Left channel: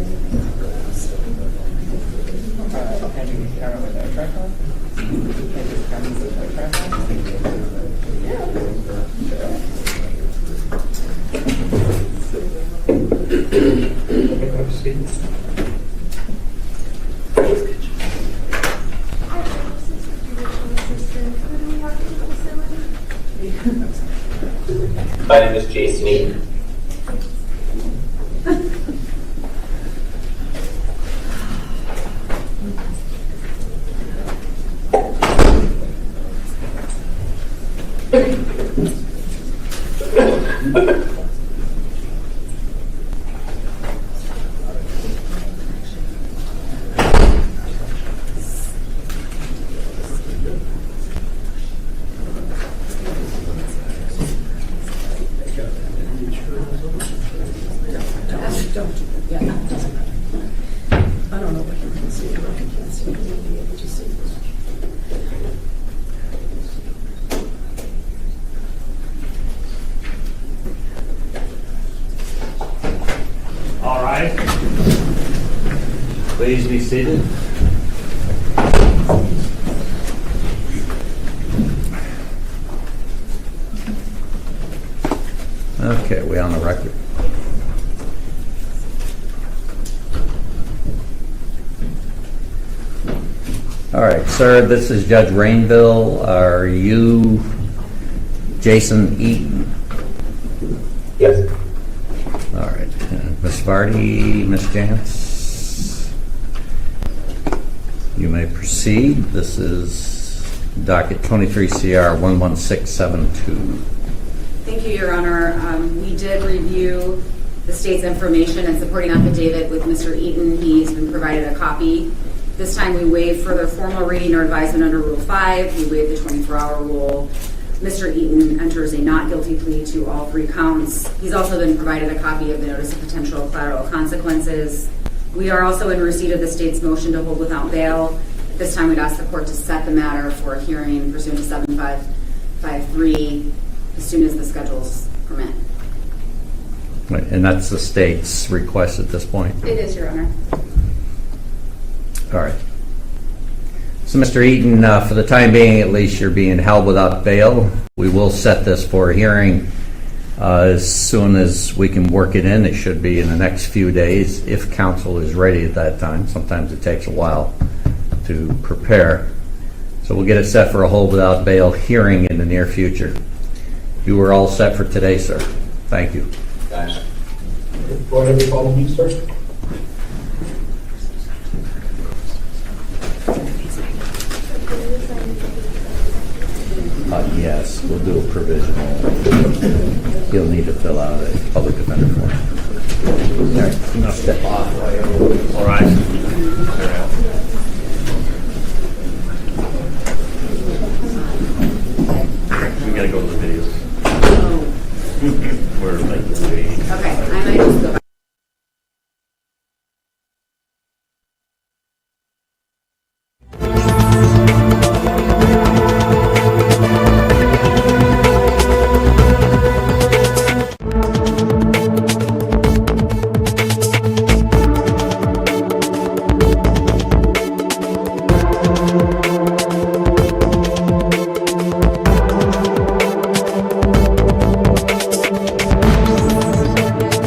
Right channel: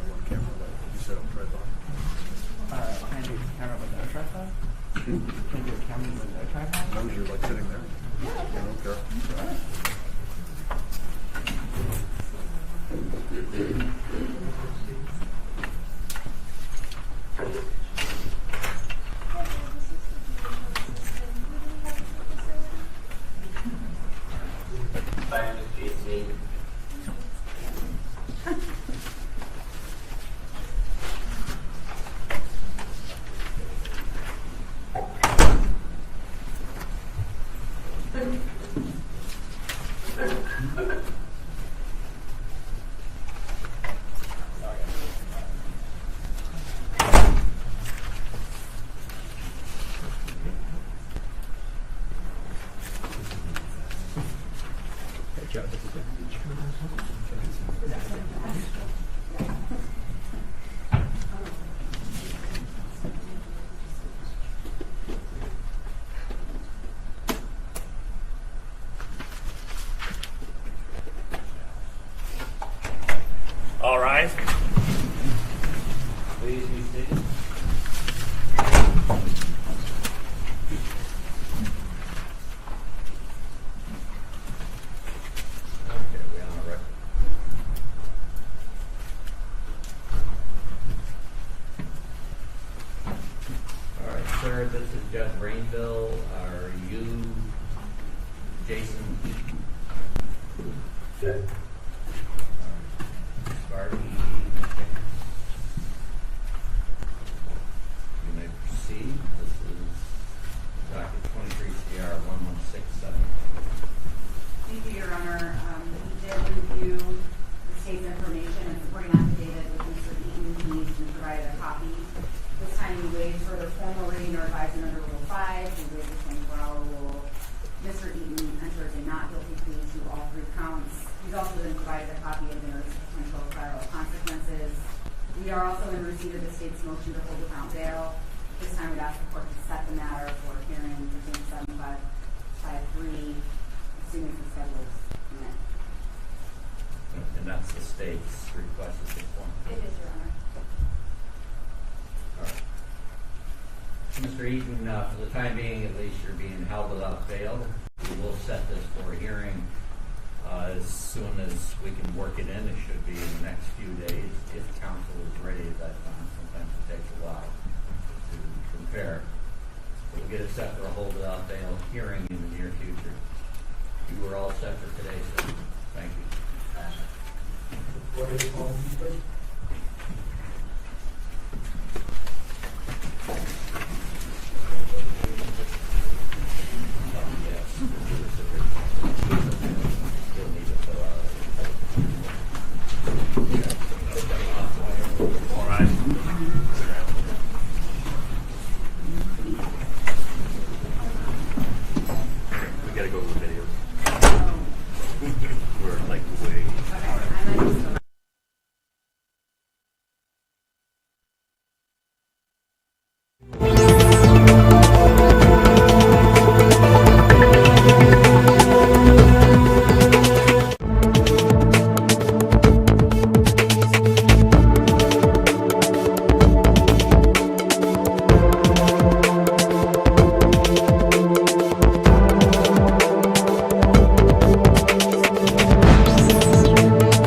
My name is Jason Eaton. All right. Please be seated. Okay, we on the record. All right, sir, this is Judge Rainville. Are you Jason Eaton? Yes. All right. Ms. Vardy, Ms. Jantz, you may proceed. This is docket 23 CR 11672. Thank you, Your Honor. We did review the state's information and supporting affidavit with Mr. Eaton. He's been provided a copy. This time we waive further formal reading or advisement under Rule 5. We waive the 24-hour rule. Mr. Eaton enters a not guilty plea to all 3 counts. He's also been provided a copy of the notice of potential collateral consequences. We are also in receipt of the state's motion to hold without bail. At this time, we'd ask the court to set the matter for a hearing pursuant to 7553 as soon as the schedules permit. Right, and that's the state's request at this point. It is, Your Honor. All right. So, Mr. Eaton, for the time being, at least, you're being held without bail. We will set this for a hearing as soon as we can work it in. It should be in the next few days if counsel is ready at that time. Sometimes it takes a while to prepare. So we'll get it set for a hold without bail hearing in the near future. You were all set for today, sir. Thank you. Thanks. Go ahead and follow me, sir. Yes, we'll do a provisional. He'll need to fill out a public defender form. All right, now step off. All right. We gotta go to the videos. We're like, Okay, I might just go back.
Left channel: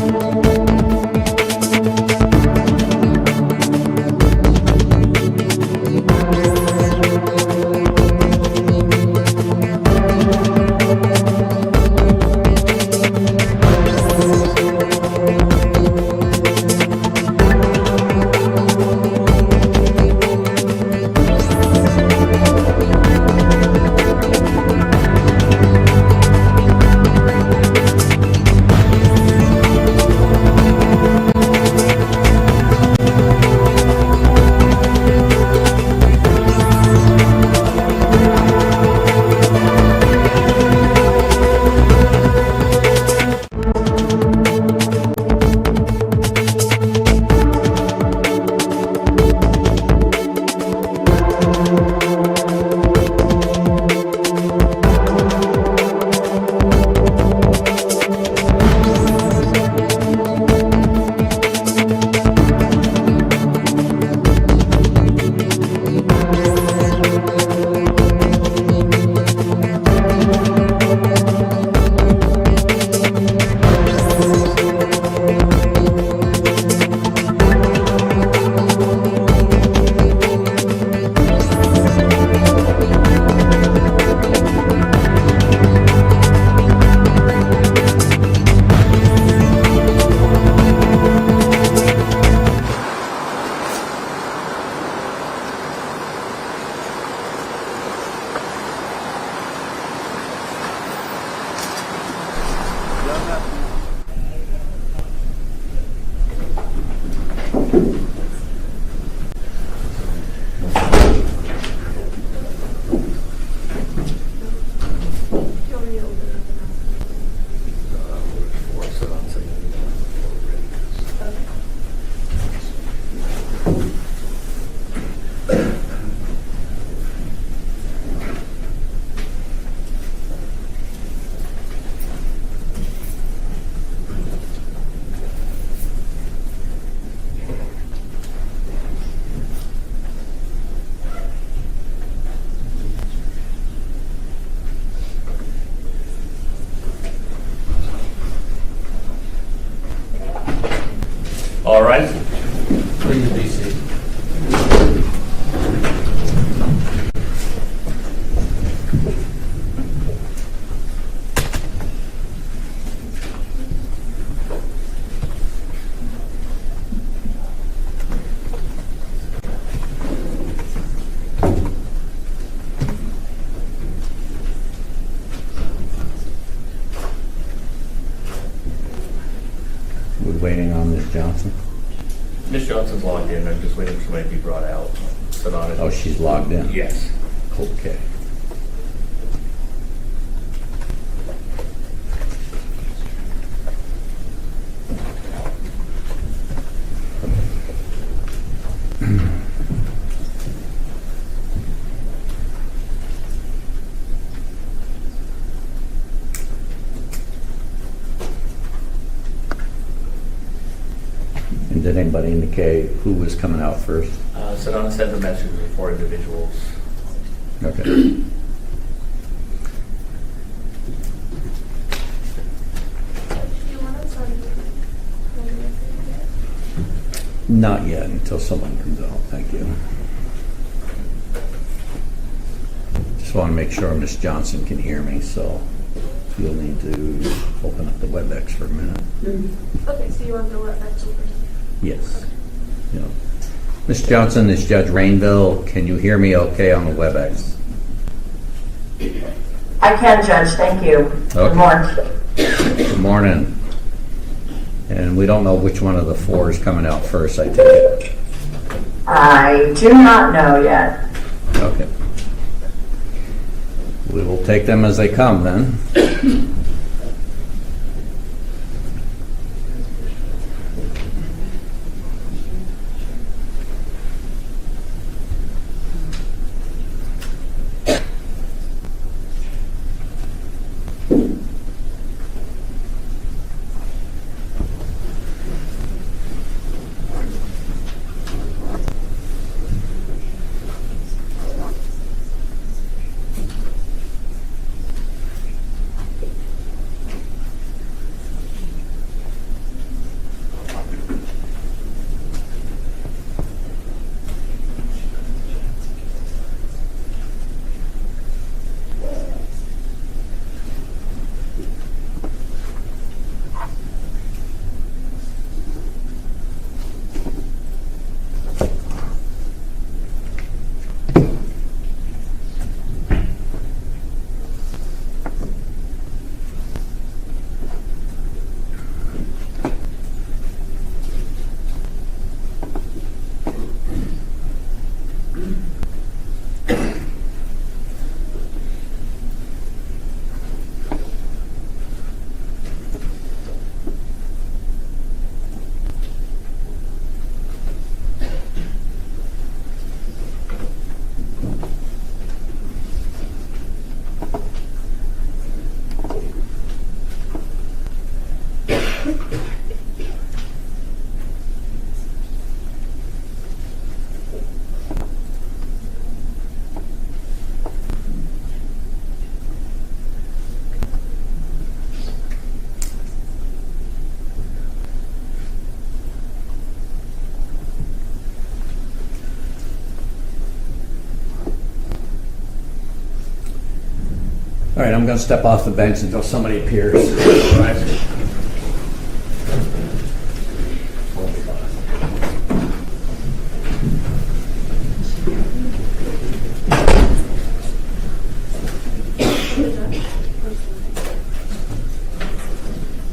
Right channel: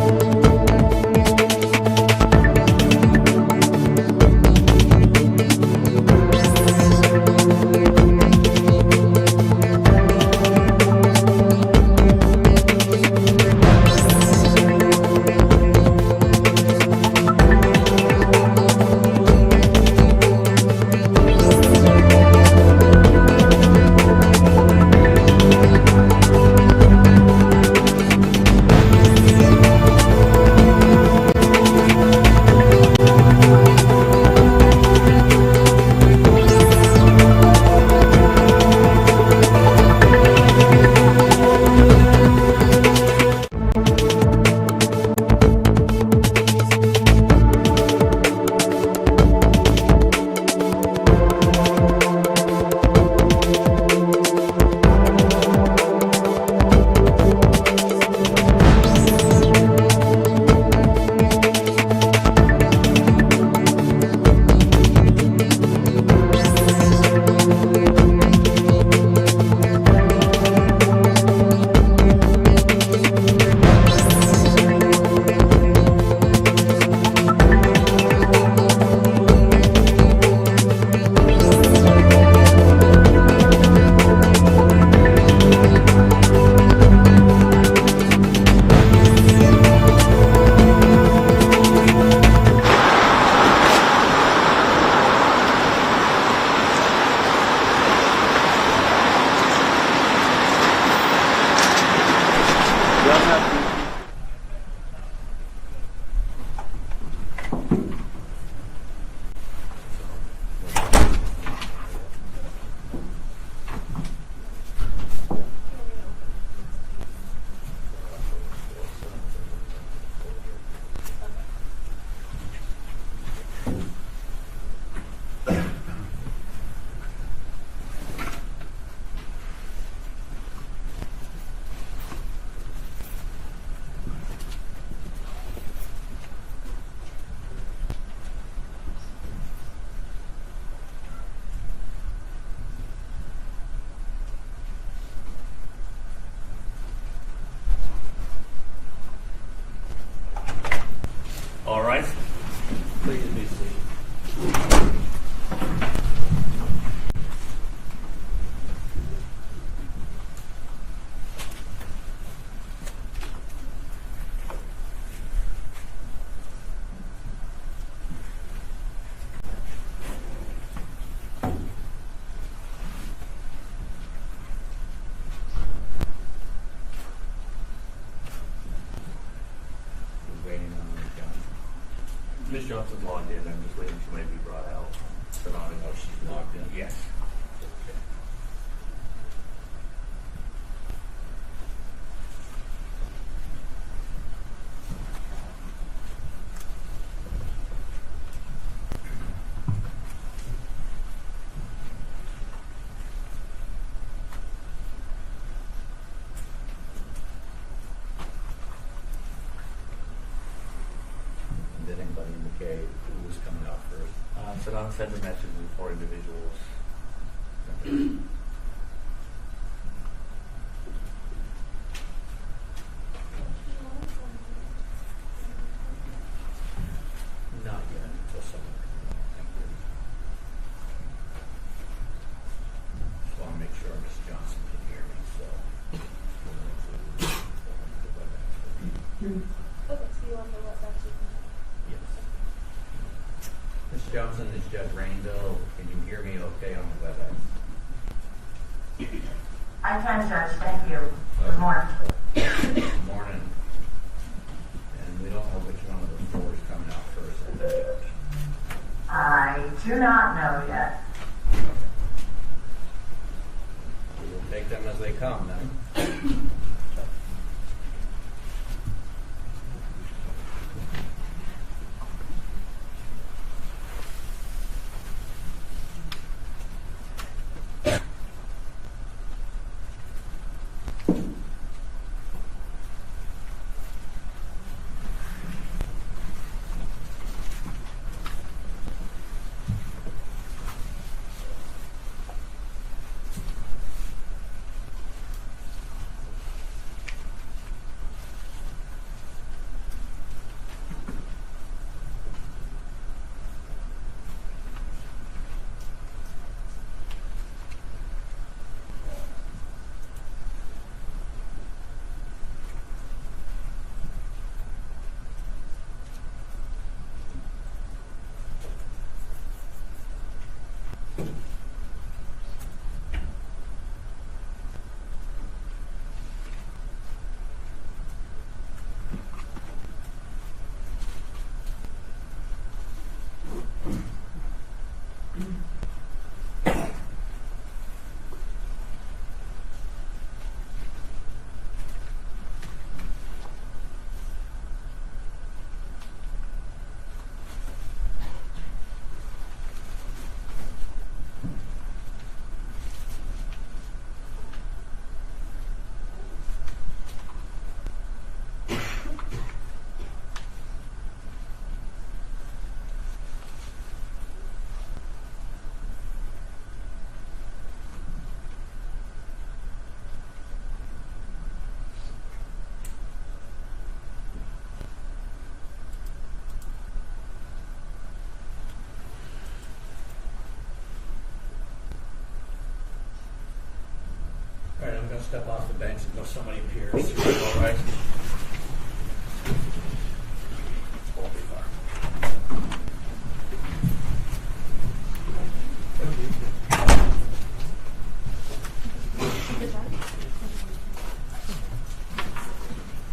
All right. Please be seated. We're waiting on Ms. Johnson. Ms. Johnson's logged in. I'm just waiting for somebody to be brought out. Sit on it. Oh, she's logged in? Yes. Okay. And did anybody indicate who was coming out first? Sedona sent the message for individuals. Okay. Not yet, until someone comes out. Thank you. Just want to make sure Ms. Johnson can hear me, so you'll need to open up the WebEx for a minute. Okay, so you want to go up back to you? Yes. Yeah. Ms. Johnson, this is Judge Rainville. Can you hear me okay on the WebEx? I can, Judge. Thank you. Okay. Good morning. Good morning. And we don't know which one of the four is coming out first, I take it. I do not know yet. Okay. We will take them as they come then. All right, I'm going to step off the bench until somebody appears.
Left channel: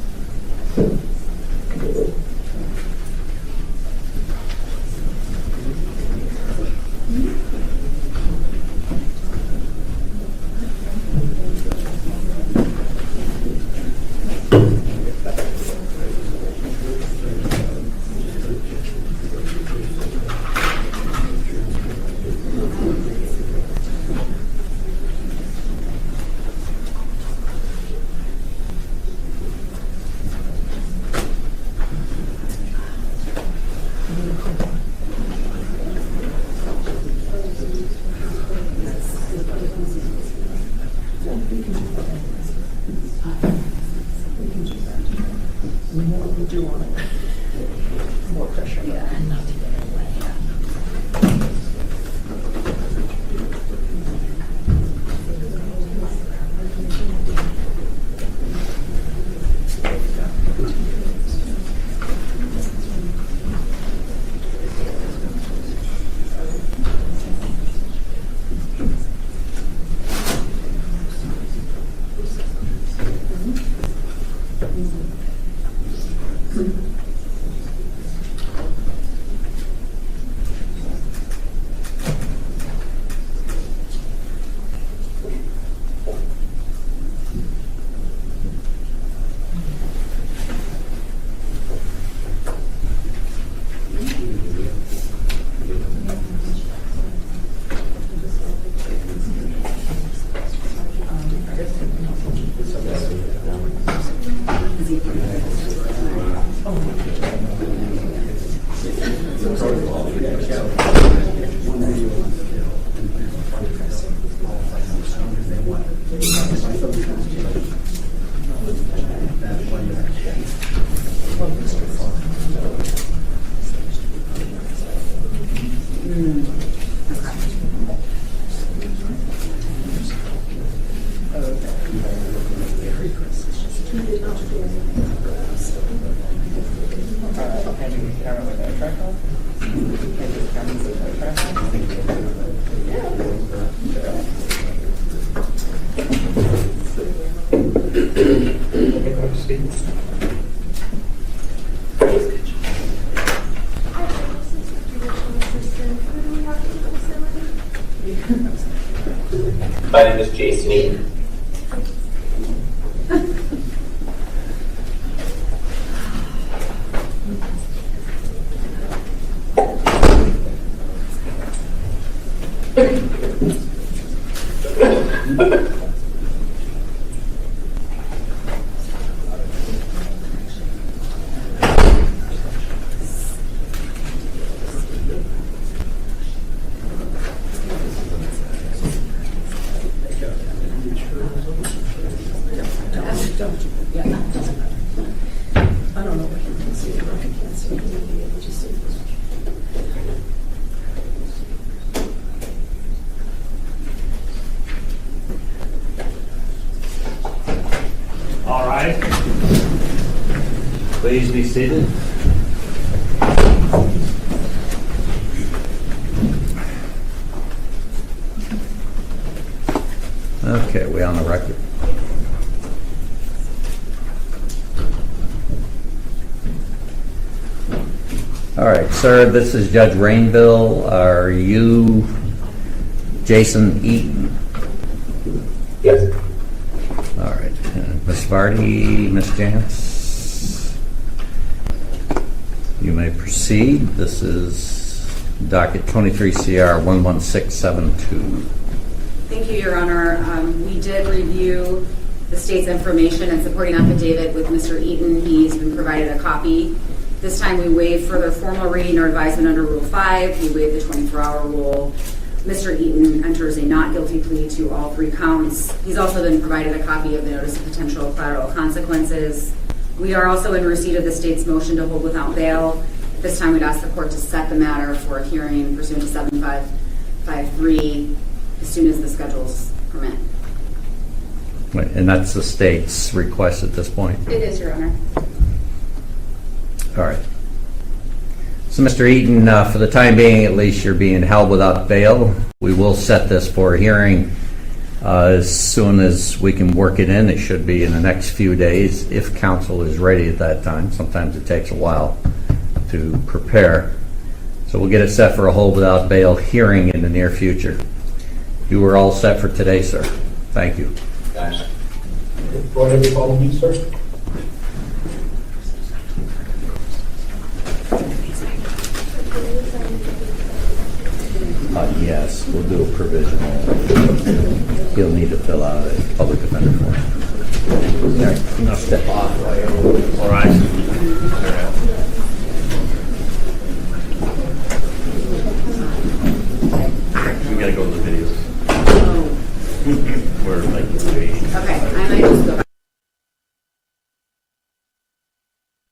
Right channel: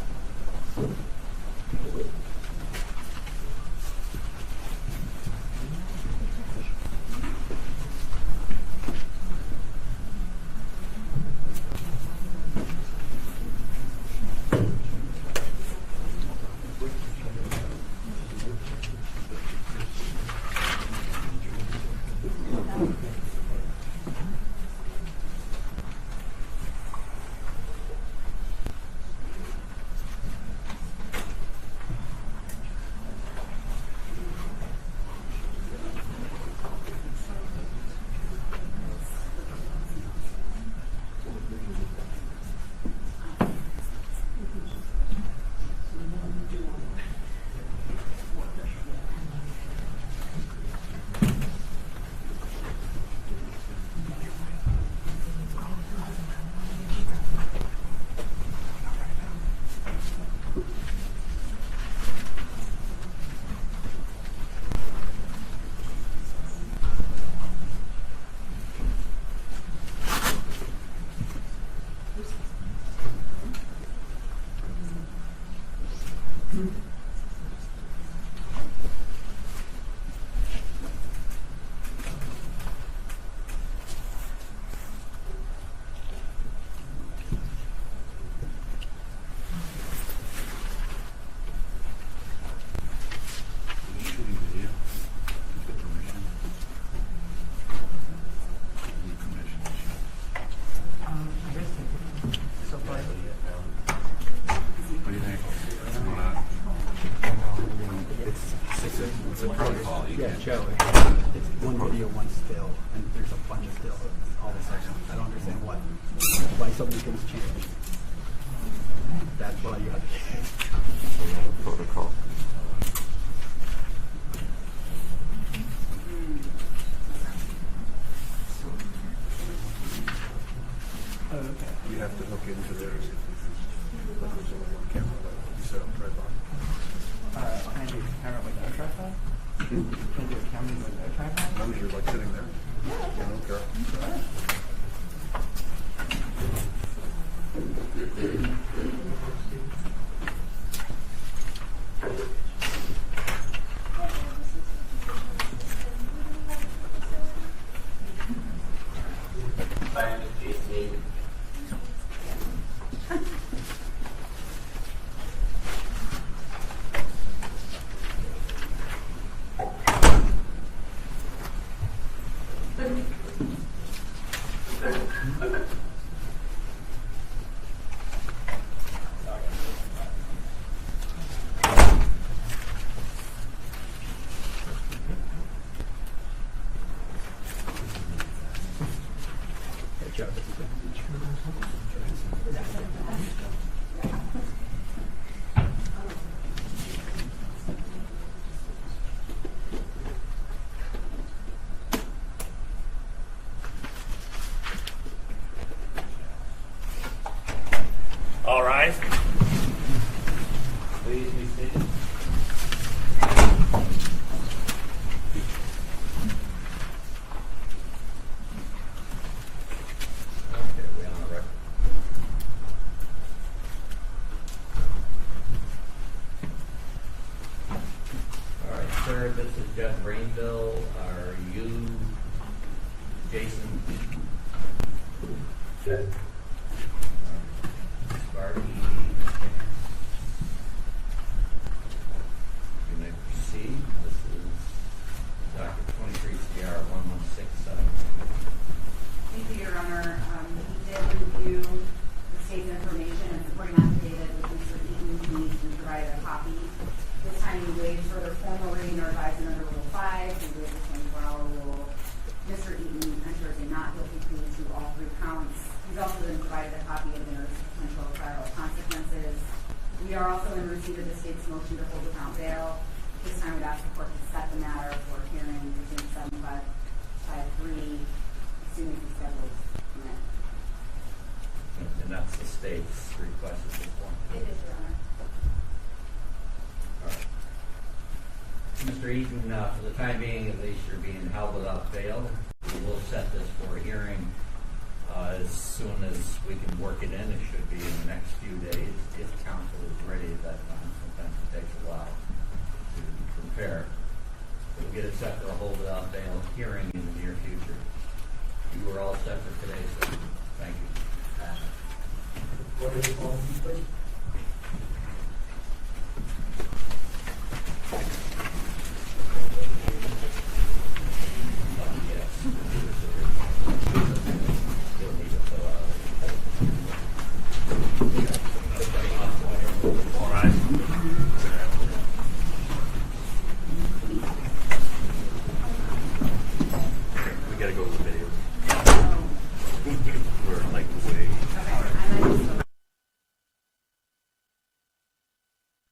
We do want more pressure. Yeah. My name is Jason Eaton. All right. Please be seated. Okay, we on the record? All right, sir, this is Judge Rainville. Are you Jason Eaton? Yes. All right. Ms. Vardy, Ms. Jantz, you may proceed. This is docket 23 CR 11672. Thank you, Your Honor. We did review the state's information and supporting affidavit with Mr. Eaton. He's been provided a copy. This time we waive further formal reading or advisement under Rule 5. We waive the 24-hour rule. Mr. Eaton enters a not guilty plea to all 3 counts. He's also been provided a copy of the notice of potential collateral consequences. We are also in receipt of the state's motion to hold without bail. This time we'd ask the court to set the matter for a hearing pursuant to 7553 as soon as the schedules permit. Wait, and that's the state's request at this point? It is, Your Honor. All right. So, Mr. Eaton, for the time being, at least, you're being held without bail. We will set this for a hearing as soon as we can work it in. It should be in the next few days if counsel is ready at that time. Sometimes it takes a while to prepare. So we'll get it set for a hold without bail hearing in the near future. You were all set for today, sir. Thank you. Thanks. Go ahead and follow me, sir. Yes, we'll do a provisional. He'll need to fill out a public defender form. There, now step off. All right. We gotta go to the videos. We're like, Okay, I might just go back.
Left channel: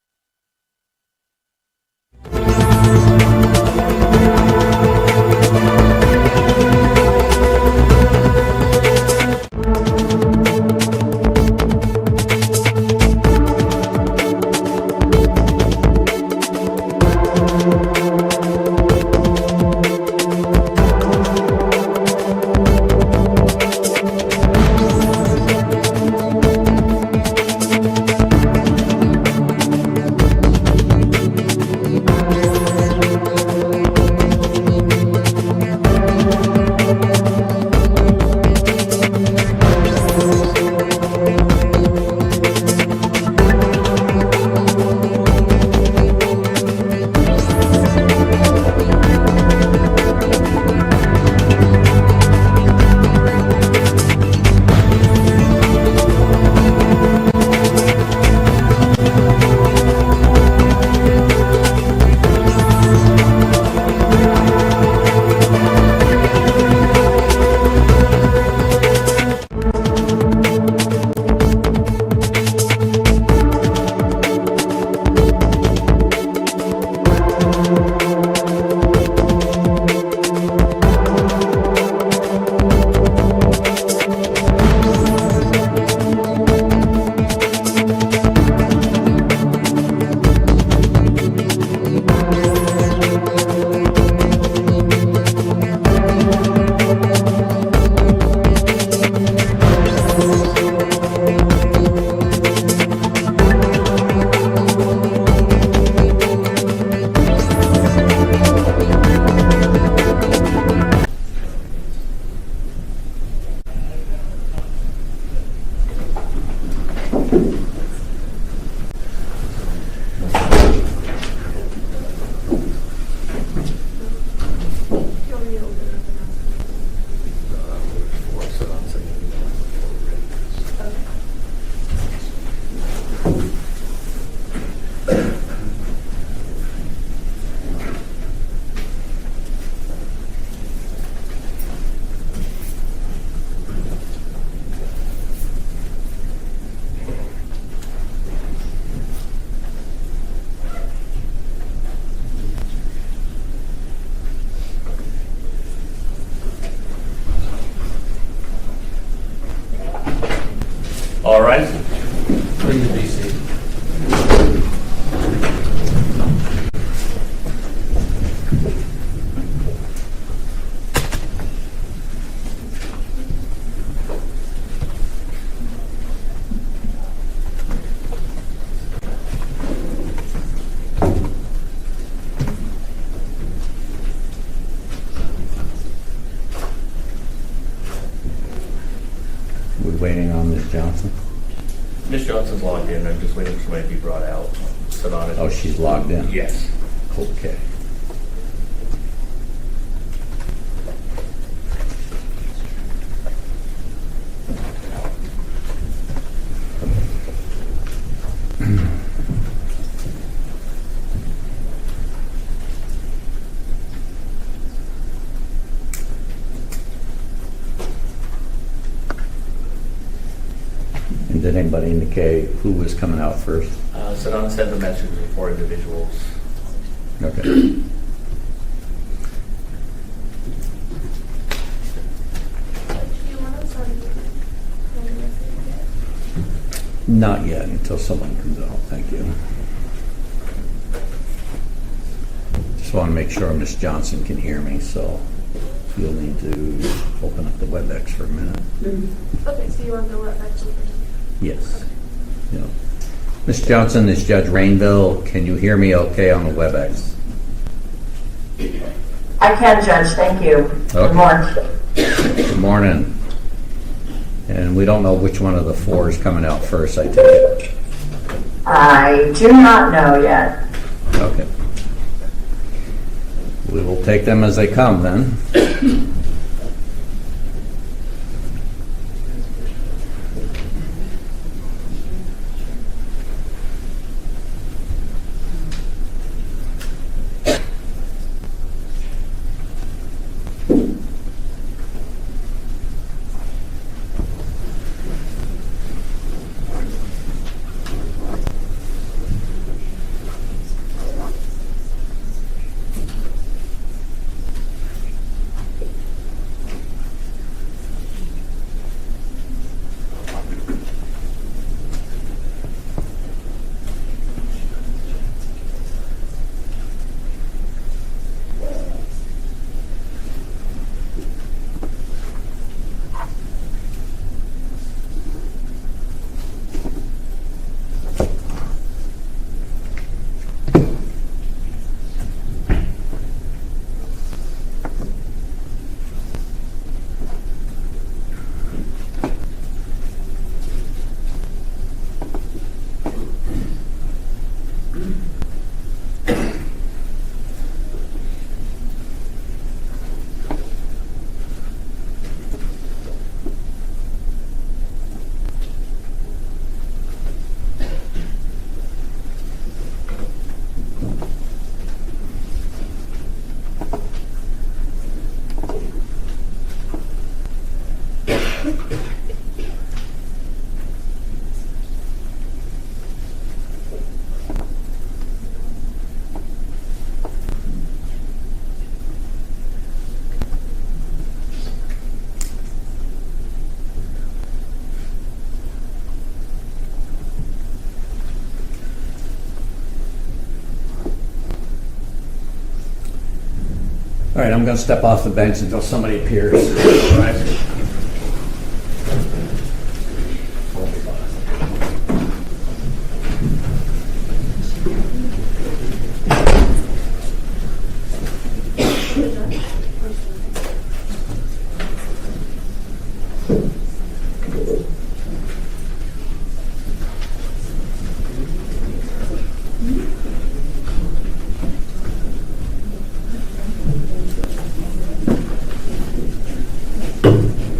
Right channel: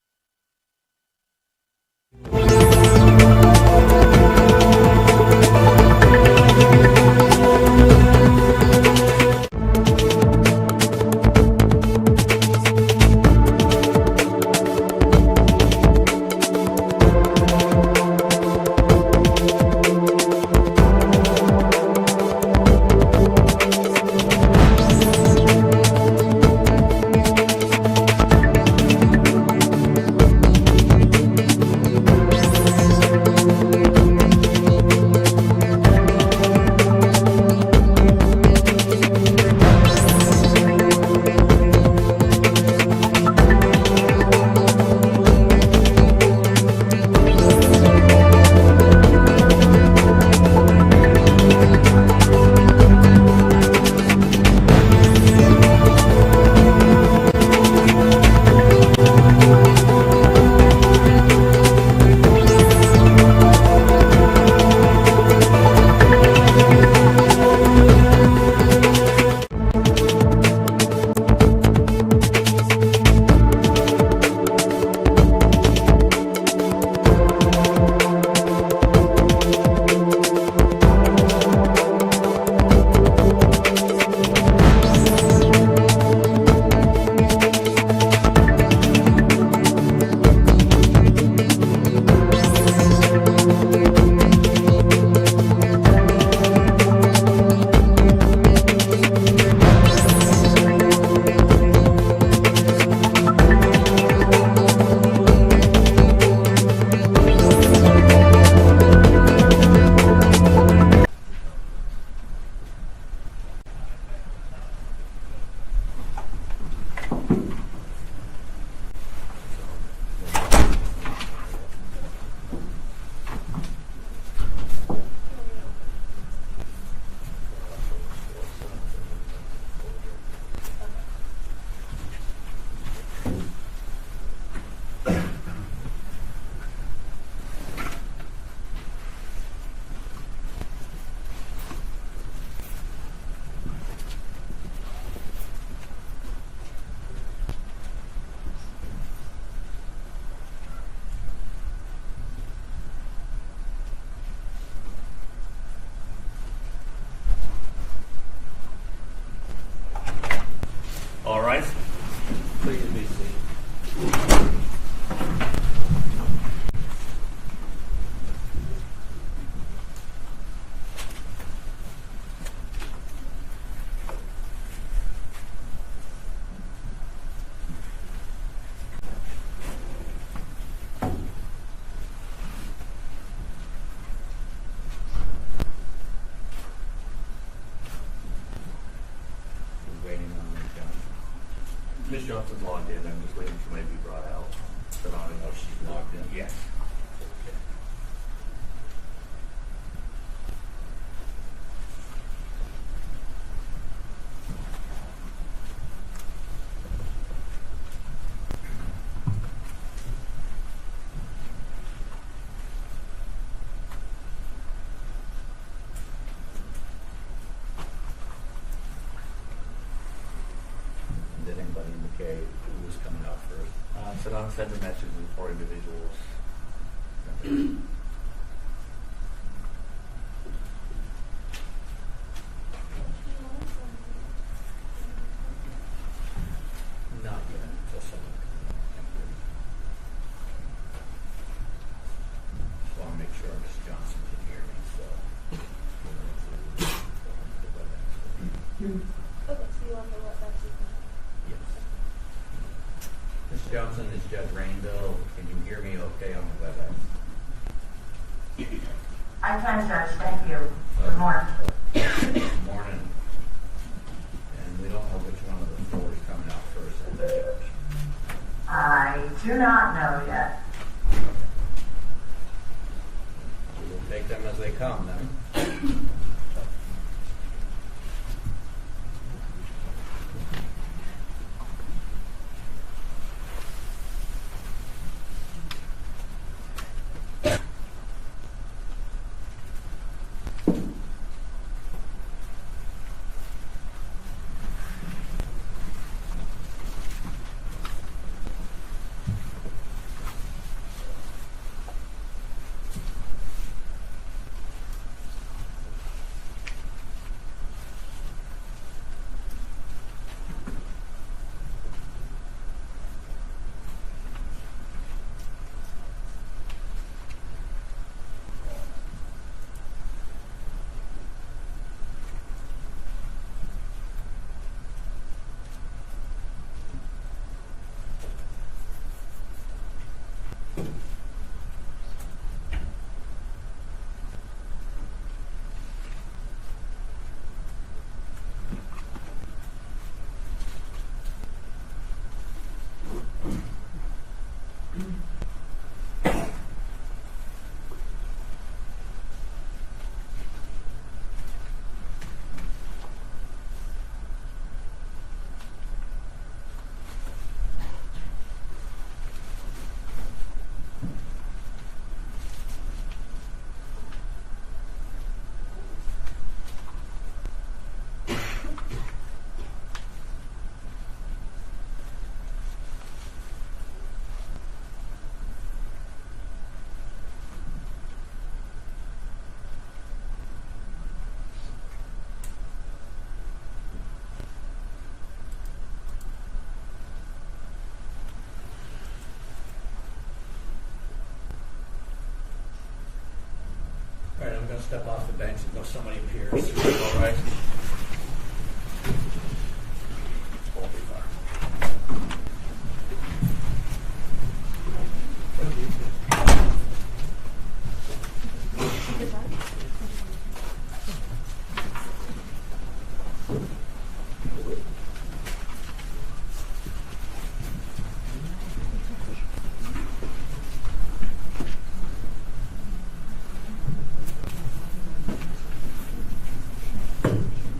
Mrs. Johnson? Ms. Johnson's logged in, I'm just waiting for somebody to be brought out. Sit on it. Oh, she's logged in? Yes. Okay. And did anybody indicate who was coming out first? Sedona sent a message to 4 individuals. Okay. Do you want to sign it? Not yet, until someone comes out. Thank you. Just want to make sure Ms. Johnson can hear me, so you'll need to open up the WebEx for a minute. Okay, so you want to go up back to the Yes. Yeah. Ms. Johnson, this is Judge Rainville. Can you hear me okay on the WebEx? I can, Judge, thank you. Okay. Good morning. Good morning. And we don't know which one of the 4 is coming out first, I take it. I do not know yet. Okay. We will take them as they come then. All right, I'm going to step off the bench until somebody appears. All right.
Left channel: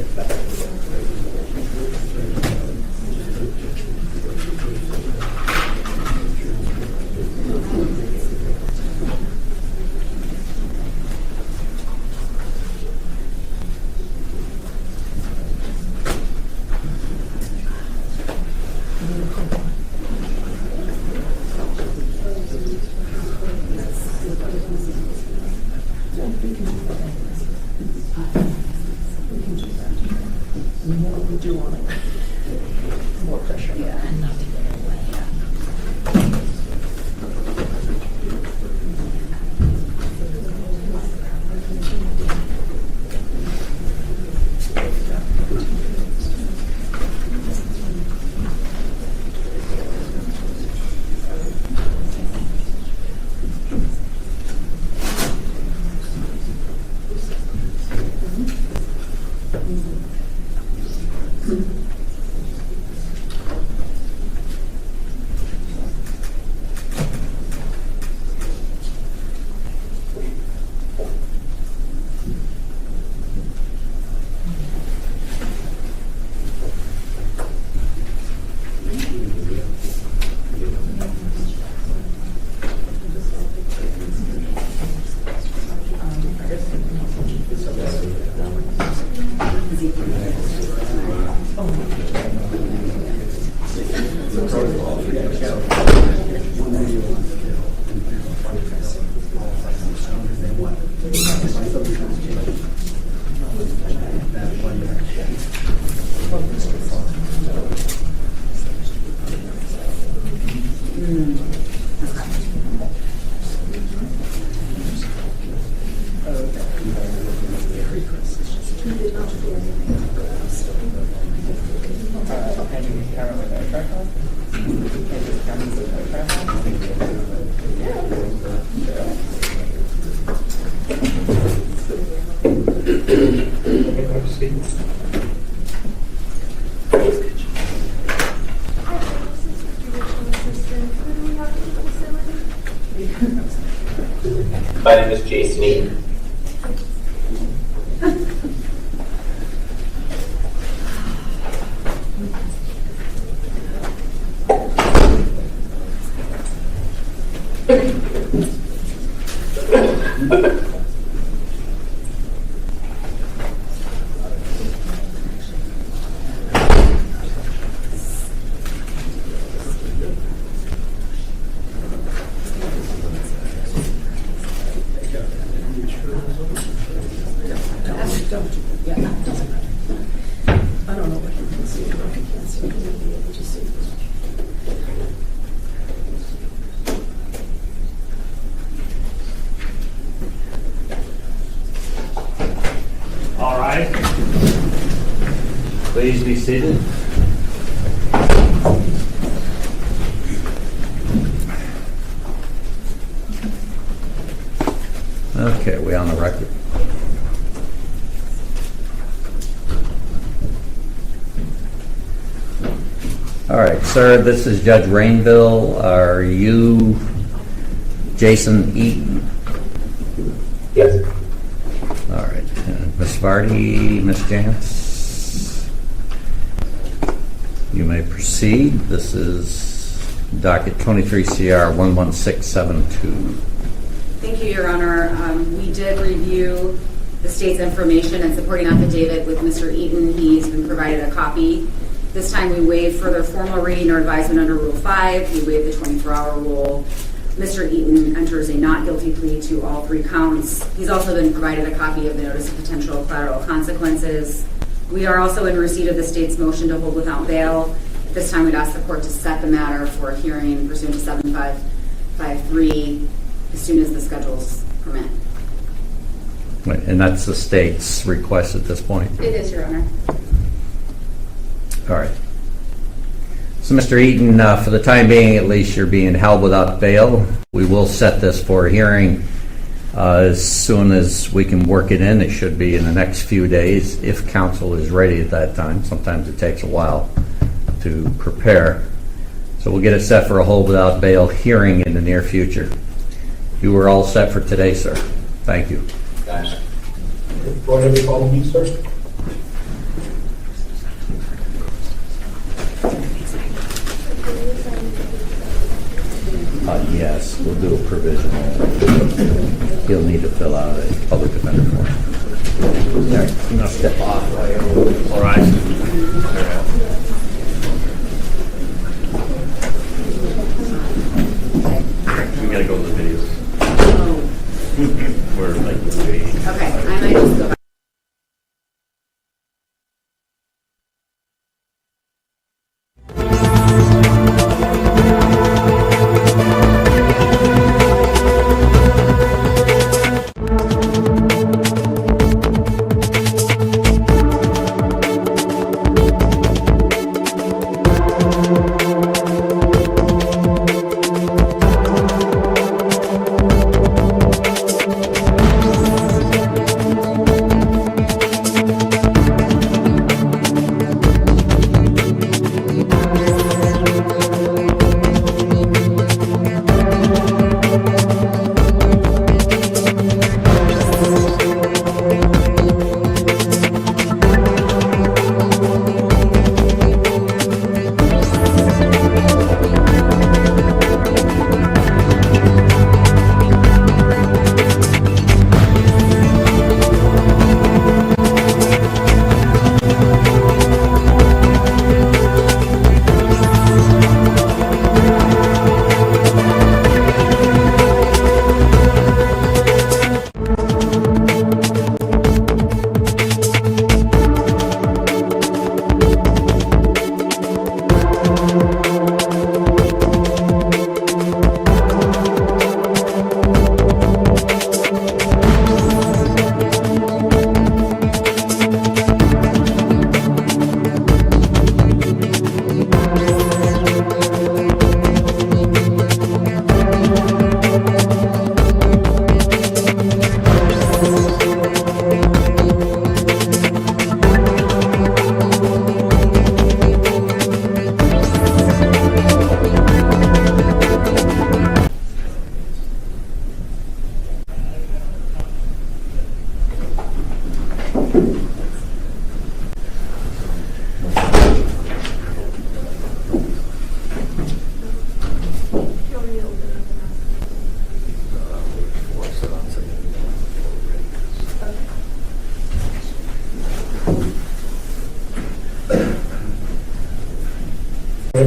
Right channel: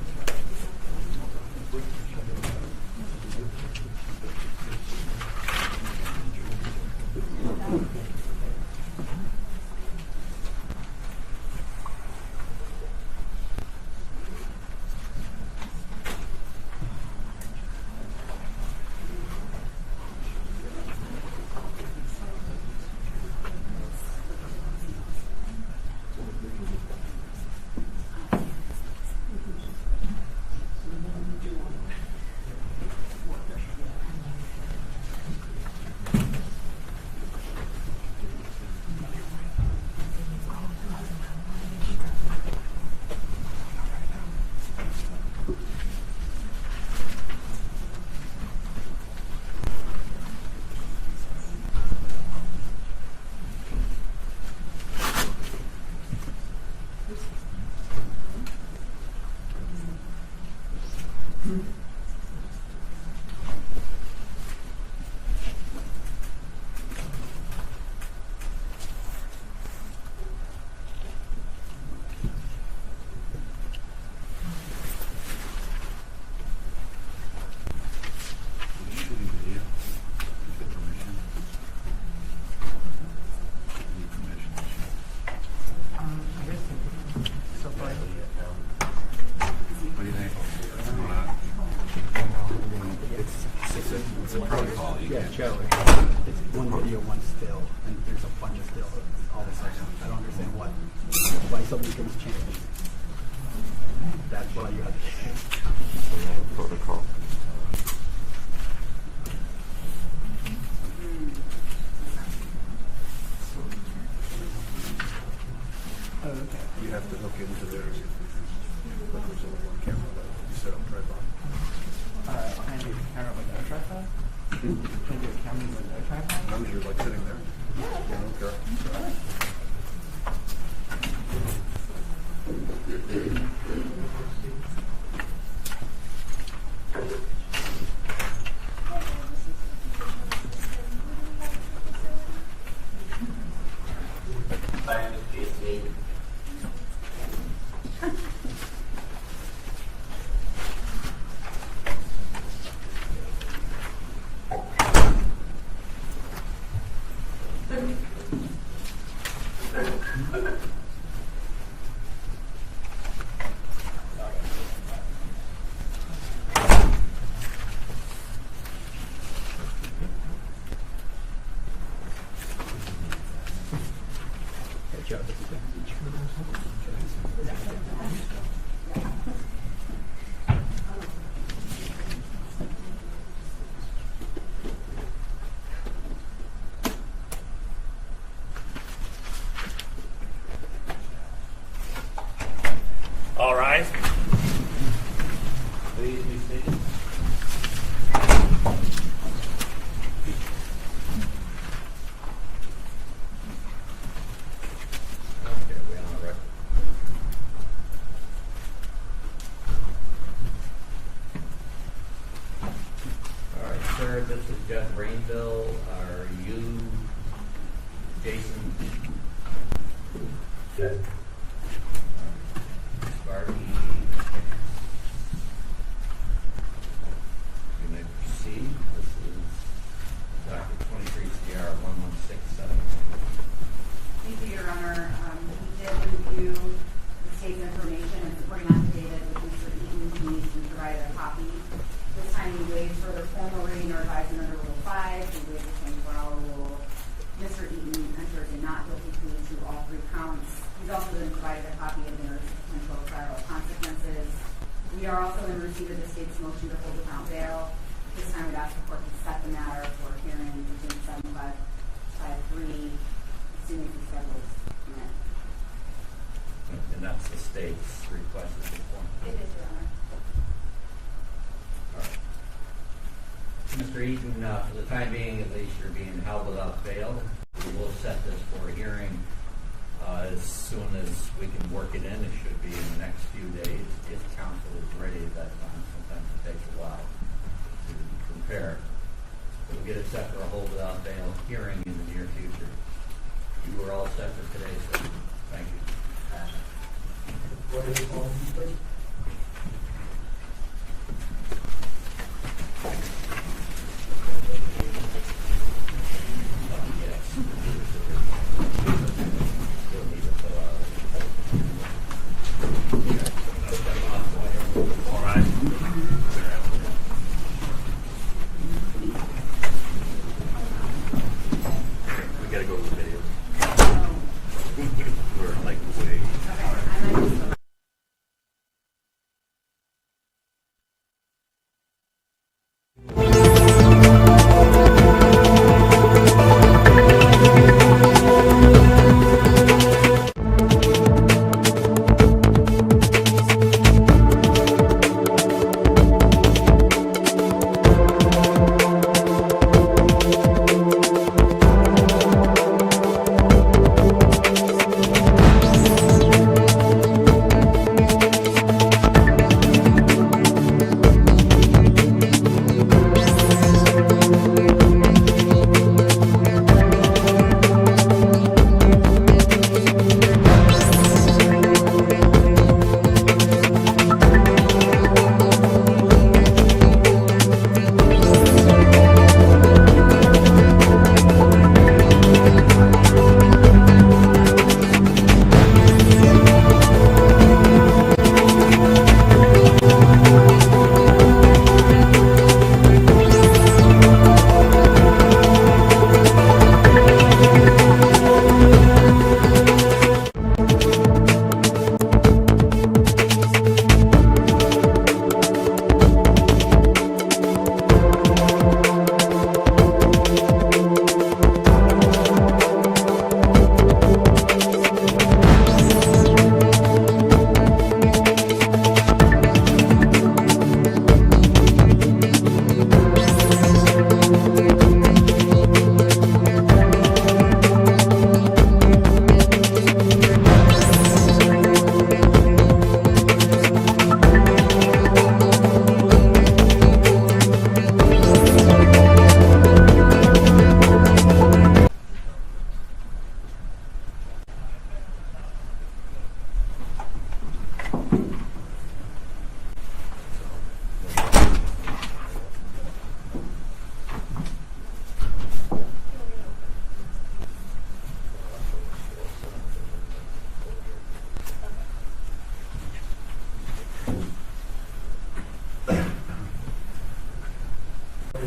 My name is Jason Eaton. I don't know what you can see, what you can't see, you'll be able to see. All right. Please be seated. Okay, we on the record? All right, sir, this is Judge Rainville. Are you Jason Eaton? Yes. All right. Ms. Vardy, Ms. Jantz, you may proceed. This is docket 23 CR 11672. Thank you, Your Honor. We did review the state's information and supporting affidavit with Mr. Eaton. He's been provided a copy. This time we waive further formal reading or advisement under Rule 5. We waive the 24-hour rule. Mr. Eaton enters a not guilty plea to all 3 counts. He's also been provided a copy of the notice of potential collateral consequences. We are also in receipt of the state's motion to hold without bail. This time we'd ask the court to set the matter for a hearing pursuant to 7553 as soon as the schedules permit. Wait, and that's the state's request at this point? It is, Your Honor. All right. So, Mr. Eaton, for the time being, at least, you're being held without bail. We will set this for a hearing as soon as we can work it in. It should be in the next few days if counsel is ready at that time. Sometimes it takes a while to prepare. So we'll get it set for a hold without bail hearing in the near future. You were all set for today, sir. Thank you. Gotcha. Go ahead and follow me, sir. Yes, we'll do a provisional. He'll need to fill out a public defender form. There, you know, step off. All right. We gotta go to the videos. We're like, Okay, I might just go back.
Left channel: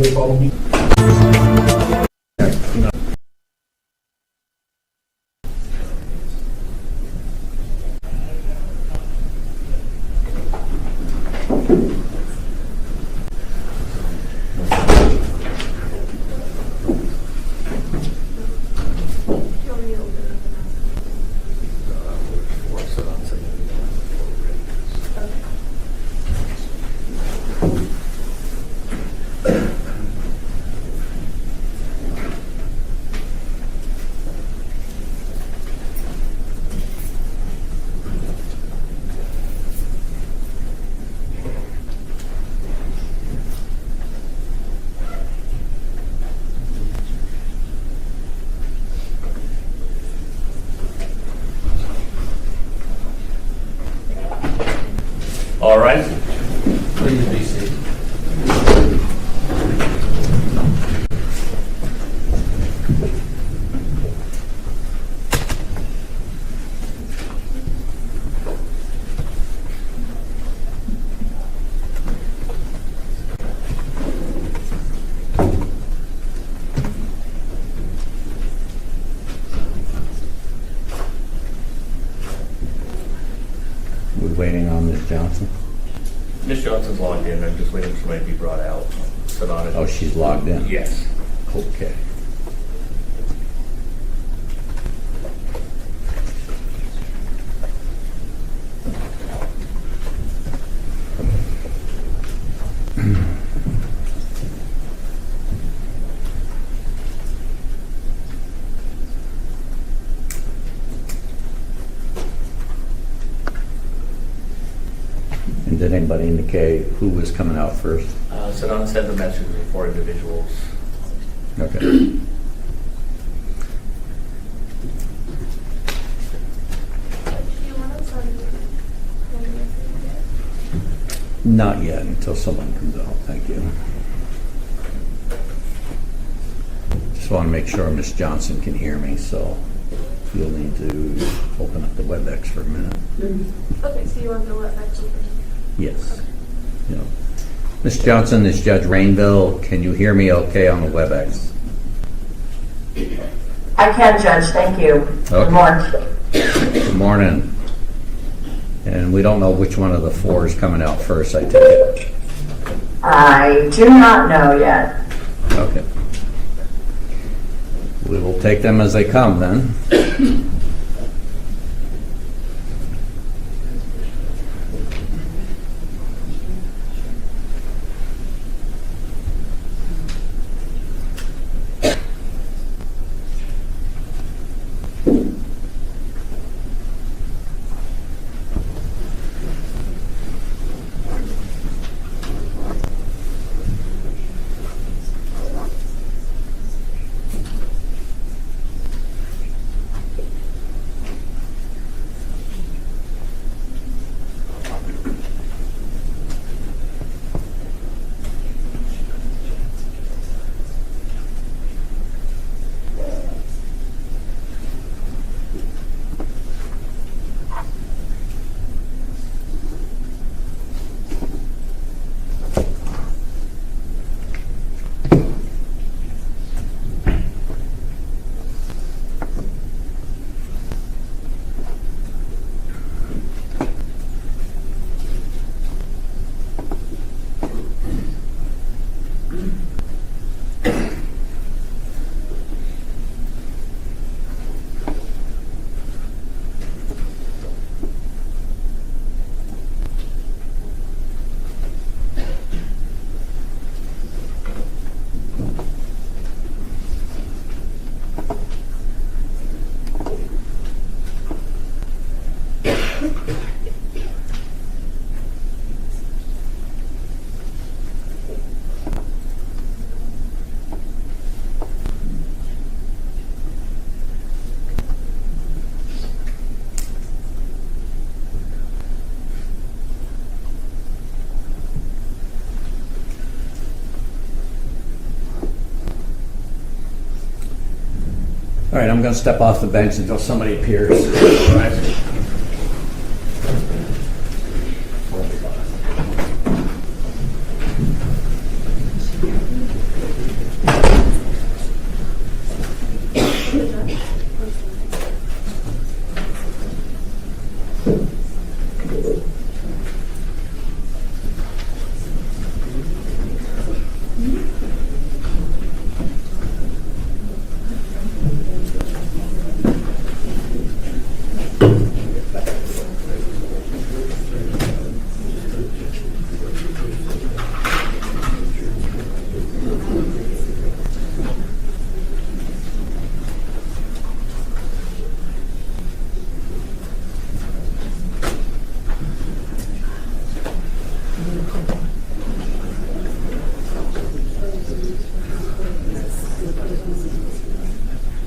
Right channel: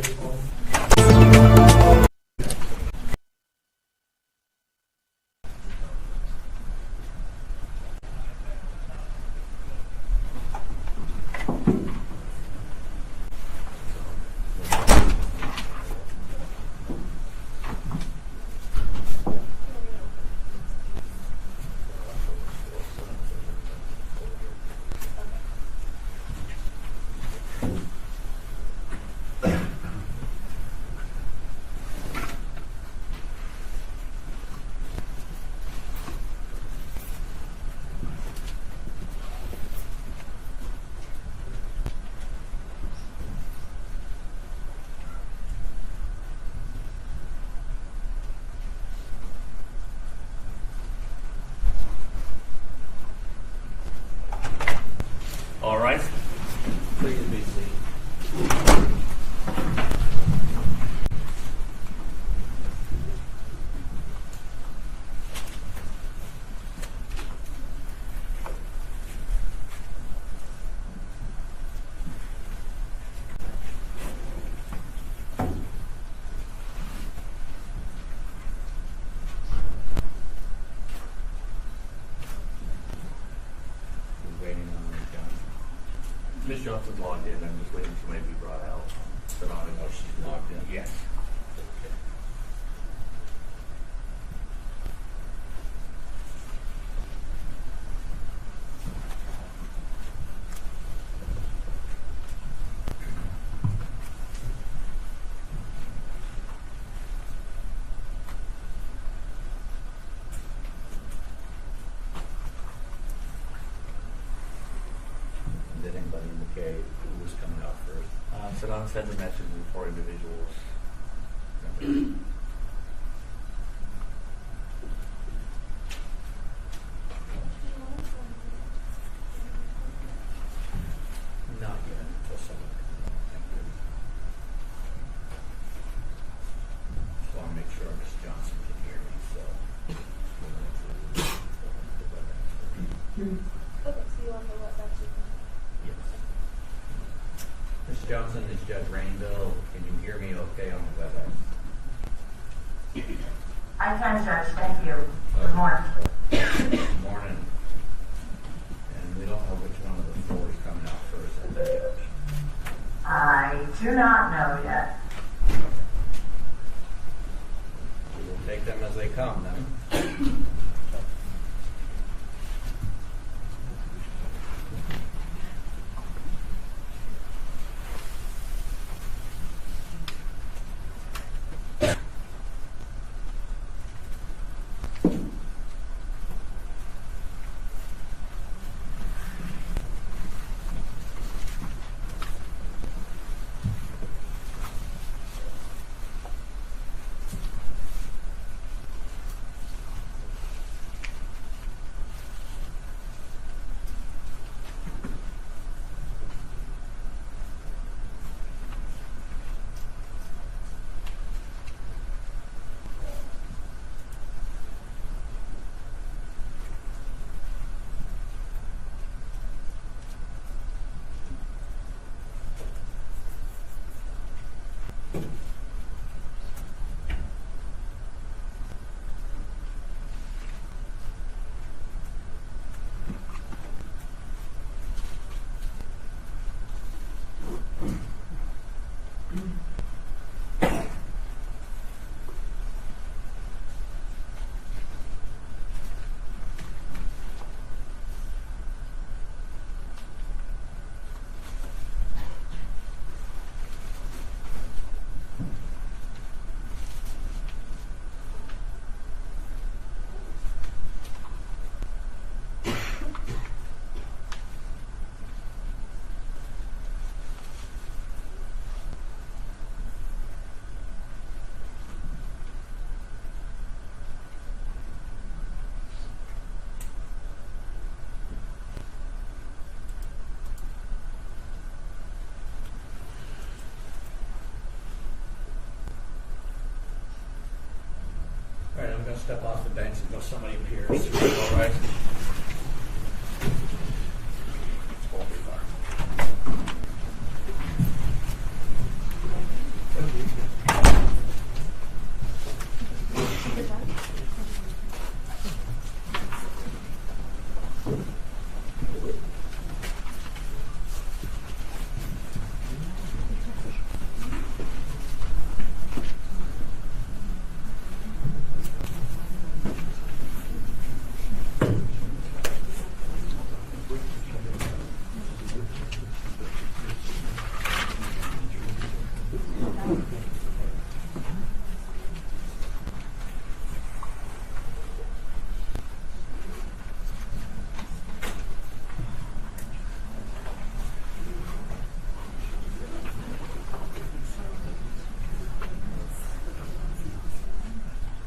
ahead and follow me. All right. Please be seated. We're waiting on Ms. Johnson. Ms. Johnson's logged in. I'm just waiting for somebody to be brought out. Sonata. Oh, she's logged in? Yes. Okay. And did anybody indicate who was coming out first? Sonata sent a message with 4 individuals. Okay. Not yet, until someone comes out. Thank you. Just want to make sure Ms. Johnson can hear me, so you'll need to open up the WebEx for a minute. Okay, so you want to know what actually? Yes. Yeah. Ms. Johnson, this is Judge Rainville. Can you hear me okay on the WebEx? I can, Judge, thank you. Okay. Good morning. Good morning. And we don't know which one of the 4 is coming out first, I take it. I do not know yet. Okay. We will take them as they come then. All right, I'm going to step off the bench until somebody appears.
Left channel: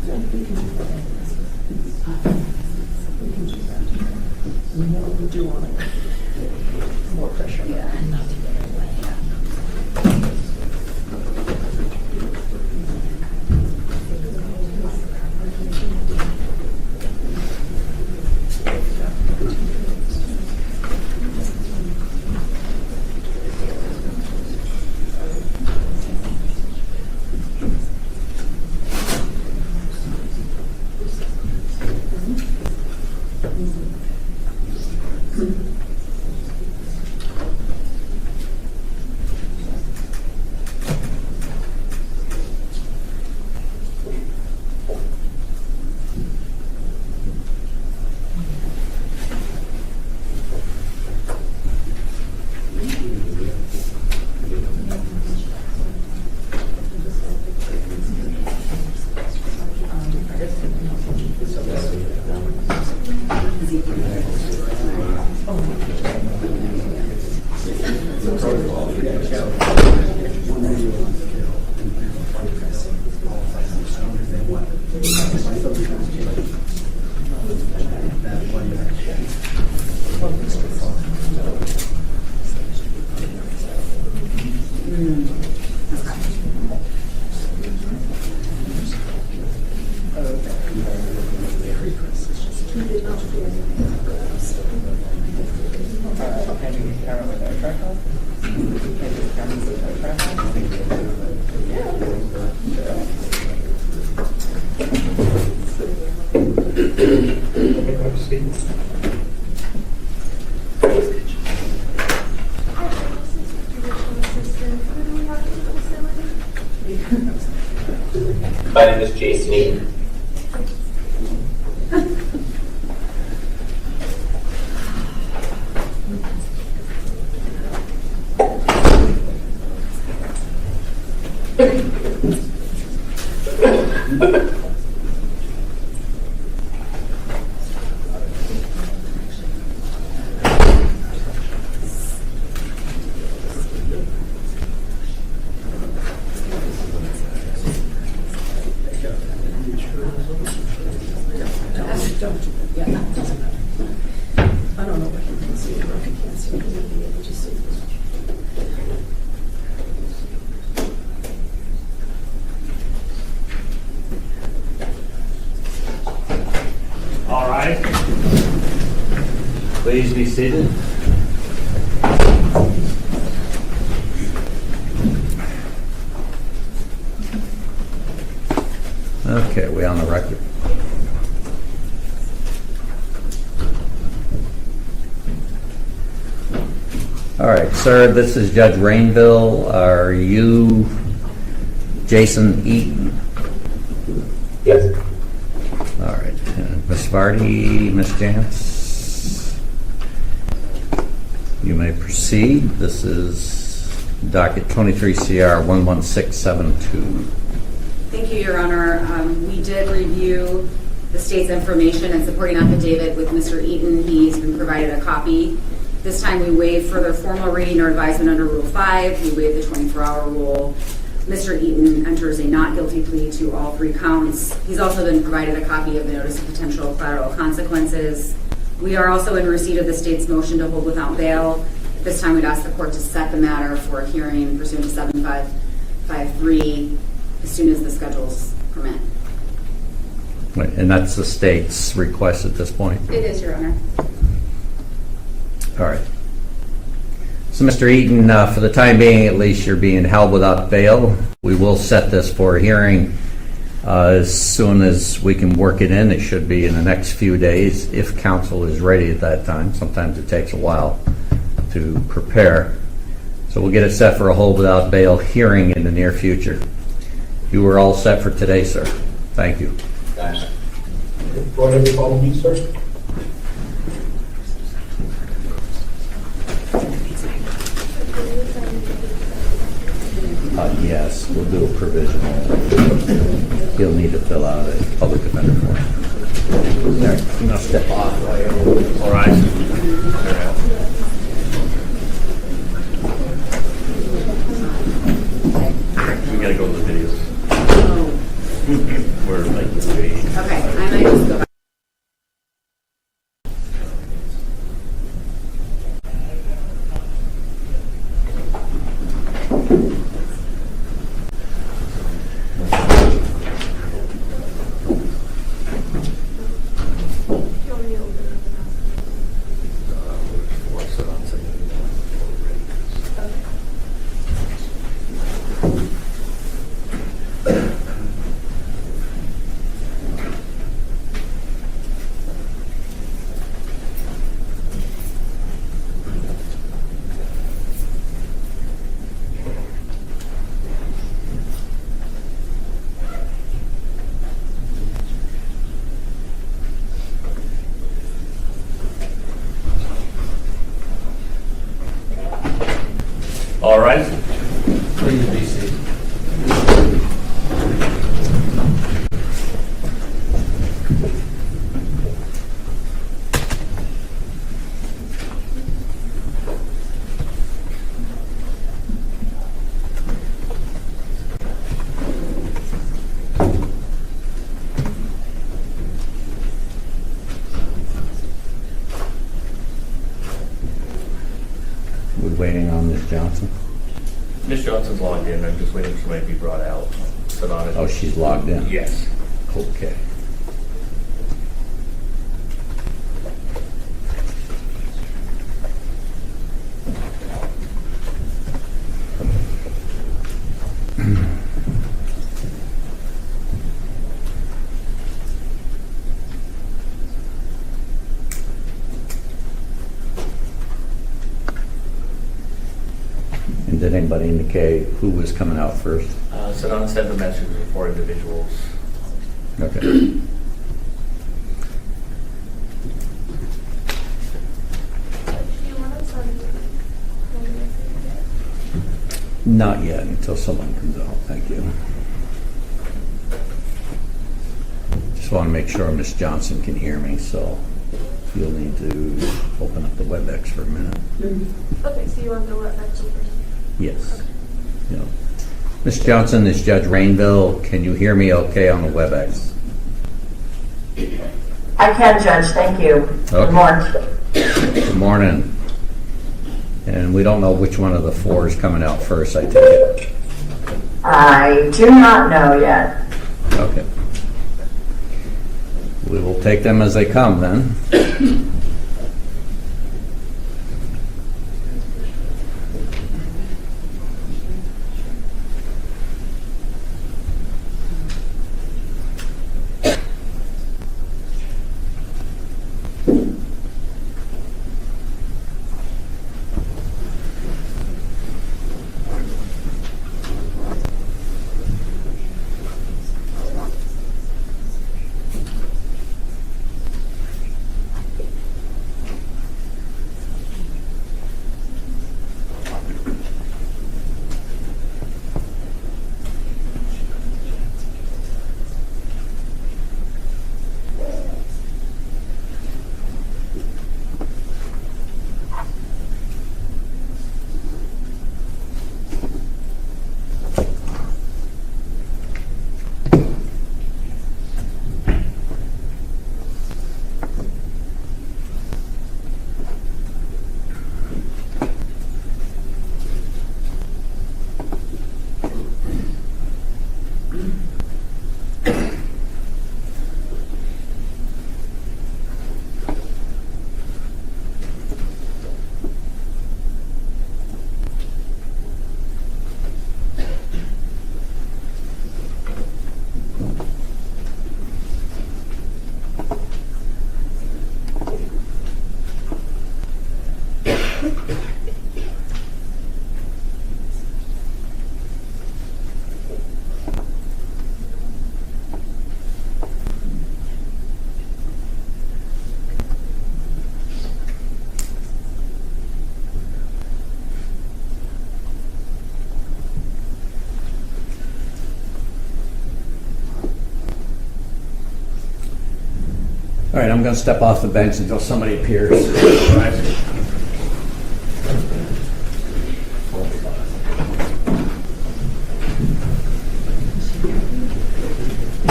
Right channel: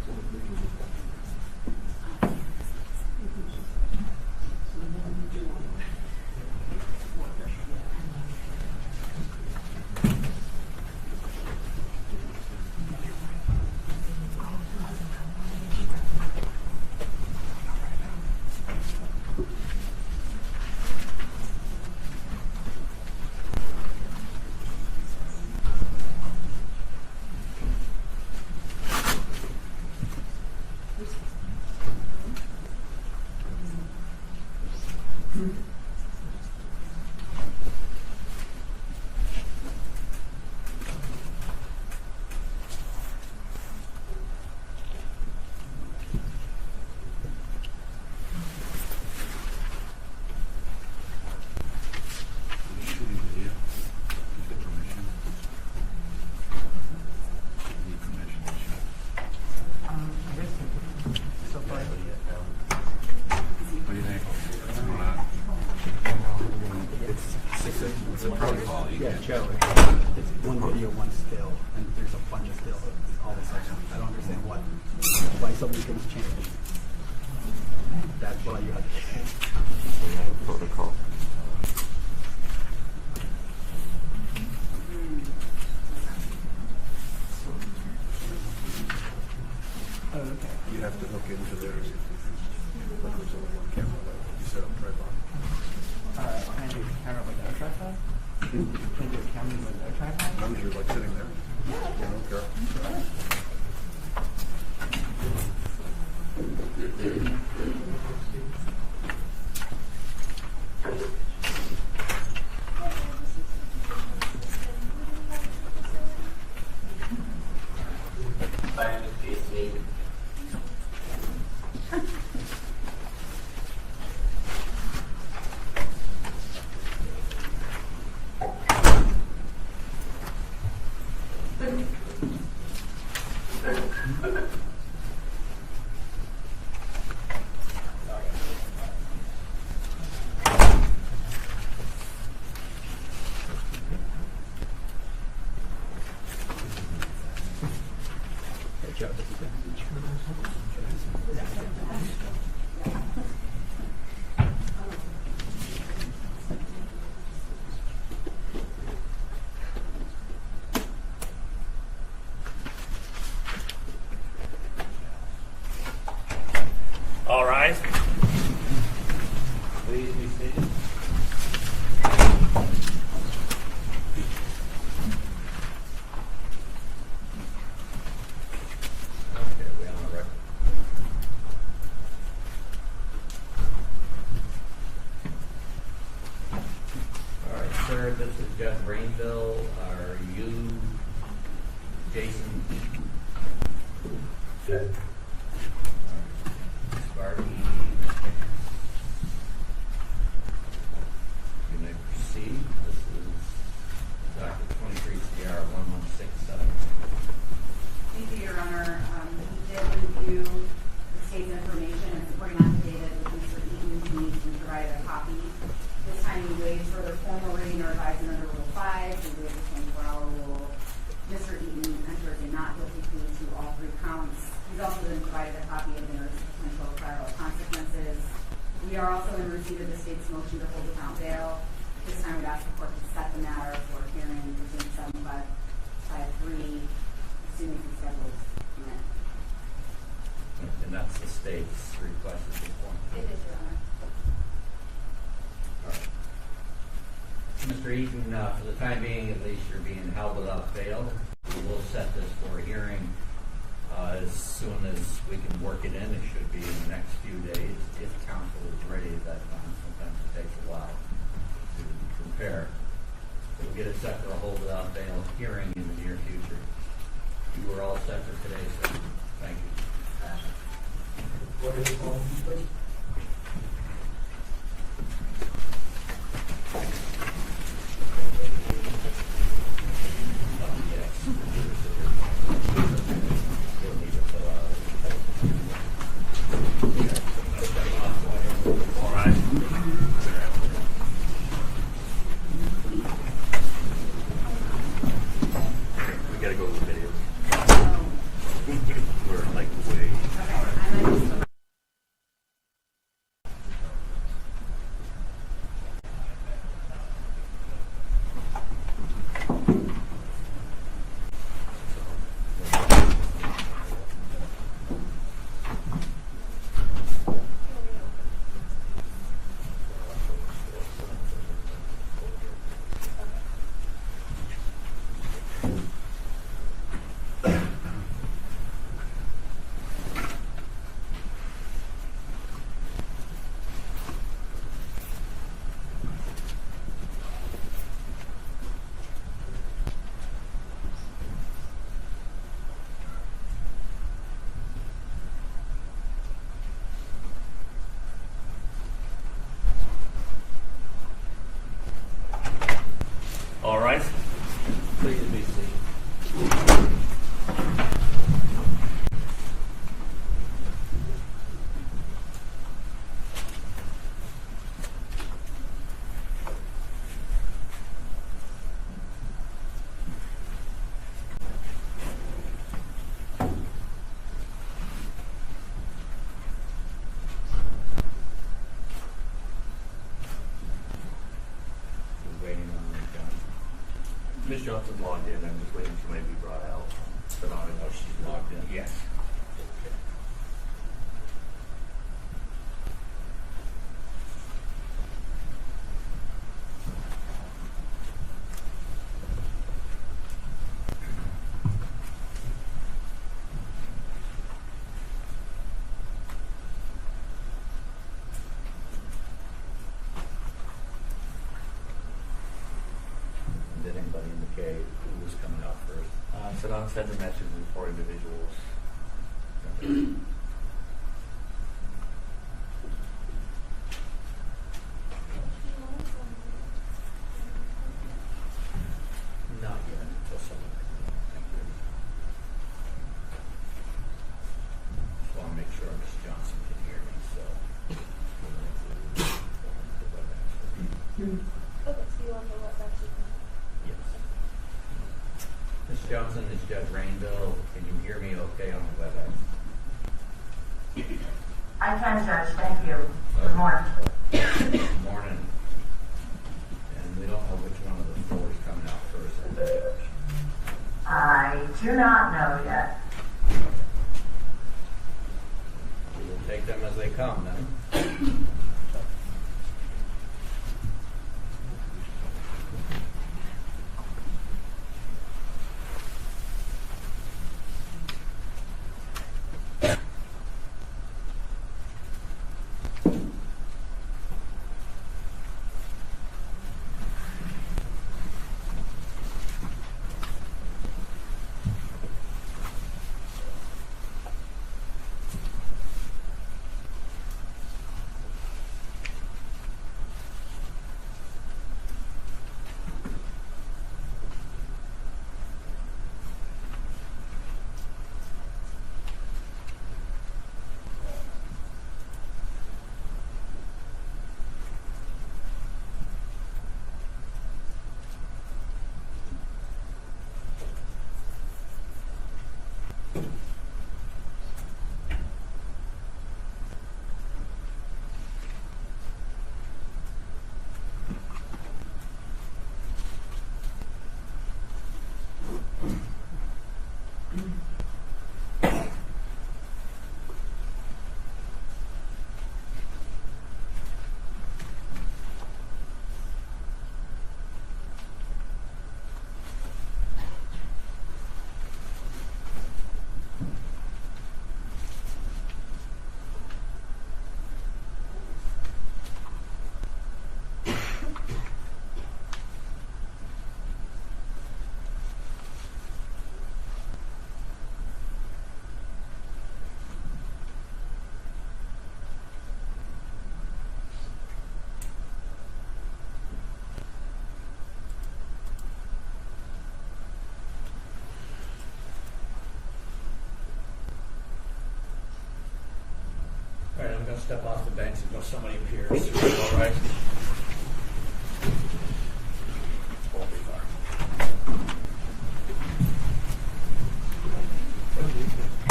We do want more pressure. Yeah. My name is Jason Eaton. All right. Please be seated. Okay, we on the record. All right, sir, this is Judge Rainville. Are you Jason Eaton? Yes. All right. Ms. Vardy, Ms. Jantz, you may proceed. This is docket 23 CR 11672. Thank you, Your Honor. We did review the state's information and supporting affidavit with Mr. Eaton. He's been provided a copy. This time we waive further formal reading or advisement under Rule 5. We waive the 24-hour rule. Mr. Eaton enters a not guilty plea to all 3 counts. He's also been provided a copy of the notice of potential collateral consequences. We are also in receipt of the state's motion to hold without bail. This time we'd ask the court to set the matter for a hearing pursuant to 7553 as soon as the schedules permit. Wait, and that's the state's request at this point? It is, Your Honor. All right. So, Mr. Eaton, for the time being, at least, you're being held without bail. We will set this for a hearing as soon as we can work it in. It should be in the next few days if counsel is ready at that time. Sometimes it takes a while to prepare. So we'll get it set for a hold without bail hearing in the near future. You were all set for today, sir. Thank you. Thanks. Go ahead and follow me, sir. Yes, we'll do a provisional. He'll need to fill out a public defender form. There, you know, step off. All right. We gotta go to the videos. We're like waiting. Okay, I might just go back. All right. Please be seated. We're waiting on Ms. Johnson. Ms. Johnson's logged in. I'm just waiting for somebody to be brought out. Sit on it. Oh, she's logged in? Yes. Okay. And did anybody indicate who was coming out first? Sedona sent a message to 4 individuals. Okay. Not yet, until someone comes out. Thank you. Just want to make sure Ms. Johnson can hear me, so you'll need to open up the WebEx for a minute. Okay, so you want to go back to first? Yes. Yeah. Ms. Johnson, this is Judge Rainville. Can you hear me okay on the WebEx? I can, Judge, thank you. Good Okay. morning. Good morning. And we don't know which one of the 4 is coming out first, I take it. I do not know yet. Okay. We will take them as they come then. All right, I'm going to step off the bench until somebody appears.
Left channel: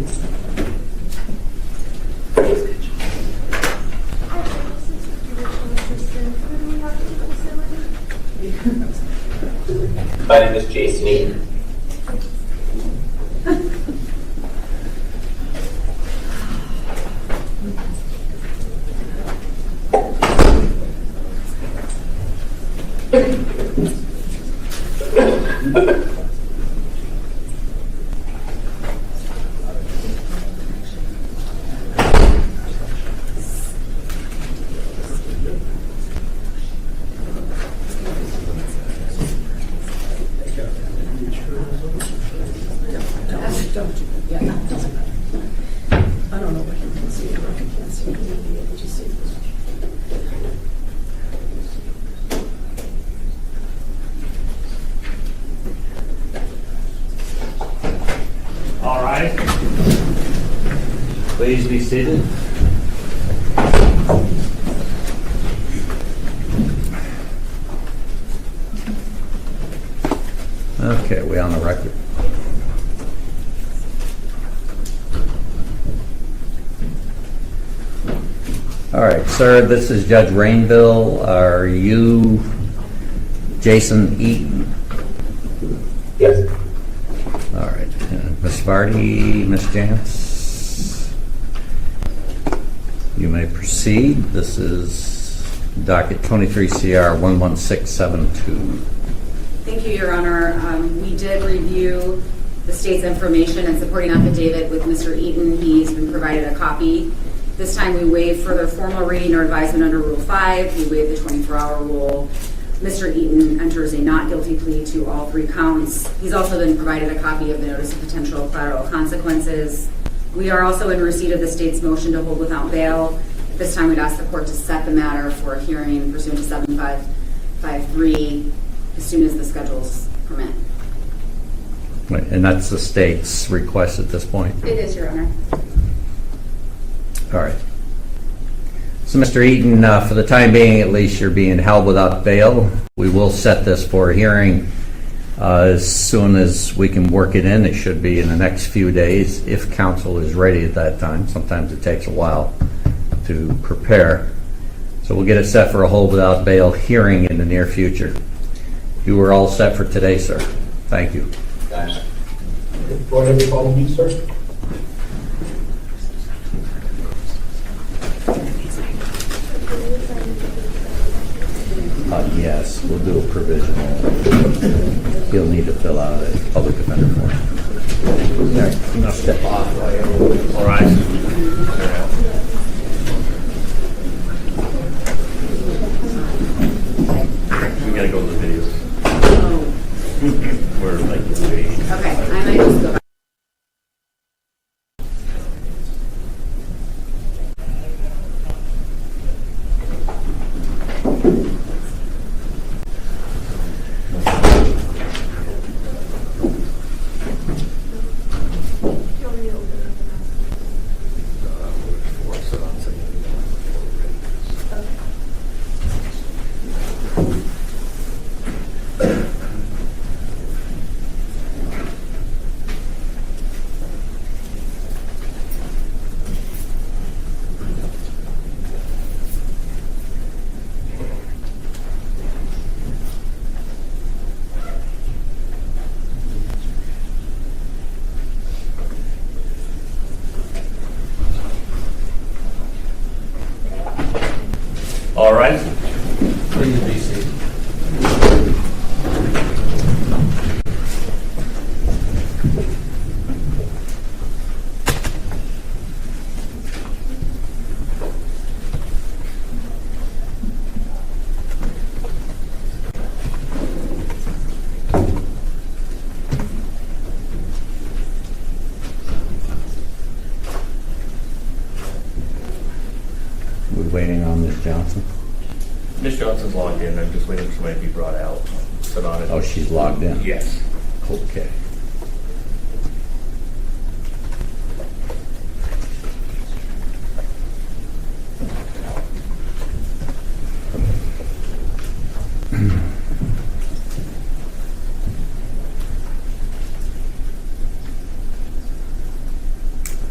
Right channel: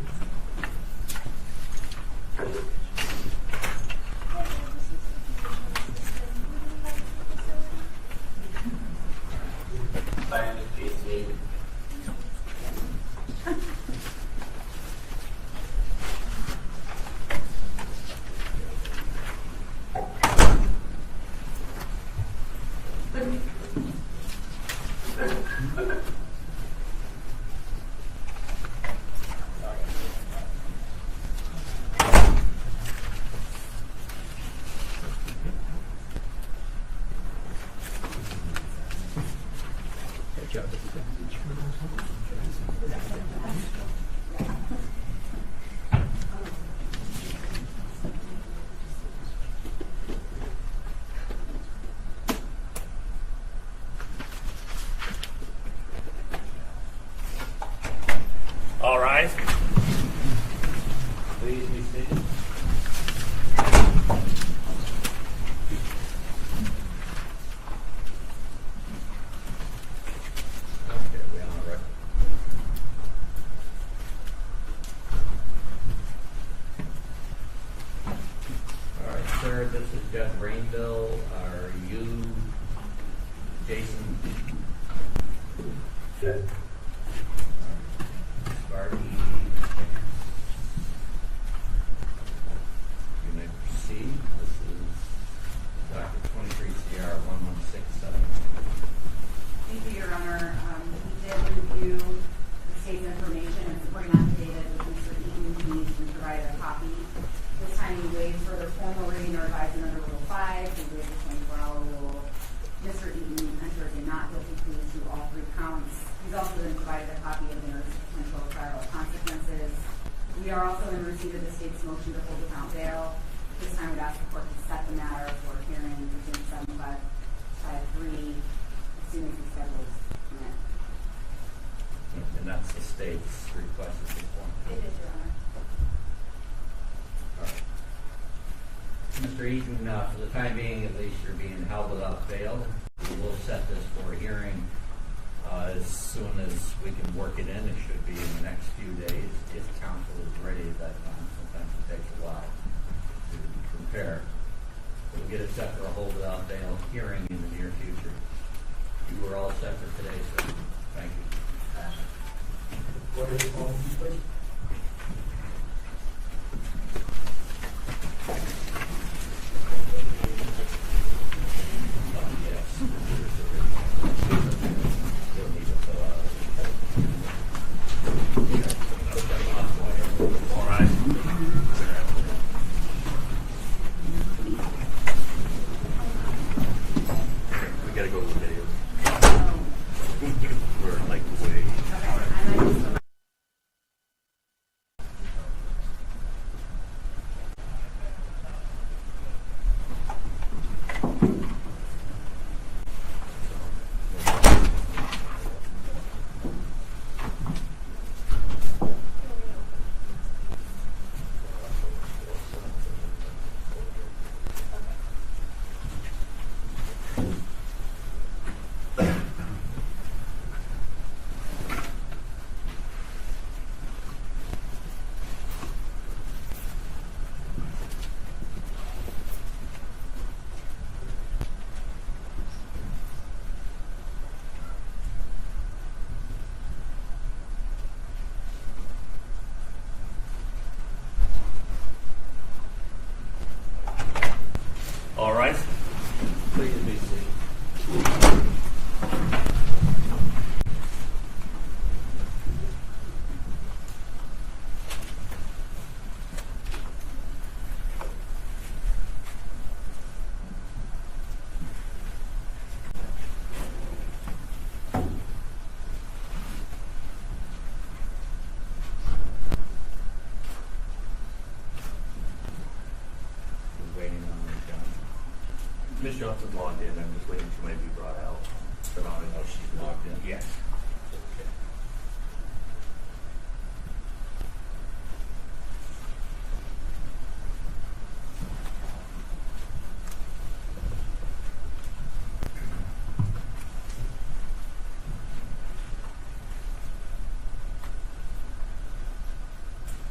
My name is Jason Eaton. I don't know what you can see, or if you can see, you'll be able to see. All right. Please be seated. Okay, we on the record. All right, sir, this is Judge Rainville. Are you Jason Eaton? Yes. All right. Ms. Vardy, Ms. Jantz, you may proceed. This is docket 23 CR 11672. Thank you, Your Honor. We did review the state's information and supporting affidavit with Mr. Eaton. He's been provided a copy. This time we waive further formal reading or advisement under Rule 5. We waive the 24-hour rule. Mr. Eaton enters a not guilty plea to all 3 counts. He's also been provided a copy of the notice of potential collateral consequences. We are also in receipt of the state's motion to hold without bail. At this time, we'd ask the court to set the matter for a hearing pursuant to 7553 as soon as the schedules permit. Wait, and that's the state's request at this point? It is, Your Honor. All right. So, Mr. Eaton, for the time being, at least, you're being held without bail. We will set this for a hearing as soon as we can work it in. It should be in the next few days if counsel is ready at that time. Sometimes it takes a while to prepare. So we'll get it set for a hold without bail hearing in the near future. You were all set for today, sir. Thank you. Thanks. Whatever you follow me, sir. Yes, we'll do a provisional. He'll need to fill out a public defender form. There, I'm gonna step off while you're all right. We gotta go to the videos. Oh, We're like, we- okay. I might just go back. All right. Please be seated. We're waiting on Ms. Johnson. Ms. Johnson's logged in. I'm just waiting for somebody to be brought out. Sit on it. Oh, she's logged in? Yes. Okay.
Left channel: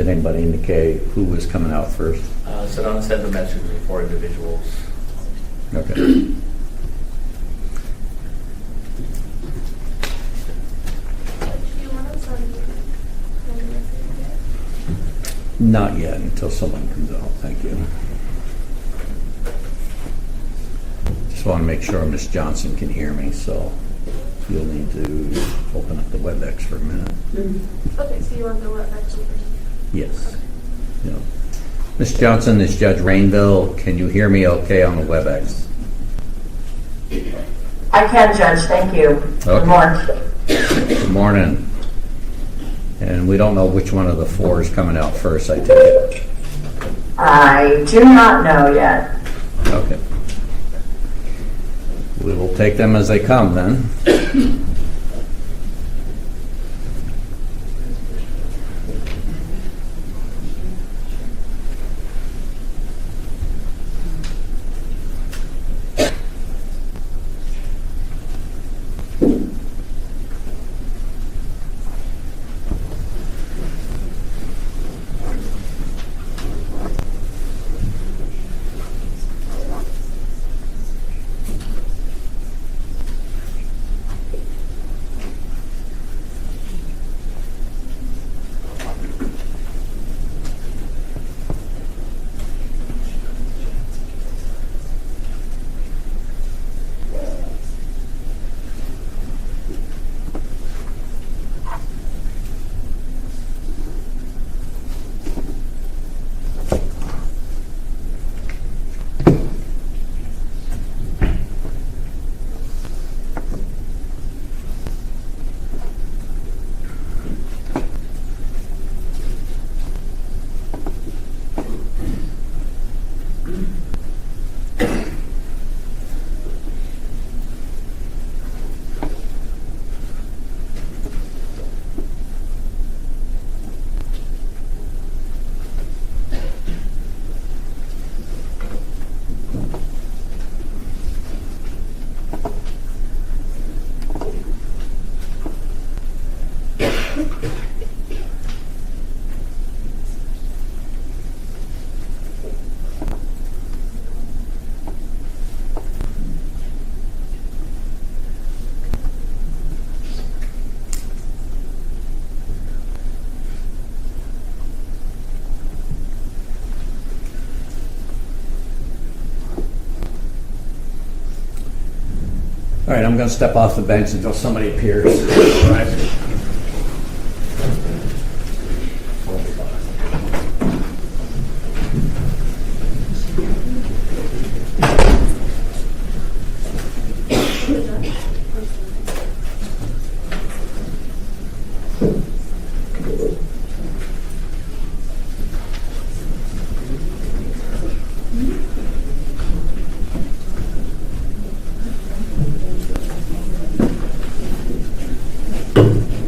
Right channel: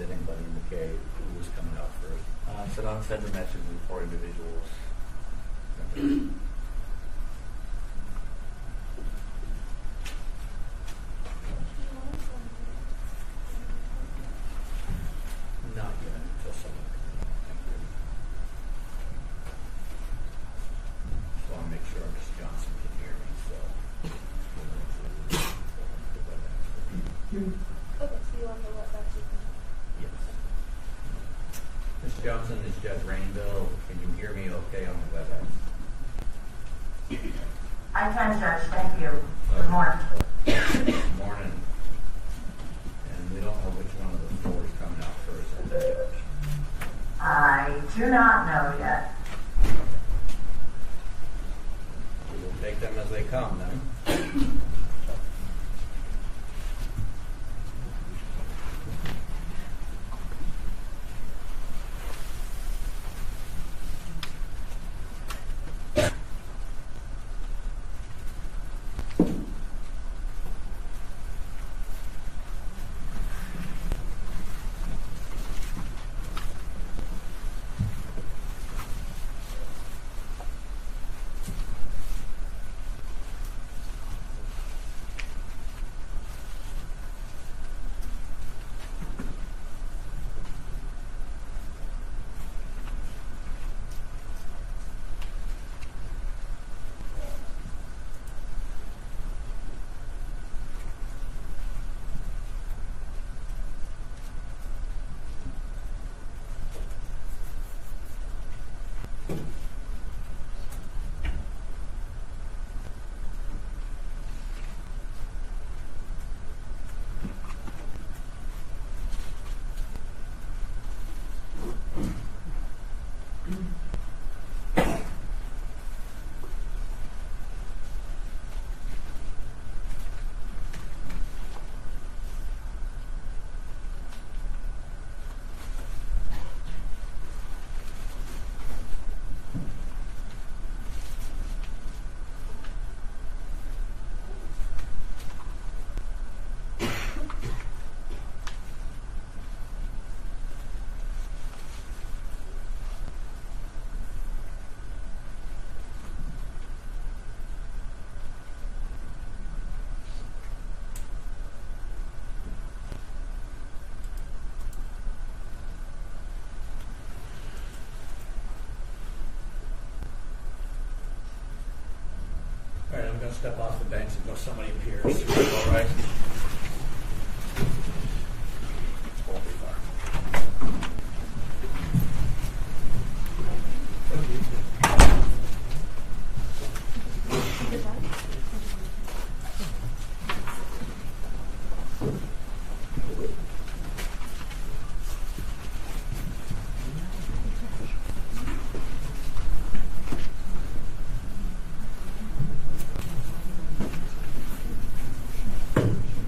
Did anybody indicate who was coming out first? Sedona sent a message to 4 individuals. Okay. Do you want to send Not yet, until someone comes out. Thank you. Just want to make sure Ms. Johnson can hear me, so you'll need to open up the WebEx for a minute. Okay, so you want to go up back to you? Yes. Yeah. Ms. Johnson, this is Judge Rainville. Can you hear me okay on the WebEx? I can, Judge, thank you. Okay. Good morning. Good morning. And we don't know which one of the 4 is coming out first, I take it. I do not know yet. Okay. We will take them as they come then. All right, I'm going to step off the bench until somebody appears. All right.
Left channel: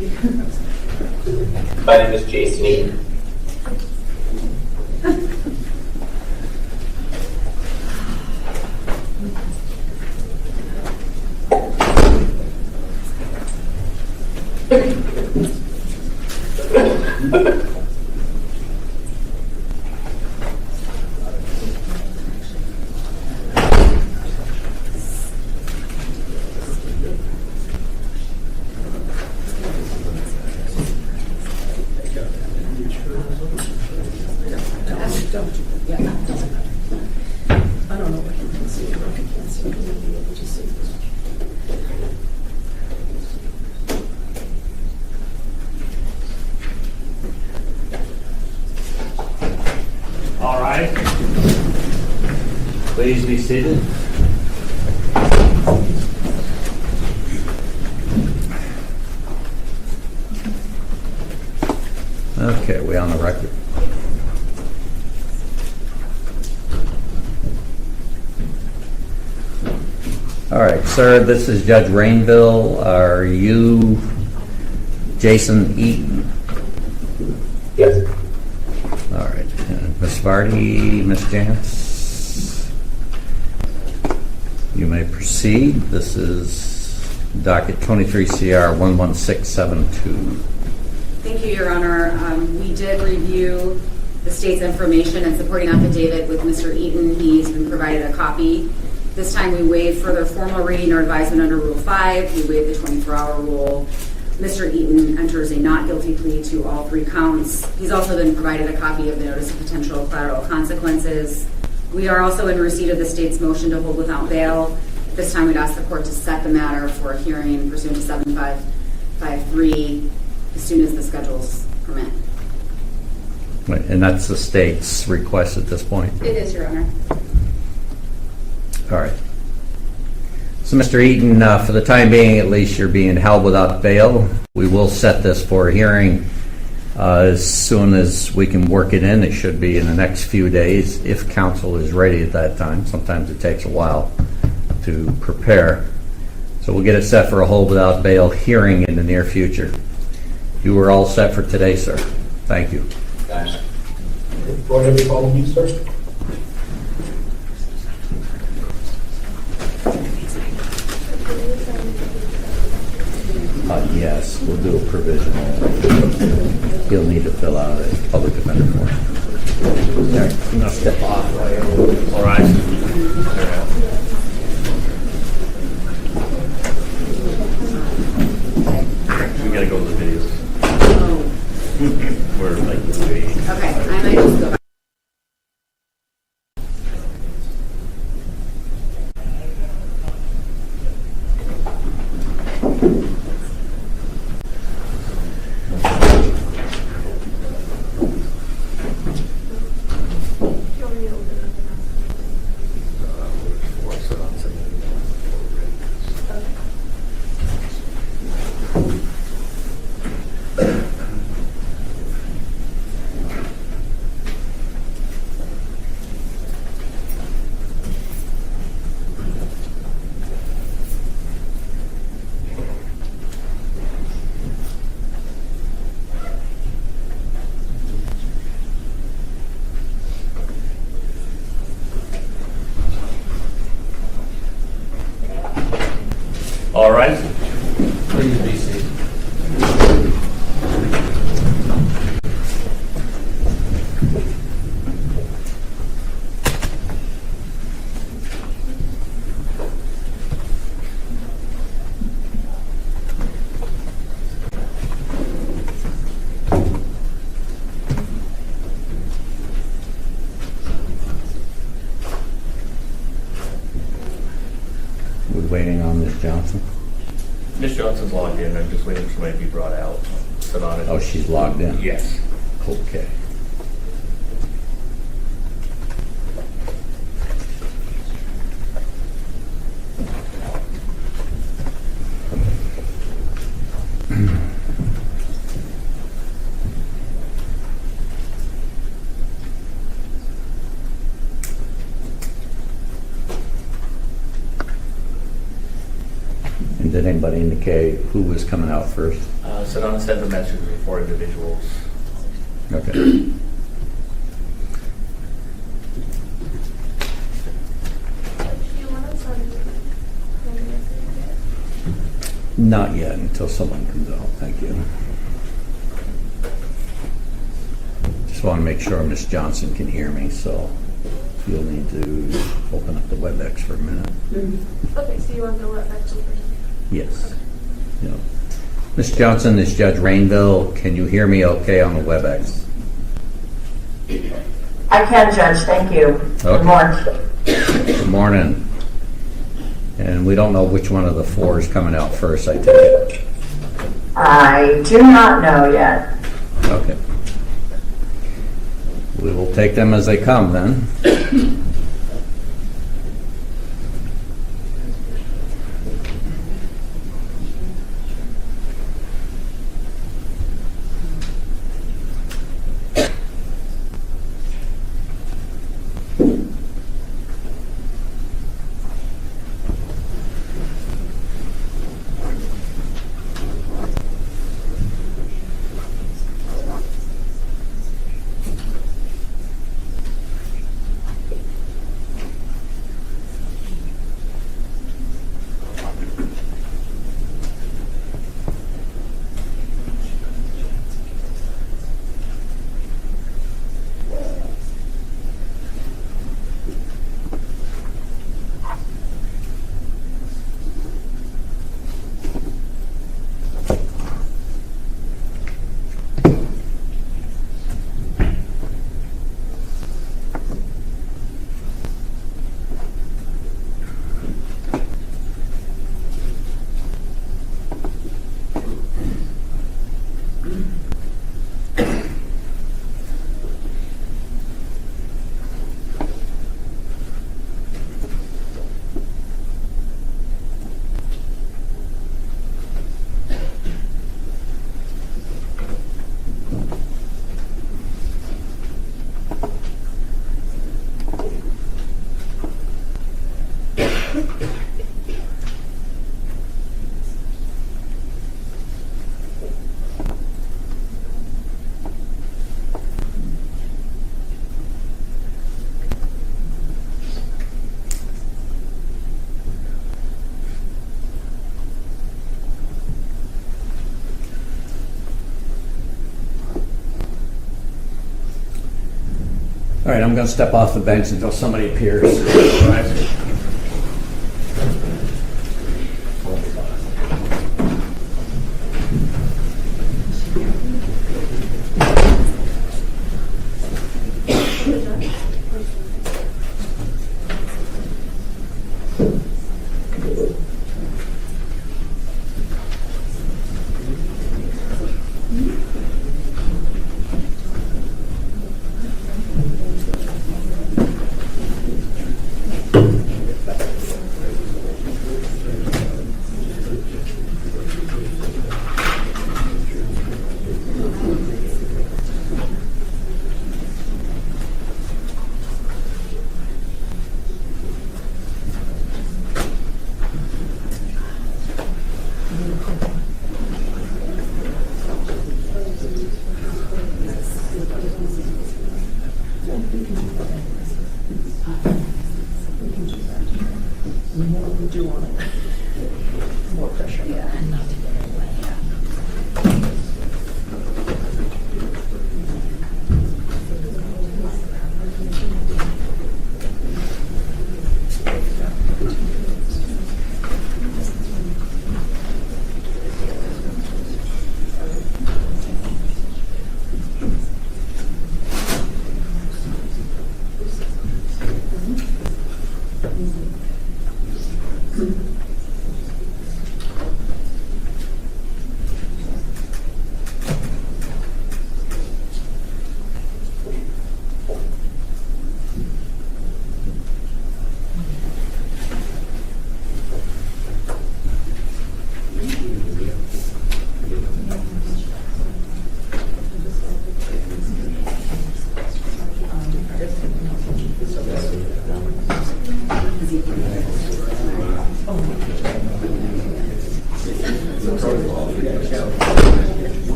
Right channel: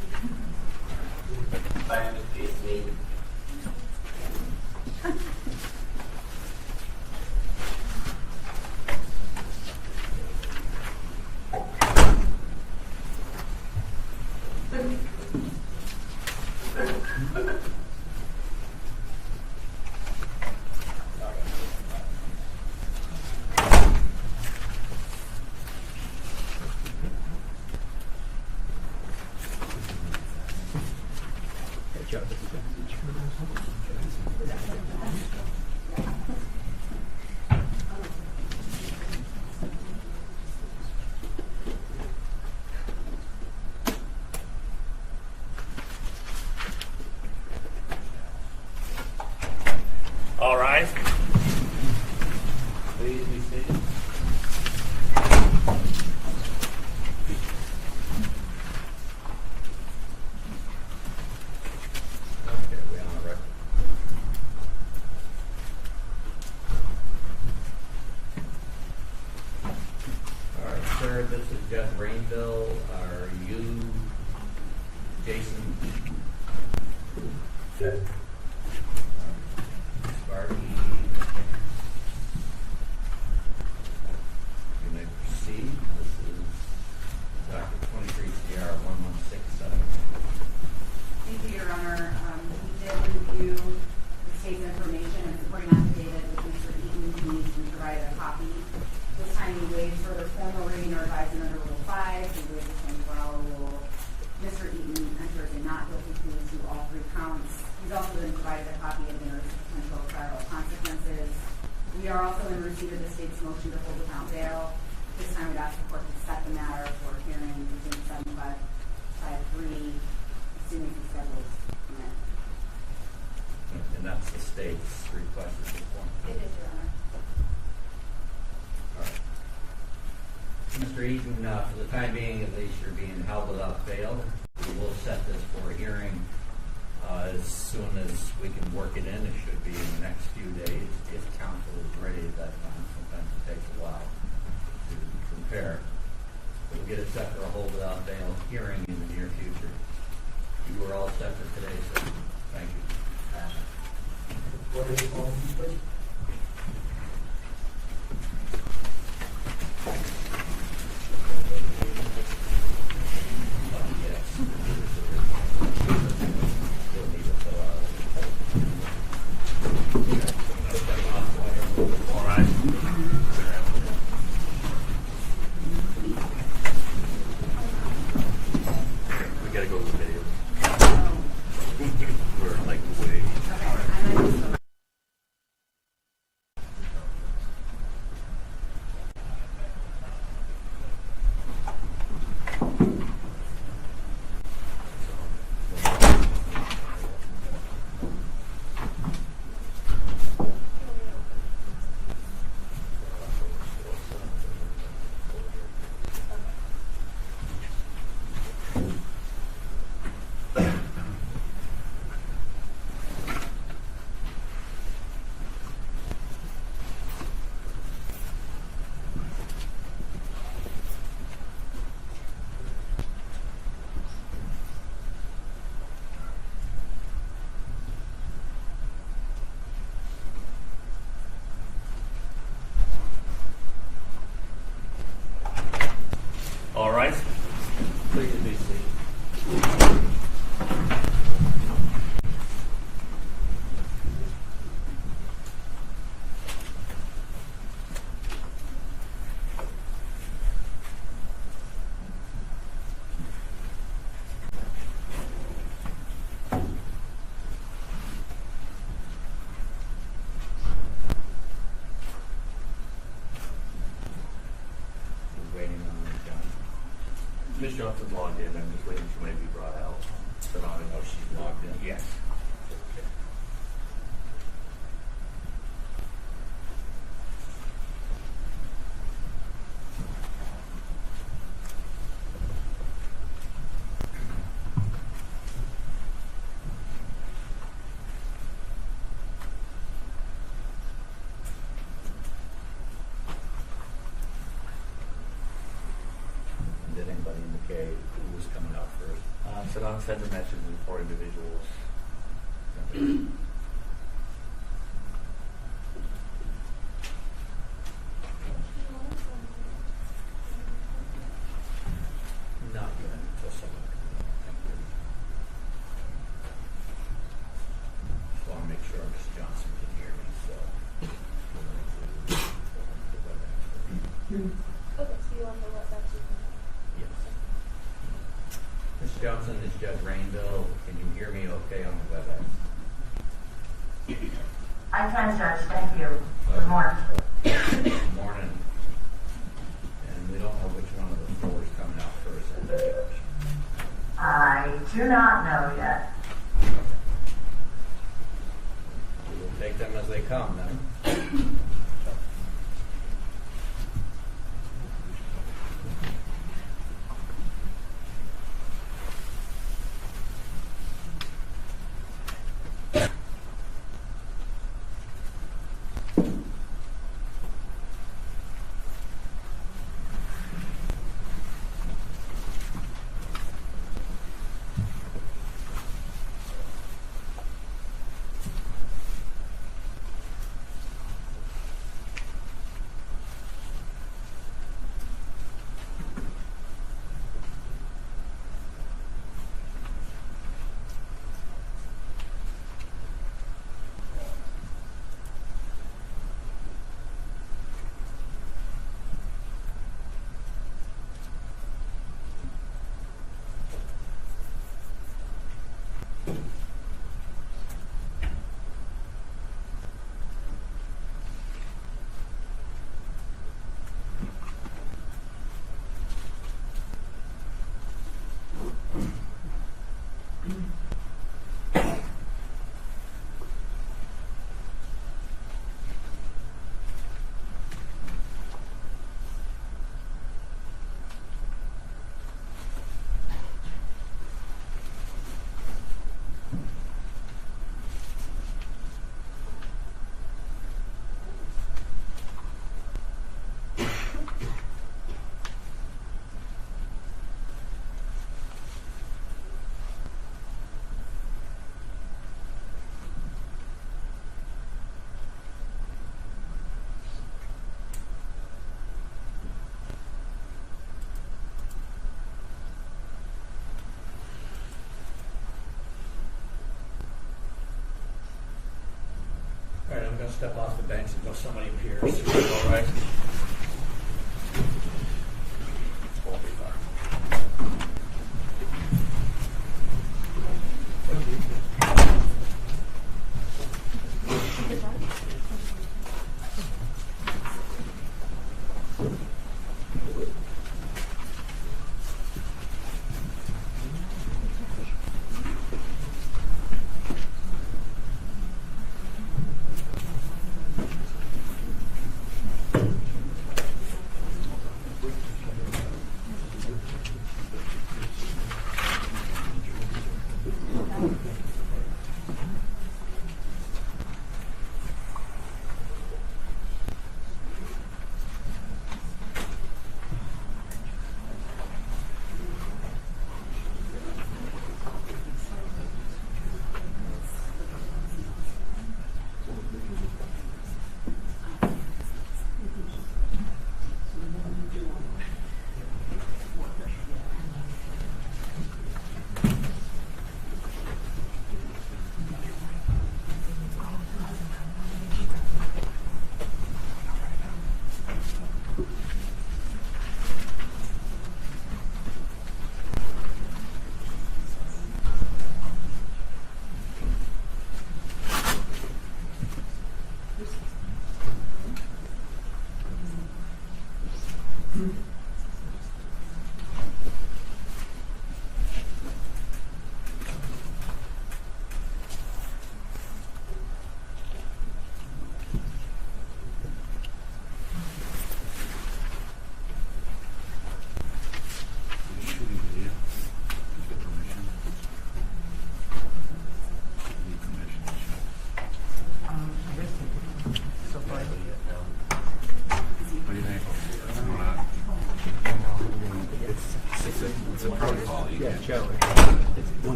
My name is Jason Eaton. I don't know if you can see it, or if you can't see it, you'll be able to see this. All right. Please be seated. Okay, we on the record? All right, sir, this is Judge Rainville. Are you Jason Eaton? Yes. All right. Ms. Vardy, Ms. Jantz, you may proceed. This is docket 23 CR 11672. Thank you, Your Honor. We did review the state's information and supporting affidavit with Mr. Eaton. He's been provided a copy. This time we waived further formal reading or advisement under Rule 5. We waived the 24-hour rule. Mr. Eaton enters a not guilty plea to all 3 counts. He's also been provided a copy of the notice of potential collateral consequences. We are also in receipt of the state's motion to hold without bail. This time we'd ask the court to set the matter for a hearing pursuant to 7553 as soon as the schedules permit. Right, and that's the state's request at this point. It is, Your Honor. All right. So, Mr. Eaton, for the time being, at least, you're being held without bail. We will set this for a hearing as soon as we can work it in. It should be in the next few days if counsel is ready at that time. Sometimes it takes a while to prepare. So we'll get it set for a hold without bail hearing in the near future. You were all set for today, sir. Thank you. Gotcha. Go ahead and follow me, sir. Yes, we'll do a provisional. He'll need to fill out a public defender form. Okay, now step off. All right. We gotta go to the videos. Oh, We're like way. okay. I might just go back. All right. Please be seated. We're waiting on Ms. Johnson. Ms. Johnson's logged in. I'm just waiting for somebody to be brought out. Sit on it. Oh, she's logged in? Yes. Okay. And did anybody indicate who was coming out first? Sedona sends a message to 4 individuals. Okay. Not yet, until someone comes out. Thank you. Just want to make sure Ms. Johnson can hear me, so you'll need to open up the WebEx for a minute. Okay, so you want to go right back to the first? Yes. No. Ms. Johnson, this is Judge Rainville. Can you hear me okay on the WebEx? I can, Judge, thank you. Okay. Good morning. Good morning. And we don't know which one of the 4 is coming out first, I take it. I do not know yet. Okay. We will take them as they come then. All right, I'm going to step off the bench until somebody appears.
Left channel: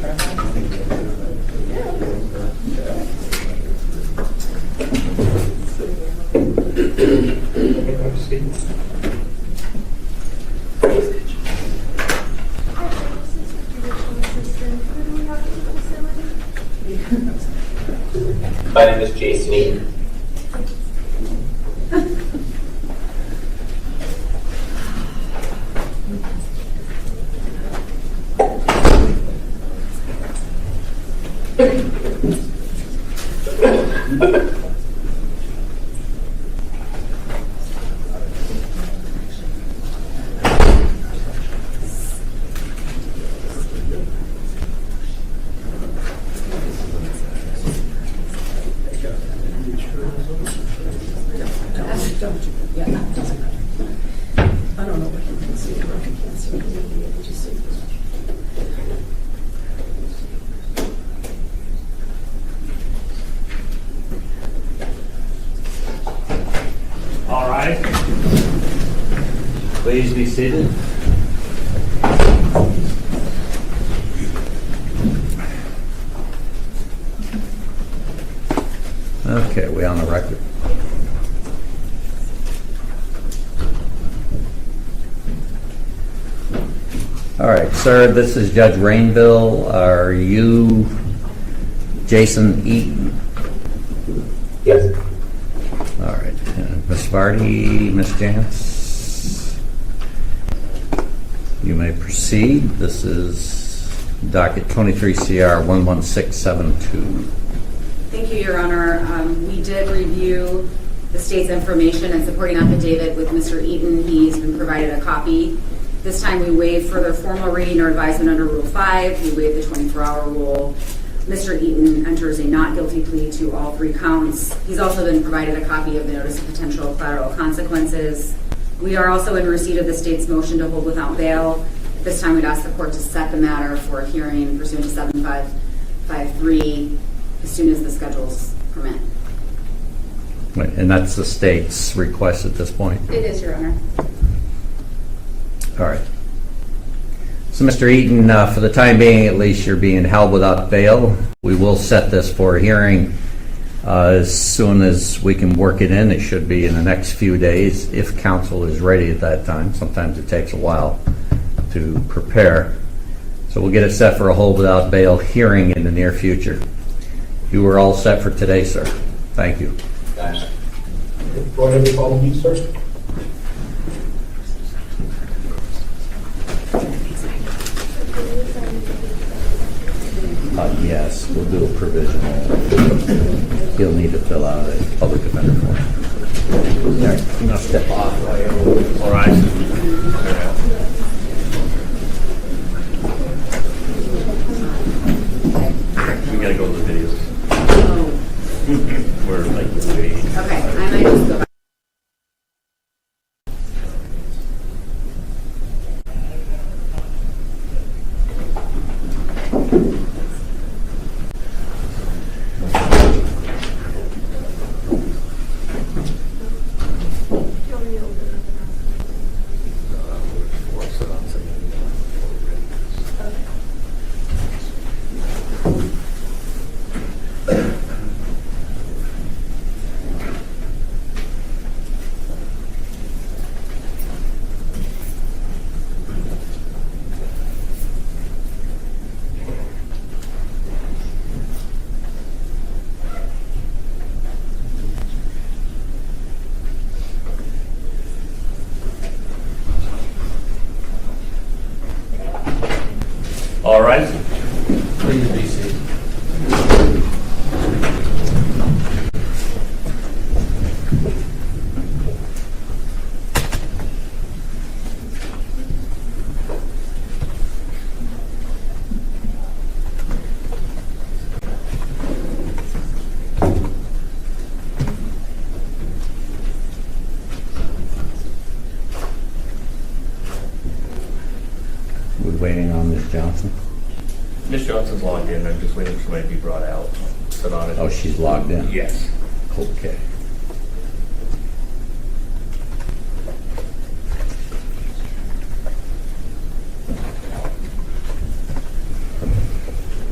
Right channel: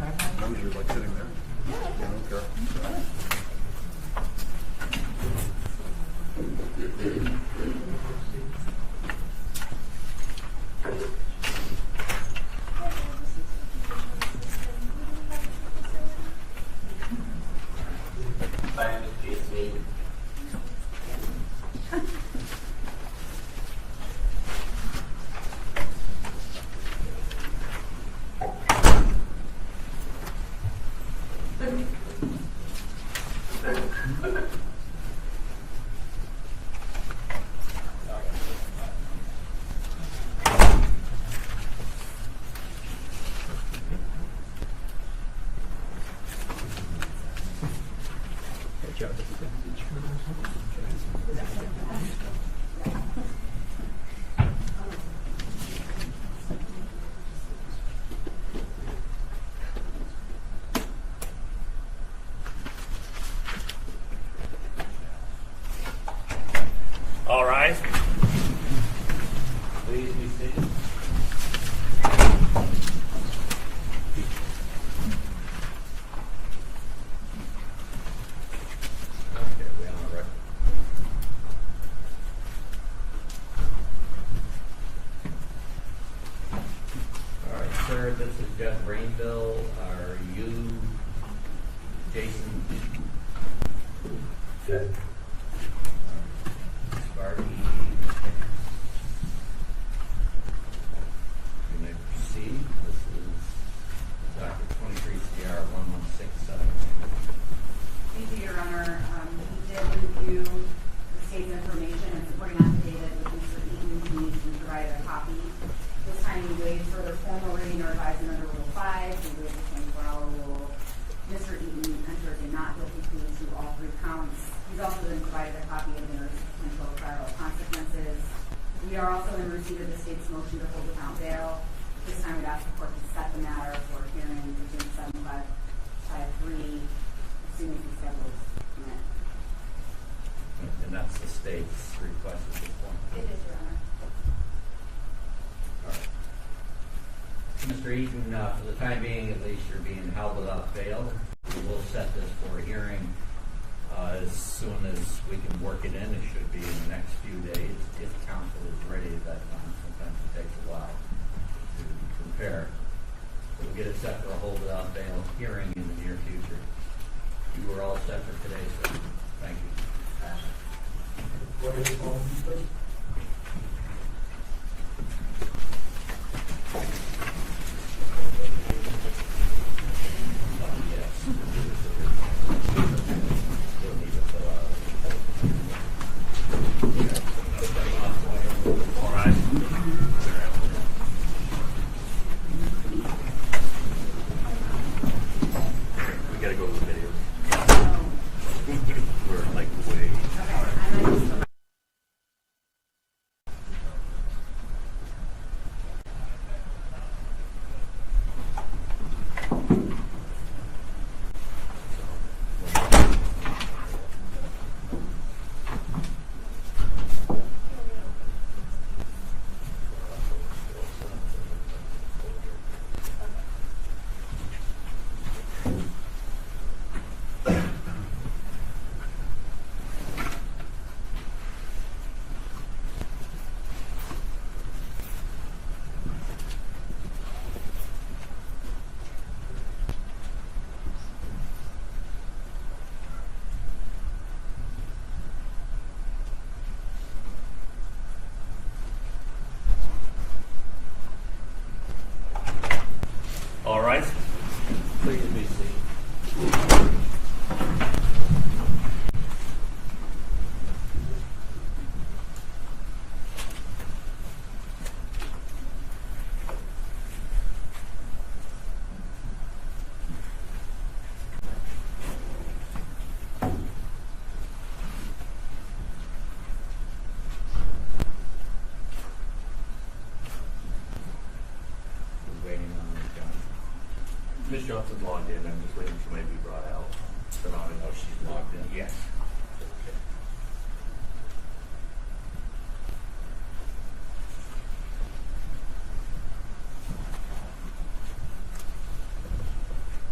Okay, proceed. My name is Jason Eaton. Yeah, it doesn't matter. I don't know what you can see, or if you can't see, you'll be able to see. All right. Please be seated. Okay, we on the record? All right, sir, this is Judge Rainville. Are you Jason Eaton? Yes. All right. Ms. Vardy, Ms. Jantz, you may proceed. This is docket 23 CR 11672. Thank you, Your Honor. We did review the state's information and supporting affidavit with Mr. Eaton. He's been provided a copy. This time we waive further formal reading or advisement under Rule 5. We waive the 24-hour rule. Mr. Eaton enters a not guilty plea to all 3 counts. He's also been provided a copy of the notice of potential collateral consequences. We are also in receipt of the state's motion to hold without bail. This time we'd ask the court to set the matter for a hearing pursuant to 7553 as soon as the schedules permit. Wait, and that's the state's request at this point? It is, Your Honor. All right. So, Mr. Eaton, for the time being, at least, you're being held without bail. We will set this for a hearing as soon as we can work it in. It should be in the next few days if counsel is ready at that time. Sometimes it takes a while to prepare. So we'll get it set for a hold without bail hearing in the near future. You were all set for today, sir. Thank you. Gotcha. Go ahead and follow me, sir. Yes, we'll do a provisional. He'll need to fill out a public defender form. There, you know, step off. All right. We gotta go to the videos. Oh, We're like waiting. okay. I might just go back. All right. Please be seated. We're waiting on Ms. Johnson. Ms. Johnson's logged in. I'm just waiting for somebody to be brought out. Sit on it. Oh, she's logged in? Yes. Okay.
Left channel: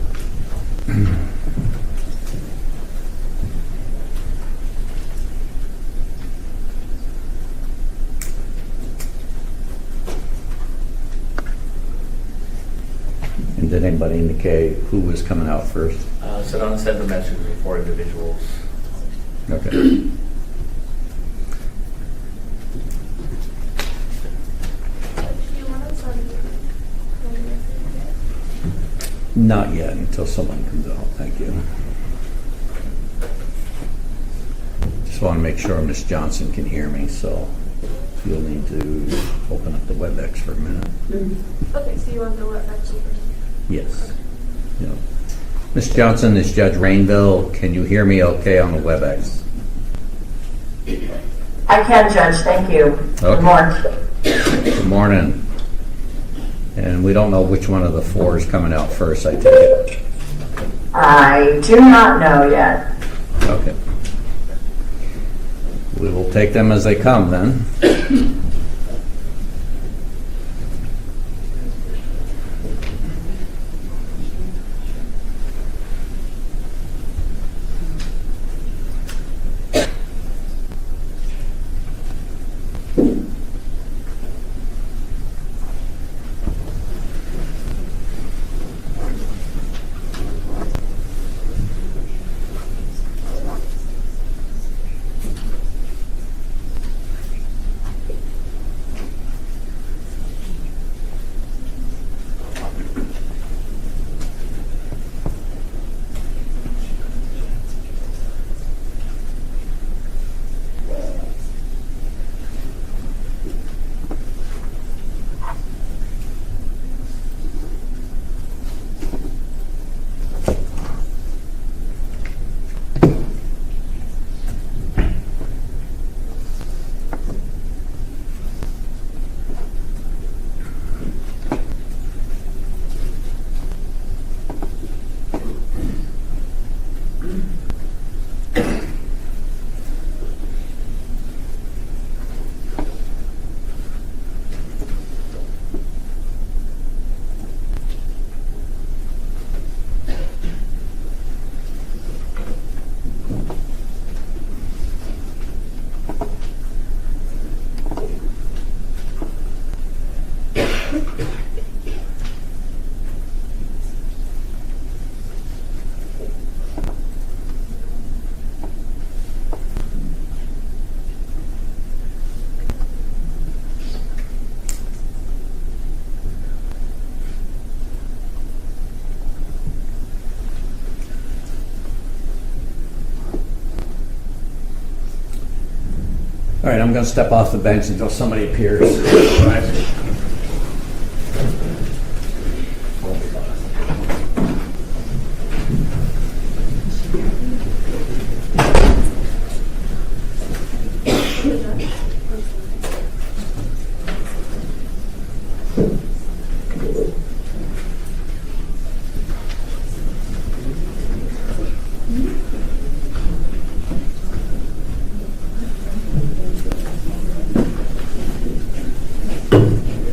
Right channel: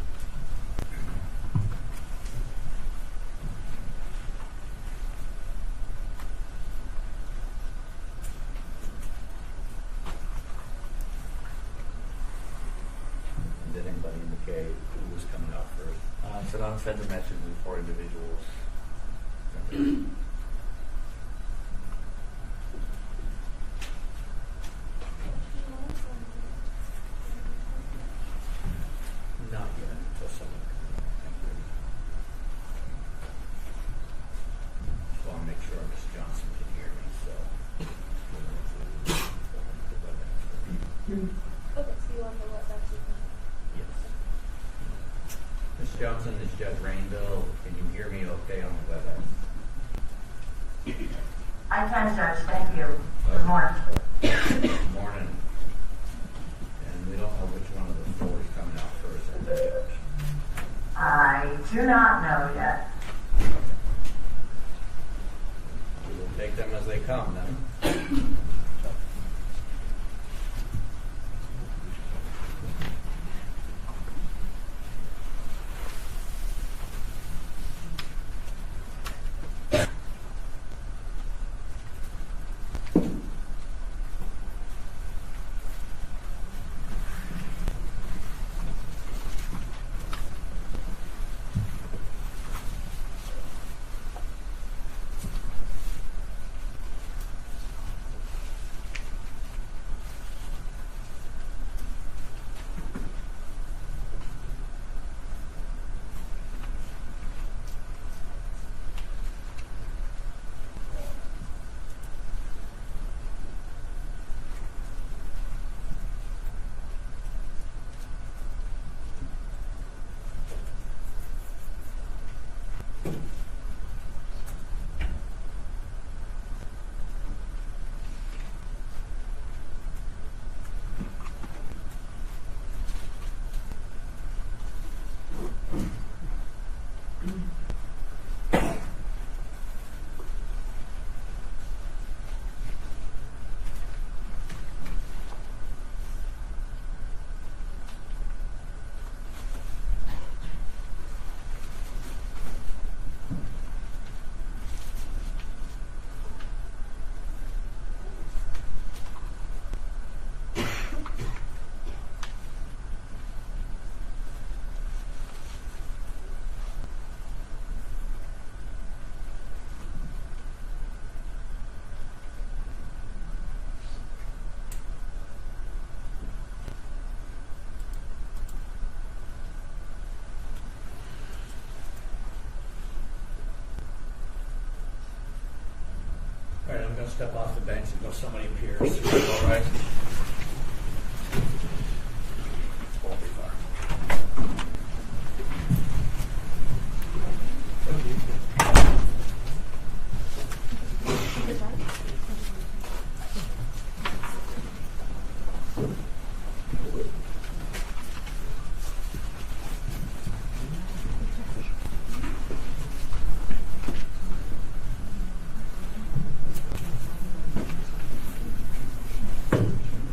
anybody indicate who was coming out first? Sedona sent a message to 4 individuals. Okay. Not yet, until someone comes out. Thank you. Just want to make sure Ms. Johnson can hear me, so you'll need to open up the WebEx for a minute. Okay, so you want the what back to you? Yes. Yep. Ms. Johnson, this is Judge Rainville. Can you hear me okay on the WebEx? I can, Judge, thank you. Okay. Good morning. Good morning. And we don't know which one of the 4 is coming out first, I take it. I do not know yet. Okay. We will take them as they come then. All right, I'm going to step off the bench until somebody appears.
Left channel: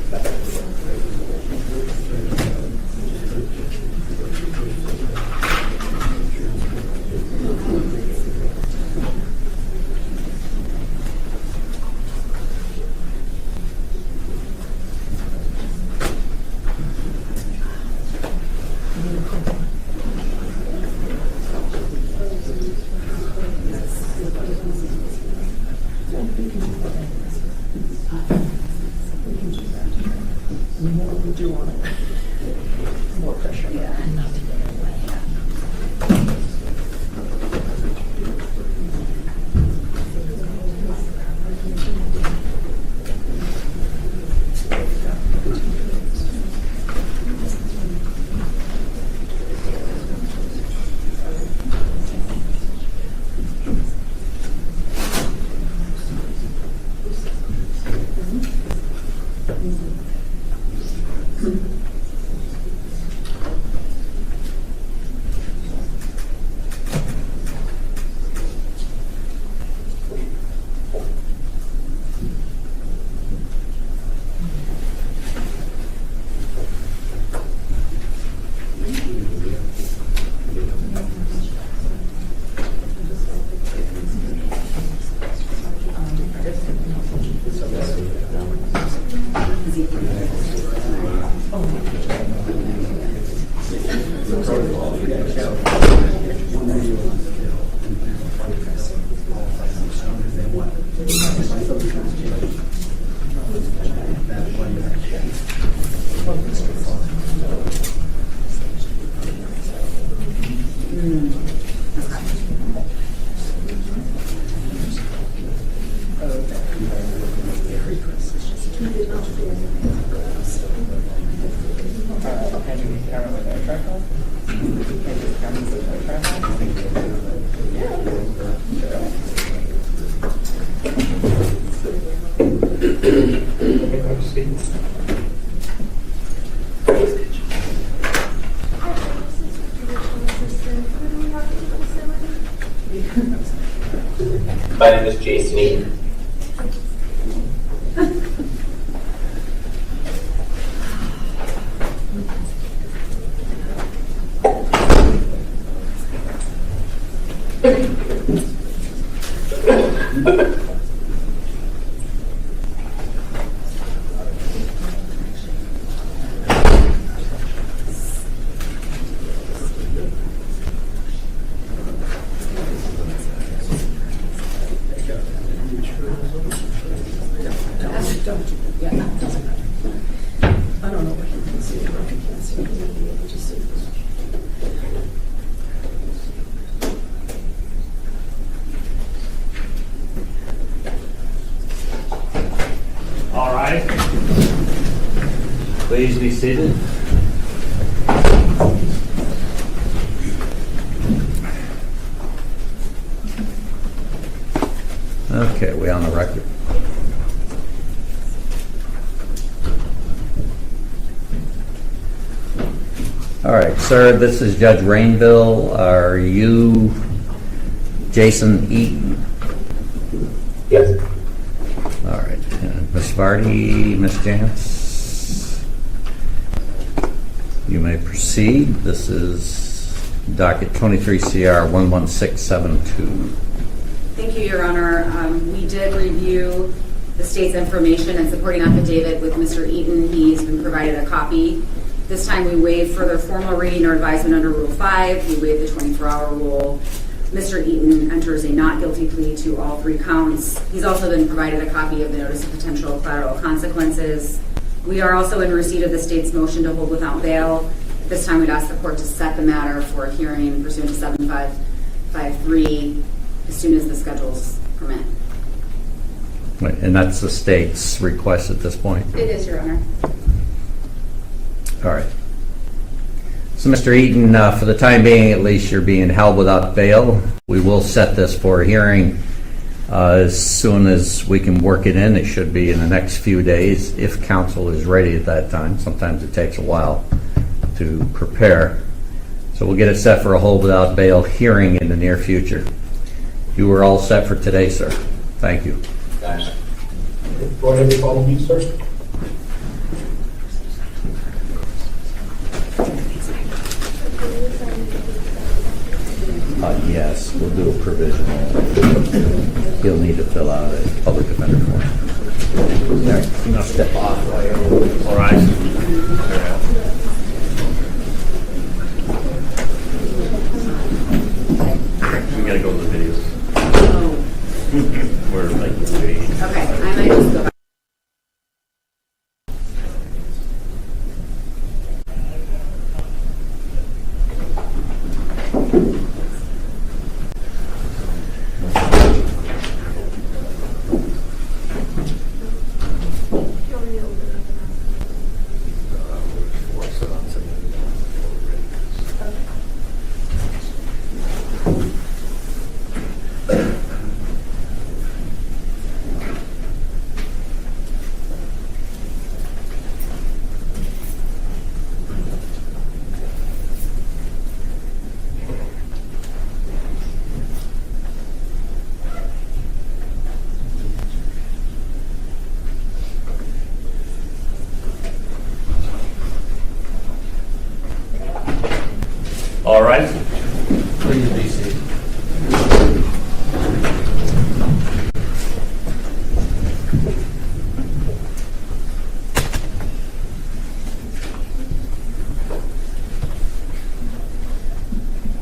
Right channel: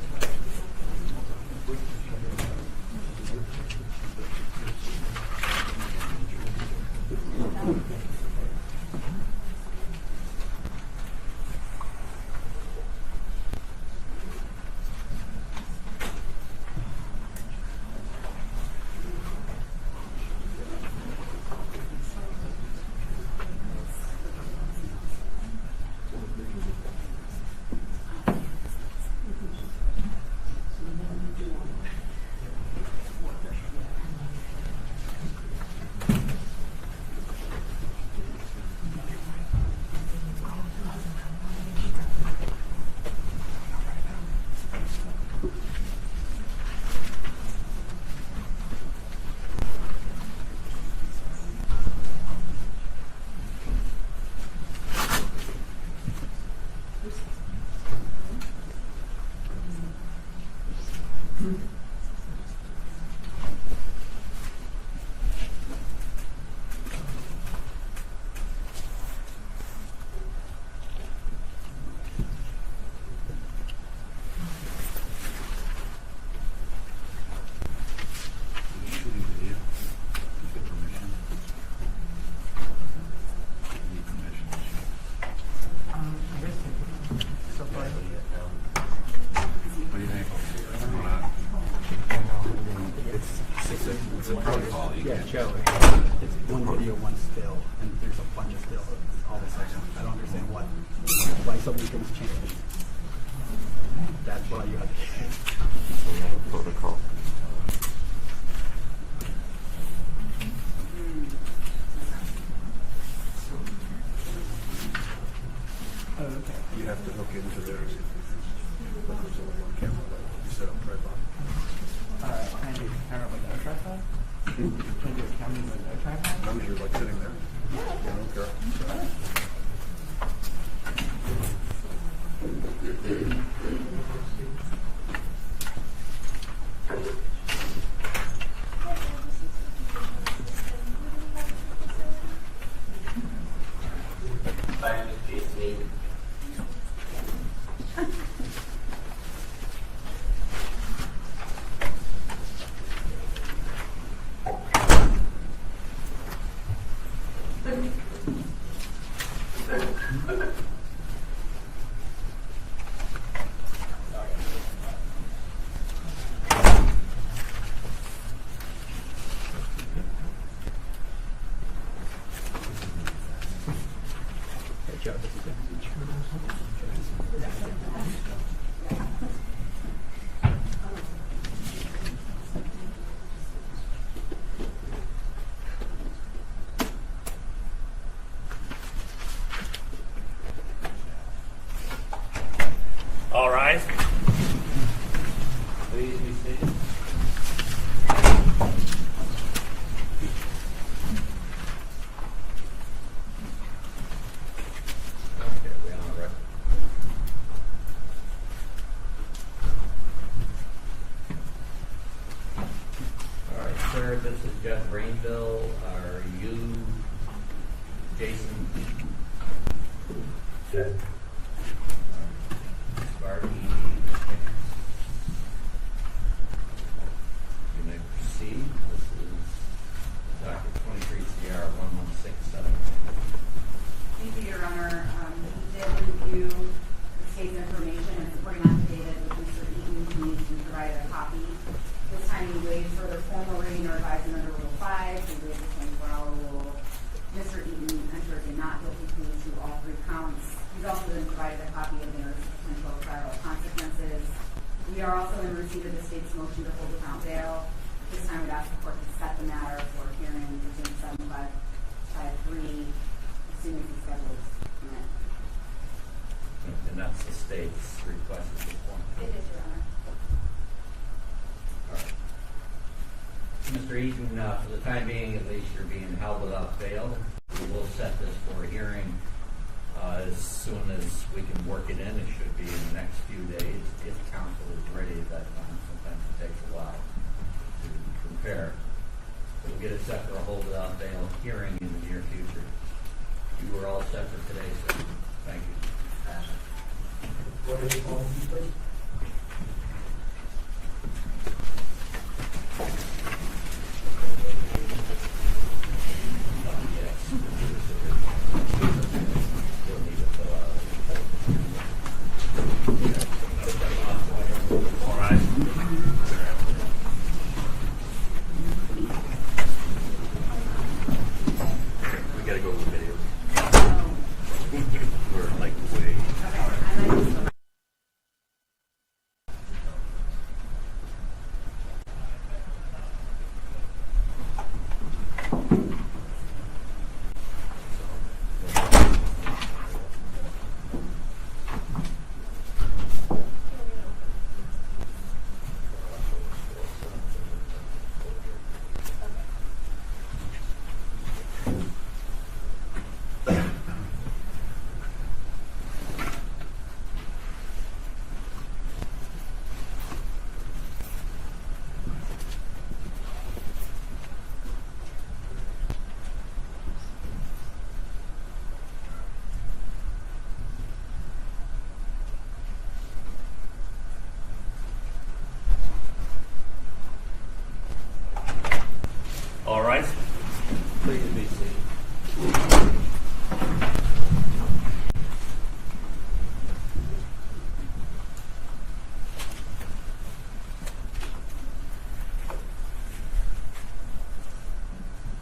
Okay, proceed. My name is Jason Eaton. I don't know what you can see, what you can't see, you'll be able to see. All right. Please be seated. Okay, we on the record? All right, sir, this is Judge Rainville. Are you Jason Eaton? Yes. All right. Ms. Vardy, Ms. Jantz, you may proceed. This is docket 23 CR 11672. Thank you, Your Honor. We did review the state's information and supporting affidavit with Mr. Eaton. He's been provided a copy. This time we waived further formal reading or advisement under Rule 5. We waived the 24-hour rule. Mr. Eaton enters a not guilty plea to all 3 counts. He's also been provided a copy of the notice of potential collateral consequences. We are also in receipt of the state's motion to hold without bail. This time we'd ask the court to set the matter for a hearing pursuant to 7553 as soon as the schedules permit. Right, and that's the state's request at this point? It is, Your Honor. All right. So, Mr. Eaton, for the time being, at least, you're being held without bail. We will set this for a hearing as soon as we can work it in. It should be in the next few days if counsel is ready at that time. Sometimes it takes a while to prepare. So we'll get it set for a hold without bail hearing in the near future. You were all set for today, sir. Thank you. Thanks. Go ahead and follow me, sir. Yes, we'll do a provisional. He'll need to fill out a public defender form. There, you know, step off. All right. We gotta go to the videos. Oh, We're like waiting. okay. I might just go back. All right. Please be seated.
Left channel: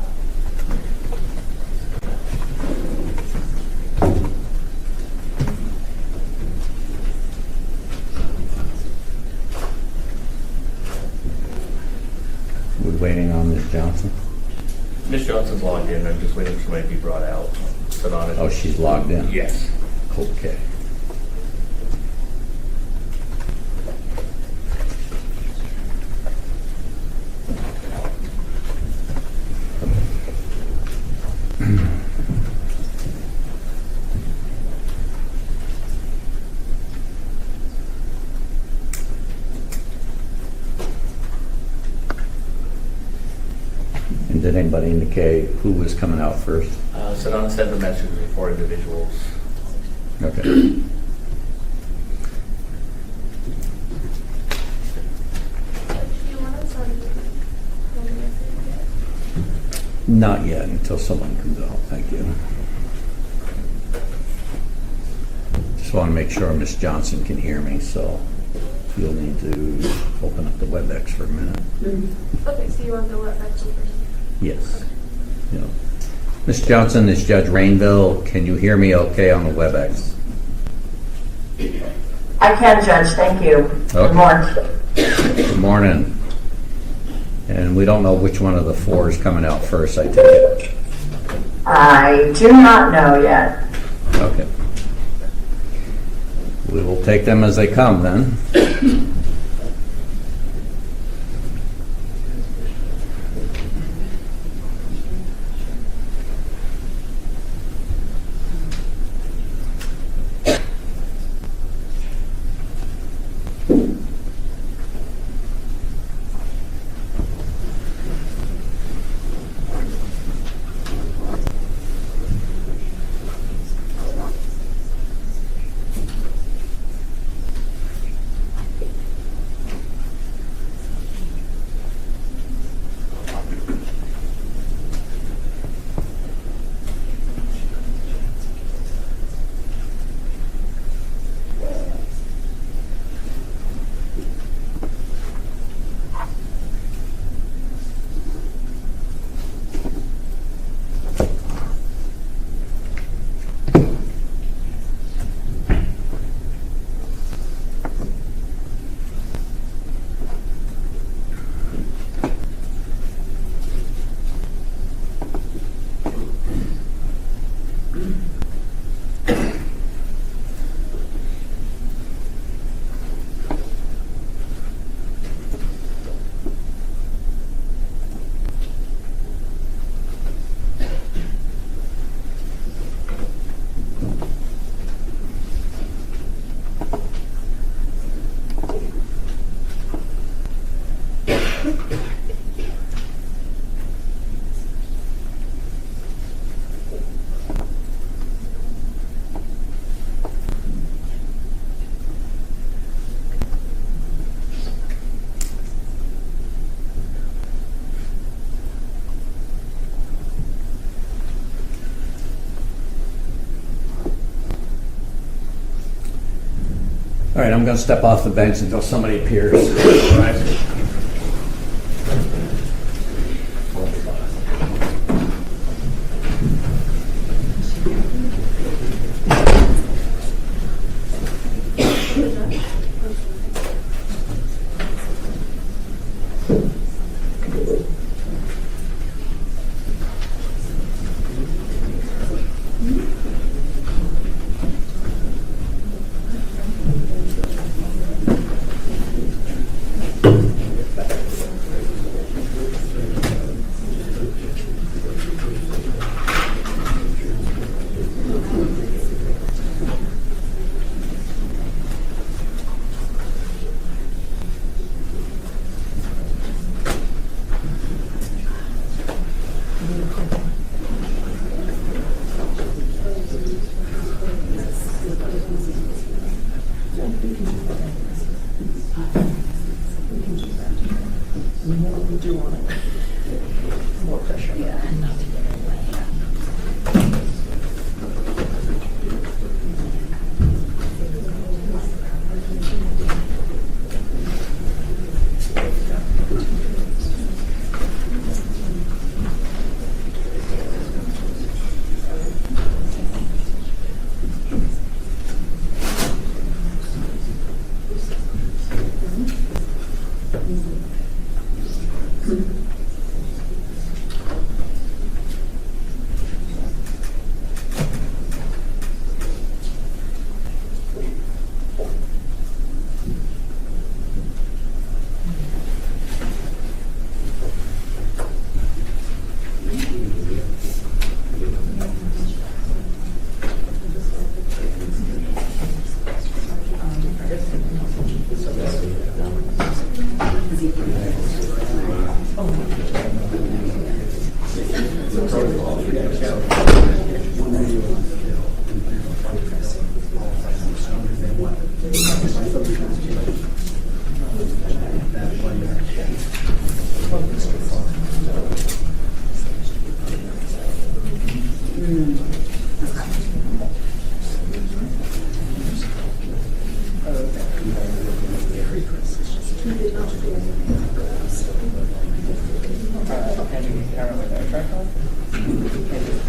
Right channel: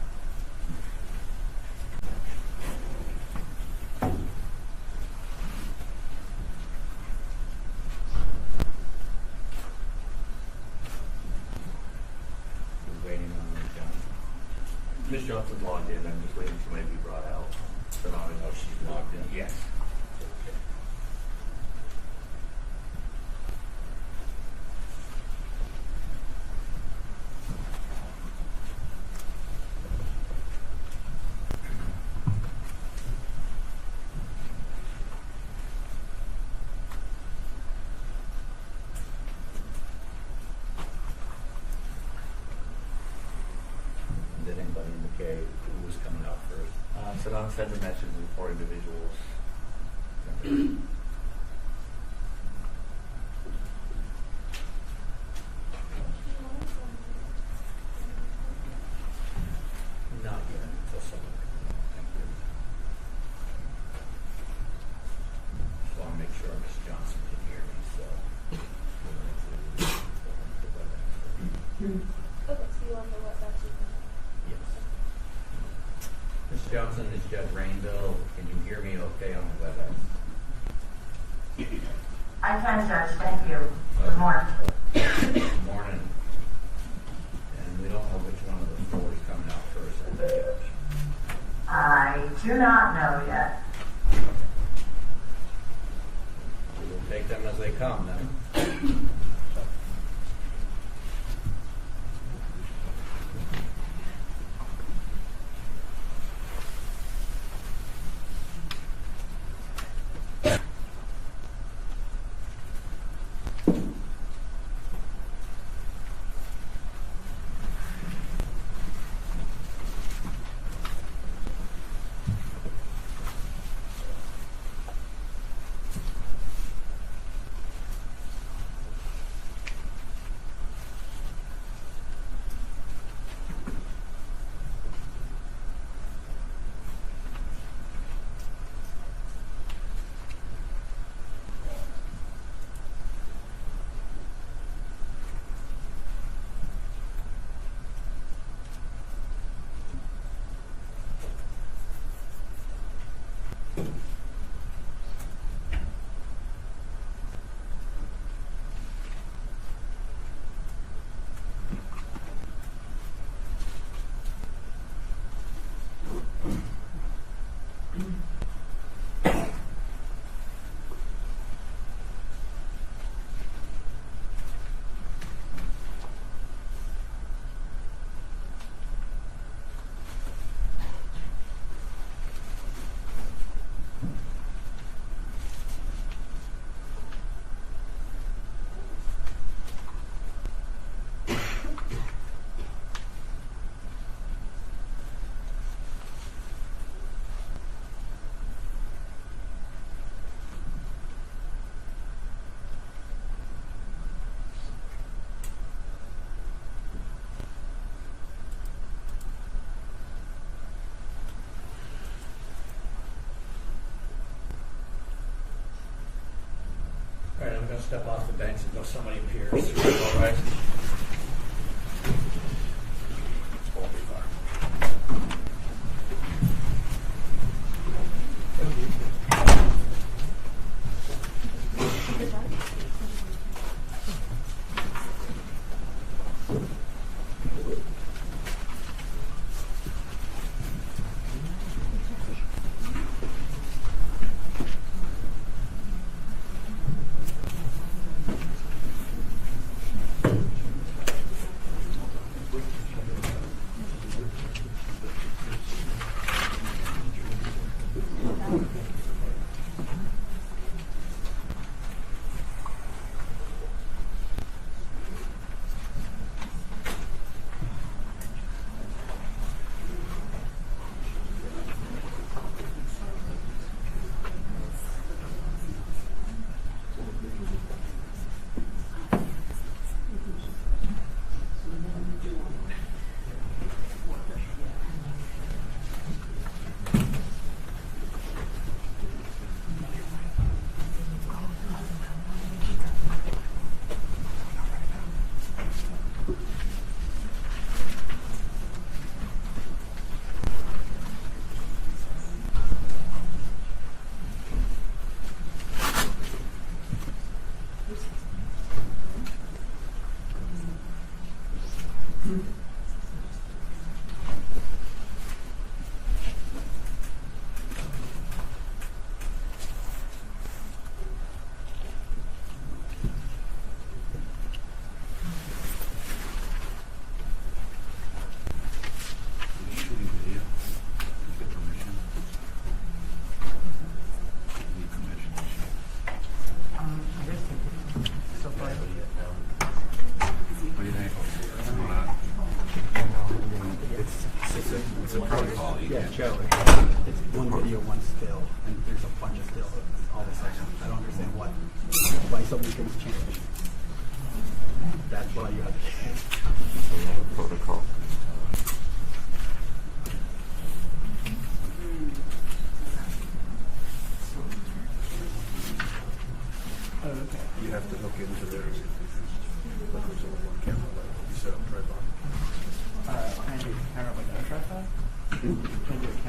Johnson? Ms. Johnson's logged in, I'm just waiting for somebody to be brought out. Sit on it. Oh, she's logged in? Yes. Okay. And did anybody indicate who was coming out first? Sedona sent a message with 4 individuals. Okay. Do you want to start Not yet, until someone comes out. Thank you. Just want to make sure Ms. Johnson can hear me, so you'll need to open up the WebEx for a minute. Okay, so you want to let that speaker? Yes. Yeah. Ms. Johnson, this is Judge Rainville. Can you hear me okay on the WebEx? I can, Judge, thank you. Okay. Good morning. Good morning. And we don't know which one of the 4 is coming out first, I take it. I do not know yet. Okay. We will take them as they come then. All right, I'm going to step off the bench until somebody appears.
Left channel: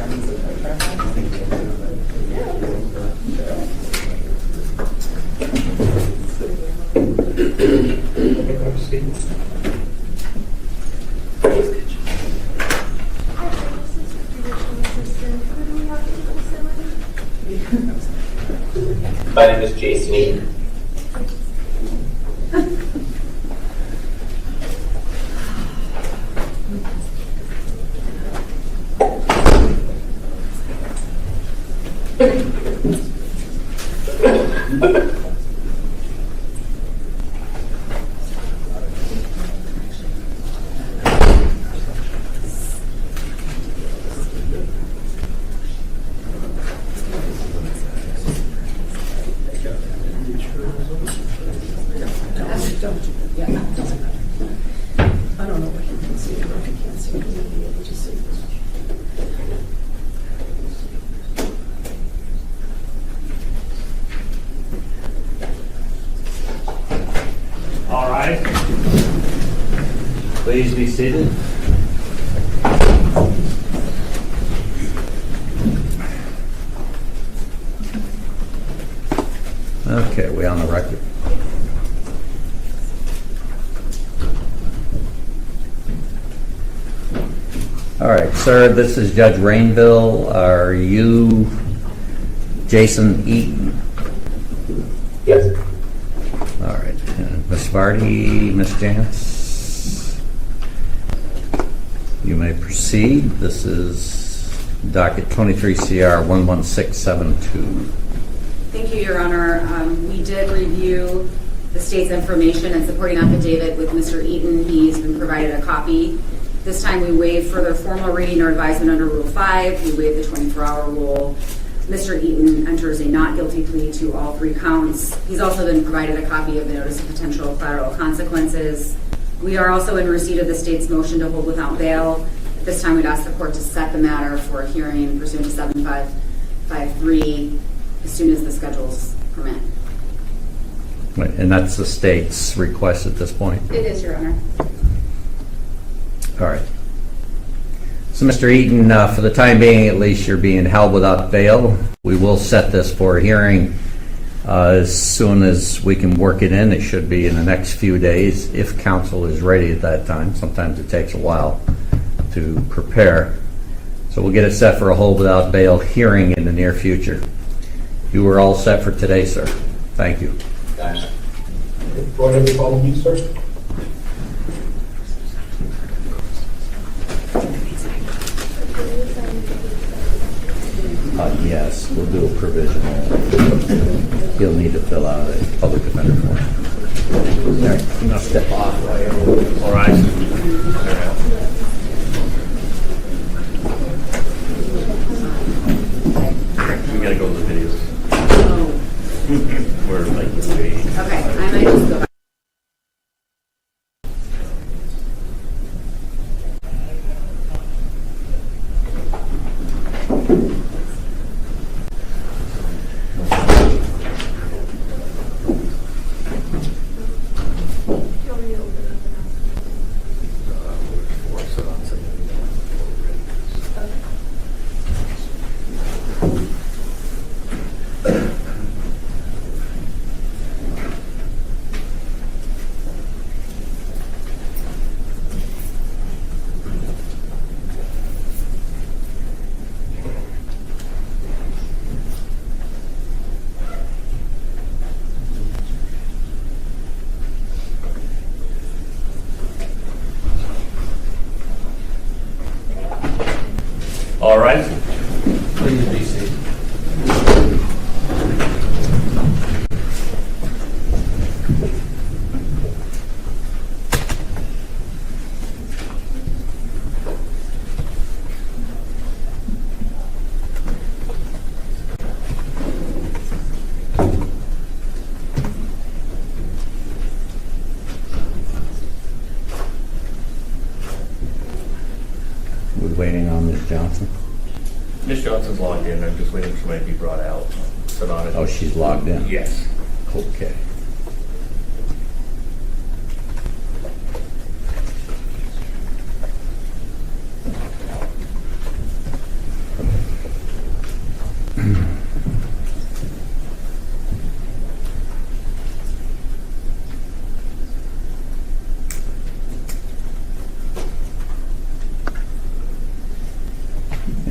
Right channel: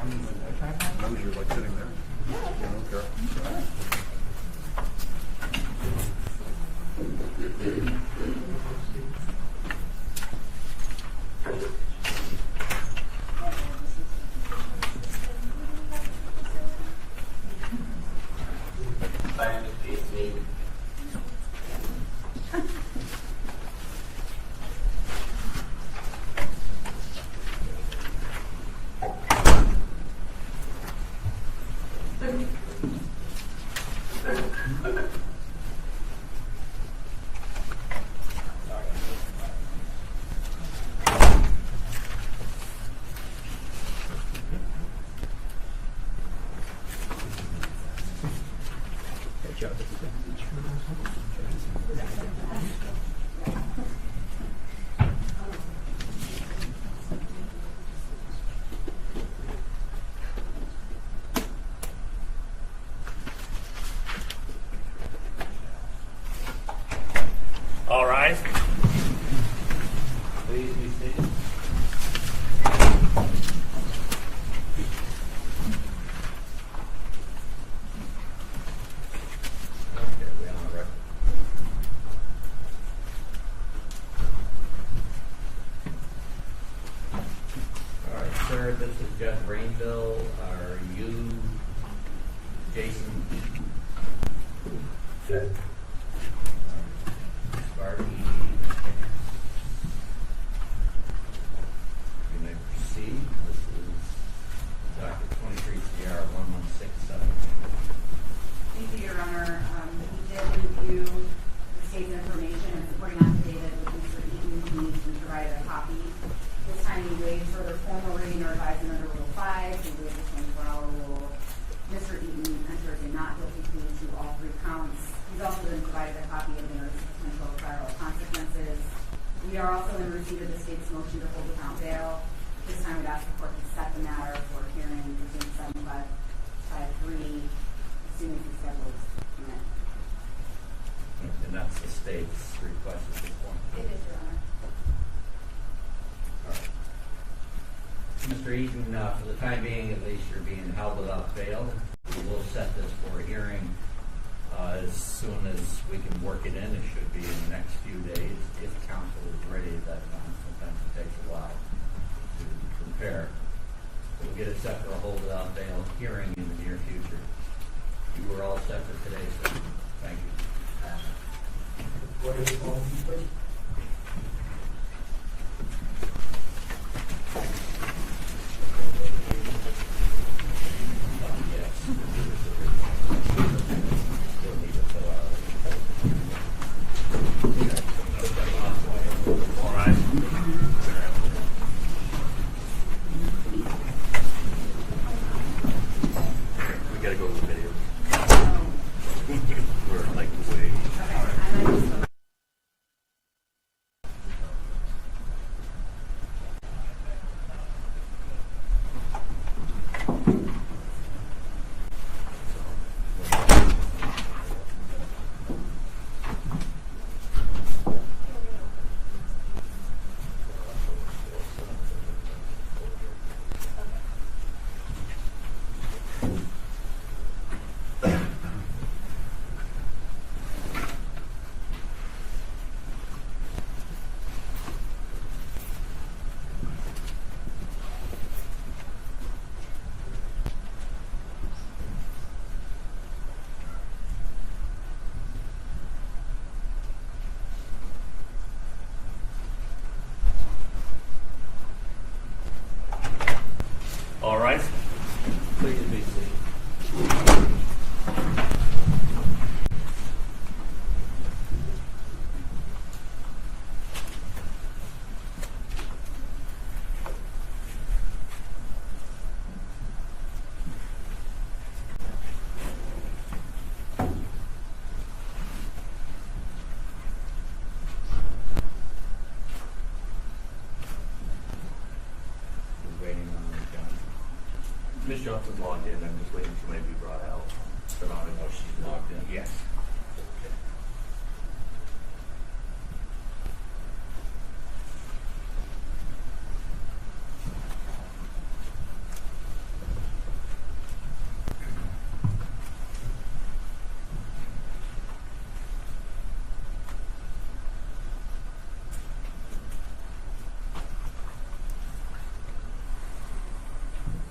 Okay, proceed. Hi, this is the judicial assistant. Who do we have to listen with? My name is Jason Eaton. Yeah, it doesn't matter. I don't know if you can see it or if you can't see it, you'll be able to see this. All right. Please be seated. Okay, we on the record? All right, sir, this is Judge Rainville. Are you Jason Eaton? Yes. All right. Ms. Vardy, Ms. Jantz, you may proceed. This is docket 23 CR 11672. Thank you, Your Honor. We did review the state's information and supporting affidavit with Mr. Eaton. He's been provided a copy. This time we waive further formal reading or advisement under Rule 5. We waive the 24-hour rule. Mr. Eaton enters a not guilty plea to all 3 counts. He's also been provided a copy of the notice of potential collateral consequences. We are also in receipt of the state's motion to hold without bail. This time we'd ask the court to set the matter for a hearing pursuant to 7553 as soon as the schedules permit. Right, and that's the state's request at this point? It is, Your Honor. All right. So, Mr. Eaton, for the time being, at least, you're being held without bail. We will set this for a hearing as soon as we can work it in. It should be in the next few days if counsel is ready at that time. Sometimes it takes a while to prepare. So we'll get it set for a hold without bail hearing in the near future. You were all set for today, sir. Thank you. Gotcha. Go ahead and follow me, sir. Yes, we'll do a provisional. You'll need to fill out a public defender form. There, you must step off. All right. We gotta go to the videos. We're like, Okay, I might just go back. all right. Please be seated. We're waiting on Ms. Johnson. Ms. Johnson's logged in. I'm just waiting for somebody to be brought out. So not Oh, she's logged in? Yes. Okay.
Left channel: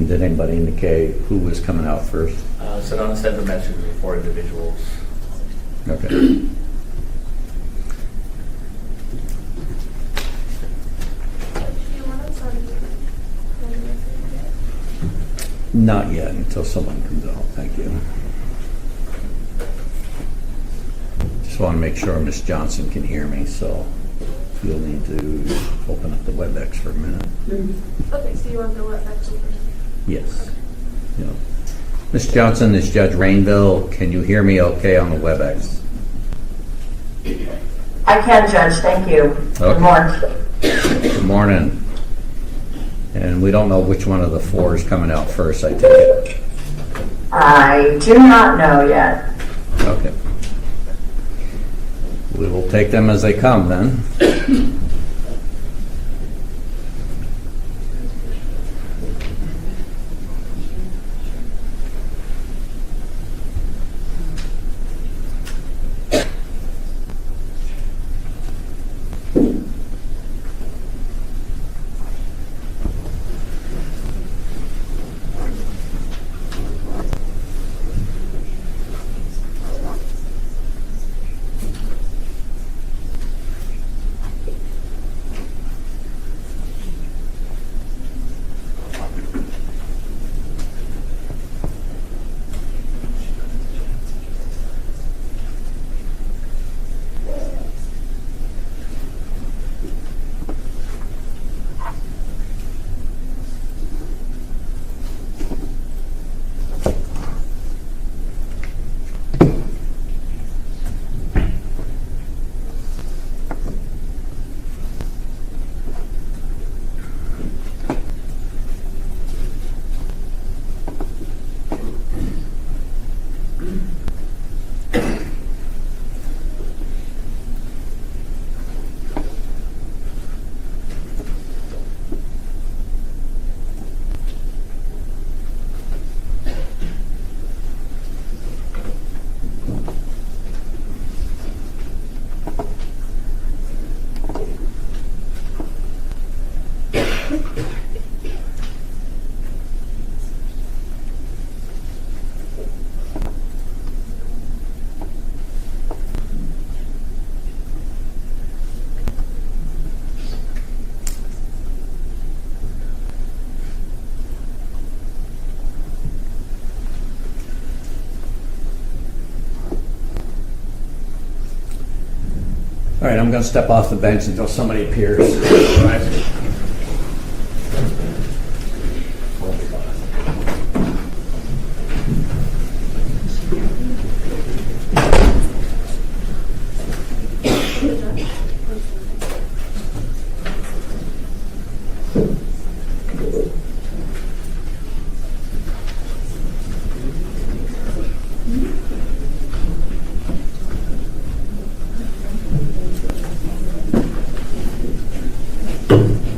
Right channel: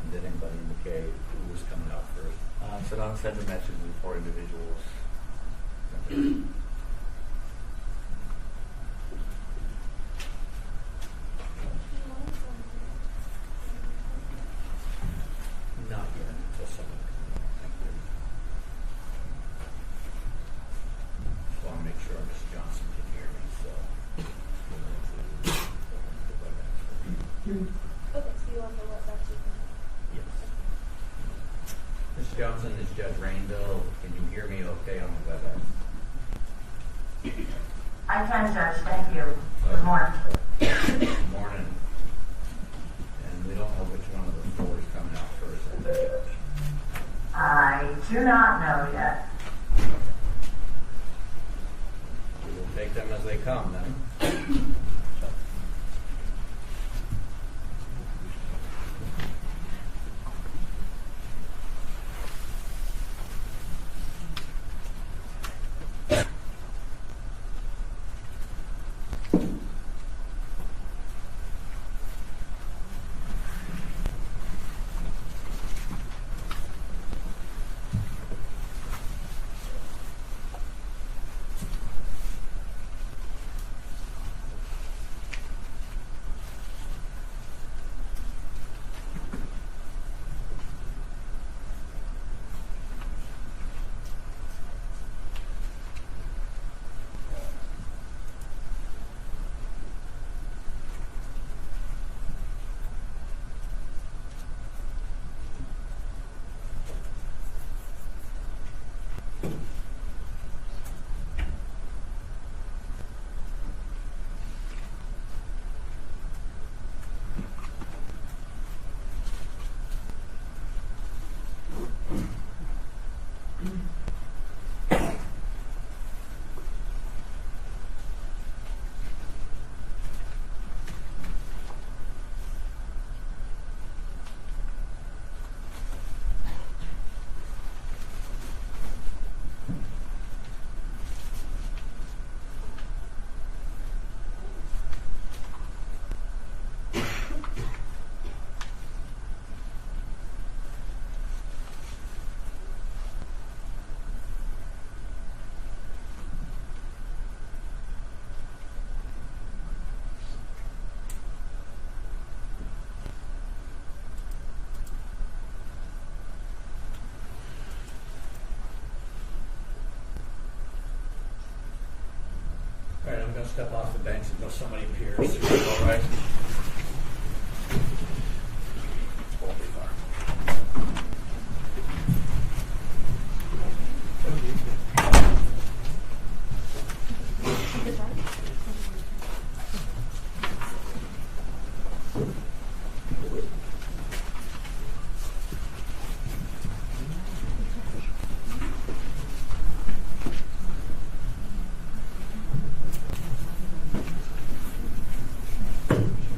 And did anybody indicate who was coming out first? Sedona sent a message to 4 individuals. Okay. Do you want to sign it? Not yet, until someone comes out. Thank you. Just want to make sure Ms. Johnson can hear me, so you'll need to open up the WebEx for a minute. Okay, so you want to go up back to you? Yes. Yeah. Ms. Johnson, this is Judge Rainville. Can you hear me okay on the WebEx? I can, Judge, thank you. Okay. Good morning. Good morning. And we don't know which one of the 4 is coming out first, I take it. I do not know yet. Okay. We will take them as they come then. All right, I'm going to step off the bench until somebody appears.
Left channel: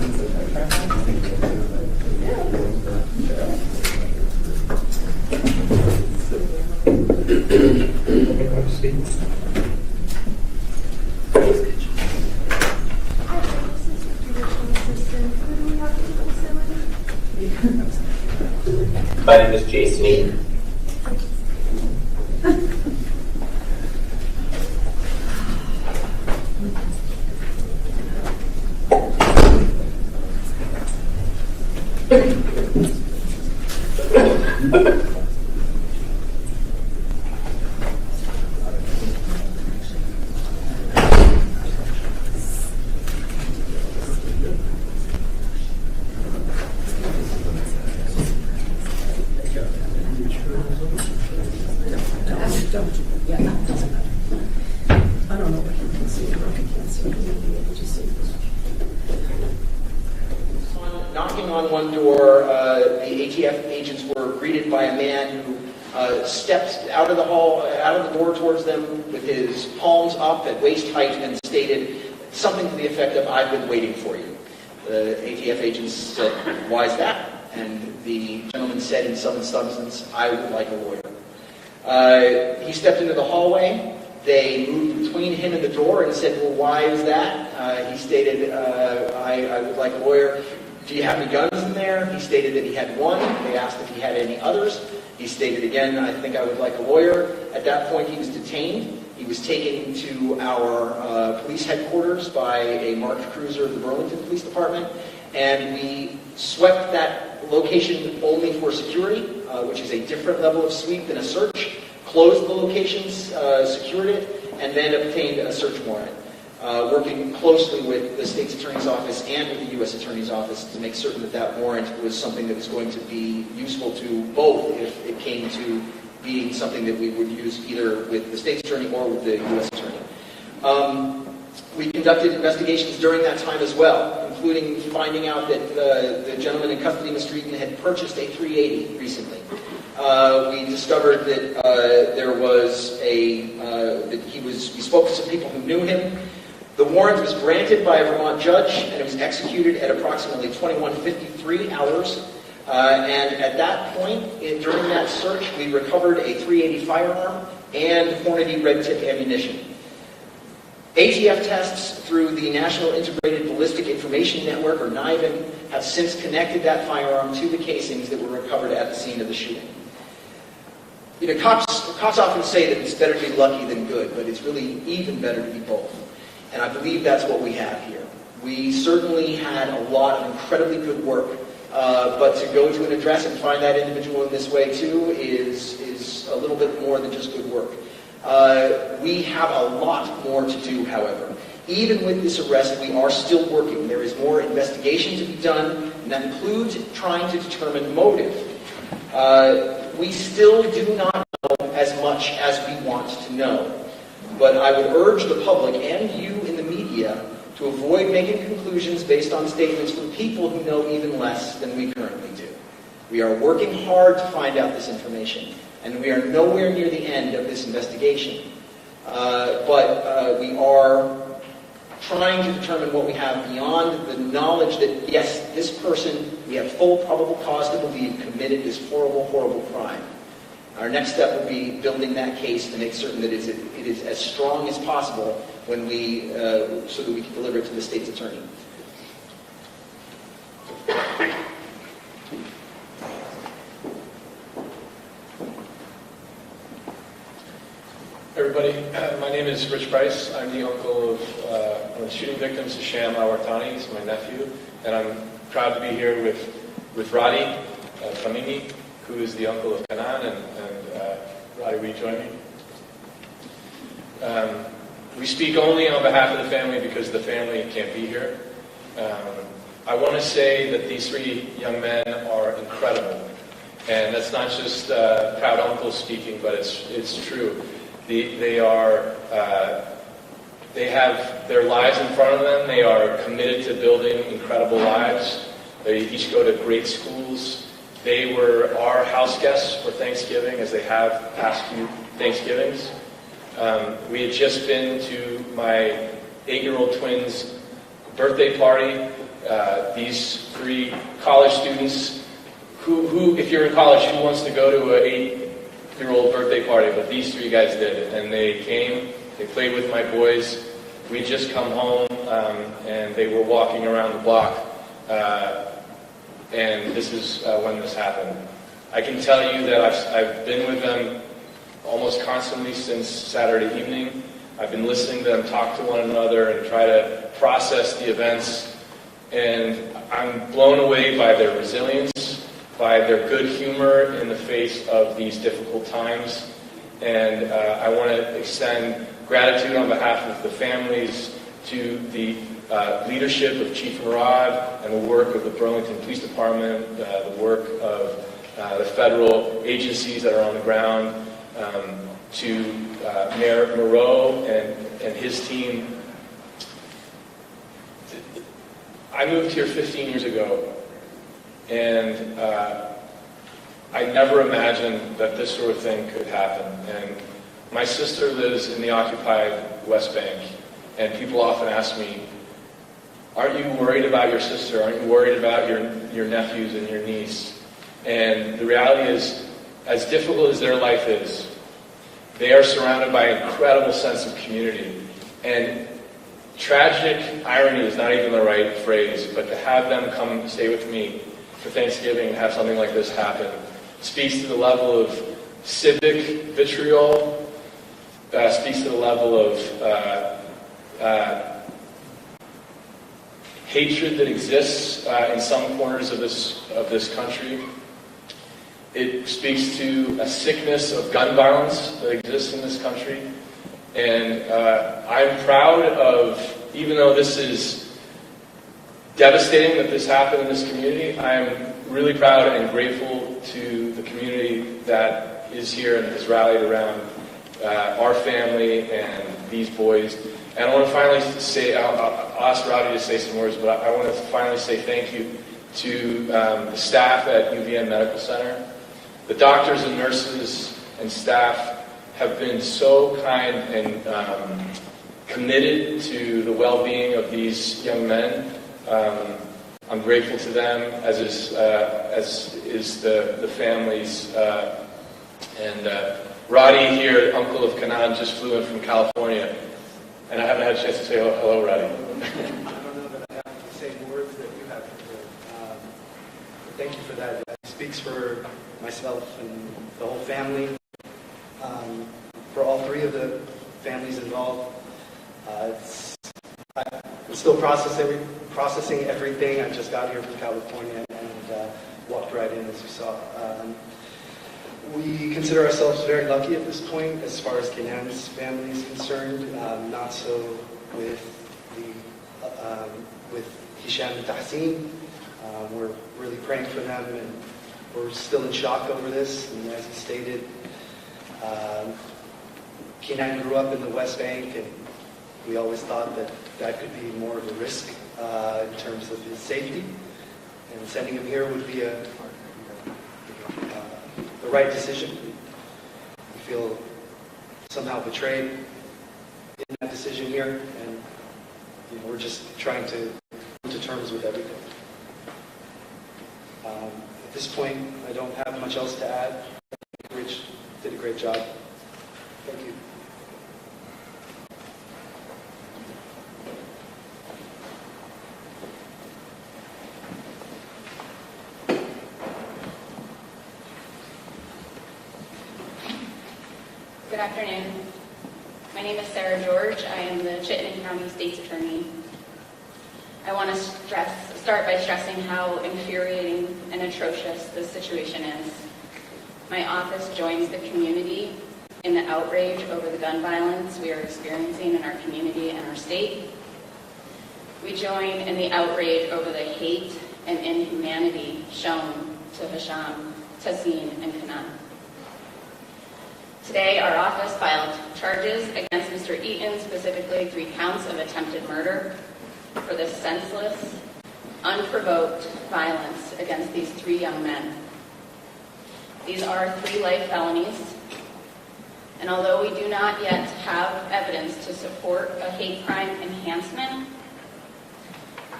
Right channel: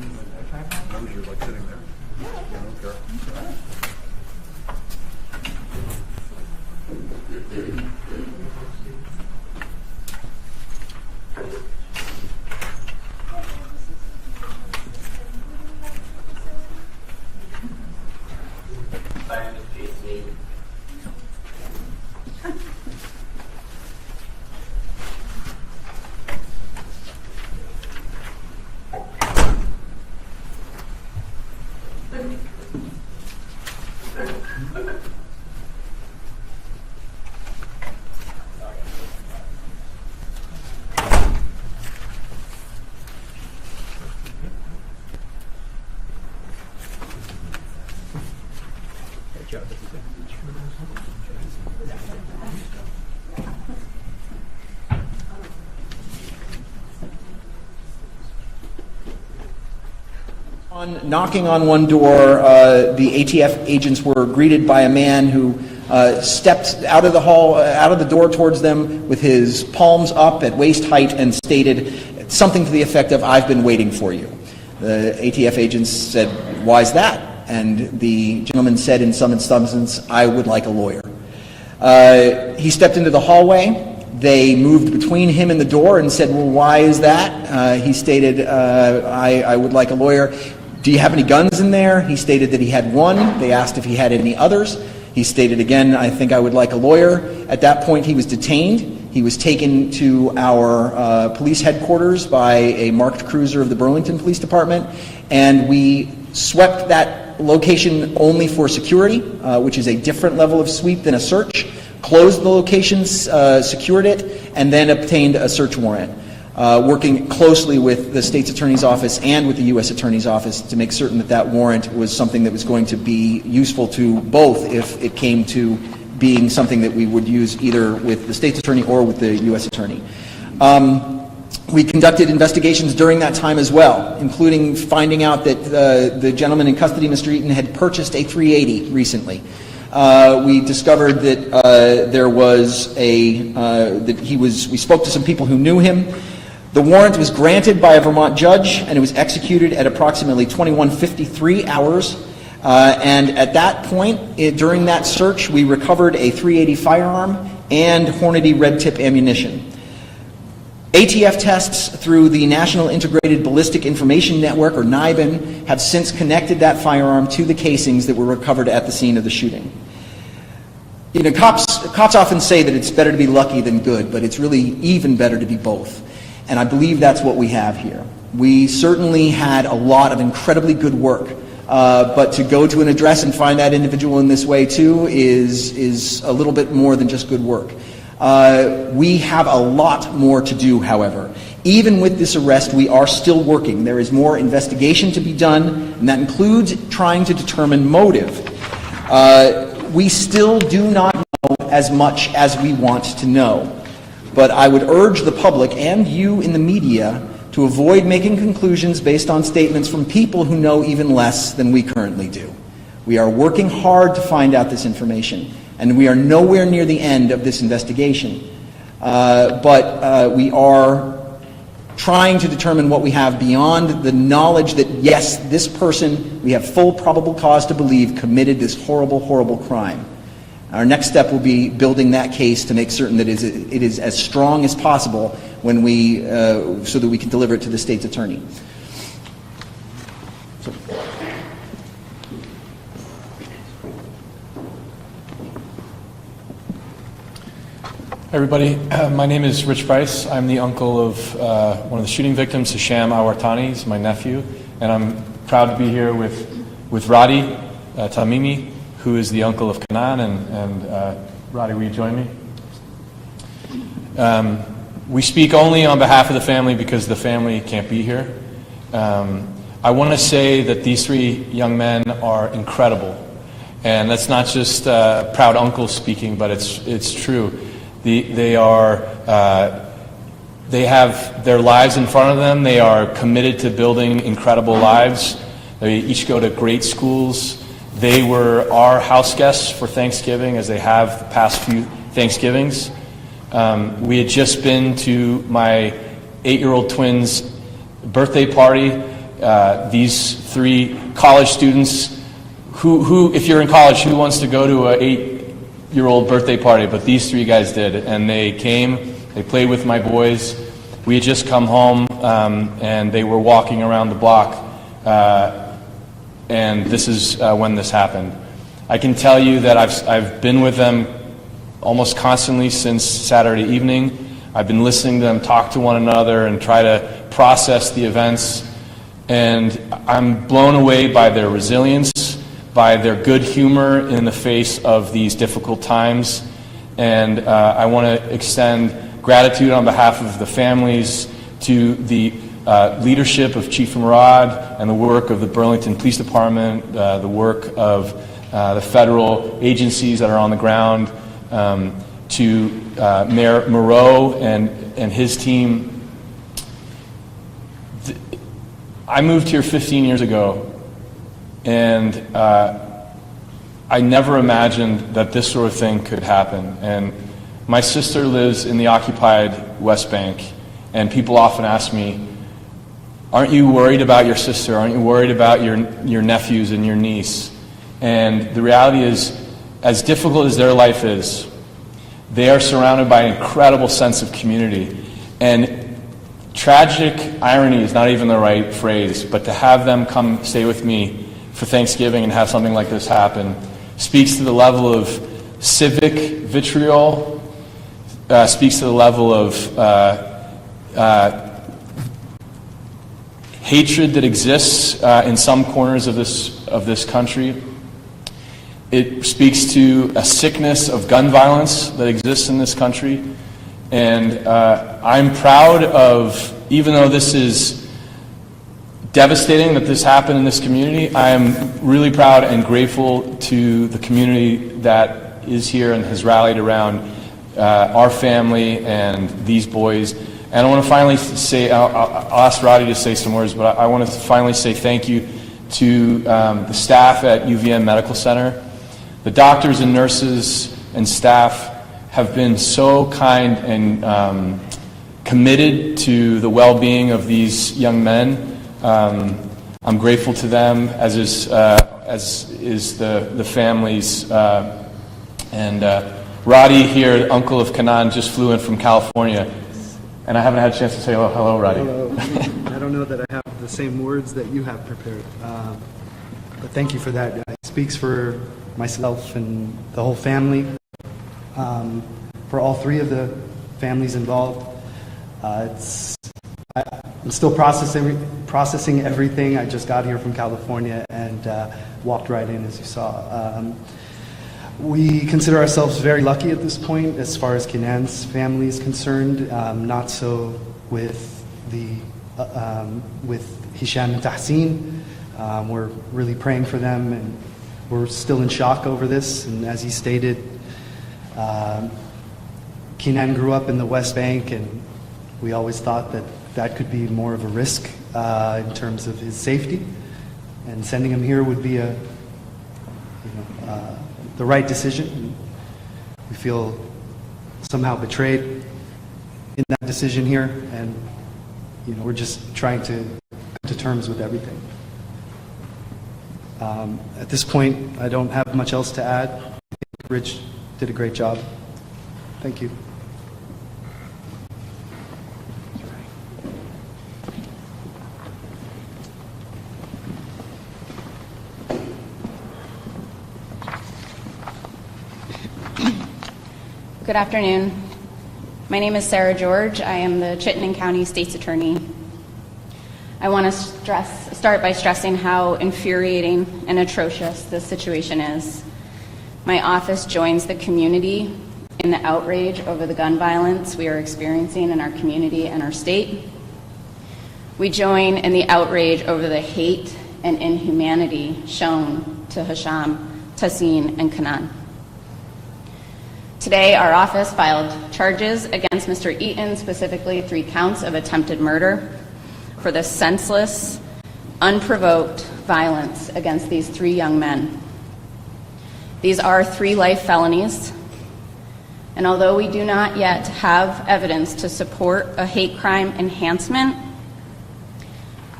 Okay, have a seat. Hi, this is the judicial assistant. Who do we have to facilitate? My name is Jason Eaton. Yeah, no, it doesn't matter. I don't know what you can see or if you can't see, you'll be able to see this. Knocking on one door, the ATF agents were greeted by a man who stepped out of the hall, out of the door towards them with his palms up at waist height and stated something to the effect of, "I've been waiting for you." The ATF agents said, "Why is that?" And the gentleman said in some substance, "I would like a lawyer." He stepped into the hallway. They moved between him and the door and said, "Well, why is that?" He stated, I would like a lawyer. "Do you have any guns in there?" He stated that he had one. They asked if he had any others. He stated again, "I think I would like a lawyer." At that point, he was detained. He was taken to our police headquarters by a marked cruiser of the Burlington Police Department, and we swept that location only for security, which is a different level of sweep than a search, closed the locations, secured it, and then obtained a search warrant, working closely with the state's attorney's office and with the U.S. attorney's office to make certain that that warrant was something that was going to be useful to both if it came to being something that we would use either with the state's attorney or with the U.S. attorney. We conducted investigations during that time as well, including finding out that the gentleman in custody, Mr. Eaton, had purchased a 380 recently. We discovered that there was we spoke to some people who knew him. The warrant was granted by a Vermont judge, and it was executed at approximately 21:53 hours. And at that point, during that search, we recovered a .380 firearm and Hornady red tip ammunition. ATF tests through the National Integrated Ballistic Information Network, or NIBIN, have since connected that firearm to the casings that were recovered at the scene of the shooting. You know, cops often say that it's better to be lucky than good, but it's really even better to be both. And I believe that's what we have here. We certainly had a lot of incredibly good work, but to go to an address and find that individual in this way too is a little bit more than just good work. We have a lot more to do, however. Even with this arrest, we are still working. There is more investigation to be done, and that includes trying to determine motive. We still do not know as much as we want to know, but I would urge the public and you in the media to avoid making conclusions based on statements from people who know even less than we currently do. We are working hard to find out this information, and we are nowhere near the end of this investigation. But we are trying to determine what we have beyond the knowledge that, yes, this person, we have full probable cause to believe, committed this horrible, horrible crime. Our next step will be building that case to make certain that it is as strong as possible when we, so that we can deliver it to the state's attorney. Hi everybody, my name is Rich Price. I'm the uncle of one of the shooting victims, Hisham Awartani. He's my nephew, and I'm proud to be here with Radi Tamimi, who is the uncle of Kanan, and Radi, will you join me? We speak only on behalf of the family because the family can't be here. I want to say that these three young men are incredible, and that's not just proud uncle speaking, but it's true. They have their lives in front of them. They are committed to building incredible lives. They each go to great schools. They were our house guests for Thanksgiving, as they have the past few Thanksgivings. We had just been to my 8-year-old twin's birthday party these 3 college students who, if you're in college, who wants to go to a 8-year-old birthday party? But these 3 guys did, and they came, they played with my boys. We had just come home, and they were walking around the block, and this is when this happened. I can tell you that I've been with them almost constantly since Saturday evening. I've been listening to them talk to one another and try to process the events, and I'm blown away by their resilience, by their good humor in the face of these difficult times. And I want to extend gratitude on behalf of the families to the leadership of Chief Murad and the work of the Burlington Police Department, the work of the federal agencies that are on the ground, to Mayor Moreau and his team. I moved here 15 years ago, and I never imagined that this sort of thing could happen. And my sister lives in the occupied West Bank, and people often ask me, aren't you worried about your sister? Aren't you worried about your nephews and your niece? And the reality is, as difficult as their life is, they are surrounded by an incredible sense of community. And tragic irony is not even the right phrase, but to have them come stay with me for Thanksgiving and have something like this happen speaks to the level of civic vitriol, speaks to the level of hatred that exists in some corners of this country. It speaks to a sickness of gun violence that exists in this country. And I'm proud of, even though this is devastating that this happened in this community, I'm really proud and grateful to the community that is here and has rallied around our family and these boys. And I want to finally say, I'll ask Roddy to say some words, but I want to finally say thank you to the staff at UVM Medical Center. The doctors and nurses and staff have been so kind and committed to the well-being of these young men. I'm grateful to them, as is the families. And Roddy here, uncle of Kanan, just flew in from California, and I haven't had a chance to say hello, Roddy. I don't know that I have the same words that you have prepared, but thank you for that. It speaks for myself and the whole family, for all 3 of the families involved. I'm still processing everything. I just got here from California and walked right in, as you saw. We consider ourselves very lucky at this point as far as Kenan's family is concerned. Not so with Hisham and Tahsin. We're really praying for them, and we're still in shock over this. And as he stated, Kenan grew up in the West Bank, and we always thought that could be more of a risk in terms of his safety. And sending him here would be the right decision. We feel somehow betrayed in that decision here, and we're just trying to come to terms with everything. At this point, I don't have much else to add. I think Rich did a great job. Thank you. Good afternoon. My name is Sarah George. I am the Chittenden County State's Attorney. I want to start by stressing how infuriating and atrocious this situation is. My office joins the community in the outrage over the gun violence we are experiencing in our community and our state. We join in the outrage over the hate and inhumanity shown to Hisham, Tahsin, and Kanan. Today, our office filed charges against Mr. Eaton, specifically 3 counts of attempted murder, for the senseless, unprovoked violence against these 3 young men. These are 3 life felonies, and although we do not yet have evidence to support a hate crime enhancement,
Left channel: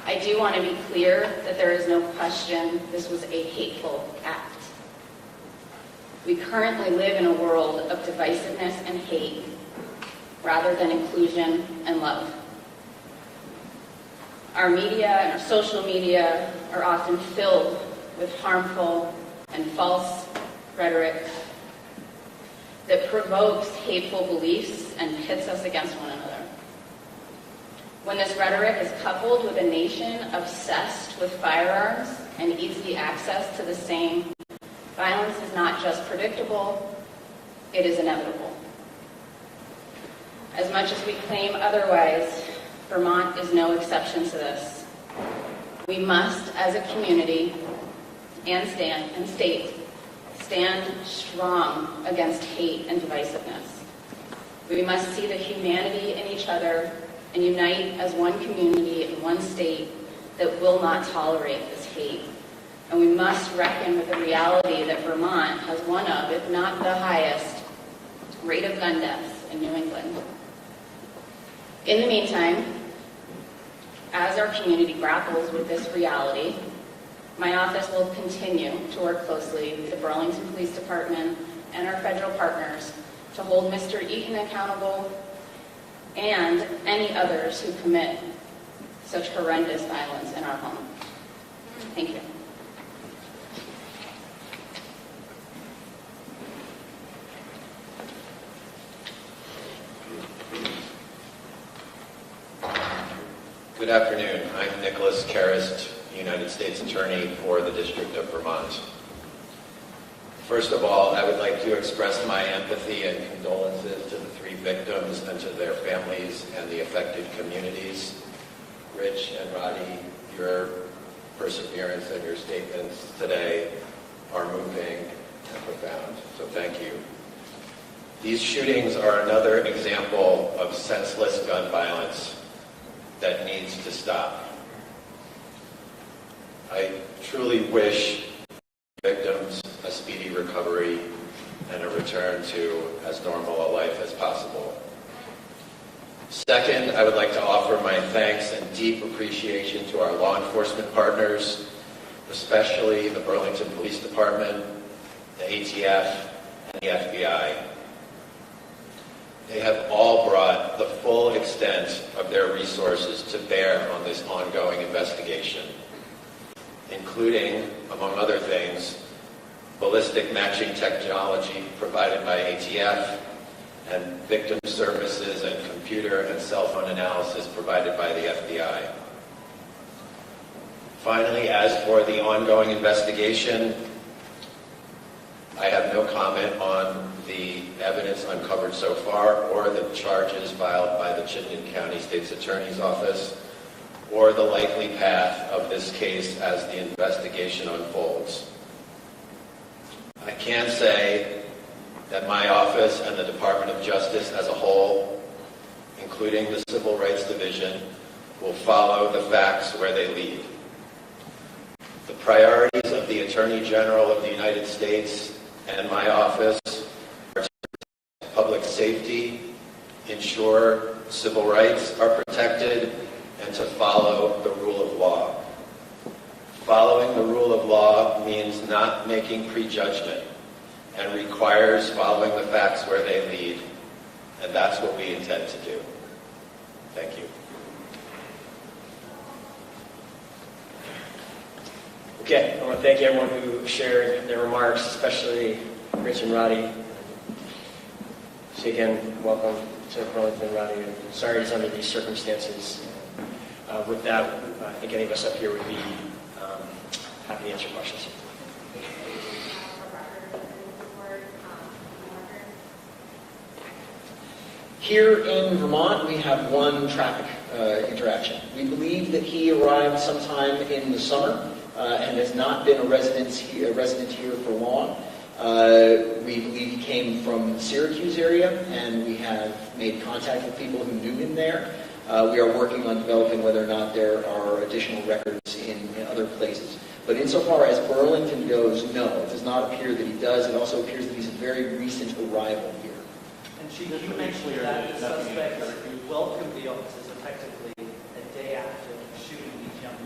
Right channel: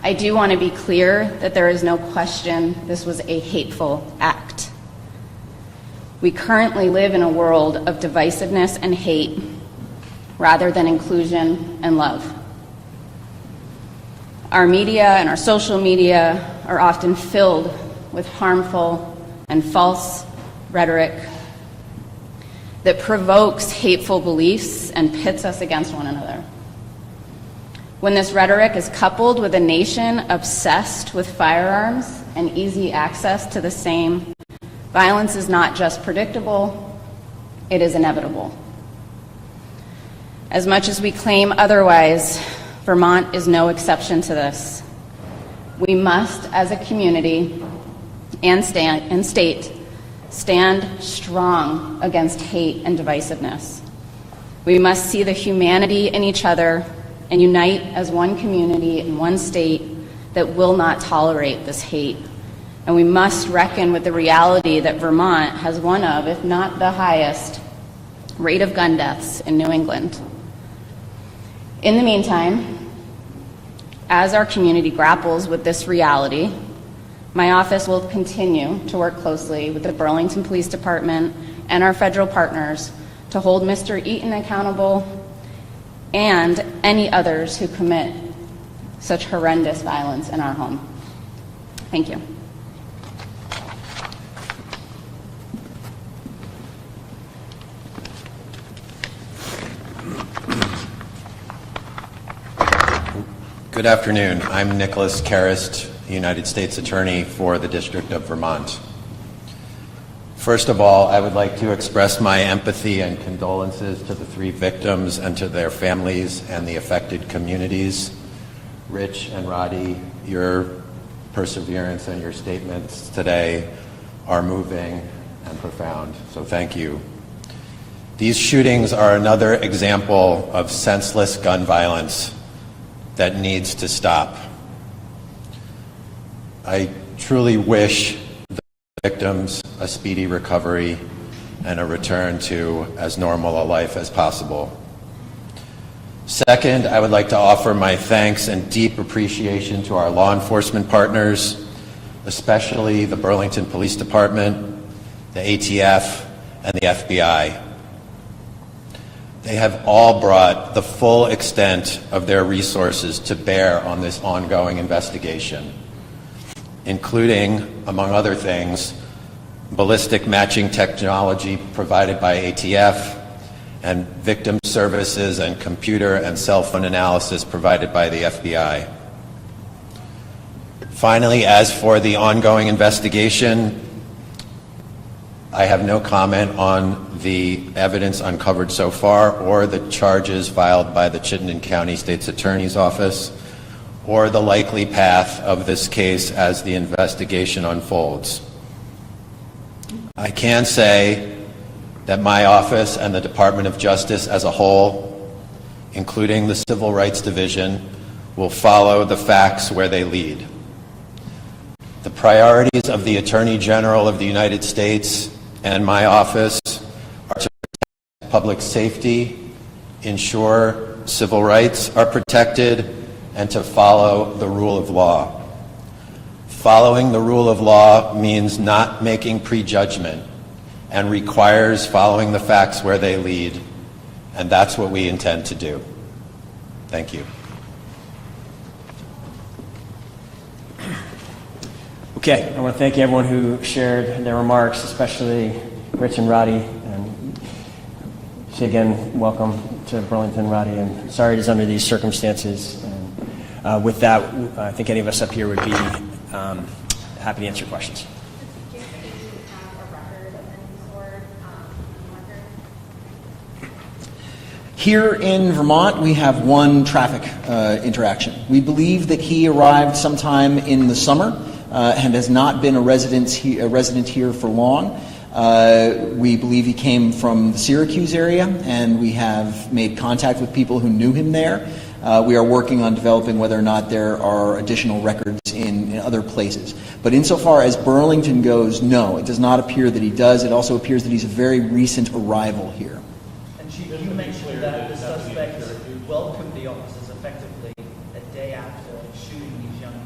I do want to be clear that there is no question this was a hateful act. We currently live in a world of divisiveness and hate rather than inclusion and love. Our media and our social media are often filled with harmful and false rhetoric that provokes hateful beliefs and pits us against one another. When this rhetoric is coupled with a nation obsessed with firearms and easy access to the same, violence is not just predictable, it is inevitable. As much as we claim otherwise, Vermont is no exception to this. We must, as a community and state, stand strong against hate and divisiveness. We must see the humanity in each other and unite as one community in one state that will not tolerate this hate. And we must reckon with the reality that Vermont has one of, if not the highest, rate of gun deaths in New England. In the meantime, as our community grapples with this reality, my office will continue to work closely with the Burlington Police Department and our federal partners to hold Mr. Eaton accountable and any others who commit such horrendous violence in our home. Thank you. Good afternoon. I'm Nicholas Karist, United States Attorney for the District of Vermont. First of all, I would like to express my empathy and condolences to the 3 victims and to their families and the affected communities. Rich and Roddy, your perseverance and your statements today are moving and profound, so thank you. These shootings are another example of senseless gun violence that needs to stop. I truly wish the victims a speedy recovery and a return to as normal a life as possible. Second, I would like to offer my thanks and deep appreciation to our law enforcement partners, especially the Burlington Police Department, the ATF, and the FBI. They have all brought the full extent of their resources to bear on this ongoing investigation, including, among other things, ballistic matching technology provided by ATF and victim services and computer and cell phone analysis provided by the FBI. Finally, as for the ongoing investigation, I have no comment on the evidence uncovered so far or the charges filed by the Chittenden County State's Attorney's Office or the likely path of this case as the investigation unfolds. I can say that my office and the Department of Justice as a whole, including the Civil Rights Division, will follow the facts where they lead. The priorities of the Attorney General of the United States and my office are to protect public safety, ensure civil rights are protected, and to follow the rule of law. Following the rule of law means not making prejudgment and requires following the facts where they lead, and that's what we intend to do. Thank you. Okay, I want to thank everyone who shared their remarks, especially Rich and Roddy. And so again, welcome to Burlington, Roddy, and sorry it is under these circumstances. And, with that, I think any of us up here would be happy to answer questions. Here in Vermont, we have one traffic interaction. We believe that he arrived sometime in the summer and has not been a resident here for long. We believe he came from the Syracuse area, and we have made contact with people who knew him there. We are working on developing whether or not there are additional records in other places. But insofar as Burlington goes, no, it does not appear that he does. It also appears that he's a very recent arrival here. And Chief, you mentioned that the suspects welcomed the officers effectively a day after shooting these young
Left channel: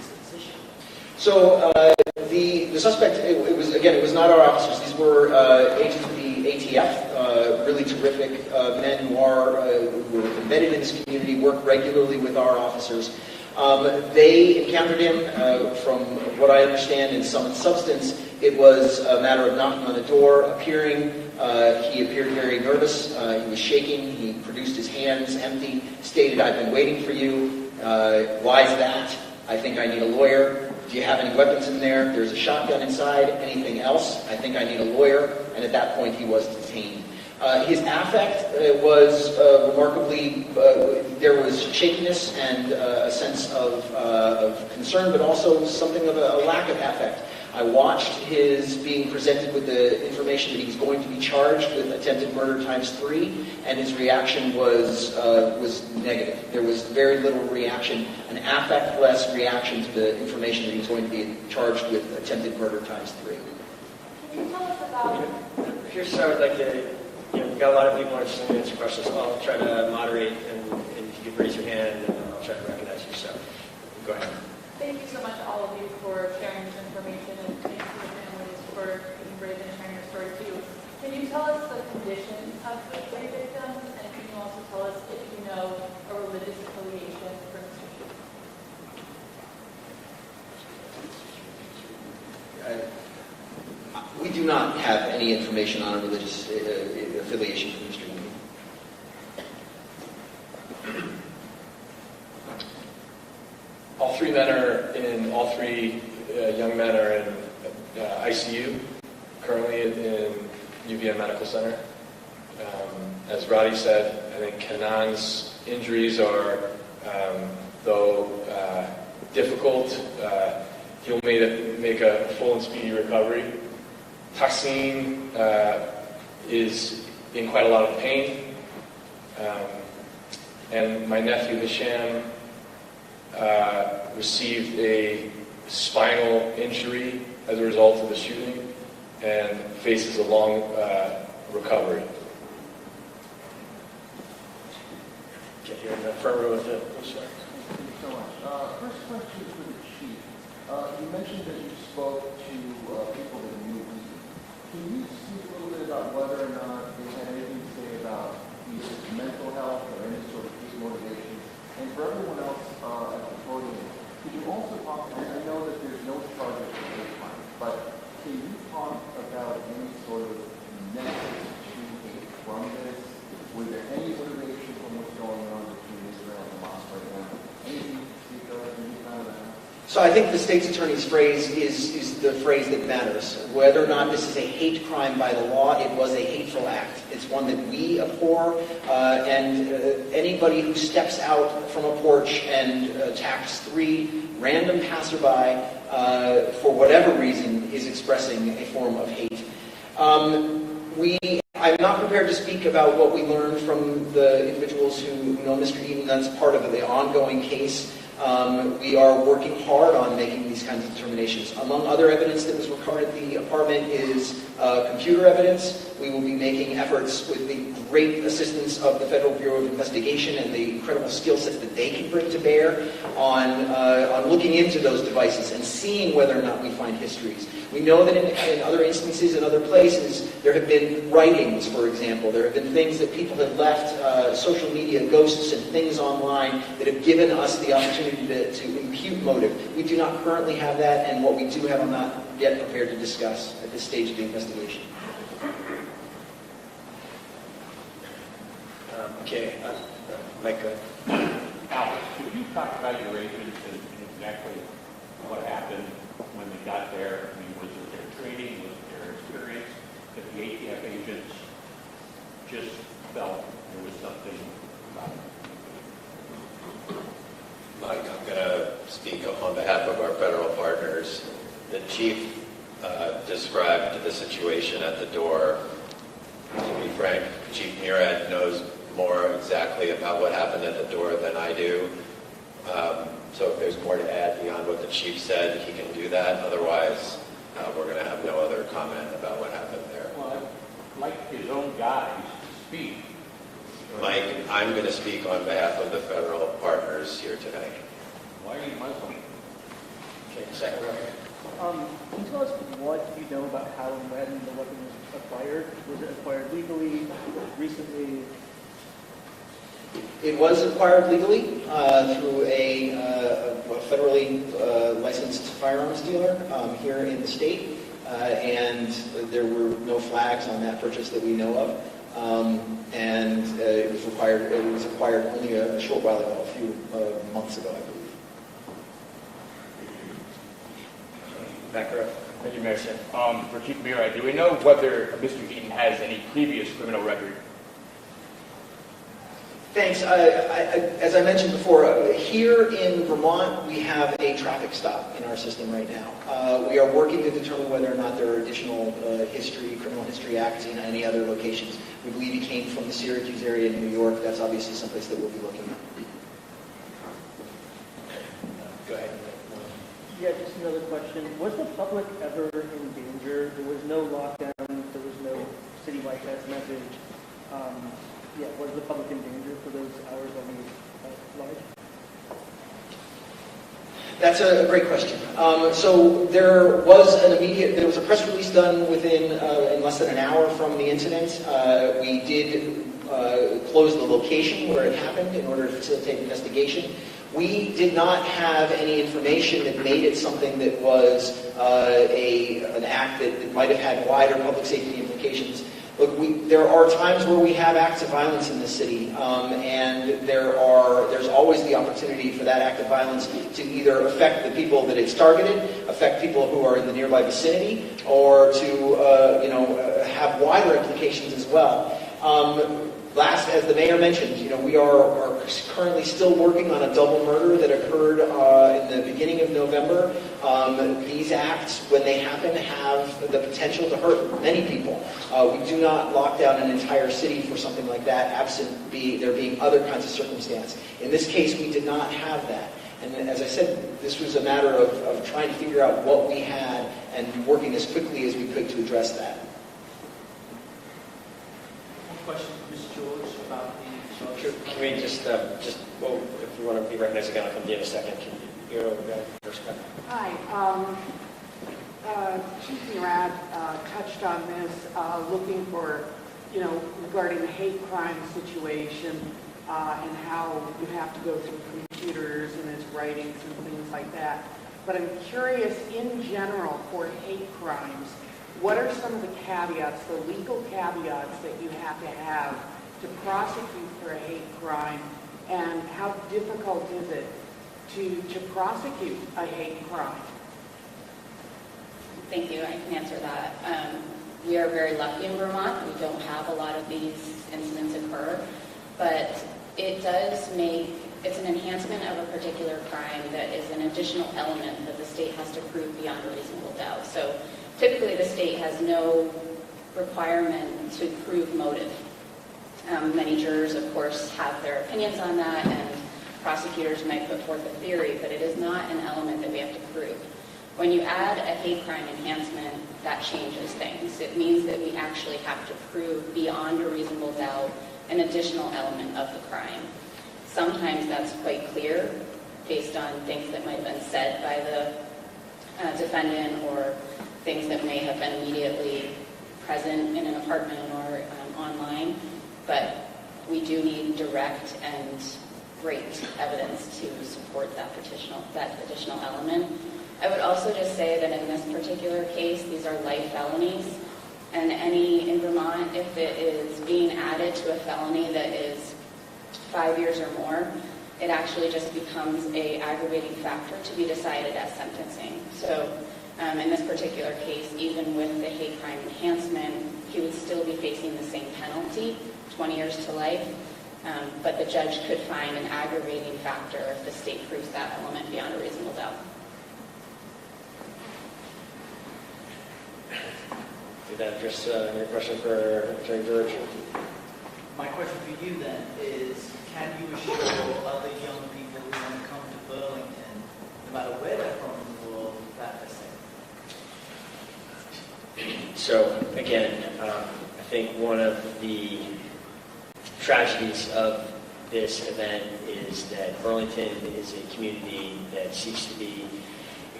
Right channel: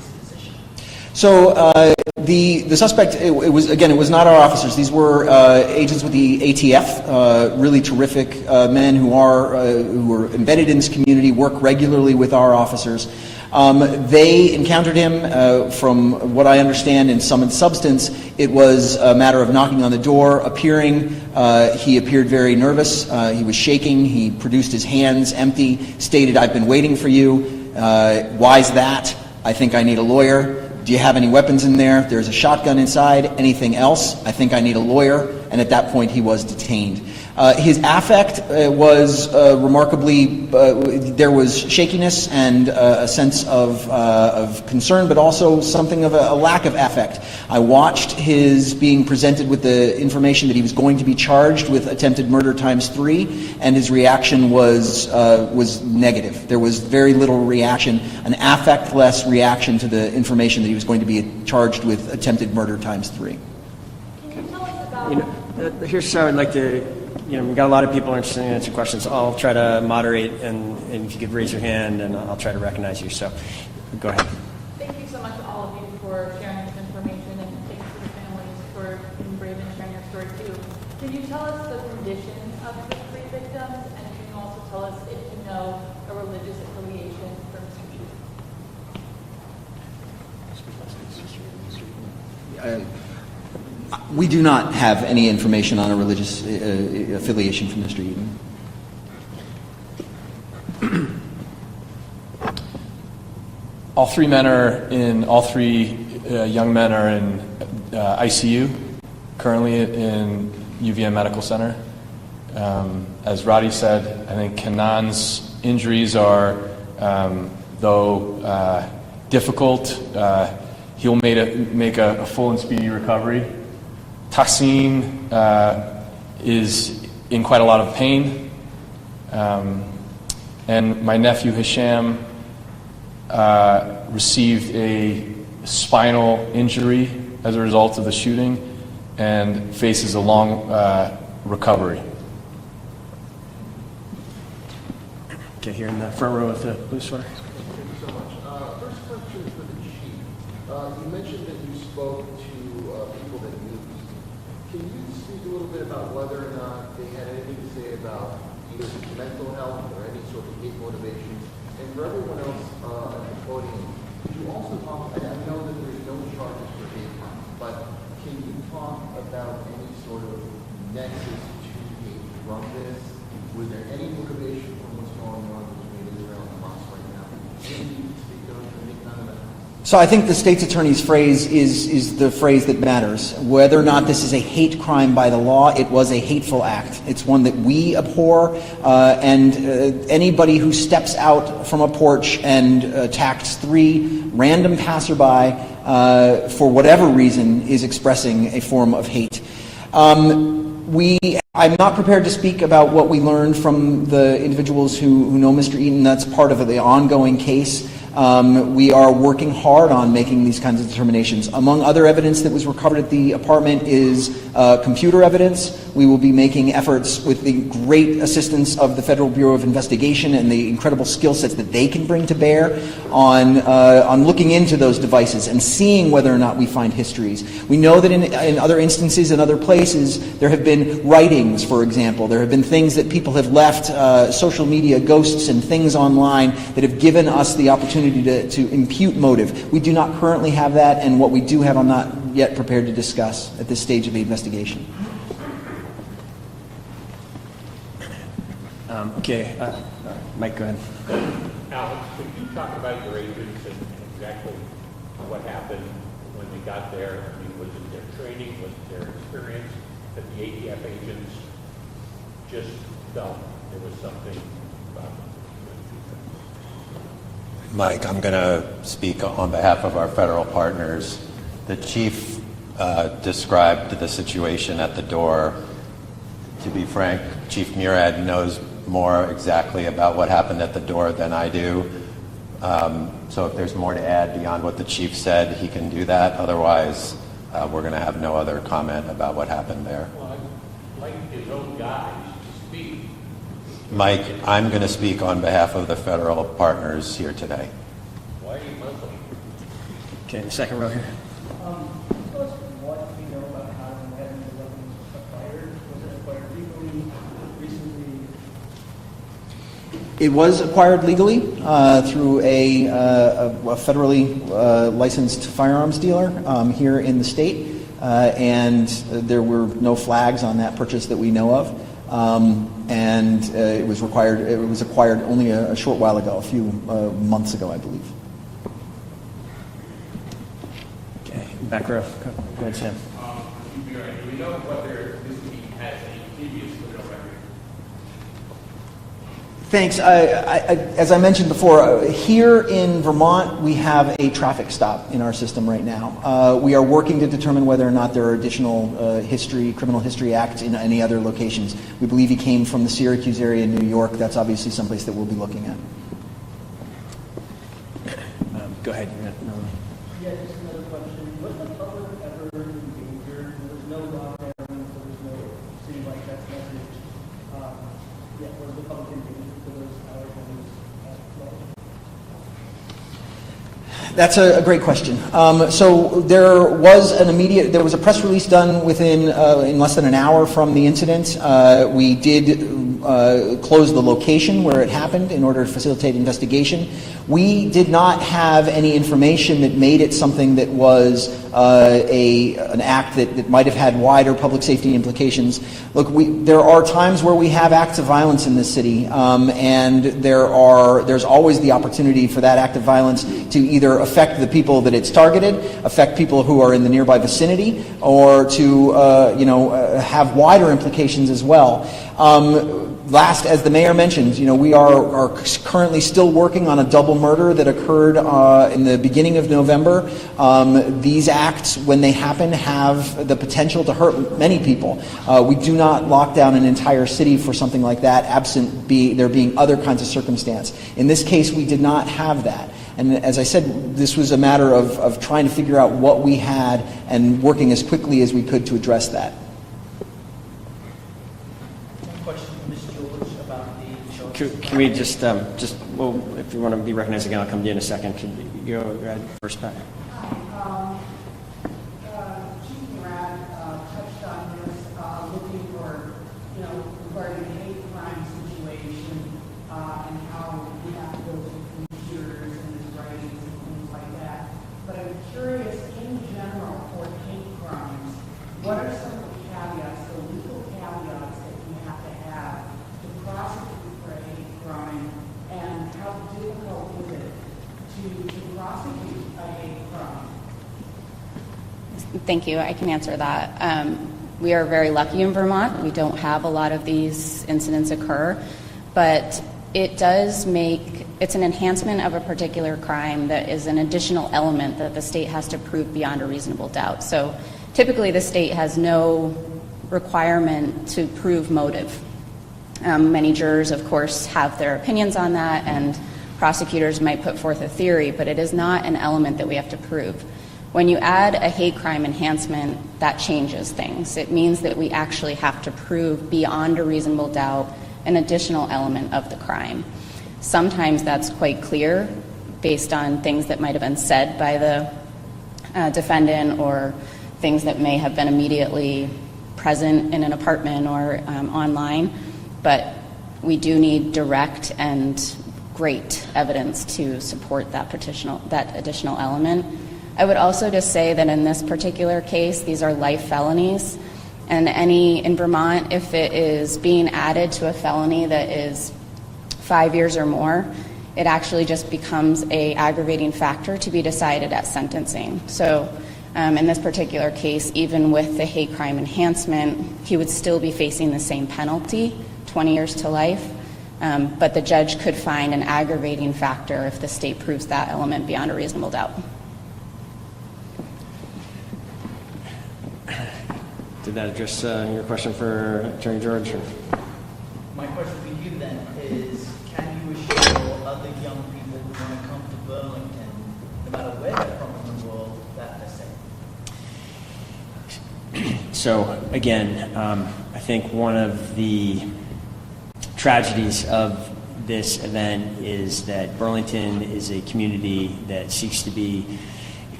So the suspect, it was not our officers. These were agents with the ATF, really terrific men who are embedded in this community, work regularly with our officers. They encountered him, from what I understand, in sum and substance. It was a matter of knocking on the door, appearing. He appeared very nervous. He was shaking. He produced his hands empty, stated, "I've been waiting for you. Why's that? I think I need a lawyer. Do you have any weapons in there? There's a shotgun inside. Anything else? I think I need a lawyer." And at that point, he was detained. His affect was remarkably, there was shakiness and a sense of concern, but also something of a lack of affect. I watched his being presented with the information that he was going to be charged with attempted murder ×3, and his reaction was negative. There was very little reaction, an affect-less reaction to the information that he was going to be charged with attempted murder ×3. Here's how I'd like to, we've got a lot of people interested in answering questions. I'll try to moderate, and if you could raise your hand, and I'll try to recognize you. So, go ahead. Thank you so much to all of you for sharing this information, and thanks to the families for being brave and sharing your story too. Can you tell us the condition of the three victims, and can you also tell us if you know a religious affiliation for Mr. Chu? We do not have any information on a religious affiliation from Mr. Eaton. All three young men are in ICU, currently in UVM Medical Center. As Roddy said, I think Kenan's injuries are, though difficult, he'll make a full and speedy recovery. Tassim is in quite a lot of pain. And my nephew Hisham received a spinal injury as a result of the shooting and faces a long recovery. Okay, here in the front row with the blue sweater. Thank you so much. First question for the chief. You mentioned that you spoke to people that knew. Can you speak a little bit about whether or not they had anything to say about either mental health or any sort of hate motivation? And for everyone else at the podium, could you also talk, I know that there's no charges for hate crime, but can you talk about any sort of nexus to hate from this? Was there any motivation from what's going on between Israel and Hamas right now? Anything you can speak of, any kind of that? So I think the state's attorney's phrase is the phrase that matters. Whether or not this is a hate crime by the law, it was a hateful act. It's one that we abhor, and anybody who steps out from a porch and attacks 3 random passerby for whatever reason is expressing a form of hate. I'm not prepared to speak about what we learned from the individuals who know Mr. Eaton. That's part of the ongoing case. We are working hard on making these kinds of determinations. Among other evidence that was recovered at the apartment is computer evidence. We will be making efforts with the great assistance of the Federal Bureau of Investigation and the incredible skill sets that they can bring to bear on looking into those devices and seeing whether or not we find histories. We know that in other instances, in other places, there have been writings, for example. There have been things that people have left, social media ghosts and things online that have given us the opportunity to impute motive. We do not currently have that, and what we do have I'm not yet prepared to discuss at this stage of the investigation. Okay, Mike, go ahead. Alex, could you talk about your agents and exactly what happened when we got there? I mean, was it their training, was it their experience, that the ATF agents just felt there was something about them? Mike, I'm going to speak on behalf of our federal partners. The chief described the situation at the door. To be frank, Chief Murad knows more exactly about what happened at the door than I do. So if there's more to add beyond what the chief said, he can do that. Otherwise, we're going to have no other comment about what happened there. Well, I'd like his own guys to speak. Mike, I'm going to speak on behalf of the federal partners here today. Why are you Muslim? Okay, second row here. Can you tell us what you know about how and when the weapon was acquired? Was it acquired legally, recently? It was acquired legally through a federally licensed firearms dealer here in the state, and there were no flags on that purchase that we know of. And it was acquired only a short while ago, a few months ago, I believe. Okay, back row. Raise hand. For Chief Muir, do we know whether Mr. Eaton has any previous criminal record? Thanks. As I mentioned before, here in Vermont, we have a traffic stop in our system right now. We are working to determine whether or not there are additional criminal history acts in any other locations. We believe he came from the Syracuse area in New York. That's obviously someplace that we'll be looking at. Go ahead. Yeah, just another question. Was the public ever injured? There was no lockdown. There was no citywide text message. Was the public injured for those hours that we marched? That's a great question. So there was a press release done in less than an hour from the incident. We did close the location where it happened in order to facilitate investigation. We did not have any information that made it something that was an act that might have had wider public safety implications. Look, there are times where we have acts of violence in this city, and there's always the opportunity for that act of violence to either affect the people that it's targeted, affect people who are in the nearby vicinity, or to have wider implications as well. Last, as the mayor mentioned, we are currently still working on a double murder that occurred in the beginning of November. These acts, when they happen, have the potential to hurt many people. We do not lock down an entire city for something like that, absent there being other kinds of circumstance. In this case, we did not have that. And as I said, this was a matter of trying to figure out what we had and working as quickly as we could to address that. Can we just if you want to be recognized again, I'll come to you in a second. Can you go ahead first, Pat? Hi. Chief Murat touched on this, looking for, regarding the hate crime situation and how you have to go through computers and his writings and things like that. But I'm curious, in general, for hate crimes, what are some of the caveats, the legal caveats that you have to prosecute for a hate crime, and how difficult is it to prosecute a hate crime? Thank you. I can answer that. We are very lucky in Vermont. We don't have a lot of these incidents occur, but it's an enhancement of a particular crime that is an additional element that the state has to prove beyond a reasonable doubt. So typically the state has no requirement to prove motive. Many jurors, of course, have their opinions on that, and prosecutors might put forth a theory, but it is not an element that we have to prove. When you add a hate crime enhancement, that changes things. It means that we actually have to prove beyond a reasonable doubt an additional element of the crime. Sometimes that's quite clear based on things that might have been said by the defendant, or things that may have been immediately present in an apartment or online. But we do need direct and great evidence to support that additional element. I would also just say that in this particular case, these are life felonies, and in Vermont, if it is being added to a felony that is 5 years or more, it actually just becomes an aggravating factor to be decided at sentencing. So in this particular case, even with the hate crime enhancement, he would still be facing the same penalty, 20 years to life, but the judge could find an aggravating factor if the state proves that element beyond a reasonable doubt. Did that address your question for Attorney George? My question to you then is, can you assure other young people who want to come to Burlington, no matter where they're from in the world, that they're safe? So again, I think one of the tragedies of this event is that Burlington is a community that seeks to be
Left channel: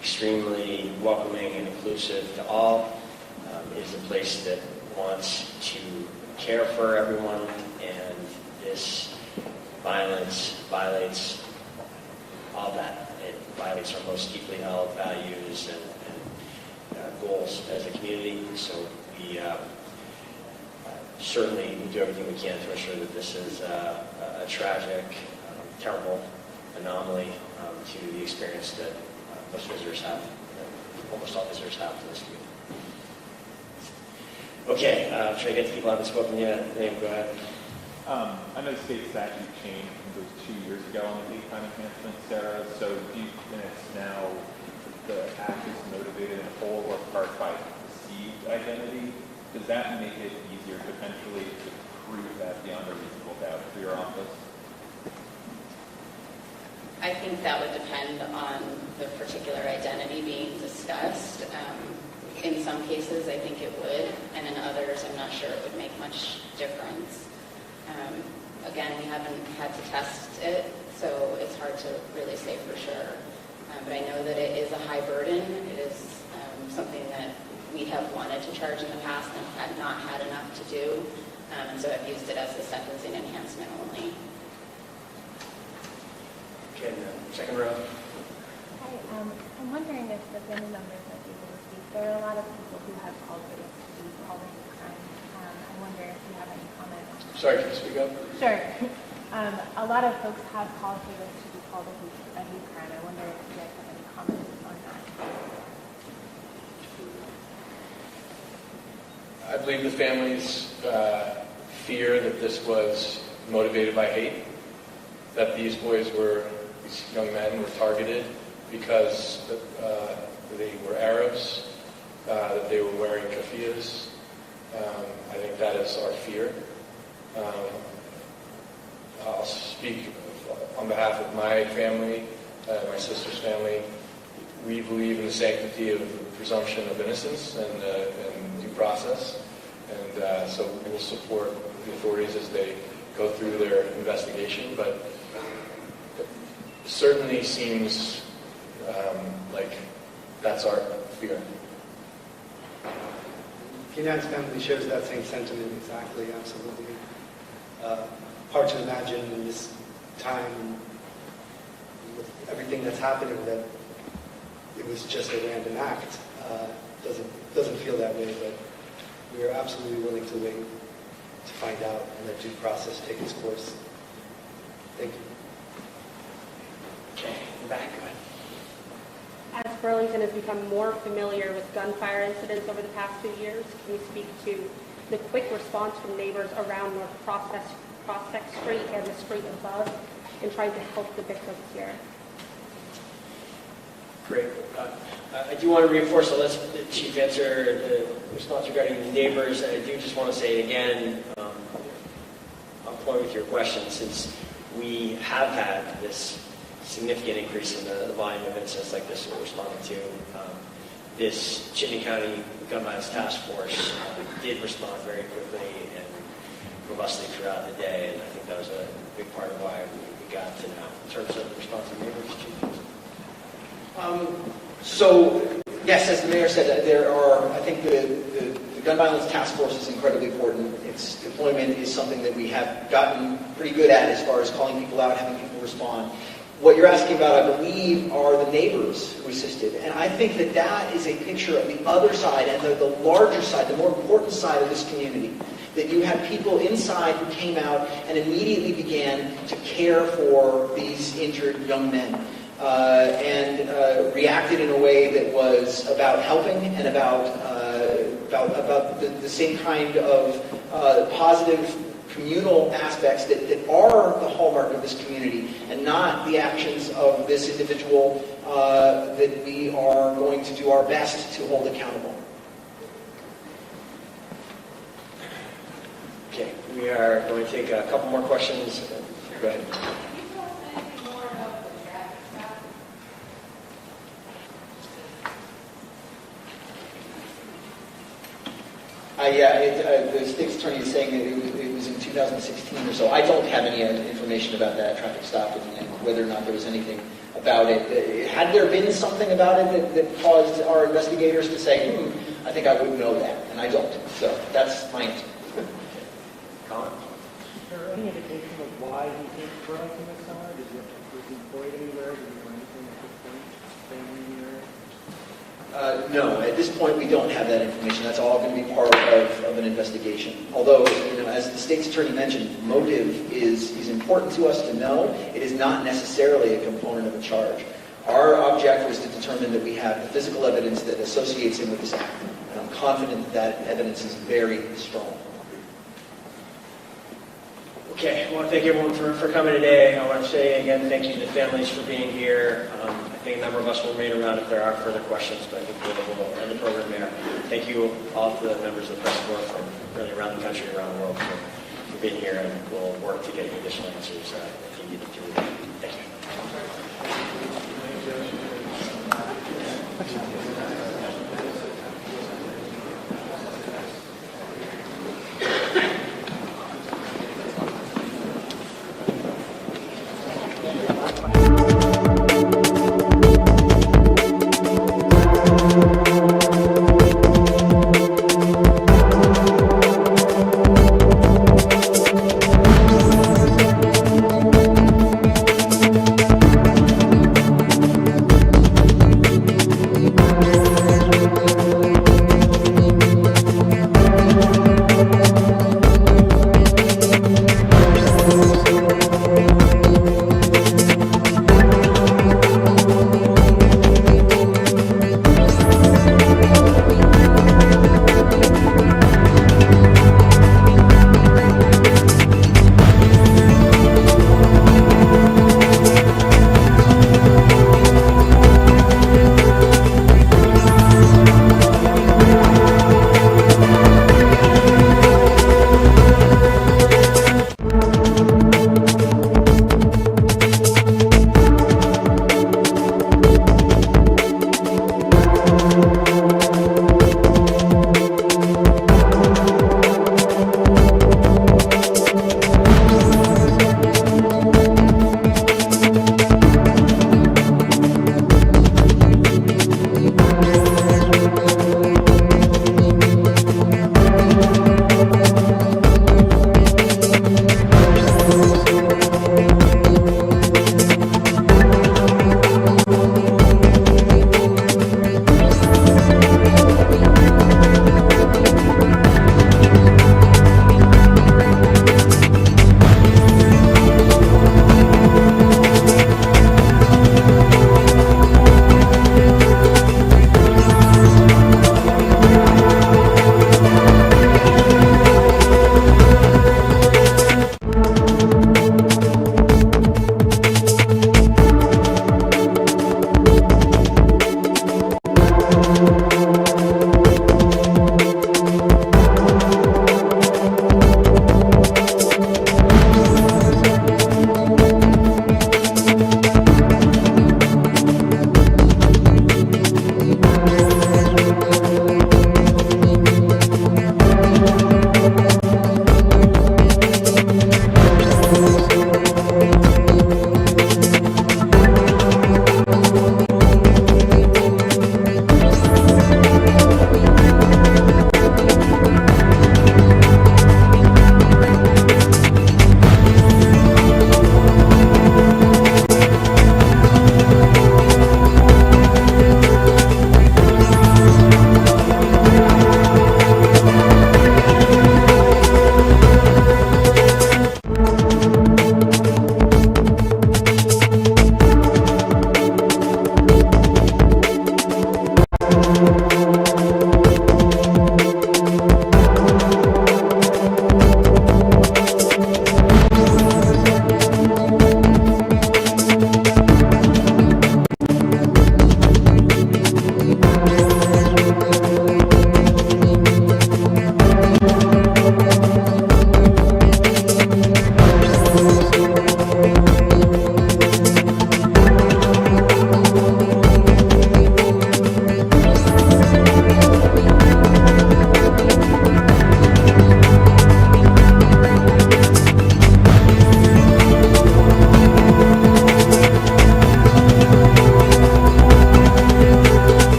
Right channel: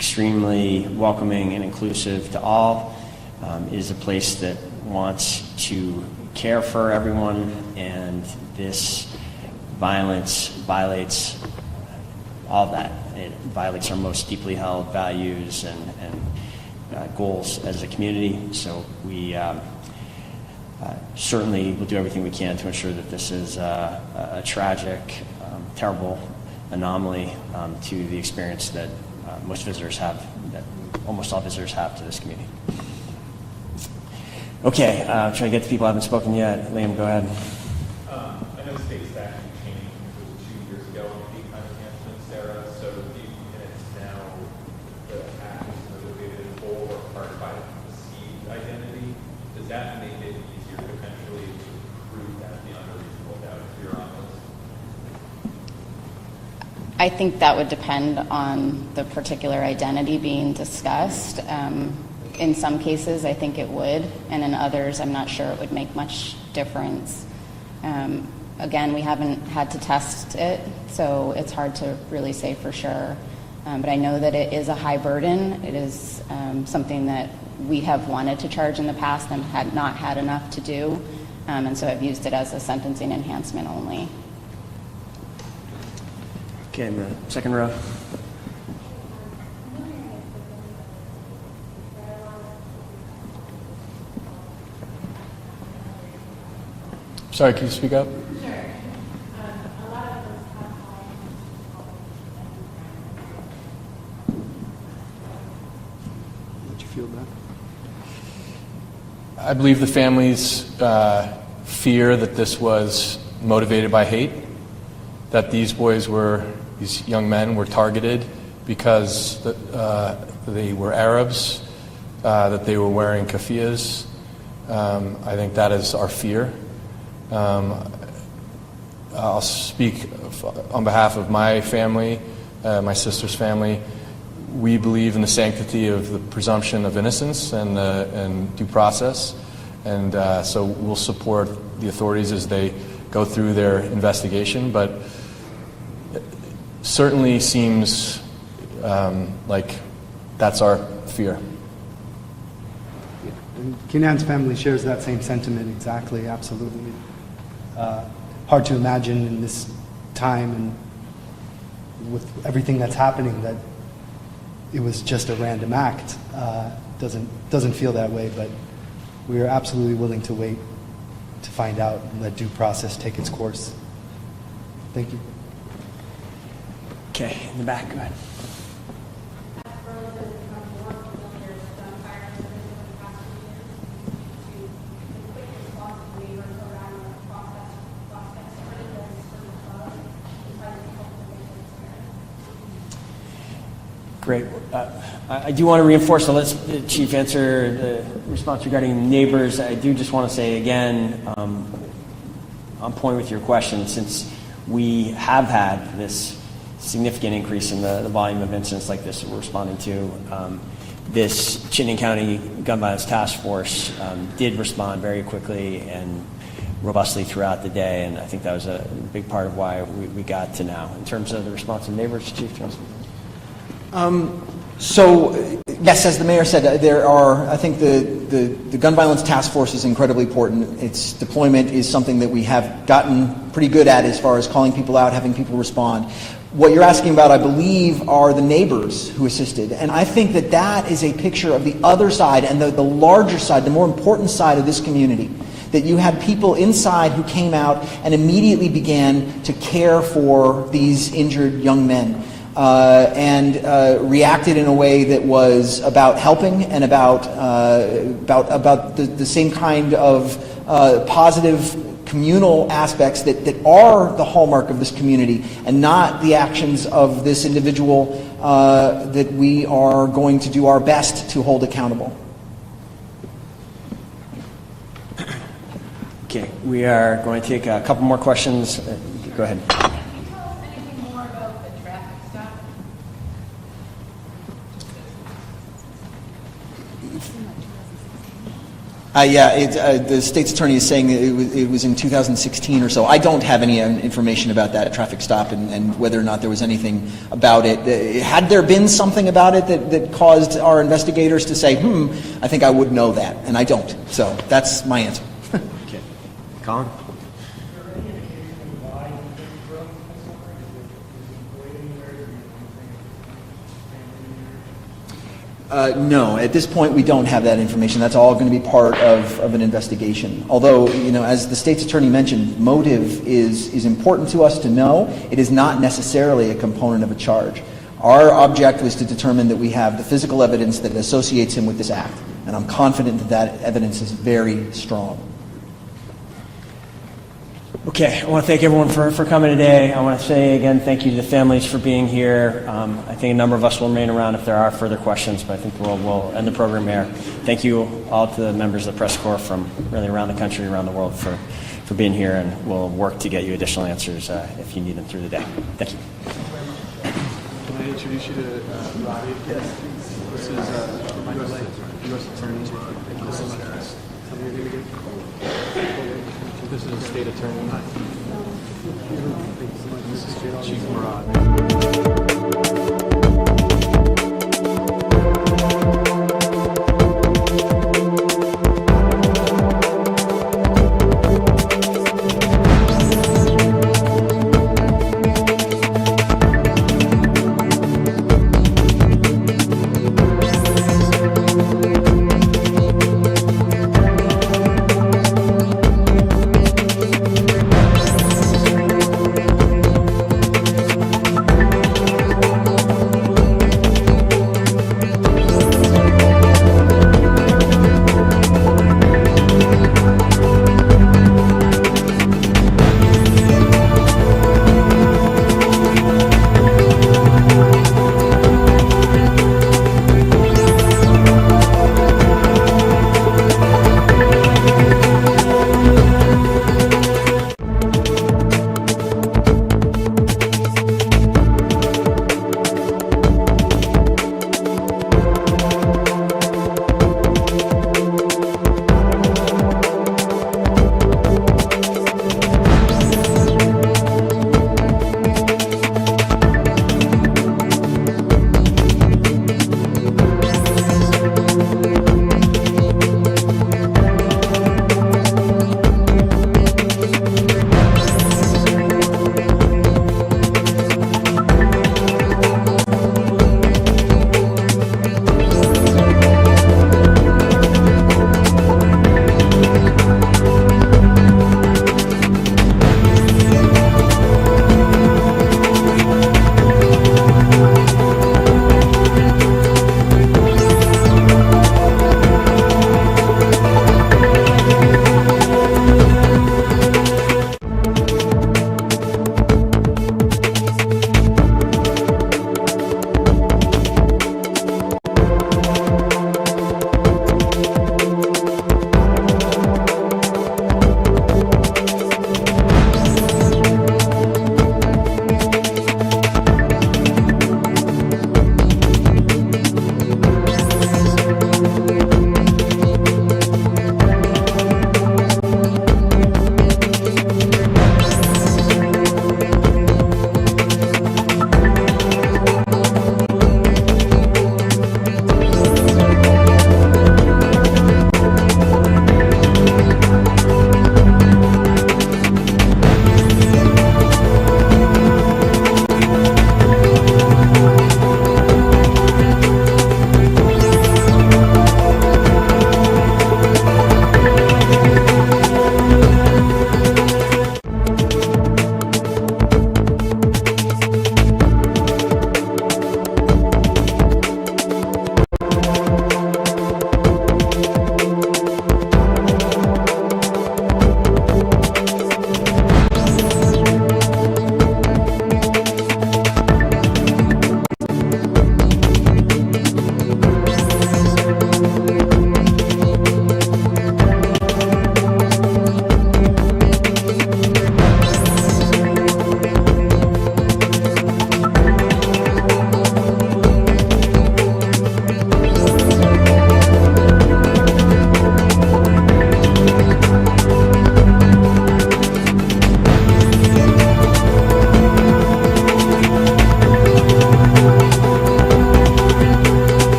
extremely welcoming and inclusive to all. It is a place that wants to care for everyone, and this violence violates all of that. It violates our most deeply held values and goals as a community. So we certainly will do everything we can to ensure that this is a tragic, terrible anomaly to the experience that most visitors have, that almost all visitors have to this community. Okay, trying to get to people who haven't spoken yet. Liam, go ahead. I know the state statute changed, I think it was 2 years ago on hate crime enhancement, Sarah. So these minutes now, the act is motivated in whole or part by perceived identity. Does that make it easier potentially to prove that beyond a reasonable doubt if you're on this? I think that would depend on the particular identity being discussed. In some cases, I think it would, and in others, I'm not sure it would make much difference. Again, we haven't had to test it, so it's hard to really say for sure. But I know that it is a high burden. It is something that we have wanted to charge in the past and had not had enough to do, and so I've used it as a sentencing enhancement only. Okay, in the second row. I'm wondering if the family members that you speak, there are a lot of people who have called for this all the time. I wonder if you have any comments. Sorry, can you speak up? Sure. A lot of folks have called for this to be called a hate crime. I wonder if you guys have any comments on that. Did you feel that? I believe the families fear that this was motivated by hate, that these young men were targeted because they were Arabs, that they were wearing keffiyehs. I think that is our fear. I'll speak on behalf of my family, my sister's family. We believe in the sanctity of the presumption of innocence and due process, and so we'll support the authorities as they go through their investigation, but it certainly seems like that's our fear. Kenan's family shares that same sentiment exactly, absolutely. Hard to imagine in this time and with everything that's happening that it was just a random act. Doesn't feel that way, but we are absolutely willing to wait to find out and let due process take its course. Thank you. Okay, in the back, go ahead. As Burlington has become more familiar with gunfire incidents over the past 2 years, can you speak to the quick response from neighbors around North Prospect Street and the street above in trying to help the victims here? Great. I do want to reinforce, so let's the Chief answer the response regarding neighbors. I do just want to say again, on point with your question, since we have had this significant increase in the volume of incidents like this we're responding to, this Chittenden County Gun Violence Task Force did respond very quickly and robustly throughout the day, and I think that was a big part of why we got to now. In terms of the response of neighbors, Chief? So, yes, as the mayor said, there are, I think the Gun Violence Task Force is incredibly important. Its deployment is something that we have gotten pretty good at as far as calling people out, having people respond. What you're asking about, I believe, are the neighbors who assisted. And I think that that is a picture of the other side and the larger side, the more important side of this community. That you had people inside who came out and immediately began to care for these injured young men. And reacted in a way that was about helping and about the same kind of positive communal aspects that are the hallmark of this community, and not the actions of this individual that we are going to do our best to hold accountable. Okay, we are going to take a couple more questions. Go ahead. The state's attorney is saying that it was in 2016 or so. I don't have any information about that traffic stop and whether or not there was anything about it. Had there been something about it that caused our investigators to say, I think I would know that, and I don't. So that's my answer. Okay. Colin? Is there any indication of why you didn't grow up in the summer? Was he employed anywhere? Did he do anything with family anywhere? No, at this point we don't have that information. That's all going to be part of an investigation. Although, as the state's attorney mentioned, motive is important to us to know. It is not necessarily a component of a charge. Our object was to determine that we have the physical evidence that associates him with this act. And I'm confident that that evidence is very strong. Okay, I want to thank everyone for coming today. I want to say again thank you to the families for being here. I think a number of us will remain around if there are further questions, but I think we'll end the program here. Thank you all to the members of the press corps from really around the country, around the world for being here, and we'll work to get you additional answers if you need them through the day. Thank you. Can I introduce you to this is U.S. Attorney. This is the state attorney.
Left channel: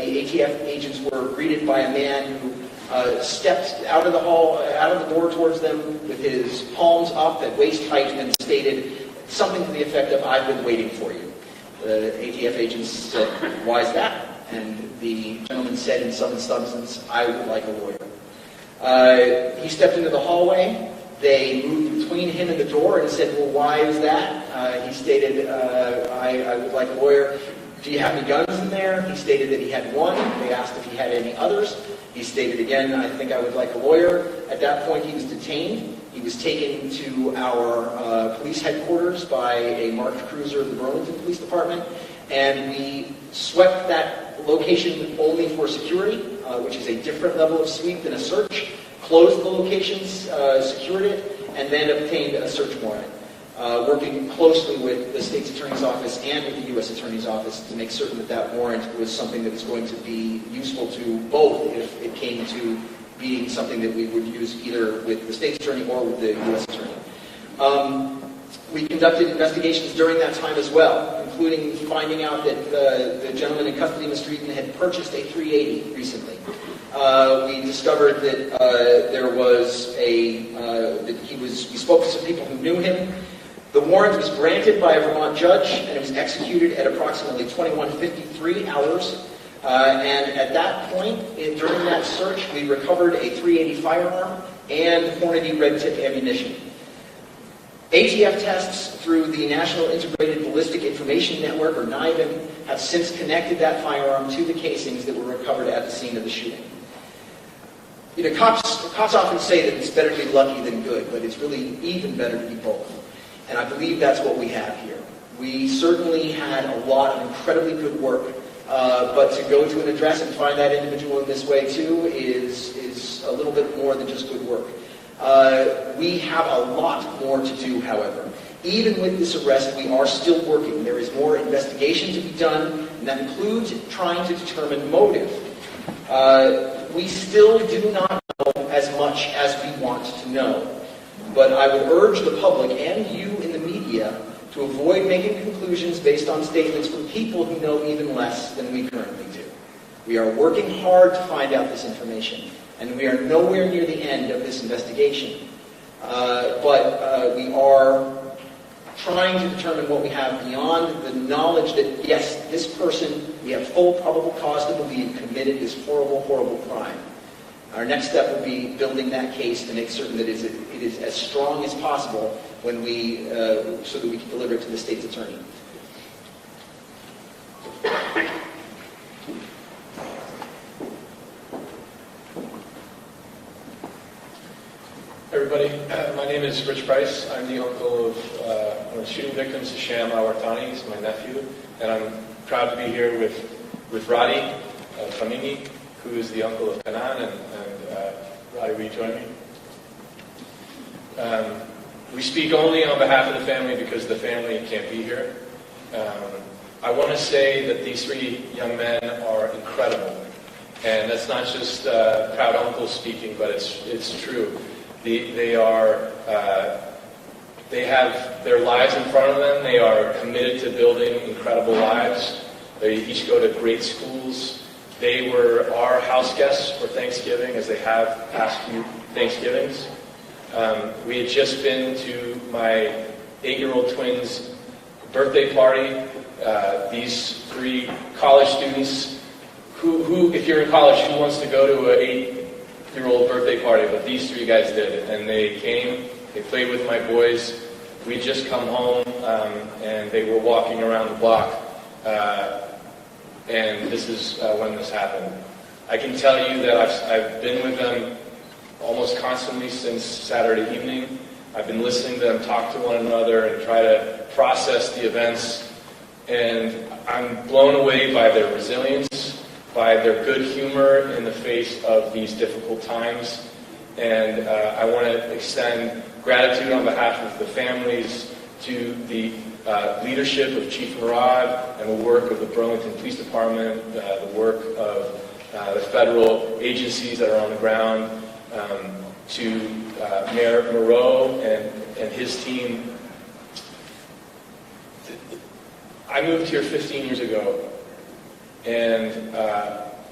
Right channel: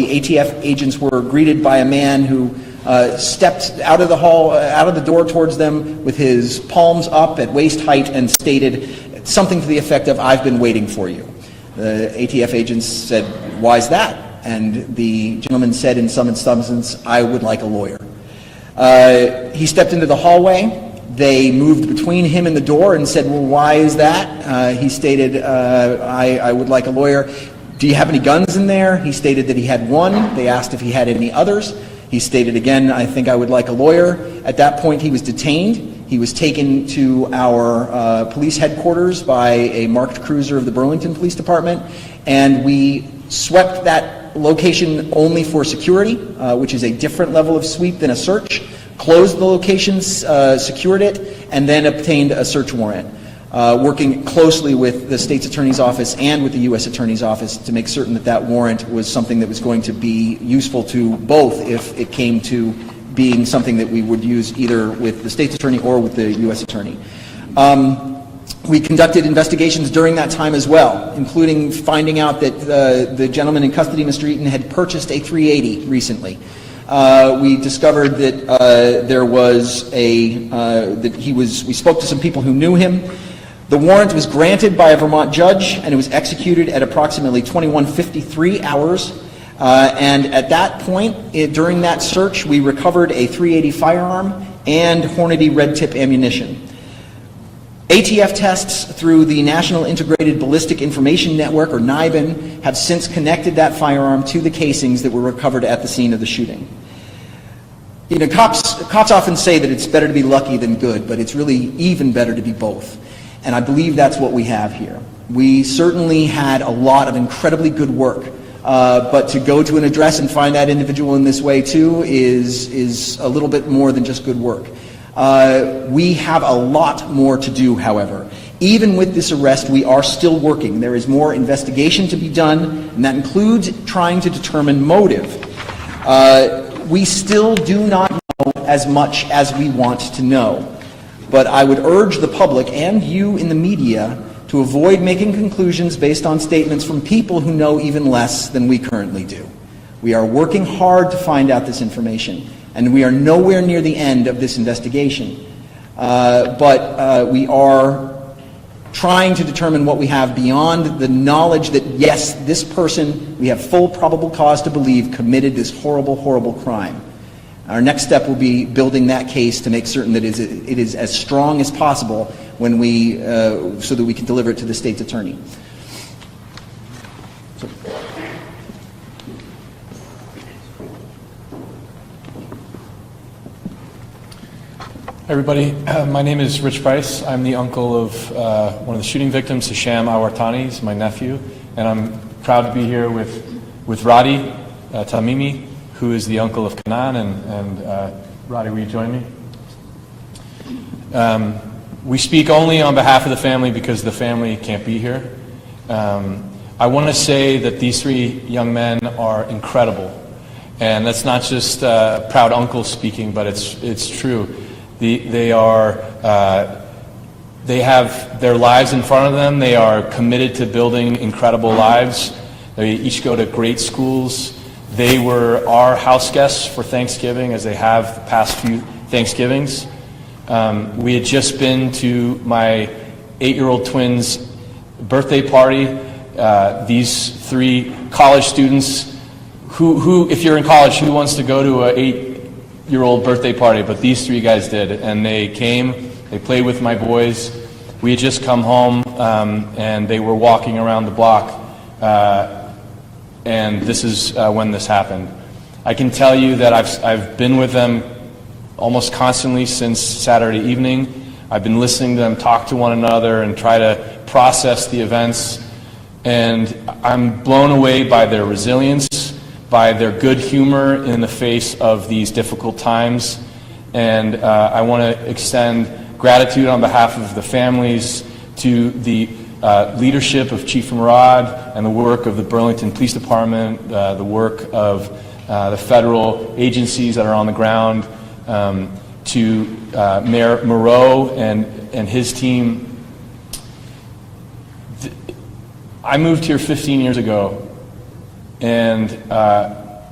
the ATF agents were greeted by a man who stepped out of the hall, out of the door towards them with his palms up at waist height and stated something to the effect of, "I've been waiting for you." The ATF agents said, "Why is that?" And the gentleman said in some substance, "I would like a lawyer." He stepped into the hallway. They moved between him and the door and said, "Well, why is that?" He stated, I would like a lawyer. "Do you have any guns in there?" He stated that he had one. They asked if he had any others. He stated again, "I think I would like a lawyer." At that point, he was detained. He was taken to our police headquarters by a marked cruiser of the Burlington Police Department, and we swept that location only for security, which is a different level of sweep than a search, closed the location, secured it, and then obtained a search warrant, working closely with the state's attorney's office and with the U.S. attorney's office to make certain that that warrant was something that was going to be useful to both if it came to being something that we would use either with the state's attorney or with the U.S. attorney. We conducted investigations during that time as well, including finding out that the gentleman in custody, Mr. Eaton, had purchased a 380 recently. We discovered that there was we spoke to some people who knew him. The warrant was granted by a Vermont judge, and it was executed at approximately 21:53 hours. And at that point, during that search, we recovered a .380 firearm and Hornady red tip ammunition. ATF tests through the National Integrated Ballistic Information Network, or NIBIN, have since connected that firearm to the casings that were recovered at the scene of the shooting. You know, cops often say that it's better to be lucky than good, but it's really even better to be both. And I believe that's what we have here. We certainly had a lot of incredibly good work. But to go to an address and find that individual in this way too is a little bit more than just good work. We have a lot more to do, however. Even with this arrest, we are still working. There is more investigation to be done, and that includes trying to determine motive. We still do not know as much as we want to know. But I would urge the public and you in the media to avoid making conclusions based on statements from people who know even less than we currently do. We are working hard to find out this information, and we are nowhere near the end of this investigation. But we are trying to determine what we have beyond the knowledge that, yes, this person, we have full probable cause to believe, committed this horrible, horrible crime. Our next step will be building that case to make certain that it is as strong as possible when so that we can deliver it to the state's attorney. Everybody, my name is Rich Price. I'm the uncle of one of the shooting victims, Hisham Al-Wartani. He's my nephew, and I'm proud to be here with Radi Tamimi, who is the uncle of Kanan, and Radi, will you join me? We speak only on behalf of the family because the family can't be here. I want to say that these three young men are incredible, and that's not just proud uncle speaking, but it's true. They have their lives in front of them. They are committed to building incredible lives. They each go to great schools. They were our house guests for Thanksgiving, as they have the past few Thanksgivings. We had just been to my 8-year-old twins' birthday party. These three college students, who, if you're in college, who wants to go to an 8-year-old birthday party? But these three guys did, and they came. They played with my boys. We had just come home, and they were walking around the block. And this is when this happened. I can tell you that I've been with them almost constantly since Saturday evening. I've been listening to them talk to one another and try to process the events. And I'm blown away by their resilience, by their good humor in the face of these difficult times. And I want to extend gratitude on behalf of the families to the leadership of Chief Murad and the work of the Burlington Police Department, the work of the federal agencies that are on the ground, to Mayor Moreau and his team. I moved here 15 years ago, and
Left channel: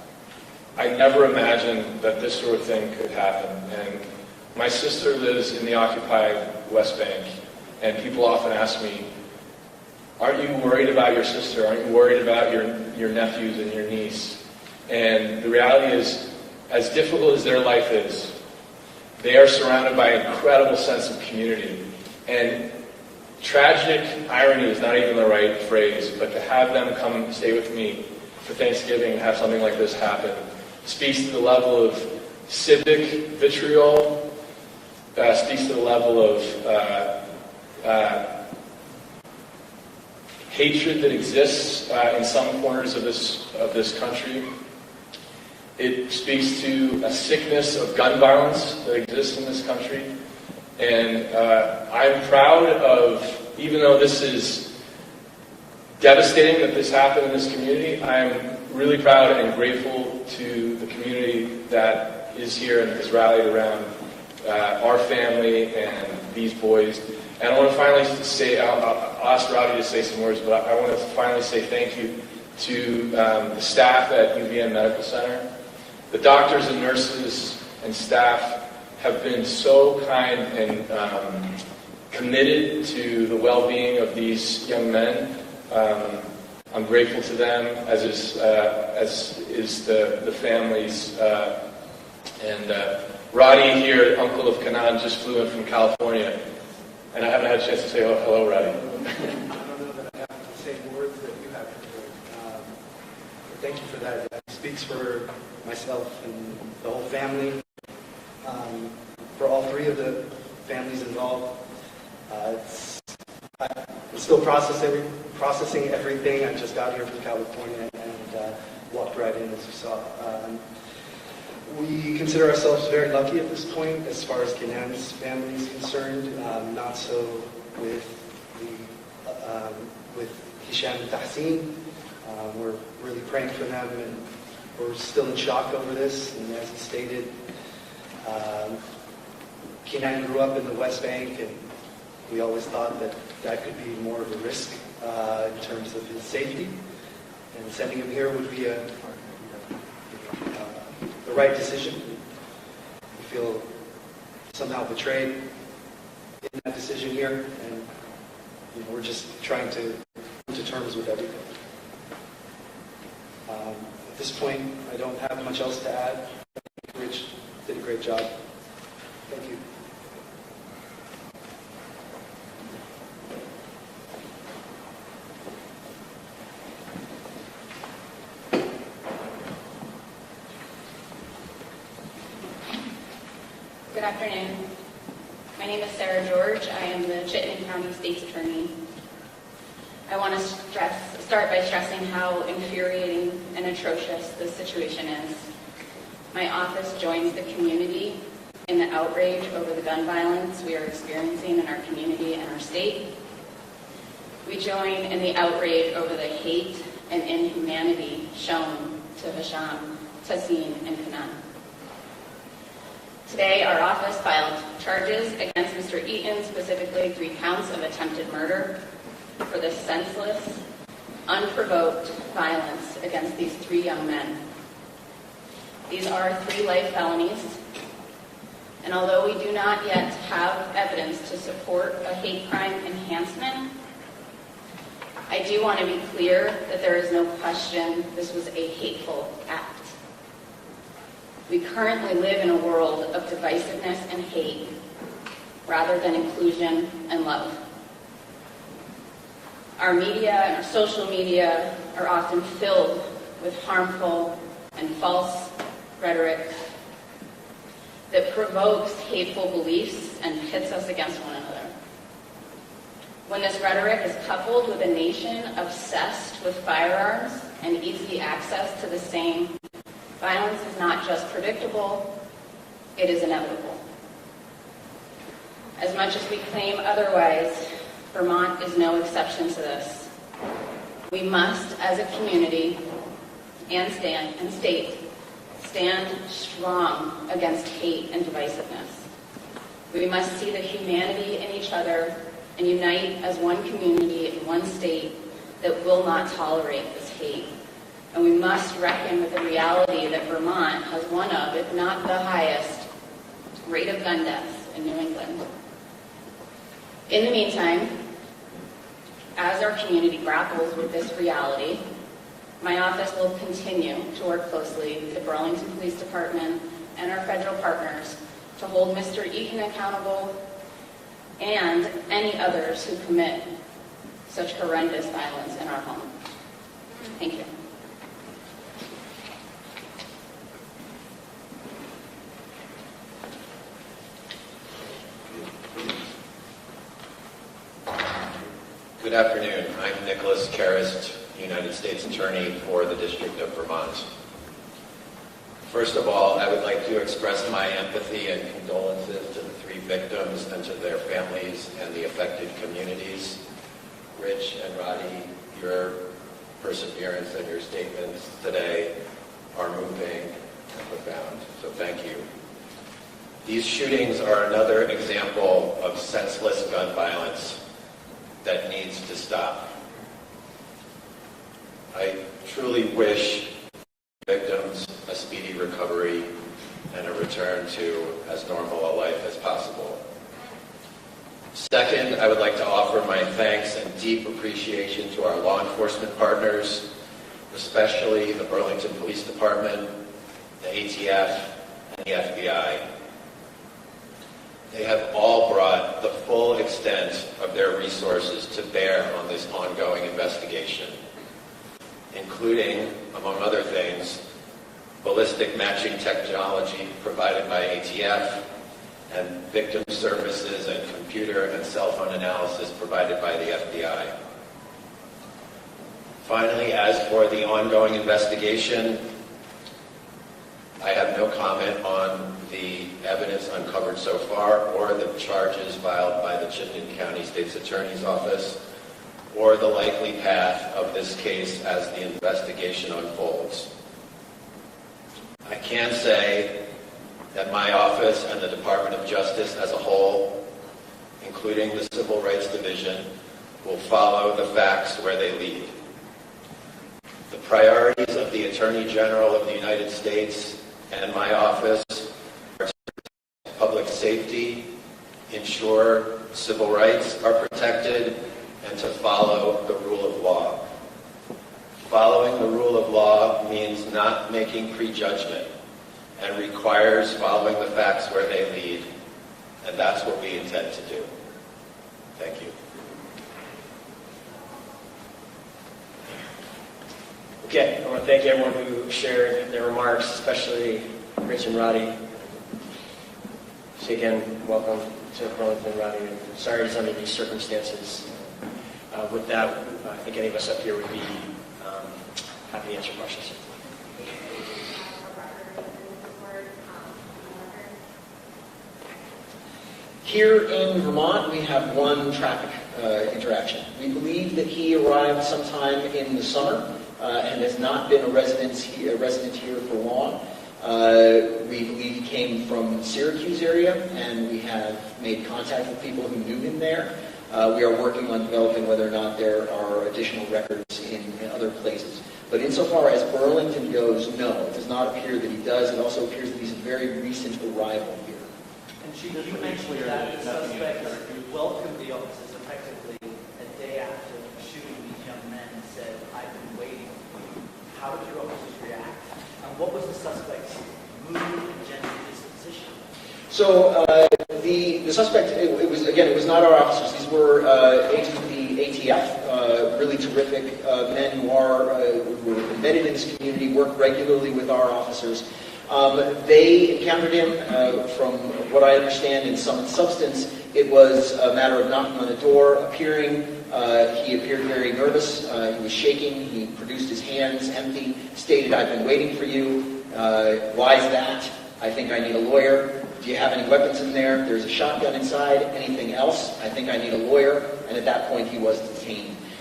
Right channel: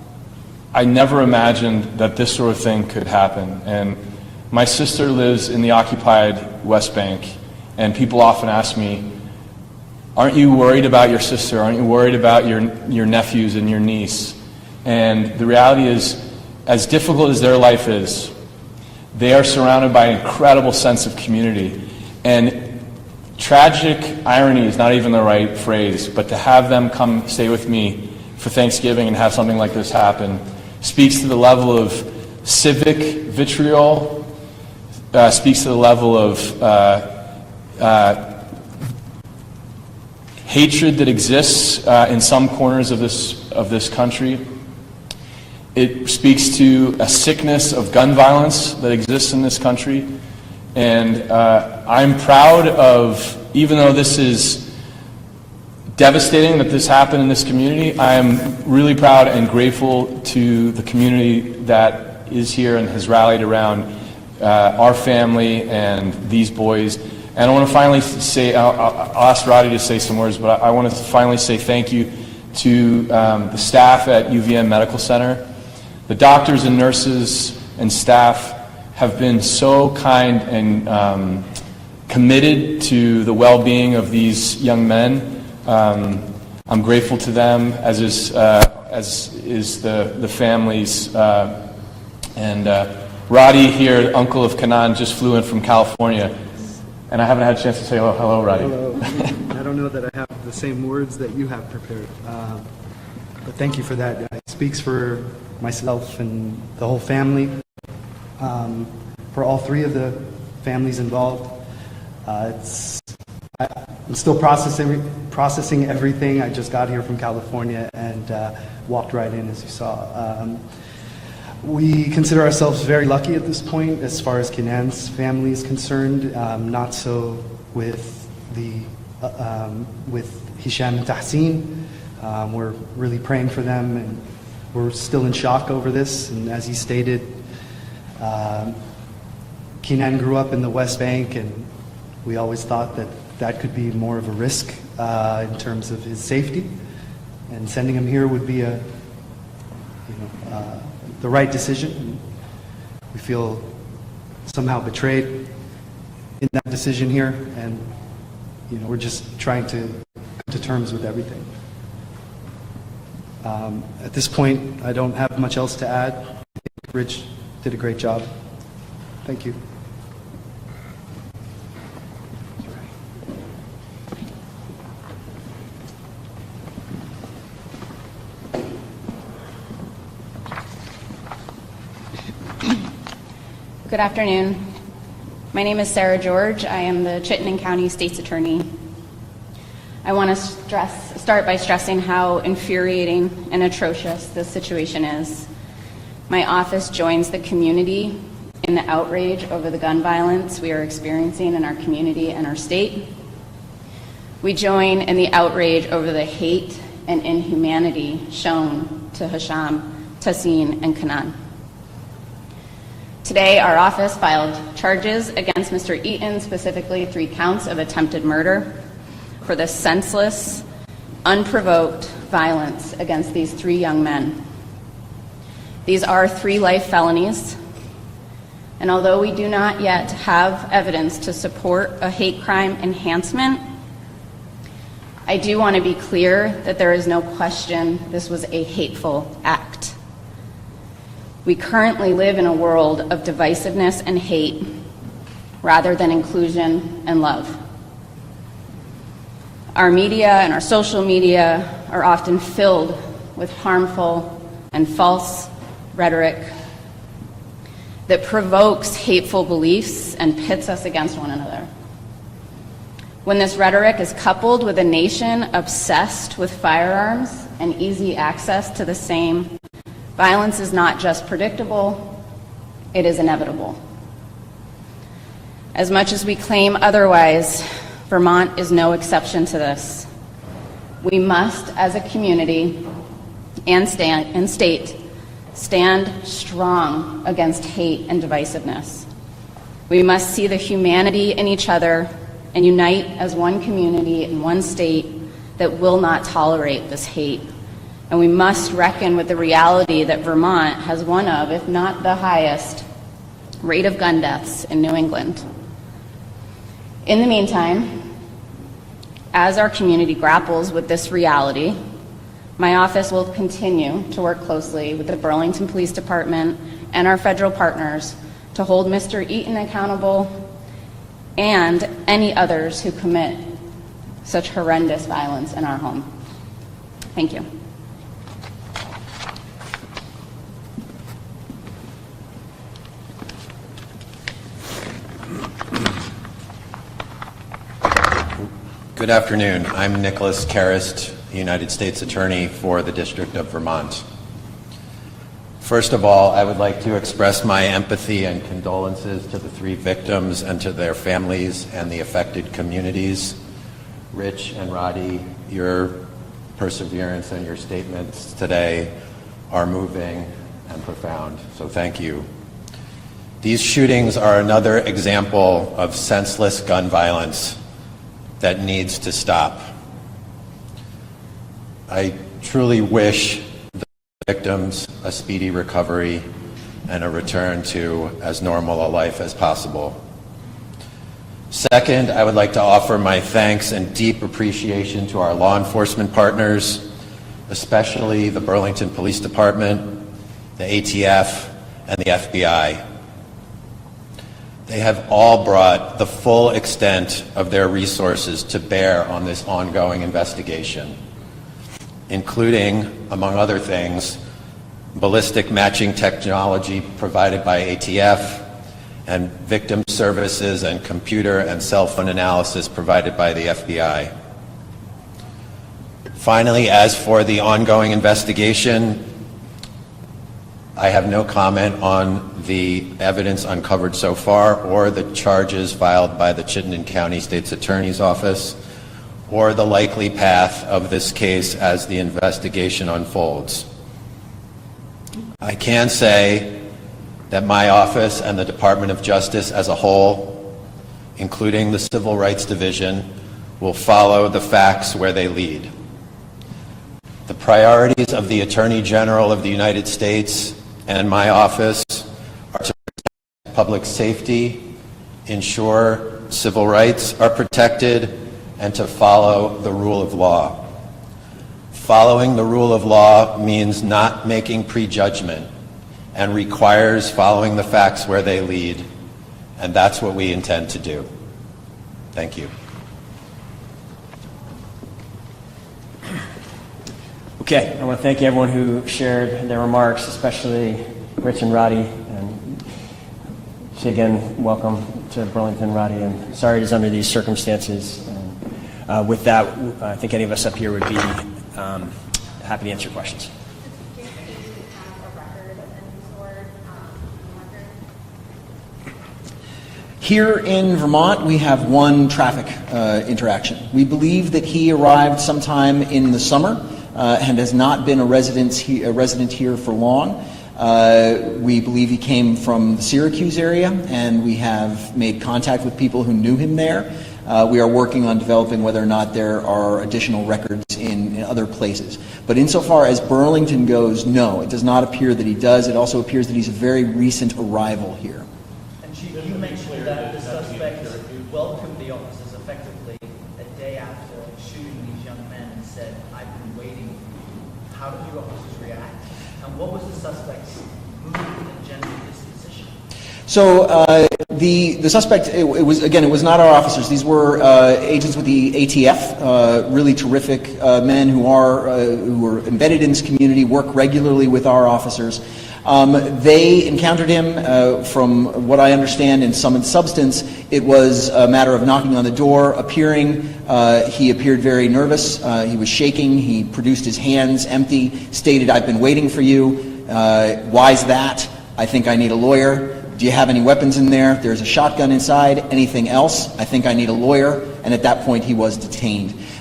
I never imagined that this sort of thing could happen. And my sister lives in the occupied West Bank, and people often ask me, aren't you worried about your sister? Aren't you worried about your nephews and your niece? And the reality is, as difficult as their life is, they are surrounded by an incredible sense of community. And tragic irony is not even the right phrase, but to have them come stay with me for Thanksgiving and have something like this happen speaks to the level of civic vitriol, speaks to the level of hatred that exists in some corners of this country. It speaks to a sickness of gun violence that exists in this country. And I'm proud of, even though this is devastating that this happened in this community, I'm really proud and grateful to the community that is here and has rallied around our family and these boys. And I want to finally say, I'll ask Roddy to say some words, but I want to finally say thank you to the staff at UVM Medical Center. The doctors and nurses and staff have been so kind and committed to the well-being of these young men. I'm grateful to them, as is the families. And Roddy here, uncle of Kanan, just flew in from California, and I haven't had a chance to say hello, Roddy. I don't know that I have the same words that you have prepared, but thank you for that. It speaks for myself and the whole family, for all three of the families involved. I'm still processing everything. I just got here from California and walked right in, as you saw. We consider ourselves very lucky at this point as far as Kenan's family is concerned. Not so with Hisham and Tahsin. We're really praying for them, and we're still in shock over this. And as he stated, Kenan grew up in the West Bank, and we always thought that that could be more of a risk in terms of his safety, and sending him here would be the right decision. We feel somehow betrayed in that decision here, and we're just trying to come to terms with everything. At this point, I don't have much else to add. I think Rich did a great job. Thank you. Good afternoon. My name is Sarah George. I am the Chittenden County State's Attorney. I want to start by stressing how infuriating and atrocious this situation is. My office joins the community in the outrage over the gun violence we are experiencing in our community and our state. We join in the outrage over the hate and inhumanity shown to Hisham, Tahsin, and Kanan. Today, our office filed charges against Mr. Eaton, specifically 3 counts of attempted murder, for the senseless, unprovoked violence against these 3 young men. These are 3 life felonies, and although we do not yet have evidence to support a hate crime enhancement, I do want to be clear that there is no question this was a hateful act. We currently live in a world of divisiveness and hate rather than inclusion and love. Our media and our social media are often filled with harmful and false rhetoric that provokes hateful beliefs and pits us against one another. When this rhetoric is coupled with a nation obsessed with firearms and easy access to the same, violence is not just predictable, it is inevitable. As much as we claim otherwise, Vermont is no exception to this. We must, as a community and state, stand strong against hate and divisiveness. We must see the humanity in each other and unite as one community in one state that will not tolerate this hate And we must reckon with the reality that Vermont has one of, if not the highest, rate of gun deaths in New England. In the meantime, as our community grapples with this reality, my office will continue to work closely with the Burlington Police Department and our federal partners to hold Mr. Eaton accountable and any others who commit such horrendous violence in our home. Thank you. Good afternoon. I'm Nicholas Karist, United States Attorney for the District of Vermont. First of all, I would like to express my empathy and condolences to the 3 victims and to their families and the affected communities. Rich and Roddy, your perseverance and your statements today are moving and profound, so thank you. These shootings are another example of senseless gun violence that needs to stop. I truly wish the victims a speedy recovery and a return to as normal a life as possible. Second, I would like to offer my thanks and deep appreciation to our law enforcement partners, especially the Burlington Police Department, the ATF, and the FBI. They have all brought the full extent of their resources to bear on this ongoing investigation, including, among other things, ballistic matching technology provided by ATF and victim services and computer and cell phone analysis provided by the FBI. Finally, as for the ongoing investigation, I have no comment on the evidence uncovered so far or the charges filed by the Chittenden County State's Attorney's Office or the likely path of this case as the investigation unfolds. I can say that my office and the Department of Justice as a whole, including the Civil Rights Division, will follow the facts where they lead. The priorities of the Attorney General of the United States and my office are to protect public safety, ensure civil rights are protected, and to follow the rule of law. Following the rule of law means not making prejudgment and requires following the facts where they lead, and that's what we intend to do. Thank you. Okay, I want to thank everyone who shared their remarks, especially Rich and Roddy. And so again, welcome to Burlington, Roddy, and sorry it's under these circumstances. With that, I think any of us up here would be happy to answer questions. Here in Vermont, we have one traffic interaction. We believe that he arrived sometime in the summer and has not been a resident here for long. We believe he came from the Syracuse area, and we have made contact with people who knew him there. We are working on developing whether or not there are additional records in other places. But insofar as Burlington goes, no, it does not appear that he does. It also appears that he's a very recent arrival here. And Chief, you mentioned that the suspects welcomed the officers effectively a day after shooting these young men and said, "I've been waiting for you." How did your officers react? And what was the suspect's mood and general disposition? So the suspect, it was not our officers. These were agents with the ATF, really terrific men who are embedded in this community, work regularly with our officers. They encountered him, from what I understand, in sum and substance. It was a matter of knocking on the door, appearing. He appeared very nervous. He was shaking. He produced his hands empty, stated, "I've been waiting for you." Why's that? "I think I need a lawyer." "Do you have any weapons in there?" "There's a shotgun inside." "Anything else?" "I think I need a lawyer." And at that point, he was detained.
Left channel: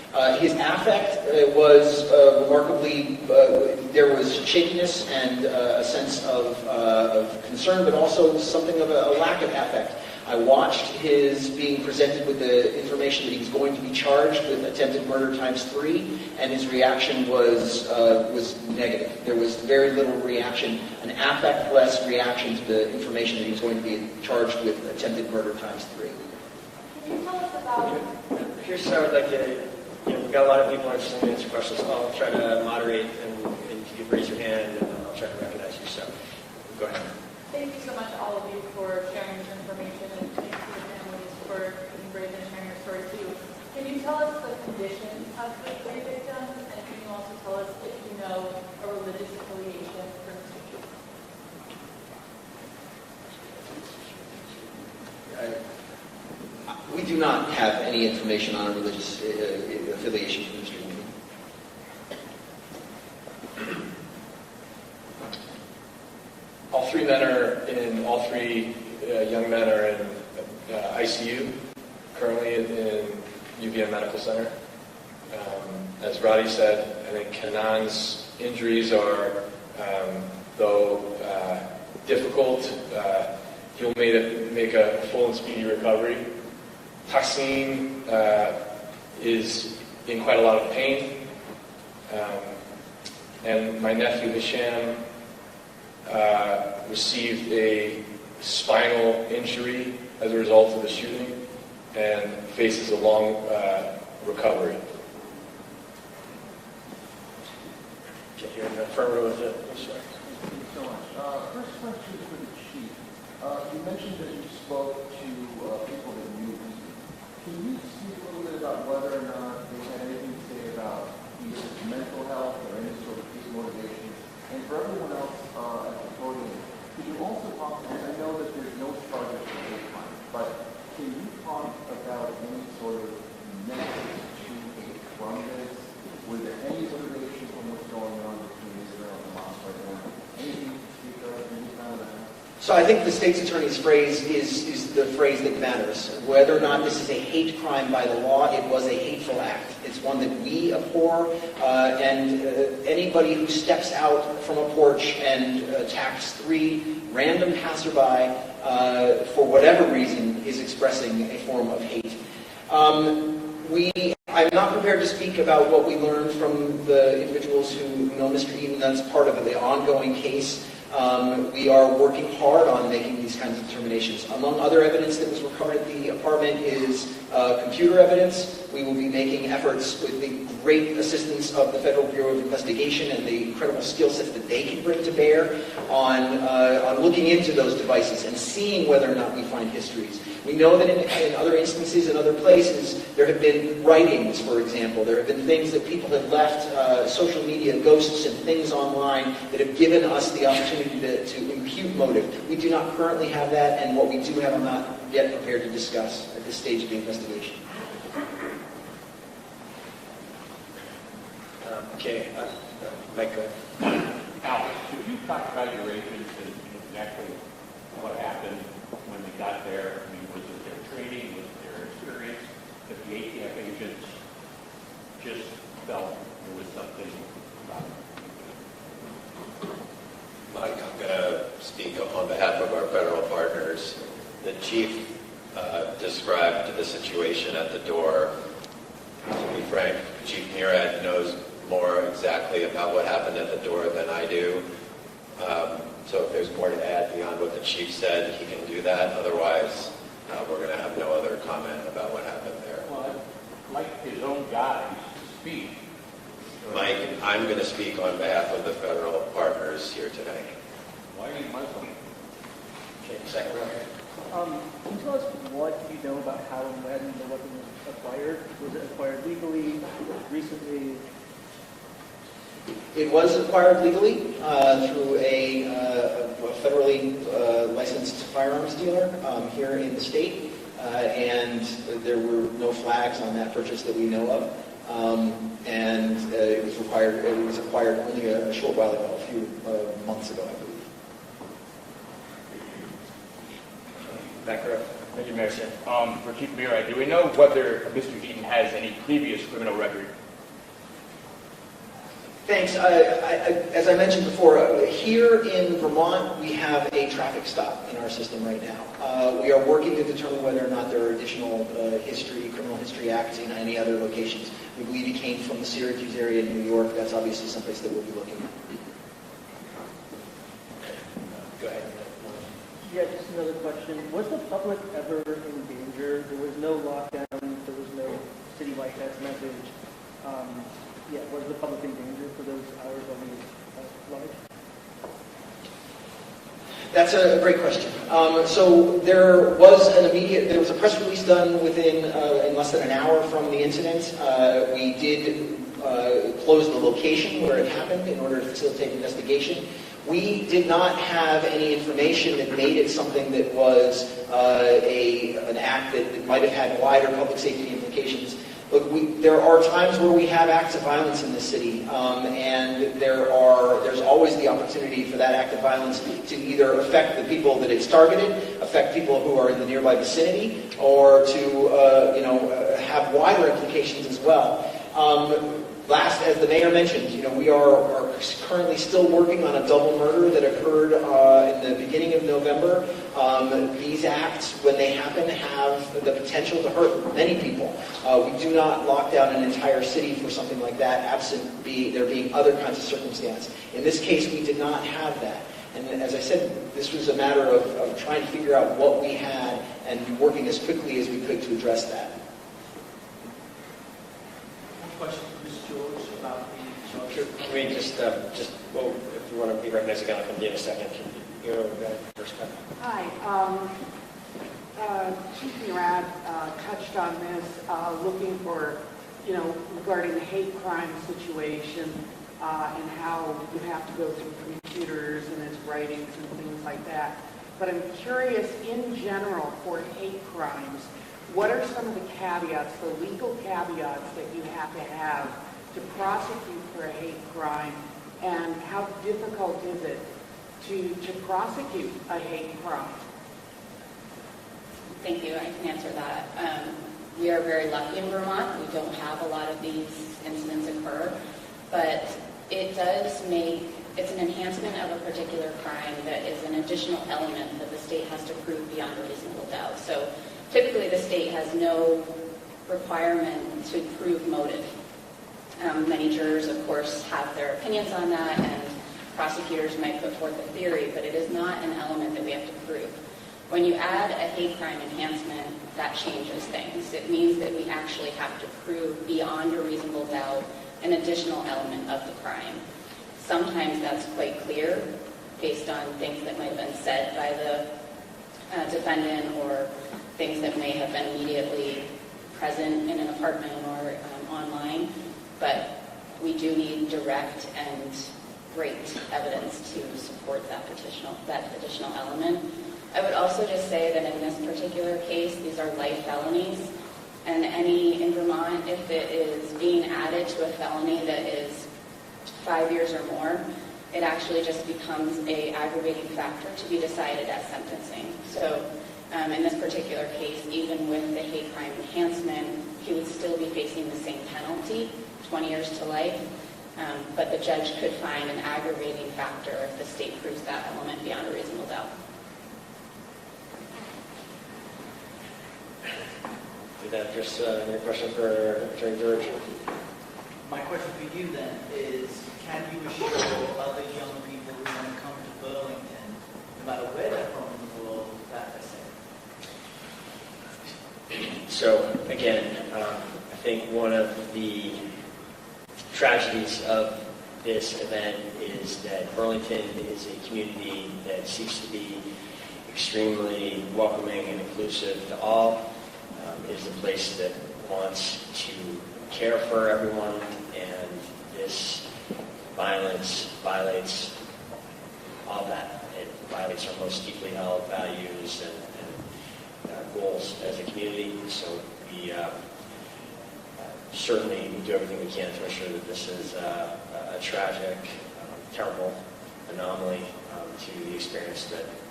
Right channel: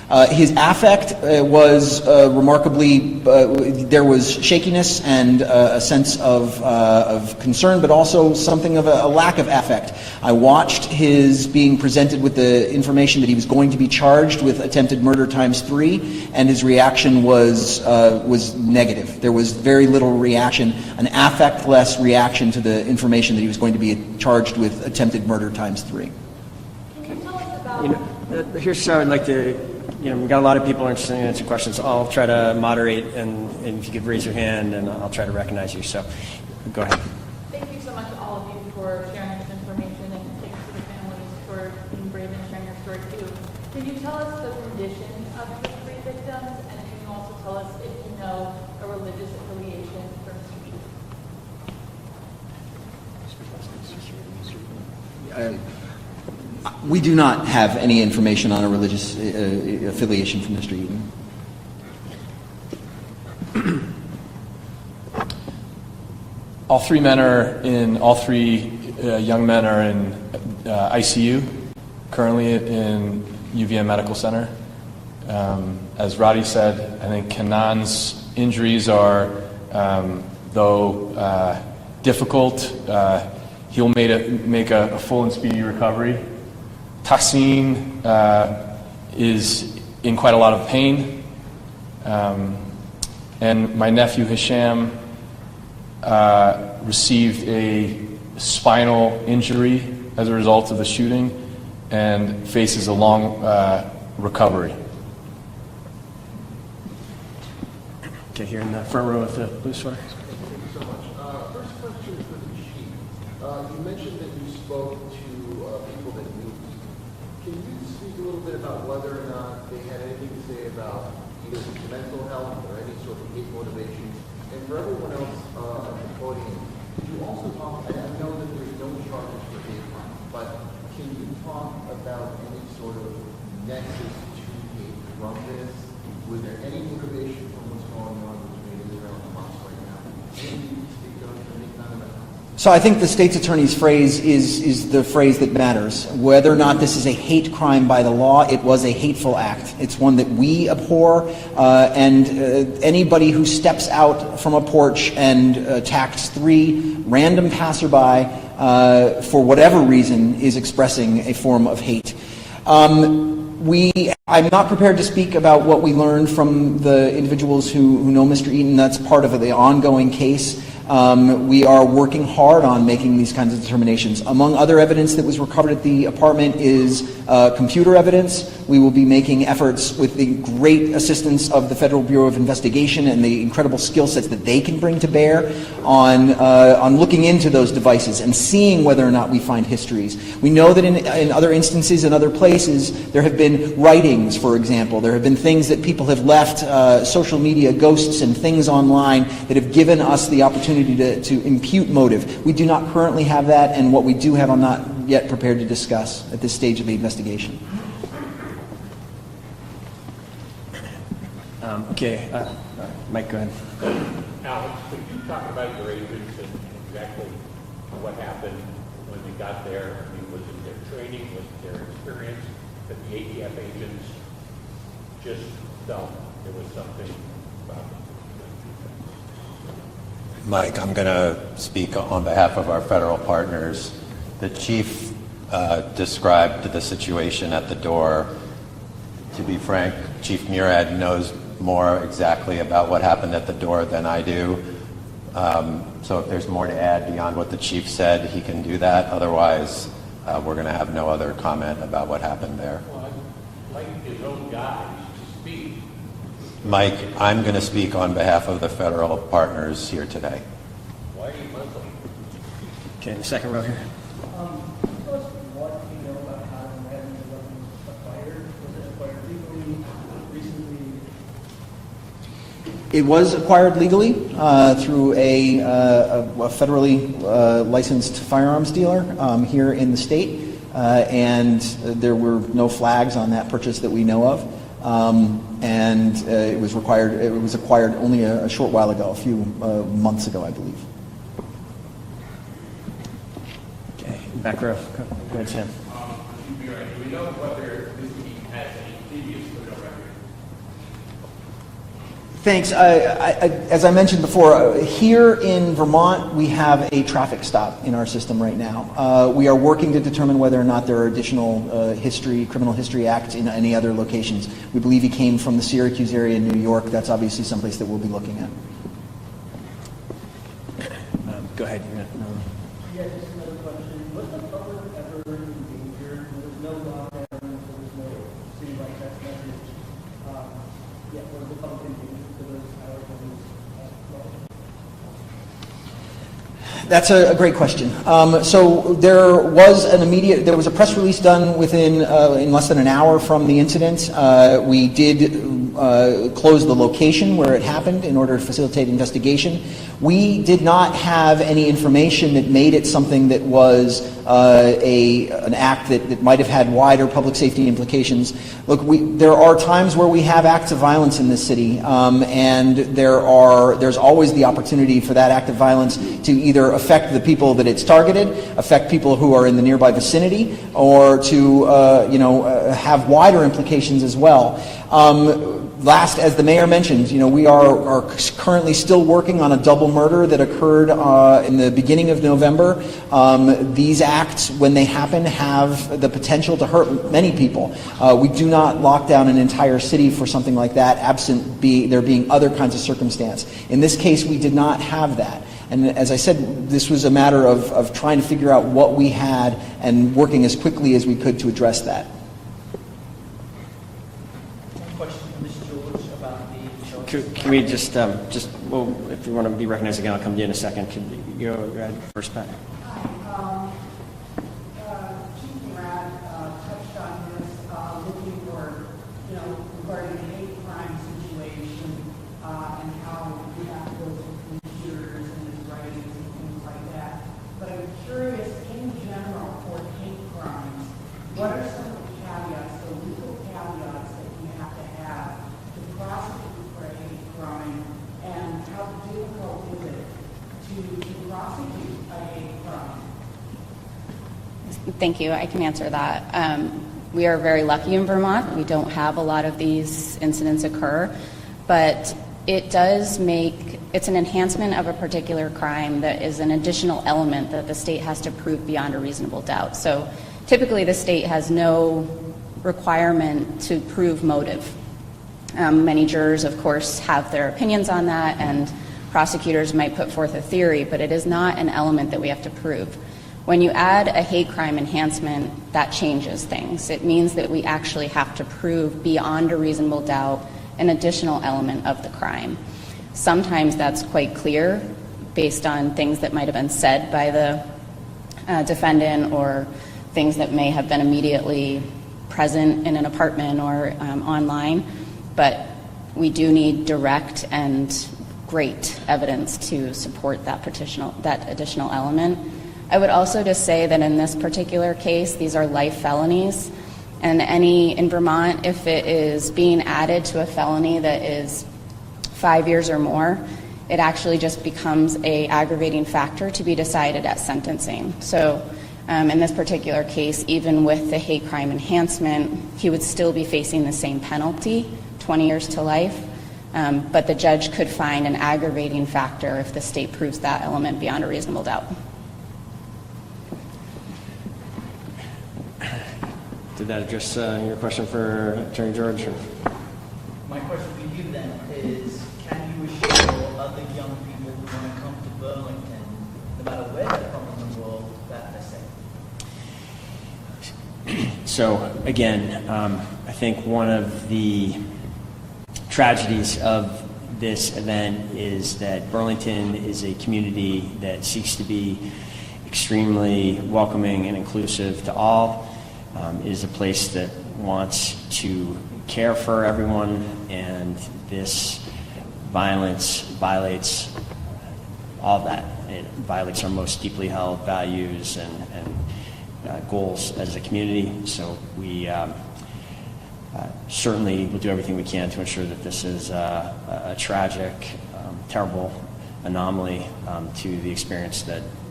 His affect was remarkably, there was shakiness and a sense of concern, but also something of a lack of affect. I watched his being presented with the information that he was going to be charged with attempted murder ×3, and his reaction was negative. There was very little reaction, an affect-less reaction to the information that he was going to be charged with attempted murder ×3. Here's how I'd like to, we've got a lot of people interested in answering questions. I'll try to moderate, and if you could raise your hand, and I'll try to recognize you. So, go ahead. Thank you so much, all of you, for sharing this information, and thanks to the families for being brave and sharing your story too. Can you tell us the condition of the three victims, and can you also tell us if you know a religious affiliation for Mr. Eaton? We do not have any information on a religious affiliation from Mr. Eaton. All three young men are in ICU, currently in UVM Medical Center. As Roddy said, I think Kanan's injuries are, though difficult, he'll make a full and speedy recovery. Tassim is in quite a lot of pain. And my nephew Hisham received a spinal injury as a result of the shooting and faces a long recovery. Okay, here in the front row with the blue sweater. Thank you so much. First question for the chief. You mentioned that you spoke to people that knew. Can you speak a little bit about whether or not they had anything to say about either mental health or any sort of hate motivations? And for everyone else at the podium, can you also talk, and I know that there's no charges for hate crime, but can you talk about any sort of nexus to hate from this? Was there any motivation from what's going on between Israel and Hamas right now? Anything you can speak of, any kind of that? So I think the state's attorney's phrase is the phrase that matters. Whether or not this is a hate crime by the law, it was a hateful act. It's one that we abhor, and anybody who steps out from a porch and attacks 3 random passerby for whatever reason is expressing a form of hate. I'm not prepared to speak about what we learned from the individuals who know Mr. Eaton. That's part of the ongoing case. We are working hard on making these kinds of determinations. Among other evidence that was recovered at the apartment is computer evidence. We will be making efforts with the great assistance of the Federal Bureau of Investigation and the incredible skill sets that they can bring to bear on looking into those devices and seeing whether or not we find histories. We know that in other instances, in other places, there have been writings, for example. There have been things that people have left, social media ghosts and things online that have given us the opportunity to impute motive. We do not currently have that, and what we do have I'm not yet prepared to discuss at this stage of the investigation. Okay, Mike, go ahead. Alex, could you talk about your agents and exactly what happened when we got there? I mean, was it their training, was it their experience, that the ATF agents just felt there was something about them? Mike, I'm going to speak on behalf of our federal partners. The chief described the situation at the door. To be frank, Chief Murad knows more exactly about what happened at the door than I do. So if there's more to add beyond what the chief said, he can do that. Otherwise, we're going to have no other comment about what happened there. Well, I'd like his own guys to speak. Mike, I'm going to speak on behalf of the federal partners here today. Why are you Muslim? Okay, second row here. Can you tell us what you know about how and when the weapon was acquired? Was it acquired legally, recently? It was acquired legally through a federally licensed firearms dealer here in the state, and there were no flags on that purchase that we know of. And it was acquired only a short while ago, a few months ago, I believe. Okay, Back row. Thank you, Mayor. For Chief Bureau, do we know whether Mr. Eaton has any previous criminal record? Thanks. As I mentioned before, here in Vermont, we have a traffic stop in our system right now. We are working to determine whether or not there are additional criminal history acts in any other locations. We believe he came from the Syracuse area in New York. That's obviously someplace that we'll be looking at. Go ahead. Yeah, just another question. Was the public ever injured? There was no lockdown. There was no citywide text message. Yeah, was the public injured for those hours when he was locked? That's a great question. So there was a press release done in less than an hour from the incident. We did close the location where it happened in order to facilitate investigation. We did not have any information that made it something that was an act that might have had wider public safety implications. Look, there are times where we have acts of violence in this city, and there's always the opportunity for that act of violence to either affect the people that it's targeted, affect people who are in the nearby vicinity, or to have wider implications as well. Last, as the mayor mentioned, we are currently still working on a double murder that occurred in the beginning of November. These acts, when they happen, have the potential to hurt many people. We do not lock down an entire city for something like that, absent there being other kinds of circumstance. In this case, we did not have that. And as I said, this was a matter of trying to figure out what we had and working as quickly as we could to address that. Can we just well, if you want to be recognized again, I'll come to you in a second. Can you go ahead first, Pat? Hi. Chief Murat touched on this, looking for, regarding the hate crime situation and how you have to go through computers and its writings and things like that. But I'm curious, in general, for hate crimes, what are some of the caveats, the legal caveats that you have to prosecute for a hate crime, and how difficult is it to prosecute a hate crime? Thank you. I can answer that. We are very lucky in Vermont. We don't have a lot of these incidents occur, but it's an enhancement of a particular crime that is an additional element that the state has to prove beyond a reasonable doubt. So typically the state has no requirement to prove motive. Many jurors, of course, have their opinions on that, and prosecutors might put forth a theory, but it is not an element that we have to prove. When you add a hate crime enhancement, that changes things. It means that we actually have to prove beyond a reasonable doubt an additional element of the crime. Sometimes that's quite clear based on things that might have been said by the defendant or things that may have been immediately present in an apartment or online. But we do need direct and great evidence to support that additional element. I would also just say that in this particular case, these are life felonies, and in Vermont, if it is being added to a felony that is 5 years or more, it actually just becomes an aggravating factor to be decided at sentencing. So in this particular case, even with the hate crime enhancement, he would still be facing the same penalty, 20 years to life, but the judge could find an aggravating factor if the state proves that element beyond a reasonable doubt. Did that address your question for Attorney George? My question for you then is, can you assure other young people who want to come to Burlington, no matter where they're from in the world, that they're safe? So again, I think one of the tragedies of this event is that Burlington is a community that seeks to be extremely welcoming and inclusive to all. Is a place that wants to care for everyone, and this violence violates all of that. It violates our most deeply held values and goals as a community. So we certainly will do everything we can to ensure that this is a tragic, terrible anomaly to the experience that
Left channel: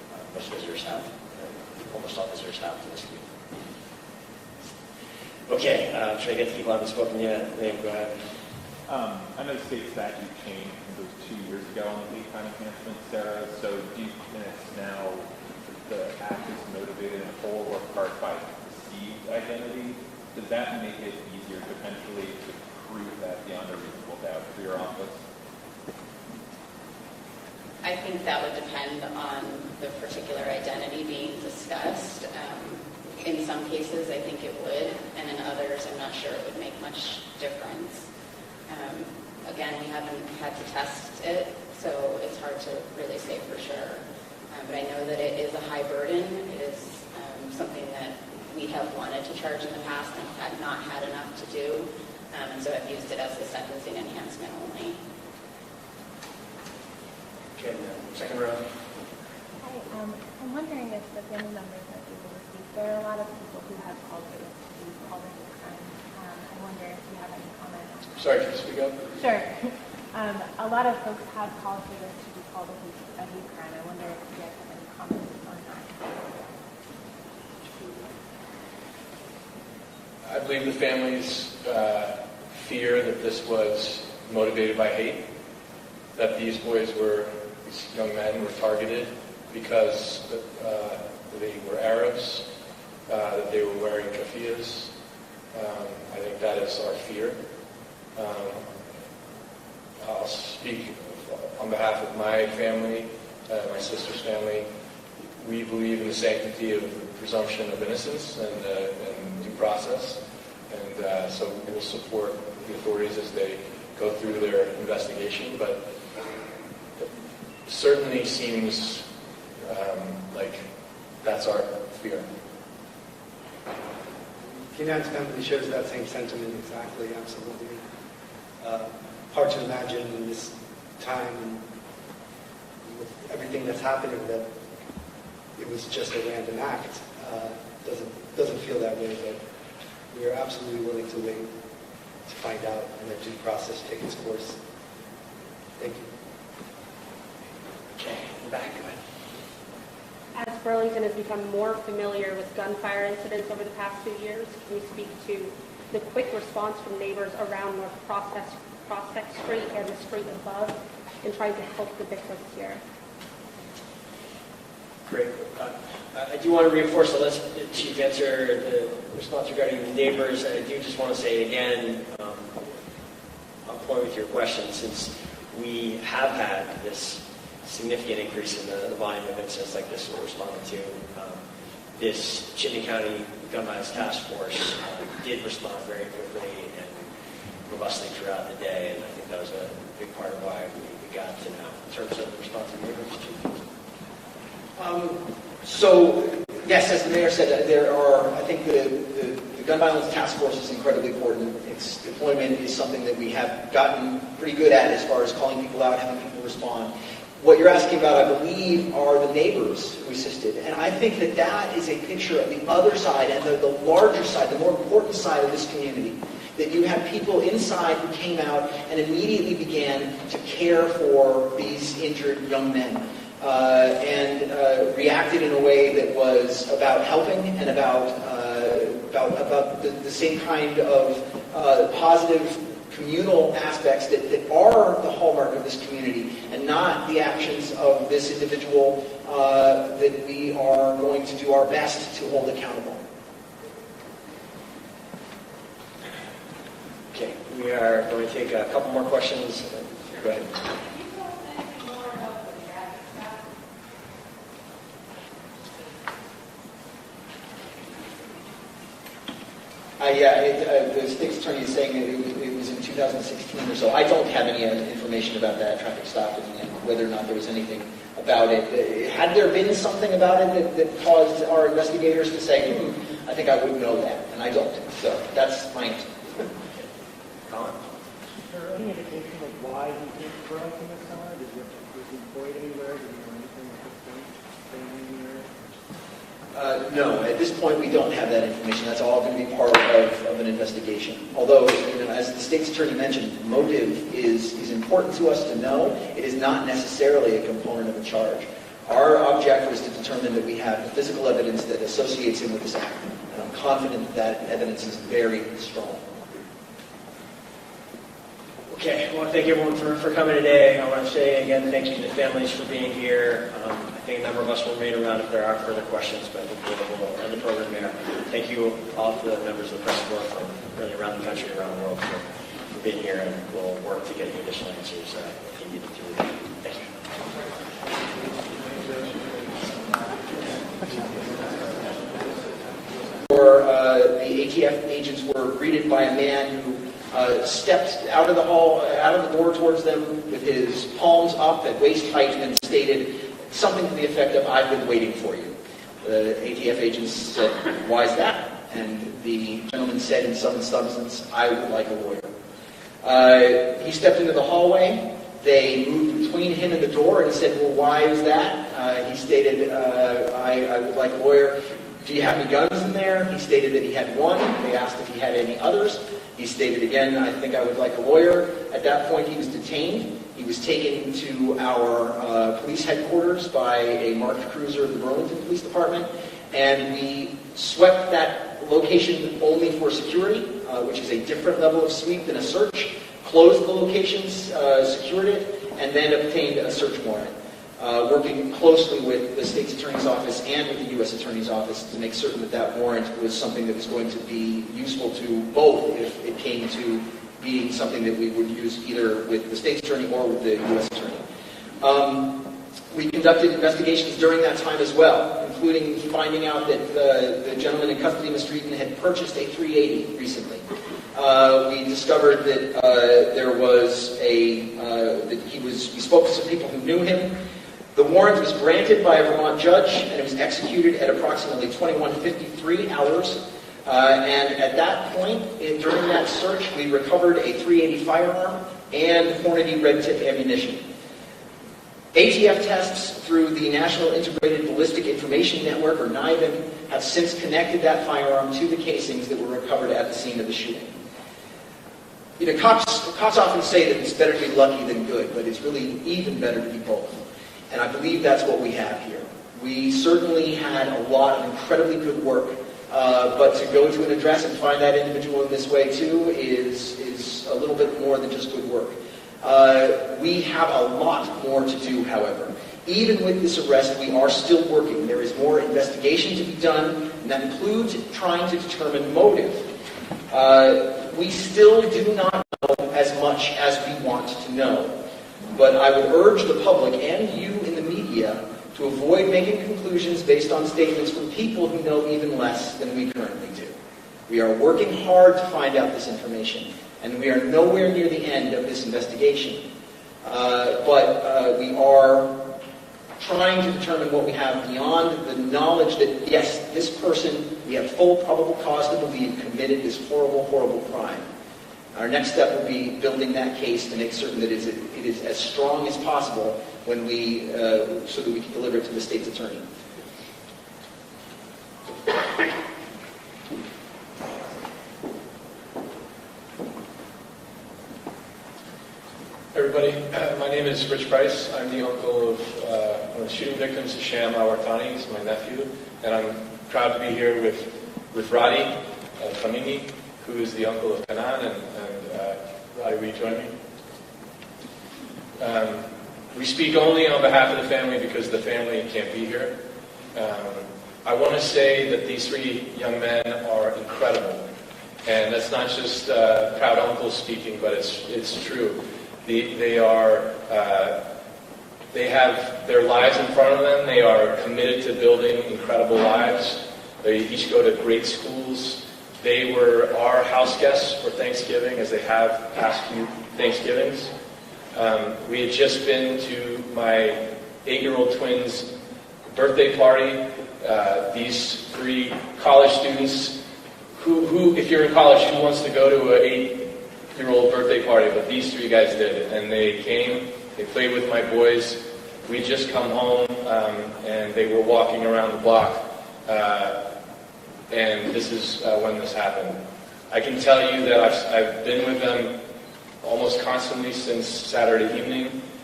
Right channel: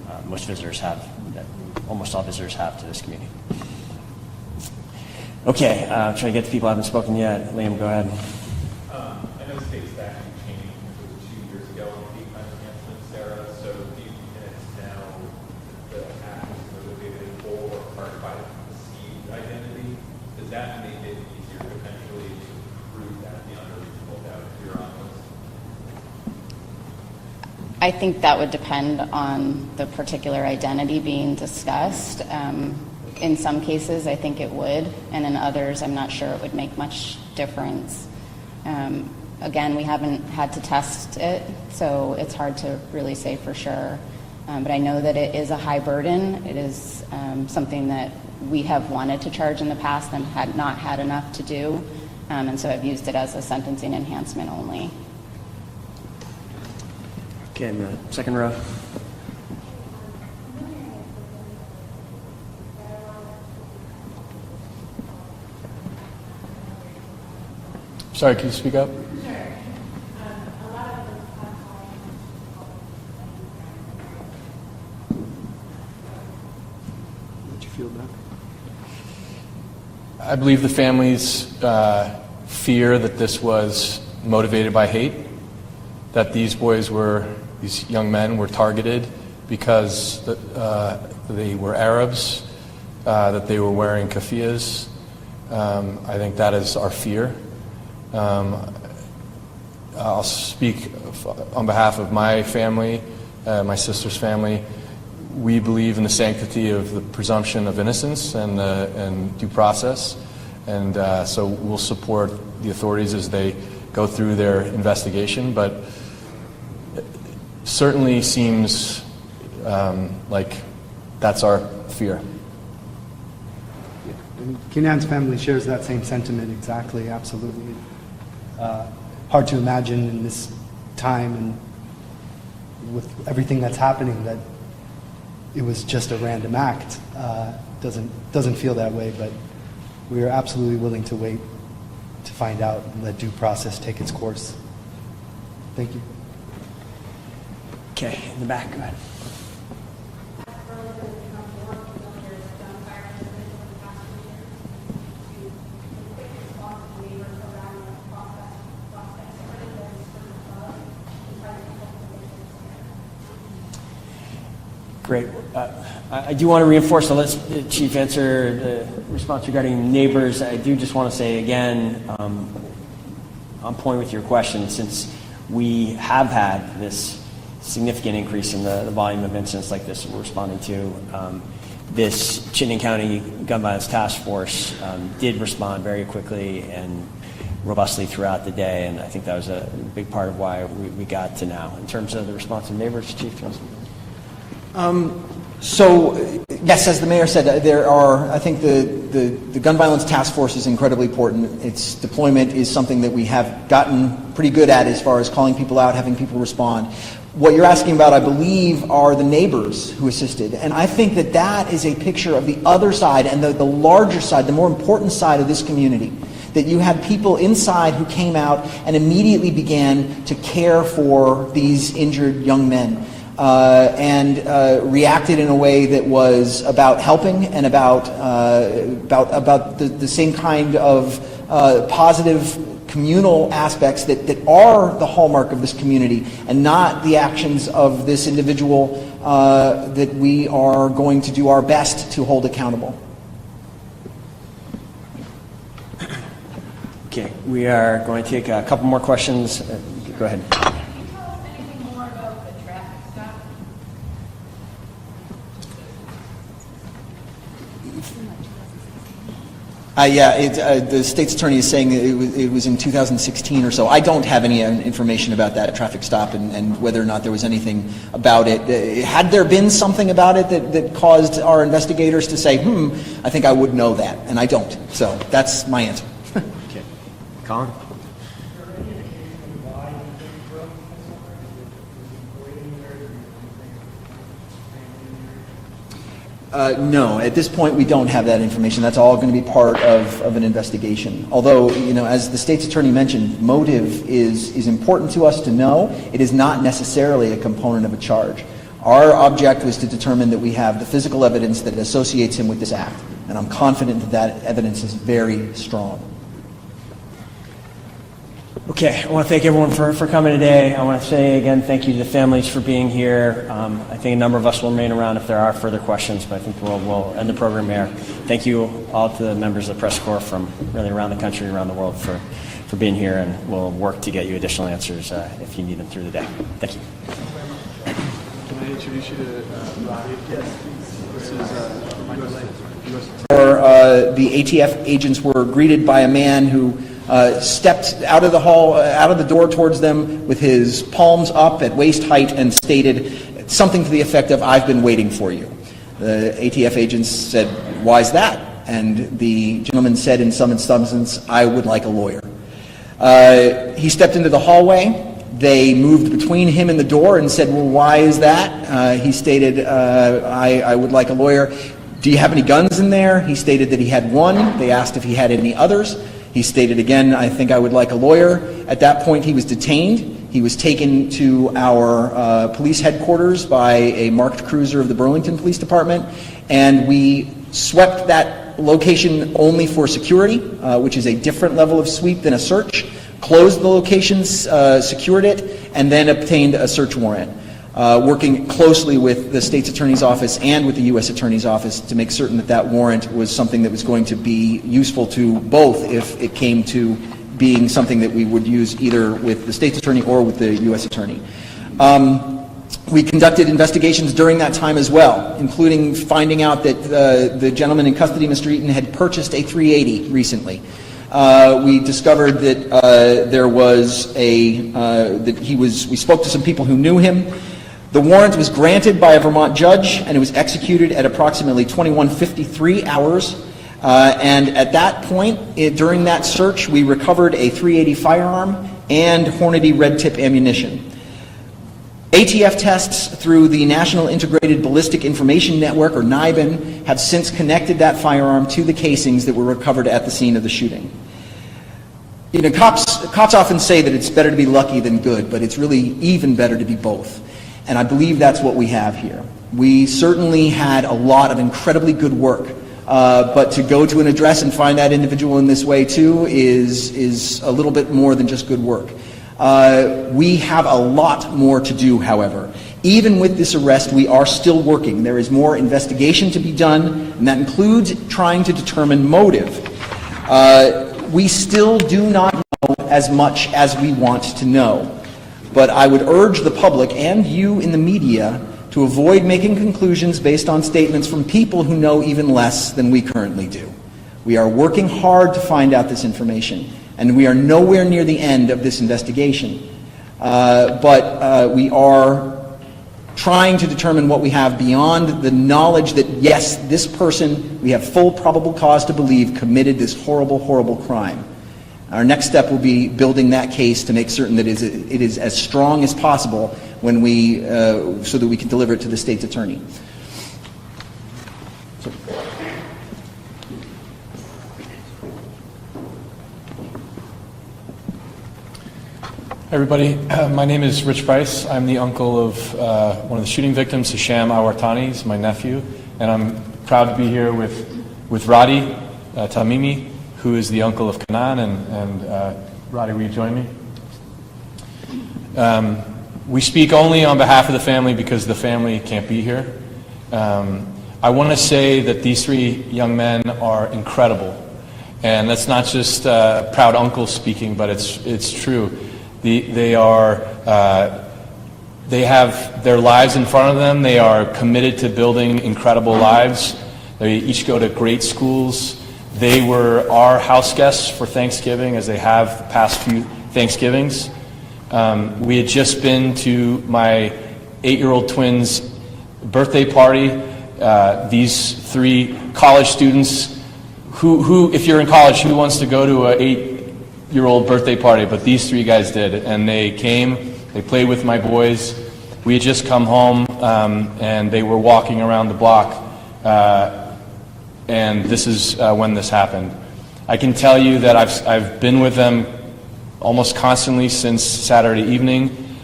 most visitors have, that almost all visitors have to this community. Okay, try to get to people who haven't spoken yet. Liam, go ahead. I know state statute changed, I think it was 2 years ago on hate crime enhancement, Sarah. So do you think it's now the act is motivated in whole or part by perceived identity? Does that make it easier potentially to prove that beyond a reasonable doubt for your office? I think that would depend on the particular identity being discussed. In some cases, I think it would, and in others, I'm not sure it would make much difference. Again, we haven't had to test it, so it's hard to really say for sure. But I know that it is a high burden. It is something that we have wanted to charge in the past and had not had enough to do, and so I've used it as a sentencing enhancement only. Okay, in the second row. I'm wondering if the family members are able to speak. There are a lot of people who have called all the time. I wonder if you have any comment. Sorry, can you speak up? Sure. A lot of folks have called me to call it a hate crime. I wonder if you have any comments on that. Did you feel that? I believe the families fear that this was motivated by hate, that these young men were targeted because they were Arabs, that they were wearing keffiyehs. I think that is our fear. I'll speak on behalf of my family, my sister's family. We believe in the sanctity of the presumption of innocence and due process, and so we'll support the authorities as they go through their investigation, but certainly seems like that's our fear. Kenan's family shares that same sentiment exactly, absolutely. Hard to imagine in this time and with everything that's happening that it was just a random act. Doesn't feel that way, but we are absolutely willing to wait to find out and let due process take its course. Thank you. Okay, in the back, go ahead. As Burlington has become more familiar with gunfire incidents over the past 2 years, can you speak to the quick response from neighbors around North Prospect Street and the street above in trying to help the victims here? Great. I do want to reinforce, so let's Chief answer the response regarding neighbors. I do just want to say again, on point with your question, since we have had this significant increase in the volume of incidents like this we're responding to, this Chittenden County Gun Violence Task Force did respond very quickly and robustly throughout the day, and I think that was a big part of why we got to now. In terms of the response of neighbors, Chief? So, yes, as the mayor said, there are, I think the Gun Violence Task Force is incredibly important. Its deployment is something that we have gotten pretty good at as far as calling people out, having people respond. What you're asking about, I believe, are the neighbors who assisted. And I think that that is a picture of the other side and the larger side, the more important side of this community. That you had people inside who came out and immediately began to care for these injured young men. And reacted in a way that was about helping and about the same kind of positive communal aspects that are the hallmark of this community, and not the actions of this individual that we are going to do our best to hold accountable. Okay, we are going to take a couple more questions. Go ahead. The state's attorney is saying it was in 2016 or so. I don't have any information about that traffic stop and whether or not there was anything about it. Had there been something about it that caused our investigators to say, I think I would know that, and I don't. So that's my answer. Okay. Colin? Is there any indication of why he grew up in the summer? Was he employed anywhere? Did he do things with family? No, at this point we don't have that information. That's all going to be part of an investigation. Although, as the state's attorney mentioned, motive is important to us to know. It is not necessarily a component of a charge. Our object was to determine that we have the physical evidence that associates him with this act, and I'm confident that that evidence is very strong. Okay, I want to thank everyone for coming today. I want to say again thank you to the families for being here. I think a number of us will remain around if there are further questions, but I think we'll end the program here. Thank you all to the members of the press corps from really around the country, around the world for being here, and we'll work to get you additional answers if you need them through the day. Thank you. The ATF agents were greeted by a man who stepped out of the hall, out of the door towards them with his palms up at waist height and stated something to the effect of, "I've been waiting for you." The ATF agents said, "Why is that?" And the gentleman said in some substance, "I would like a lawyer." He stepped into the hallway. They moved between him and the door and said, "Well, why is that?" He stated, I would like a lawyer. "Do you have any guns in there?" He stated that he had one. They asked if he had any others. He stated again, "I think I would like a lawyer." At that point, he was detained. He was taken to our police headquarters by a marked cruiser of the Burlington Police Department, and we swept that location only for security, which is a different level of sweep than a search, closed the locations, secured it, and then obtained a search warrant, working closely with the state's attorney's office and with the U.S. attorney's office to make certain that that warrant was something that was going to be useful to both if it came to being something that we would use either with the state's attorney or with the U.S. attorney. We conducted investigations during that time as well, including finding out that the gentleman in custody, Mr. Eaton, had purchased a 380 recently. We discovered that there was we spoke to some people who knew him. The warrant was granted by a Vermont judge, and it was executed at approximately 21:53 hours. And at that point, during that search, we recovered a .380 firearm and Hornady red tip ammunition. ATF tests through the National Integrated Ballistic Information Network, or NIBIN, have since connected that firearm to the casings that were recovered at the scene of the shooting. You know, cops often say that it's better to be lucky than good, but it's really even better to be both. And I believe that's what we have here. We certainly had a lot of incredibly good work, but to go to an address and find that individual in this way too is a little bit more than just good work. We have a lot more to do, however. Even with this arrest, we are still working. There is more investigation to be done, and that includes trying to determine motive. We still do not know as much as we want to know. But I would urge the public and you in the media to avoid making conclusions based on statements from people who know even less than we currently do. We are working hard to find out this information, and we are nowhere near the end of this investigation. But we are trying to determine what we have beyond the knowledge that, yes, this person, we have full probable cause to believe, committed this horrible, horrible crime. Our next step will be building that case to make certain that it is as strong as possible when so that we can deliver it to the state's attorney. Everybody, my name is Rich Price. I'm the uncle of one of the shooting victims, Hisham Al-Wartani. He's my nephew, and I'm proud to be here with Radi Tamimi, who is the uncle of Kanan, and Radi, will you join me? We speak only on behalf of the family because the family can't be here. I want to say that these three young men are incredible, and that's not just proud uncle speaking, but it's true. They have their lives in front of them. They are committed to building incredible lives. They each go to great schools. They were our house guests for Thanksgiving, as they have the past few Thanksgivings. We had just been to my 8-year-old twins' birthday party. These three college students, who, if you're in college, who wants to go to an 8-year-old birthday party? But these three guys did, and they came. They played with my boys. We had just come home, and they were walking around the block. And this is when this happened. I can tell you that I've been with them almost constantly since Saturday evening.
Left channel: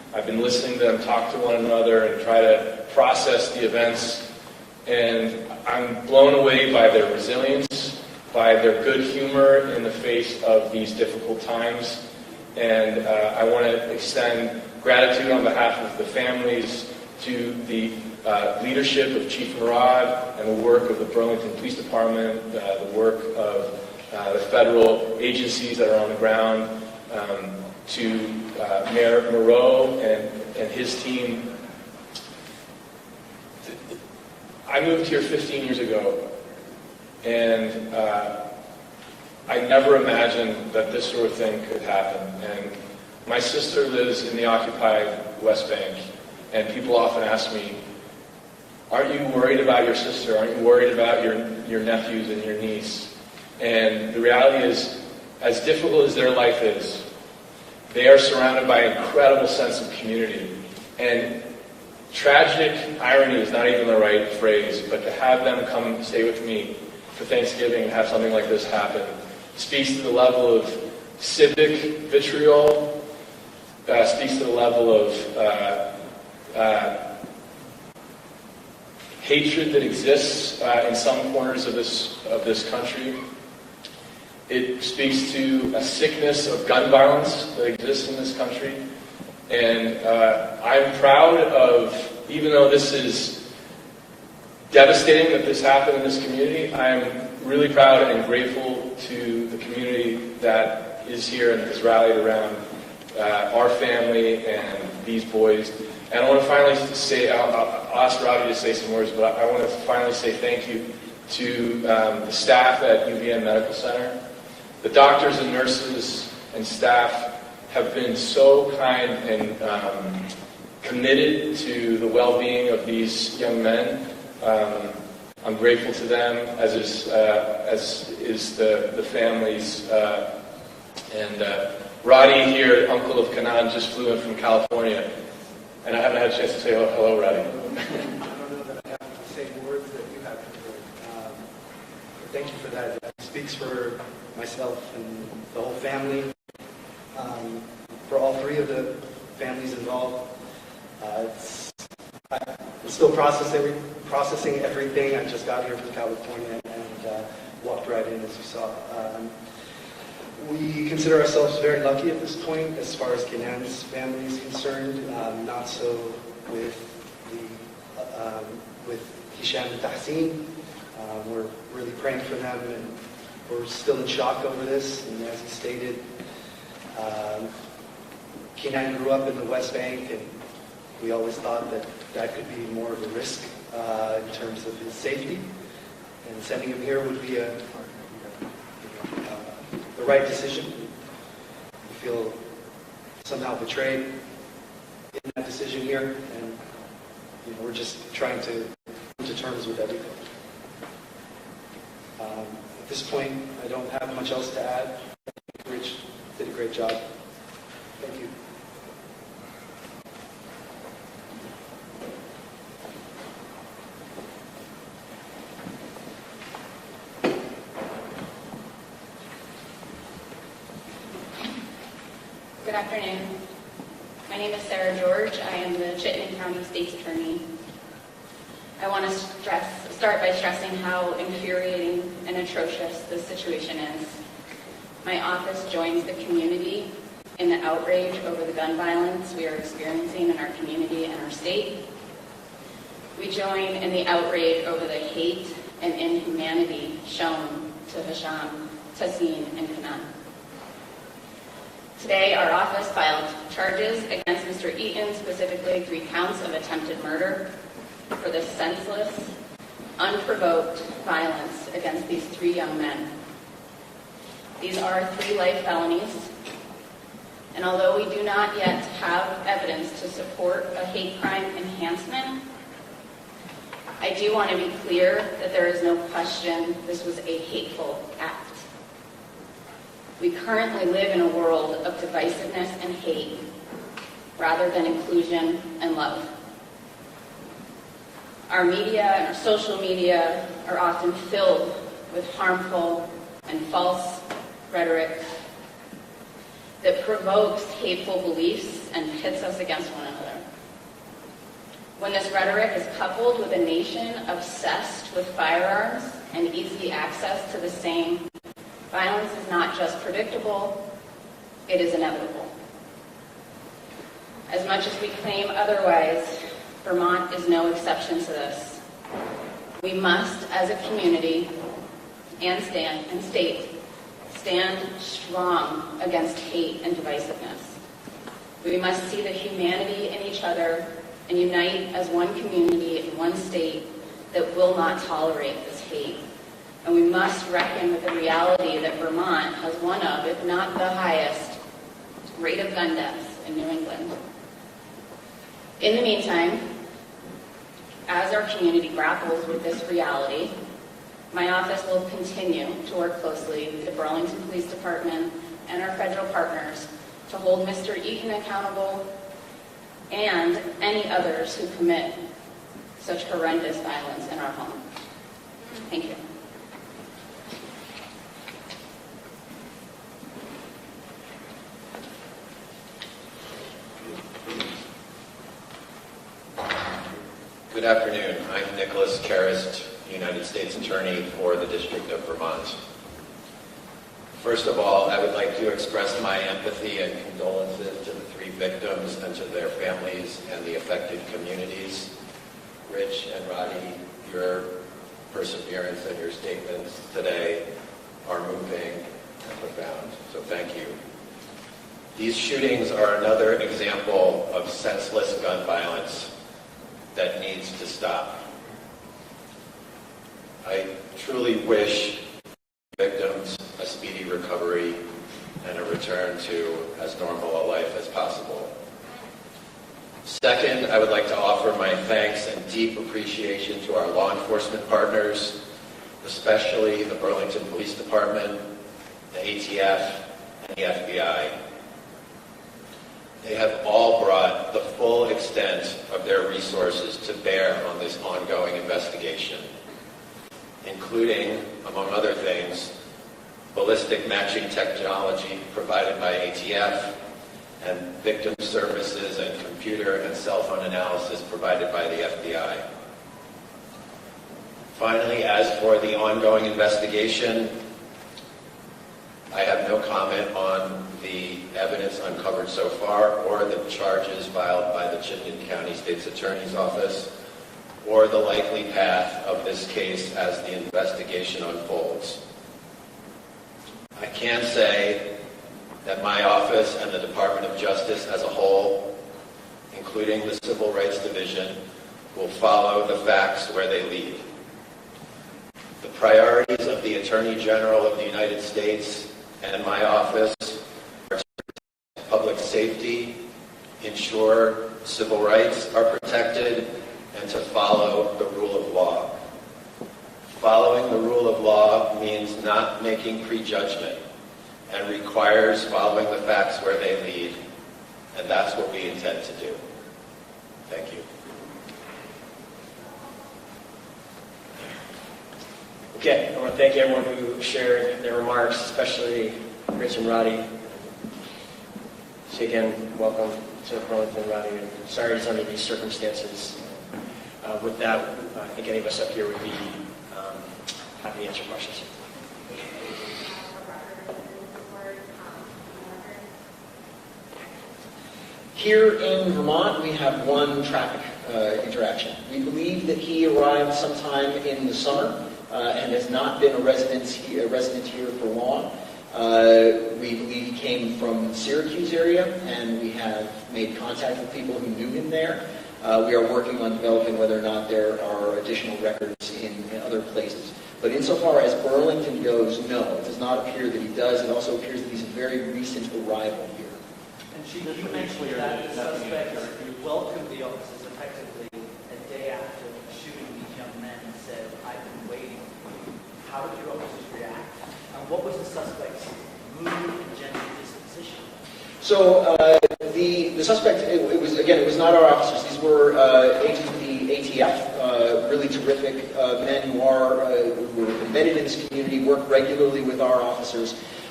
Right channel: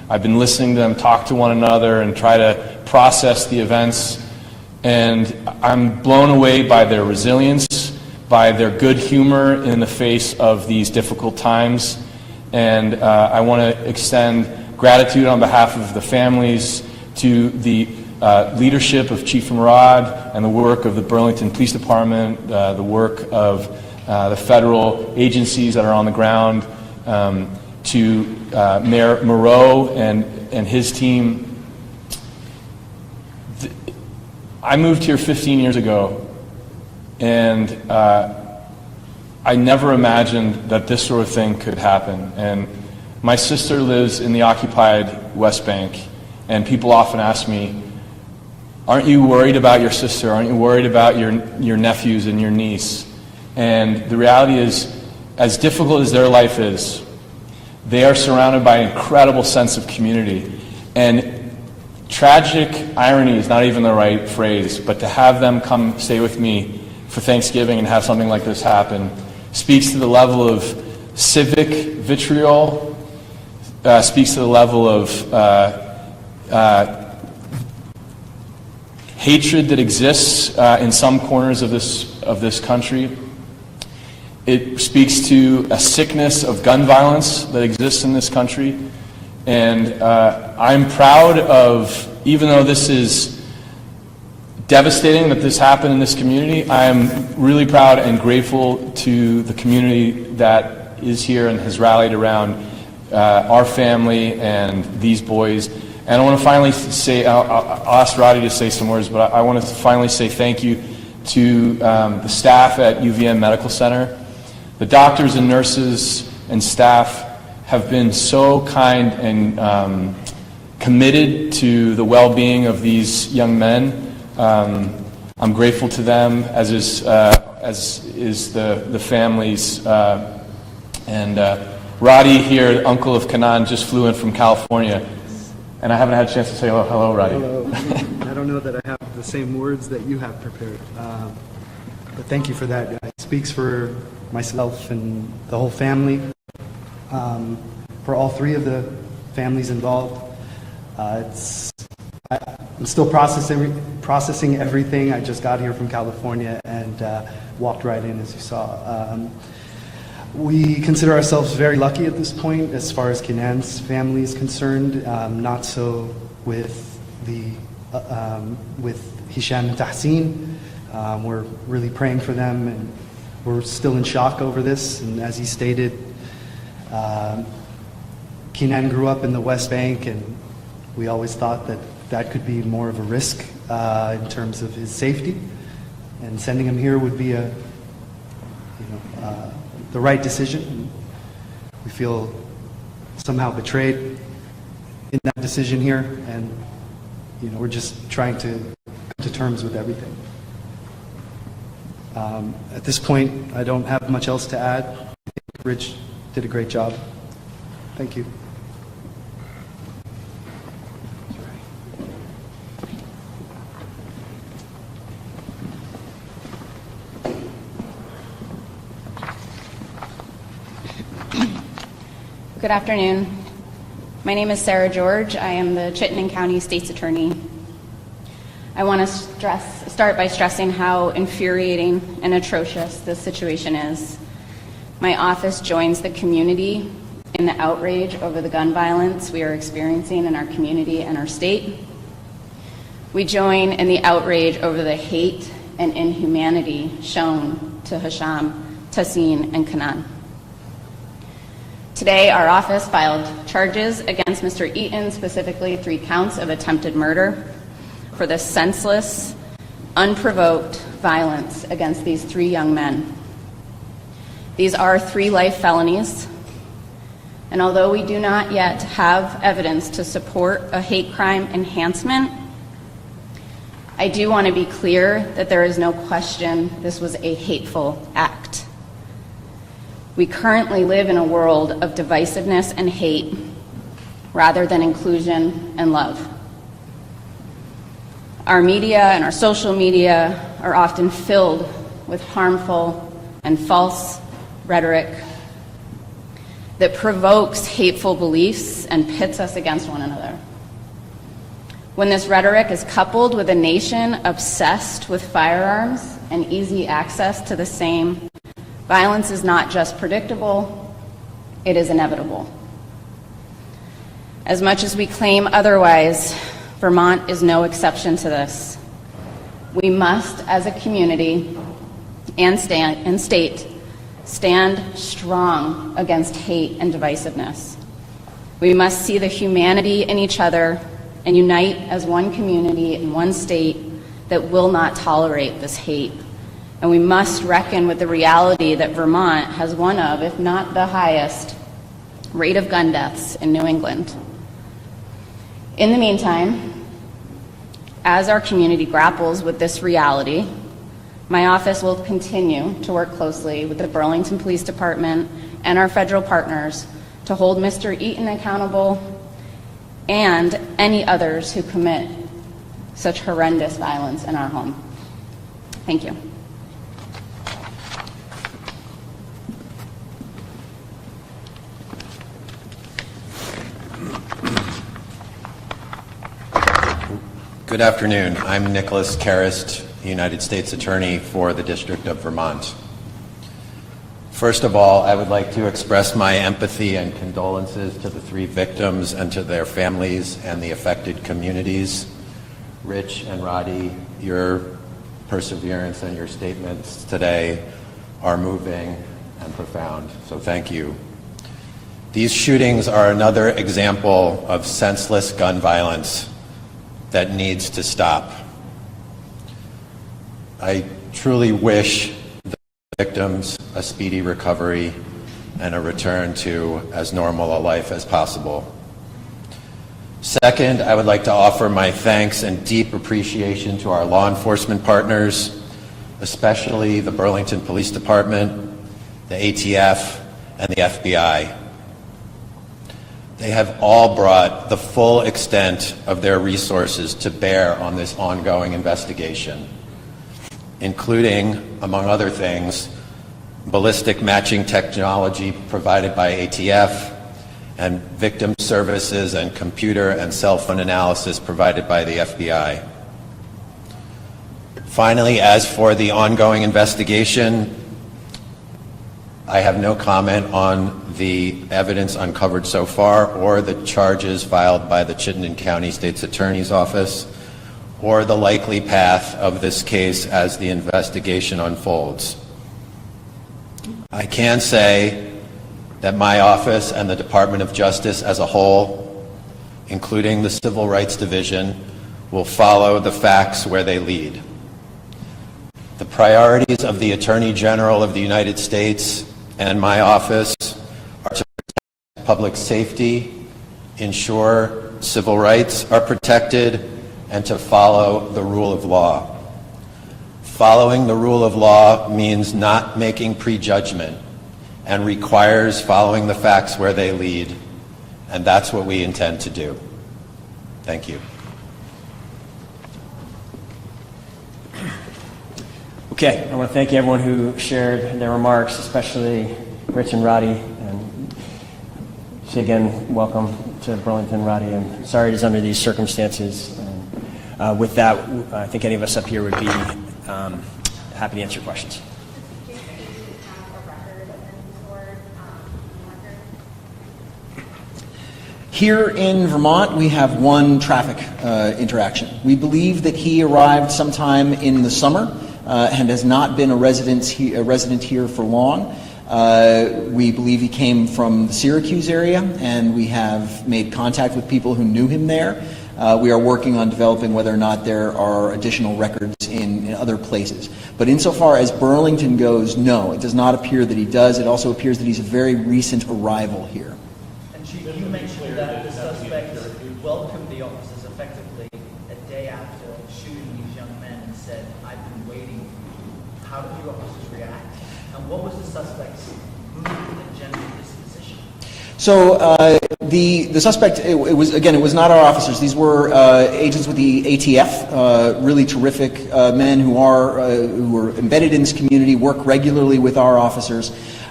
I've been listening to them talk to one another and try to process the events. And I'm blown away by their resilience, by their good humor in the face of these difficult times. And I want to extend gratitude on behalf of the families to the leadership of Chief Murad and the work of the Burlington Police Department, the work of the federal agencies that are on the ground, to Mayor Moreau and his team. I moved here 15 years ago, and I never imagined that this sort of thing could happen. And my sister lives in the occupied West Bank, and people often ask me, aren't you worried about your sister? Aren't you worried about your nephews and your niece? And the reality is, as difficult as their life is, they are surrounded by an incredible sense of community. And tragic irony is not even the right phrase, but to have them come stay with me for Thanksgiving and have something like this happen speaks to the level of civic vitriol, speaks to the level of hatred that exists in some corners of this country. It speaks to a sickness of gun violence that exists in this country. And I'm proud of, even though this is devastating that this happened in this community, I'm really proud and grateful to the community that is here and has rallied around our family and these boys. And I want to finally say, I'll ask Roddy to say some words, but I want to finally say thank you to the staff at UVM Medical Center. The doctors and nurses and staff have been so kind and committed to the well-being of these young men. I'm grateful to them, as is the families. And Roddy here, uncle of Kanan, just flew in from California, and I haven't had a chance to say hello, Roddy. I don't know that I have the same words that you have prepared, but thank you for that. It speaks for myself and the whole family. For all three of the families involved, I'm still processing everything. I just got here from California and walked right in, as you saw. We consider ourselves very lucky at this point as far as Kenan's family is concerned. Not so with Hisham and Tahsin. We're really praying for them, and we're still in shock over this. And as he stated, Kenan grew up in the West Bank, and we always thought that that could be more of a risk in terms of his safety. And sending him here would be the right decision. We feel somehow betrayed in that decision here, and we're just trying to come to terms with everything. At this point, I don't have much else to add. I think Rich did a great job. Thank you. Good afternoon. My name is Sarah George. I am the Chittenden County State's Attorney. I want to start by stressing how infuriating and atrocious this situation is. My office joins the community in the outrage over the gun violence we are experiencing in our community and our state. We join in the outrage over the hate and inhumanity shown to Hisham, Tahsin, and Kanan. Today, our office filed charges against Mr. Eaton, specifically 3 counts of attempted murder, for the senseless, unprovoked violence against these 3 young men. These are 3 life felonies, and although we do not yet have evidence to support a hate crime enhancement, I do want to be clear that there is no question this was a hateful act. We currently live in a world of divisiveness and hate rather than inclusion and love. Our media and our social media are often filled with harmful and false rhetoric. that provokes hateful beliefs and pits us against one another. When this rhetoric is coupled with a nation obsessed with firearms and easy access to the same, violence is not just predictable, it is inevitable. As much as we claim otherwise, Vermont is no exception to this. We must, as a community and state, stand strong against hate and divisiveness. We must see the humanity in each other and unite as one community in one state that will not tolerate this hate. And we must reckon with the reality that Vermont has one of, if not the highest, rate of gun deaths in New England. In the meantime, as our community grapples with this reality, my office will continue to work closely with the Burlington Police Department and our federal partners to hold Mr. Eaton accountable and any others who commit such horrendous violence in our home. Thank you. Good afternoon. I'm Nicholas Karist, United States Attorney for the District of Vermont. First of all, I would like to express my empathy and condolences to the 3 victims and to their families and the affected communities. Rich and Roddy, your perseverance and your statements today are moving and profound, so thank you. These shootings are another example of senseless gun violence that needs to stop. I truly wish the victims a speedy recovery and a return to as normal a life as possible. Second, I would like to offer my thanks and deep appreciation to our law enforcement partners, especially the Burlington Police Department, the ATF, and the FBI. They have all brought the full extent of their resources to bear on this ongoing investigation, including, among other things, ballistic matching technology provided by ATF and victim services and computer and cell phone analysis provided by the FBI. Finally, as for the ongoing investigation, I have no comment on the evidence uncovered so far or the charges filed by the Chittenden County State's Attorney's Office or the likely path of this case as the investigation unfolds. I can say that my office and the Department of Justice as a whole, including the Civil Rights Division, will follow the facts where they lead. The priorities of the Attorney General of the United States and my office are to protect public safety, ensure civil rights are protected, and to follow the rule of law. Following the rule of law means not making prejudgment and requires following the facts where they lead, and that's what we intend to do. Thank you. Okay, I want to thank everyone who shared their remarks, especially Rich and Roddy. And say again, welcome to Burlington, Roddy, and sorry it's under these circumstances. With that, I think any of us up here would be happy to answer questions. Here in Vermont, we have one traffic interaction. We believe that he arrived sometime in the summer and has not been a resident here for long. We believe he came from the Syracuse area, and we have made contact with people who knew him there. We are working on developing whether or not there are additional records in other places. But insofar as Burlington goes, no, it does not appear that he does. It also appears that he's a very recent arrival here. And Chief, you mentioned that the suspects welcomed the officers effectively a day after shooting these young men and said, "I've been waiting for you." How did your officers react? And what was the suspect's mood and general disposition? So the suspect, it was not our officers. These were agents with the ATF, really terrific men who are embedded in this community, work regularly with our officers.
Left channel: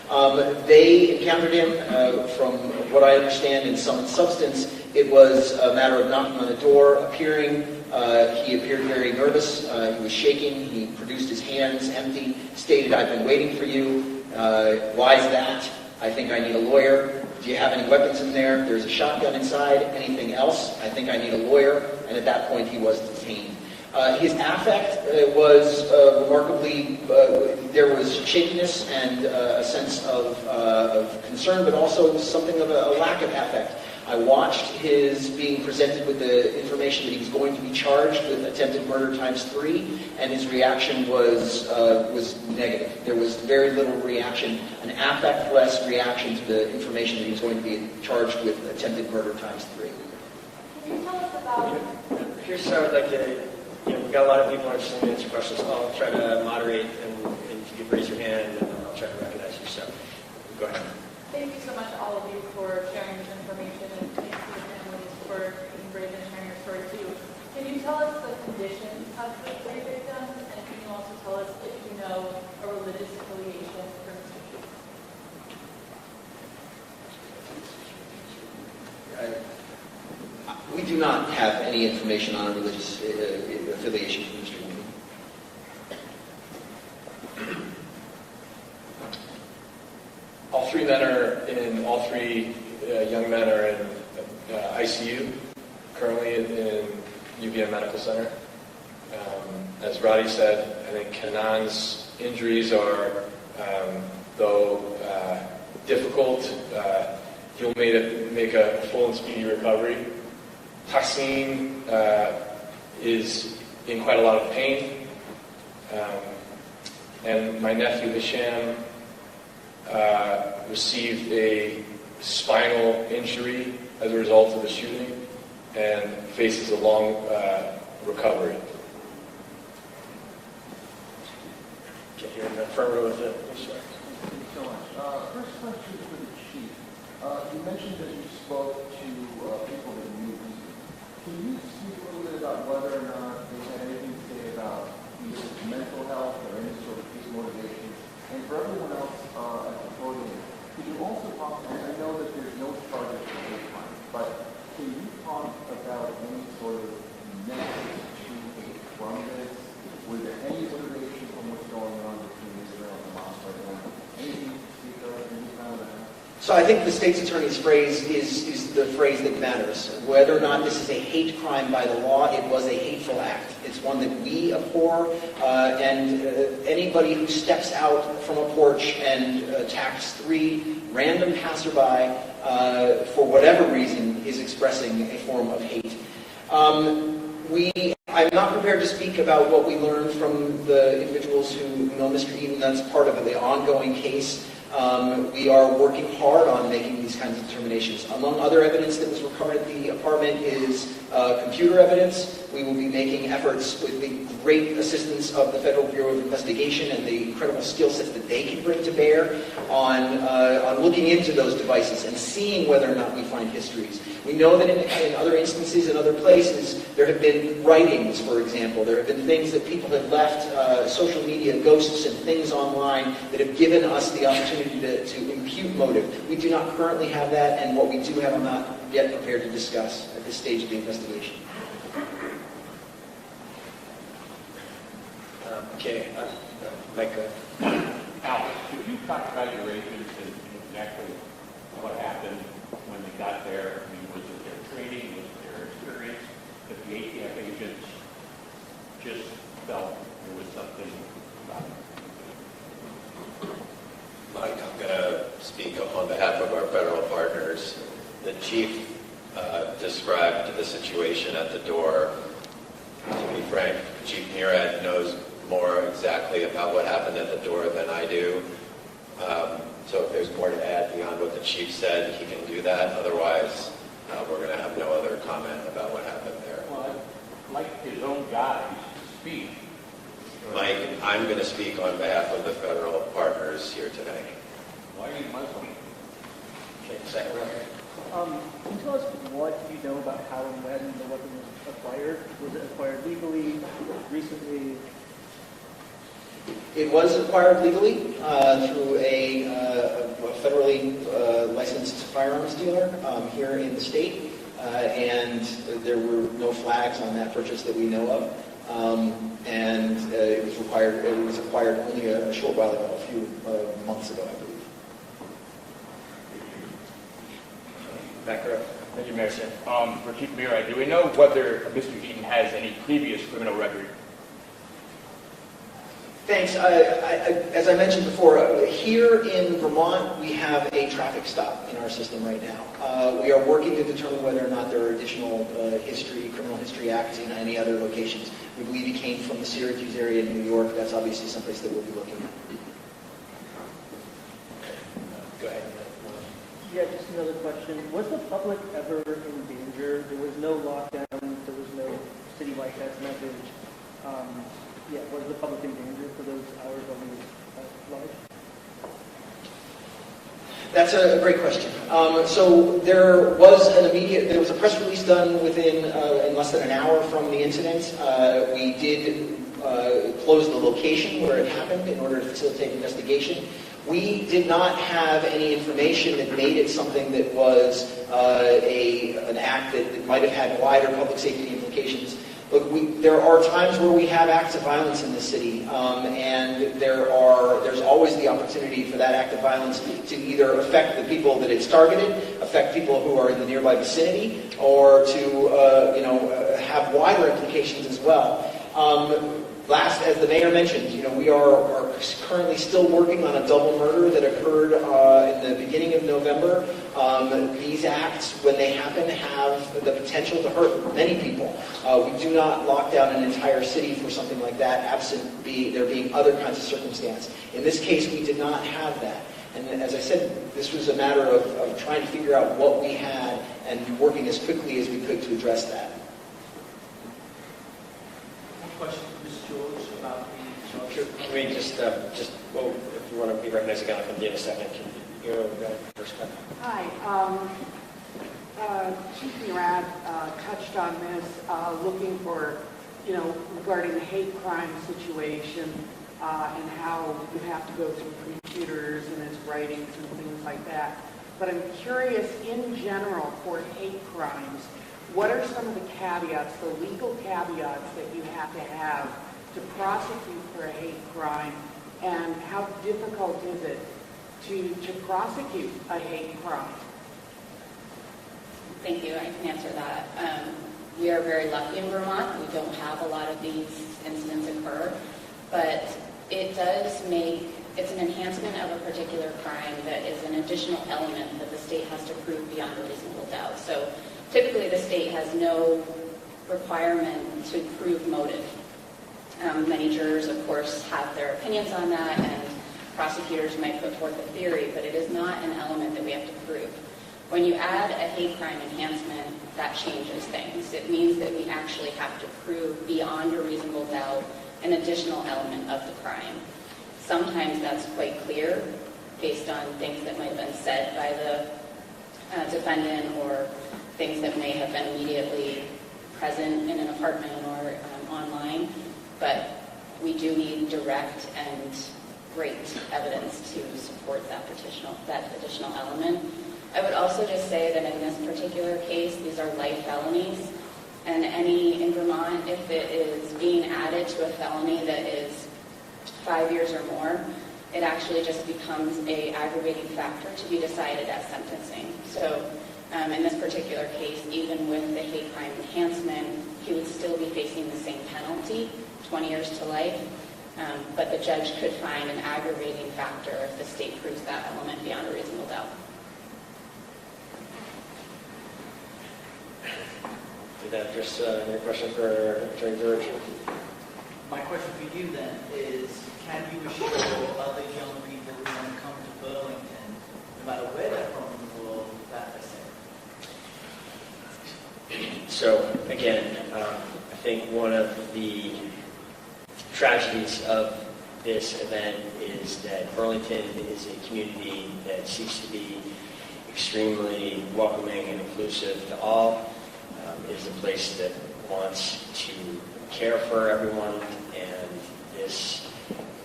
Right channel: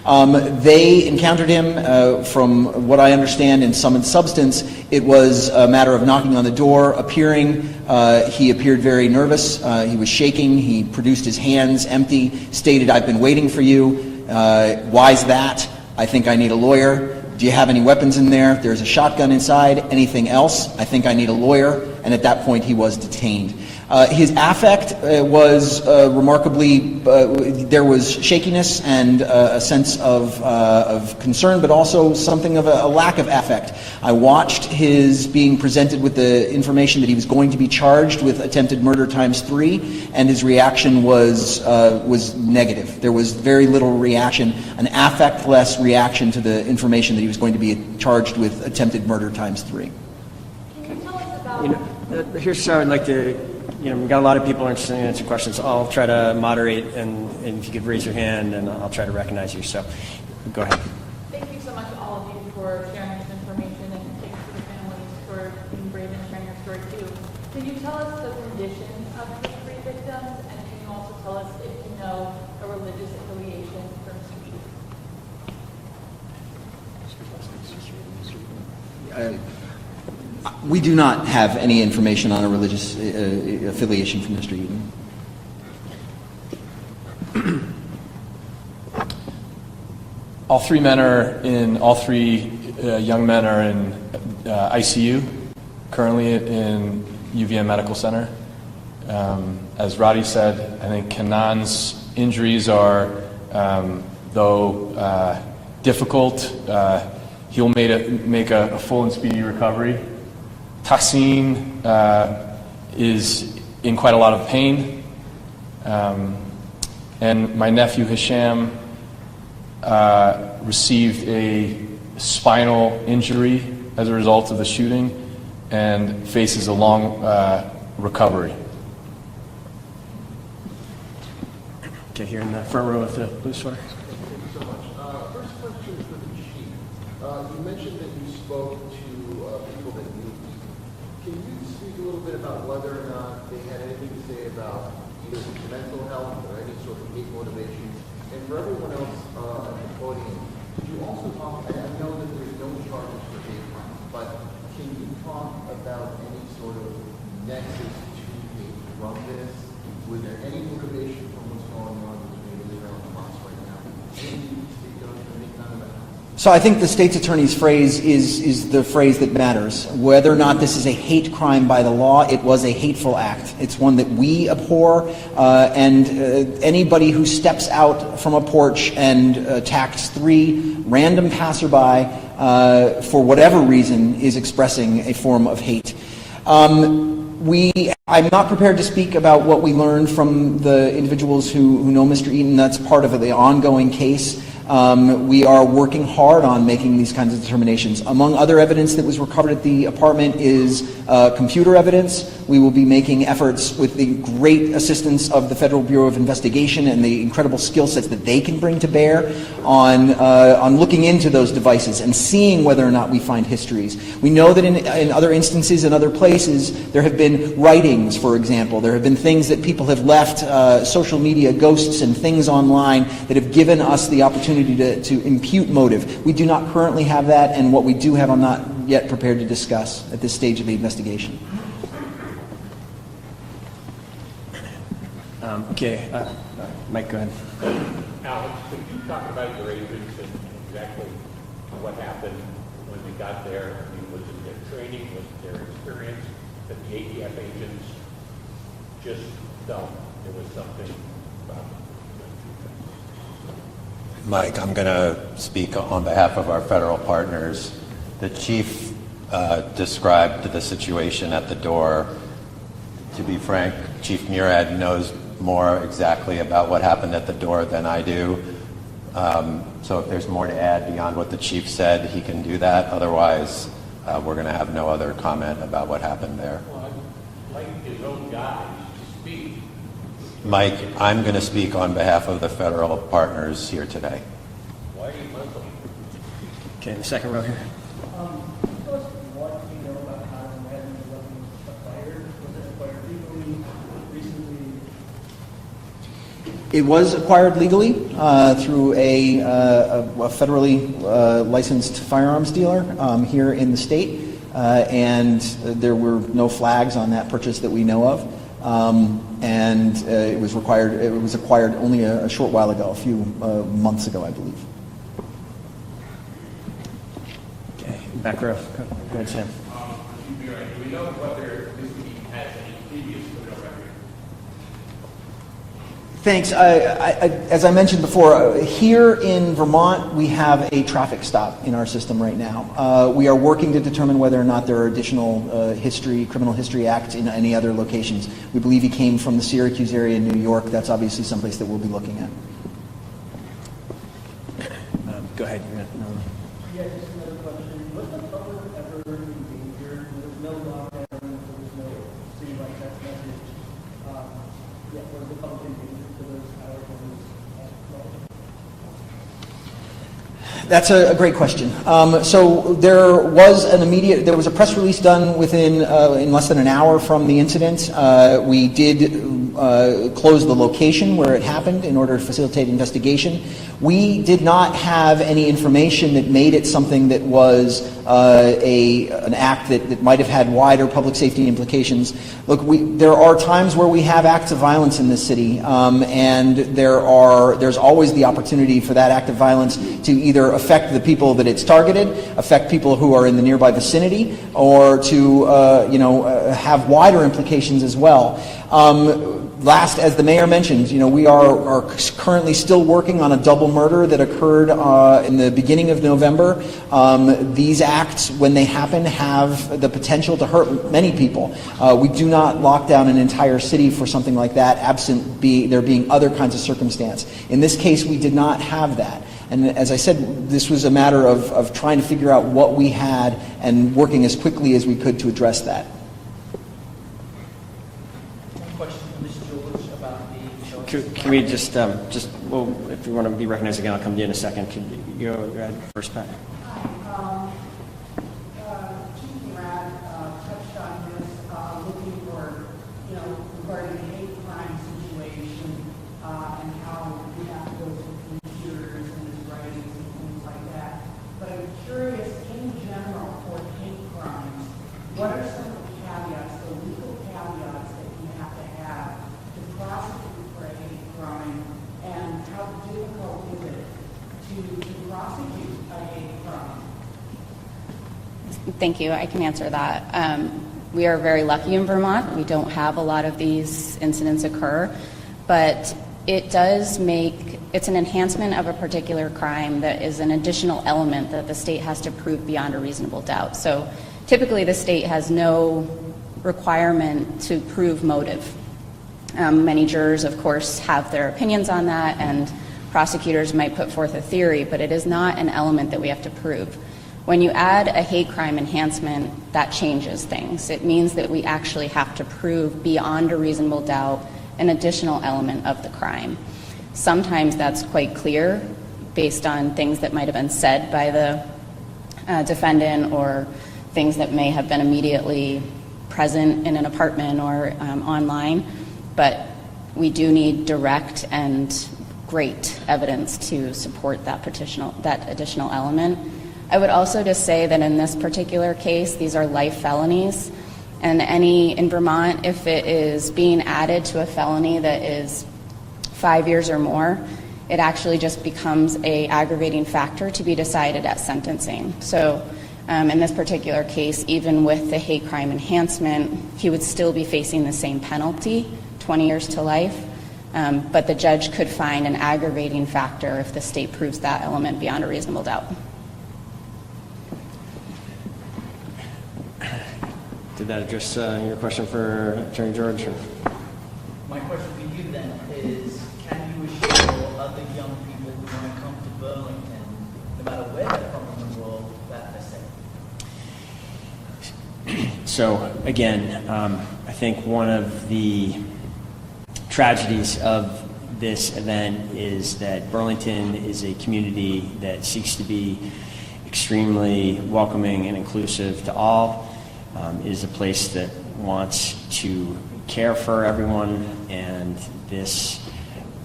They encountered him, from what I understand, in sum and substance. It was a matter of knocking on the door, appearing. He appeared very nervous. He was shaking. He produced his hands empty, stated, "I've been waiting for you. Why's that? I think I need a lawyer. Do you have any weapons in there? There's a shotgun inside. Anything else? I think I need a lawyer." And at that point, he was detained. His affect was remarkably, there was shakiness and a sense of concern, but also something of a lack of affect. I watched his being presented with the information that he was going to be charged with attempted murder ×3, and his reaction was negative. There was very little reaction, an affect-less reaction to the information that he was going to be charged with attempted murder ×3. Here's how I'd like to, we've got a lot of people interested in answering questions. I'll try to moderate, and if you could raise your hand, and I'll try to recognize you. So, go ahead. Thank you so much, all of you, for sharing this information, and thanks to your families for being brave and sharing your story too. Can you tell us the condition of the three victims, and can you also tell us if you know a religious affiliation for Mr. Chief? We do not have any information on a religious affiliation from Mr. Eden. All three young men are in ICU, currently in UVM Medical Center. As Roddy said, I think Kanan's injuries are, though difficult, he'll make a full and speedy recovery. Tassim is in quite a lot of pain. And my nephew Hisham received a spinal injury as a result of the shooting and faces a long recovery. Okay, here in the front row with the blue sweater. Thank you so much. First question for the chief. You mentioned that you spoke to people that knew. Can you speak a little bit about whether or not they had anything to say about either mental health or any sort of hate motivation? And for everyone else at the podium, could you also talk, and I know that there's no charges for hate crimes, but can you talk about any sort of nexus to hate from this? Was there any motivation from what's going on between Israel and Hamas right now? Anything you can speak of, any kind of that? So I think the state's attorney's phrase is the phrase that matters. Whether or not this is a hate crime by the law, it was a hateful act. It's one that we abhor, and anybody who steps out from a porch and attacks 3 random passerby for whatever reason is expressing a form of hate. I'm not prepared to speak about what we learned from the individuals who know Mr. Eaton. That's part of the ongoing case. We are working hard on making these kinds of determinations. Among other evidence that was recovered at the apartment is computer evidence. We will be making efforts with the great assistance of the Federal Bureau of Investigation and the incredible skill sets that they can bring to bear on looking into those devices and seeing whether or not we find histories. We know that in other instances, in other places, there have been writings, for example. There have been things that people have left, social media ghosts and things online that have given us the opportunity to impute motive. We do not currently have that, and what we do have I'm not yet prepared to discuss at this stage of the investigation. Okay, Mike, go ahead. Alex, could you talk about your agents and exactly what happened when we got there? I mean, was it their training, was it their experience, that the ATF agents just felt there was something about it? Mike, I'm going to speak on behalf of our federal partners. The chief described the situation at the door. To be frank, Chief Murad knows more exactly about what happened at the door than I do. So if there's more to add beyond what the chief said, he can do that. Otherwise, we're going to have no other comment about what happened there. Well, I'd like his own guys to speak. Mike, I'm going to speak on behalf of the federal partners here today. Why are you Muslim? Okay, second row here. Can you tell us what you know about how and when the weapon was acquired? Was it acquired legally, recently? It was acquired legally through a federally licensed firearms dealer here in the state, and there were no flags on that purchase that we know of. And it was acquired only a short while ago, a few months ago, I believe. Okay, back row. For Chief Mira, do we know whether Mr. Eaton has any previous criminal record? Thanks. As I mentioned before, here in Vermont, we have a traffic stop in our system right now. We are working to determine whether or not there are additional criminal history acts in any other locations. We believe he came from the Syracuse area in New York. That's obviously someplace that we'll be looking at. Go ahead. Yeah, just another question. Was the public ever injured? There was no lockdown. There was no citywide text message. What is the public injured for those hours when it was That's a great question. So there was a press release done in less than an hour from the incident. We did close the location where it happened in order to facilitate investigation. We did not have any information that made it something that was an act that might have had wider public safety implications. Look, there are times where we have acts of violence in this city, and there's always the opportunity for that act of violence to either affect the people that it's targeted, affect people who are in the nearby vicinity, or to have wider implications as well. Last, as the mayor mentioned, we are currently still working on a double murder that occurred in the beginning of November. These acts, when they happen, have the potential to hurt many people. We do not lock down an entire city for something like that, absent there being other kinds of circumstance. In this case, we did not have that. And as I said, this was a matter of trying to figure out what we had and working as quickly as we could to address that. Can we just well, if you want to be recognized again, I'll come to you in a second. Can you go ahead first, Pat? Hi. Chief Murat touched on this, looking for, regarding the hate crime situation and how you have to go through computers and his writings and things like that. But I'm curious, in general, for hate crimes, what are some of the caveats, the legal caveats that you have to prosecute for a hate crime, and how difficult is it to prosecute a hate crime? Thank you. I can answer that. We are very lucky in Vermont. We don't have a lot of these incidents occur, but it's an enhancement of a particular crime that is an additional element that the state has to prove beyond a reasonable doubt. So typically the state has no requirement to prove motive. Many jurors, of course, have their opinions on that, and prosecutors might put forth a theory, but it is not an element that we have to prove. When you add a hate crime enhancement, that changes things. It means that we actually have to prove beyond a reasonable doubt an additional element of the crime. Sometimes that's quite clear based on things that might have been said by the defendant, or things that may have been immediately present in an apartment or online. But we do need direct and great evidence to support that additional element. I would also just say that in this particular case, these are life felonies, and in Vermont, if it is being added to a felony that is 5 years or more, it actually just becomes an aggravating factor to be decided at sentencing. So in this particular case, even with the hate crime enhancement, he would still be facing the same penalty, 20 years to life, but the judge could find an aggravating factor if the state proves that element beyond a reasonable doubt. Did that address your question for Attorney George? My question to you then is, can you assure other young people who want to come to Burlington, no matter where they're from in the world, that they're safe? So again, I think one of the tragedies of this event is that Burlington is a community that seeks to be extremely welcoming and inclusive to all. Is a place that wants to care for everyone, and this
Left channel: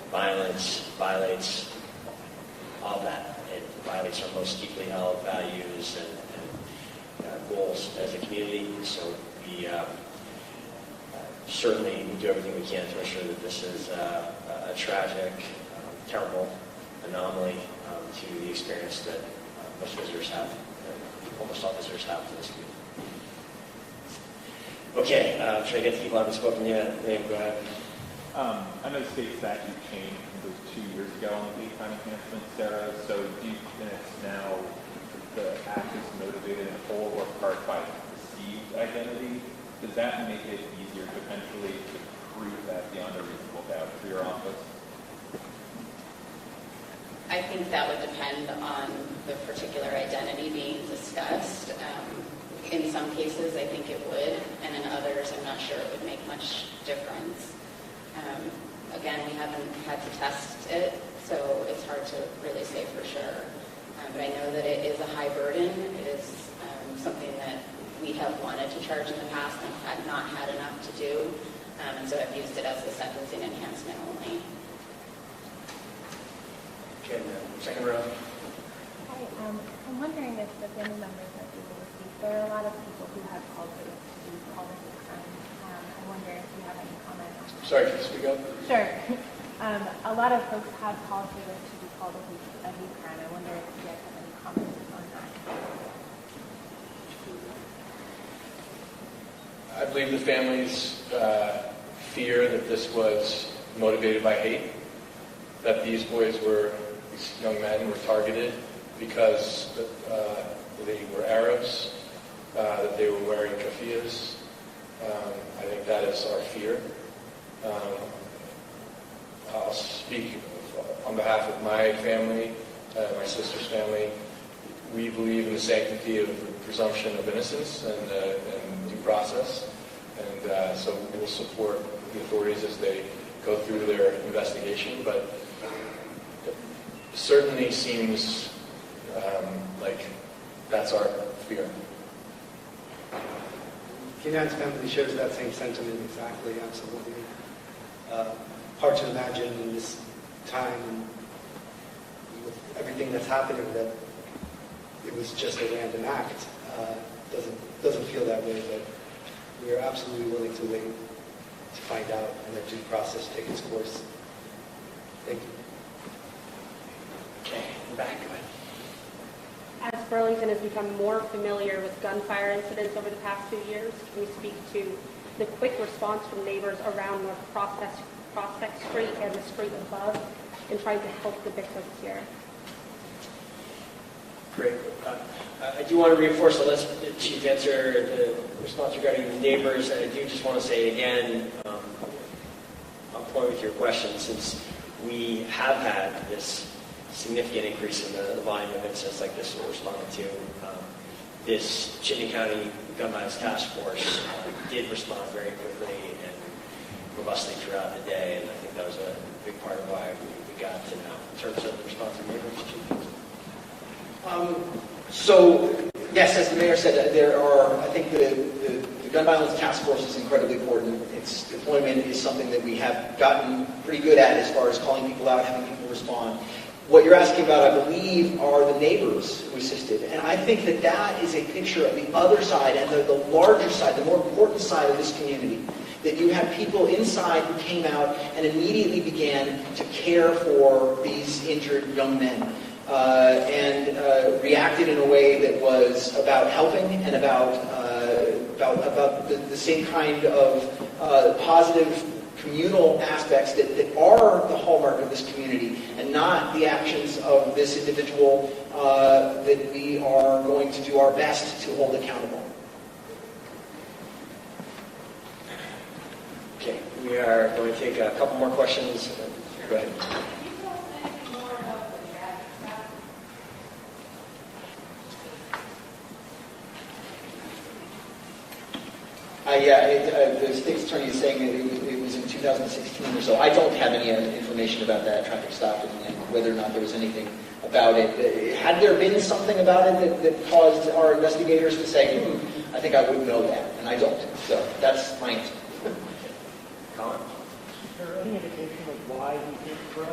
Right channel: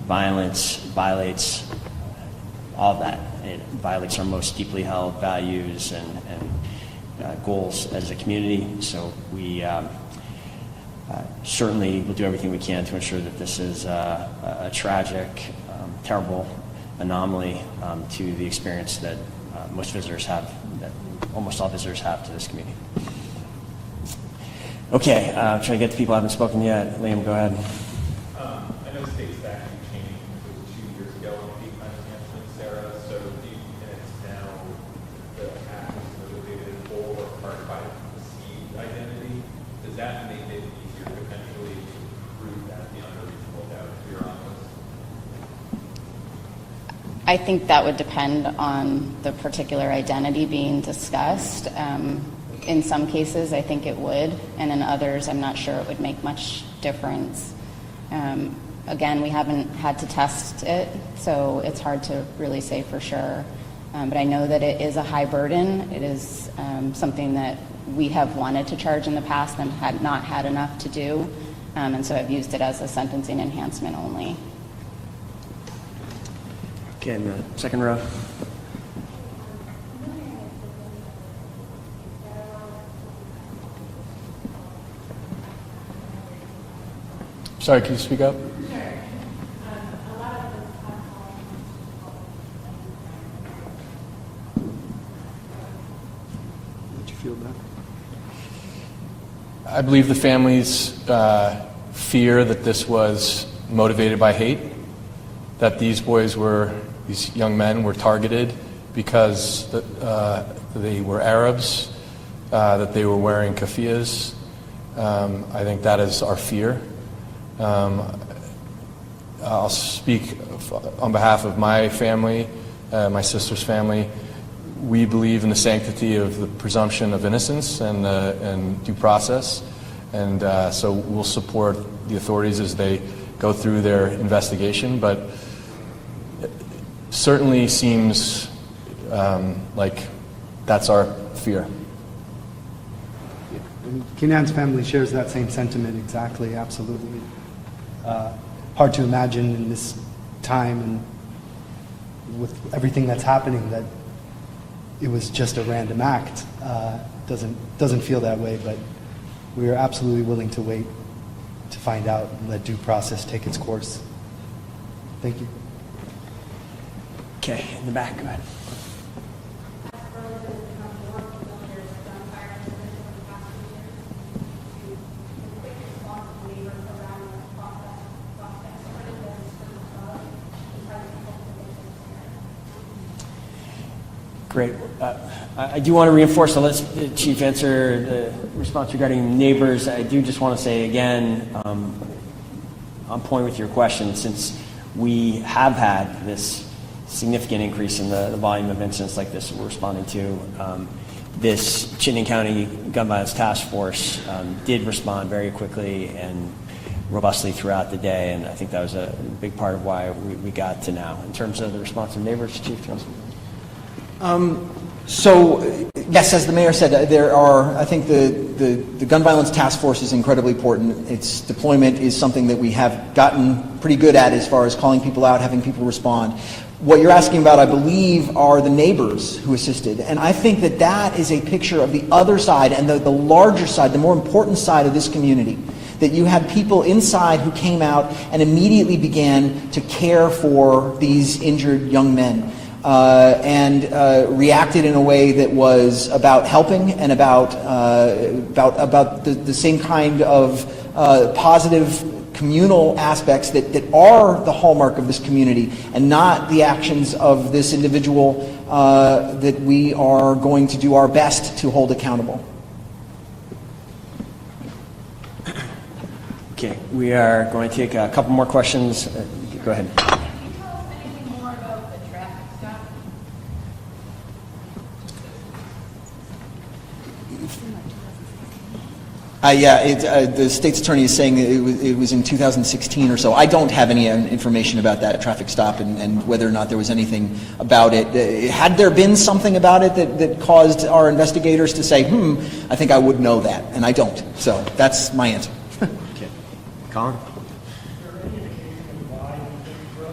violence violates all of that. It violates our most deeply held values and goals as a community. So we certainly will do everything we can to ensure that this is a tragic, terrible anomaly to the experience that most visitors have, that almost all visitors have to this community. Okay, I'm trying to get to people who haven't spoken yet. Liam, go ahead. I know the state statute changed, it was 2 years ago on hate crime enhancement, Sarah. So do you think that now the act is motivated in whole or part by perceived identity? Does that make it easier to eventually prove that beyond a reasonable doubt for your office? I think that would depend on the particular identity being discussed. In some cases, I think it would, and in others, I'm not sure it would make much difference. Again, we haven't had to test it, so it's hard to really say for sure. But I know that it is a high burden. It is something that we have wanted to charge in the past and had not had enough to do, and so I've used it as a sentencing enhancement only. Okay, in the second row. I'm wondering if the family members are able to speak. There are a lot of people who have called me. I'm wondering if you have any comments. Sorry, can you speak up? Sure. A lot of folks have called me to be called a hate crime. I wonder if you guys have any comments on that. Did you feel that? I believe the families fear that this was motivated by hate, that these young men were targeted because they were Arabs, that they were wearing keffiyehs. I think that is our fear. I'll speak on behalf of my family, my sister's family. We believe in the sanctity of the presumption of innocence and due process, and so we'll support the authorities as they go through their investigation, but it certainly seems like that's our fear. Kenan's family shares that same sentiment exactly, absolutely. Hard to imagine in this time and with everything that's happening that it was just a random act. Doesn't feel that way, but we are absolutely willing to wait to find out and let due process take its course. Thank you. Okay, in the back, go ahead. As Burlington has become more familiar with gunfire incidents over the past few years, can you speak to the quick response from neighbors around North Prospect Street and the street above in trying to help the victims here? Great. I do want to reinforce, so let's, Chief, answer the response regarding neighbors. I do just want to say again, on point with your question, since we have had this significant increase in the volume of incidents like this we're responding to, this Chittenden County Gun Violence Task Force did respond very quickly and robustly throughout the day, and I think that was a big part of why we got to now. In terms of the response of neighbors, Chief? So, yes, as the mayor said, there are, I think the Gun Violence Task Force is incredibly important. Its deployment is something that we have gotten pretty good at as far as calling people out, having people respond. What you're asking about, I believe, are the neighbors who assisted. And I think that that is a picture of the other side and the larger side, the more important side of this community. That you had people inside who came out and immediately began to care for these injured young men. And reacted in a way that was about helping and about the same kind of positive communal aspects that are the hallmark of this community, and not the actions of this individual that we are going to do our best to hold accountable. Okay, we are going to take a couple more questions. Go ahead. The state's attorney is saying that it was in 2016 or so. I don't have any information about that traffic stop and whether or not there was anything about it. Had there been something about it that caused our investigators to say, I think I would know that, and I don't. So that's my answer. Okay. Colin? Is there any indication of why you think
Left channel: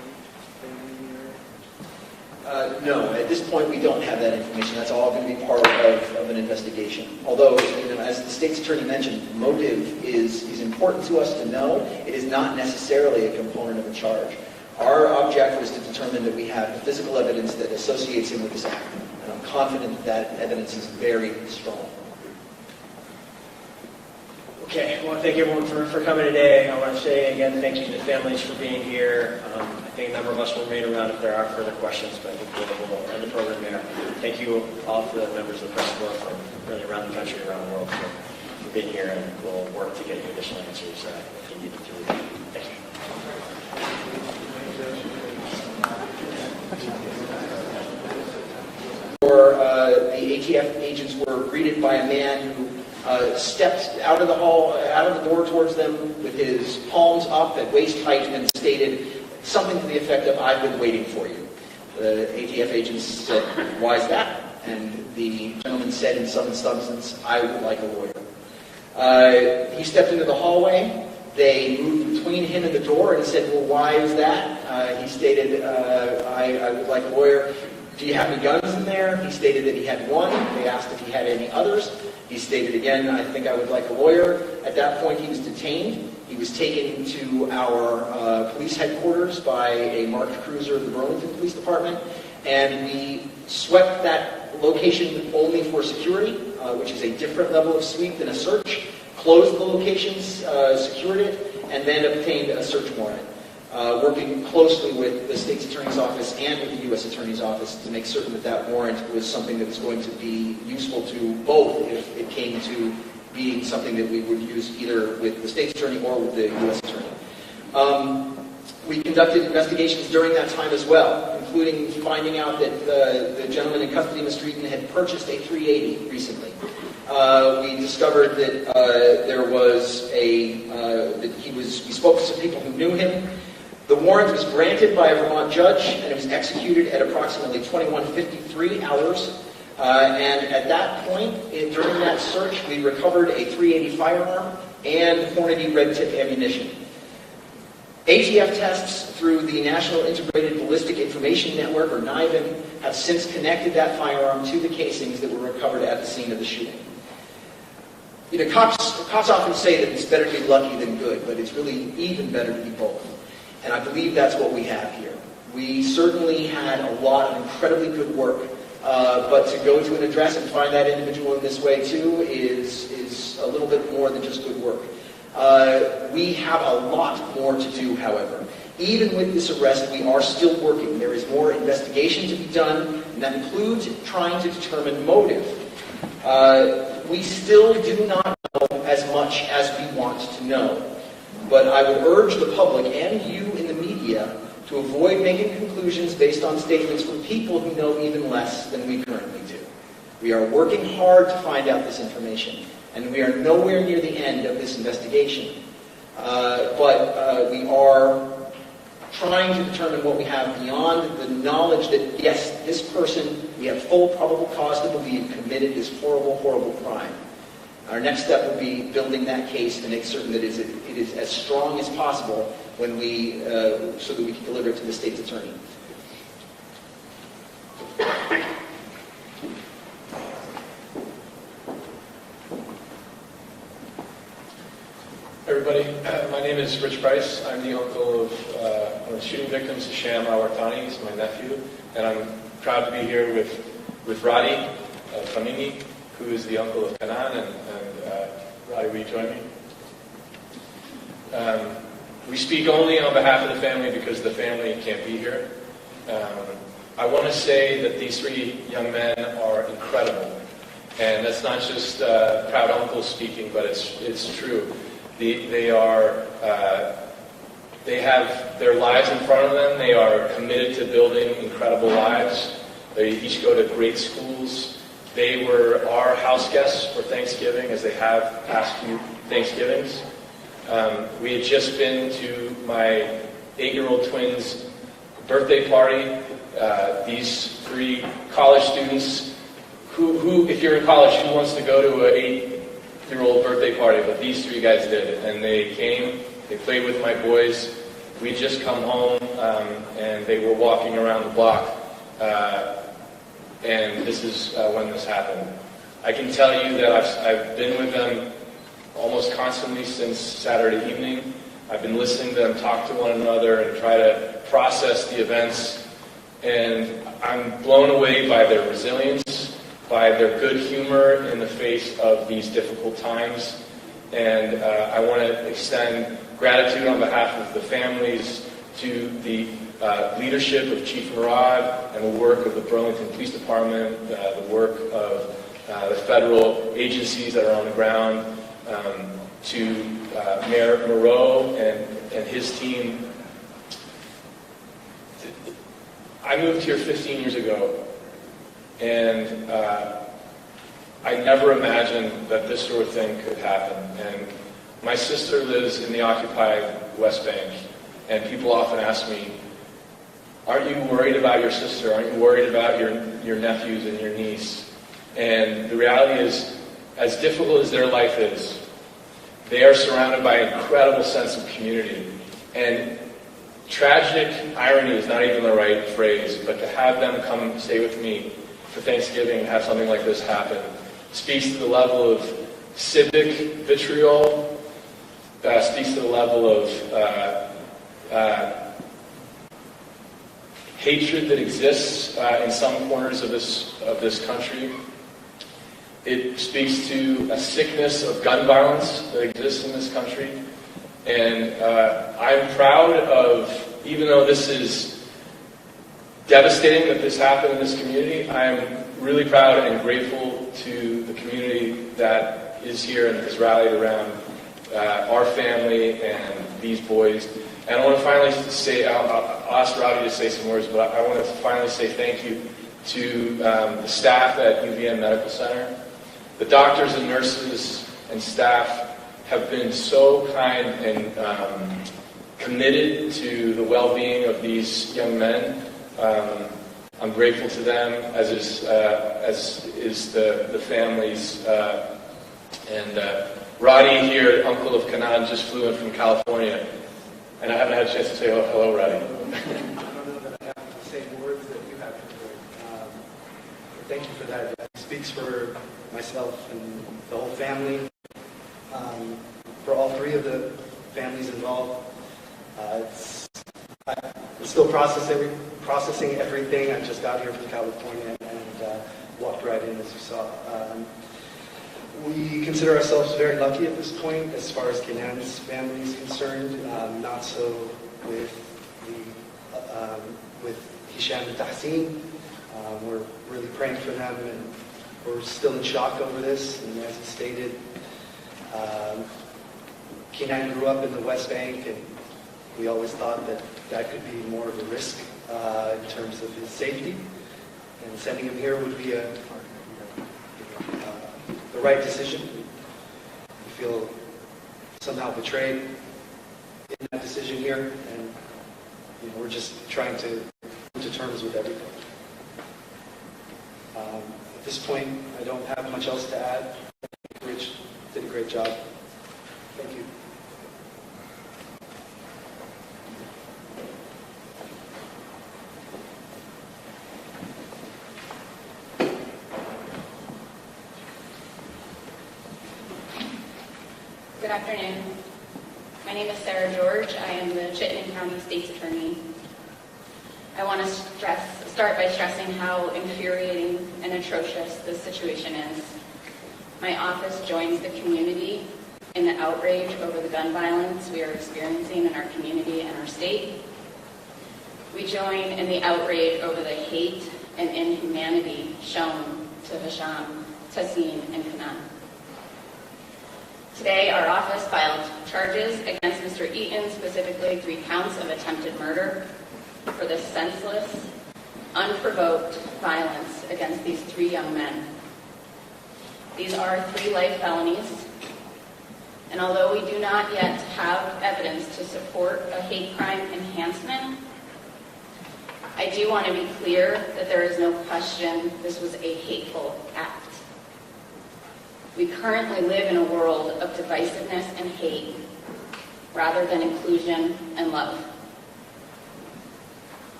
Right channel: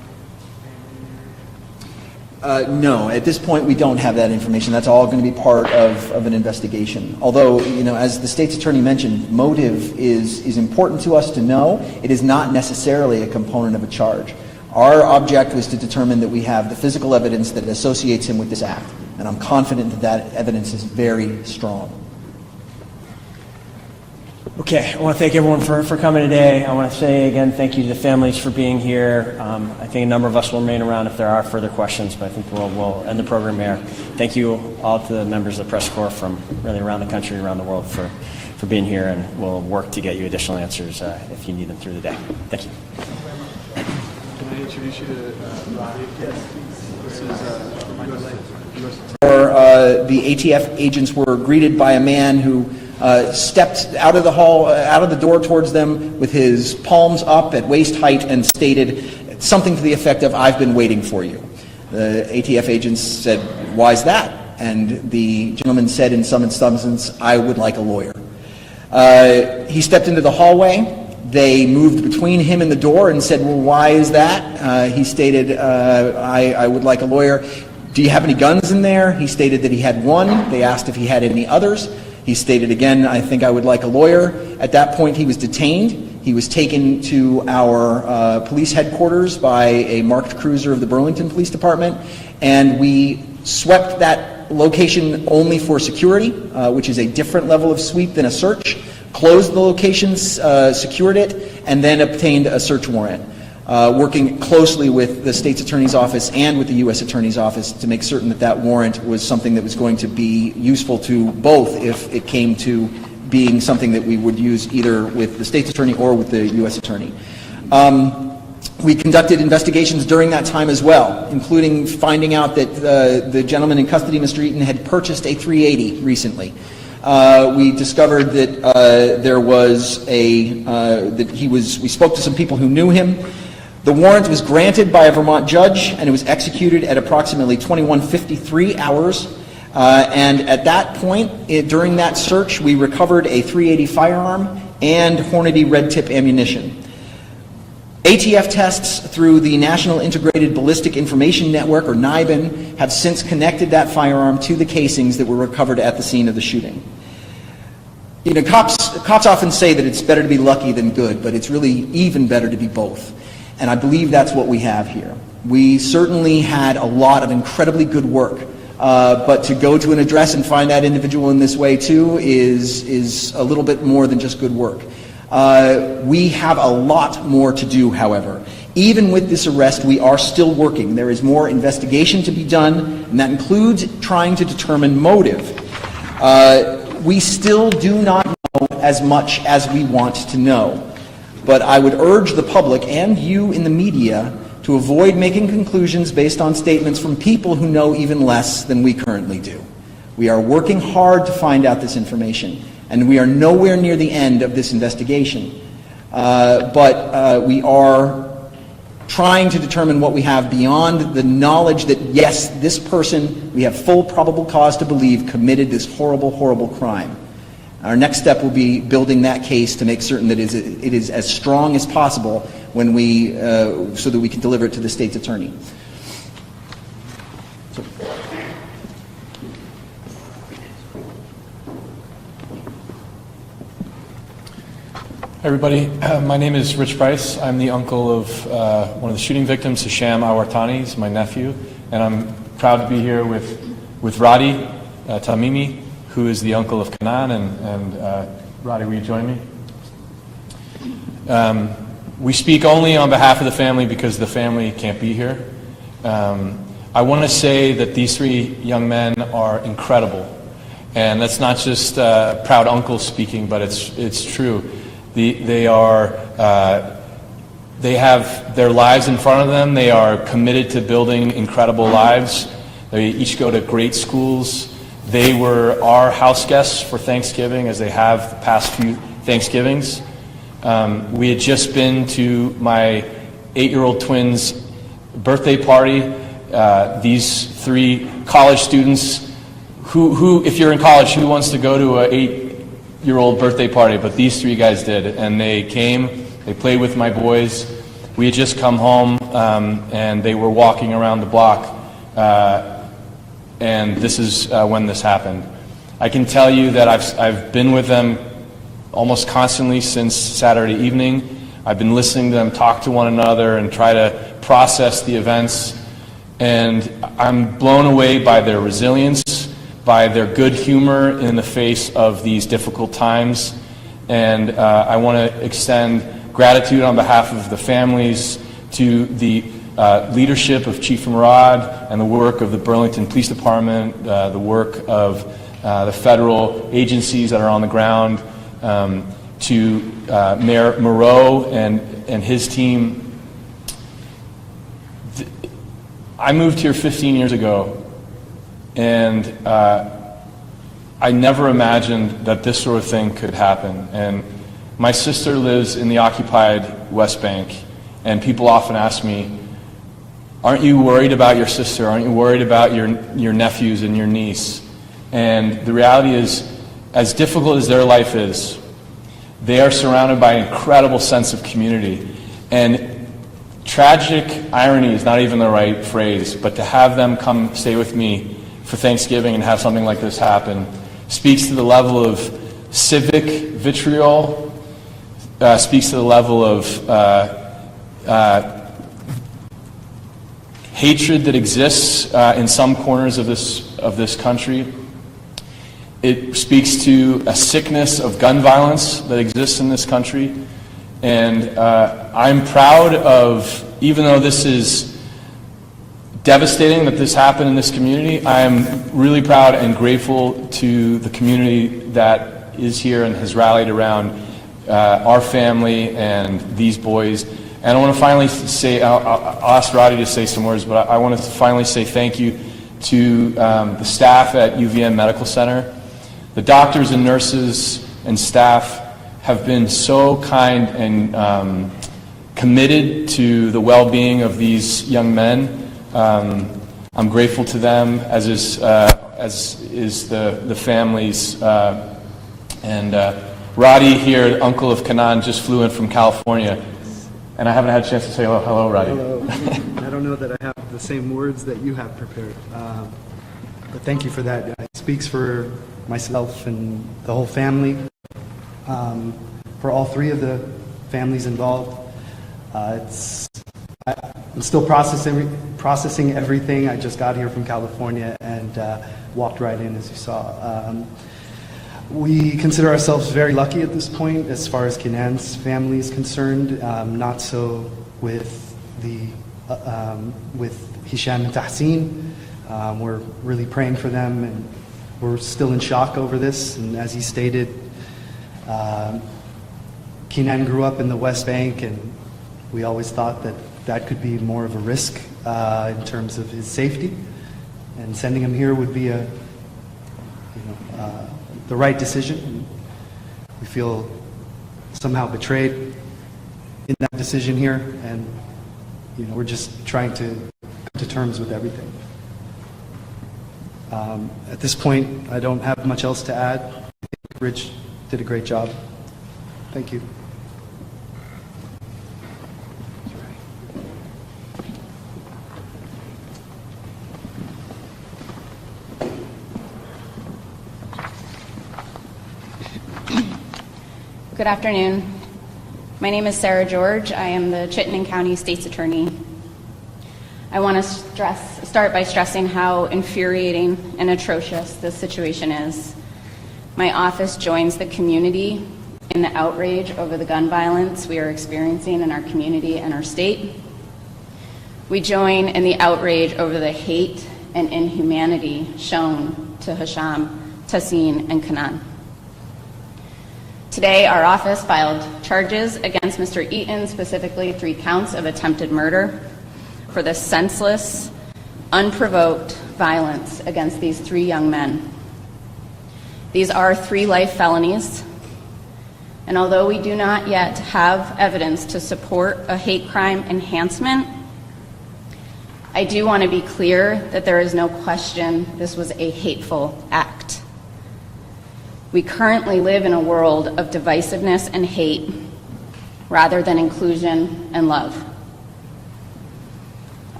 No, at this point we don't have that information. That's all going to be part of an investigation. Although, as the state's attorney mentioned, motive is important to us to know. It is not necessarily a component of a charge. Our object was to determine that we have the physical evidence that associates him with this act, and I'm confident that that evidence is very strong. Okay, I want to thank everyone for coming today. I want to say again thank you to the families for being here. I think a number of us will remain around if there are further questions, but I think we'll end the program here. Thank you all to the members of the press corps from really around the country, around the world for being here, and we'll work to get you additional answers if you need them through the day. Thank you. The ATF agents were greeted by a man who stepped out of the door towards them with his palms up at waist height and stated something to the effect of, "I've been waiting for you." The ATF agents said, "Why is that?" And the gentleman said in some substance, "I would like a lawyer." He stepped into the hallway. They moved between him and the door and said, "Well, why is that?" He stated, I would like a lawyer. "Do you have any guns in there?" He stated that he had one. They asked if he had any others. He stated again, "I think I would like a lawyer." At that point, he was detained. He was taken to our police headquarters by a marked cruiser of the Burlington Police Department, and we swept that location only for security, which is a different level of sweep than a search, closed the locations, secured it, and then obtained a search warrant, working closely with the state's attorney's office and with the U.S. attorney's office to make certain that that warrant was something that was going to be useful to both if it came to being something that we would use either with the state's attorney or with the U.S. attorney. We conducted investigations during that time as well, including finding out that the gentleman in custody, Mr. Eaton, had purchased a 380 recently. We discovered that there was we spoke to some people who knew him. The warrant was granted by a Vermont judge, and it was executed at approximately 21:53 hours. And at that point, during that search, we recovered a .380 firearm and Hornady red tip ammunition. ATF tests through the National Integrated Ballistic Information Network, or NIBIN, have since connected that firearm to the casings that were recovered at the scene of the shooting. Cops often say that it's better to be lucky than good, but it's really even better to be both. And I believe that's what we have here. We certainly had a lot of incredibly good work, but to go to an address and find that individual in this way too is a little bit more than just good work. We have a lot more to do, however. Even with this arrest, we are still working. There is more investigation to be done, and that includes trying to determine motive. We still do not know as much as we want to know. But I would urge the public and you in the media to avoid making conclusions based on statements from people who know even less than we currently do. We are working hard to find out this information, and we are nowhere near the end of this investigation. But we are trying to determine what we have beyond the knowledge that, yes, this person, we have full probable cause to believe, committed this horrible, horrible crime. Our next step will be building that case to make certain that it is as strong as possible when so that we can deliver it to the state's attorney. Hi everybody, my name is Rich Price. I'm the uncle of one of the shooting victims, Hisham Awartani. He's my nephew, and I'm proud to be here with Radi Tamimi, who is the uncle of Kanan, and Radi, will you join me? We speak only on behalf of the family because the family can't be here. I want to say that these three young men are incredible, and that's not just proud uncle speaking, but it's true. They have their lives in front of them. They are committed to building incredible lives. They each go to great schools. They were our house guests for Thanksgiving, as they have the past few Thanksgivings. We had just been to my 8-year-old twins' birthday party. These three college students, who, if you're in college, who wants to go to an 8-year-old birthday party? But these three guys did, and they came. They played with my boys. We had just come home, and they were walking around the block and this is when this happened. I can tell you that I've been with them almost constantly since Saturday evening. I've been listening to them talk to one another and try to process the events, and I'm blown away by their resilience, by their good humor in the face of these difficult times. And I want to extend gratitude on behalf of the families to the leadership of Chief Murad and the work of the Burlington Police Department, the work of the federal agencies that are on the ground, to Mayor Moreau and his team. I moved here 15 years ago, and I never imagined that this sort of thing could happen. And my sister lives in the occupied West Bank, and people often ask me, aren't you worried about your sister? Aren't you worried about your nephews and your niece? And the reality is, as difficult as their life is, they are surrounded by an incredible sense of community. And tragic irony is not even the right phrase, but to have them come stay with me for Thanksgiving and have something like this happen speaks to the level of civic vitriol, speaks to the level of hatred that exists in some corners of this country. It speaks to a sickness of gun violence that exists in this country. And I'm proud of, even though this is devastating that this happened in this community, I'm really proud and grateful to the community that is here and has rallied around our family and these boys. And I want to finally say, I'll ask Roddy to say some words, but I want to finally say thank you to the staff at UVM Medical Center. The doctors and nurses and staff have been so kind and committed to the well-being of these young men. I'm grateful to them, as is the families. And Roddy here, uncle of Kanan, just flew in from California, and I haven't had a chance to say hello, Roddy. I don't know that I have the same words that you have prepared, but thank you for that. It speaks for myself and the whole family, for all three of the families involved. I'm still processing everything. I just got here from California and walked right in, as you saw. We consider ourselves very lucky at this point as far as Kenan's family is concerned. Not so with Hisham and Tahsin. We're really praying for them, and we're still in shock over this. And as he stated, Kenan grew up in the West Bank, and we always thought that could be more of a risk in terms of his safety. And sending him here would be the right decision. We feel somehow betrayed in that decision here, and we're just trying to come to terms with everything. At this point, I don't have much else to add. I think Rich did a great job. Thank you. Good afternoon. My name is Sarah George. I am the Chittenden County State's Attorney. I want to start by stressing how infuriating and atrocious this situation is. My office joins the community in the outrage over the gun violence we are experiencing in our community and our state. We join in the outrage over the hate and inhumanity shown to Hisham, Tahsin, and Kanan. Today, our office filed charges against Mr. Eaton, specifically 3 counts of attempted murder, for the senseless, unprovoked violence against these 3 young men. These are 3 life felonies, and although we do not yet have evidence to support a hate crime enhancement, I do want to be clear that there is no question this was a hateful act. We currently live in a world of divisiveness and hate rather than inclusion and love.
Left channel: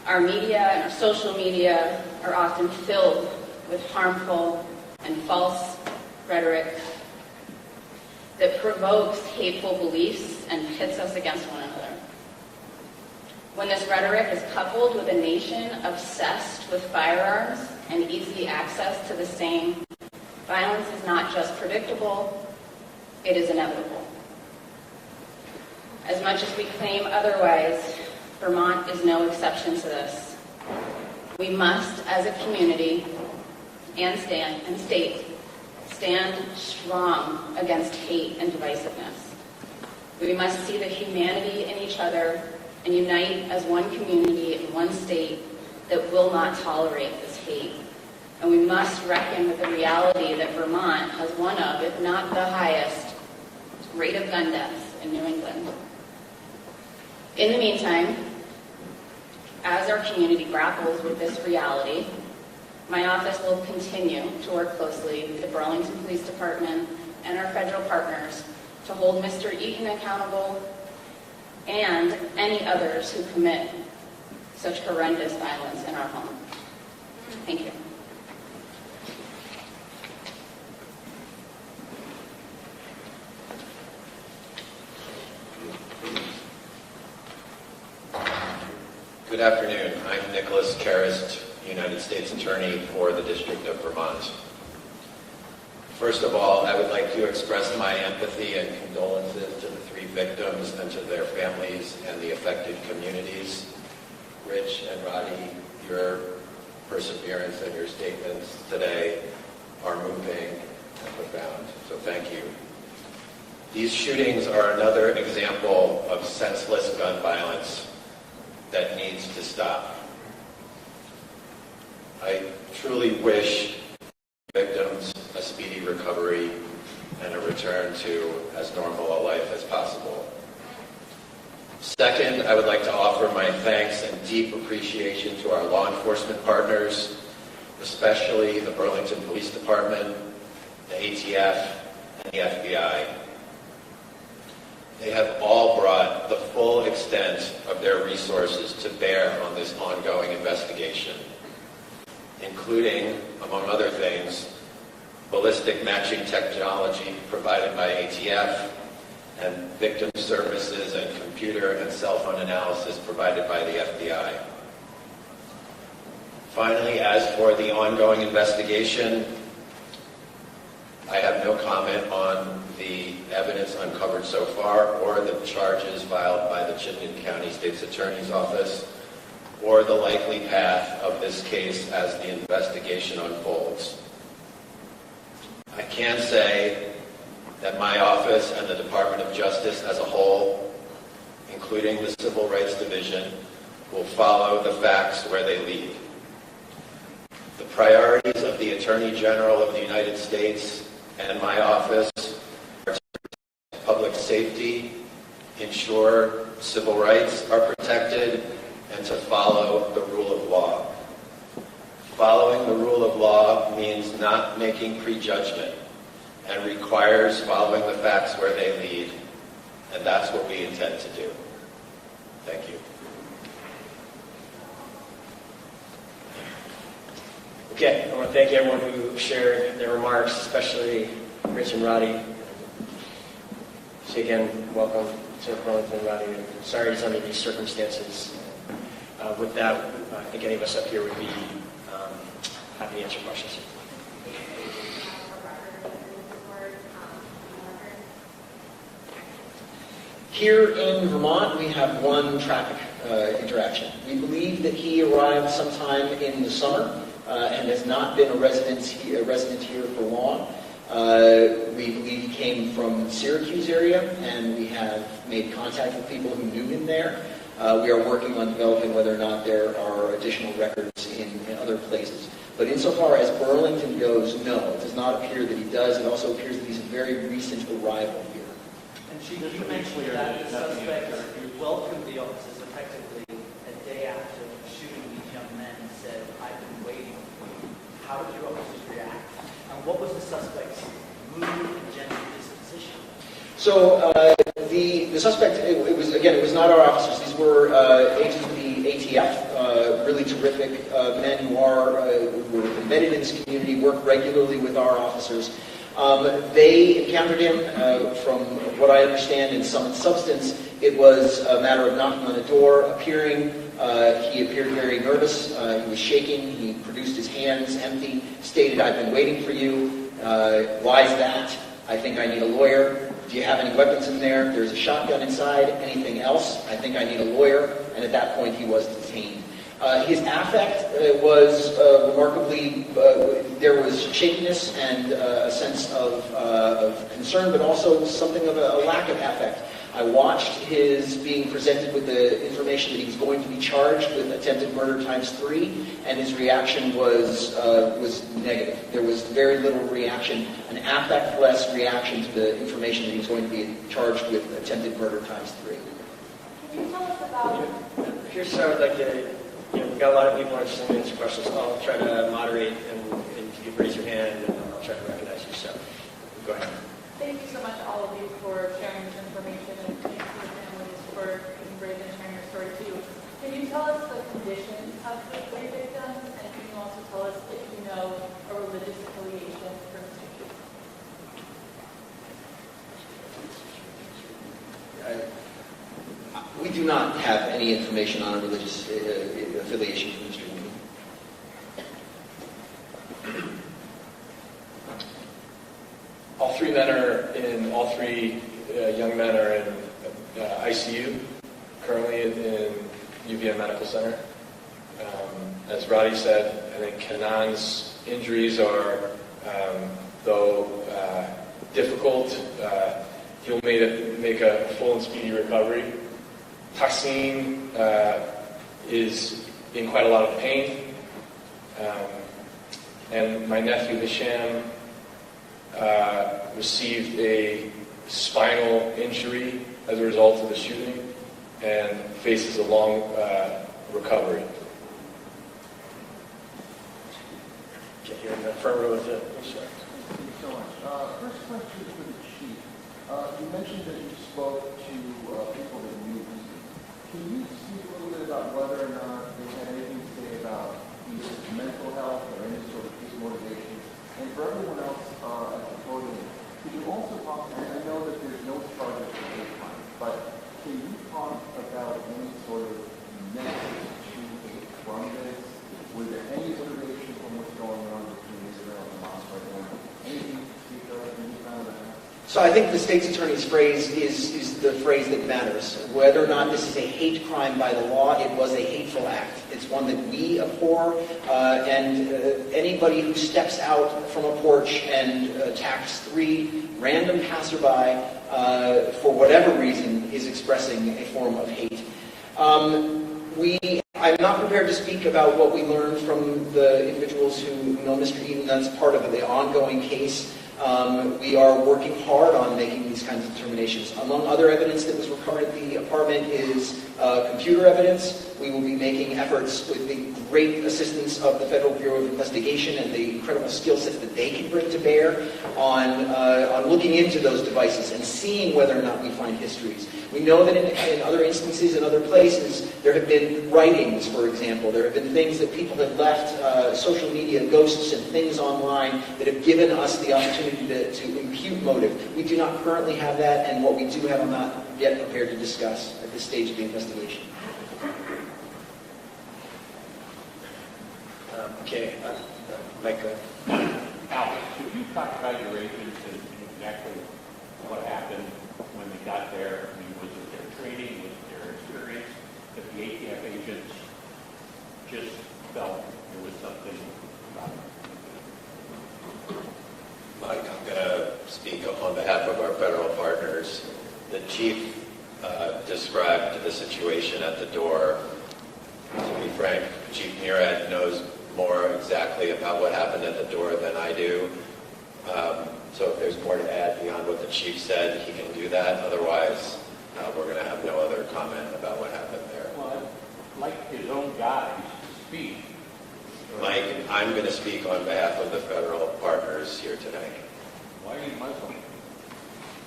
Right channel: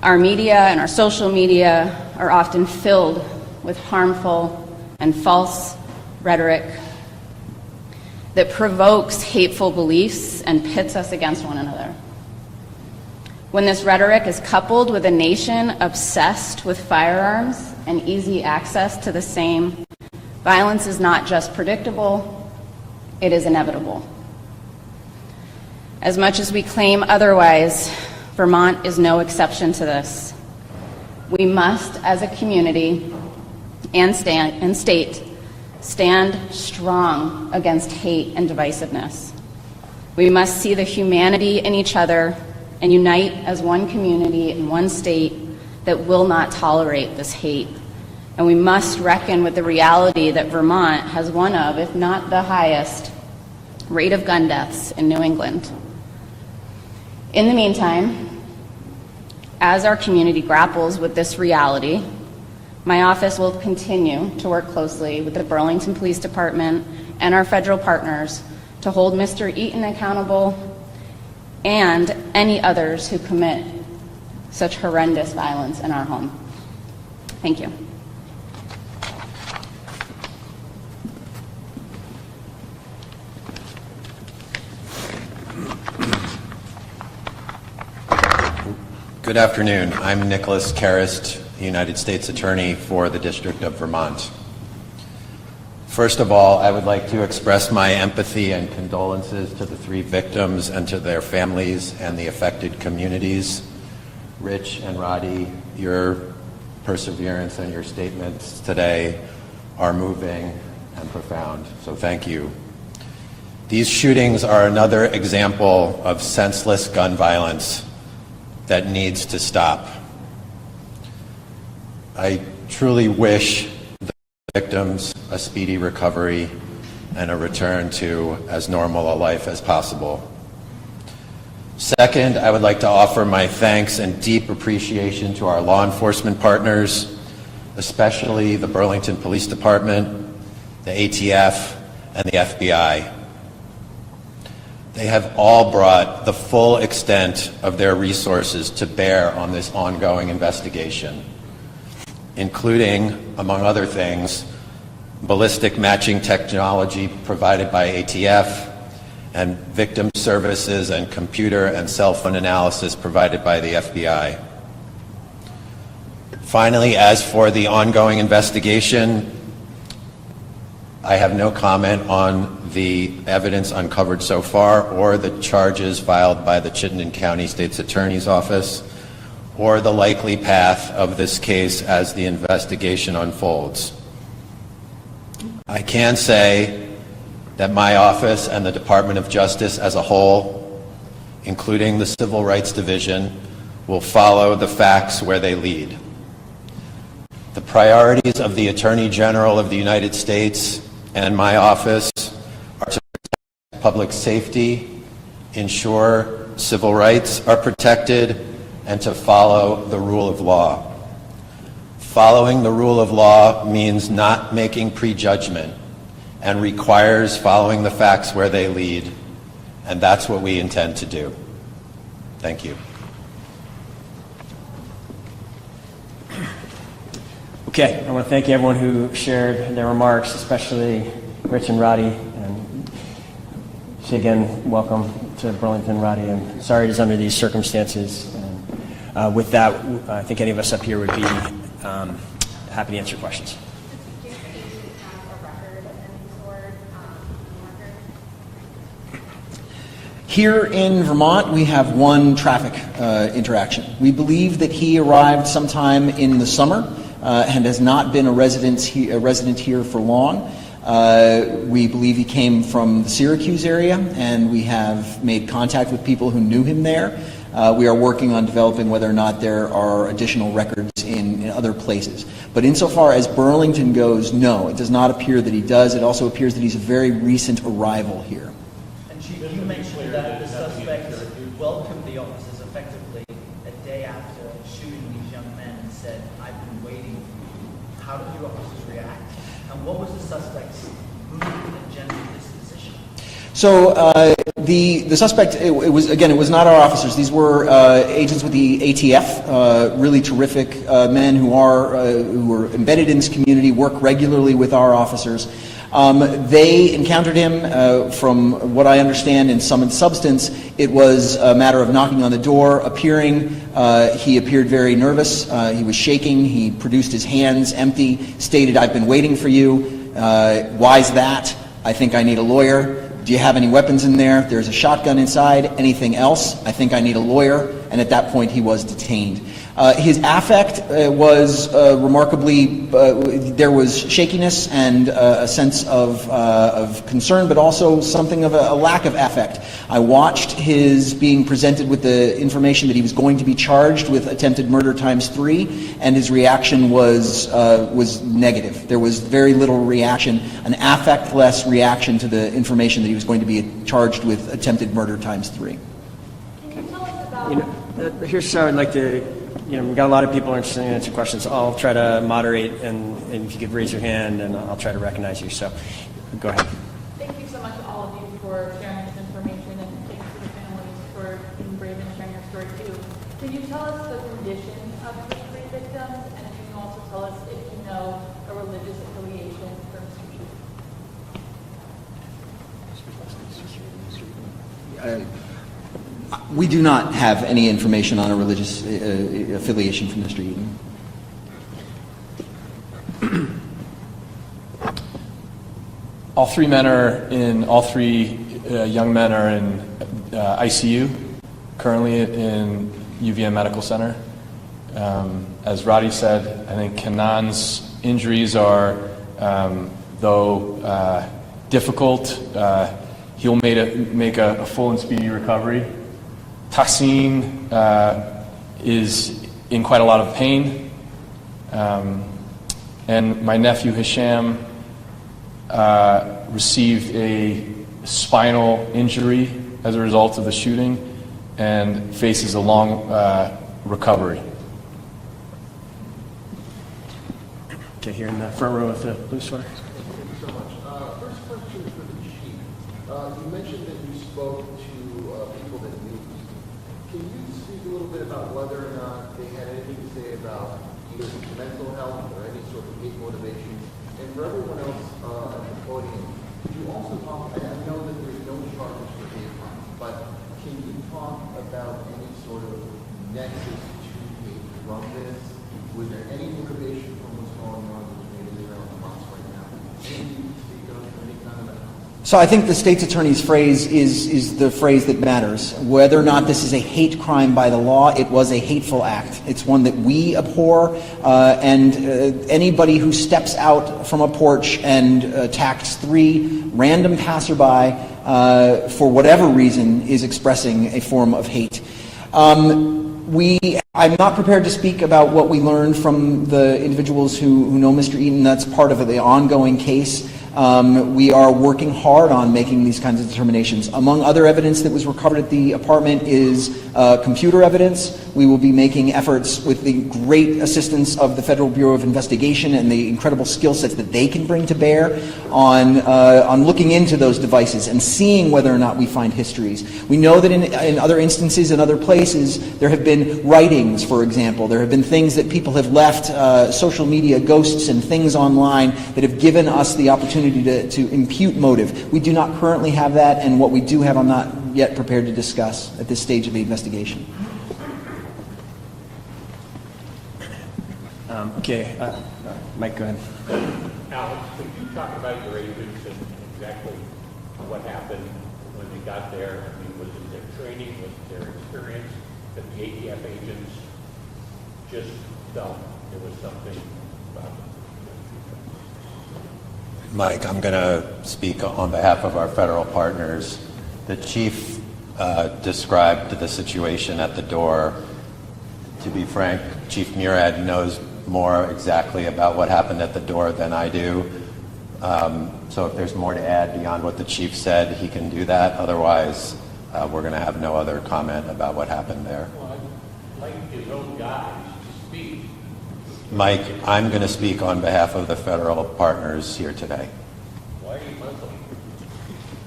Our media and our social media are often filled with harmful and false rhetoric that provokes hateful beliefs and pits us against one another. When this rhetoric is coupled with a nation obsessed with firearms and easy access to the same, violence is not just predictable, it is inevitable. As much as we claim otherwise, Vermont is no exception to this. We must, as a community and state, stand strong against hate and divisiveness. We must see the humanity in each other and unite as one community in one state that will not tolerate this hate. And we must reckon with the reality that Vermont has one of, if not the highest, rate of gun deaths in New England. In the meantime, as our community grapples with this reality, my office will continue to work closely with the Burlington Police Department and our federal partners to hold Mr. Eaton accountable and any others who commit such horrendous violence in our home. Thank you. Good afternoon. I'm Nicholas Karist, United States Attorney for the District of Vermont. First of all, I would like to express my empathy and condolences to the 3 victims and to their families and the affected communities. Rich and Roddy, your perseverance and your statements today are moving and profound, so thank you. These shootings are another example of senseless gun violence that needs to stop. I truly wish the victims a speedy recovery and a return to as normal a life as possible. Second, I would like to offer my thanks and deep appreciation to our law enforcement partners, especially the Burlington Police Department, the ATF, and the FBI. They have all brought the full extent of their resources to bear on this ongoing investigation, including, among other things, ballistic matching technology provided by ATF and victim services and computer and cell phone analysis provided by the FBI. Finally, as for the ongoing investigation, I have no comment on the evidence uncovered so far or the charges filed by the Chittenden County State's Attorney's Office or the likely path of this case as the investigation unfolds. I can say that my office and the Department of Justice as a whole, including the Civil Rights Division, will follow the facts where they lead. The priorities of the Attorney General of the United States and my office are to protect public safety, ensure civil rights are protected, and to follow the rule of law. Following the rule of law means not making prejudgment and requires following the facts where they lead, and that's what we intend to do. Thank you. Okay, I want to thank everyone who shared their remarks, especially Rich and Roddy. And say again, welcome to Burlington, Roddy. And sorry it's under these circumstances. And, with that, I think any of us up here would be happy to answer questions. Here in Vermont, we have one traffic interaction. We believe that he arrived sometime in the summer and has not been a resident here for long. We believe he came from the Syracuse area, and we have made contact with people who knew him there. We are working on developing whether or not there are additional records in other places. But insofar as Burlington goes, no, it does not appear that he does. It also appears that he's a very recent arrival here. And Chief, you mentioned that the suspects welcomed the officers effectively a day after shooting these young men and said, "I've been waiting." How did your officers react? And what was the suspect's mood and general disposition? So the suspect, it was not our officers. These were agents with the ATF, really terrific men who are embedded in this community, work regularly with our officers. They encountered him, from what I understand, in sum and substance. It was a matter of knocking on the door, appearing. He appeared very nervous. He was shaking. He produced his hands empty, stated, "I've been waiting for you. Why is that? I think I need a lawyer. Do you have any weapons in there? There's a shotgun inside. Anything else? I think I need a lawyer." And at that point, he was detained. His affect was remarkably, there was shakiness and a sense of concern, but also something of a lack of affect. I watched his being presented with the information that he was going to be charged with attempted murder ×3, and his reaction was negative. There was very little reaction, an affect-less reaction to the information that he was going to be charged with attempted murder ×3. Here's how I'd like to, we've got a lot of people interested in answering questions. I'll try to moderate, and if you could raise your hand, and I'll try to recognize you. So, go ahead. Thank you so much, all of you, for sharing this information, and thank you to the families for being brave and sharing your story too. Can you tell us the condition of the rape victims, and can you also tell us if you know a religious affiliation for the students? We do not have any information on a religious affiliation from Mr. Eden. All three young men are in ICU, currently in UVM Medical Center. As Roddy said, I think Kanan's injuries are, though difficult, he'll make a full and speedy recovery. Tahsin is in quite a lot of pain. And my nephew Hisham received a spinal injury as a result of the shooting and faces a long recovery. Okay, here in the front row with the blue sweater. Thank you so much. First question for the chief. You mentioned that you spoke to people that knew. Can you speak a little bit about whether or not they had anything to say about either mental health or any sort of hate motivation? And for everyone else at the podium, can you also talk, and I know that there's no charges for hate crime, but can you talk about any sort of nexus to hate from this? Was there any motivation from what's going on between Israel and Hamas right now? Anything you can speak of, any kind of that? So I think the state's attorney's phrase is the phrase that matters. Whether or not this is a hate crime by the law, it was a hateful act. It's one that we abhor, and anybody who steps out from a porch and attacks 3 random passerby for whatever reason is expressing a form of hate. I'm not prepared to speak about what we learned from the individuals who know Mr. Eaton. That's part of the ongoing case. We are working hard on making these kinds of determinations. Among other evidence that was recovered at the apartment is computer evidence. We will be making efforts with the great assistance of the Federal Bureau of Investigation and the incredible skill sets that they can bring to bear on looking into those devices and seeing whether or not we find histories. We know that in other instances, in other places, there have been writings, for example. There have been things that people have left, social media ghosts and things online that have given us the opportunity to impute motive. We do not currently have that, and what we do have I'm not yet prepared to discuss at this stage of the investigation. Okay, Mike, go ahead. Alex, could you talk about your agents and exactly what happened when we got there? I mean, was it their training, was it their experience, that the ATF agents just felt there was something about them? Mike, I'm going to speak on behalf of our federal partners. The chief described the situation at the door. To be frank, Chief Murad knows more exactly about what happened at the door than I do. So if there's more to add beyond what the chief said, he can do that. Otherwise, we're going to have no other comment about what happened there. Well, I'd like his own guys to speak. Mike, I'm going to speak on behalf of the federal partners here today. Why are you Muslim?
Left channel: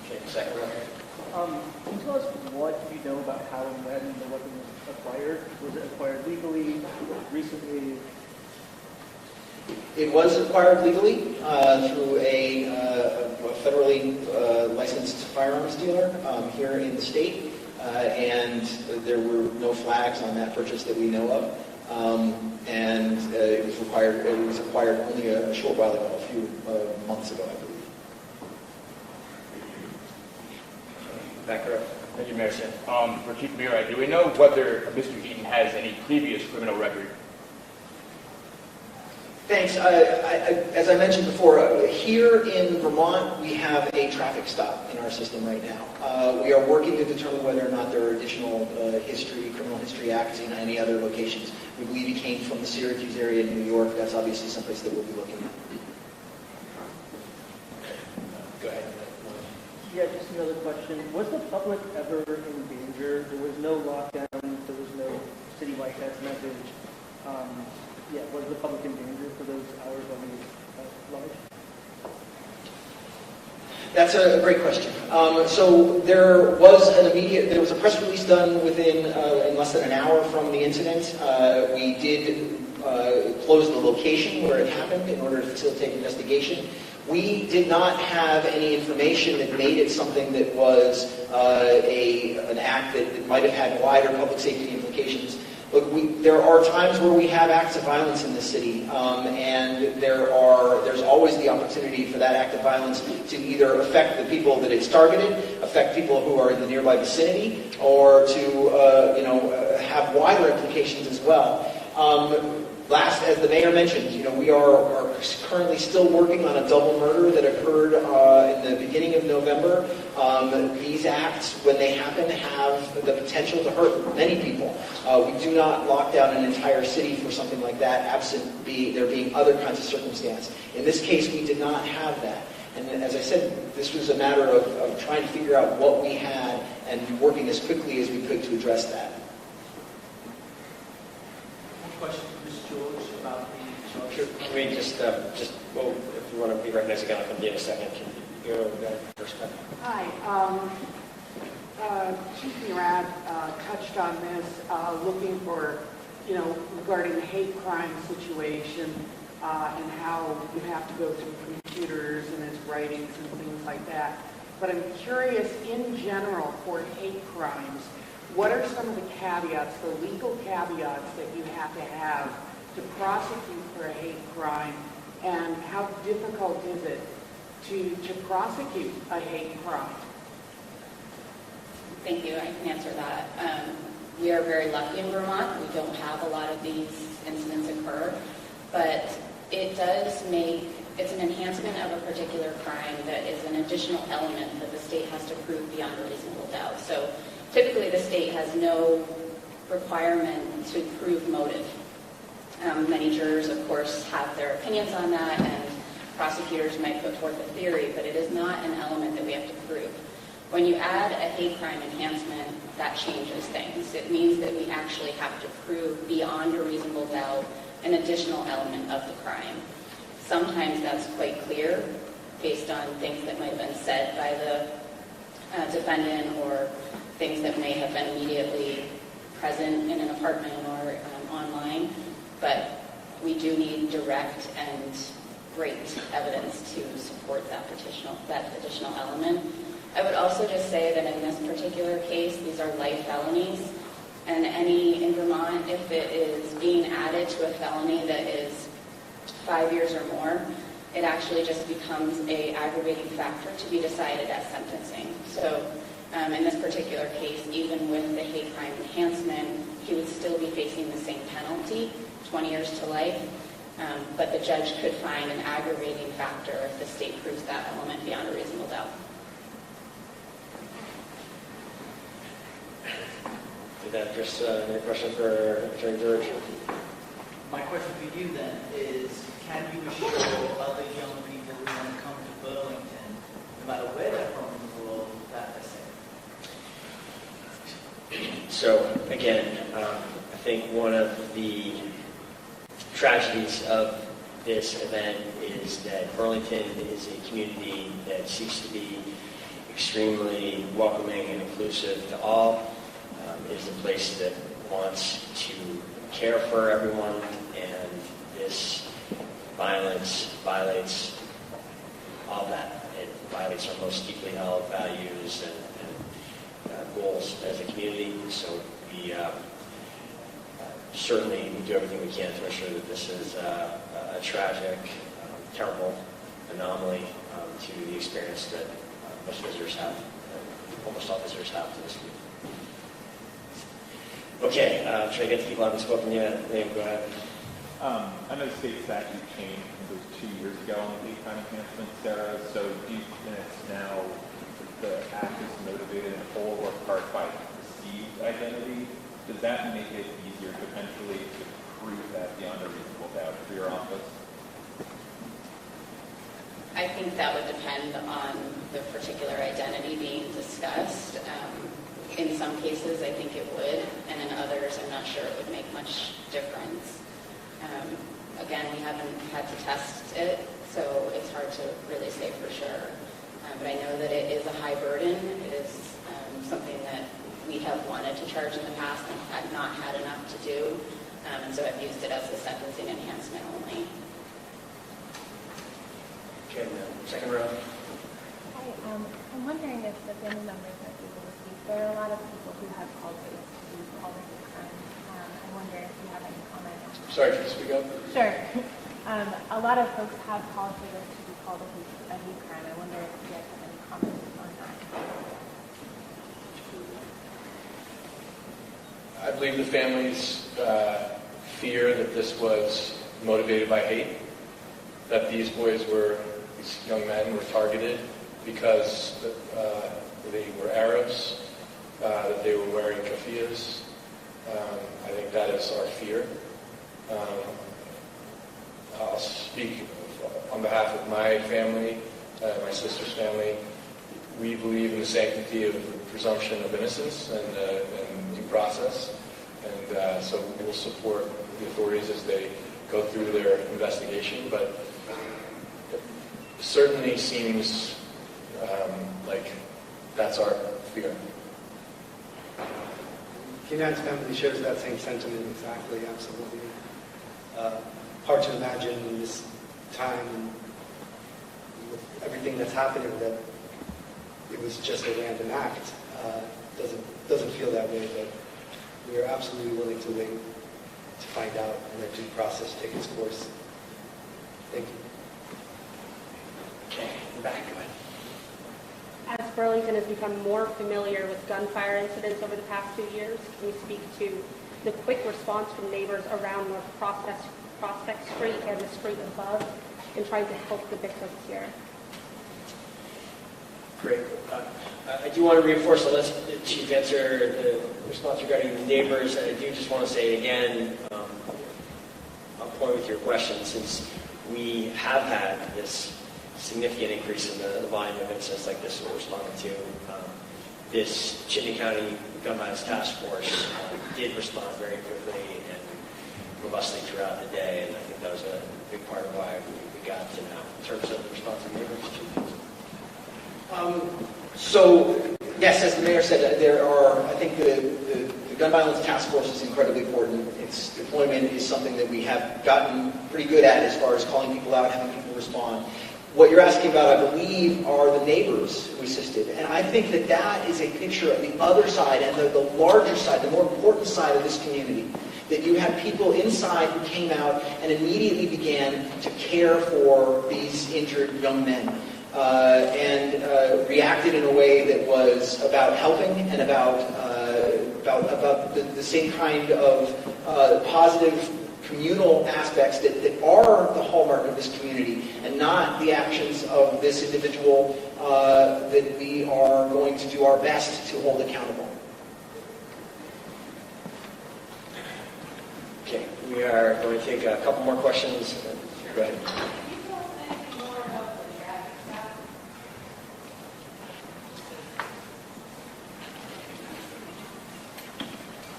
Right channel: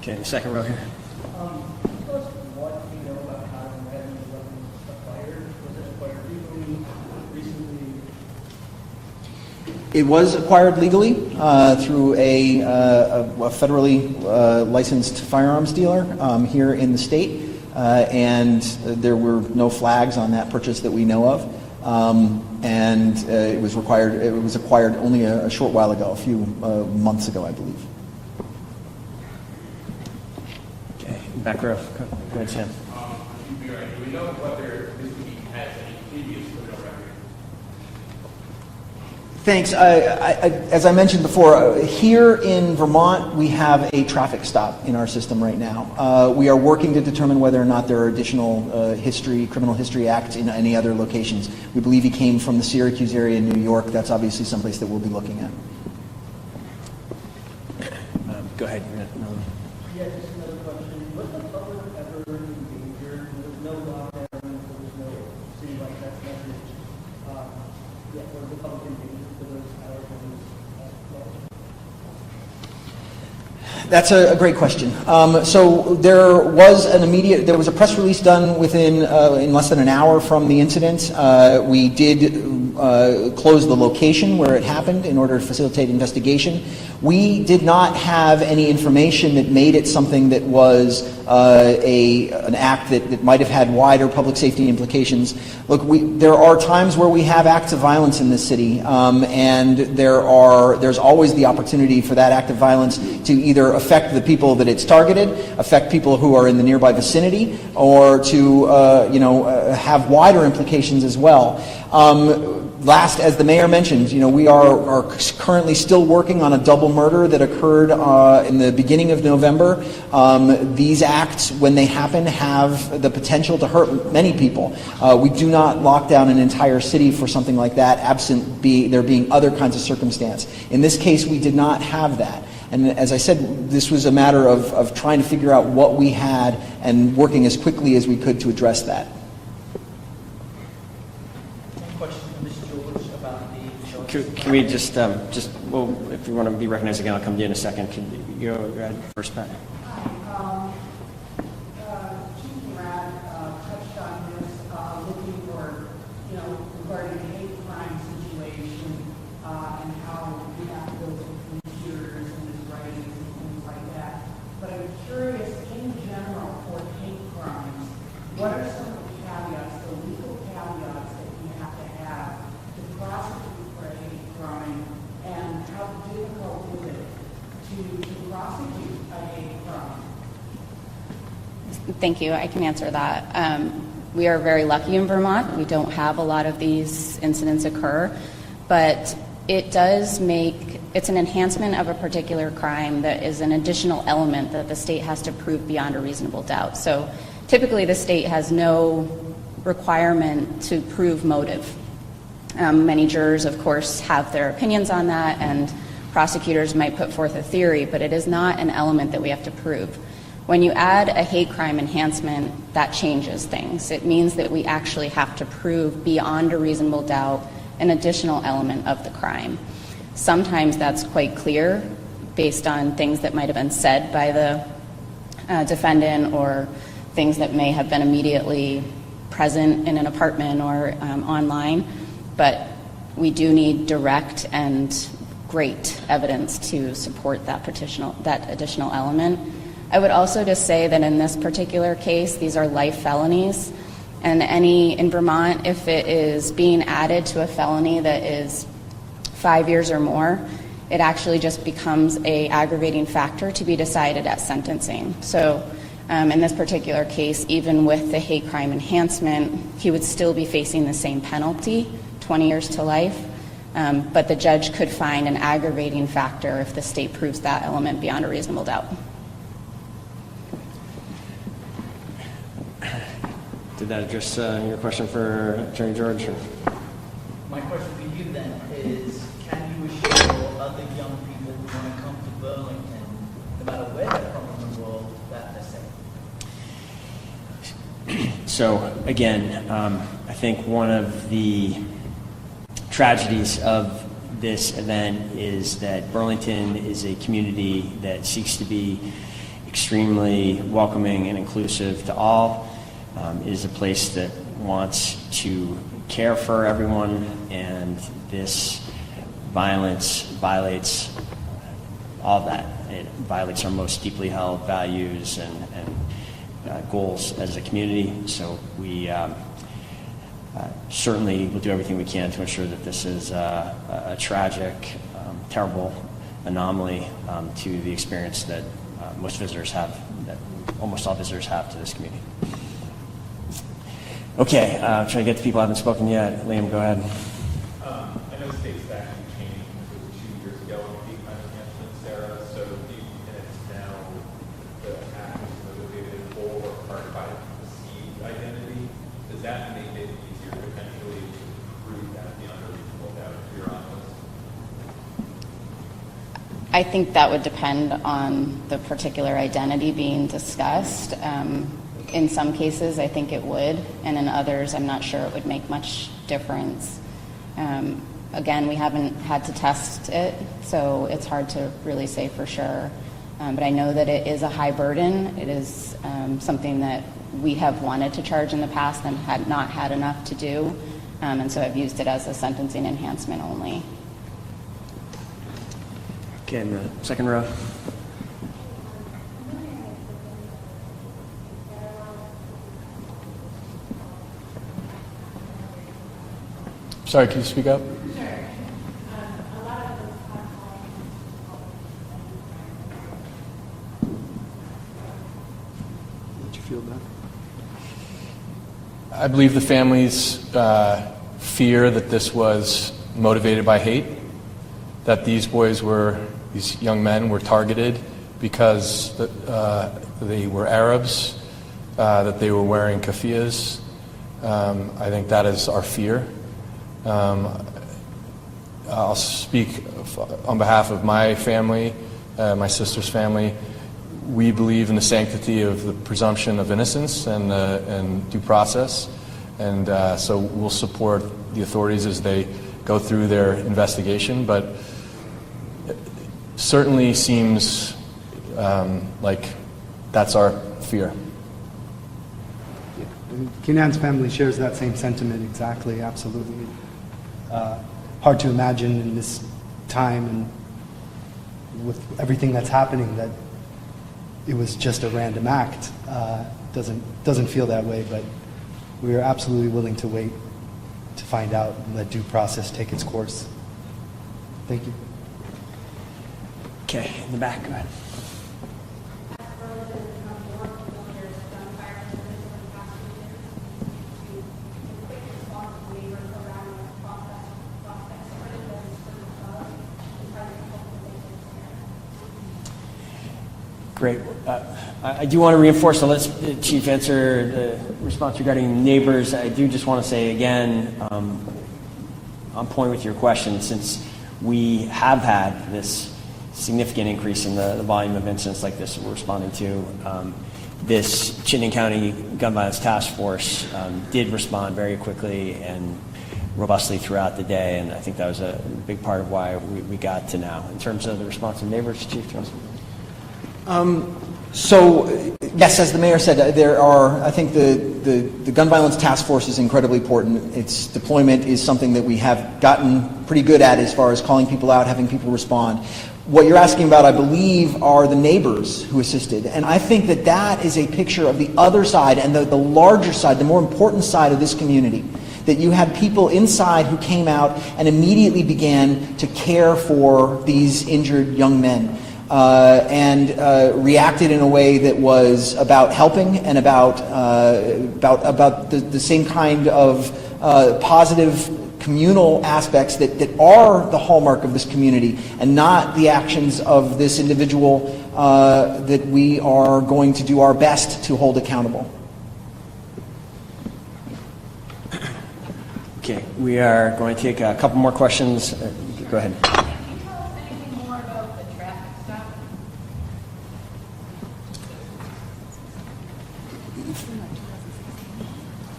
Okay, second row here. Can you tell us what you know about how and when the weapon was acquired? Was it acquired legally, recently? It was acquired legally through a federally licensed firearms dealer here in the state, and there were no flags on that purchase that we know of. And it was acquired only a short while ago, a few months ago, I believe. Okay, back row. For Chief Mira, do we know whether Mr. Eaton has any previous criminal record? Thanks. As I mentioned before, here in Vermont, we have a traffic stop in our system right now. We are working to determine whether or not there are additional criminal history acts in any other locations. We believe he came from the Syracuse area in New York. That's obviously someplace that we'll be looking at. Go ahead. Yeah, just another question. Was the public ever in danger? There was no lockdown. There was no citywide text message. What is the public in danger for those hours when That's a great question. So there was a press release done within in less than an hour from the incident. We did close the location where it happened in order to facilitate investigation. We did not have any information that made it something that was an act that might have had wider public safety implications. Look, there are times where we have acts of violence in this city, and there's always the opportunity for that act of violence to either affect the people that it's targeted, affect people who are in the nearby vicinity, or to have wider implications as well. Last, as the mayor mentioned, we are currently still working on a double murder that occurred in the beginning of November. These acts, when they happen, have the potential to hurt many people. We do not lock down an entire city for something like that, absent there being other kinds of circumstance. In this case, we did not have that. And as I said, this was a matter of trying to figure out what we had and working as quickly as we could to address that. Can we just well, if you want to be recognized again, I'll come to you in a second. Can you go ahead first, Pat? Hi. Chief Murat touched on this, looking for, regarding the hate crime situation and how you have to go through computers and his writings and things like that. But I'm curious, in general, for hate crimes, what are some of the caveats, the legal caveats that you have to prosecute for a hate crime, and how difficult is it to prosecute a hate crime? Thank you. I can answer that. We are very lucky in Vermont. We don't have a lot of these incidents occur, but it's an enhancement of a particular crime that is an additional element that the state has to prove beyond a reasonable doubt. So typically the state has no requirement to prove motive. Many jurors, of course, have their opinions on that, and prosecutors might put forth a theory, but it is not an element that we have to prove. When you add a hate crime enhancement, that changes things. It means that we actually have to prove beyond a reasonable doubt an additional element of the crime. Sometimes that's quite clear based on things that might have been said by the defendant, or things that may have been immediately present in an apartment or online. But we do need direct and great evidence to support that additional element. I would also just say that in this particular case, these are life felonies, and in Vermont, if it is being added to a felony that is 5 years or more, it actually just becomes an aggravating factor to be decided at sentencing. So in this particular case, even with the hate crime enhancement, he would still be facing the same penalty, 20 years to life, but the judge could find an aggravating factor if the state proves that element beyond a reasonable doubt. Did that address your question for Attorney George? My question for you then is, can you assure other young people who want to come to Burlington, no matter where they're from in the world, that they're safe? So again, I think one of the tragedies of this event is that Burlington is a community that seeks to be extremely welcoming and inclusive to all. It is a place that wants to care for everyone, and this violence violates all of that. It violates our most deeply held values and goals as a community. So we certainly will do everything we can to ensure that this is a tragic, terrible anomaly to the experience that most visitors have, that almost all visitors have to this community. Okay, trying to get to people who haven't spoken yet. Liam, go ahead. I know the state statute changed, it was 2 years ago on hate crime enhancement, Sarah. So these minutes now, the act is motivated in whole or part by perceived identity. Does that make it easier potentially to prove that beyond a reasonable doubt if you're on this? I think that would depend on the particular identity being discussed. In some cases, I think it would, and in others, I'm not sure it would make much difference. Again, we haven't had to test it, so it's hard to really say for sure. But I know that it is a high burden. It is something that we have wanted to charge in the past and had not had enough to do, and so I've used it as a sentencing enhancement only. Okay, in the second row. I'm wondering if the family members are there are a lot of people who have cultivated all the time. I wonder if you have any comment. Sorry, can you speak up? Sure. A lot of folks have cultivated called a hate crime. I wonder if you have any comment on that. Did you feel that? I believe the families fear that this was motivated by hate, that these young men were targeted because they were Arabs, that they were wearing keffiyehs. I think that is our fear. I'll speak on behalf of my family, my sister's family. We believe in the sanctity of the presumption of innocence and due process, and so we'll support the authorities as they go through their investigation, but it certainly seems like that's our fear. Kenan's family shares that same sentiment exactly, absolutely. Hard to imagine in this time and with everything that's happening that it was just a random act. Doesn't feel that way, but we are absolutely willing to wait to find out and let due process take its course. Thank you. Okay, in the back, go ahead. As Burlington has become more familiar with gunfire incidents over the past 2 years, can you speak to the quick response from neighbors around North Prospect Street and the street above in trying to help the victims here? Great. I do want to reinforce, so let's Chief answer the response regarding neighbors. I do just want to say again, on point with your question, since we have had this significant increase in the volume of incidents like this we're responding to, this Chittenden County Gun Violence Task Force did respond very quickly and robustly throughout the day, and I think that was a big part of why we got to now. In terms of the response of neighbors, Chief? So, yes, as the mayor said, there are, I think the Gun Violence Task Force is incredibly important. Its deployment is something that we have gotten pretty good at as far as calling people out, having people respond. What you're asking about, I believe, are the neighbors who assisted. And I think that that is a picture of the other side and the larger side, the more important side of this community. That you had people inside who came out and immediately began to care for these injured young men. And reacted in a way that was about helping and about the same kind of positive communal aspects that are the hallmark of this community, and not the actions of this individual that we are going to do our best to hold accountable. Okay, we are going to take a couple more questions. Go ahead.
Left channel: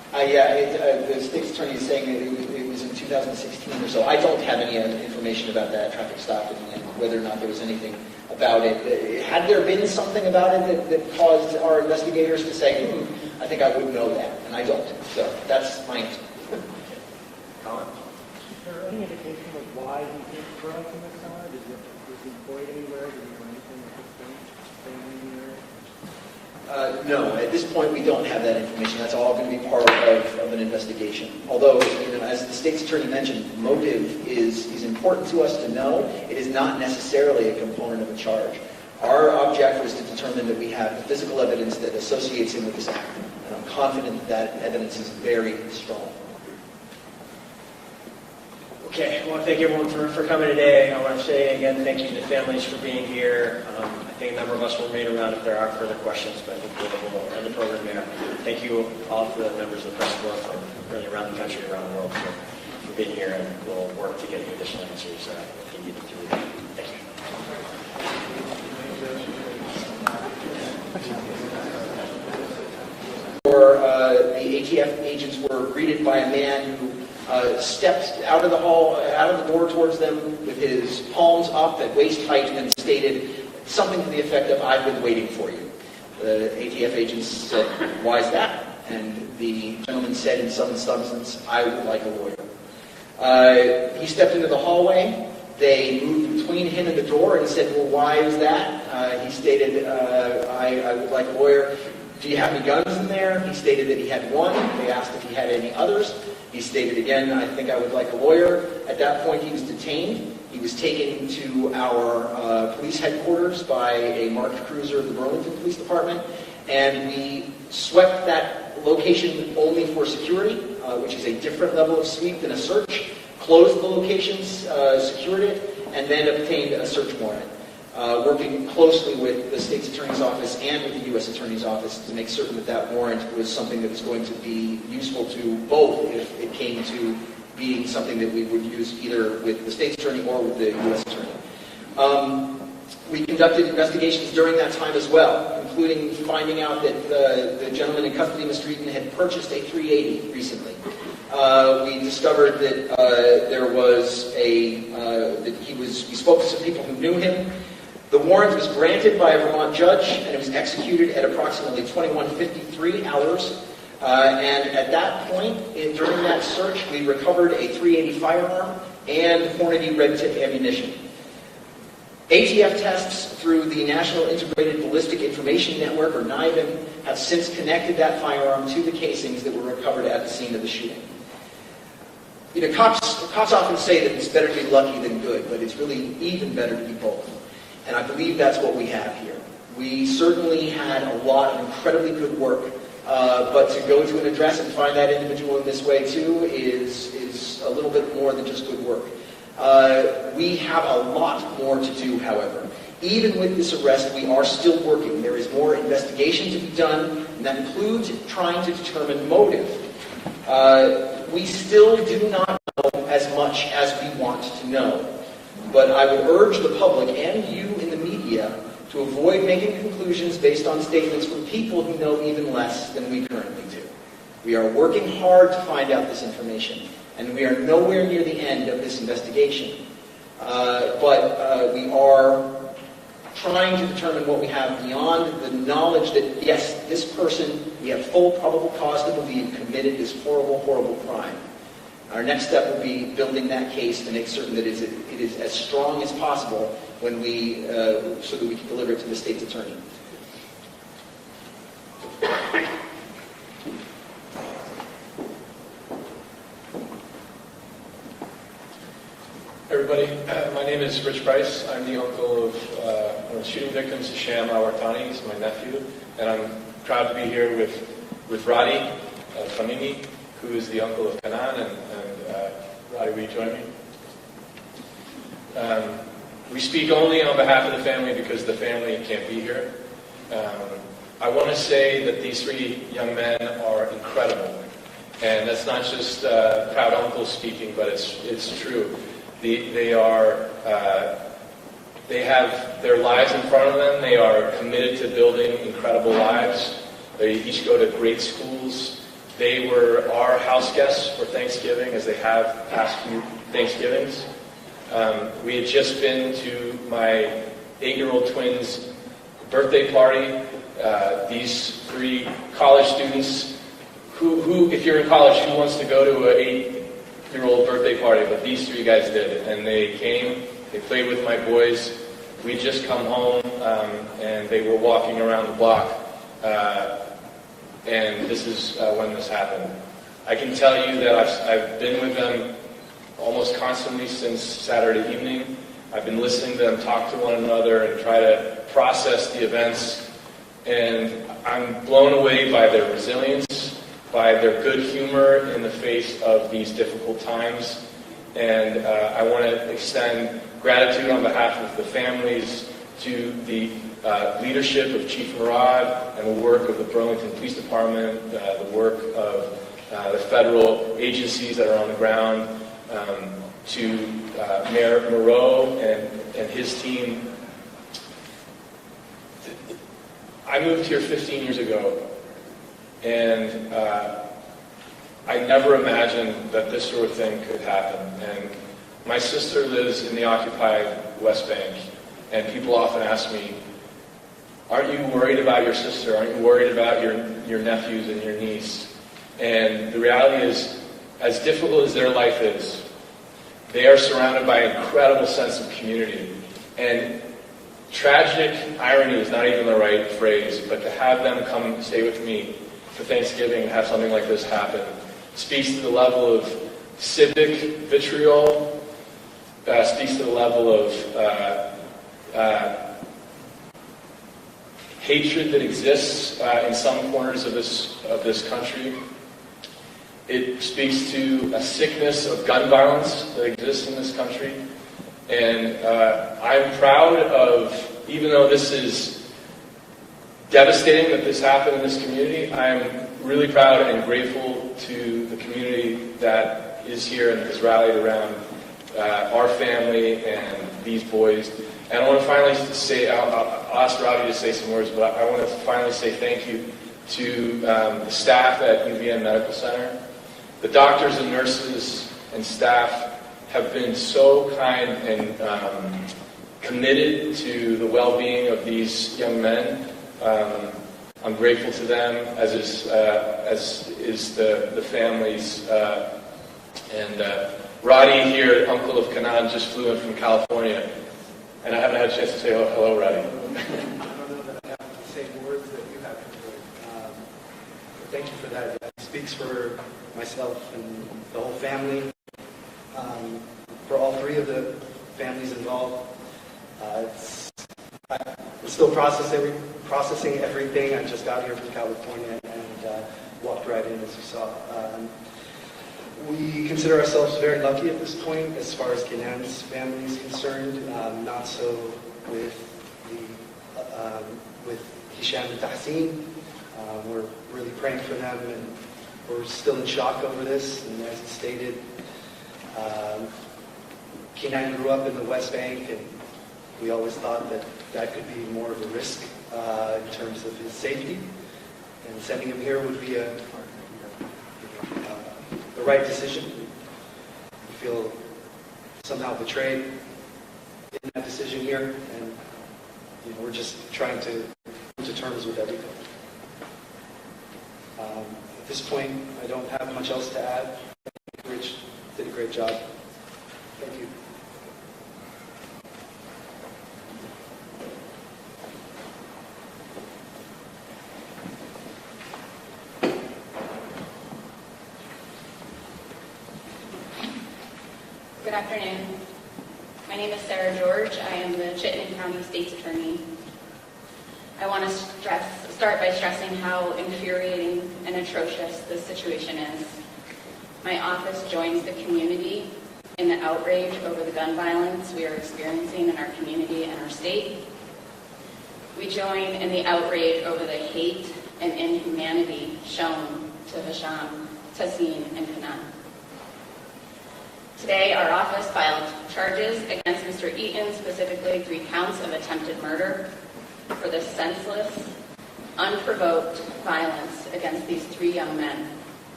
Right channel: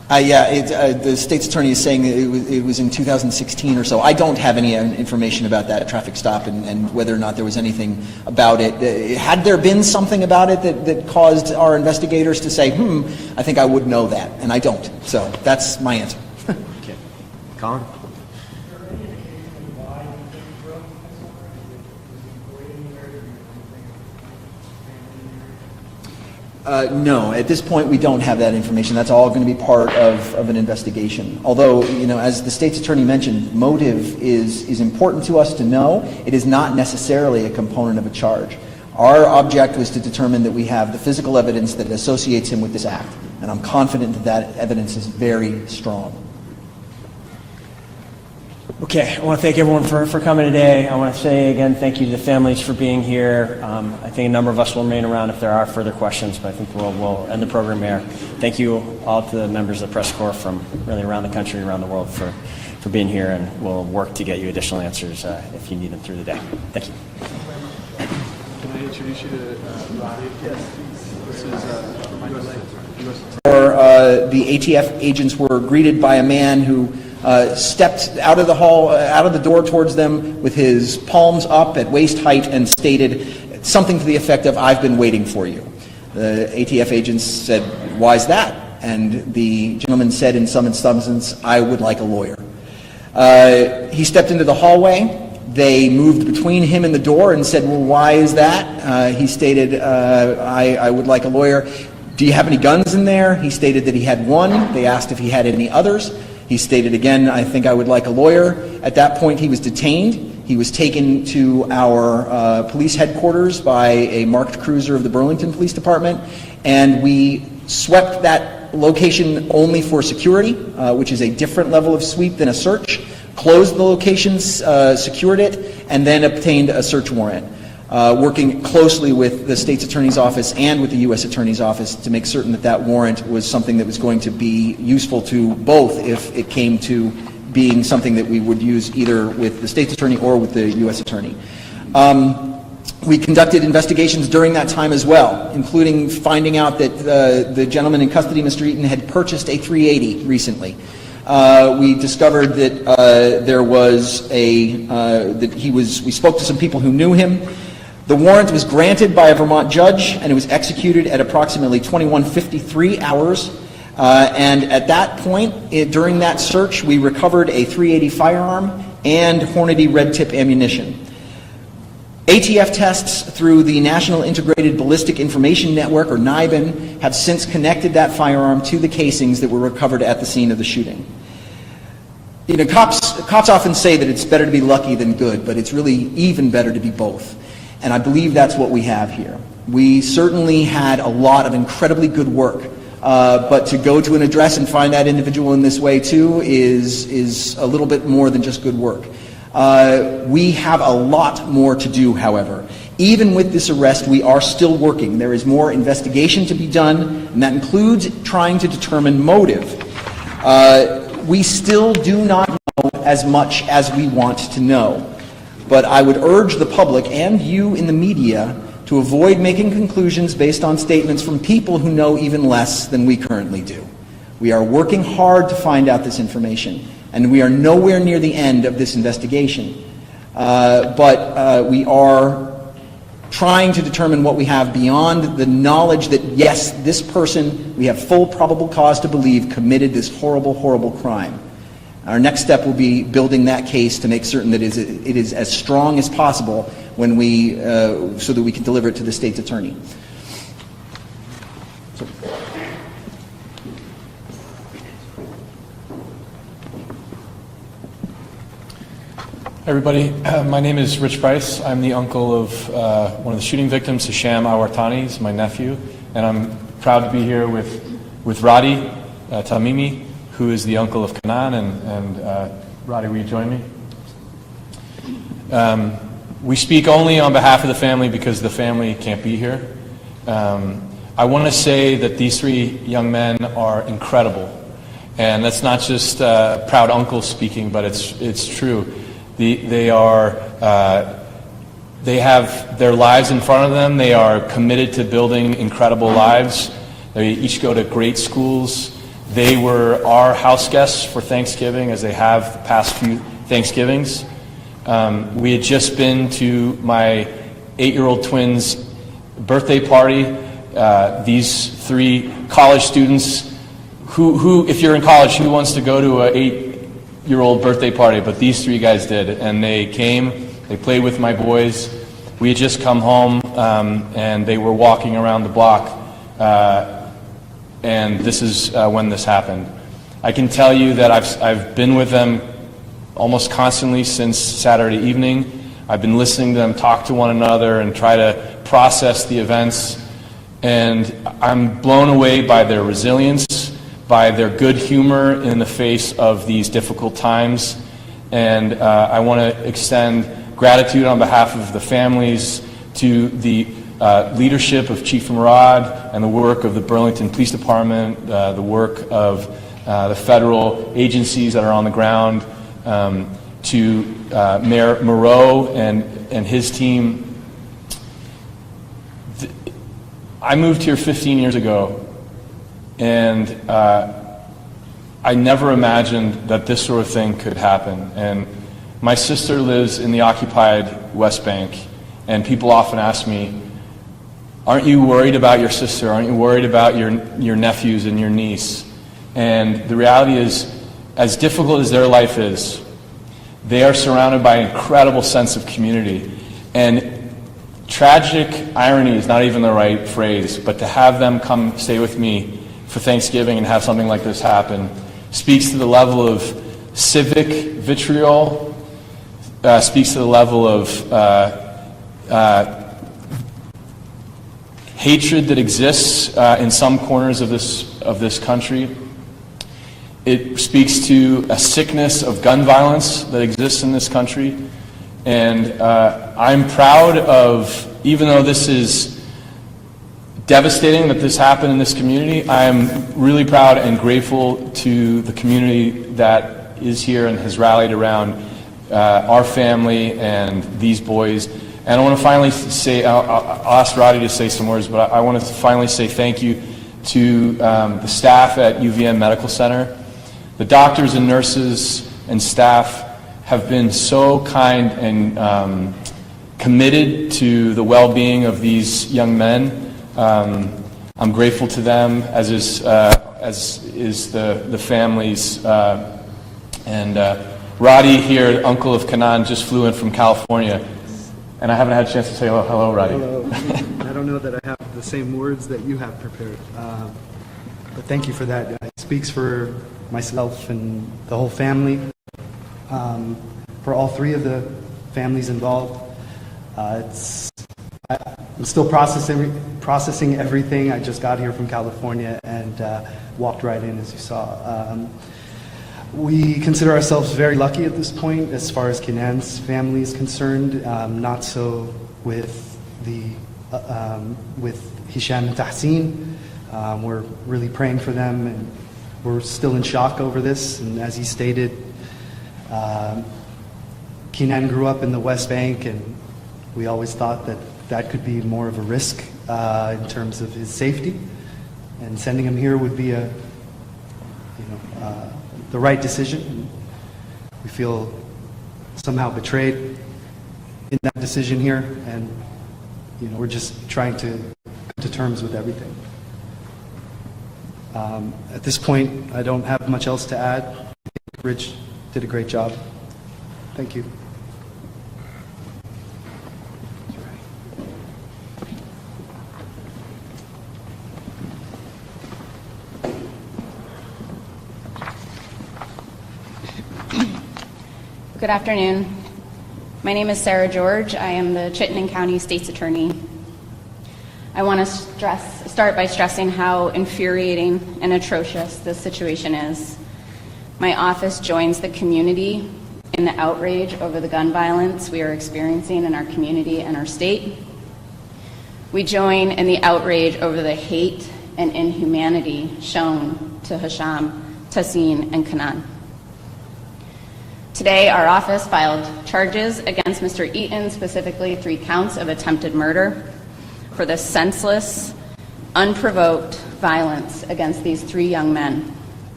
The state's attorney is saying that it was in 2016 or so. I don't have any information about that traffic stop and whether or not there was anything about it. Had there been something about it that caused our investigators to say, I think I would know that, and I don't. So that's my answer. Okay. Colin? Is there any indication of why he didn't grow up in that summer? Was he employed anywhere? Did he do things with family in there? No, at this point we don't have that information. That's all going to be part of an investigation. Although, as the state's attorney mentioned, motive is important to us to know. It is not necessarily a component of a charge. Our object was to determine that we have the physical evidence that associates him with this act. And I'm confident that that evidence is very strong. Okay, I want to thank everyone for coming today. I want to say again thank you to the families for being here. I think a number of us will remain around if there are further questions, but I think we'll end the program here. Thank you all to the members of the press corps from really around the country, around the world for being here, and we'll work to get you additional answers if you need them through the day. Thank you. Can I introduce you to The ATF agents were greeted by a man who stepped out of the hall, out of the door towards them with his palms up at waist height and stated something to the effect of, "I've been waiting for you." The ATF agents said, "Why is that?" And the gentleman said in some substance, "I would like a lawyer." He stepped into the hallway. They moved between him and the door and said, "Well, why is that?" He stated, I would like a lawyer. "Do you have any guns in there?" He stated that he had one. They asked if he had any others. He stated again, "I think I would like a lawyer." At that point, he was detained. He was taken to our police headquarters by a marked cruiser of the Burlington Police Department, and we swept that location only for security, which is a different level of sweep than a search, closed the location, secured it, and then obtained a search warrant, working closely with the state's attorney's office and with the U.S. attorney's office to make certain that that warrant was something that was going to be useful to both if it came to being something that we would use either with the state's attorney or with the U.S. attorney. We conducted investigations during that time as well, including finding out that the gentleman in custody, Mr. Eaton, had purchased a 380 recently. We discovered that we spoke to some people who knew him. The warrant was granted by a Vermont judge, and it was executed at approximately 21:53 hours. And at that point, during that search, we recovered a .380 firearm and Hornady red tip ammunition. ATF tests through the National Integrated Ballistic Information Network, or NIBIN, have since connected that firearm to the casings that were recovered at the scene of the shooting. Cops often say that it's better to be lucky than good, but it's really even better to be both. And I believe that's what we have here. We certainly had a lot of incredibly good work, but to go to an address and find that individual in this way too is a little bit more than just good work. We have a lot more to do, however. Even with this arrest, we are still working. There is more investigation to be done, and that includes trying to determine motive. We still do not know as much as we want to know. But I would urge the public and you in the media to avoid making conclusions based on statements from people who know even less than we currently do. We are working hard to find out this information, and we are nowhere near the end of this investigation. But we are trying to determine what we have beyond the knowledge that, yes, this person, we have full probable cause to believe, committed this horrible, horrible crime. Our next step will be building that case to make certain that it is as strong as possible when so that we can deliver it to the state's attorney. Everybody, my name is Rich Bryce. I'm the uncle of one of the shooting victims, Hisham Al-Wartani. He's my nephew, and I'm proud to be here with Radi Tamimi, who is the uncle of Kanan, and Radi, will you join me? We speak only on behalf of the family because the family can't be here. I want to say that these three young men are incredible, and that's not just proud uncle speaking, but it's true. They have their lives in front of them. They are committed to building incredible lives. They each go to great schools. They were our house guests for Thanksgiving, as they have past few Thanksgivings. We had just been to my 8-year-old twins' birthday party. These 3 college students, who, if you're in college, who wants to go to an 8-year-old birthday party? But these 3 guys did, and they came, they played with my boys. We had just come home, and they were walking around the block, and this is when this happened. I can tell you that I've been with them almost constantly since Saturday evening. I've been listening to them talk to one another and try to process the events, and I'm blown away by their resilience, by their good humor in the face of these difficult times, and I want to extend gratitude on behalf of the families to the leadership of Chief Murad and the work of the Burlington Police Department, the work of the federal agencies that are on the ground, to Mayor Moreau and his team. I moved here 15 years ago, and I never imagined that this sort of thing could happen. And my sister lives in the occupied West Bank, and people often ask me, aren't you worried about your sister? Aren't you worried about your nephews and your niece? And the reality is, as difficult as their life is, they are surrounded by an incredible sense of community. And tragic irony is not even the right phrase, but to have them come stay with me for Thanksgiving and have something like this happen speaks to the level of civic vitriol, speaks to the level of hatred that exists in some corners of this country. It speaks to a sickness of gun violence that exists in this country. And I'm proud of, even though this is devastating that this happened in this community, I'm really proud and grateful to the community that is here and has rallied around our family and these boys. And I want to finally say, I'll ask Roddy to say some words, but I want to finally say thank you to the staff at UVM Medical Center. The doctors and nurses and staff have been so kind and committed to the well-being of these young men. I'm grateful to them, as is the families. And Roddy here, uncle of Kanan, just flew in from California, and I haven't had a chance to say hello, Roddy. I don't know that I have the same words that you have prepared, but thank you for that. It speaks for myself and the whole family, for all 3 of the families involved. I'm still processing everything. I just got here from California and walked right in, as you saw. We consider ourselves very lucky at this point as far as Kenan's family is concerned. Not so with Hisham and Tahsin. We're really praying for them, and we're still in shock over this. And as he stated, Kenan grew up in the West Bank, and we always thought that could be more of a risk in terms of his safety. And sending him here would be the right decision. We feel somehow betrayed in that decision here, and we're just trying to come to terms with everything. At this point, I don't have much else to add. I think Rich did a great job. Thank you. Good afternoon. My name is Sarah George. I am the Chittenden County State's Attorney. I want to start by stressing how infuriating and atrocious this situation is. My office joins the community in the outrage over the gun violence we are experiencing in our community and our state. We join in the outrage over the hate and inhumanity shown to Hisham, Tahsin, and Kanan. Today, our office filed charges against Mr. Eaton, specifically 3 counts of attempted murder, for the senseless, unprovoked violence against these 3 young men.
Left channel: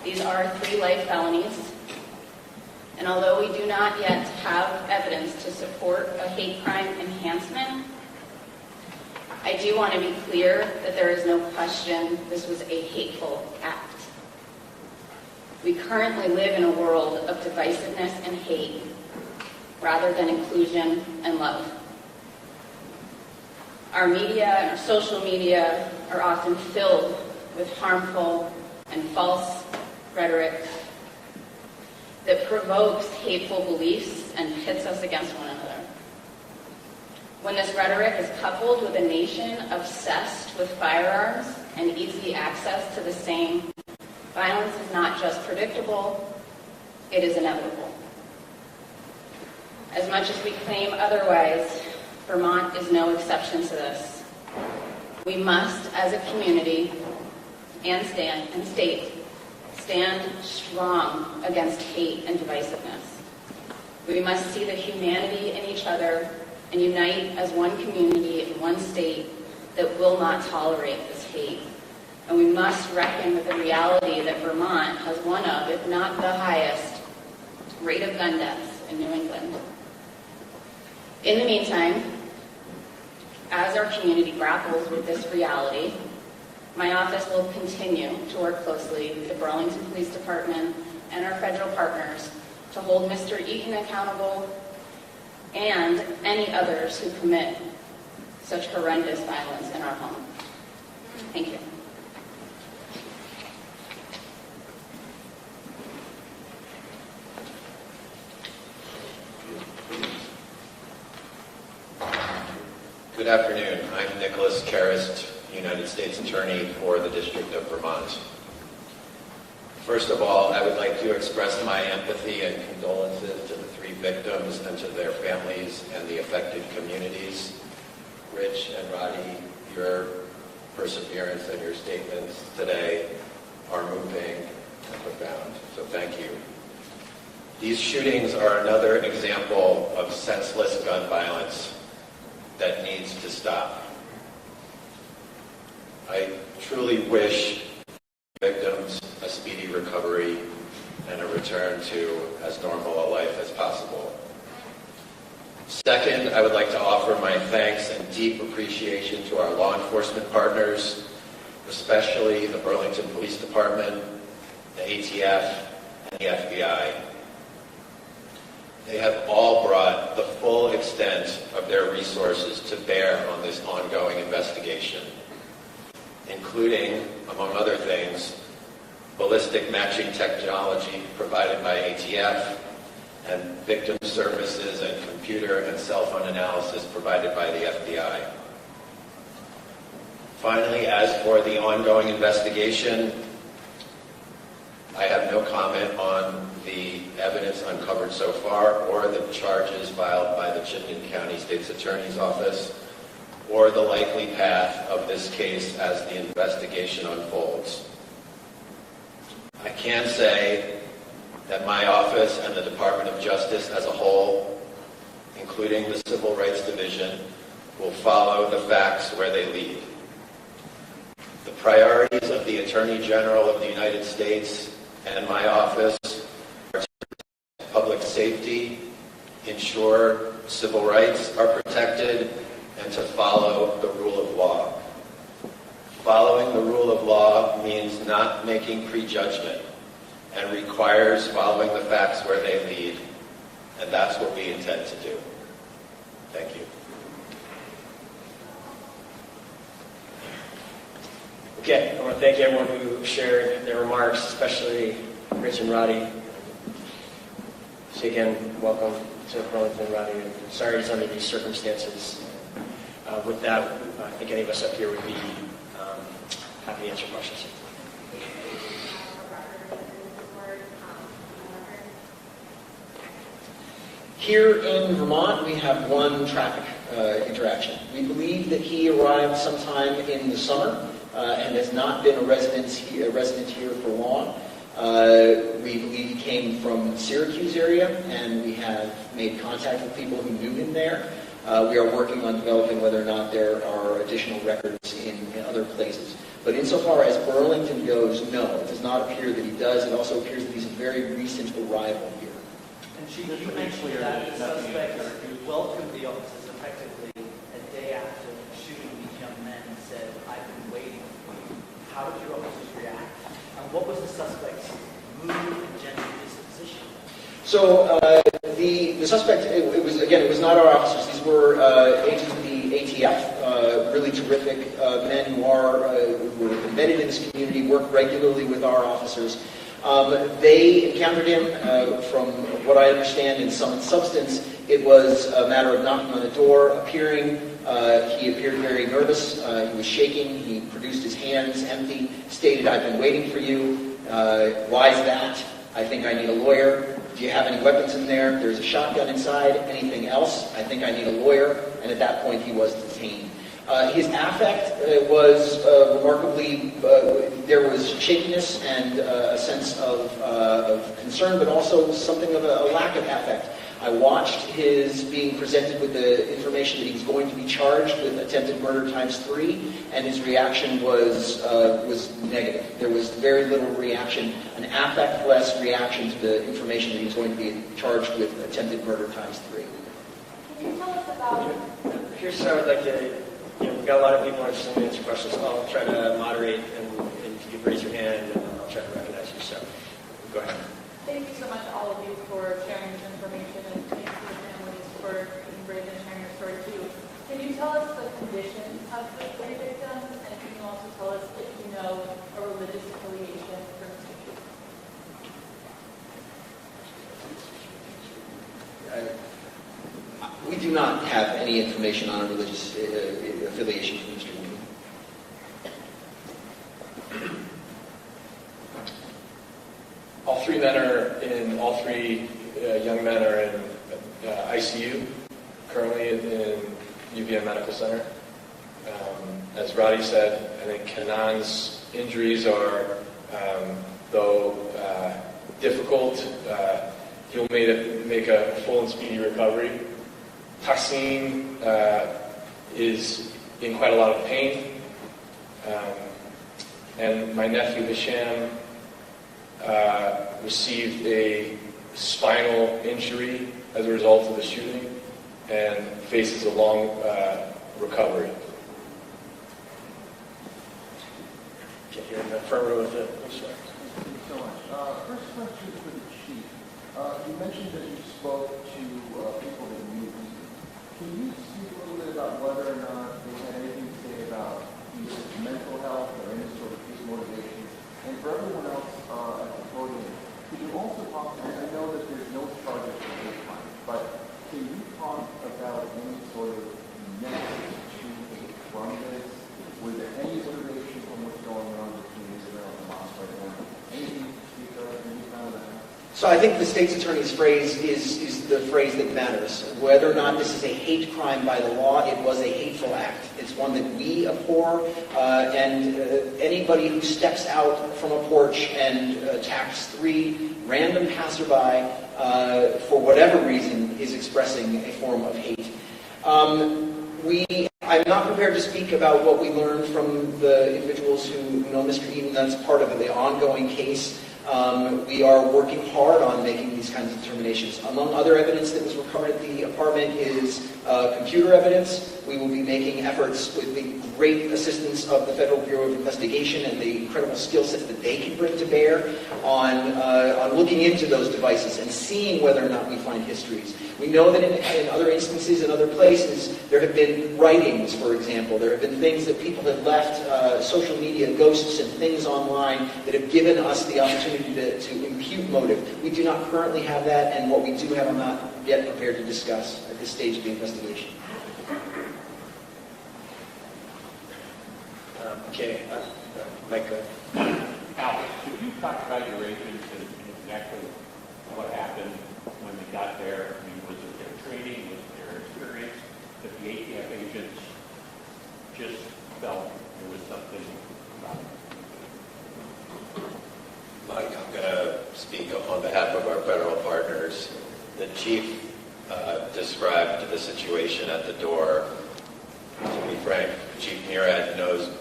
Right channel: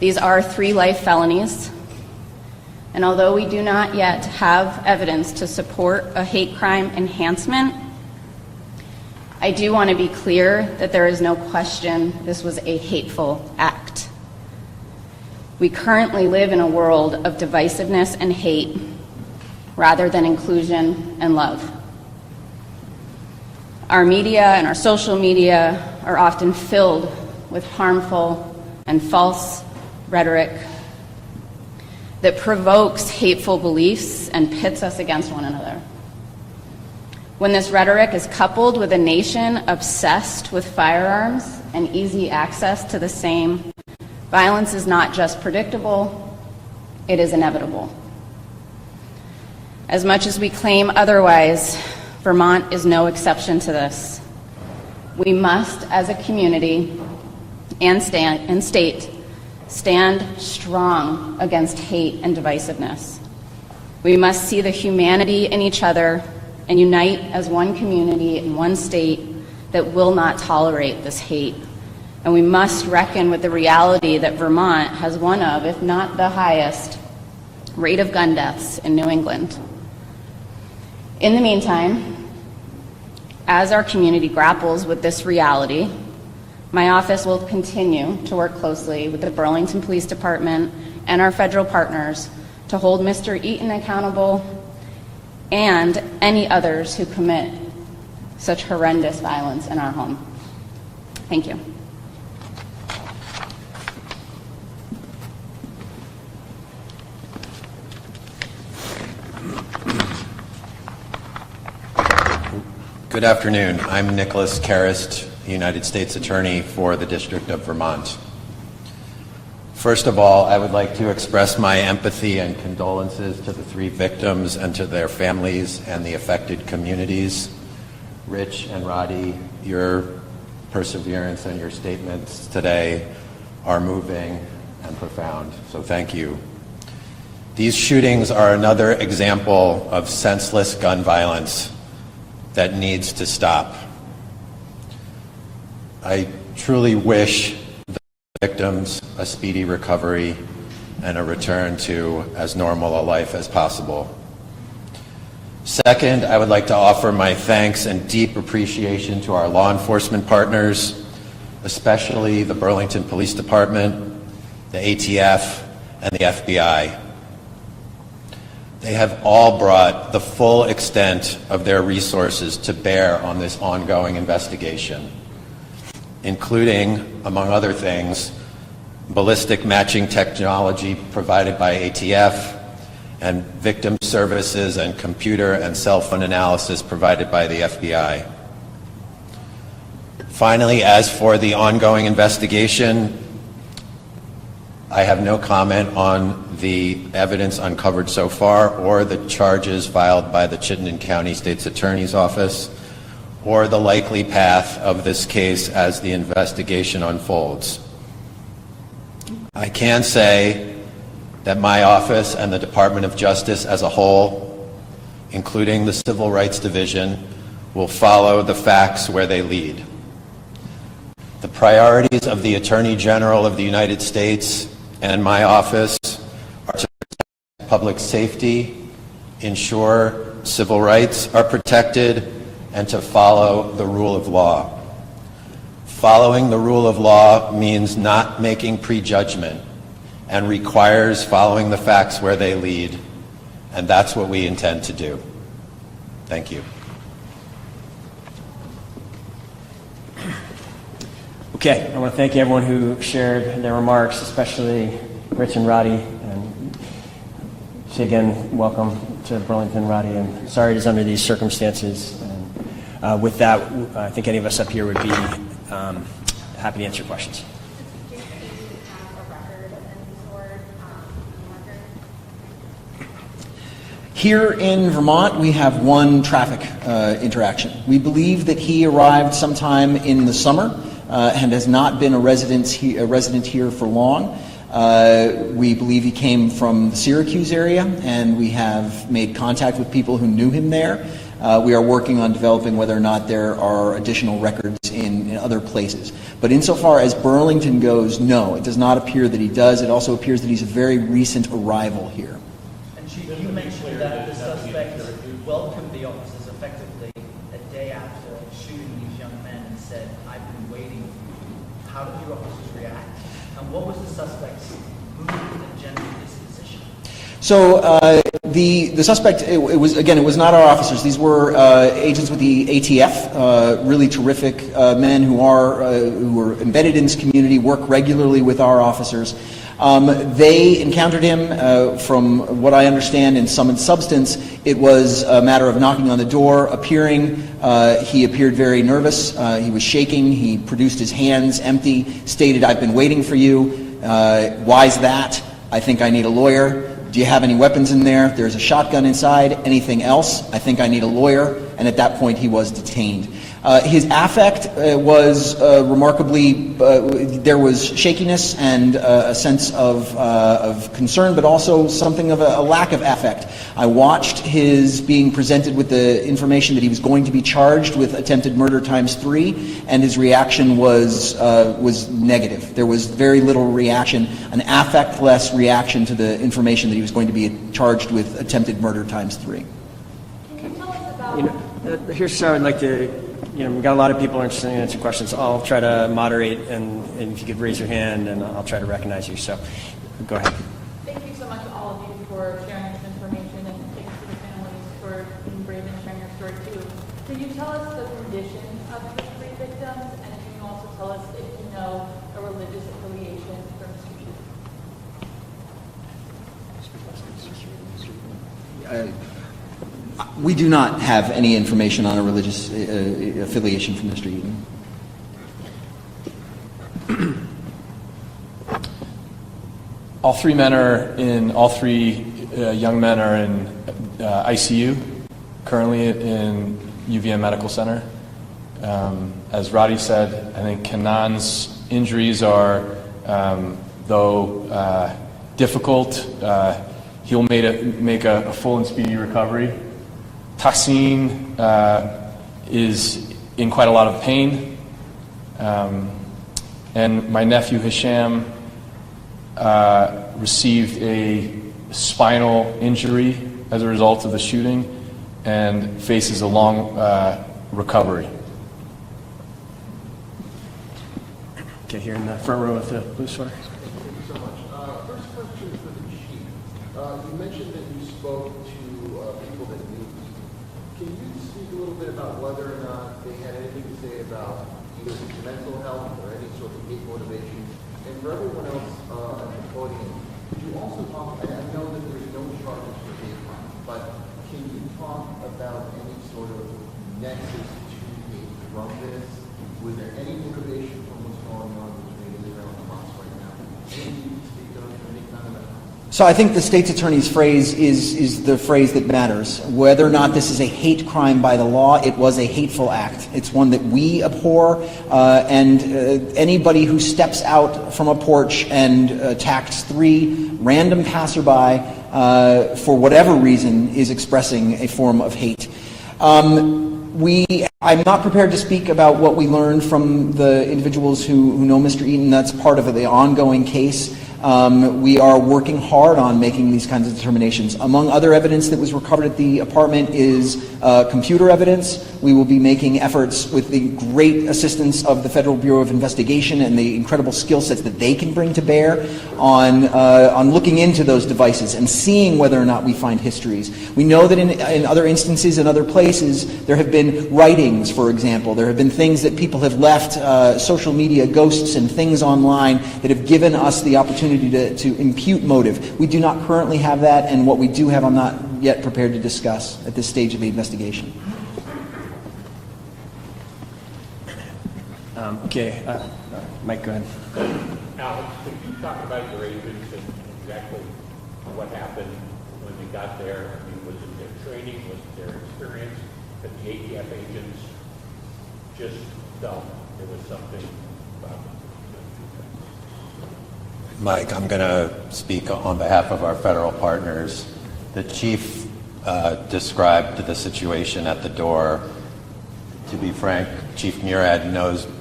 These are 3 life felonies, and although we do not yet have evidence to support a hate crime enhancement, I do want to be clear that there is no question this was a hateful act. We currently live in a world of divisiveness and hate rather than inclusion and love. Our media and our social media are often filled with harmful and false rhetoric that provokes hateful beliefs and pits us against one another. When this rhetoric is coupled with a nation obsessed with firearms and easy access to the same, violence is not just predictable, it is inevitable. As much as we claim otherwise, Vermont is no exception to this. We must, as a community and state, stand strong against hate and divisiveness. We must see the humanity in each other and unite as one community in one state that will not tolerate this hate. And we must reckon with the reality that Vermont has one of, if not the highest, rate of gun deaths in New England. In the meantime, as our community grapples with this reality, my office will continue to work closely with the Burlington Police Department and our federal partners to hold Mr. Eaton accountable and any others who commit such horrendous violence in our home. Thank you. Good afternoon. I'm Nicholas Karist, United States Attorney for the District of Vermont. First of all, I would like to express my empathy and condolences to the 3 victims and to their families and the affected communities. Rich and Roddy, your perseverance and your statements today are moving and profound, so thank you. These shootings are another example of senseless gun violence that needs to stop. I truly wish the victims a speedy recovery and a return to as normal a life as possible. Second, I would like to offer my thanks and deep appreciation to our law enforcement partners, especially the Burlington Police Department, the ATF, and the FBI. They have all brought the full extent of their resources to bear on this ongoing investigation, including, among other things, ballistic matching technology provided by ATF and victim services and computer and cell phone analysis provided by the FBI. Finally, as for the ongoing investigation, I have no comment on the evidence uncovered so far or the charges filed by the Chittenden County State's Attorney's Office or the likely path of this case as the investigation unfolds. I can say that my office and the Department of Justice as a whole, including the Civil Rights Division, will follow the facts where they lead. The priorities of the Attorney General of the United States and my office are to protect public safety, ensure civil rights are protected, and to follow the rule of law. Following the rule of law means not making prejudgment and requires following the facts where they lead, and that's what we intend to do. Thank you. Okay, I want to thank everyone who shared their remarks, especially Rich and Roddy. And say again, welcome to Burlington, Roddy, and sorry it's under these circumstances. And, with that, I think any of us up here would be happy to answer questions. Here in Vermont, we have one traffic interaction. We believe that he arrived sometime in the summer and has not been a resident here for long. We believe he came from the Syracuse area, and we have made contact with people who knew him there. We are working on developing whether or not there are additional records in other places. But insofar as Burlington goes, no, it does not appear that he does. It also appears that he's a very recent arrival here. And Chief, you mentioned that the suspect welcomed the officers effectively a day after shooting these young men and said, "I've been waiting for you." How did your officers react? And what was the suspect's mood and general disposition? So the suspect, it was not our officers. These were agents with the ATF, really terrific men who are embedded in this community, work regularly with our officers. They encountered him, from what I understand, in sum and substance. It was a matter of knocking on the door, appearing. He appeared very nervous. He was shaking. He produced his hands empty, stated, "I've been waiting for you." Why's that? "I think I need a lawyer." "Do you have any weapons in there?" "There's a shotgun inside." "Anything else?" "I think I need a lawyer." And at that point, he was detained. His affect was remarkably, there was shakiness and a sense of concern, but also something of a lack of affect. I watched his being presented with the information that he was going to be charged with attempted murder ×3, and his reaction was negative. There was very little reaction, an affect-less reaction to the information that he was going to be charged with attempted murder ×3. Here's how I'd like to, we've got a lot of people interested in answering questions. I'll try to moderate, and if you could raise your hand, and I'll try to recognize you. So, go ahead. Thank you so much, all of you, for sharing this information, and thanks to the families for being brave and sharing your story too. Can you tell us the condition of the three victims, and can you also tell us if you know a religious affiliation for Mr. Chief? We do not have any information on a religious affiliation from Mr. Eden. All three young men are in ICU, currently in UVM Medical Center. As Roddy said, I think Kanan's injuries are, though difficult, he'll make a full and speedy recovery. Tassim is in quite a lot of pain. And my nephew Hisham received a spinal injury as a result of the shooting and faces a long recovery. Okay, here in the front row with the blue sweater. Thank you so much. First question for the chief. You mentioned that you spoke to people that knew. Can you speak a little bit about whether or not they had anything to say about either mental health or any sort of hate motivation? And for everyone else at the podium, can you also talk, and I know that there's no charges for hate crime, but can you talk about any sort of nexus to hate from this? Was there any motivation from what's going on between Israel and Hamas right now? Anything you can speak of, any kind of that? So I think the state's attorney's phrase is the phrase that matters. Whether or not this is a hate crime by the law, it was a hateful act. It's one that we abhor, and anybody who steps out from a porch and attacks 3 random passerby for whatever reason is expressing a form of hate. I'm not prepared to speak about what we learned from the individuals who know Mr. Eaton. That's part of the ongoing case. We are working hard on making these kinds of determinations. Among other evidence that was recovered at the apartment is computer evidence. We will be making efforts with the great assistance of the Federal Bureau of Investigation and the incredible skill sets that they can bring to bear on looking into those devices and seeing whether or not we find histories. We know that in other instances, in other places, there have been writings, for example. There have been things that people have left, social media ghosts and things online that have given us the opportunity to impute motive. We do not currently have that, and what we do have I'm not yet prepared to discuss at this stage of the investigation. Okay, Mike, go ahead. Alex, could you talk about your agents and exactly what happened when we got there? I mean, was it their training, was it their experience, that the ATF agents just felt there was something about it? Mike, I'm going to speak on behalf of our federal partners. The chief described the situation at the door. To be frank, Chief Murad knows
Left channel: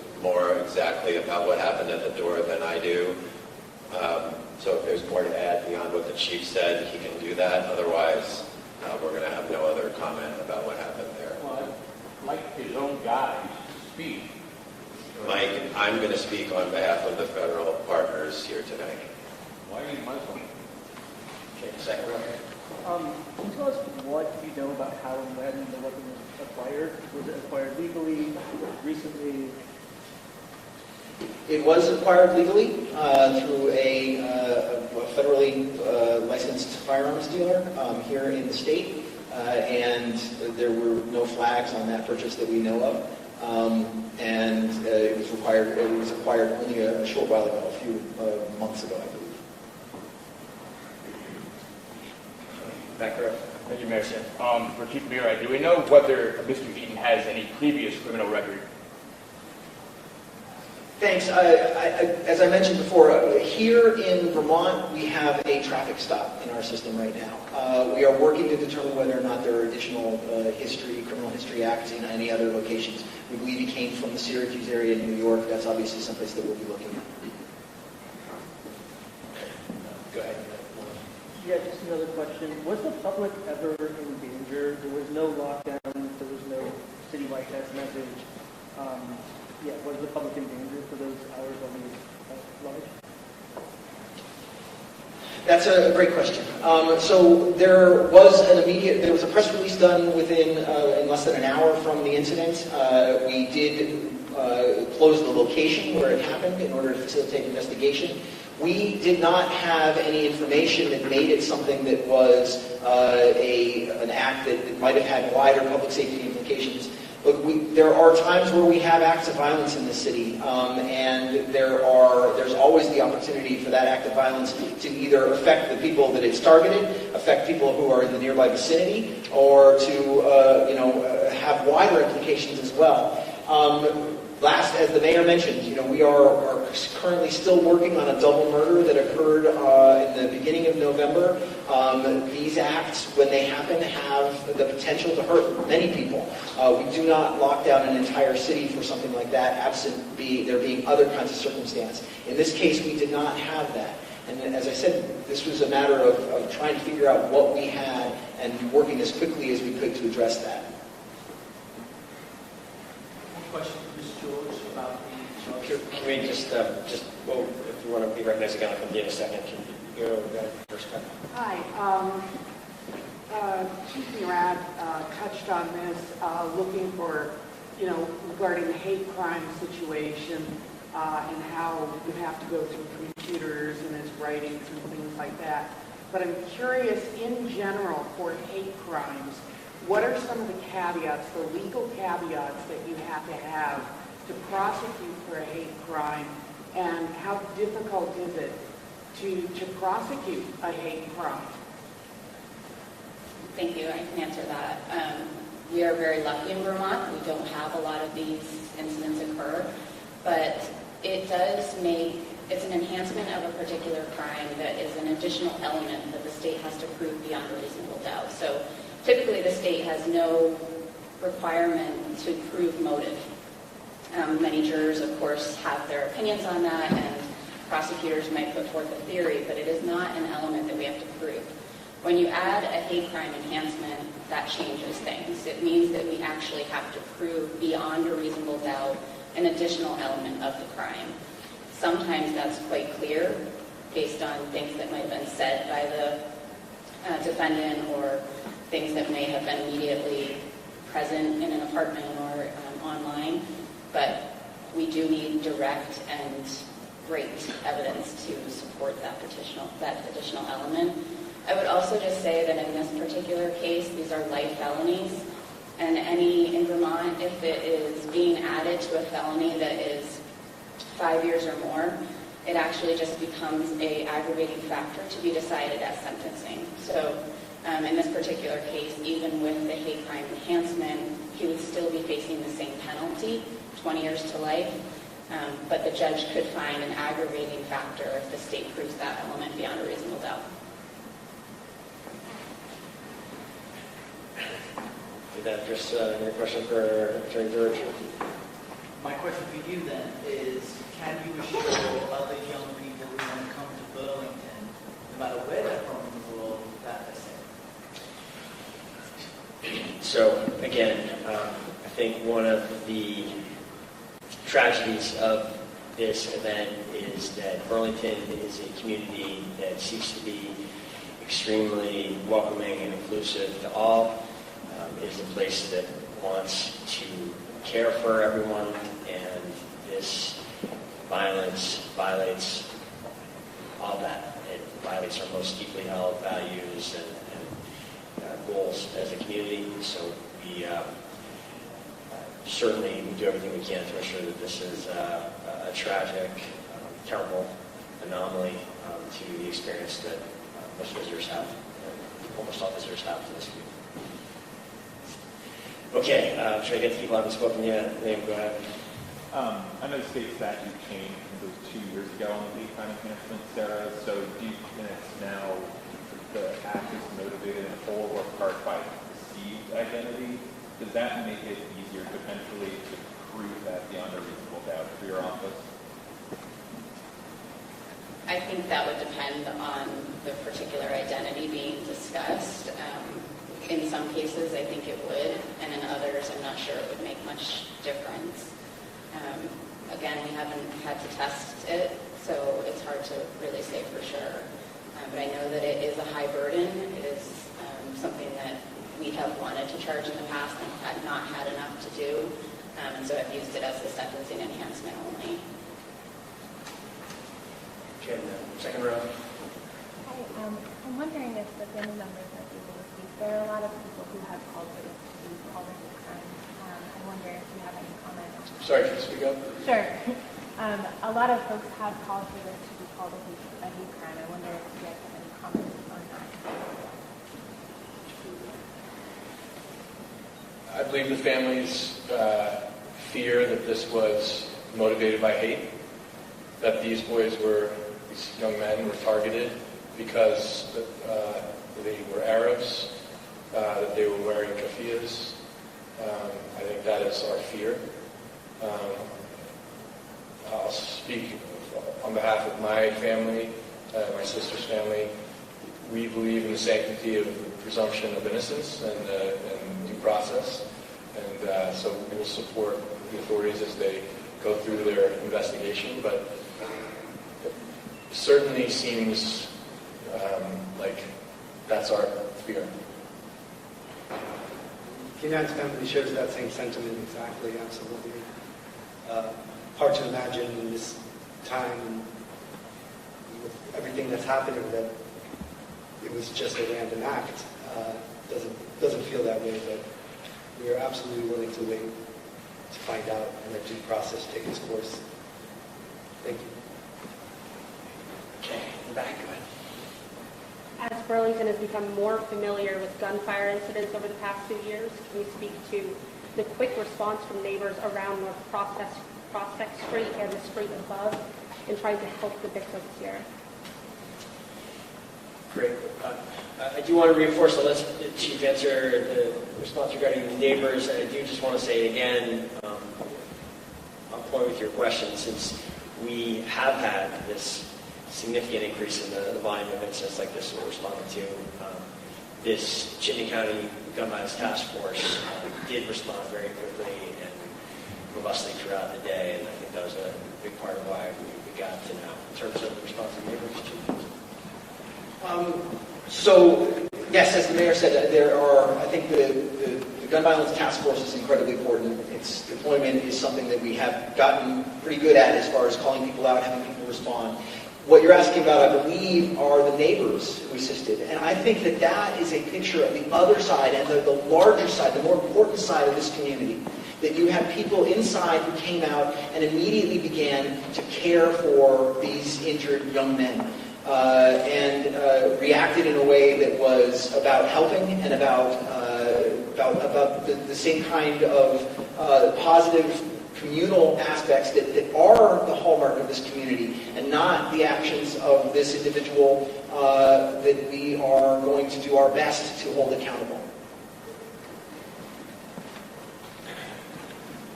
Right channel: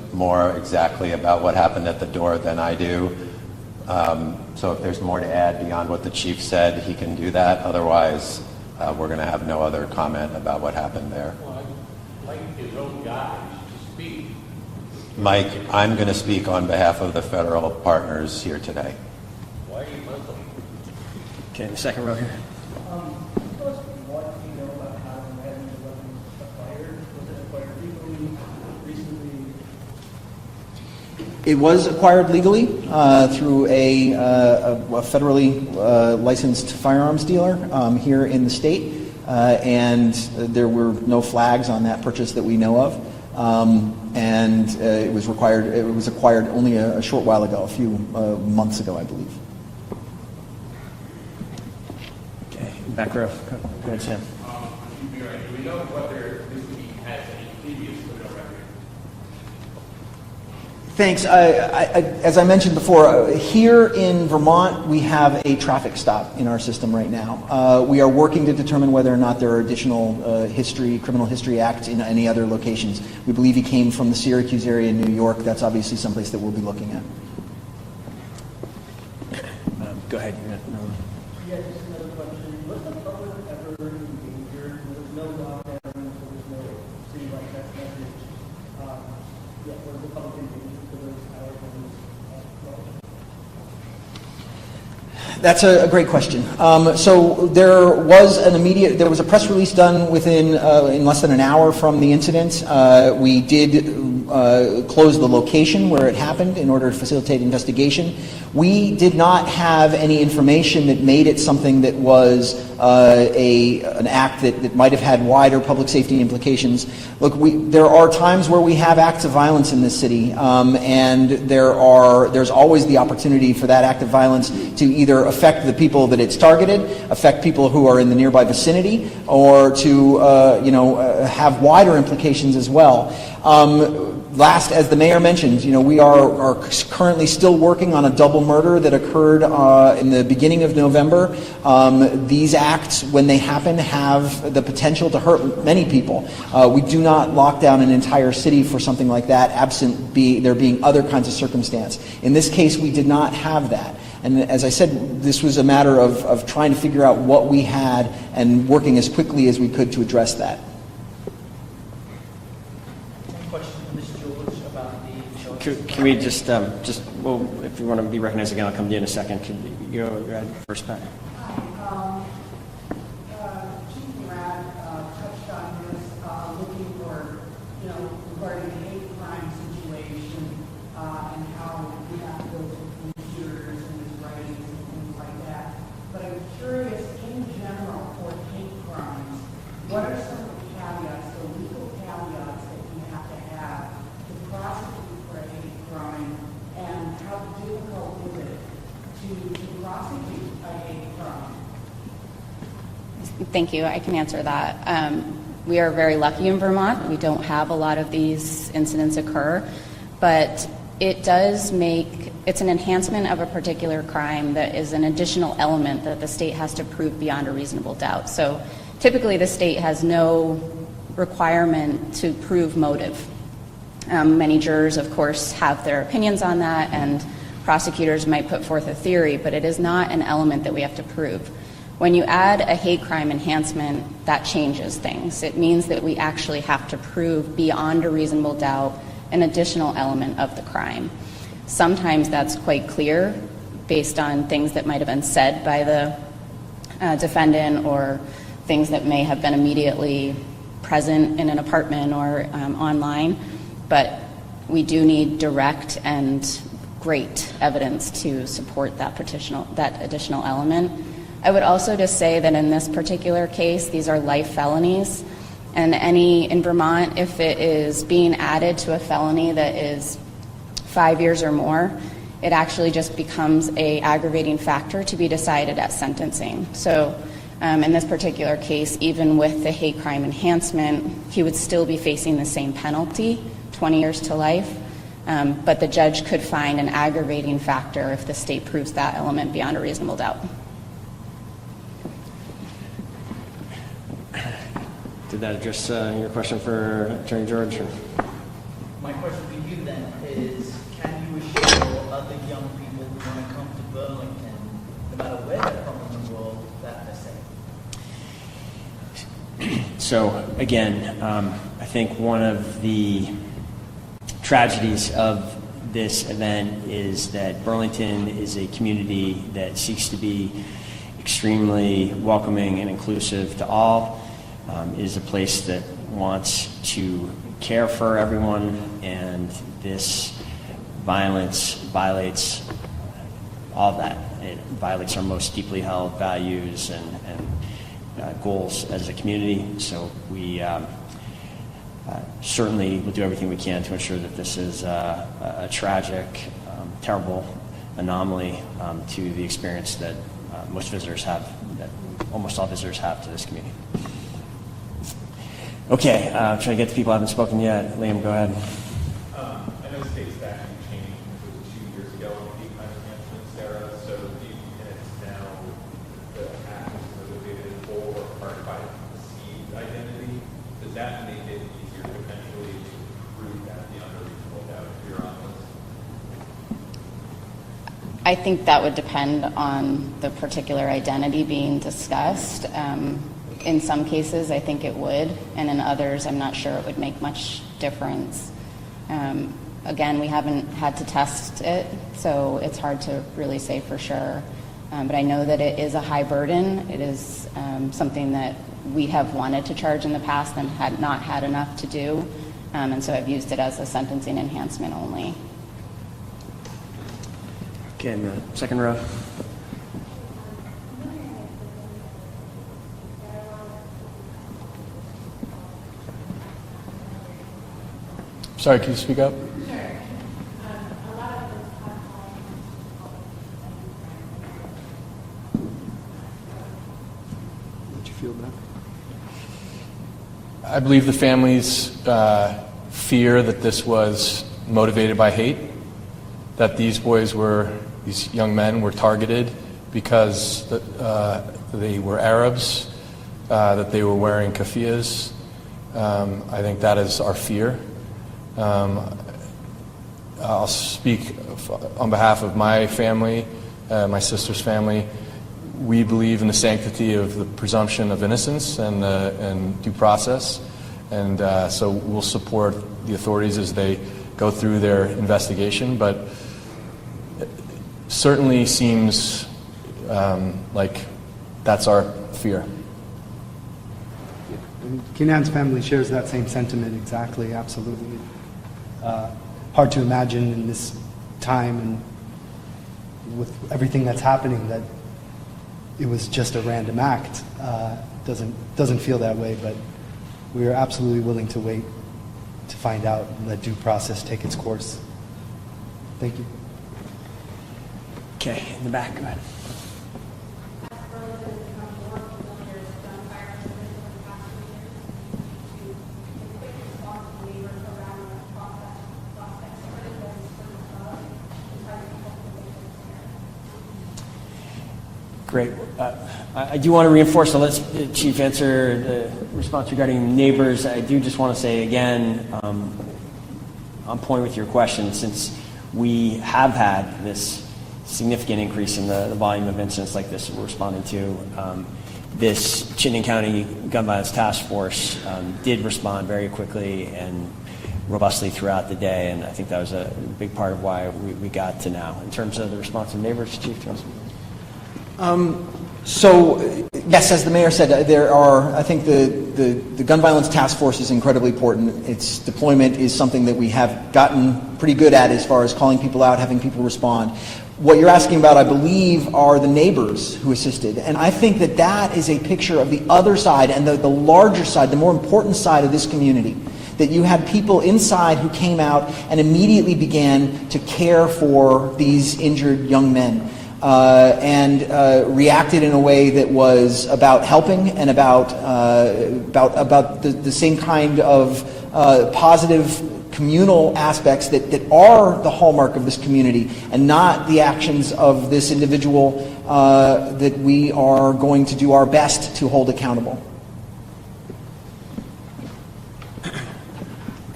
more exactly about what happened at the door than I do. So if there's more to add beyond what the chief said, he can do that. Otherwise, we're going to have no other comment about what happened there. Well, I'd like his own guys to speak. Mike, I'm going to speak on behalf of the federal partners here today. Why are you Muslim? Okay, second row here. Tell us what you know about how and when the weapon was acquired. Was it acquired legally, recently? It was acquired legally through a federally licensed firearms dealer here in the state, and there were no flags on that purchase that we know of. And it was acquired only a short while ago, a few months ago, I believe. Okay, back row. For Chief Mira, do we know whether Mr. Eaton has any previous criminal record? Thanks. As I mentioned before, here in Vermont, we have a traffic stop in our system right now. We are working to determine whether or not there are additional criminal history acts in any other locations. We believe he came from the Syracuse area in New York. That's obviously someplace that we'll be looking at. Go ahead. Yeah, just another question. Was the public ever injured? There was no lockdown. There was no citywide text message. Yeah, was the public injured for those hours of the That's a great question. So there was a press release done in less than an hour from the incident. We did close the location where it happened in order to facilitate investigation. We did not have any information that made it something that was an act that might have had wider public safety implications. Look, there are times where we have acts of violence in this city, and there's always the opportunity for that act of violence to either affect the people that it's targeted, affect people who are in the nearby vicinity, or to have wider implications as well. Last, as the mayor mentioned, we are currently still working on a double murder that occurred in the beginning of November. These acts, when they happen, have the potential to hurt many people. We do not lock down an entire city for something like that, absent there being other kinds of circumstance. In this case, we did not have that. And as I said, this was a matter of trying to figure out what we had and working as quickly as we could to address that. Can we just well, if you want to be recognized again, I'll come to you in a second. Can you go first, Pat? Hi. Chief Murat touched on this, looking for, regarding the hate crime situation and how you have to go to computers and his writings and things like that. But I'm curious, in general, for hate crimes, what are some of the caveats, the legal caveats that you have to prosecute for a hate crime, and how difficult is it to prosecute a hate crime? Thank you. I can answer that. We are very lucky in Vermont. We don't have a lot of these incidents occur, but it's an enhancement of a particular crime that is an additional element that the state has to prove beyond a reasonable doubt. So typically the state has no requirement to prove motive. Many jurors, of course, have their opinions on that, and prosecutors might put forth a theory, but it is not an element that we have to prove. When you add a hate crime enhancement, that changes things. It means that we actually have to prove beyond a reasonable doubt an additional element of the crime. Sometimes that's quite clear based on things that might have been said by the defendant, or things that may have been immediately present in an apartment or online. But we do need direct and great evidence to support that additional element. I would also just say that in this particular case, these are life felonies, and in Vermont, if it is being added to a felony that is 5 years or more, it actually just becomes an aggravating factor to be decided at sentencing. So in this particular case, even with the hate crime enhancement, he would still be facing the same penalty, 20 years to life, but the judge could find an aggravating factor if the state proves that element beyond a reasonable doubt. Did that address your question for Attorney George? My question for you then is, can you assure other young people who want to come to Burlington, no matter where they're from in the world, that they're safe? So again, I think one of the tragedies of this event is that Burlington is a community that seeks to be extremely welcoming and inclusive to all. It is a place that wants to care for everyone, and this violence violates all of that. It violates our most deeply held values and goals as a community. So we certainly will do everything we can to ensure that this is a tragic, terrible anomaly to the experience that most visitors have, that almost all visitors have to this community. Okay, trying to get to people who haven't spoken yet. Liam, go ahead. I know state statute changed, it was 2 years ago on the hate crime enhancement, Sarah. So do you think it's now the act is motivated in whole or part by perceived identity? Does that make it easier potentially to prove that beyond a reasonable doubt if you're on this? I think that would depend on the particular identity being discussed. In some cases, I think it would, and in others, I'm not sure it would make much difference. Again, we haven't had to test it, so it's hard to really say for sure. But I know that it is a high burden. It is something that we have wanted to charge in the past and had not had enough to do, and so I've used it as a sentencing enhancement only. Okay, in the second row. I'm wondering if the family members that you speak, there are a lot of people who have called for these all the time. I wonder if you have any comment. Sorry, can you speak up? Sure. A lot of folks have called for this to be called a hate crime. I wonder if you have any comment on that. Did you feel that? I believe the families fear that this was motivated by hate, that these young men were targeted because they were Arabs, that they were wearing keffiyehs. I think that is our fear. I'll speak on behalf of my family, my sister's family. We believe in the sanctity of the presumption of innocence and due process, and so we'll support the authorities as they go through their investigation, but it certainly seems like that's our fear. Kenan's family shares that same sentiment exactly, absolutely. Hard to imagine in this time and with everything that's happening that it was just a random act. Doesn't feel that way, but we are absolutely willing to wait to find out and let due process take its course. Thank you. Okay, in the back, go ahead. As Burlington has become more familiar with gunfire incidents over the past 2 years, can you speak to the quick response from neighbors around North Prospect Street and the street above in trying to help the victims here? Great. I do want to reinforce, so let's Chief answer the response regarding neighbors. I do just want to say again, on point with your question, since we have had this significant increase in the volume of incidents like this we're responding to, this Chittenden County Gun Violence Task Force did respond very quickly and robustly throughout the day, and I think that was a big part of why we got to now. In terms of the response of neighbors, Chief? So, yes, as the mayor said, there are, I think the Gun Violence Task Force is incredibly important. Its deployment is something that we have gotten pretty good at as far as calling people out, having people respond. What you're asking about, I believe, are the neighbors who assisted. And I think that that is a picture of the other side and the larger side, the more important side of this community. That you had people inside who came out and immediately began to care for these injured young men. And reacted in a way that was about helping and about the same kind of positive communal aspects that are the hallmark of this community, and not the actions of this individual that we are going to do our best to hold accountable.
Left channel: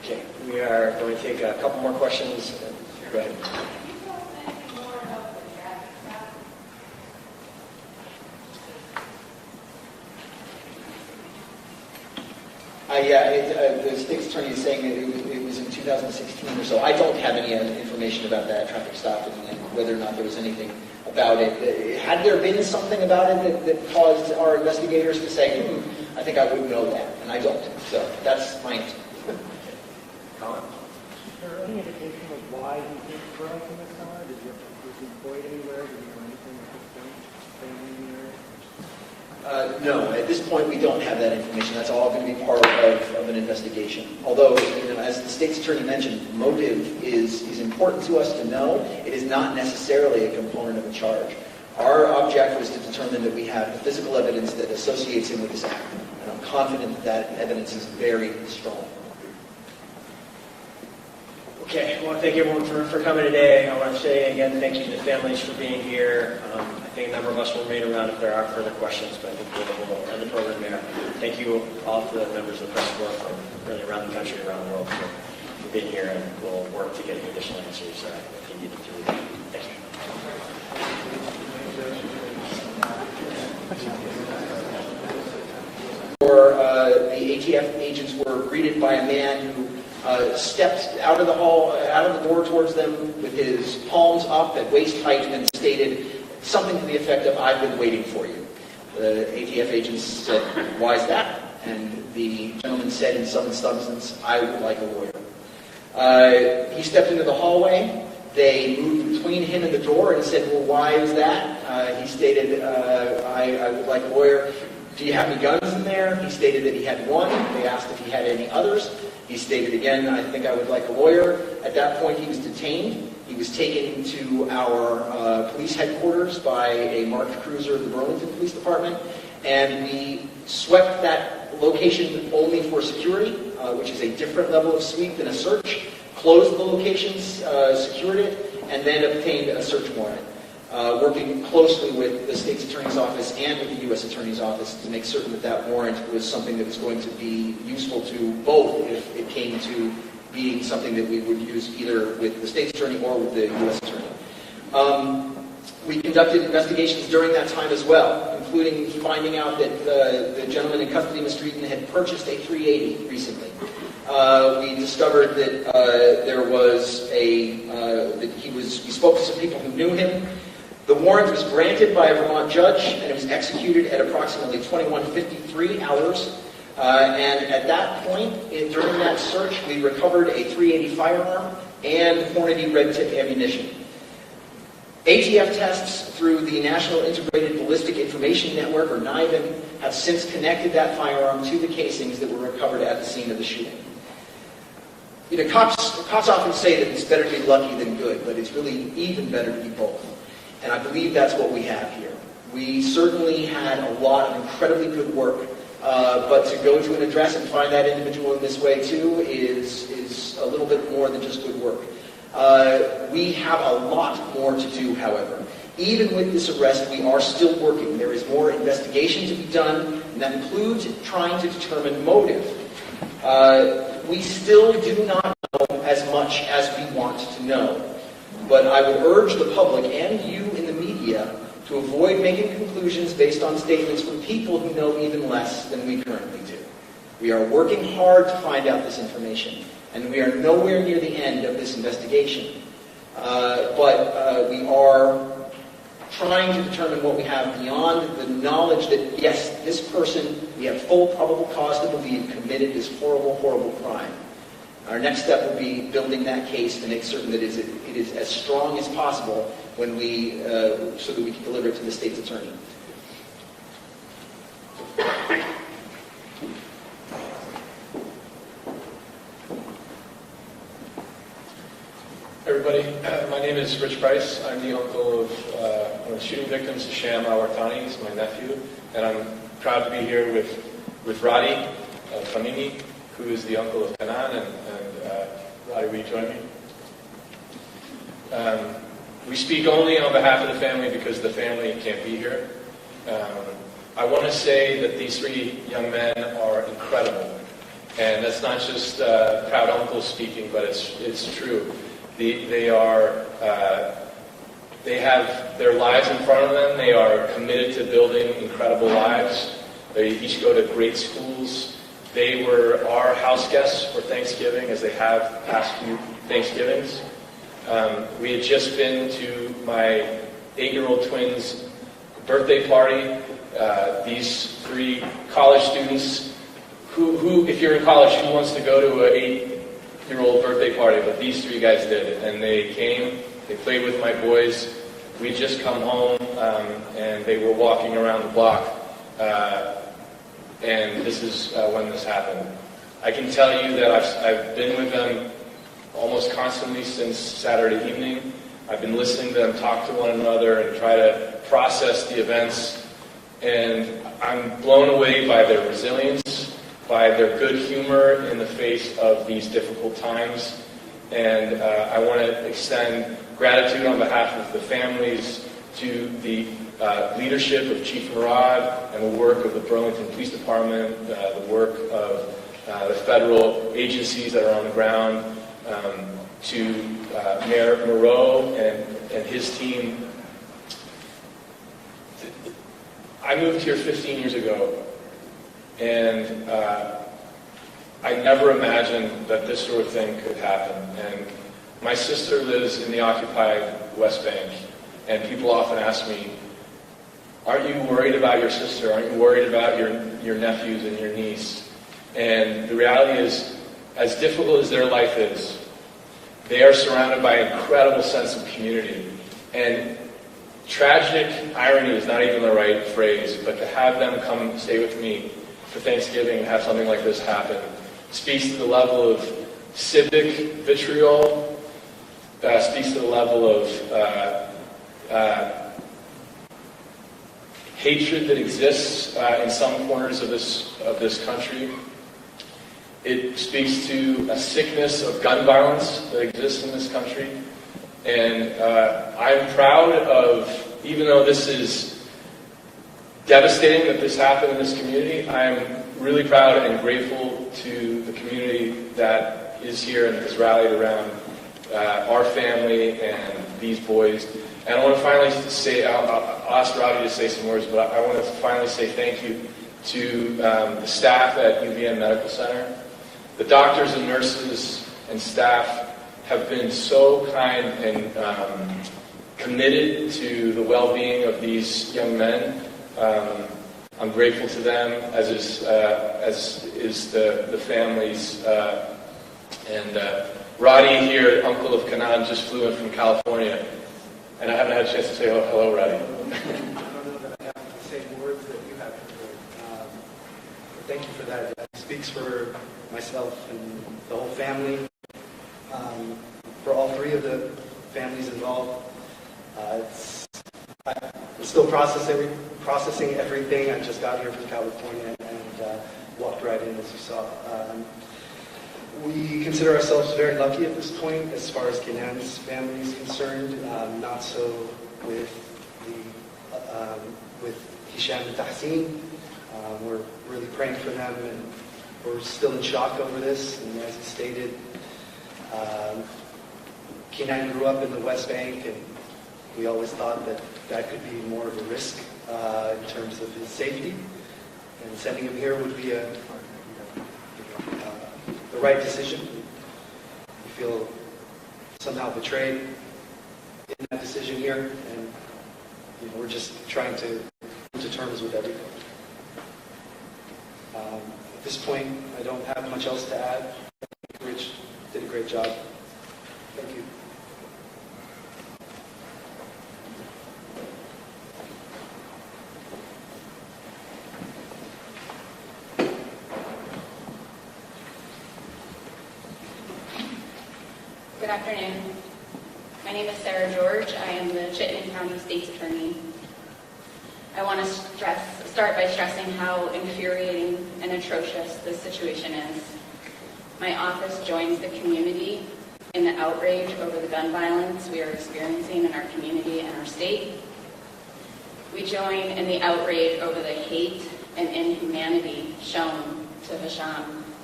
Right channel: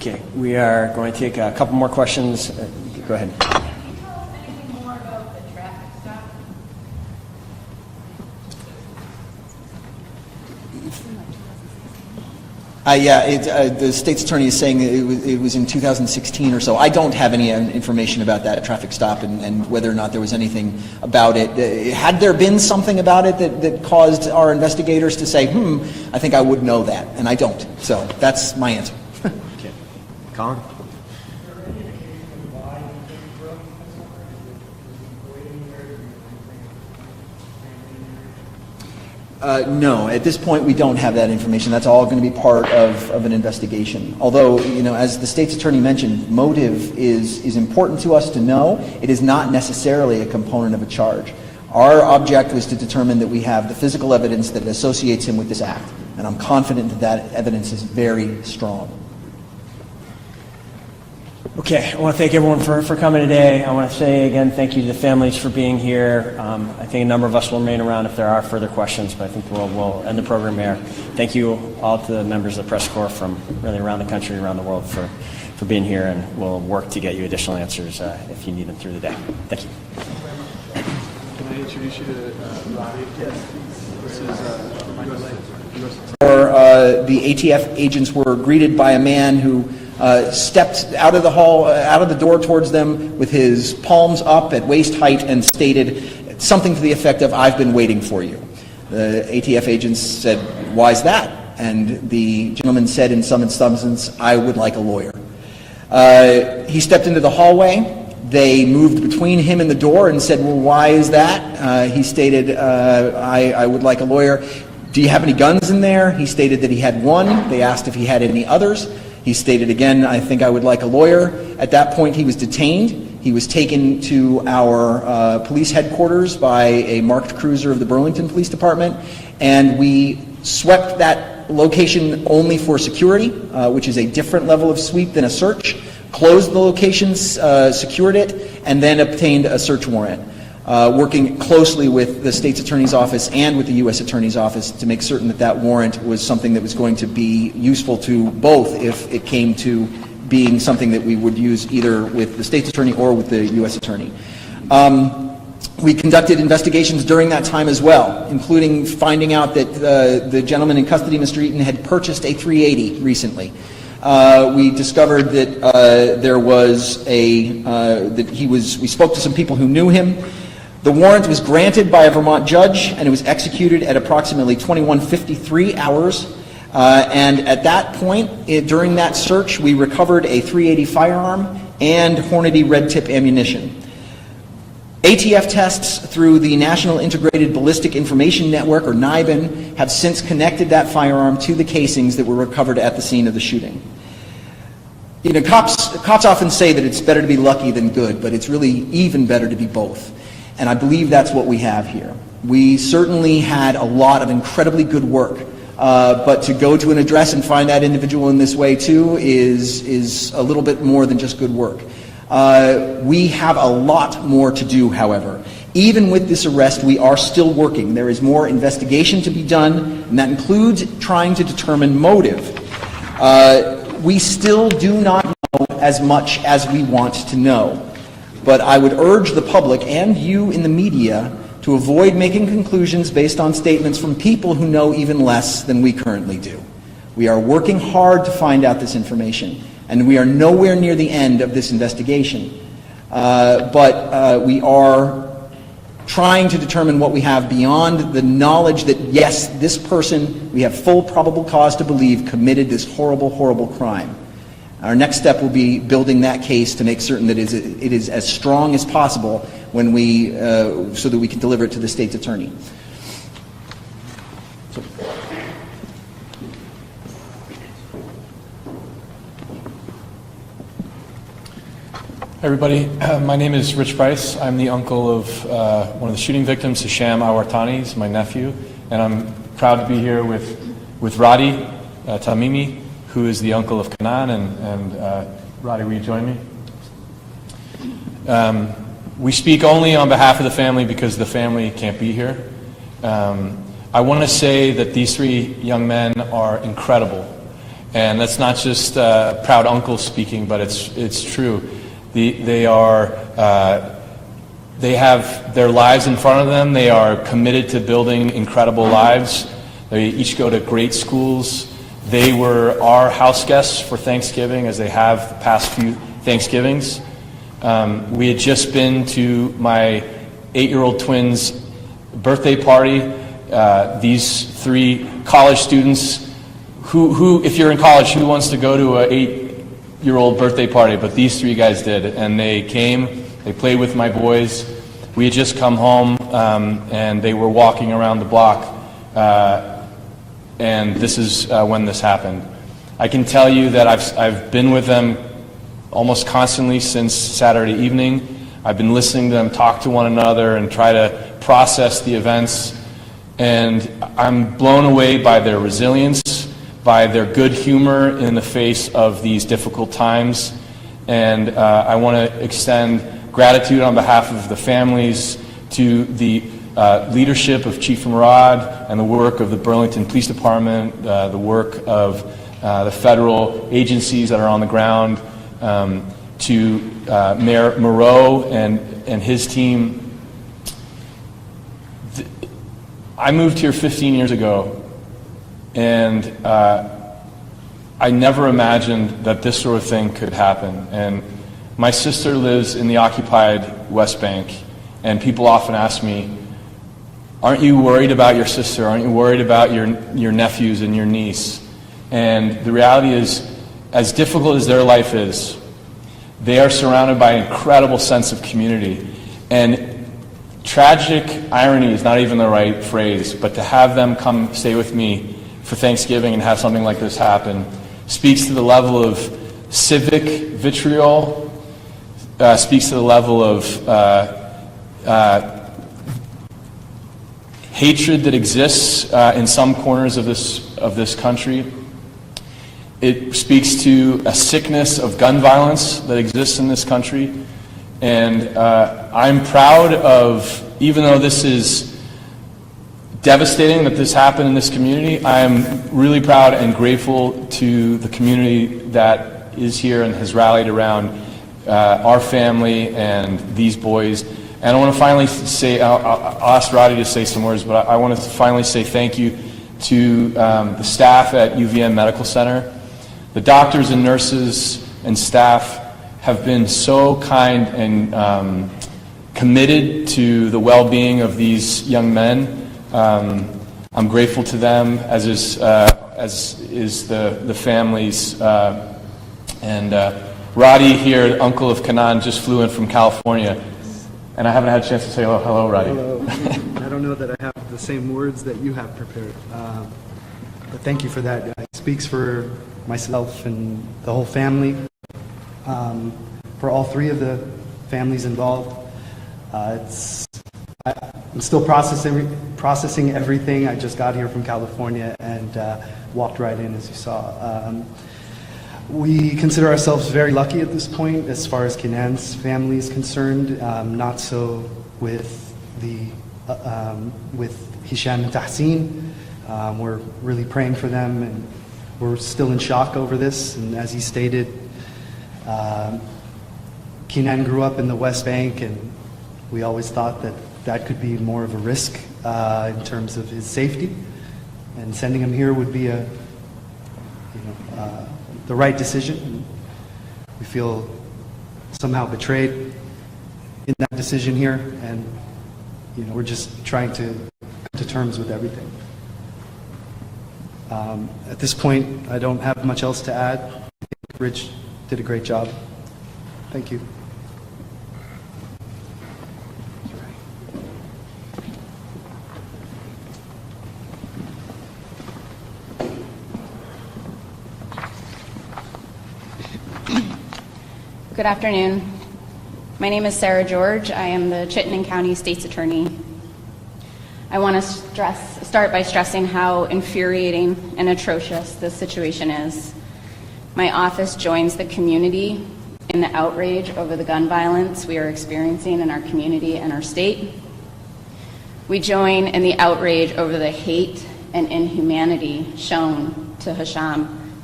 Okay, we are going to take a couple more questions. Go ahead. The state's attorney is saying it was in 2016 or so. I don't have any information about that traffic stop and whether or not there was anything about it. Had there been something about it that caused our investigators to say, I think I would know that, and I don't. So that's my answer. Okay. Colin? Is there any indication of why you didn't grow up in the summer? Was he employed anywhere? Did he come anywhere? No, at this point we don't have that information. That's all going to be part of an investigation. Although, as the state's attorney mentioned, motive is important to us to know. It is not necessarily a component of a charge. Our object was to determine that we have the physical evidence that associates him with this act. And I'm confident that that evidence is very strong. Okay, I want to thank everyone for coming today. I want to say again thank you to the families for being here. I think a number of us will remain around if there are further questions, but I think we'll end the program here. Thank you all to the members of the press corps from really around the country, around the world for being here, and we'll work to get you additional answers if you need them through the day. Thank you. The ATF agents were greeted by a man who stepped out of the hall, out of the door towards them with his palms up at waist height and stated something to the effect of, "I've been waiting for you." The ATF agents said, "Why is that?" And the gentleman said in some substance, "I would like a lawyer." He stepped into the hallway. They moved between him and the door and said, "Well, why is that?" He stated, I would like a lawyer. "Do you have any guns in there?" He stated that he had one. They asked if he had any others. He stated again, "I think I would like a lawyer." At that point, he was detained. He was taken to our police headquarters by a marked cruiser of the Burlington Police Department, and we swept that location only for security, which is a different level of sweep than a search, closed the location, secured it, and then obtained a search warrant, working closely with the state's attorney's office and with the U.S. attorney's office to make certain that that warrant was something that was going to be useful to both if it came to being something that we would use either with the state's attorney or with the U.S. attorney. We conducted investigations during that time as well, including finding out that the gentleman in custody, Mr. Eaton, had purchased a 380 recently. We discovered that there was we spoke to some people who knew him. The warrant was granted by a Vermont judge, and it was executed at approximately 21:53 hours. And at that point, during that search, we recovered a .380 firearm and Hornady red tip ammunition. ATF tests through the National Integrated Ballistic Information Network, or NIBIN, have since connected that firearm to the casings that were recovered at the scene of the shooting. Cops often say that it's better to be lucky than good, but it's really even better to be both. And I believe that's what we have here. We certainly had a lot of incredibly good work, but to go to an address and find that individual in this way too is a little bit more than just good work. We have a lot more to do, however. Even with this arrest, we are still working. There is more investigation to be done, and that includes trying to determine motive. We still do not know as much as we want to know. But I would urge the public and you in the media to avoid making conclusions based on statements from people who know even less than we currently do. We are working hard to find out this information, and we are nowhere near the end of this investigation. But we are trying to determine what we have beyond the knowledge that, yes, this person, we have full probable cause to believe, committed this horrible, horrible crime. Our next step will be building that case to make certain that it is as strong as possible when so that we can deliver it to the state's attorney. Everybody, my name is Rich Bryce. I'm the uncle of one of the shooting victims, Hisham al-Wartani. He's my nephew, and I'm proud to be here with Radi Tamimi, who is the uncle of Kanan, and Radi, will you join me? We speak only on behalf of the family because the family can't be here. I want to say that these three young men are incredible, And that's not just proud uncle speaking, but it's true. They have their lives in front of them. They are committed to building incredible lives. They each go to great schools. They were our house guests for Thanksgiving, as they have the past few Thanksgivings. We had just been to my 8-year-old twins' birthday party. These 3 college students who, if you're in college, who wants to go to an 8-year-old birthday party? But these 3 guys did, and they came. They played with my boys. We had just come home, and they were walking around the block, and this is when this happened. I can tell you that I've been with them almost constantly since Saturday evening. I've been listening to them talk to one another and try to process the events, and I'm blown away by their resilience, by their good humor in the face of these difficult times. And I want to extend gratitude on behalf of the families to the leadership of Chief Murad and the work of the Burlington Police Department, the work of the federal agencies that are on the ground, to Mayor Moreau and his team. I moved here 15 years ago, and I never imagined that this sort of thing could happen. And my sister lives in the occupied West Bank, and people often ask me, aren't you worried about your sister? Aren't you worried about your nephews and your niece? And the reality is, as difficult as their life is, they are surrounded by an incredible sense of community. And tragic irony is not even the right phrase, but to have them come stay with me for Thanksgiving and have something like this happen speaks to the level of civic vitriol, speaks to the level of hatred that exists in some corners of this country. It speaks to a sickness of gun violence that exists in this country. And I'm proud of, even though this is devastating that this happened in this community, I'm really proud and grateful to the community that is here and has rallied around our family and these boys. And I want to finally say, I'll ask Roddy to say some words, but I want to finally say thank you to the staff at UVM Medical Center. The doctors and nurses and staff have been so kind and committed to the well-being of these young men. I'm grateful to them, as is the families. And Roddy here, uncle of Kanan, just flew in from California, and I haven't had a chance to say hello, Roddy. I don't know that I have the same words that you have prepared, but thank you for that. It speaks for myself and the whole family, for all 3 of the families involved. I'm still processing everything. I just got here from California and walked right in, as you saw. We consider ourselves very lucky at this point as far as Kenan's family is concerned. Not so with Hisham and Tahsin. We're really praying for them, and we're still in shock over this. And as he stated, Kenan grew up in the West Bank, and we always thought that could be more of a risk in terms of his safety. And sending him here would be the right decision. We feel somehow betrayed in that decision here, and we're just trying to come to terms with everything. At this point, I don't have much else to add. I think Rich did a great job. Thank you. Good afternoon. My name is Sarah George. I am the Chittenden County State's Attorney. I want to start by stressing how infuriating and atrocious this situation is. My office joins the community in the outrage over the gun violence we are experiencing in our community and our state. We join in the outrage over the hate and inhumanity shown to Hisham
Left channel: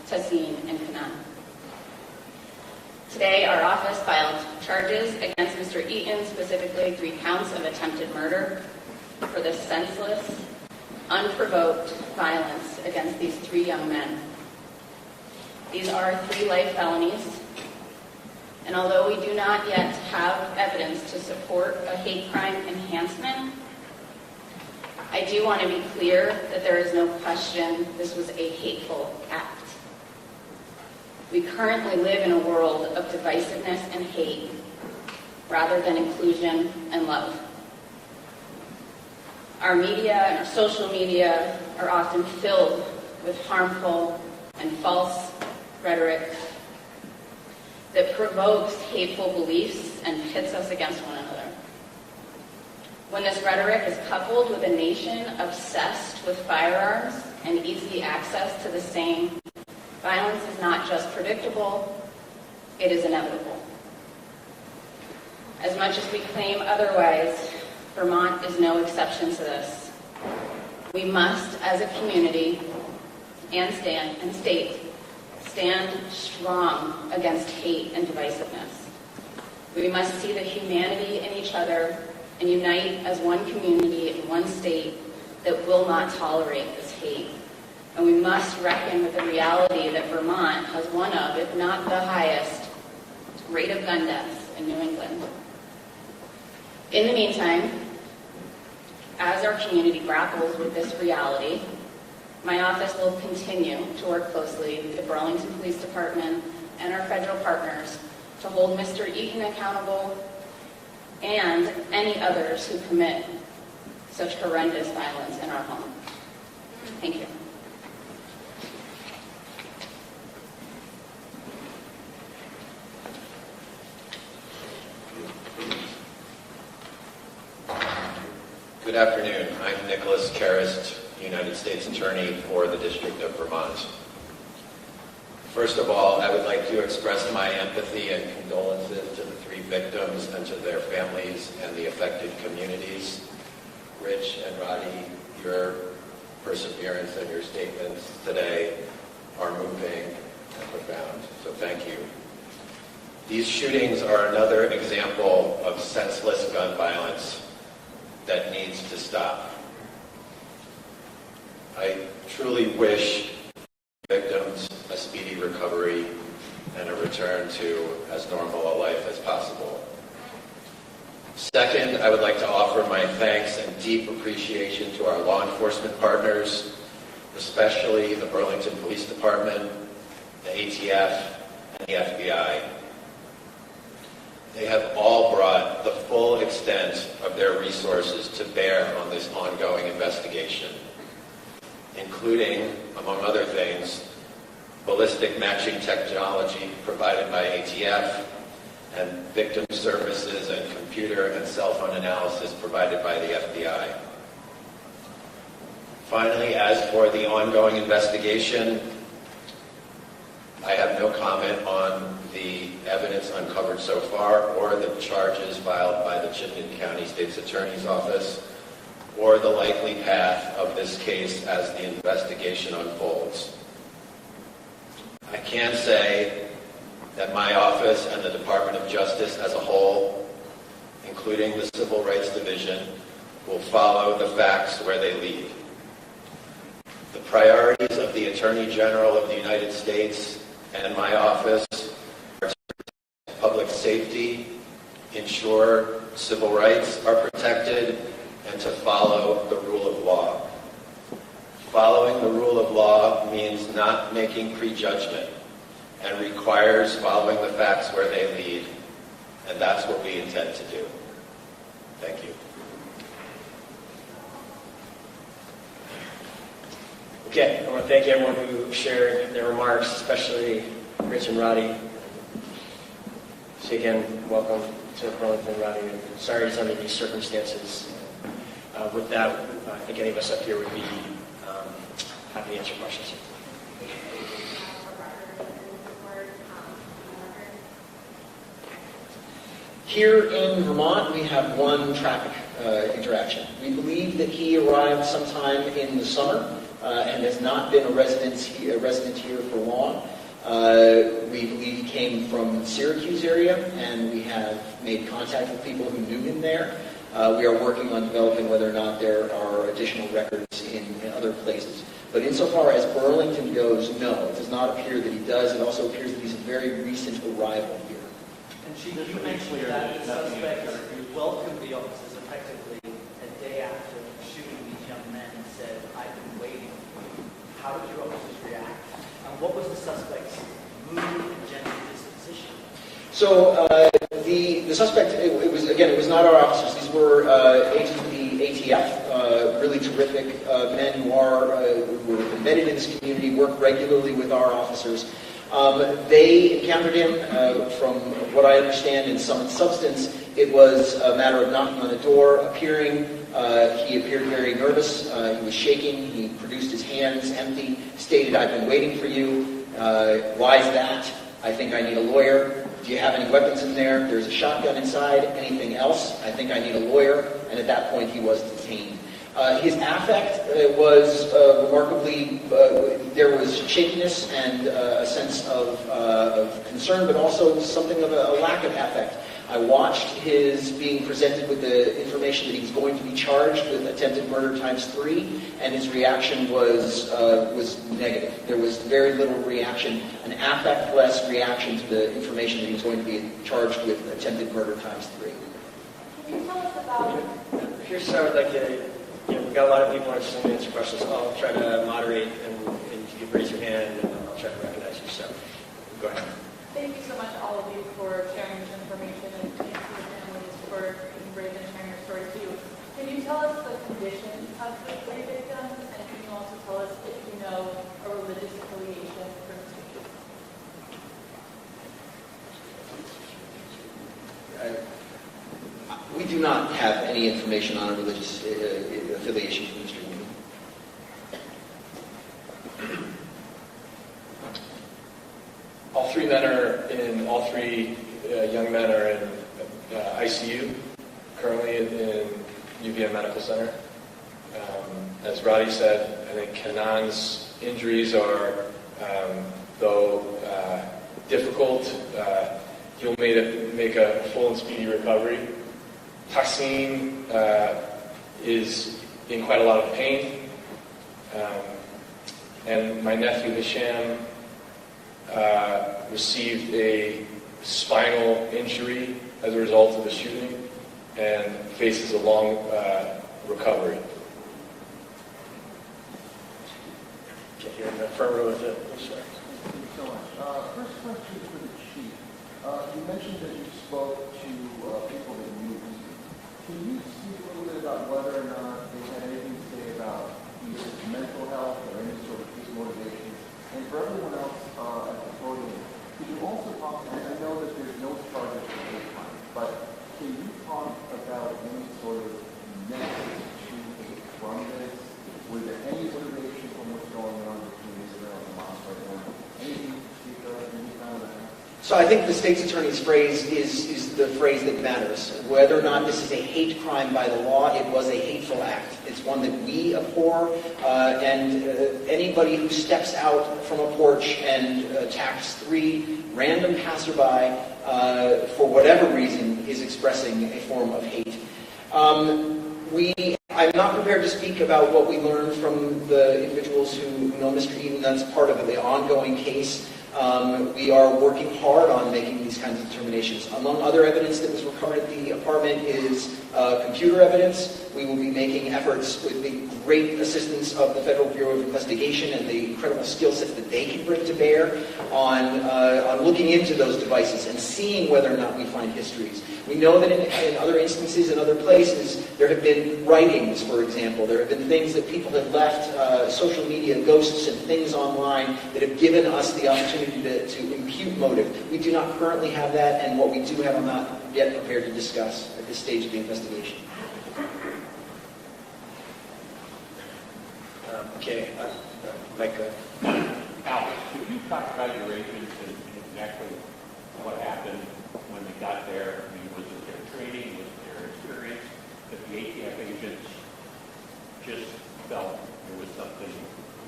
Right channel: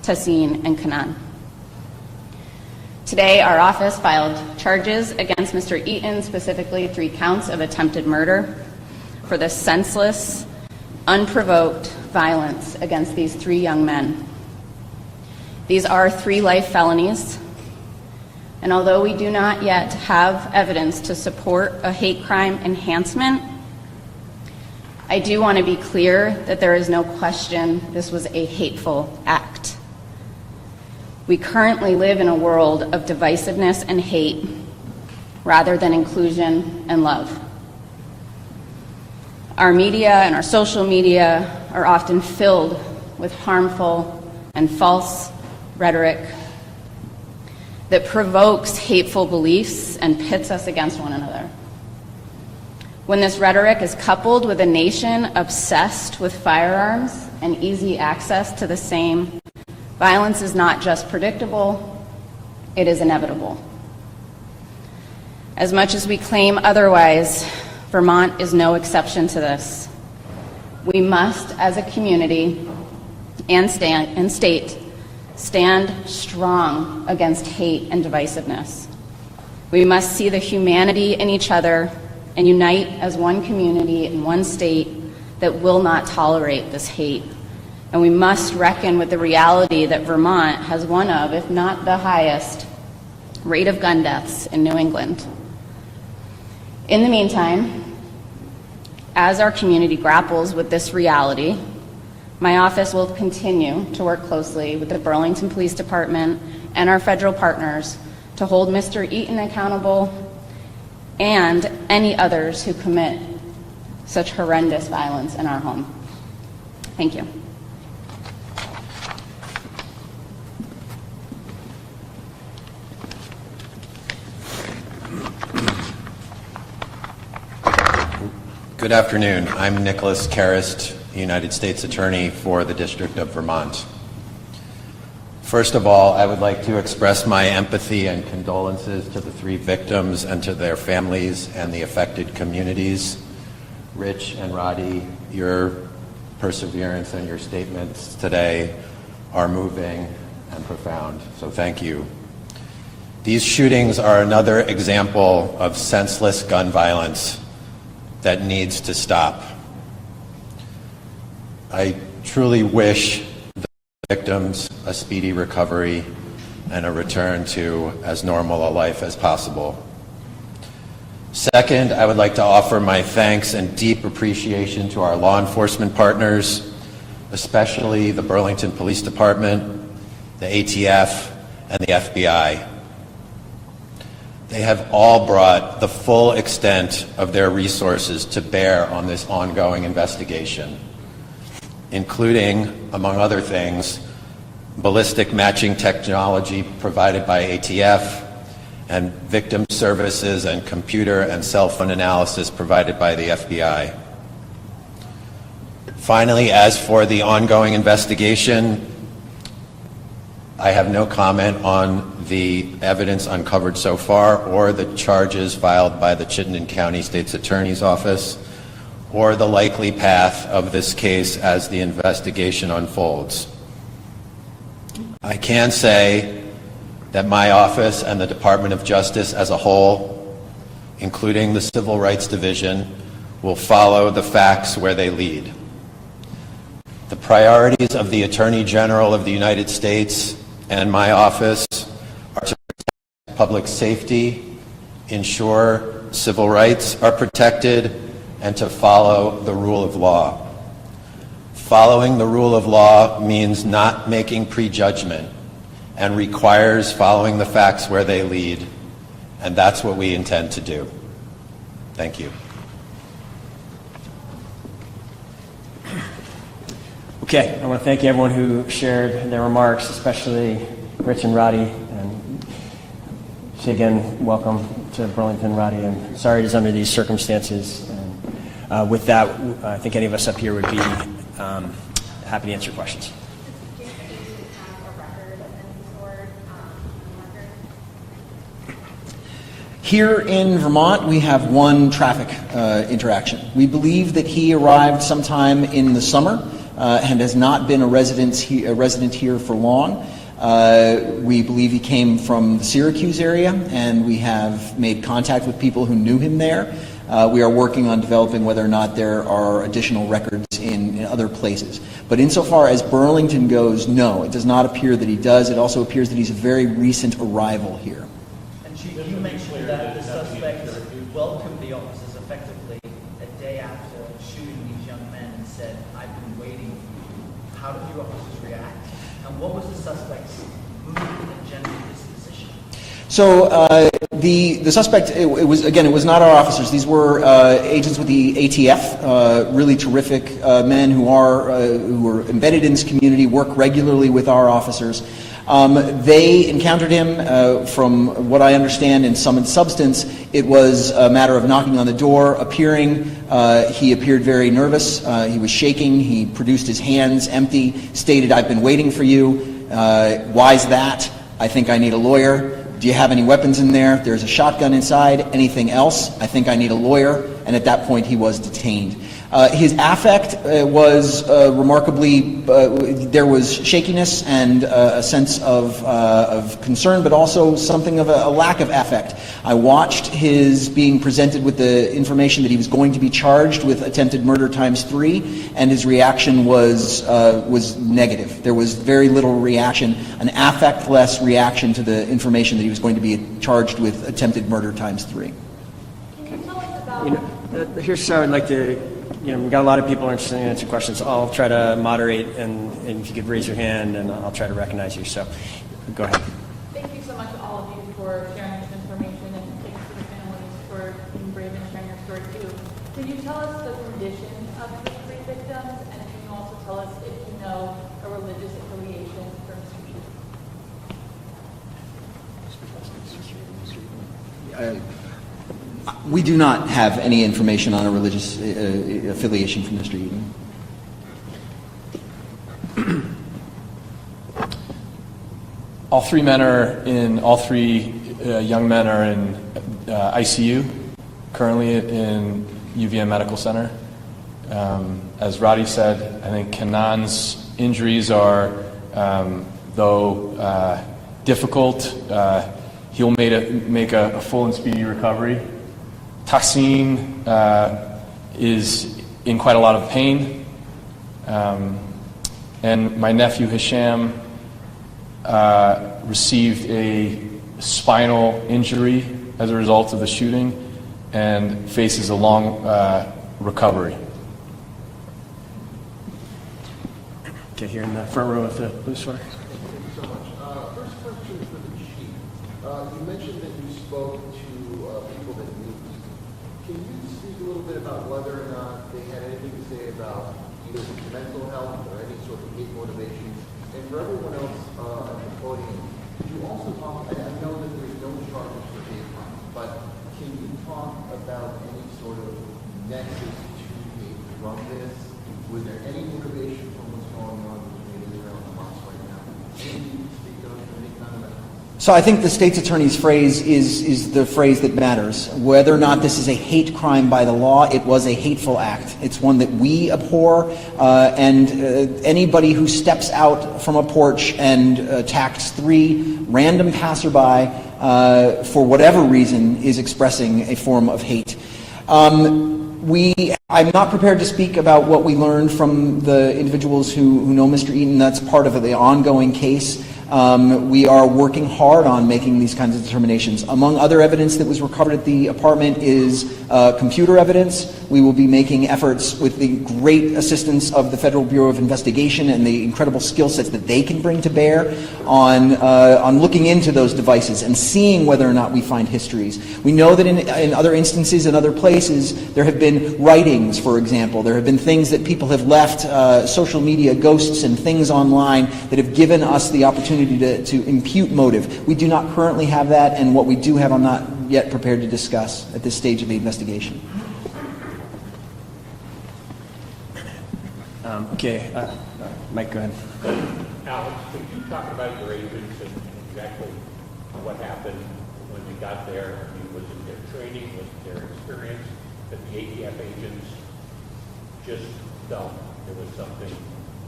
Tassin, and Kanan. Today, our office filed charges against Mr. Eaton, specifically 3 counts of attempted murder for the senseless, unprovoked violence against these 3 young men. These are 3 life felonies, and although we do not yet have evidence to support a hate crime enhancement, I do want to be clear that there is no question this was a hateful act. We currently live in a world of divisiveness and hate rather than inclusion and love. Our media and our social media are often filled with harmful and false rhetoric that provokes hateful beliefs and pits us against one another. When this rhetoric is coupled with a nation obsessed with firearms and easy access to the same, violence is not just predictable, it is inevitable. As much as we claim otherwise, Vermont is no exception to this. We must, as a community and state, stand strong against hate and divisiveness. We must see the humanity in each other and unite as one community in one state that will not tolerate this hate. And we must reckon with the reality that Vermont has one of, if not the highest, rate of gun deaths in New England. In the meantime, as our community grapples with this reality, my office will continue to work closely with the Burlington Police Department and our federal partners to hold Mr. Eaton accountable and any others who commit such horrendous violence in our home. Thank you. Good afternoon. I'm Nicholas Karist, United States Attorney for the District of Vermont. First of all, I would like to express my empathy and condolences to the 3 victims and to their families and the affected communities. Rich and Roddy, your perseverance and your statements today are moving and profound, so thank you. These shootings are another example of senseless gun violence that needs to stop. I truly wish the victims a speedy recovery and a return to as normal a life as possible. Second, I would like to offer my thanks and deep appreciation to our law enforcement partners, especially the Burlington Police Department, the ATF, and the FBI. They have all brought the full extent of their resources to bear on this ongoing investigation, including, among other things, ballistic matching technology provided by ATF and victim services and computer and cell phone analysis provided by the FBI. Finally, as for the ongoing investigation, I have no comment on the evidence uncovered so far or the charges filed by the Chittenden County State's Attorney's Office or the likely path of this case as the investigation unfolds. I can say that my office and the Department of Justice as a whole, including the Civil Rights Division, will follow the facts where they lead. The priorities of the Attorney General of the United States and my office are to protect public safety, ensure civil rights are protected, and to follow the rule of law. Following the rule of law means not making prejudgment and requires following the facts where they lead, and that's what we intend to do. Thank you. Okay, I want to thank everyone who shared their remarks, especially Rich and Roddy. And say again, welcome to Burlington, Roddy. And sorry it's under these circumstances. And, with that, I think any of us up here would be happy to answer questions. Here in Vermont, we have one traffic interaction. We believe that he arrived sometime in the summer. and has not been a resident here for long. We believe he came from the Syracuse area, and we have made contact with people who knew him there. We are working on developing whether or not there are additional records in other places. But insofar as Burlington goes, no, it does not appear that he does. It also appears that he's a very recent arrival here. And Chief, you mentioned that the suspect welcomed the officers effectively a day after shooting these young men and said, "I've been waiting." How did your officers react? And what was the suspect's mood and general disposition? So the suspect, it was not our officers. These were agents with the ATF, really terrific men who are embedded in this community, work regularly with our officers. They encountered him, from what I understand, in sum and substance. It was a matter of knocking on the door, appearing. He appeared very nervous. He was shaking. He produced his hands empty, stated, "I've been waiting for you." Why's that? "I think I need a lawyer." "Do you have any weapons in there?" "There's a shotgun inside." "Anything else?" "I think I need a lawyer." And at that point, he was detained. His affect was remarkably, there was shakiness and a sense of concern, but also something of a lack of affect. I watched his being presented with the information that he was going to be charged with attempted murder ×3, and his reaction was negative. There was very little reaction, an affect-less reaction to the information that he was going to be charged with attempted murder ×3. Here's how I'd like to, we've got a lot of people interested in answering questions. I'll try to moderate, and if you could raise your hand, and I'll try to recognize you. So, go ahead. Thank you so much, all of you, for sharing this information, and thanks to the families for being brave and sharing your story too. Can you tell us the condition of the three victims, and can you also tell us if you know a religious affiliation for Mr. Eaton? We do not have any information on a religious affiliation from Mr. Eaton. All three young men are in ICU, currently in UVM Medical Center. As Roddy said, I think Kanan's injuries are, though difficult, he'll make a full and speedy recovery. Tahsin is in quite a lot of pain. And my nephew Hisham received a spinal injury as a result of the shooting and faces a long recovery. Okay, here in the front row of the police force. Thank you so much. First question for the chief. You mentioned that you spoke to people that knew. Can you speak a little bit about whether or not they had anything to say about either mental health or any sort of hate motivation? And for everyone else at the podium, can you also talk, and I know that there's no charges for hate crime, but can you talk about any sort of nexus to hate from this? Was there any motivation from what's going on between Israel and Hamas right now? Anything you can speak of, any kind of that? So I think the state's attorney's phrase is the phrase that matters. Whether or not this is a hate crime by the law, it was a hateful act. It's one that we abhor, and anybody who steps out from a porch and attacks 3 random passerby for whatever reason is expressing a form of hate. I'm not prepared to speak about what we learned from the individuals who know Mr. Eaton. That's part of the ongoing case. We are working hard on making these kinds of determinations. Among other evidence that was recovered at the apartment is computer evidence. We will be making efforts with the great assistance of the Federal Bureau of Investigation and the incredible skill sets that they can bring to bear on looking into those devices and seeing whether or not we find histories. We know that in other instances, in other places, there have been writings, for example. There have been things that people have left, social media ghosts and things online that have given us the opportunity to impute motive. We do not currently have that, and what we do have I'm not yet prepared to discuss at this stage of the investigation. Okay, Mike, go ahead. Alex, could you talk about your agents and exactly what happened when you got there? I mean, was it their training, was it their experience, that the ATF agents just felt there was something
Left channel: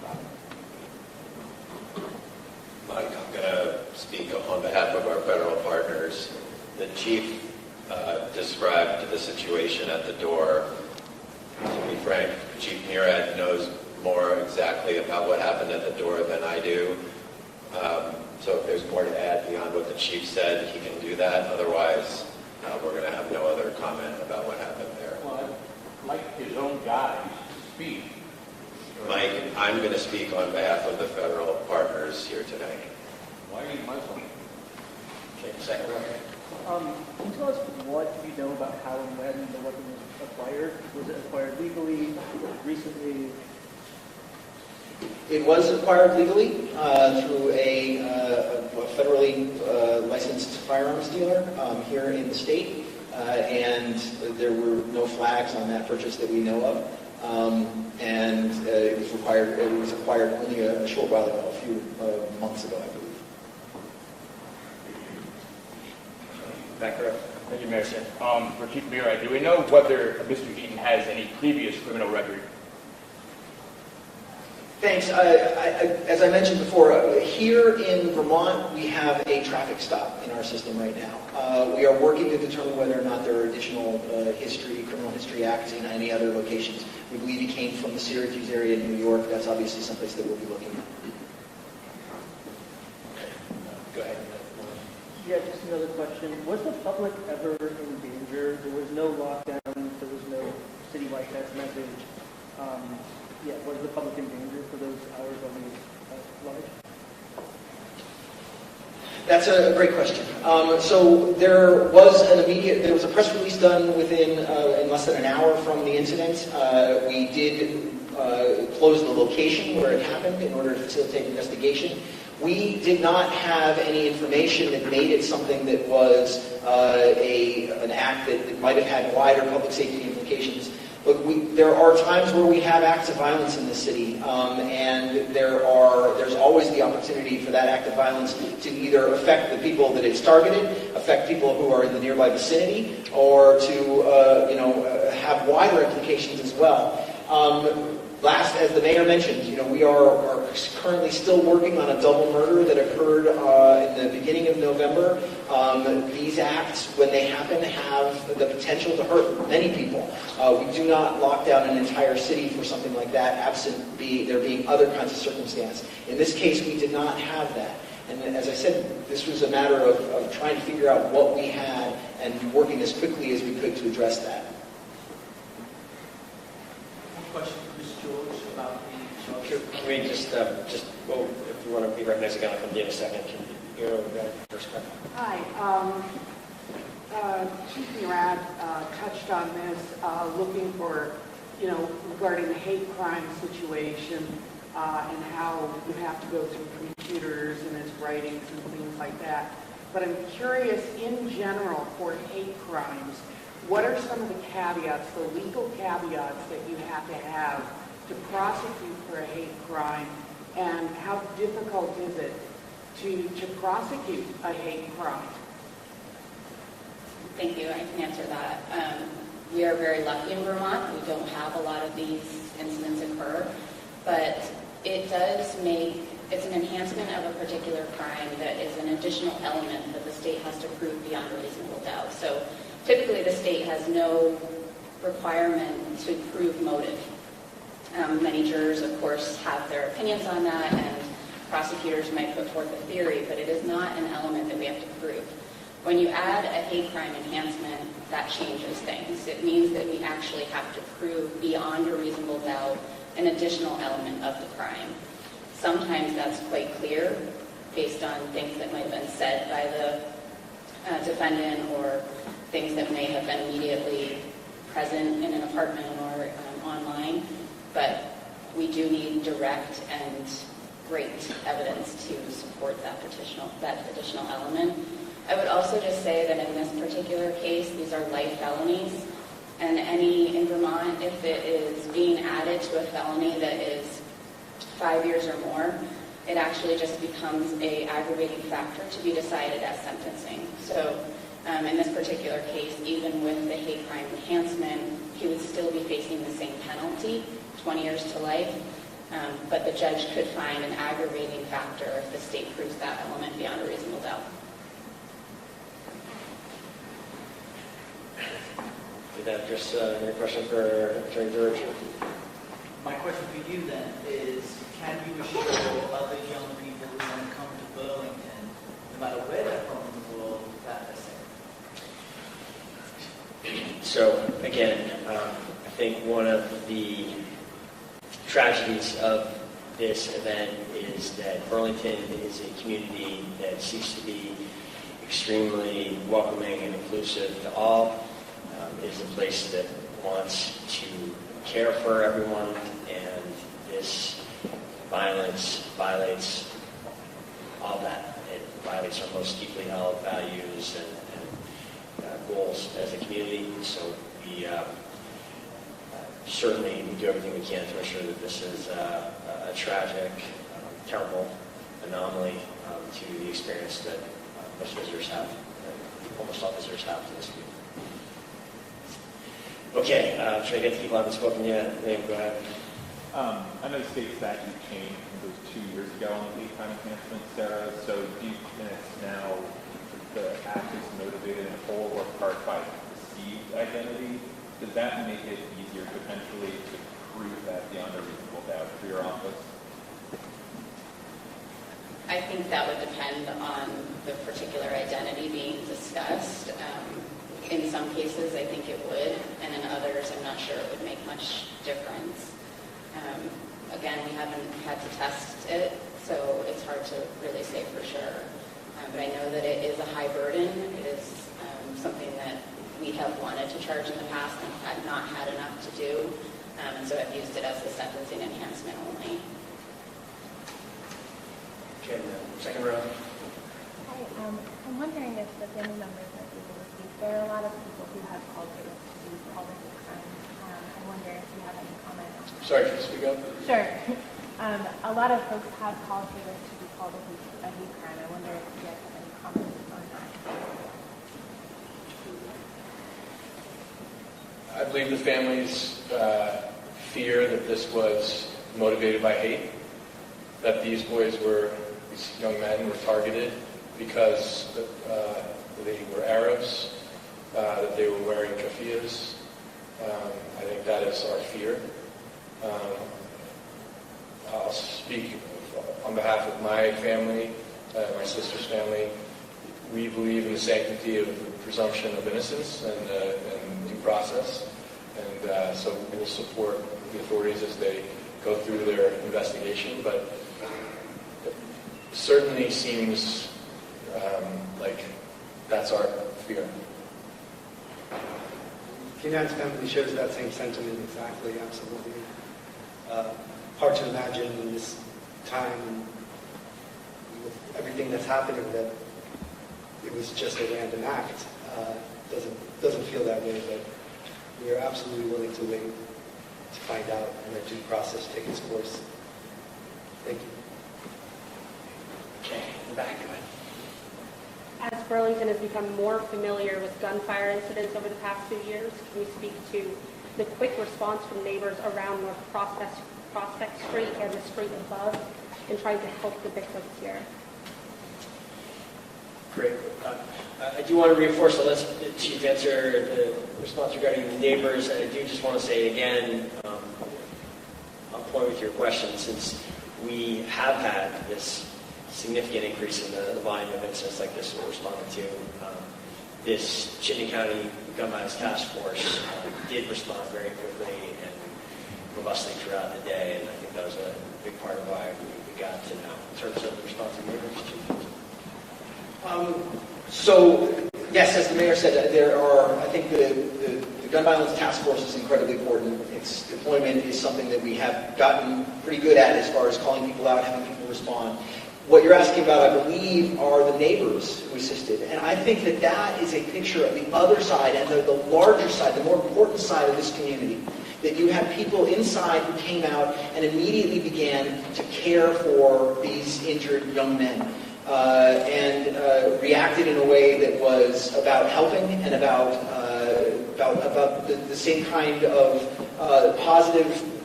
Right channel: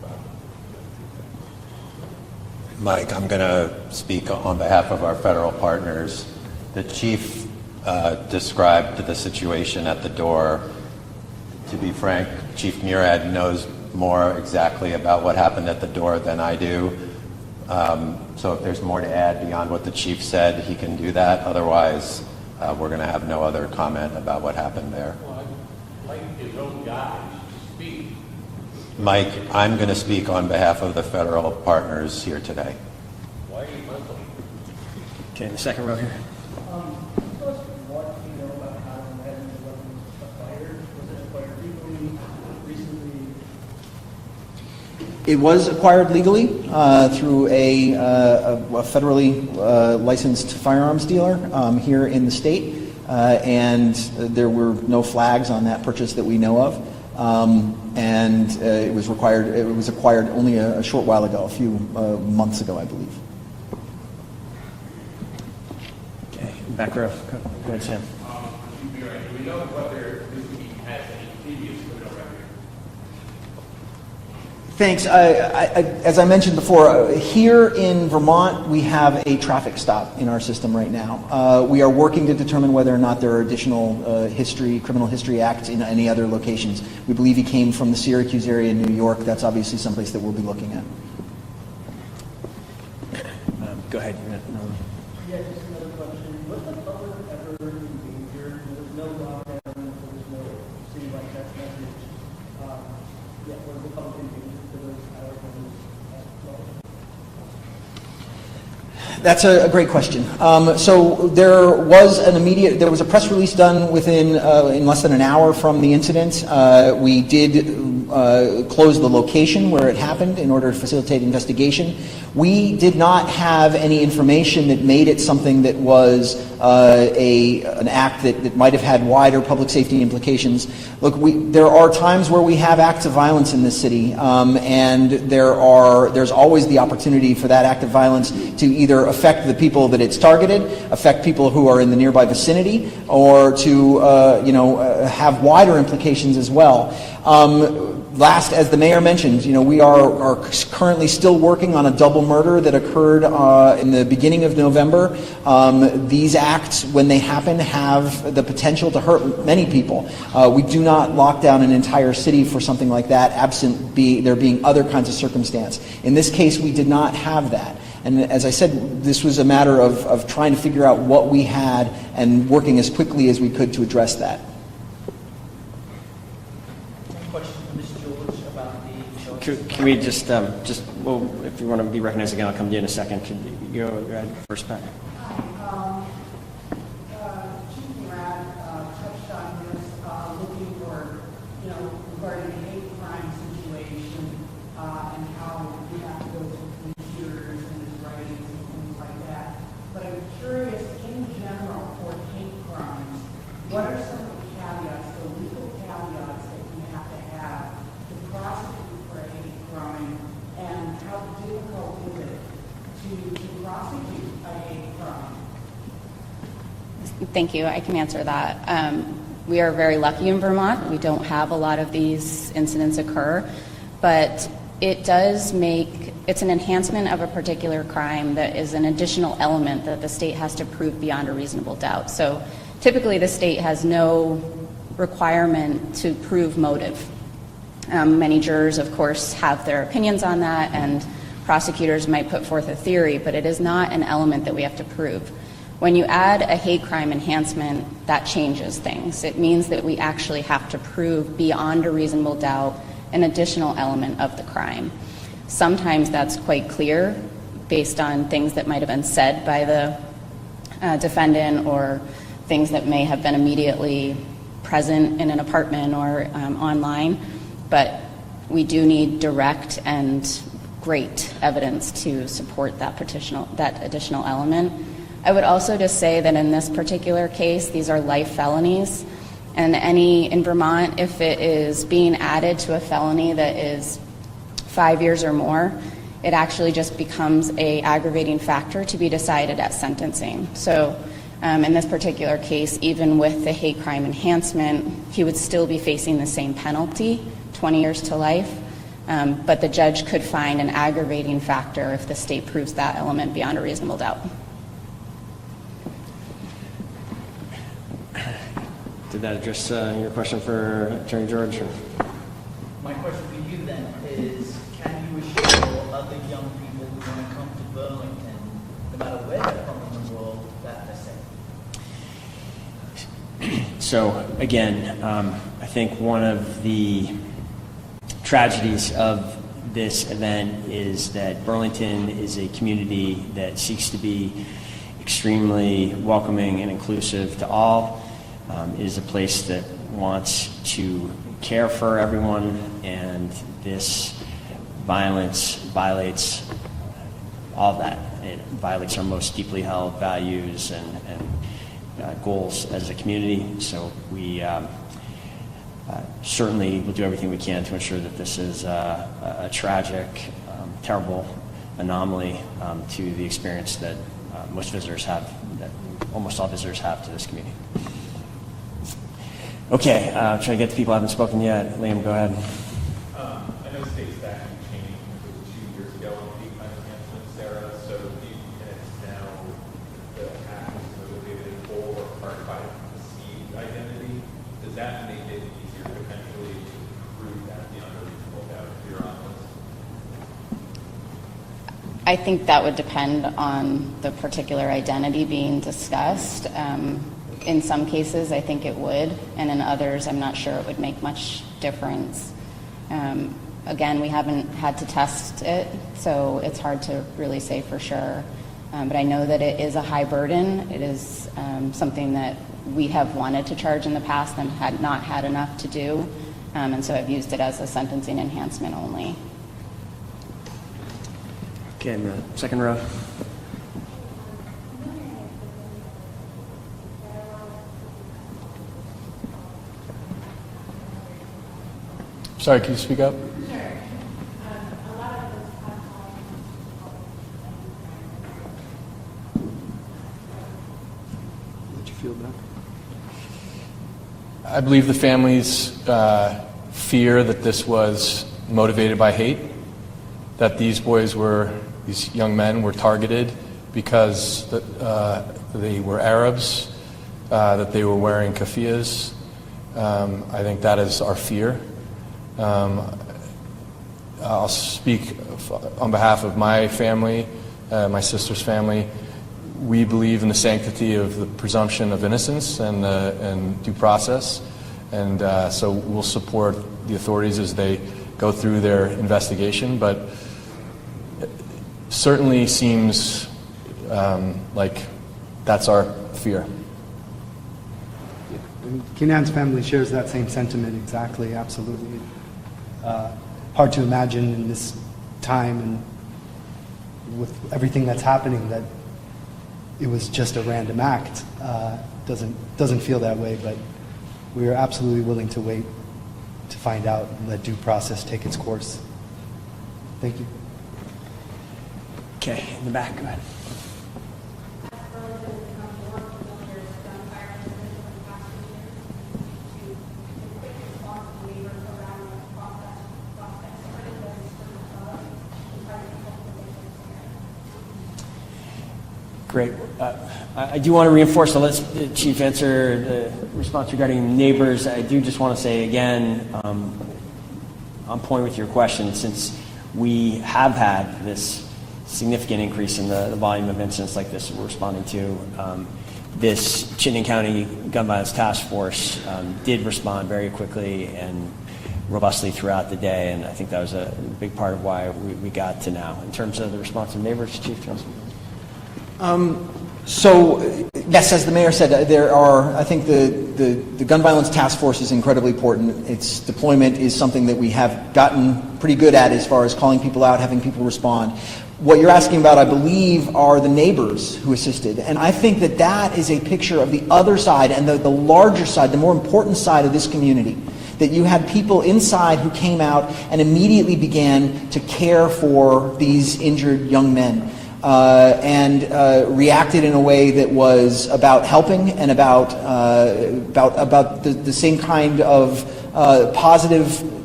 Mike, I'm going to speak on behalf of our federal partners. The chief described the situation at the door. To be frank, Chief Murad knows more exactly about what happened at the door than I do. So if there's more to add beyond what the chief said, he can do that. Otherwise, we're going to have no other comment about what happened there. Well, I'd like his own guys to speak. Mike, I'm going to speak on behalf of the federal partners here today. Why are you Muslim? Okay, second row here. Can you tell us what you know about how and when the weapon was acquired? Was it acquired legally, recently? It was acquired legally through a federally licensed firearms dealer here in the state, and there were no flags on that purchase that we know of. And it was acquired only a short while ago, a few months ago, I believe. Okay, back row. For Chief Murad, do we know whether Mr. Eaton has any previous criminal record? Thanks. As I mentioned before, here in Vermont, we have a traffic stop in our system right now. We are working to determine whether or not there are additional criminal history acts in any other locations. We believe he came from the Syracuse area in New York. That's obviously someplace that we'll be looking at. Go ahead. Yeah, just another question. Was the public ever injured? There was no lockdown. There was no citywide test message. Was the public injured for those hours when it was large? That's a great question. So there was a press release done in less than an hour from the incident. We did close the location where it happened in order to facilitate investigation. We did not have any information that made it something that was an act that might have had wider public safety implications. Look, there are times where we have acts of violence in this city, and there's always the opportunity for that act of violence to either affect the people that it's targeted, affect people who are in the nearby vicinity, or to have wider implications as well. Last, as the mayor mentioned, we are currently still working on a double murder that occurred in the beginning of November. These acts, when they happen, have the potential to hurt many people. We do not lock down an entire city for something like that, absent there being other kinds of circumstance. In this case, we did not have that. And as I said, this was a matter of trying to figure out what we had and working as quickly as we could to address that. Can we just well, if you want to be recognized again, I'll come to you in a second. Can you go ahead first, Pat? Hi. Chief Murad touched on this, looking for, regarding the hate crime situation and how you have to go through computers and his writings and things like that. But I'm curious, in general, for hate crimes, what are some of the caveats, the legal caveats that you have to prosecute for a hate crime, and how difficult is it to prosecute a hate crime? Thank you. I can answer that. We are very lucky in Vermont. We don't have a lot of these incidents occur, but it's an enhancement of a particular crime that is an additional element that the state has to prove beyond a reasonable doubt. So typically the state has no requirement to prove motive. Many jurors, of course, have their opinions on that, and prosecutors might put forth a theory, but it is not an element that we have to prove. When you add a hate crime enhancement, that changes things. It means that we actually have to prove beyond a reasonable doubt an additional element of the crime. Sometimes that's quite clear based on things that might have been said by the defendant or things that may have been immediately present in an apartment or online. But we do need direct and great evidence to support that additional element. I would also just say that in this particular case, these are life felonies, and in Vermont, if it is being added to a felony that is 5 years or more, it actually just becomes an aggravating factor to be decided at sentencing. So in this particular case, even with the hate crime enhancement, he would still be facing the same penalty, 20 years to life. But the judge could find an aggravating factor if the state proves that element beyond a reasonable doubt. Did that address your question for Attorney George? My question for you then is, can you assure other young people who want to come to Burlington, no matter where they're from in the world, that they're safe? So again, I think one of the tragedies of this event is that Burlington is a community that seeks to be extremely welcoming and inclusive to all. Is a place that wants to care for everyone, and this violence violates all of that. It violates our most deeply held values and goals as a community. So we certainly will do everything we can to ensure that this is a tragic, terrible anomaly to the experience that most visitors have, that almost all visitors have to this community. Okay, trying to get to people who haven't spoken yet. Liam, go ahead. I know state statute changed, it was 2 years ago on hate crime enhancement, Sarah. So do you think it's now the act is motivated in whole or part by perceived identity? Does that make it easier potentially to prove that beyond a reasonable doubt if you're on this? I think that would depend on the particular identity being discussed. In some cases, I think it would, and in others, I'm not sure it would make much difference. Again, we haven't had to test it, so it's hard to really say for sure. But I know that it is a high burden. It is something that we have wanted to charge in the past and had not had enough to do, and so I've used it as a sentencing enhancement only. Okay, in the second row. I'm wondering if the family members are able to speak. There are a lot of people who have called for this all the time. I wonder if you have any comment on that. Sorry, can you speak up? Sure. A lot of folks have called for this to be called a hate crime. I wonder if you have any comment on that. Did you feel that? I believe the families fear that this was motivated by hate, that these young men were targeted because they were Arabs, that they were wearing keffiyehs. I think that is our fear. I'll speak on behalf of my family, my sister's family. We believe in the sanctity of the presumption of innocence and due process, and so we'll support the authorities as they go through their investigation, but certainly seems like that's our fear. Kenan's family shares that same sentiment exactly, absolutely. Hard to imagine in this time and with everything that's happening that it was just a random act. Doesn't feel that way, but we are absolutely willing to wait to find out and let due process take its course. Thank you. Okay, in the back, go ahead. As Burlington has become more familiar with gunfire incidents over the past few years, can you speak to the quick response from neighbors around North Prospect Street and the street above in trying to help the victims here? Great. I do want to reinforce, so let the Chief answer the response regarding neighbors. I do just want to say again, on point with your question, since we have had this significant increase in the volume of incidents like this we're responding to, this Chittenden County Gun Violence Task Force did respond very quickly and robustly throughout the day, and I think that was a big part of why we got to now. In terms of the response of neighbors, Chief? So, yes, as the mayor said, there are, I think the Gun Violence Task Force is incredibly important. Its deployment is something that we have gotten pretty good at as far as calling people out, having people respond. What you're asking about, I believe, are the neighbors who assisted. And I think that that is a picture of the other side and the larger side, the more important side of this community. That you had people inside who came out and immediately began to care for these injured young men. And reacted in a way that was about helping and about the same kind of positive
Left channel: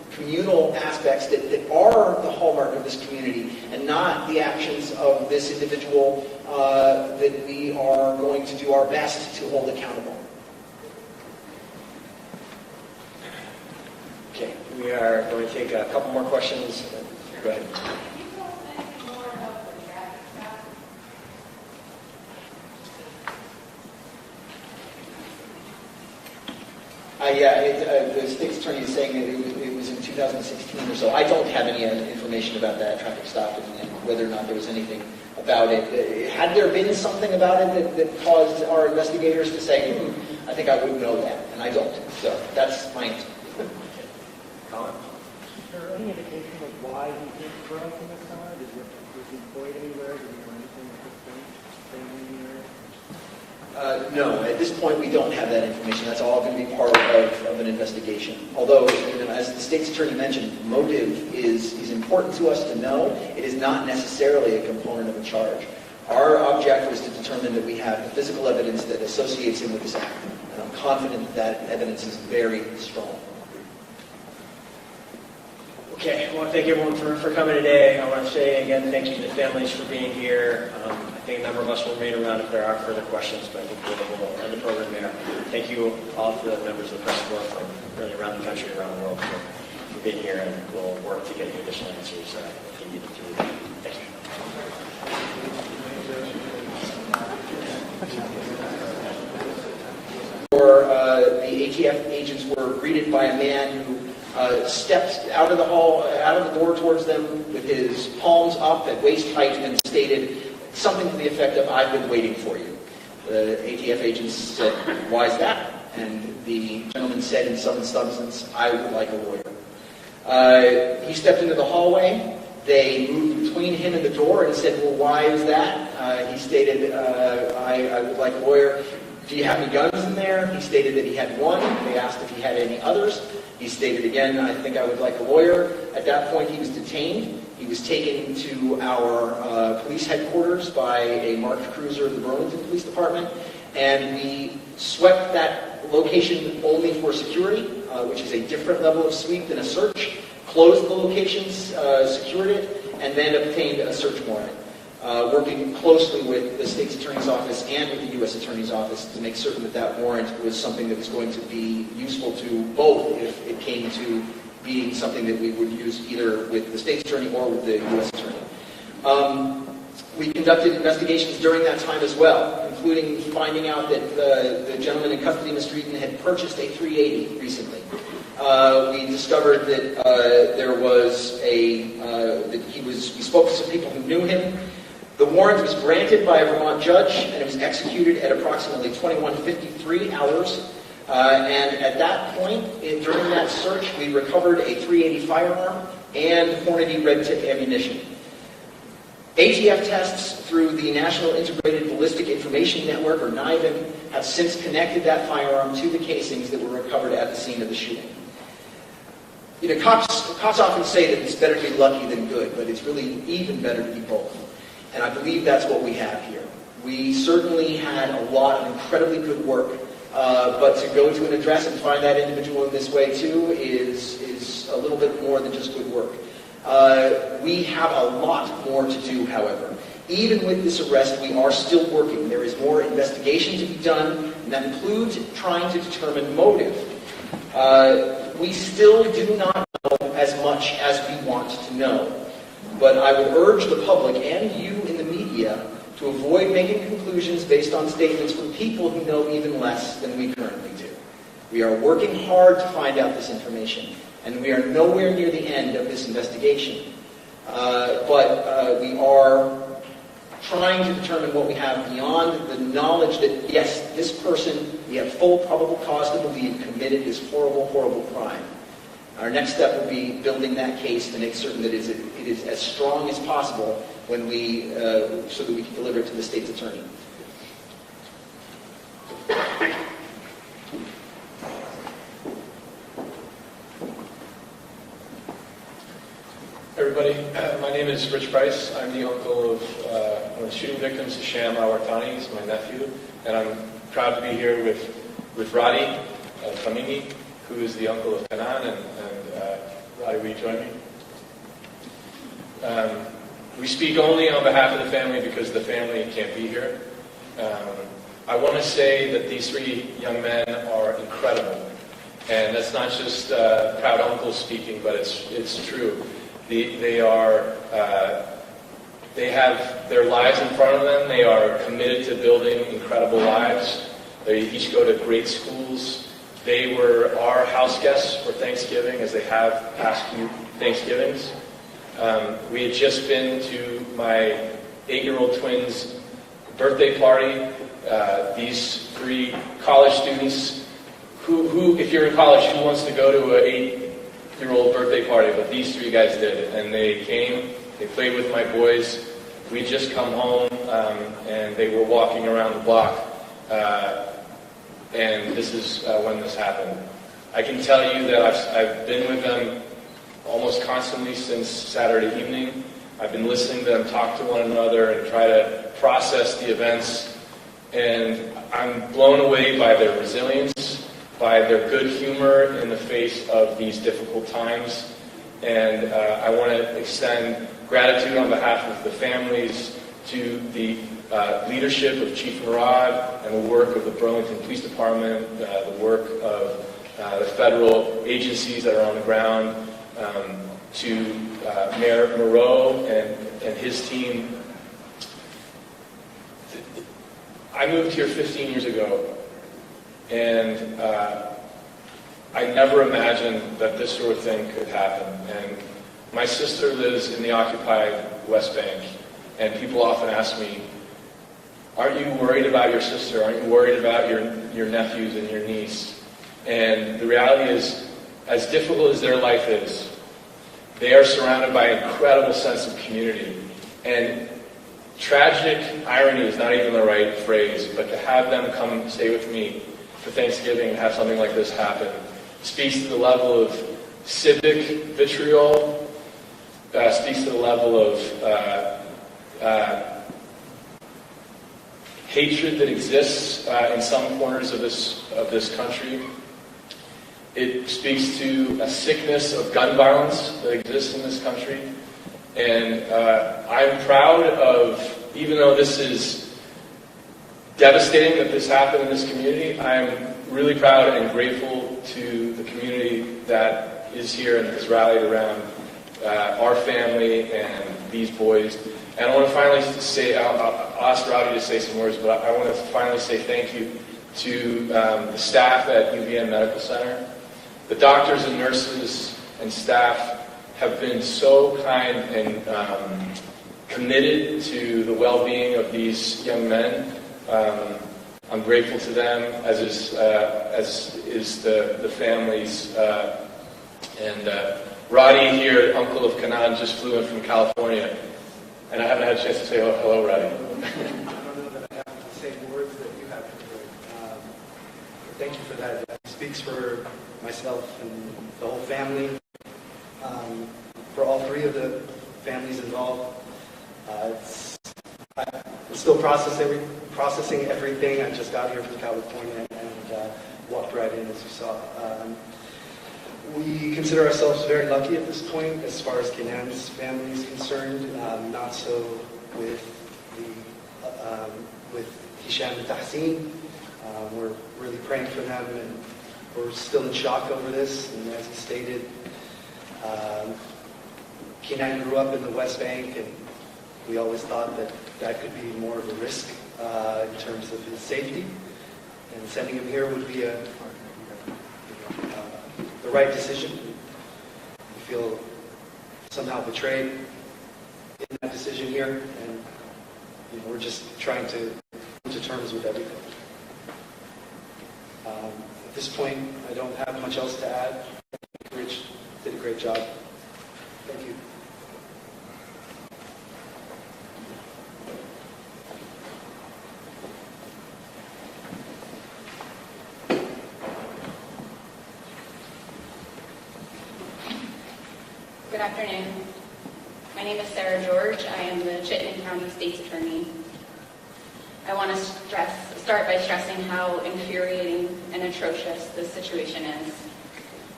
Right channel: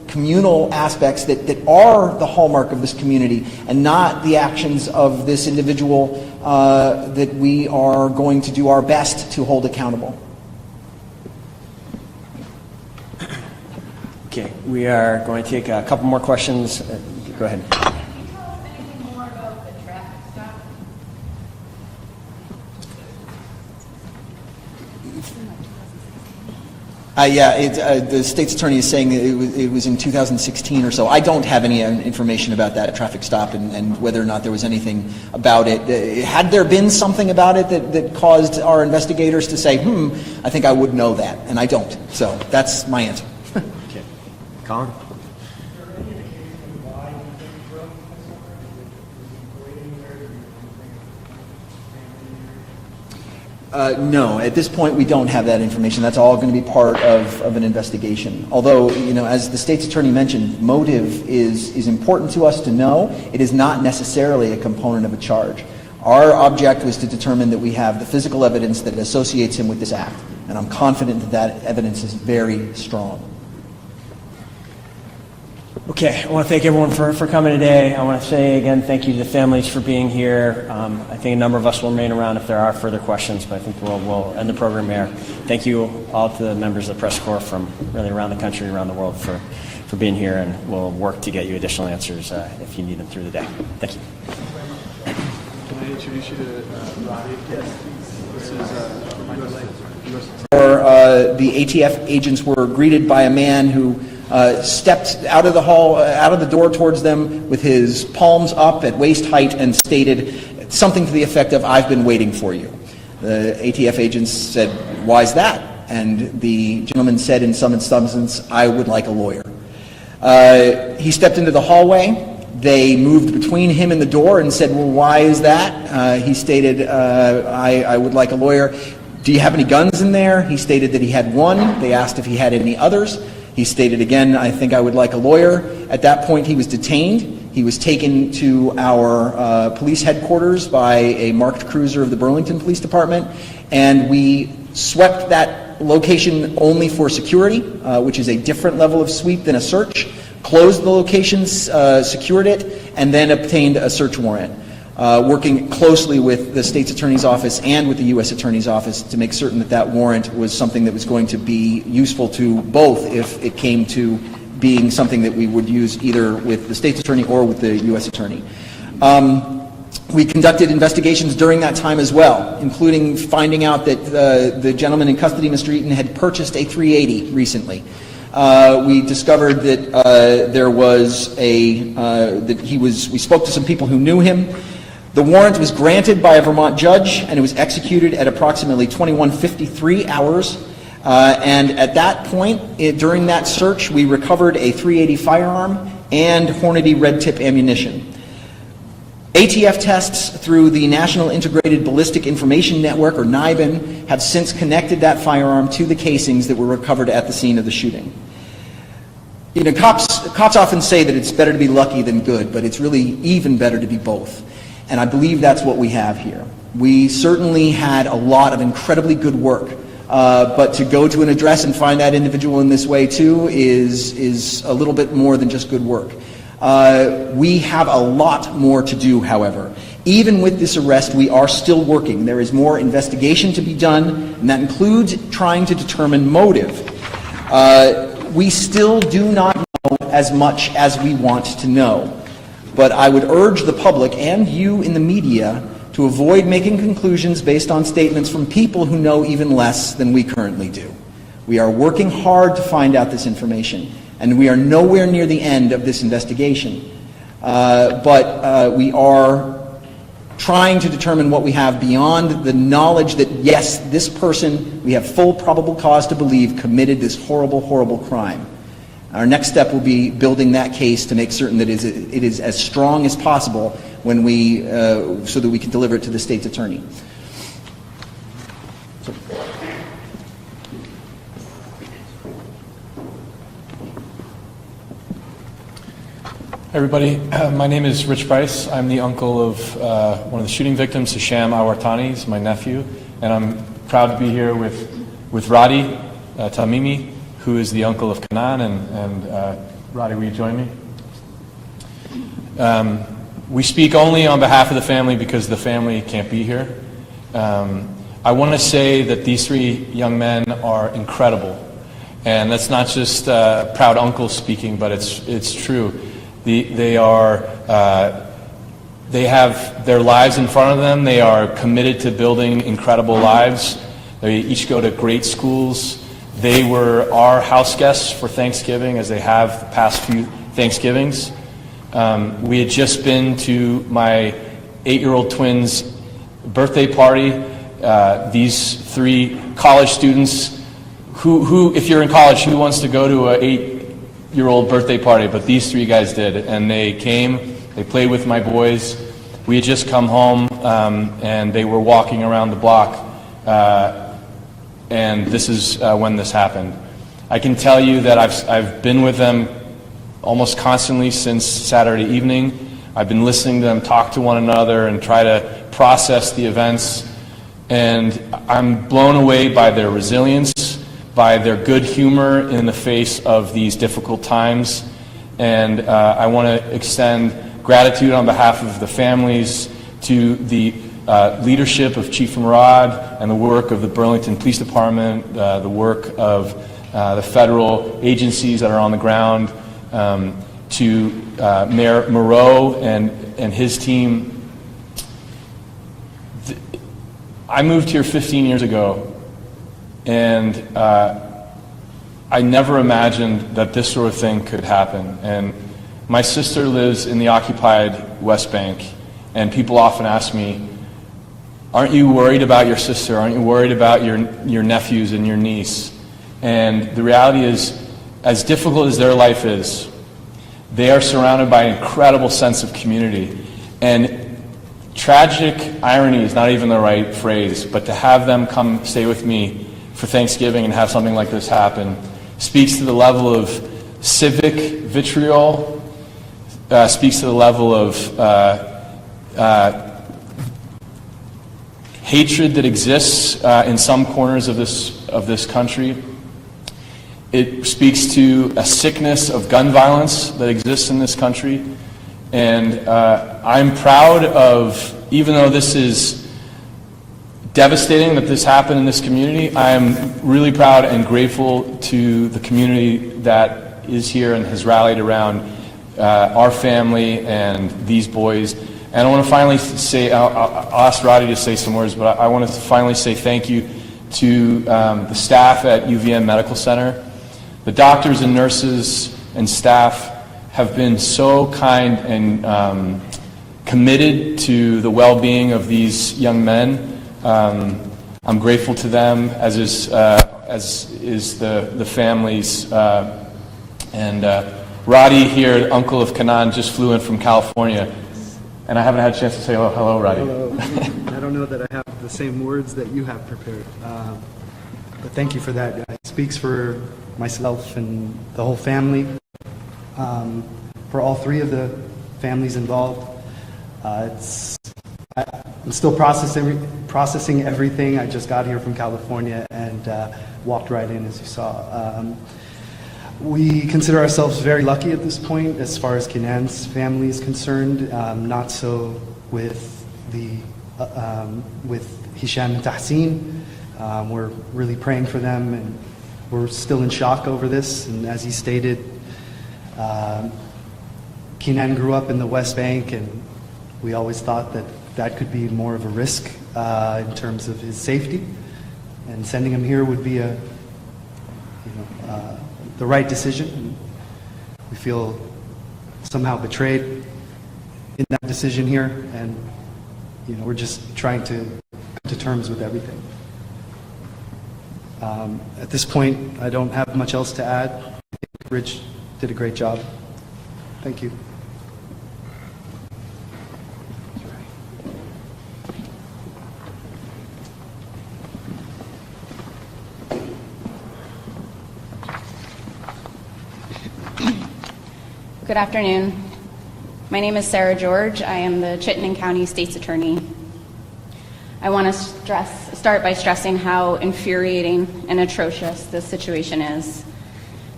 communal aspects that are the hallmark of this community, and not the actions of this individual that we are going to do our best to hold accountable. Okay, we are going to take a couple more questions. Go ahead. The state's attorney is saying it was in 2016 or so. I don't have any information about that traffic stop and whether or not there was anything about it. Had there been something about it that caused our investigators to say, I think I would know that, and I don't. So that's my answer. Okay. Colin? Is there any indication of why he didn't grow up in the summer? Was he employed anywhere? Did he do anything for family? No, at this point we don't have that information. That's all going to be part of an investigation. Although, as the state's attorney mentioned, motive is important to us to know. It is not necessarily a component of a charge. Our object was to determine that we have the physical evidence that associates him with this act. And I'm confident that evidence is very strong. Okay, I want to thank everyone for coming today. I want to say again thank you to the families for being here. I think a number of us will remain around if there are further questions, but I think we'll end the program here. Thank you all to the members of the press corps from really around the country, around the world for being here, and we'll work to get you additional answers if you need it through the day. Thank you. The ATF agents were greeted by a man who stepped out of the door towards them with his palms up at waist height and stated something to the effect of, "I've been waiting for you." The ATF agents said, "Why is that?" And the gentleman said in some substance, "I would like a lawyer." He stepped into the hallway. They moved between him and the door and said, "Well, why is that?" He stated, I would like a lawyer. "Do you have any guns in there?" He stated that he had one. They asked if he had any others. He stated again, "I think I would like a lawyer." At that point, he was detained. He was taken to our police headquarters by a marked cruiser of the Burlington Police Department, and we swept that location only for security, which is a different level of sweep than a search, closed the location, secured it, and then obtained a search warrant, working closely with the state's attorney's office and with the U.S. attorney's office to make certain that that warrant was something that was going to be useful to both if it came to being something that we would use either with the state's attorney or with the U.S. attorney. We conducted investigations during that time as well, including finding out that the gentleman in custody, Mr. Eaton, had purchased a 380 recently. We discovered that there was we spoke to some people who knew him. The warrant was granted by a Vermont judge, and it was executed at approximately 21:53 hours. And at that point, during that search, we recovered a .380 firearm and Hornady red tip ammunition. ATF tests through the National Integrated Ballistic Information Network, or NIBIN, have since connected that firearm to the casings that were recovered at the scene of the shooting. Cops often say that it's better to be lucky than good, but it's really even better to be both. And I believe that's what we have here. We certainly had a lot of incredibly good work, but to go to an address and find that individual in this way too is a little bit more than just good work. We have a lot more to do, however. Even with this arrest, we are still working. There is more investigation to be done, and that includes trying to determine motive. We still do not know as much as we want to know. But I would urge the public and you in the media to avoid making conclusions based on statements from people who know even less than we currently do. We are working hard to find out this information, and we are nowhere near the end of this investigation. But we are trying to determine what we have beyond the knowledge that, yes, this person, we have full probable cause to believe, committed this horrible, horrible crime. Our next step will be building that case to make certain that it is as strong as possible when so that we can deliver it to the state's attorney. Everybody, my name is Rich Bryce. I'm the uncle of one of the shooting victims, Hisham Al-Wartani. He's my nephew, and I'm proud to be here with Radi Tamimi, who is the uncle of Kanan, and Roddy, will you join me? We speak only on behalf of the family because the family can't be here. I want to say that these three young men are incredible. And that's not just proud uncle speaking, but it's true. They have their lives in front of them. They are committed to building incredible lives. They each go to great schools. They were our house guests for Thanksgiving, as they have the past few Thanksgivings. We had just been to my 8-year-old twins' birthday party. These three college students, who, if you're in college, who wants to go to an 8-year-old birthday party? But these three guys did, and they came. They played with my boys. We had just come home, and they were walking around the block, and this is when this happened. I can tell you that I've been with them almost constantly since Saturday evening. I've been listening to them talk to one another and try to process the events, and I'm blown away by their resilience, by their good humor in the face of these difficult times, and I want to extend gratitude on behalf of the families to the leadership of Chief Murad and the work of the Burlington Police Department, the work of the federal agencies that are on the ground, to Mayor Moreau and his team. I moved here 15 years ago, and I never imagined that this sort of thing could happen. And my sister lives in the occupied West Bank, and people often ask me, aren't you worried about your sister? Aren't you worried about your nephews and your niece? And the reality is, as difficult as their life is, they are surrounded by an incredible sense of community. And tragic irony is not even the right phrase, but to have them come stay with me for Thanksgiving and have something like this happen speaks to the level of civic vitriol, speaks to the level of hatred that exists in some corners of this country. It speaks to a sickness of gun violence that exists in this country. And I'm proud of, even though this is devastating that this happened in this community, I'm really proud and grateful to the community that is here and has rallied around our family and these boys. And I want to finally say, I'll ask Roddy to say some words, but I want to finally say thank you to the staff at UVM Medical Center. The doctors and nurses and staff have been so kind and committed to the well-being of these young men. I'm grateful to them, as is the families. And Roddy here, uncle of Kanan, just flew in from California, and I haven't had a chance to say hello, Roddy. I don't know that I have the same words that you have prepared, but thank you for that. It speaks for myself and the whole family, for all three of the families involved. I'm still processing everything. I just got here from California and walked right in, as you saw. We consider ourselves very lucky at this point as far as Kenan's family is concerned. Not so with Hisham and Tahsin. We're really praying for them, and we're still in shock over this. And as he stated, Kenan grew up in the West Bank, and we always thought that that could be more of a risk in terms of his safety. And sending him here would be the right decision. We feel somehow betrayed in that decision here, and we're just trying to come to terms with everything. At this point, I don't have much else to add. I think Rich did a great job. Thank you. Good afternoon. My name is Sarah George. I am the Chittenden County State's Attorney. I want to start by stressing how infuriating and atrocious this situation is.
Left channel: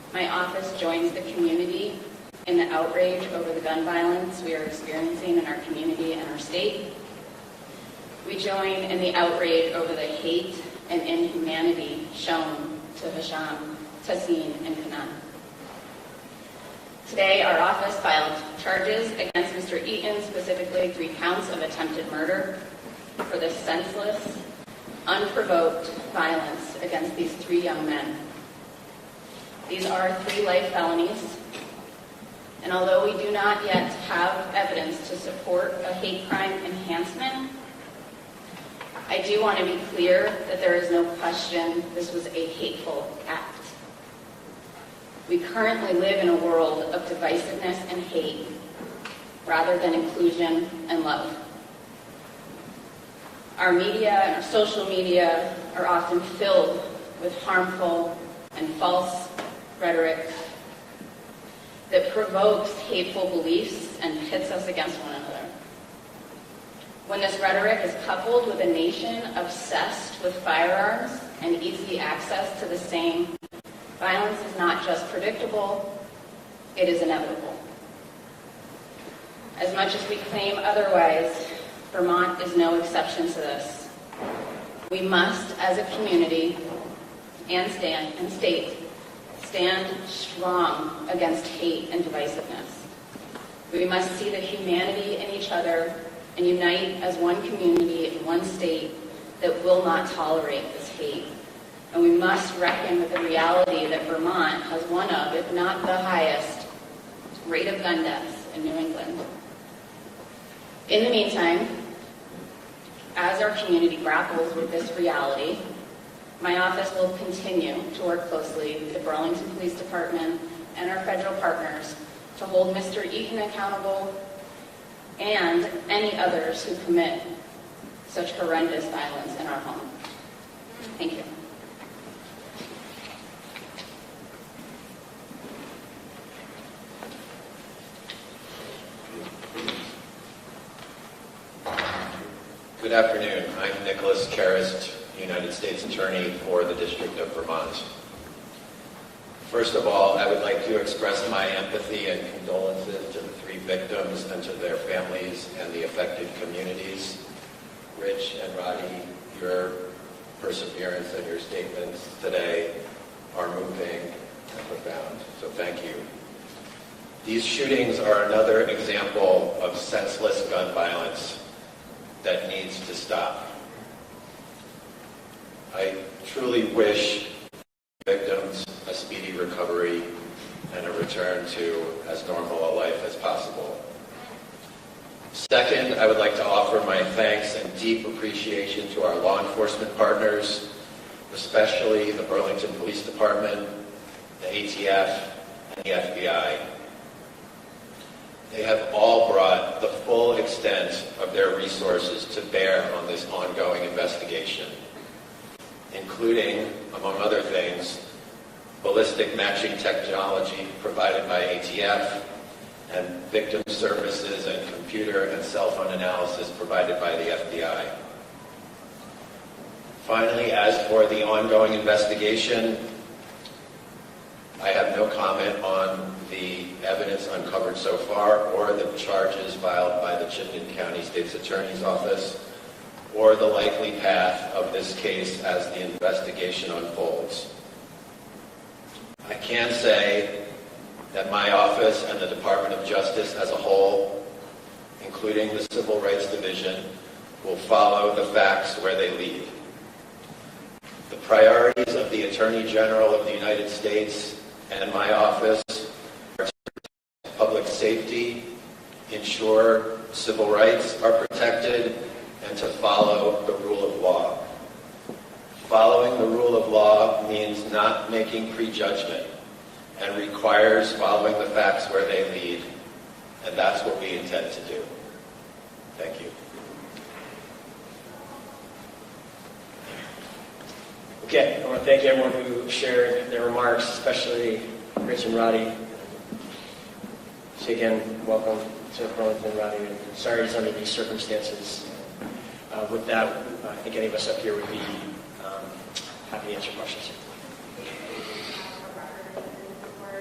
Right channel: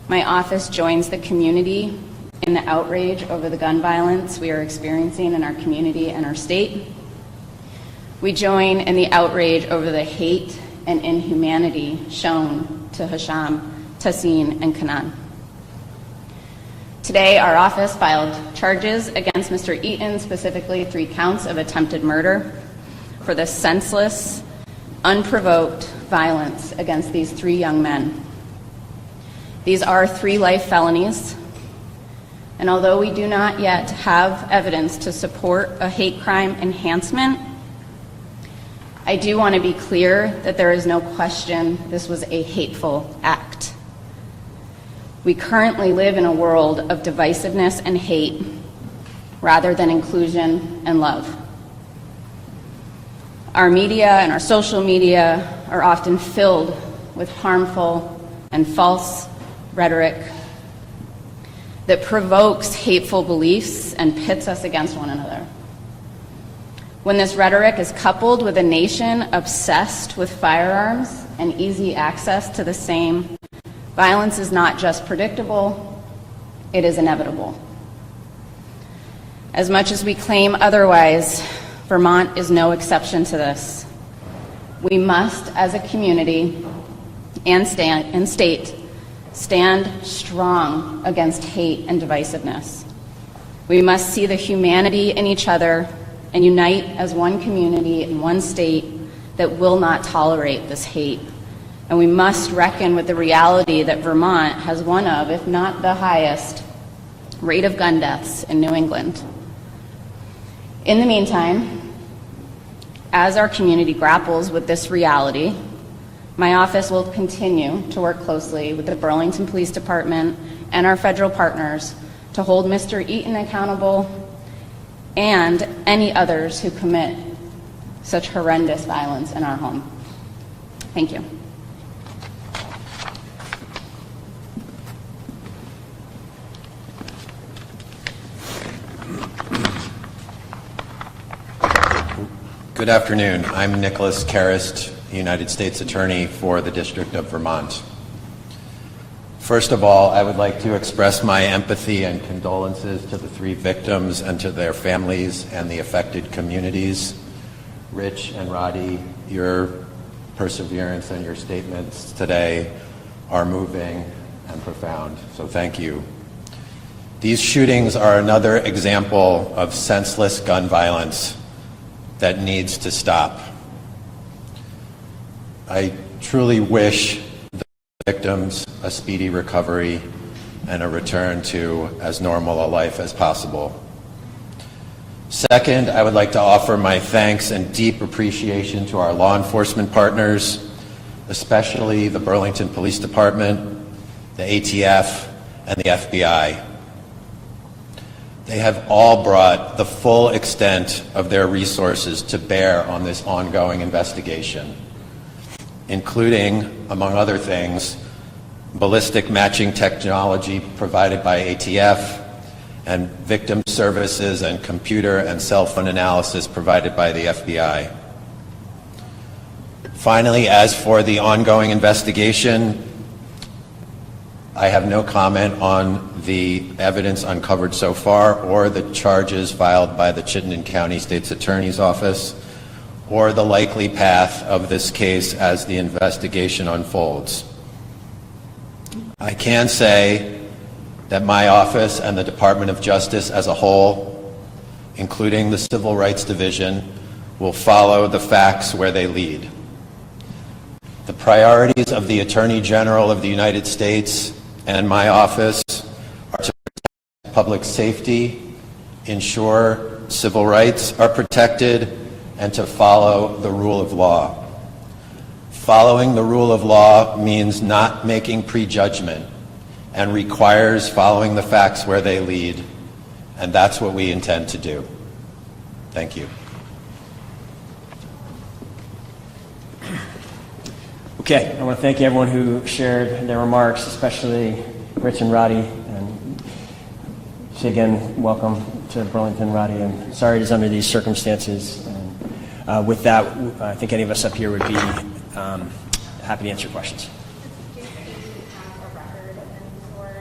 My office joins the community in the outrage over the gun violence we are experiencing in our community and our state. We join in the outrage over the hate and inhumanity shown to Hisham, Tassin, and Kanan. Today, our office filed charges against Mr. Eaton, specifically 3 counts of attempted murder for the senseless, unprovoked violence against these 3 young men. These are 3 life felonies, and although we do not yet have evidence to support a hate crime enhancement, I do want to be clear that there is no question this was a hateful act. We currently live in a world of divisiveness and hate rather than inclusion and love. Our media and our social media are often filled with harmful and false rhetoric that provokes hateful beliefs and pits us against one another. When this rhetoric is coupled with a nation obsessed with firearms and easy access to the same, violence is not just predictable, it is inevitable. As much as we claim otherwise, Vermont is no exception to this. We must, as a community and state, stand strong against hate and divisiveness. We must see the humanity in each other and unite as one community in one state that will not tolerate this hate. And we must reckon with the reality that Vermont has one of, if not the highest, rate of gun deaths in New England. In the meantime, as our community grapples with this reality, my office will continue to work closely with the Burlington Police Department and our federal partners to hold Mr. Eaton accountable and any others who commit such horrendous violence in our home. Thank you. Good afternoon. I'm Nicholas Karist, United States Attorney for the District of Vermont. First of all, I would like to express my empathy and condolences to the 3 victims and to their families and the affected communities. Rich and Roddy, your perseverance and your statements today are moving and profound, so thank you. These shootings are another example of senseless gun violence that needs to stop. I truly wish the victims a speedy recovery and a return to as normal a life as possible. Second, I would like to offer my thanks and deep appreciation to our law enforcement partners, especially the Burlington Police Department, the ATF, and the FBI. They have all brought the full extent of their resources to bear on this ongoing investigation, including, among other things, ballistic matching technology provided by ATF and victim services and computer and cell phone analysis provided by the FBI. Finally, as for the ongoing investigation, I have no comment on the evidence uncovered so far or the charges filed by the Chittenden County State's Attorney's Office or the likely path of this case as the investigation unfolds. I can say that my office and the Department of Justice as a whole, including the Civil Rights Division, will follow the facts where they lead. The priorities of the Attorney General of the United States and my office are to protect public safety, ensure civil rights are protected, and to follow the rule of law. Following the rule of law means not making prejudgment and requires following the facts where they lead, and that's what we intend to do. Thank you. Okay, I want to thank everyone who shared their remarks, especially Rich and Roddy. And say again, welcome to Burlington, Roddy, and sorry it's under these circumstances. With that, I think any of us up here would be happy to answer questions.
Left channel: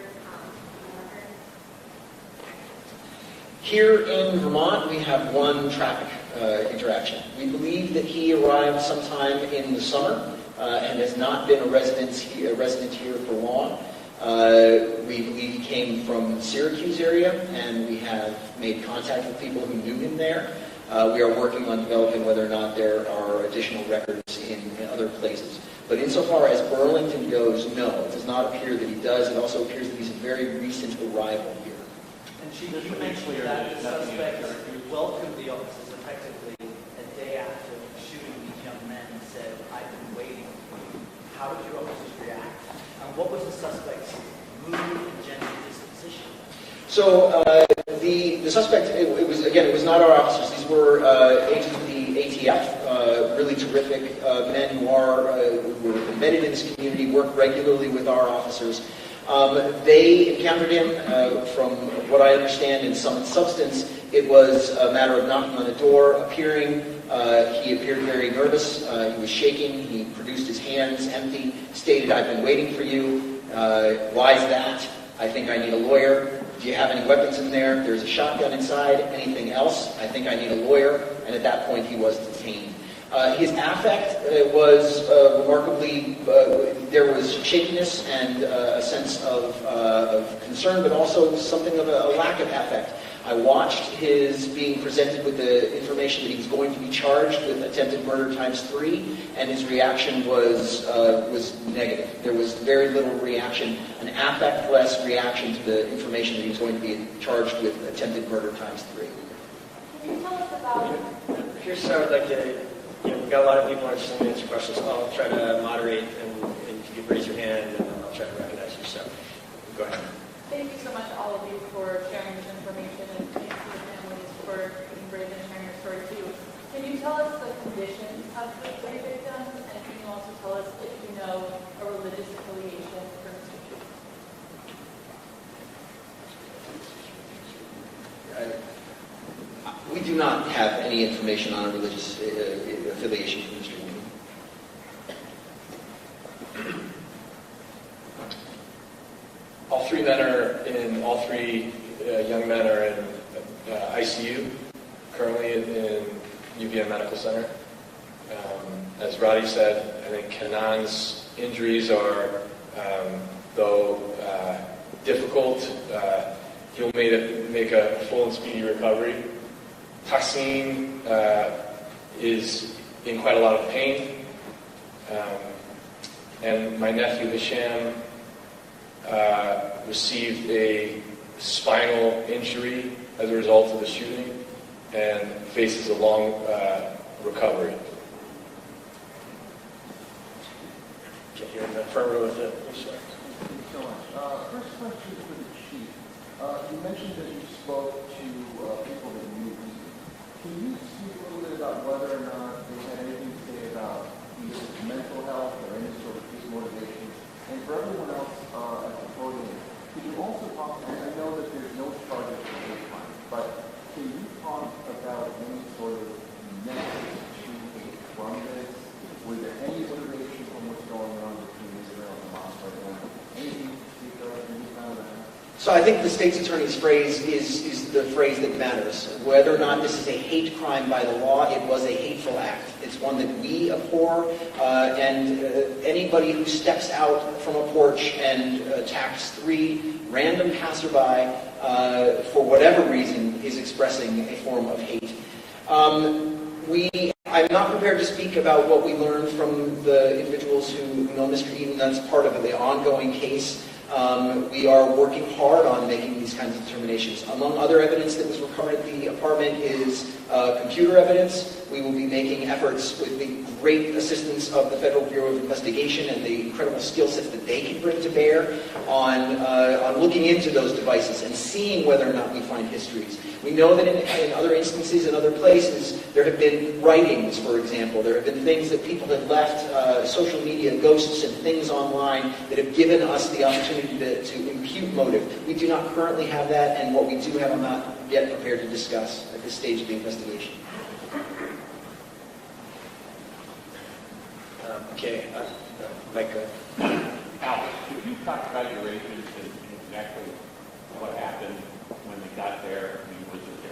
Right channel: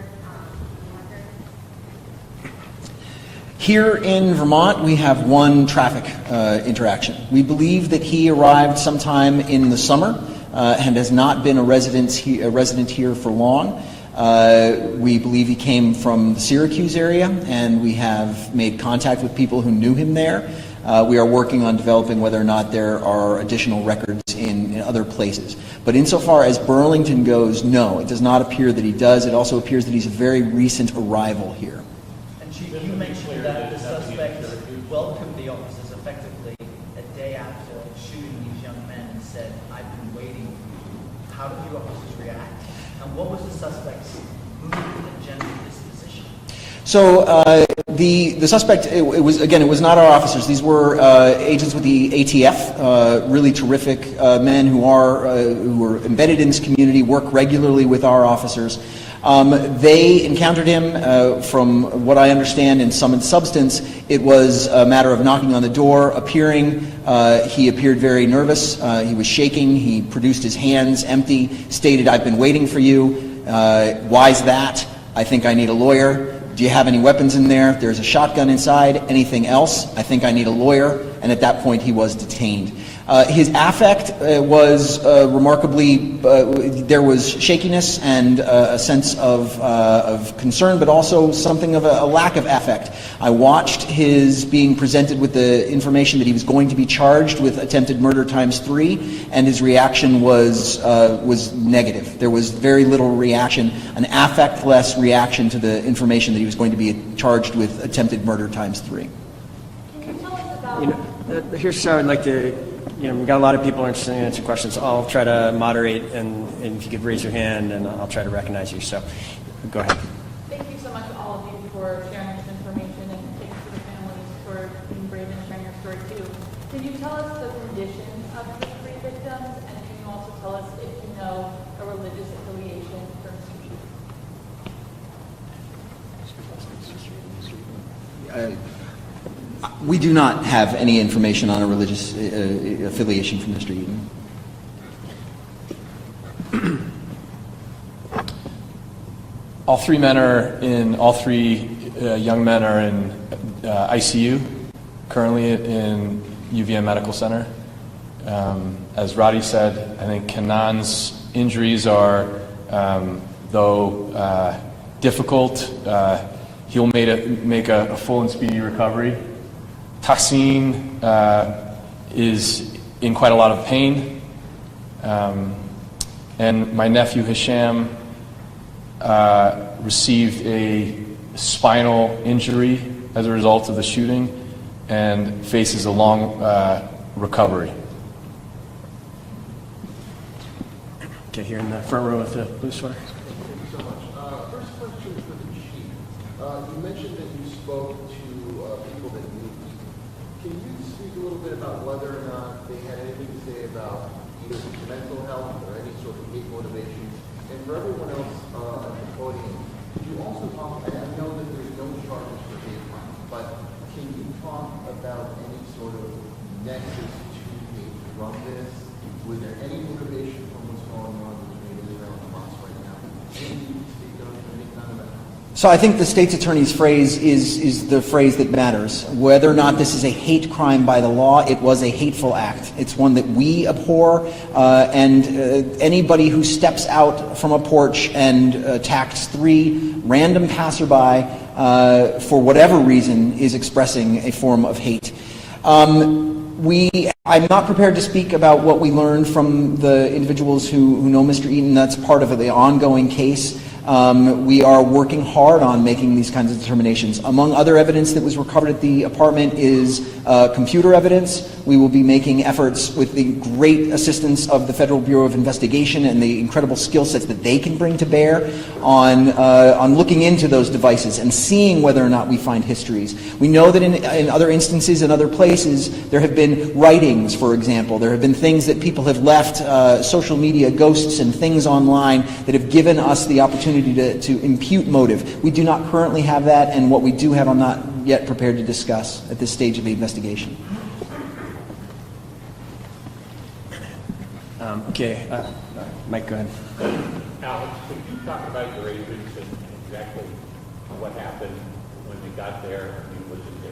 Here in Vermont, we have one traffic interaction. We believe that he arrived sometime in the summer and has not been a resident here for long. We believe he came from the Syracuse area, and we have made contact with people who knew him there. We are working on developing whether or not there are additional records in other places. But insofar as Burlington goes, no, it does not appear that he does. It also appears that he's a very recent arrival here. And Chief, you mentioned that the suspect welcomed the officers effectively a day after shooting these young men and said, "I've been waiting." How did your officers react? And what was the suspect's mood and general disposition? So the suspect, it was not our officers. These were agents with the ATF, really terrific men who are embedded in this community, work regularly with our officers. They encountered him, from what I understand, in sum and substance. It was a matter of knocking on the door, appearing. He appeared very nervous. He was shaking. He produced his hands empty, stated, "I've been waiting for you. Why's that? I think I need a lawyer. Do you have any weapons in there? There's a shotgun inside. Anything else? I think I need a lawyer." And at that point, he was detained. His affect was remarkably, there was shakiness and a sense of concern, but also something of a lack of affect. I watched his being presented with the information that he was going to be charged with attempted murder ×3, and his reaction was negative. There was very little reaction, an affect-less reaction to the information that he was going to be charged with attempted murder ×3. Can you tell us about... Here's how I'd like to, we've got a lot of people interested in answering questions. I'll try to moderate, and if you could raise your hand, and I'll try to recognize you. So, go ahead. Thank you so much, all of you, for sharing this information, and thanks to the families for being brave and sharing your story, too. Can you tell us the condition of the three victims, and can you also tell us if you know a religious affiliation for Mr. Chief? We do not have any information on a religious affiliation from Mr. Eden. All three young men are in ICU, currently in UVM Medical Center. As Roddy said, I think Kenan's injuries are, though difficult, he'll make a full and speedy recovery. Tahsin is in quite a lot of pain. And my nephew Hisham received a spinal injury as a result of the shooting and faces a long recovery. Okay, here in the front row with the blue sweater. Thank you so much. First question for the chief. You mentioned that you spoke to people that knew. Can you speak a little bit about whether or not they had anything to say about either mental health or any sort of hate motivation? And for everyone else at the podium, can you also talk, and I know that there's no charges for hate crime, but can you talk about any sort of nexus to hate from this? Was there any motivation from what's going on between Israel and Hamas right now? Anything you can speak of, any kind of that? So I think the state's attorney's phrase is the phrase that matters. Whether or not this is a hate crime by the law, it was a hateful act. It's one that we abhor, and anybody who steps out from a porch and attacks 3 random passerby for whatever reason is expressing a form of hate. I'm not prepared to speak about what we learned from the individuals who know Mr. Eaton. That's part of the ongoing case. We are working hard on making these kinds of determinations. Among other evidence that was recovered at the apartment is computer evidence. We will be making efforts with the great assistance of the Federal Bureau of Investigation and the incredible skill sets that they can bring to bear on looking into those devices and seeing whether or not we find histories. We know that in other instances, in other places, there have been writings, for example. There have been things that people have left, social media ghosts and things online that have given us the opportunity to impute motive. We do not currently have that, and what we do have I'm not yet prepared to discuss at this stage of the investigation. Okay, Mike, go ahead. Alex, could you talk about your agents and exactly what happened when you got there? I mean, was it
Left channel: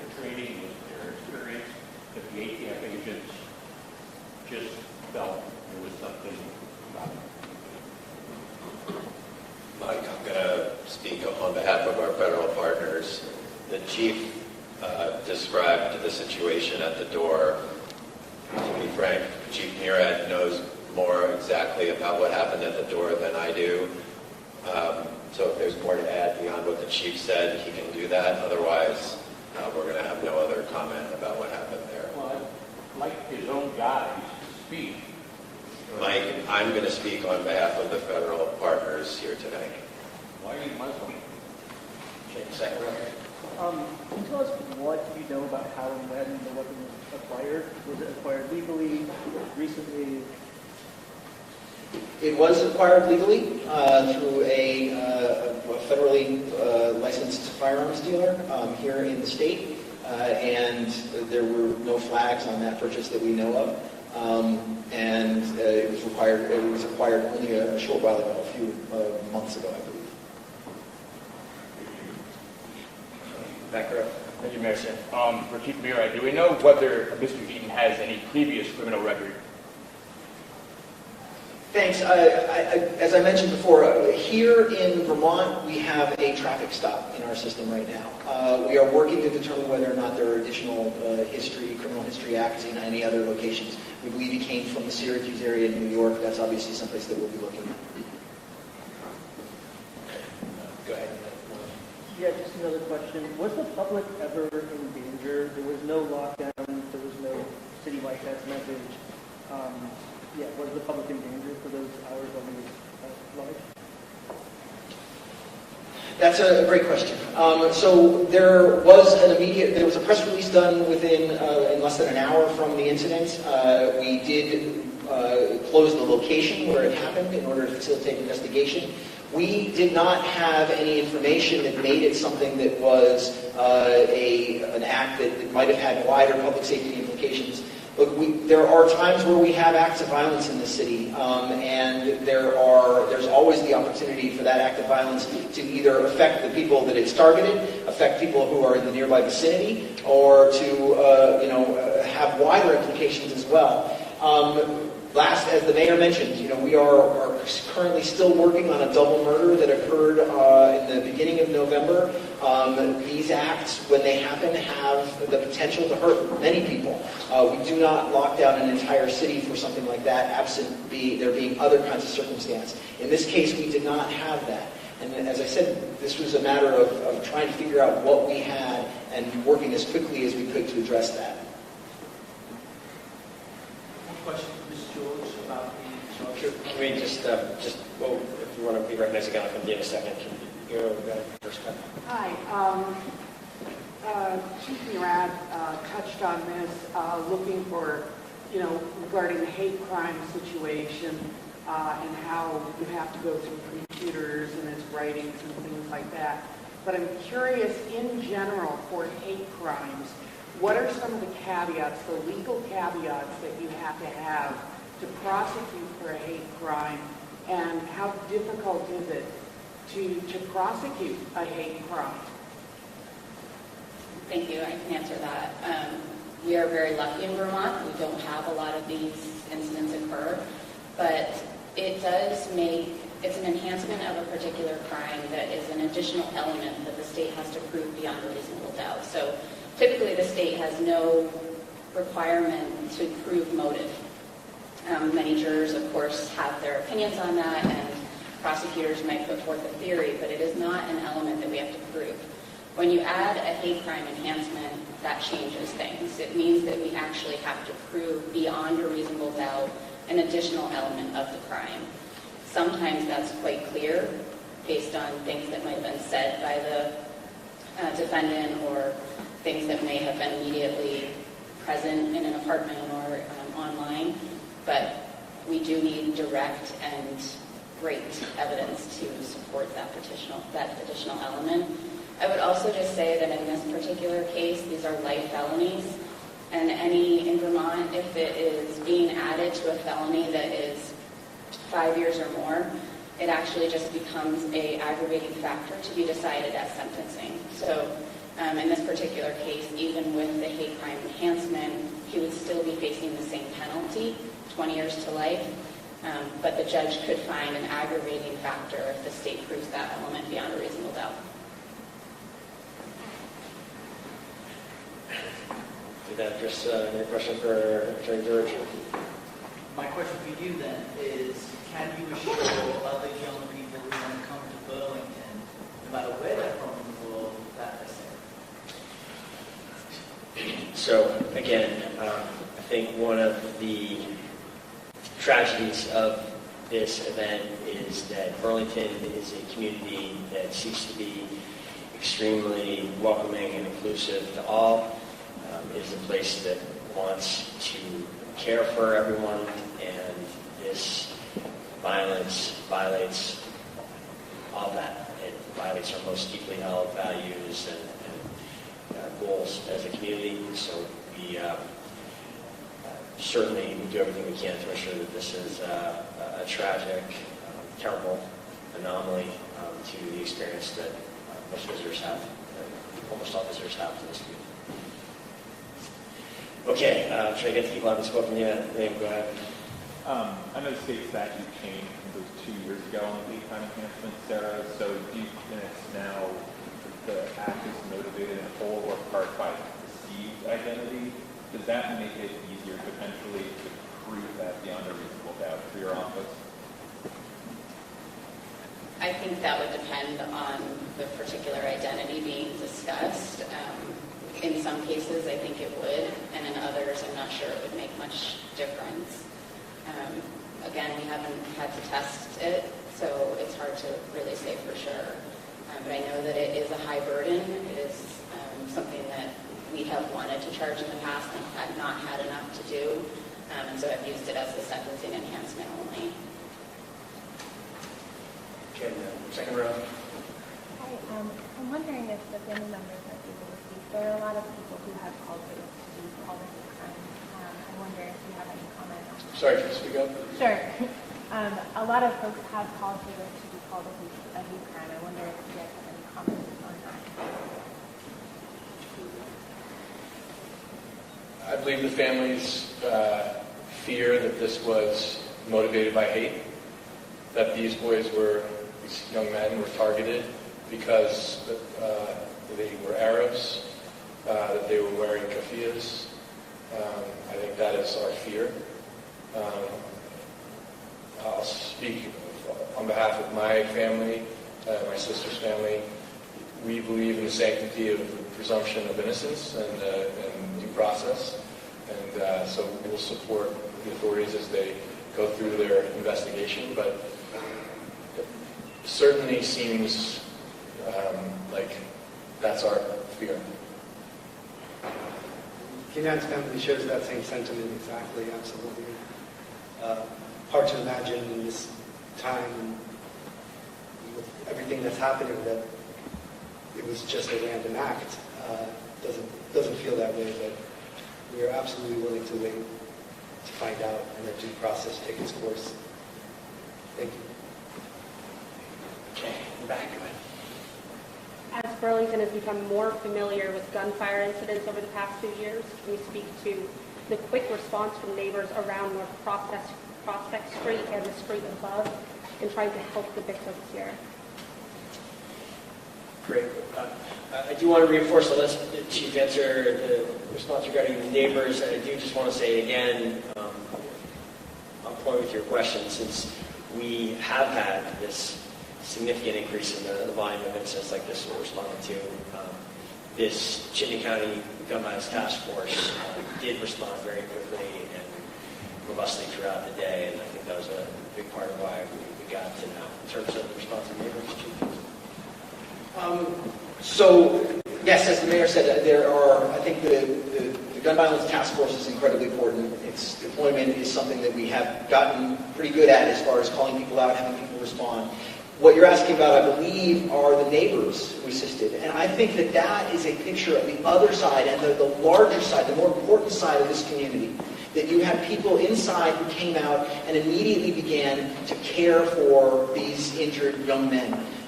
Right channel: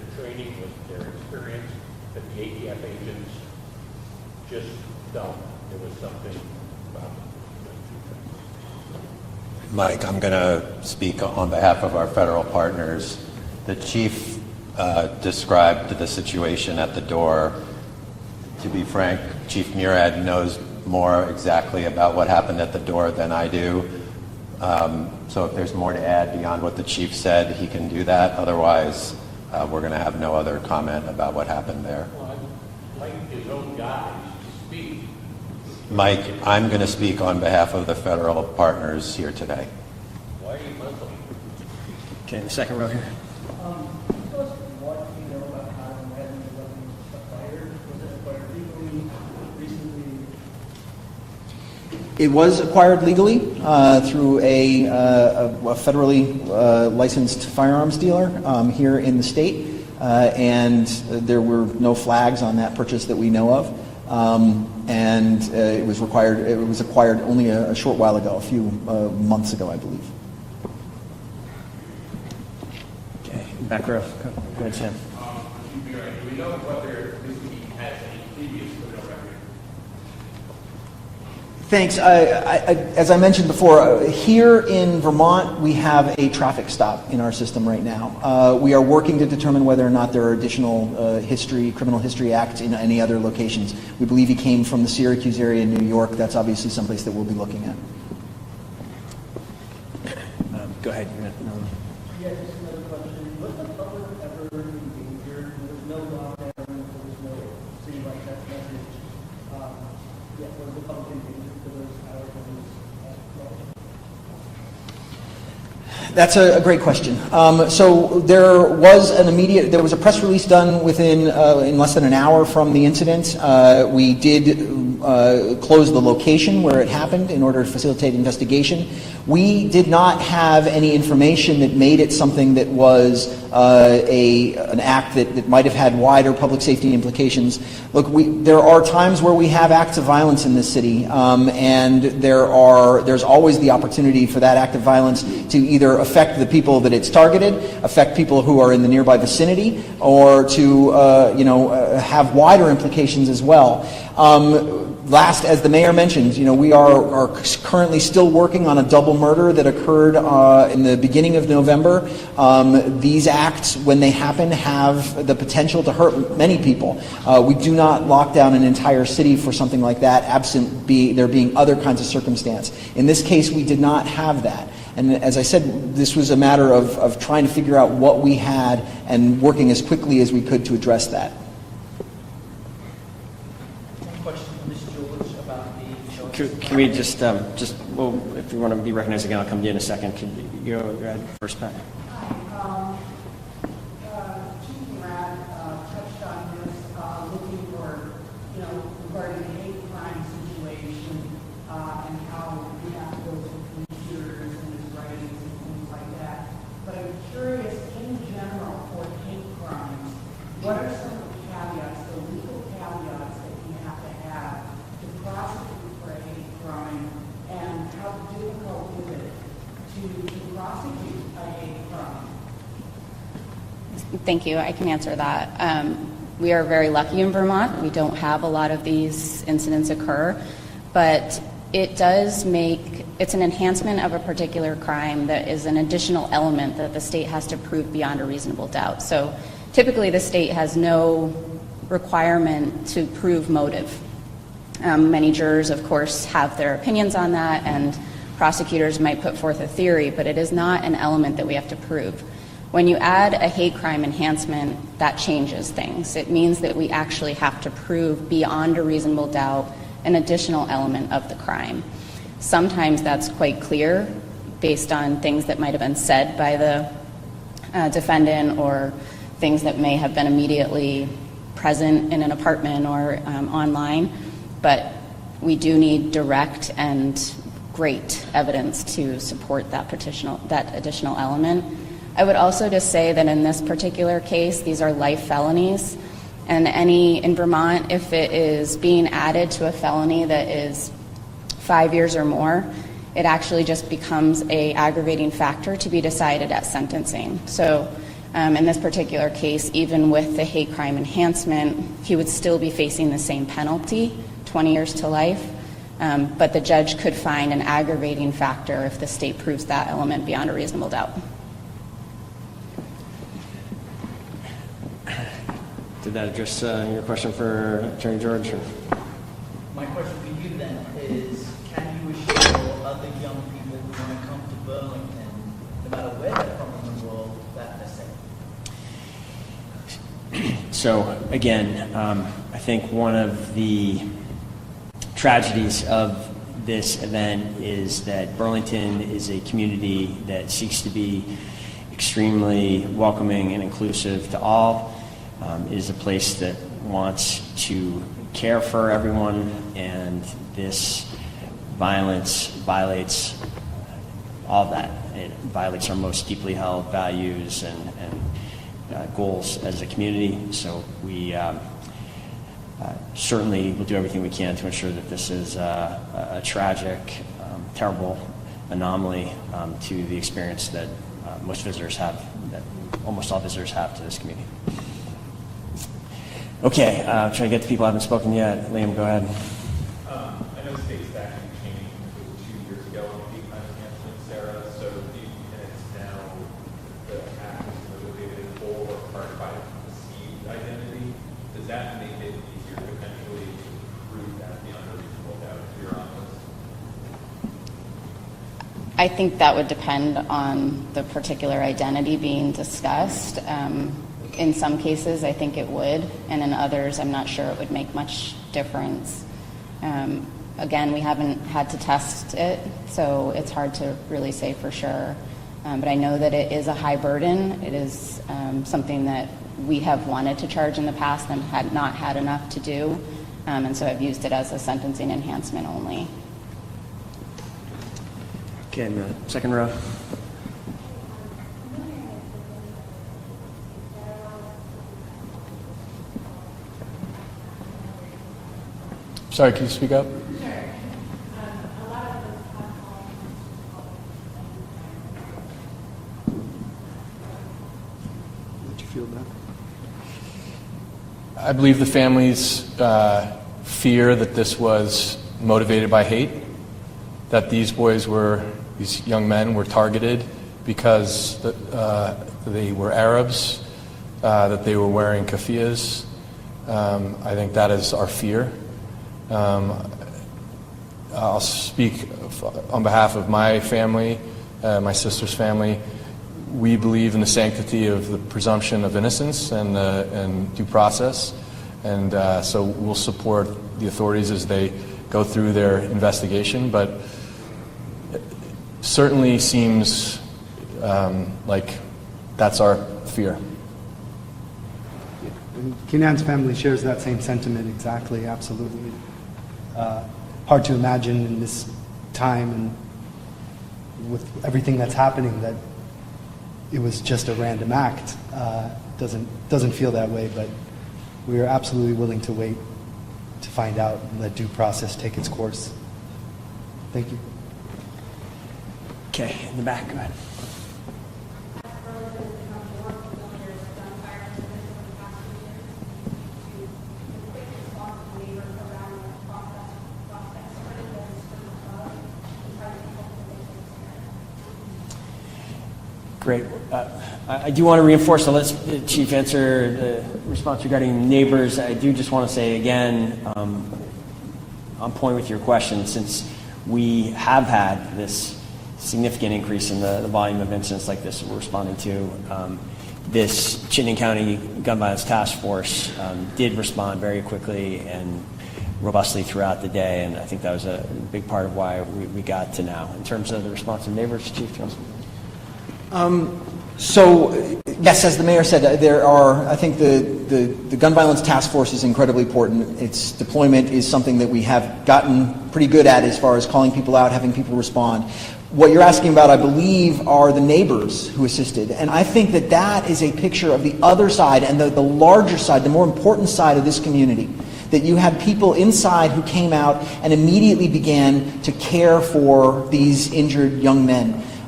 that the ATF agents just felt there was something about it? Mike, I'm going to speak on behalf of our federal partners. The chief described the situation at the door. To be frank, Chief Murad knows more exactly about what happened at the door than I do. So if there's more to add beyond what the chief said, he can do that. Otherwise, we're going to have no other comment about what happened there. Well, I'd like his own guys to speak. Mike, I'm going to speak on behalf of the federal partners here today. Why are you Muslim? Okay, second row here. Can you tell us what you know about how and when the weapon was acquired? Was it acquired legally, recently? It was acquired legally through a federally licensed firearms dealer here in the state, and there were no flags on that purchase that we know of. And it was acquired only a short while ago, a few months ago, I believe. Okay, back row. You guys have. For Chief Murad, do we know whether Mr. Eaton has any previous criminal record? Thanks. As I mentioned before, here in Vermont, we have a traffic stop in our system right now. We are working to determine whether or not there are additional criminal history acts in any other locations. We believe he came from the Syracuse area in New York. That's obviously someplace that we'll be looking at. Go ahead. Yeah, just another question. Was the public ever injured? There was no lockdown. There was no citywide test message. Was the public injured for those hours when it was large? That's a great question. So there was a press release done in less than an hour from the incident. We did close the location where it happened in order to facilitate investigation. We did not have any information that made it something that was an act that might have had wider public safety implications. Look, there are times where we have acts of violence in this city, and there's always the opportunity for that act of violence to either affect the people that it's targeted, affect people who are in the nearby vicinity, or to have wider implications as well. Last, as the mayor mentioned, we are currently still working on a double murder that occurred in the beginning of November. These acts, when they happen, have the potential to hurt many people. We do not lock down an entire city for something like that, absent there being other kinds of circumstance. In this case, we did not have that. And as I said, this was a matter of trying to figure out what we had and working as quickly as we could to address that. Can we just well, if you want to be recognized again, I'll come to you in a second. Can you go ahead first, Pat? Hi. Chief Murad touched on this, looking for, regarding the hate crime situation and how you have to go to computers and its writings and things like that. But I'm curious, in general, for hate crimes, what are some of the caveats, the legal caveats that you have to prosecute for a hate crime, and how difficult is it to prosecute a hate crime? Thank you. I can answer that. We are very lucky in Vermont. We don't have a lot of these incidents occur, but it's an enhancement of a particular crime that is an additional element that the state has to prove beyond a reasonable doubt. So typically the state has no requirement to prove motive. Many jurors, of course, have their opinions on that, and prosecutors might put forth a theory, but it is not an element that we have to prove. When you add a hate crime enhancement, that changes things. It means that we actually have to prove beyond a reasonable doubt an additional element of the crime. Sometimes that's quite clear based on things that might have been said by the defendant, or things that may have been immediately present in an apartment or online. But we do need direct and great evidence to support that additional element. I would also just say that in this particular case, these are life felonies, and in Vermont, if it is being added to a felony that is 5 years or more, it actually just becomes an aggravating factor to be decided at sentencing. So In this particular case, even with the hate crime enhancement, he would still be facing the same penalty, 20 years to life. But the judge could find an aggravating factor if the state proves that element beyond a reasonable doubt. Did that address your question for Attorney George? My question for you then is, can you assure other young people who want to come to Burlington, no matter where they're from in the world, that they're safe? So again, I think one of the tragedies of this event is that Burlington is a community that seeks to be extremely welcoming and inclusive to all. It is a place that wants to care for everyone, and this violence violates all of that. It violates our most deeply held values and goals as a community. So we certainly will do everything we can to ensure that this is a tragic, terrible anomaly to the experience that most visitors have, that almost all visitors have to this community. Okay, trying to get to people who haven't spoken yet. Liam, go ahead. I know state statute changed, it was 2 years ago on hate crime enhancement, Sarah. So do you think it's now the act is motivated in whole or part by perceived identity? Does that make it easier potentially to prove that beyond a reasonable doubt for your office? I think that would depend on the particular identity being discussed. In some cases, I think it would, and in others, I'm not sure it would make much difference. Again, we haven't had to test it, so it's hard to really say for sure. But I know that it is a high burden. It is something that we have wanted to charge in the past and had not had enough to do, and so I've used it as a sentencing enhancement only. Okay, in the second row. I'm wondering if the family members are able to speak. There are a lot of people who have called for these all the time. I wonder if you have any comment. Sorry, can you speak up? Sure. A lot of folks have called for this to be called a hate crime. I wonder if you have any comments on that. Did you feel that? I believe the families fear that this was motivated by hate, that these young men were targeted because they were Arabs, that they were wearing keffiyehs. I think that is our fear. I'll speak on behalf of my family, my sister's family. We believe in the sanctity of the presumption of innocence and due process, and so we'll support the authorities as they go through their investigation, but it certainly seems like that's our fear. Kenan's family shares that same sentiment exactly, absolutely. Hard to imagine in this time and with everything that's happening that it was just a random act. Doesn't feel that way, but we are absolutely willing to wait to find out and let due process take its course. Thank you. Okay, in the back, go ahead. As Burlington has become more familiar with gunfire incidents over the past 2 years, can you speak to the quick response from neighbors around North Prospect Street and the street above in trying to help the victims here? Great. I do want to reinforce, so let's, Chief, answer the response regarding neighbors. I do just want to say again, on point with your question, since we have had this significant increase in the volume of incidents like this we're responding to, this Chittenden County Gun Violence Task Force did respond very quickly and robustly throughout the day, and I think that was a big part of why we got to now. In terms of the response of neighbors, Chief? So, yes, as the mayor said, there are, I think the Gun Violence Task Force is incredibly important. Its deployment is something that we have gotten pretty good at as far as calling people out, having people respond. What you're asking about, I believe, are the neighbors who assisted. And I think that that is a picture of the other side and the larger side, the more important side of this community. That you had people inside who came out and immediately began to care for these injured young men.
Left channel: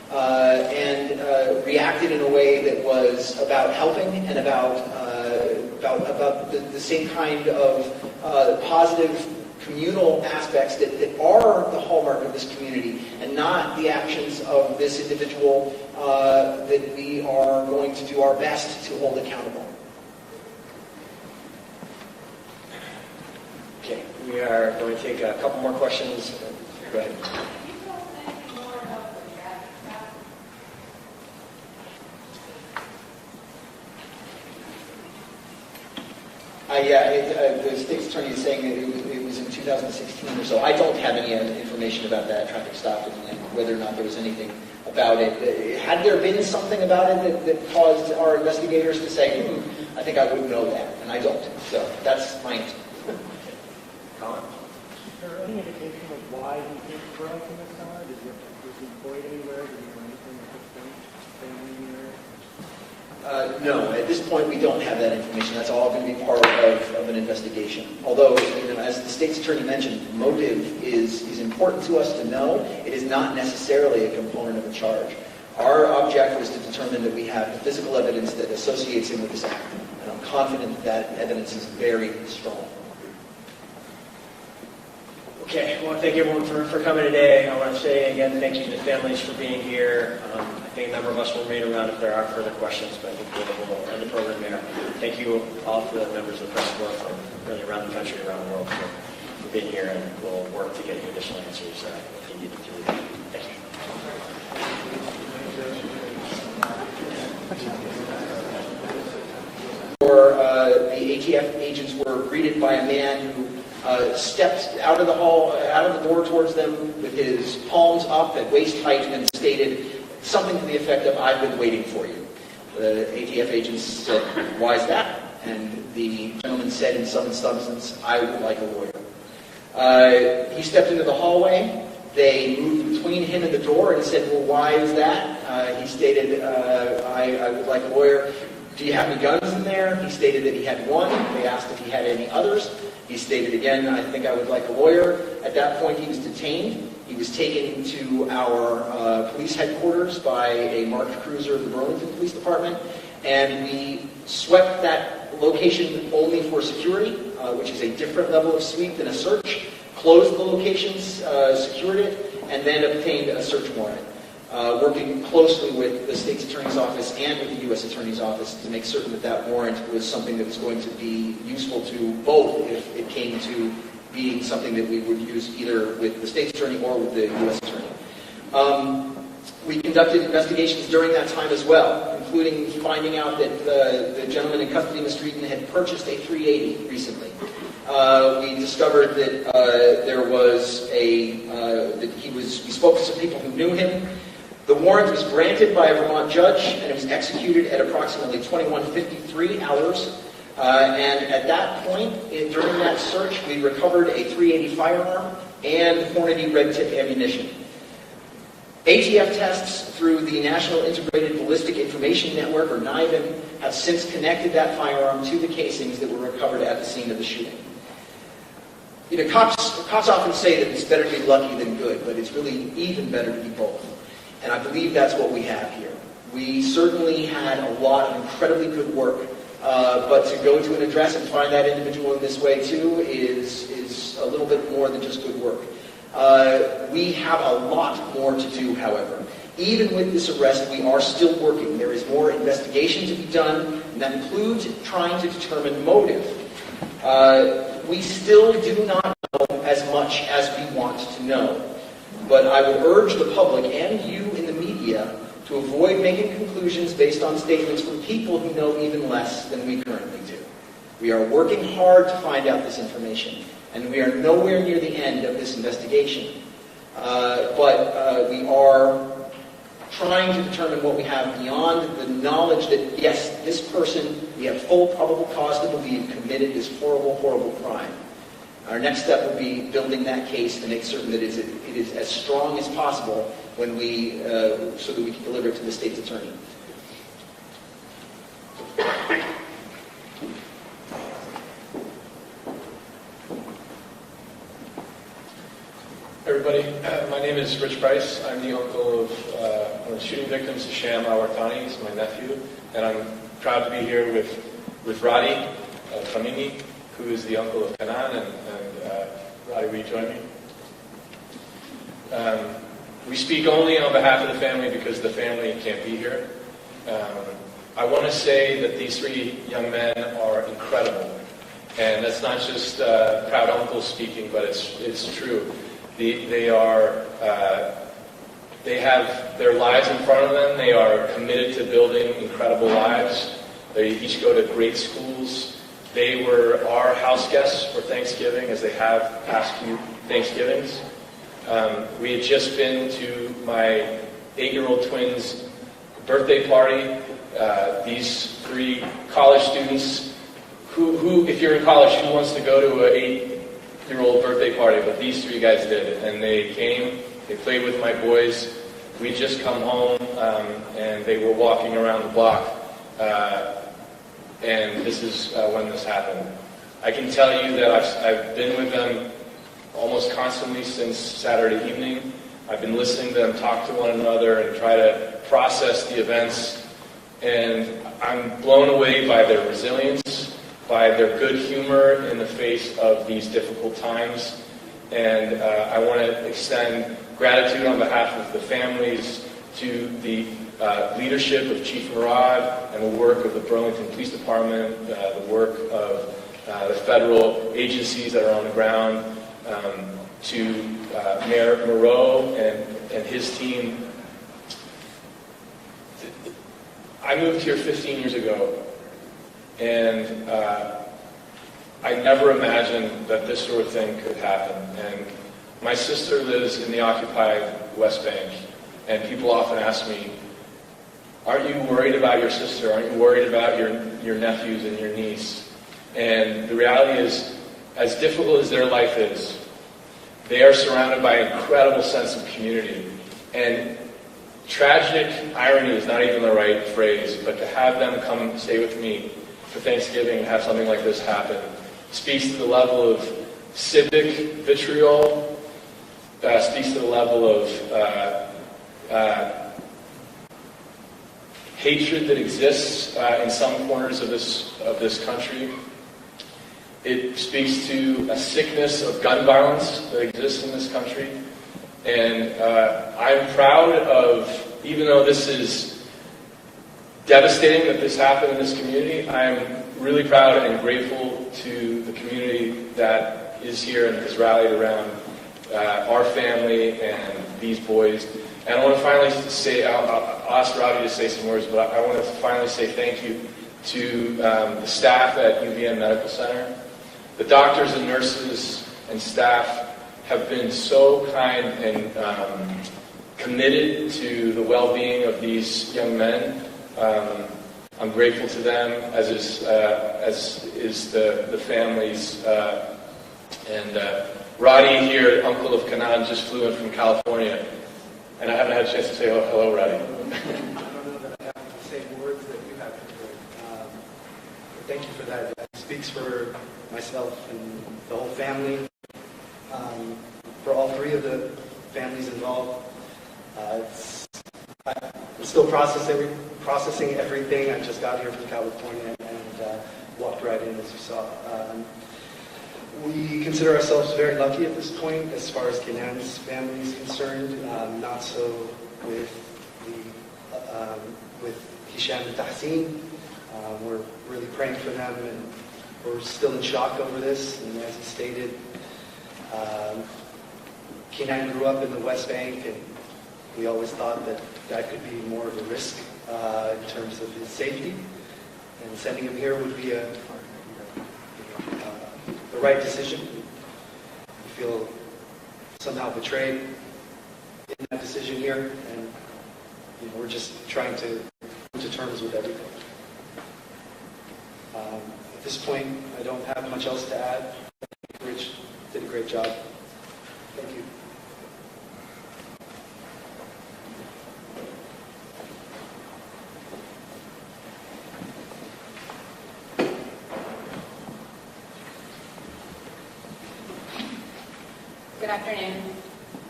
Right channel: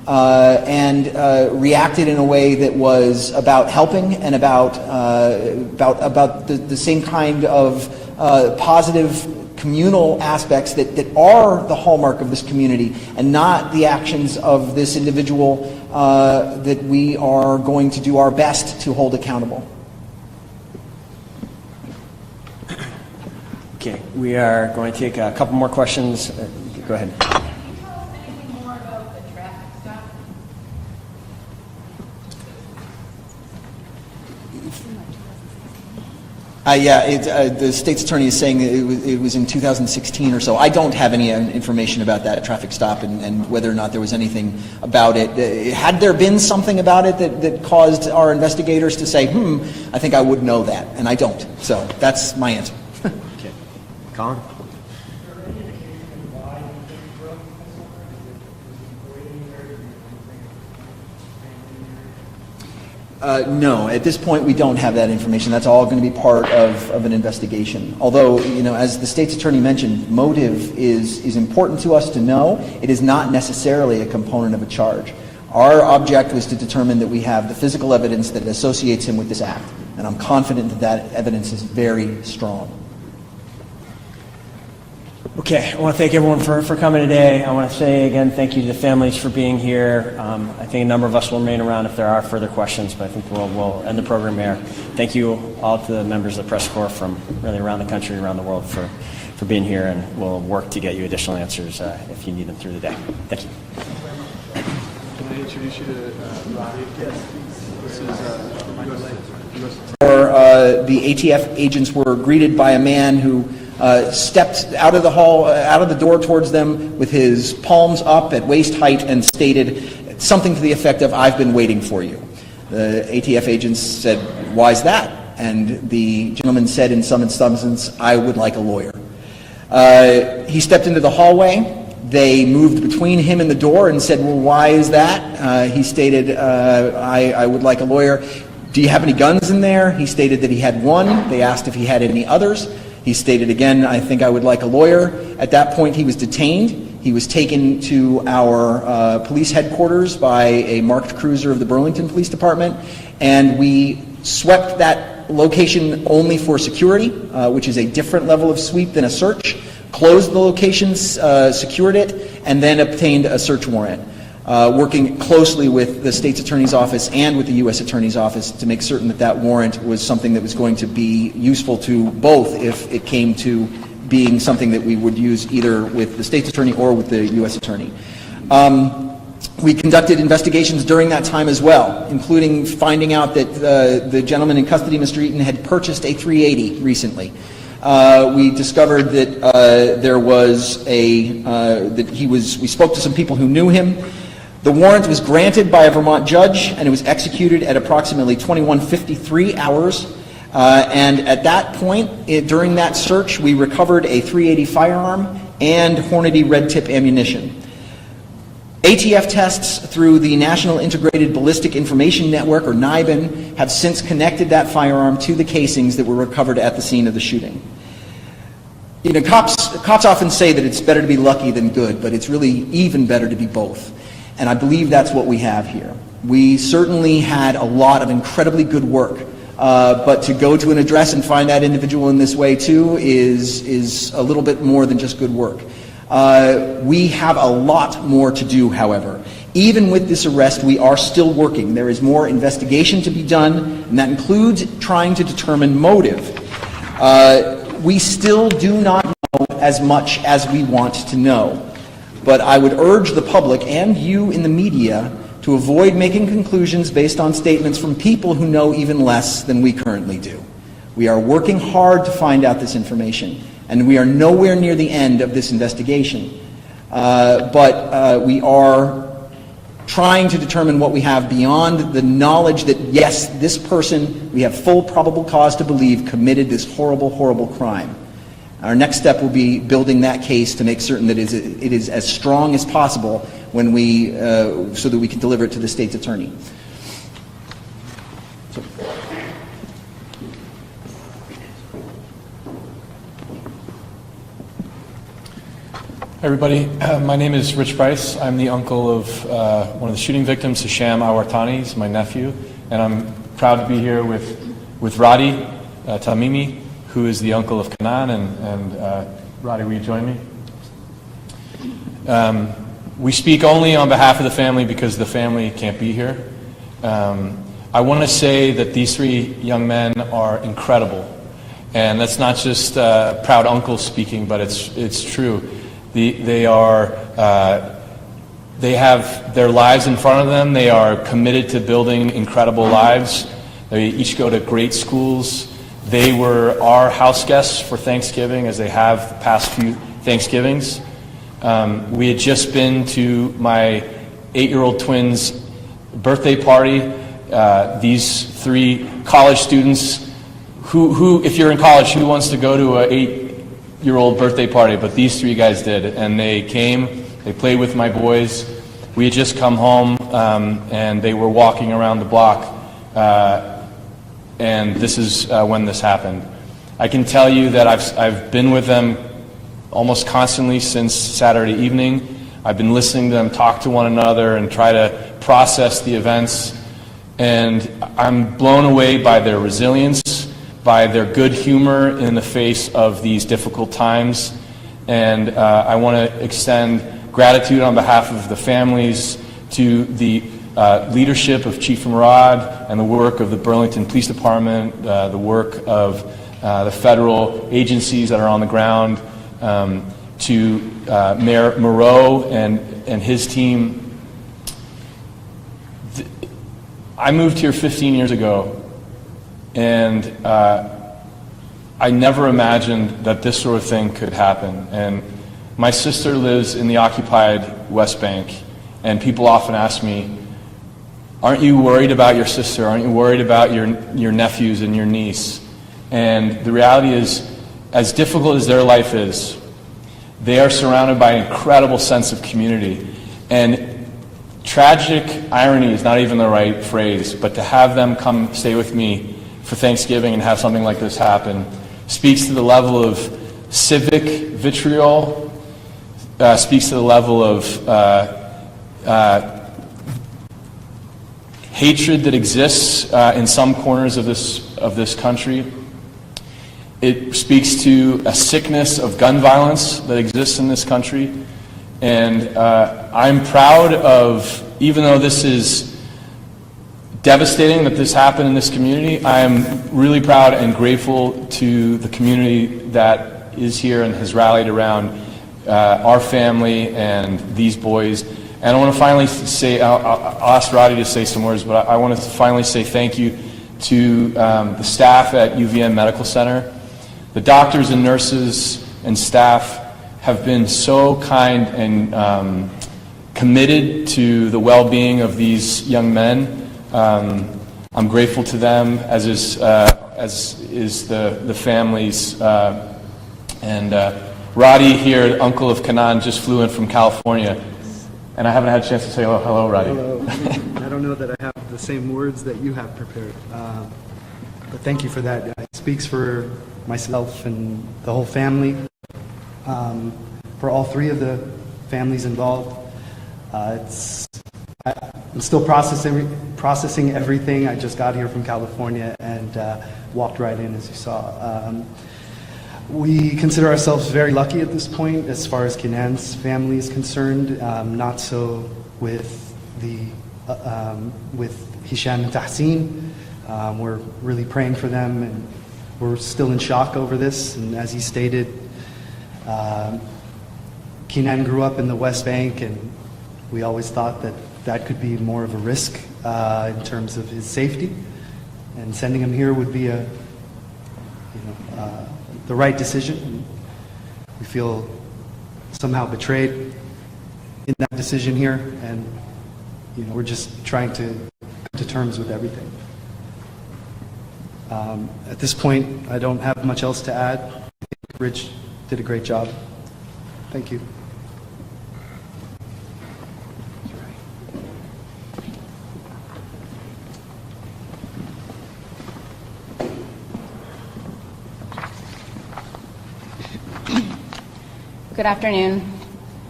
and reacted in a way that was about helping and about the same kind of positive communal aspects that are the hallmark of this community, and not the actions of this individual that we are going to do our best to hold accountable. Okay, we are going to take a couple more questions. Go ahead. The state's attorney is saying that it was in 2016 or so. I don't have any information about that traffic stop and whether or not there was anything about it. Had there been something about it that caused our investigators to say, I think I would know that, and I don't. So that's my answer. Okay. Colin? Is there any indication of why you think you grew up in this summer? Was he employed anywhere? Did he come to things with family? No, at this point we don't have that information. That's all going to be part of an investigation. Although, as the state's attorney mentioned, motive is important to us to know. It is not necessarily a component of a charge. Our object was to determine that we have the physical evidence that associates him with this act. And I'm confident that evidence is very strong. Okay, I want to thank everyone for coming today. I want to say again thank you to the families for being here. I think a number of us will remain around if there are further questions, but I think we'll end the program here. Thank you all to the members of the press corps from really around the country, around the world for being here, and we'll work to get you additional answers if you need them through the day. Thank you. The ATF agents were greeted by a man who stepped out of the hall, out of the door towards them with his palms up at waist height and stated something to the effect of, "I've been waiting for you." The ATF agents said, "Why is that?" And the gentleman said in some substance, "I would like a lawyer." He stepped into the hallway. They moved between him and the door and said, "Well, why is that?" He stated, I would like a lawyer. "Do you have any guns in there?" He stated that he had one. They asked if he had any others. He stated again, "I think I would like a lawyer." At that point, he was detained. He was taken to our police headquarters by a marked cruiser of the Burlington Police Department, and we swept that location only for security, which is a different level of sweep than a search, closed the location, secured it, and then obtained a search warrant, working closely with the state's attorney's office and with the U.S. attorney's office to make certain that that warrant was something that was going to be useful to both if it came to being something that we would use either with the state's attorney or with the U.S. attorney. We conducted investigations during that time as well, including finding out that the gentleman in custody, Mr. Eaton, had purchased a 380 recently. We discovered that there was we spoke to some people who knew him. The warrant was granted by a Vermont judge, and it was executed at approximately 21:53 hours. And at that point, during that search, we recovered a .380 firearm and Hornady red tip ammunition. ATF tests through the National Integrated Ballistic Information Network, or NIBIN, have since connected that firearm to the casings that were recovered at the scene of the shooting. Cops often say that it's better to be lucky than good, but it's really even better to be both. And I believe that's what we have here. We certainly had a lot of incredibly good work, but to go to an address and find that individual in this way too is a little bit more than just good work. We have a lot more to do, however. Even with this arrest, we are still working. There is more investigation to be done, and that includes trying to determine motive. We still do not know as much as we want to know. But I would urge the public and you in the media to avoid making conclusions based on statements from people who know even less than we currently do. We are working hard to find out this information, and we are nowhere near the end of this investigation. But we are trying to determine what we have beyond the knowledge that, yes, this person, we have full probable cause to believe, committed this horrible, horrible crime. Our next step will be building that case to make certain that it is as strong as possible when so that we can deliver it to the state's attorney. Everybody, my name is Rich Price. I'm the uncle of one of the shooting victims, Hisham al-Wartani. He's my nephew, and I'm proud to be here with Radi Tamimi, who is the uncle of Kanan. And Radi, will you join me? We speak only on behalf of the family because the family can't be here. I want to say that these three young men are incredible, and that's not just proud uncle speaking, but it's true. They have their lives in front of them. They are committed to building incredible lives. They each go to great schools. They were our house guests for Thanksgiving, as they have the past few Thanksgivings. We had just been to my 8-year-old twin's birthday party. These three college students who, if you're in college, who wants to go to an 8-year-old birthday party? But these three guys did, and they came, they played with my boys. We had just come home, and they were walking around the block, and this is when this happened. I can tell you that I've been with them almost constantly since Saturday evening. I've been listening to them talk to one another and try to process the events, and I'm blown away by their resilience, by their good humor in the face of these difficult times. And I want to extend gratitude on behalf of the families to the leadership of Chief Murad and the work of the Burlington Police Department, the work of the federal agencies that are on the ground, to Mayor Moreau and his team. I moved here 15 years ago, and I never imagined that this sort of thing could happen. And my sister lives in the occupied West Bank, and people often ask me, aren't you worried about your sister? Aren't you worried about your nephews and your niece? And the reality is, as difficult as their life is, they are surrounded by an incredible sense of community. And tragic irony is not even the right phrase, but to have them come stay with me for Thanksgiving and have something like this happen speaks to the level of civic vitriol, speaks to the level of hatred that exists in some corners of this country. It speaks to a sickness of gun violence that exists in this country. And I'm proud of, even though this is devastating that this happened in this community, I'm really proud and grateful to the community that is here and has rallied around our family and these boys. And I want to finally say, I'll ask Roddy to say some words, but I want to finally say thank you to the staff at UVM Medical Center. The doctors and nurses and staff have been so kind and committed to the well-being of these young men. I'm grateful to them, as is the families. And Roddy here, uncle of Kanan, just flew in from California, and I haven't had a chance to say hello, Roddy. I don't know that I have the same words that you have prepared, but thank you for that. It speaks for myself and the whole family, for all three of the families involved. I'm still processing everything. I just got here from California and walked right in, as you saw. We consider ourselves very lucky at this point as far as Kinan's family is concerned. Not so with Hisham and Tahsin. We're really praying for them, and we're still in shock over this. And as he stated, Kinan grew up in the West Bank, and we always thought that that could be more of a risk in terms of his safety. And sending him here would be the right decision. We feel somehow betrayed in that decision here, and we're just trying to come to terms with everything. At this point, I don't have much else to add. I think Rich did a great job. Thank you. Good afternoon.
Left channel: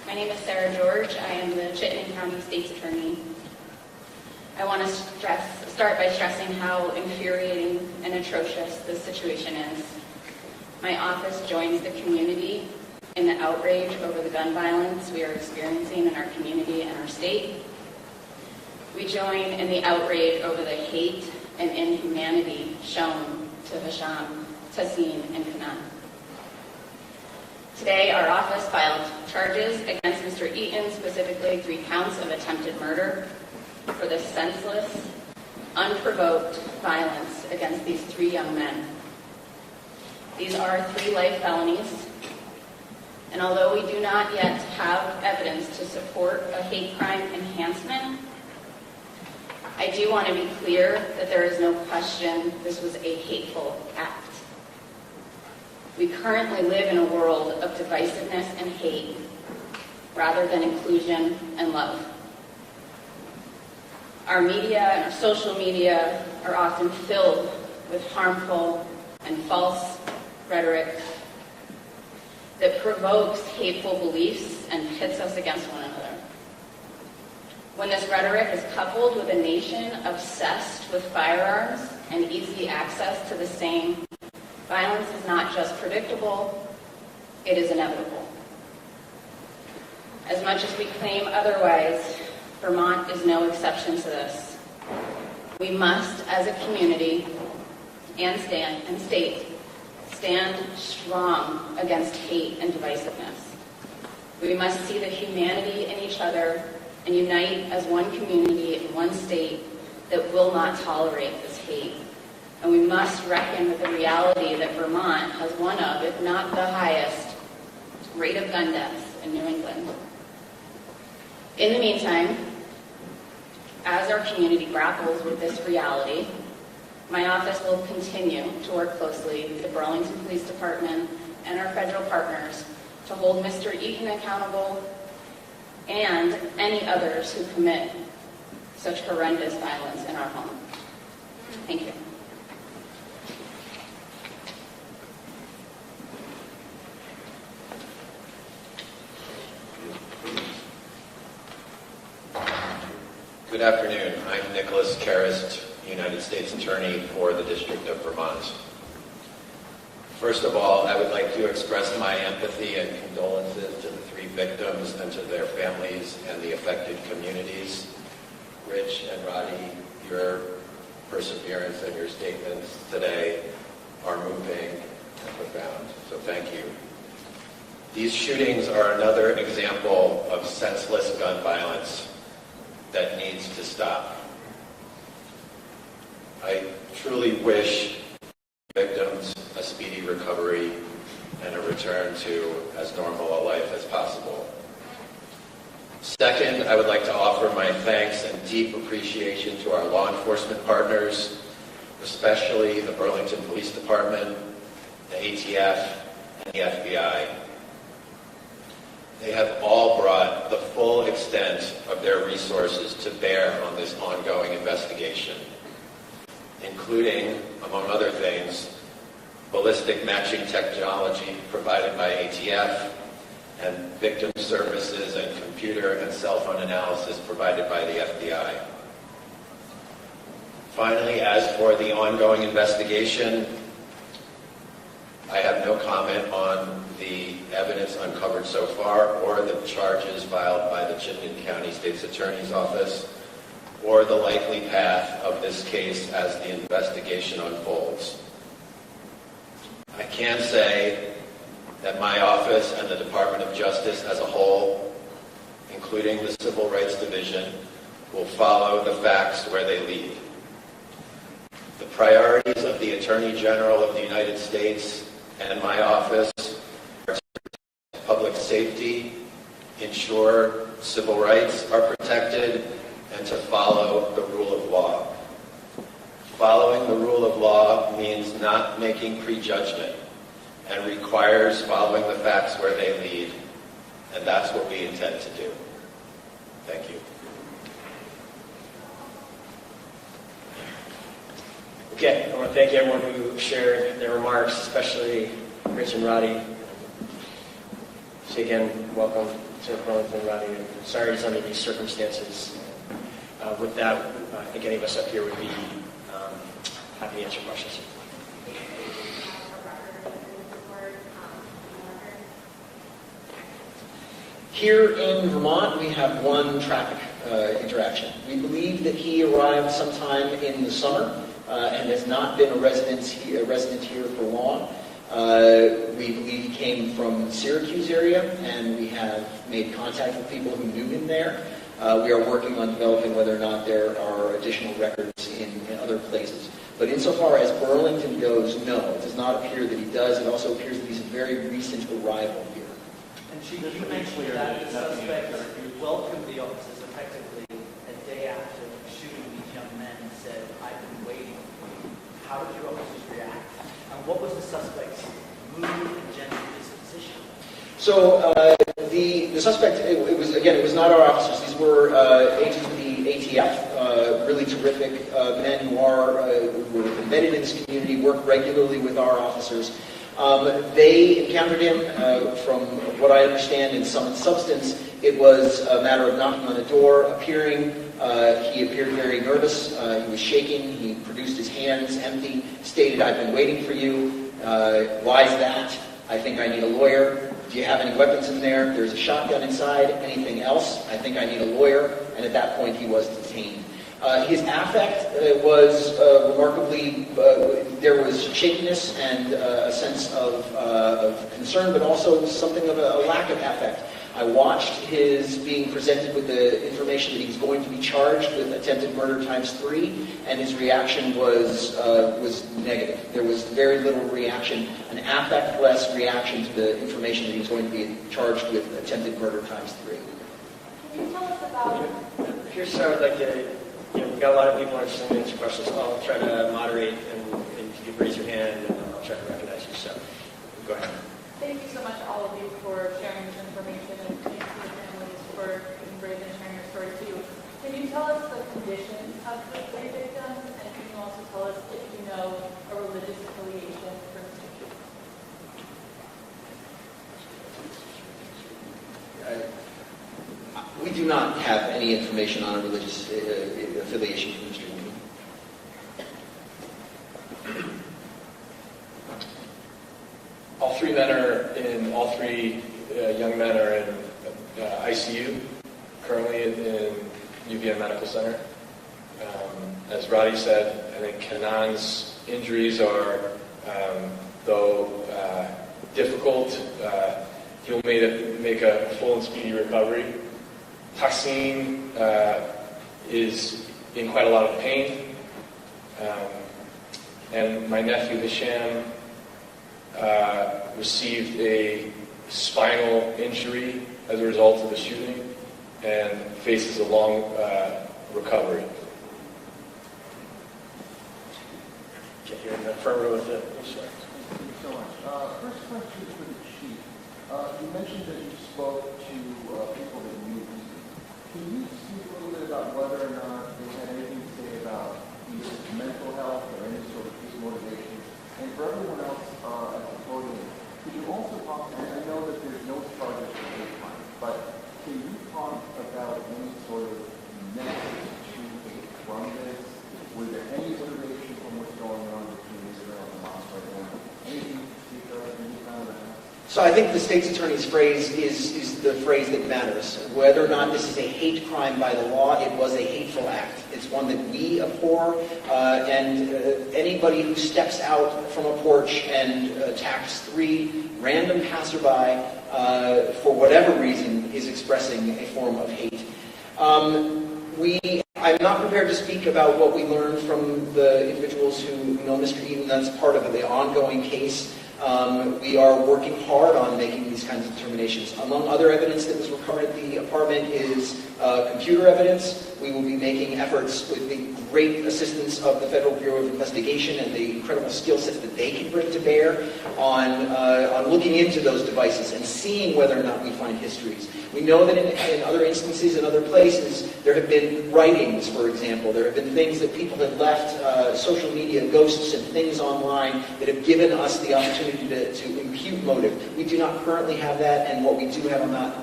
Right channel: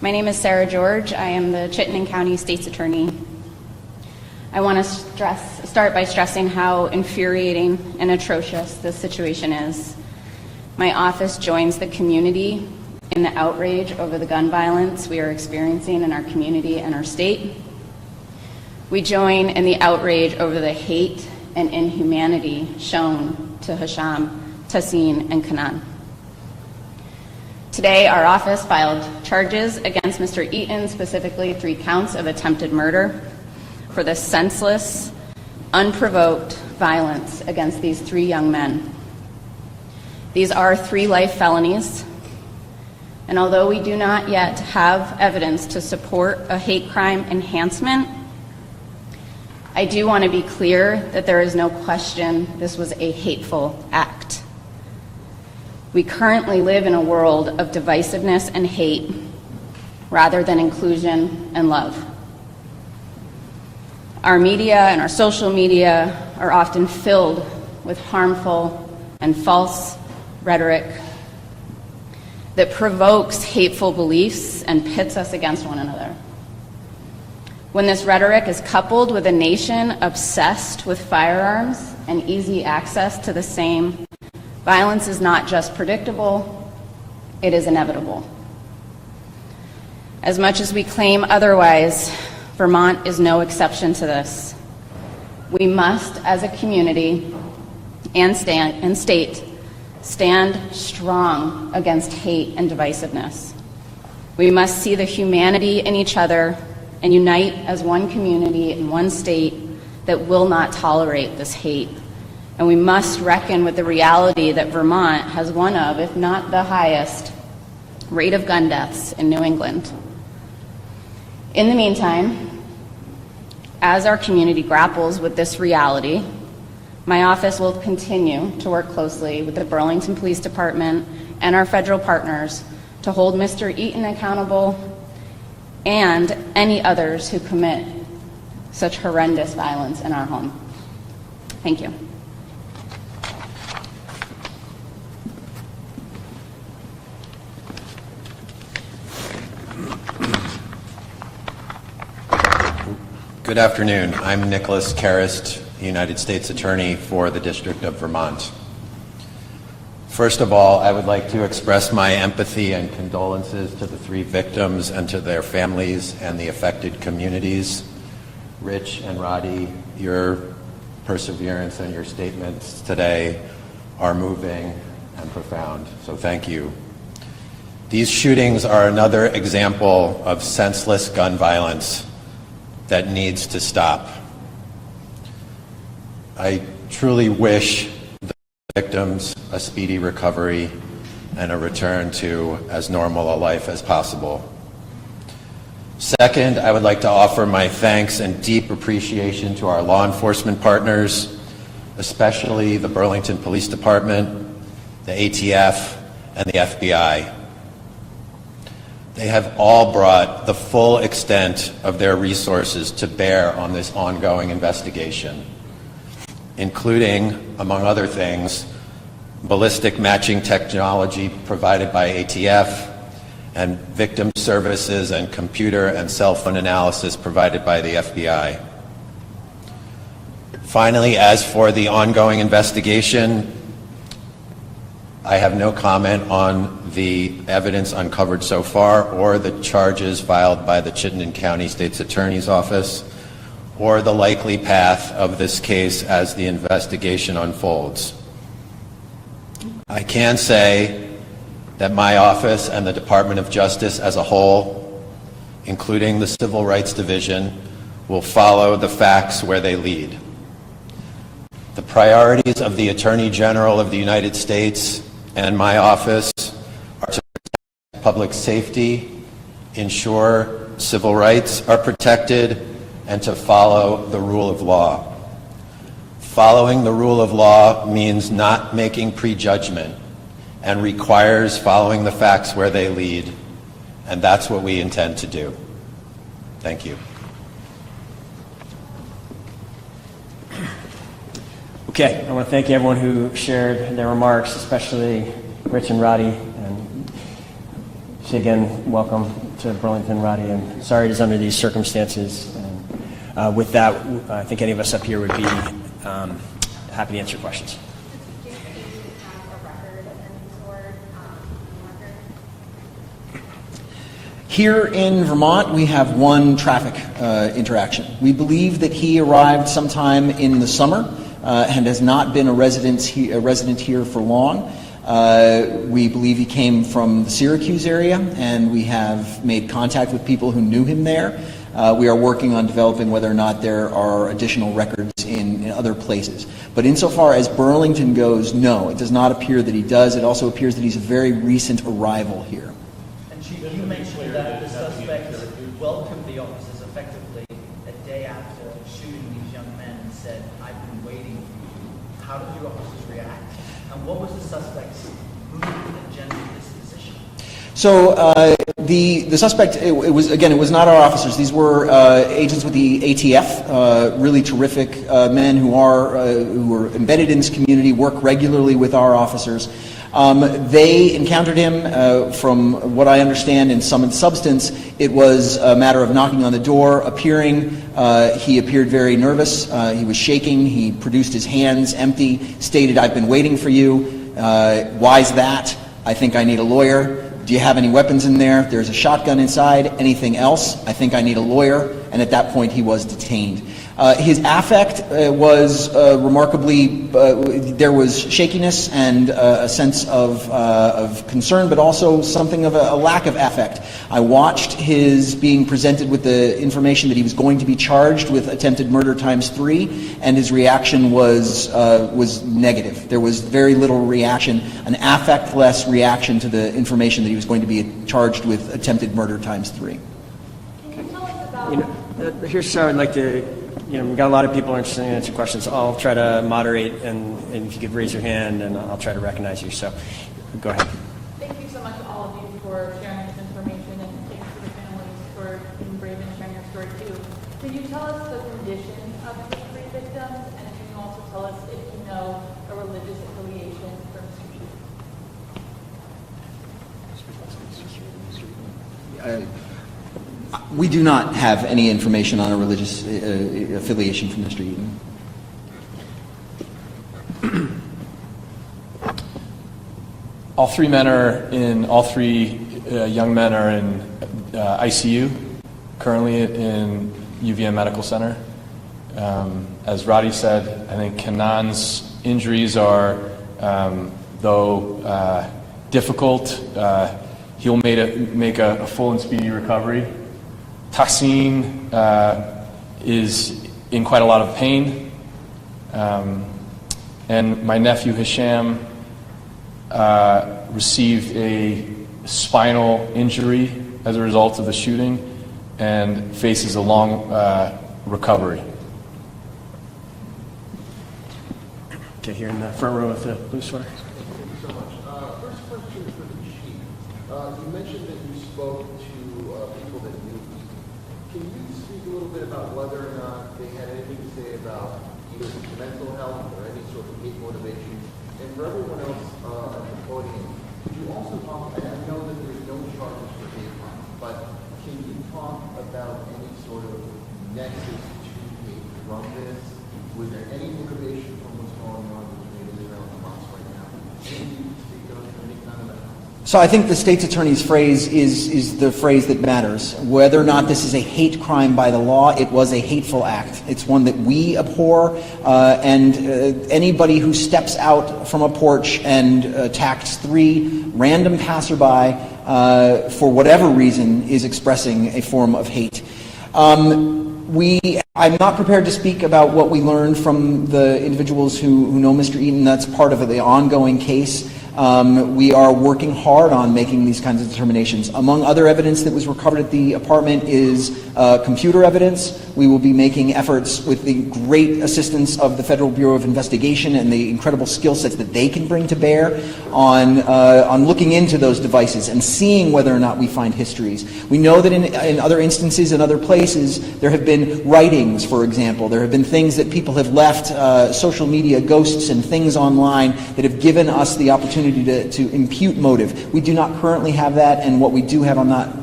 My name is Sarah George. I am the Chittenden County State's Attorney. I want to start by stressing how infuriating and atrocious this situation is. My office joins the community in the outrage over the gun violence we are experiencing in our community and our state. We join in the outrage over the hate and inhumanity shown to Hisham, Tassin, and Kanan. Today, our office filed charges against Mr. Eaton, specifically 3 counts of attempted murder, for the senseless, unprovoked violence against these 3 young men. These are 3 life felonies, and although we do not yet have evidence to support a hate crime enhancement, I do want to be clear that there is no question this was a hateful act. We currently live in a world of divisiveness and hate rather than inclusion and love. Our media and our social media are often filled with harmful and false rhetoric that provokes hateful beliefs and pits us against one another. When this rhetoric is coupled with a nation obsessed with firearms and easy access to the same, violence is not just predictable, it is inevitable. As much as we claim otherwise, Vermont is no exception to this. We must, as a community and state, stand strong against hate and divisiveness. We must see the humanity in each other and unite as one community in one state that will not tolerate this hate. And we must reckon with the reality that Vermont has one of, if not the highest, rate of gun deaths in New England. In the meantime, as our community grapples with this reality, my office will continue to work closely with the Burlington Police Department and our federal partners to hold Mr. Eaton accountable and any others who commit such horrendous violence in our home. Thank you. Good afternoon. I'm Nicholas Karist, United States Attorney for the District of Vermont. First of all, I would like to express my empathy and condolences to the 3 victims and to their families and the affected communities. Rich and Roddy, your perseverance and your statements today are moving and profound, so thank you. These shootings are another example of senseless gun violence that needs to stop. I truly wish the victims a speedy recovery and a return to as normal a life as possible. Second, I would like to offer my thanks and deep appreciation to our law enforcement partners, especially the Burlington Police Department, the ATF, and the FBI. They have all brought the full extent of their resources to bear on this ongoing investigation, including, among other things, ballistic matching technology provided by ATF and victim services and computer and cell phone analysis provided by the FBI. Finally, as for the ongoing investigation, I have no comment on the evidence uncovered so far or the charges filed by the Chittenden County State's Attorney's Office or the likely path of this case as the investigation unfolds. I can say that my office and the Department of Justice as a whole, including the Civil Rights Division, will follow the facts where they lead. The priorities of the Attorney General of the United States and my office are to protect public safety, ensure civil rights are protected, and to follow the rule of law. Following the rule of law means not making prejudgment and requires following the facts where they lead, and that's what we intend to do. Thank you. Okay, I want to thank everyone who shared their remarks, especially Rich and Roddy. And so again, welcome to Burlington, Roddy, and sorry it is under these circumstances. With that, I think any of us up here would be happy to answer questions. Here in Vermont, we have one traffic interaction. We believe that he arrived sometime in the summer and has not been a resident here for long. We believe he came from the Syracuse area, and we have made contact with people who knew him there. We are working on developing whether or not there are additional records in other places. But insofar as Burlington goes, no, it does not appear that he does. It also appears that he's a very recent arrival here. And Chief, you mentioned that the suspect welcomed the officers effectively a day after shooting these young men and said, "I've been waiting." How did your officers react? And what was the suspect's mood and general disposition? So the suspect, it was not our officers. These were agents with the ATF, really terrific men who are embedded in this community, work regularly with our officers. They encountered him, from what I understand, in sum and substance, it was a matter of knocking on the door, appearing. He appeared very nervous. He was shaking. He produced his hands empty, stated, "I've been waiting for you. Why's that? I think I need a lawyer. Do you have any weapons in there? There's a shotgun inside. Anything else? I think I need a lawyer." And at that point, he was detained. His affect was remarkably, there was shakiness and a sense of concern, but also something of a lack of affect. I watched his being presented with the information that he was going to be charged with attempted murder ×3, and his reaction was negative. There was very little reaction, an affect-less reaction to the information that he was going to be charged with attempted murder ×3. Here's so I'd like to, we've got a lot of people interested in answering questions. I'll try to moderate, and if you could raise your hand, and I'll try to recognize you. So, go ahead. Thank you so much, all of you, for sharing this information, and thank you to the families for being brave and sharing your story too. Can you tell us the condition of the three victims, and can you also tell us if you know a religious affiliation for Mr. Chief? We do not have any information on a religious affiliation from Mr. Eden. All three young men are in ICU, currently in UVM Medical Center. As Roddy said, I think Kanan's injuries are, though difficult, he'll make a full and speedy recovery. Tassim is in quite a lot of pain. And my nephew Hisham received a spinal injury as a result of the shooting and faces a long recovery. Okay, here in the front row with the blue sweater. Thank you so much. First question for the chief. You mentioned that you spoke to people that knew. Can you speak a little bit about whether or not they had anything to say about either mental health or any sort of hate motivation? And for everyone else at the podium, could you also talk, and I know that there's no charges for hate crime, but can you talk about any sort of nexus to hate from this? Was there any motivation from what's going on between Israel and Hamas right now? Anything you can speak of, any kind of that? So I think the state's attorney's phrase is the phrase that matters. Whether or not this is a hate crime by the law, it was a hateful act. It's one that we abhor, and anybody who steps out from a porch and attacks 3 random passerby for whatever reason is expressing a form of hate. I'm not prepared to speak about what we learned from the individuals who know Mr. Eaton. That's part of the ongoing case. We are working hard on making these kinds of determinations. Among other evidence that was recovered at the apartment is computer evidence. We will be making efforts with the great assistance of the Federal Bureau of Investigation and the incredible skill sets that they can bring to bear on looking into those devices and seeing whether or not we find histories. We know that in other instances, in other places, there have been writings, for example. There have been things that people have left, social media ghosts and things online that have given us the opportunity to impute motive. We do not currently have that, and what we do have, I'm not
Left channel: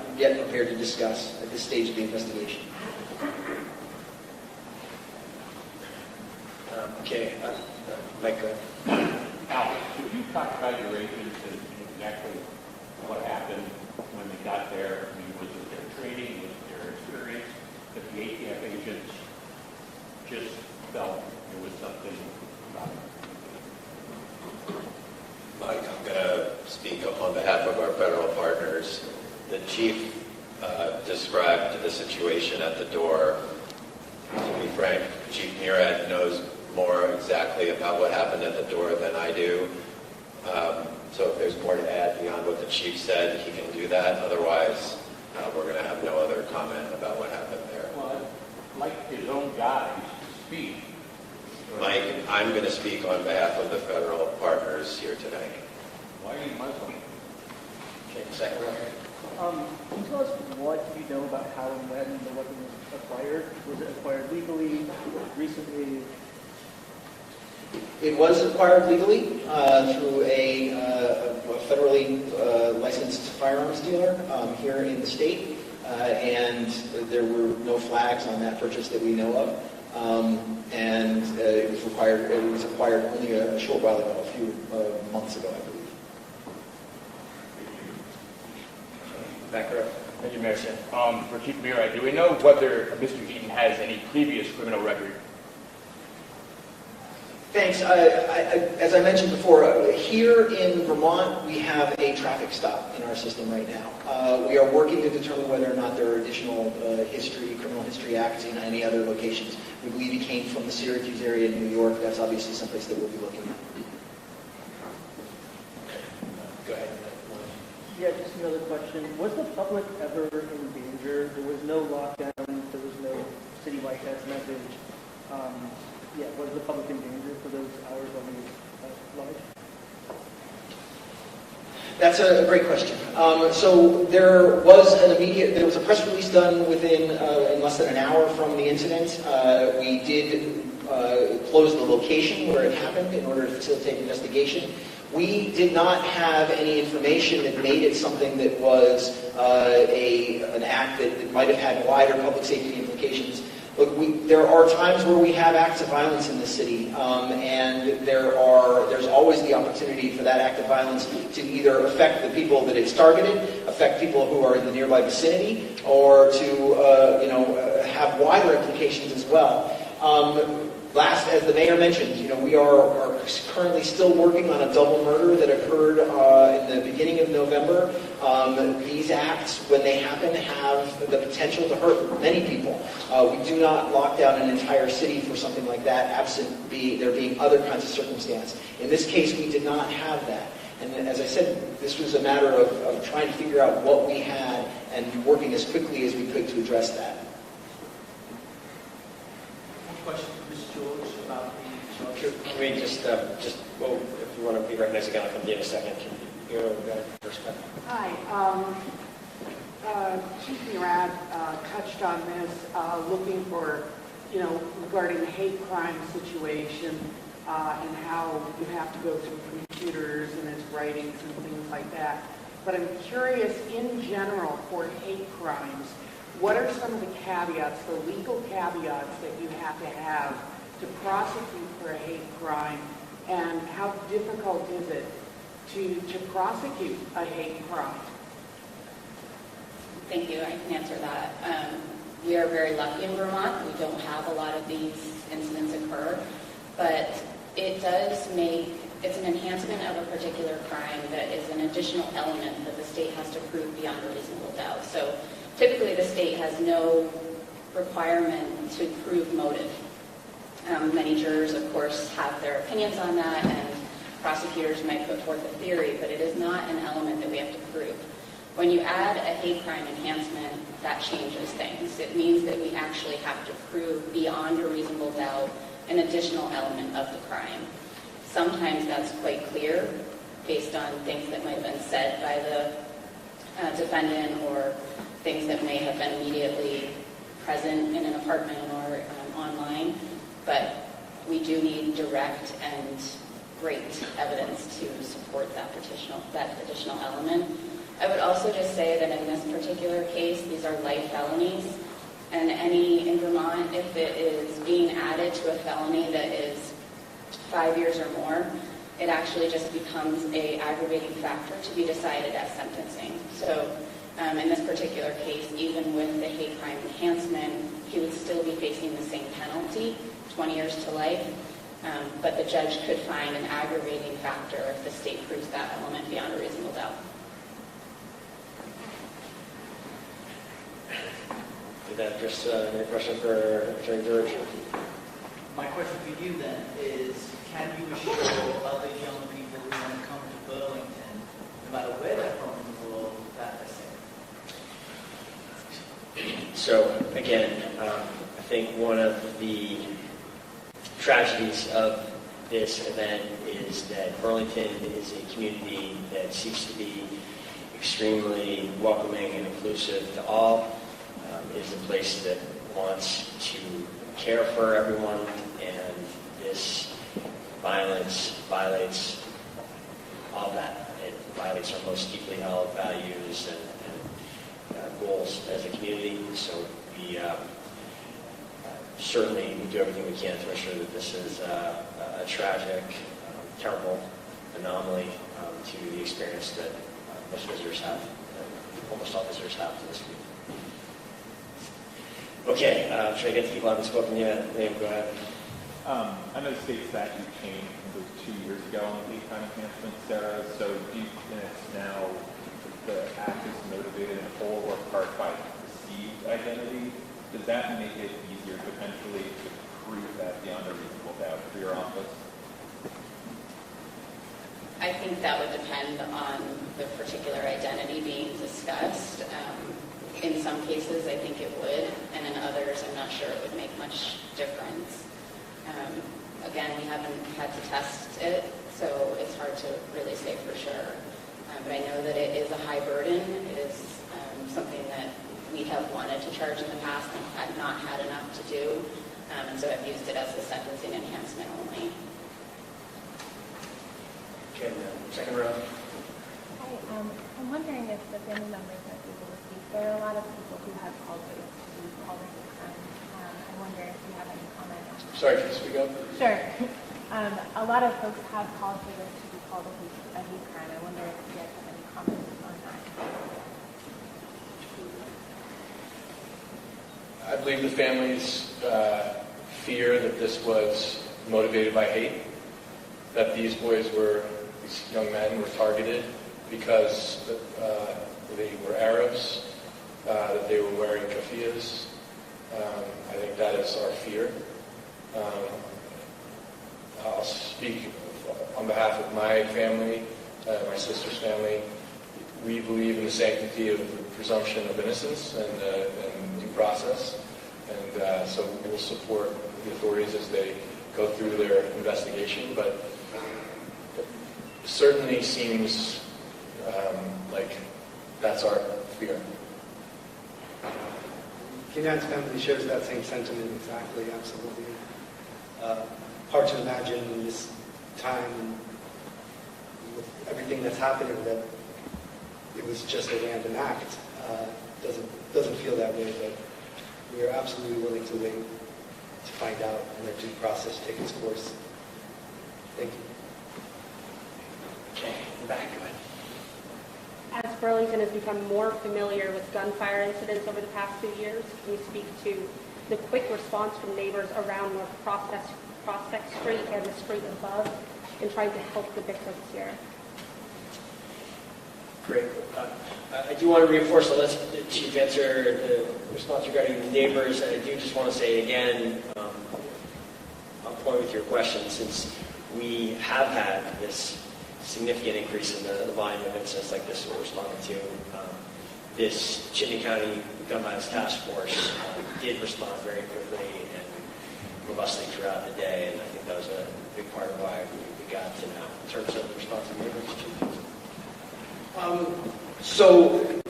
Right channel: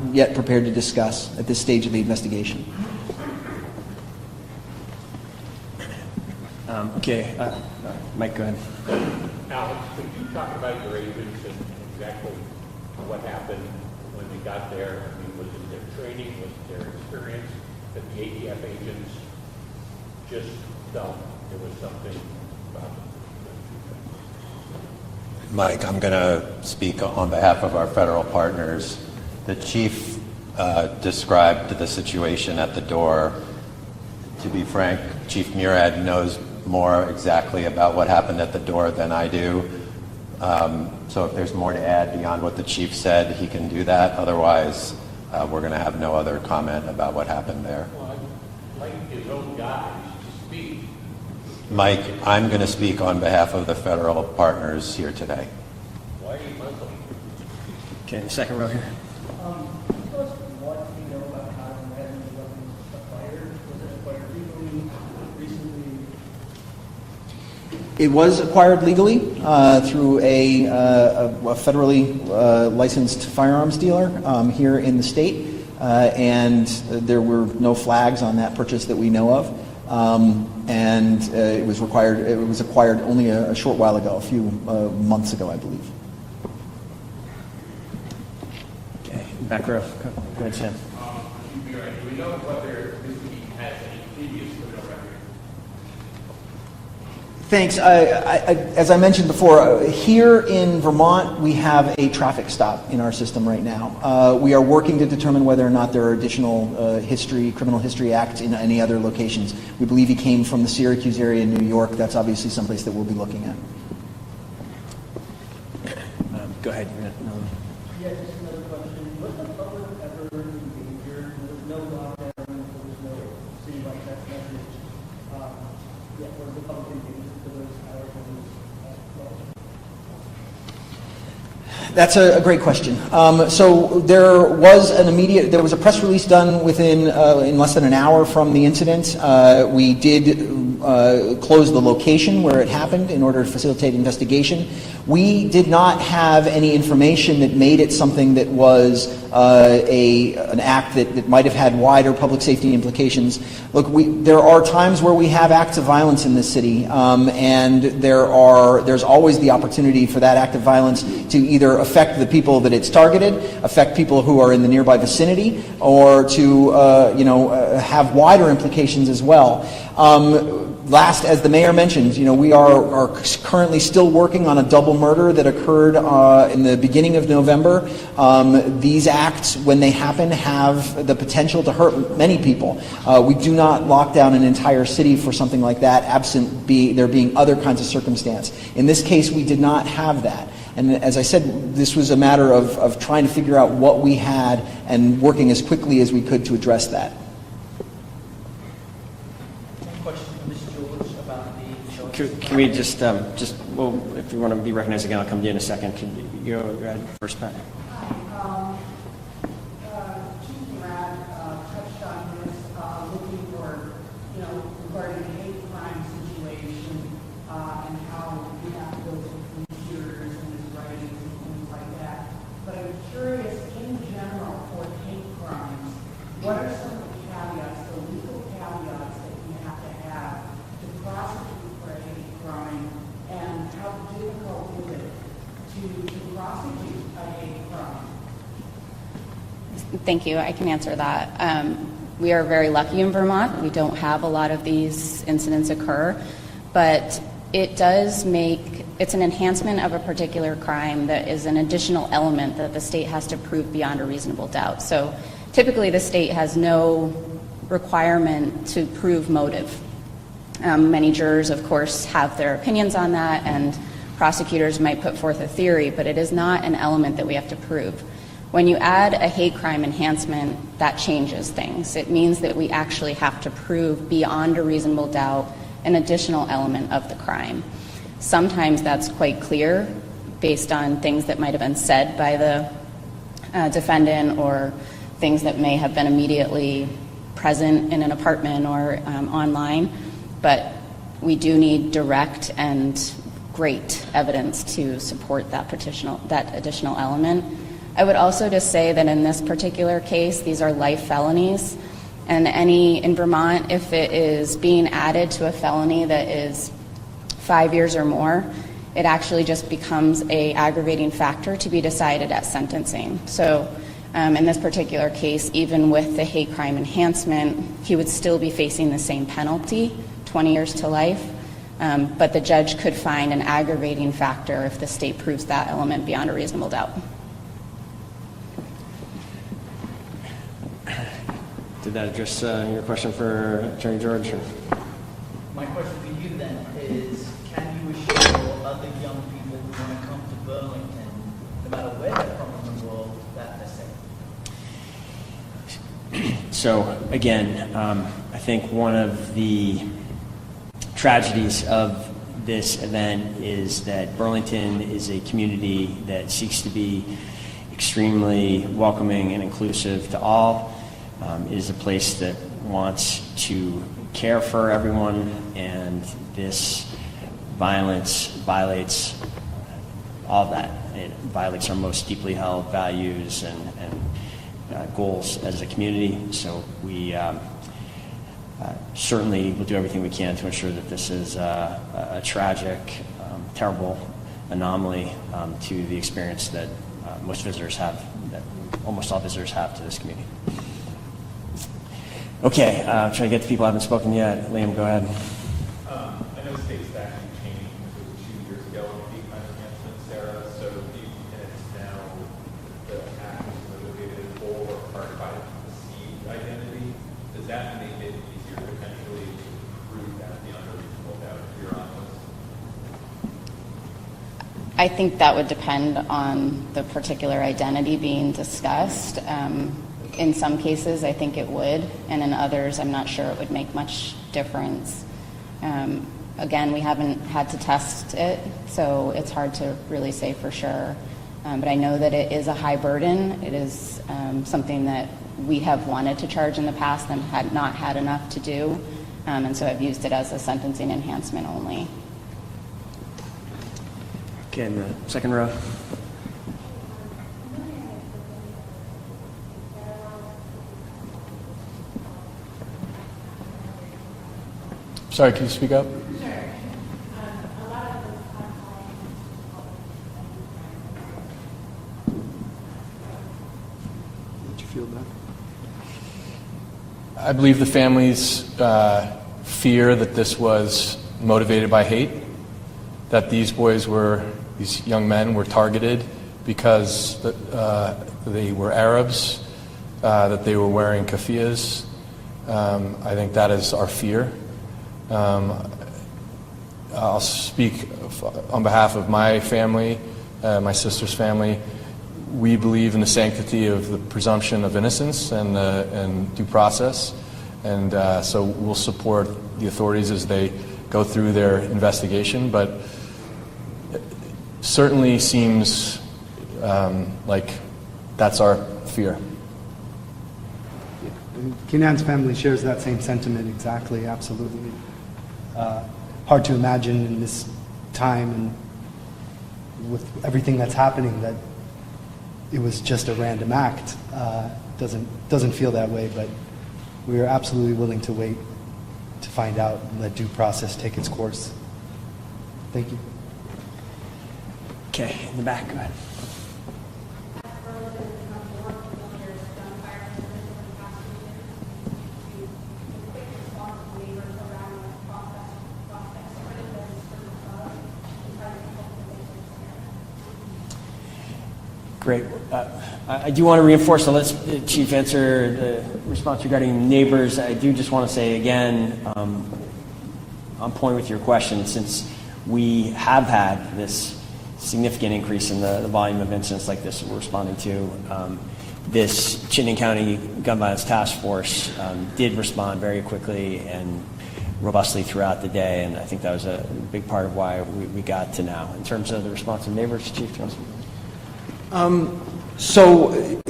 yet prepared to discuss at this stage of the investigation. Okay, Mike, go ahead. Alex, could you talk about your agents and exactly what happened when you got there? I mean, was it their training, was it their experience, that the ATF agents just felt there was something about them? Mike, I'm going to speak on behalf of our federal partners. The chief described the situation at the door. To be frank, Chief Murad knows more exactly about what happened at the door than I do. So if there's more to add beyond what the chief said, he can do that. Otherwise, we're going to have no other comment about what happened there. Well, like his own guys to speak. Mike, I'm going to speak on behalf of the federal partners here today. Why are you Muslim? Okay, second row here. Can you tell us what you know about how and when the weapon was acquired? Was it acquired legally, recently? It was acquired legally through a federally licensed firearms dealer here in the state, and there were no flags on that purchase that we know of. And it was acquired only a short while ago, a few months ago, I believe. Okay, back row. For Chief Murad, do we know whether Mr. Eaton has any previous criminal record? Thanks. As I mentioned before, here in Vermont, we have a traffic stop in our system right now. We are working to determine whether or not there are additional criminal history acts in any other locations. We believe he came from the Syracuse area in New York. That's obviously someplace that we'll be looking at. Go ahead. Yeah, just another question. Was the public ever in danger? There was no lockdown. There was no citywide test message. Was the public in danger for those hours when it was That's a great question. So there was a press release done in less than an hour from the incident. We did close the location where it happened in order to facilitate investigation. We did not have any information that made it something that was an act that might have had wider public safety implications. Look, there are times where we have acts of violence in this city, and there's always the opportunity for that act of violence to either affect the people that it's targeted, affect people who are in the nearby vicinity, or to have wider implications as well. Last, as the mayor mentioned, we are currently still working on a double murder that occurred in the beginning of November. These acts, when they happen, have the potential to hurt many people. We do not lock down an entire city for something like that, absent there being other kinds of circumstance. In this case, we did not have that. And as I said, this was a matter of trying to figure out what we had and working as quickly as we could to address that. Can we just well, if you want to be recognized again, I'll come to you in a second. Can you go ahead first, Pat? Hi. Chief Murad touched on this, looking for, regarding the hate crime situation and how you have to go through computers and his writings and things like that. But I'm curious, in general, for hate crimes, what are some of the caveats, the legal caveats that you have to prosecute for a hate crime, and how difficult is it to prosecute a hate crime? Thank you. I can answer that. We are very lucky in Vermont. We don't have a lot of these incidents occur, but it's an enhancement of a particular crime that is an additional element that the state has to prove beyond a reasonable doubt. So typically the state has no requirement to prove motive. Many jurors, of course, have their opinions on that, and prosecutors might put forth a theory, but it is not an element that we have to prove. When you add a hate crime enhancement, that changes things. It means that we actually have to prove beyond a reasonable doubt an additional element of the crime. Sometimes that's quite clear based on things that might have been said by the defendant, or things that may have been immediately present in an apartment or online. But we do need direct and great evidence to support that additional element. I would also just say that in this particular case, these are life felonies, and in Vermont, if it is being added to a felony that is 5 years or more, it actually just becomes a aggravating factor to be decided at sentencing. So in this particular case, even with the hate crime enhancement, he would still be facing the same penalty, 20 years to life, but the judge could find an aggravating factor if the state proves that element beyond a reasonable doubt. Did that address your question for Attorney George? My question to you then is, can you assure other young people who want to come to Burlington, no matter where they're from in the world, that they're safe? So again, I think one of the tragedies of this event is that Burlington is a community that seeks to be extremely welcoming and inclusive to all. It is a place that wants to care for everyone, and this violence violates all of that. It violates our most deeply held values and goals as a community. So we certainly will do everything we can to ensure that this is a tragic, terrible anomaly to the experience that most visitors have, that almost all visitors have to this community. Okay, trying to get to people who haven't spoken yet. Liam, go ahead. I know the state statute changed, it was 2 years ago on the hate crime enhancement, Sarah. So do you think it's now the act is motivated in whole or part by perceived identity? Does that make it easier potentially to prove that beyond a reasonable doubt for your office? I think that would depend on the particular identity being discussed. In some cases, I think it would, and in others, I'm not sure it would make much difference. Again, we haven't had to test it, so it's hard to really say for sure. But I know that it is a high burden. It is something that we have wanted to charge in the past and had not had enough to do, and so I've used it as a sentencing enhancement only. Okay, in the second row. I'm wondering if the family members that people speak, there are a lot of people who have called all the time. I wonder if you have any comments. Sorry, can you speak up? Sure. A lot of folks have called people to be called a hate crime. I wonder if you have any comments on that. Did you feel that? I believe the families fear that this was motivated by hate, that these young men were targeted because they were Arabs, that they were wearing keffiyehs. I think that is our fear. I'll speak on behalf of my family, my sister's family. We believe in the sanctity of the presumption of innocence and due process, and so we'll support the authorities as they go through their investigation, but it certainly seems like that's our fear. Kenan's family shares that same sentiment exactly, absolutely. Hard to imagine in this time and with everything that's happening that it was just a random act. Doesn't feel that way, but we are absolutely willing to wait to find out and let due process take its course. Thank you. Okay, in the back, go ahead. As Burlington has become more familiar with gunfire incidents over the past 2 years, can you speak to the quick response from neighbors around North Prospect Street and the street above in trying to help the victims here? Great. I do want to reinforce, so let's, Chief, answer the response regarding neighbors. I do just want to say again, on point with your question, since we have had this significant increase in the volume of incidents like this we're responding to, this Chittenden County Gun Violence Task Force did respond very quickly and robustly throughout the day, and I think that was a big part of why we got to now. In terms of the response of neighbors, Chief? So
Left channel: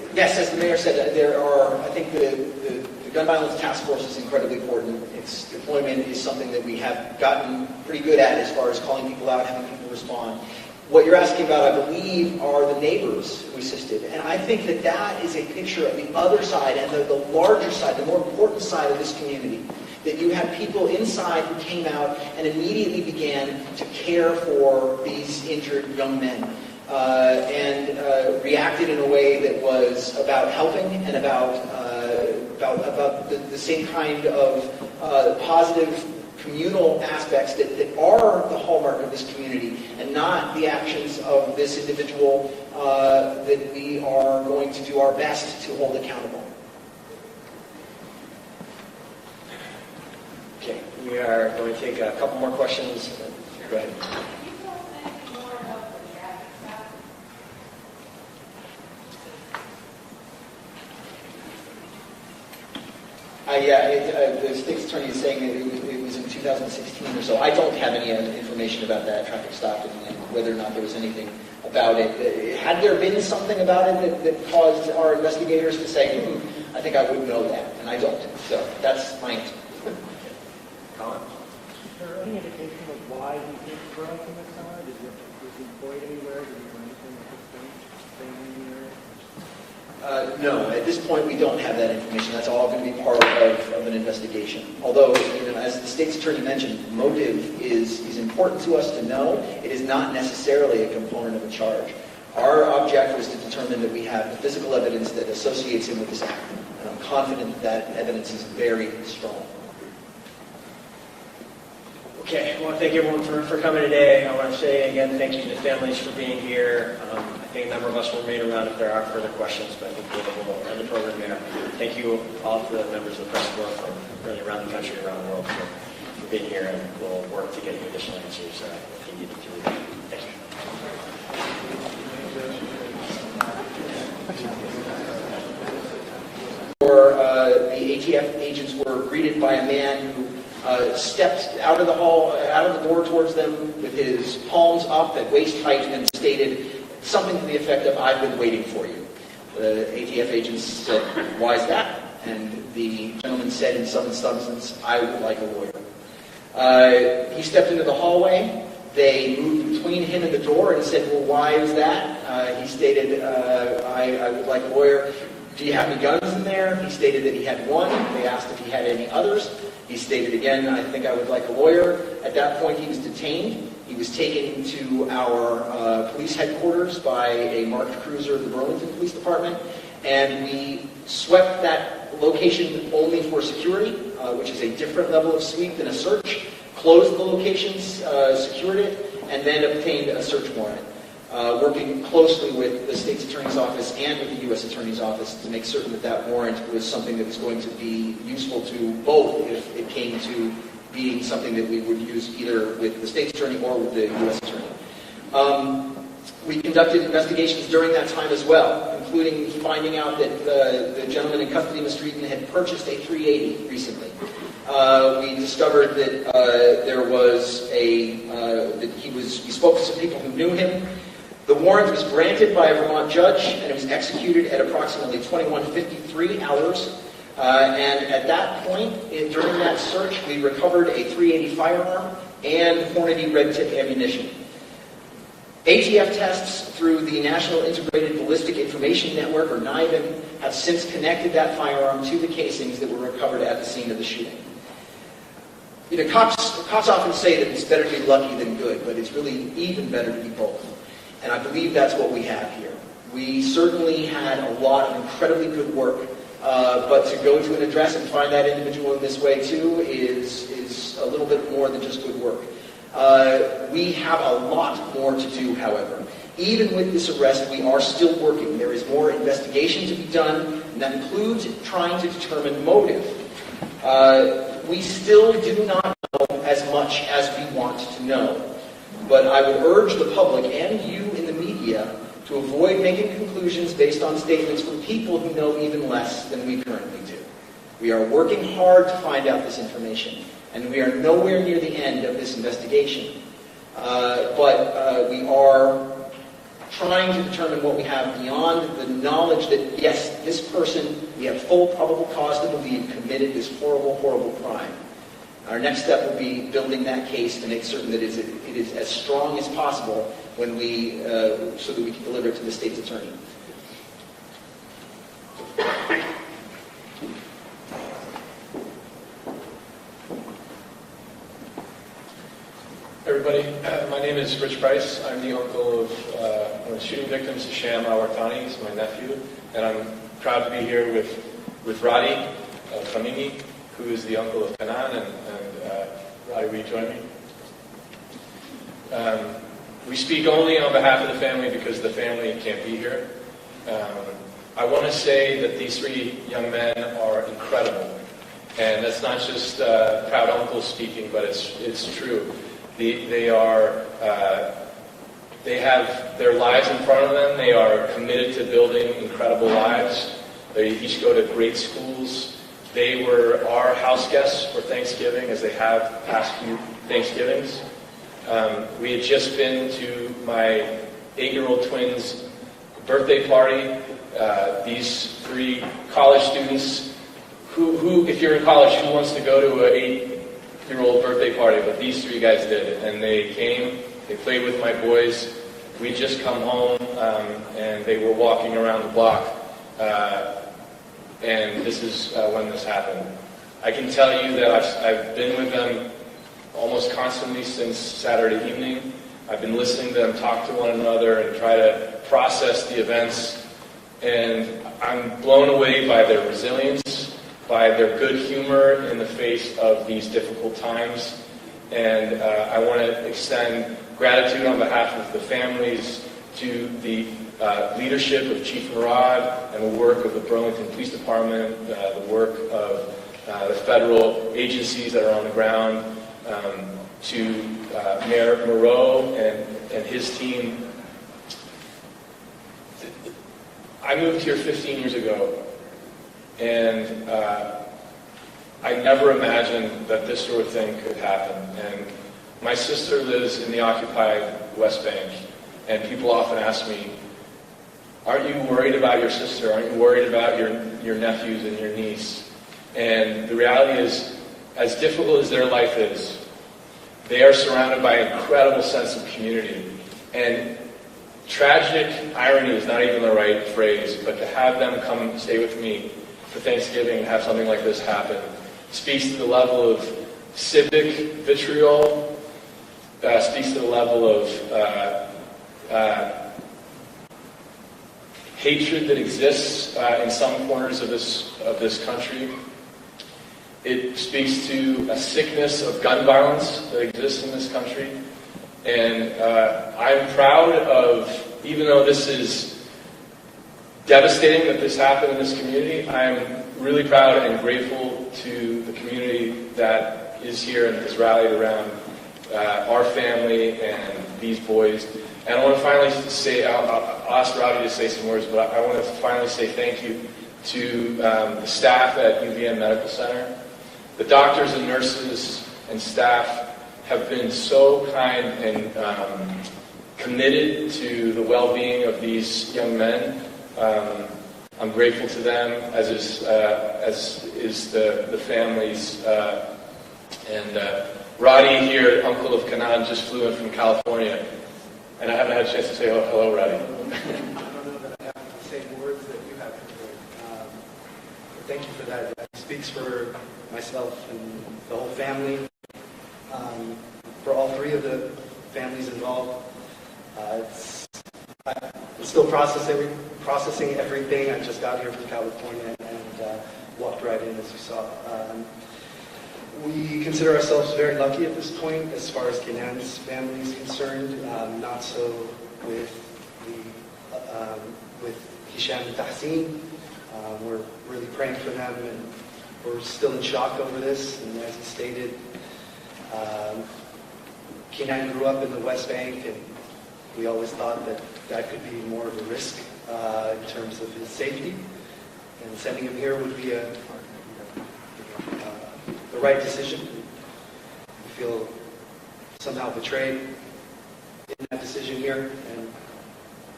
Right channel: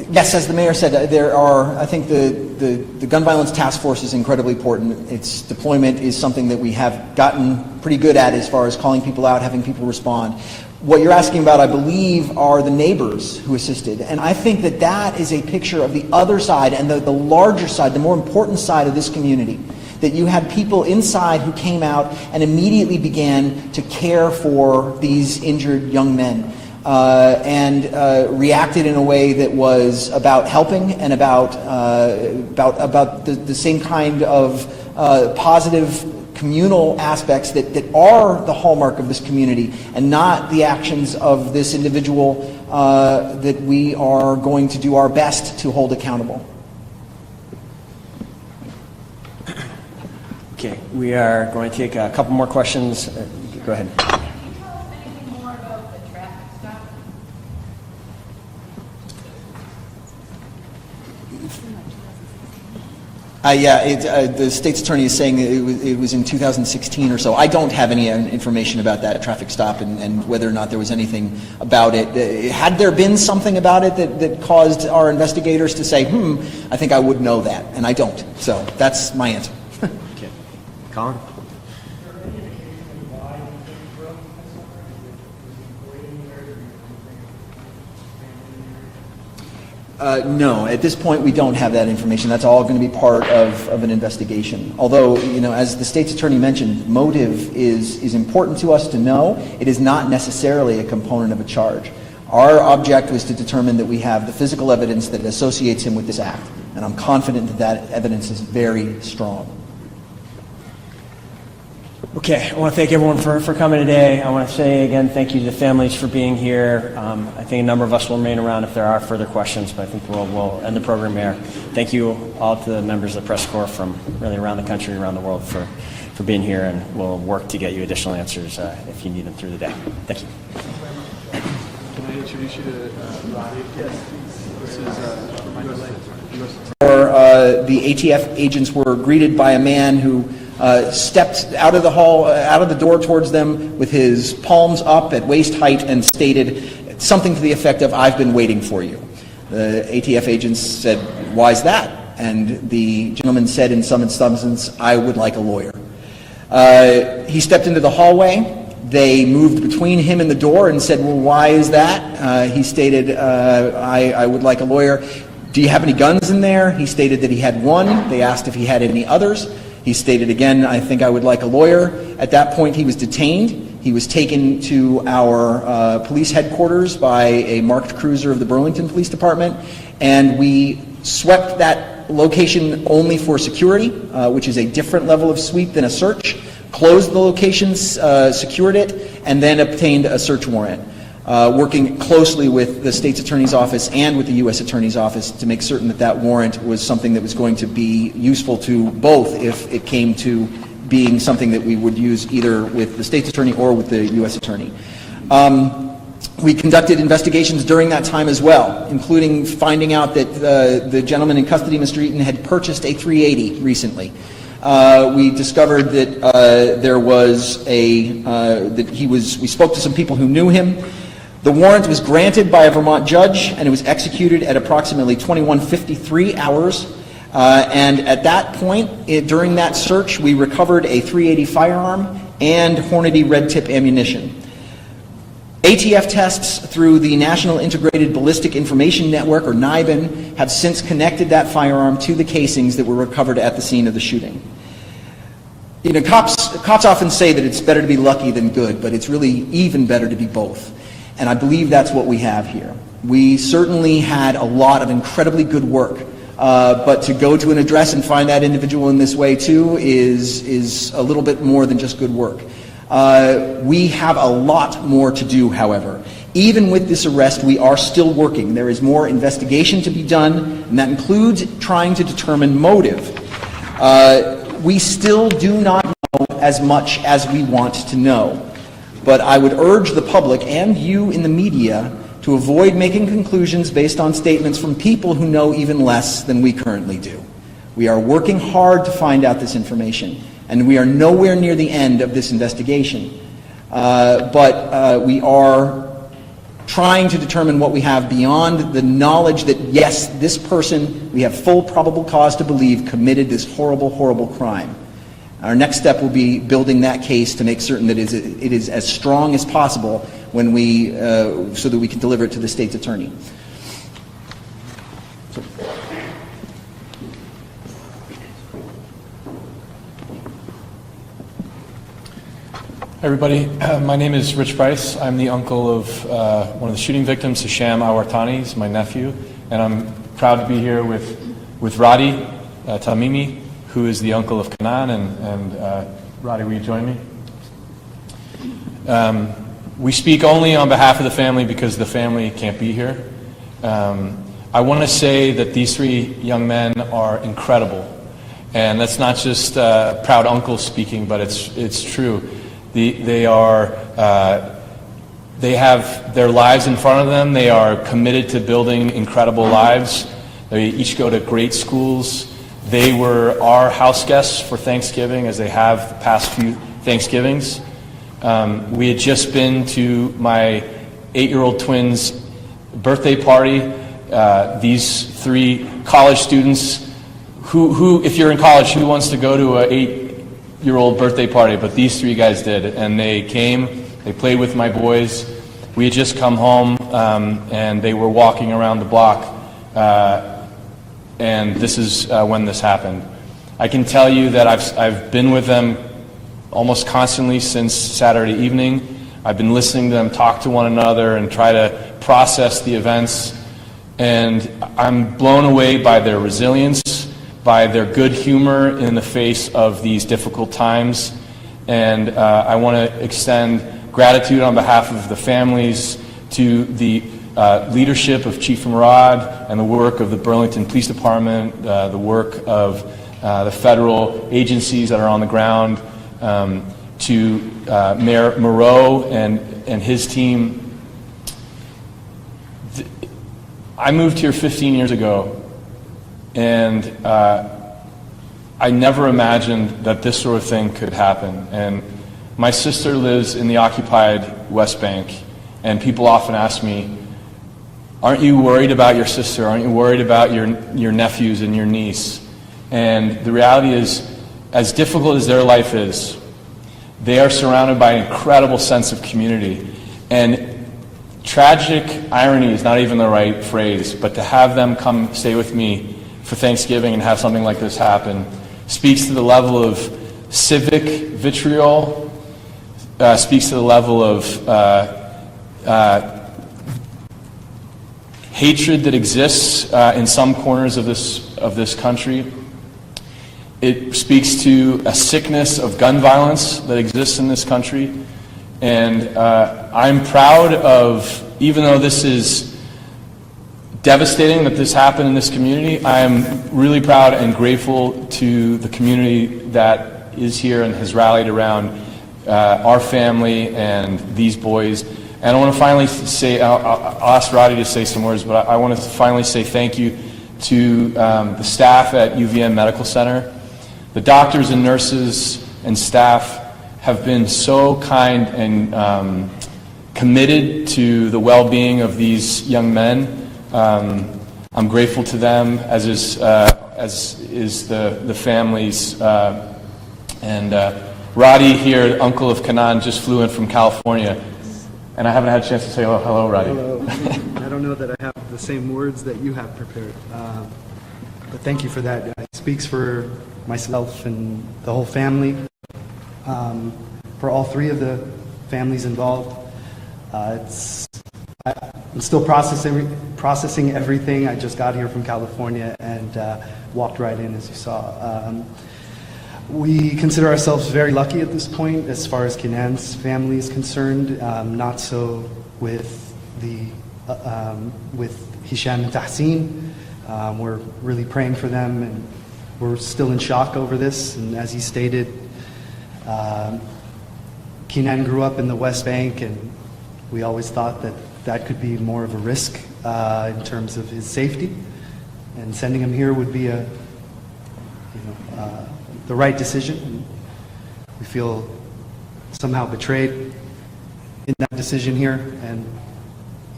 Yes, as the mayor said, I think the gun violence task force is incredibly important. Its deployment is something that we have gotten pretty good at as far as calling people out, having people respond. What you're asking about, I believe, are the neighbors who assisted. And I think that that is a picture of the other side and the larger side, the more important side of this community. That you had people inside who came out and immediately began to care for these injured young men. And reacted in a way that was about helping and about the same kind of positive communal aspects that are the hallmark of this community, and not the actions of this individual that we are going to do our best to hold accountable. Okay, we are going to take a couple more questions. Go ahead. The state's attorney is saying it was in 2016 or so. I don't have any information about that traffic stop and whether or not there was anything about it. Had there been something about it that caused our investigators to say, I think I would know that, and I don't. So that's my answer. Okay. Colin? Is there any indication of why you didn't grow up with my son? Was he employed anywhere? Did he do anything for No, at this point we don't have that information. That's all going to be part of an investigation. Although, as the state's attorney mentioned, motive is important to us to know. It is not necessarily a component of a charge. Our object was to determine that we have the physical evidence that associates him with this act. And I'm confident that that evidence is very strong. Okay, I want to thank everyone for coming today. I want to say again thank you to the families for being here. I think a number of us will remain around if there are further questions, but I think we'll end the program here. Thank you all to the members of the press corps from really around the country, around the world for being here, and we'll work to get you additional answers if you need them through the day. Thank you. The ATF agents were greeted by a man who stepped out of the door towards them with his palms up at waist height and stated something to the effect of, "I've been waiting for you." The ATF agents said, "Why is that?" And the gentleman said in some substance, "I would like a lawyer." He stepped into the hallway. They moved between him and the door and said, "Well, why is that?" He stated, I would like a lawyer. "Do you have any guns in there?" He stated that he had one. They asked if he had any others. He stated again, "I think I would like a lawyer." At that point, he was detained. He was taken to our police headquarters by a marked cruiser of the Burlington Police Department, and we swept that location only for security, which is a different level of sweep than a search, closed the location, secured it, and then obtained a search warrant, working closely with the state's attorney's office and with the U.S. attorney's office to make certain that that warrant was something that was going to be useful to both if it came to being something that we would use either with the state's attorney or with the U.S. attorney. We conducted investigations during that time as well, including finding out that the gentleman in custody, Mr. Eaton, had purchased a 380 recently. We discovered that there was we spoke to some people who knew him. The warrant was granted by a Vermont judge, and it was executed at approximately 21:53 hours. And at that point, during that search, we recovered a .380 firearm and Hornady red tip ammunition. ATF tests through the National Integrated Ballistic Information Network, or NIBIN, have since connected that firearm to the casings that were recovered at the scene of the shooting. Cops often say that it's better to be lucky than good, but it's really even better to be both. And I believe that's what we have here. We certainly had a lot of incredibly good work, but to go to an address and find that individual in this way too is a little bit more than just good work. We have a lot more to do, however. Even with this arrest, we are still working. There is more investigation to be done, and that includes trying to determine motive. We still do not know as much as we want to know. But I would urge the public and you in the media to avoid making conclusions based on statements from people who know even less than we currently do. We are working hard to find out this information, and we are nowhere near the end of this investigation. But we are trying to determine what we have beyond the knowledge that, yes, this person, we have full probable cause to believe, committed this horrible, horrible crime. Our next step will be building that case to make certain that it is as strong as possible when we, so that we can deliver it to the state's attorney. Everybody, my name is Rich Bryce. I'm the uncle of one of the shooting victims, Hisham al-Wartani. He's my nephew, and I'm proud to be here with Radi Tamimi, who is the uncle of Kanan. And Radi, will you join me? We speak only on behalf of the family because the family can't be here. I want to say that these three young men are incredible, and that's not just proud uncle speaking, but it's true. They have their lives in front of them. They are committed to building incredible lives. They each go to great schools. They were our house guests for Thanksgiving, as they have the past few Thanksgivings. We had just been to my 8-year-old twins' birthday party. These three college students, who, if you're in college, who wants to go to an 8-year-old birthday party? But these three guys did, and they came. They played with my boys. We had just come home, and they were walking around the block, and this is when this happened. I can tell you that I've been with them almost constantly since Saturday evening. I've been listening to them talk to one another and try to process the events, and I'm blown away by their resilience, by their good humor in the face of these difficult times. And I want to extend gratitude on behalf of the families to the leadership of Chief Murad and the work of the Burlington Police Department, the work of the federal agencies that are on the ground, to Mayor Moreau and his team. I moved here 15 years ago, and I never imagined that this sort of thing could happen. And my sister lives in the occupied West Bank, and people often ask me, aren't you worried about your sister? Aren't you worried about your nephews and your niece? And the reality is, as difficult as their life is, they are surrounded by an incredible sense of community. And tragic irony is not even the right phrase, but to have them come stay with me for Thanksgiving and have something like this happen speaks to the level of civic vitriol, speaks to the level of hatred that exists in some corners of this country. It speaks to a sickness of gun violence that exists in this country. And I'm proud of, even though this is devastating that this happened in this community, I'm really proud and grateful to the community that is here and has rallied around our family and these boys. And I want to finally say, I'll ask Roddy to say some words, but I want to finally say thank you to the staff at UVM Medical Center. The doctors and nurses and staff have been so kind and committed to the well-being of these young men. I'm grateful to them, as is the families. And Roddy here, uncle of Kanan, just flew in from California, and I haven't had a chance to say hello, Roddy. I don't know that I have the same words that you have prepared, but thank you for that. It speaks for myself and the whole family. For all three of the families involved, I'm still processing everything. I just got here from California and walked right in, as you saw. We consider ourselves very lucky at this point as far as Kenan's family is concerned. Not so with Hisham and Tahsin. We're really praying for them, and we're still in shock over this. And as he stated, Kenan grew up in the West Bank, and we always thought that that could be more of a risk in terms of his safety. And sending him here would be the right decision. We feel somehow betrayed in that decision here, and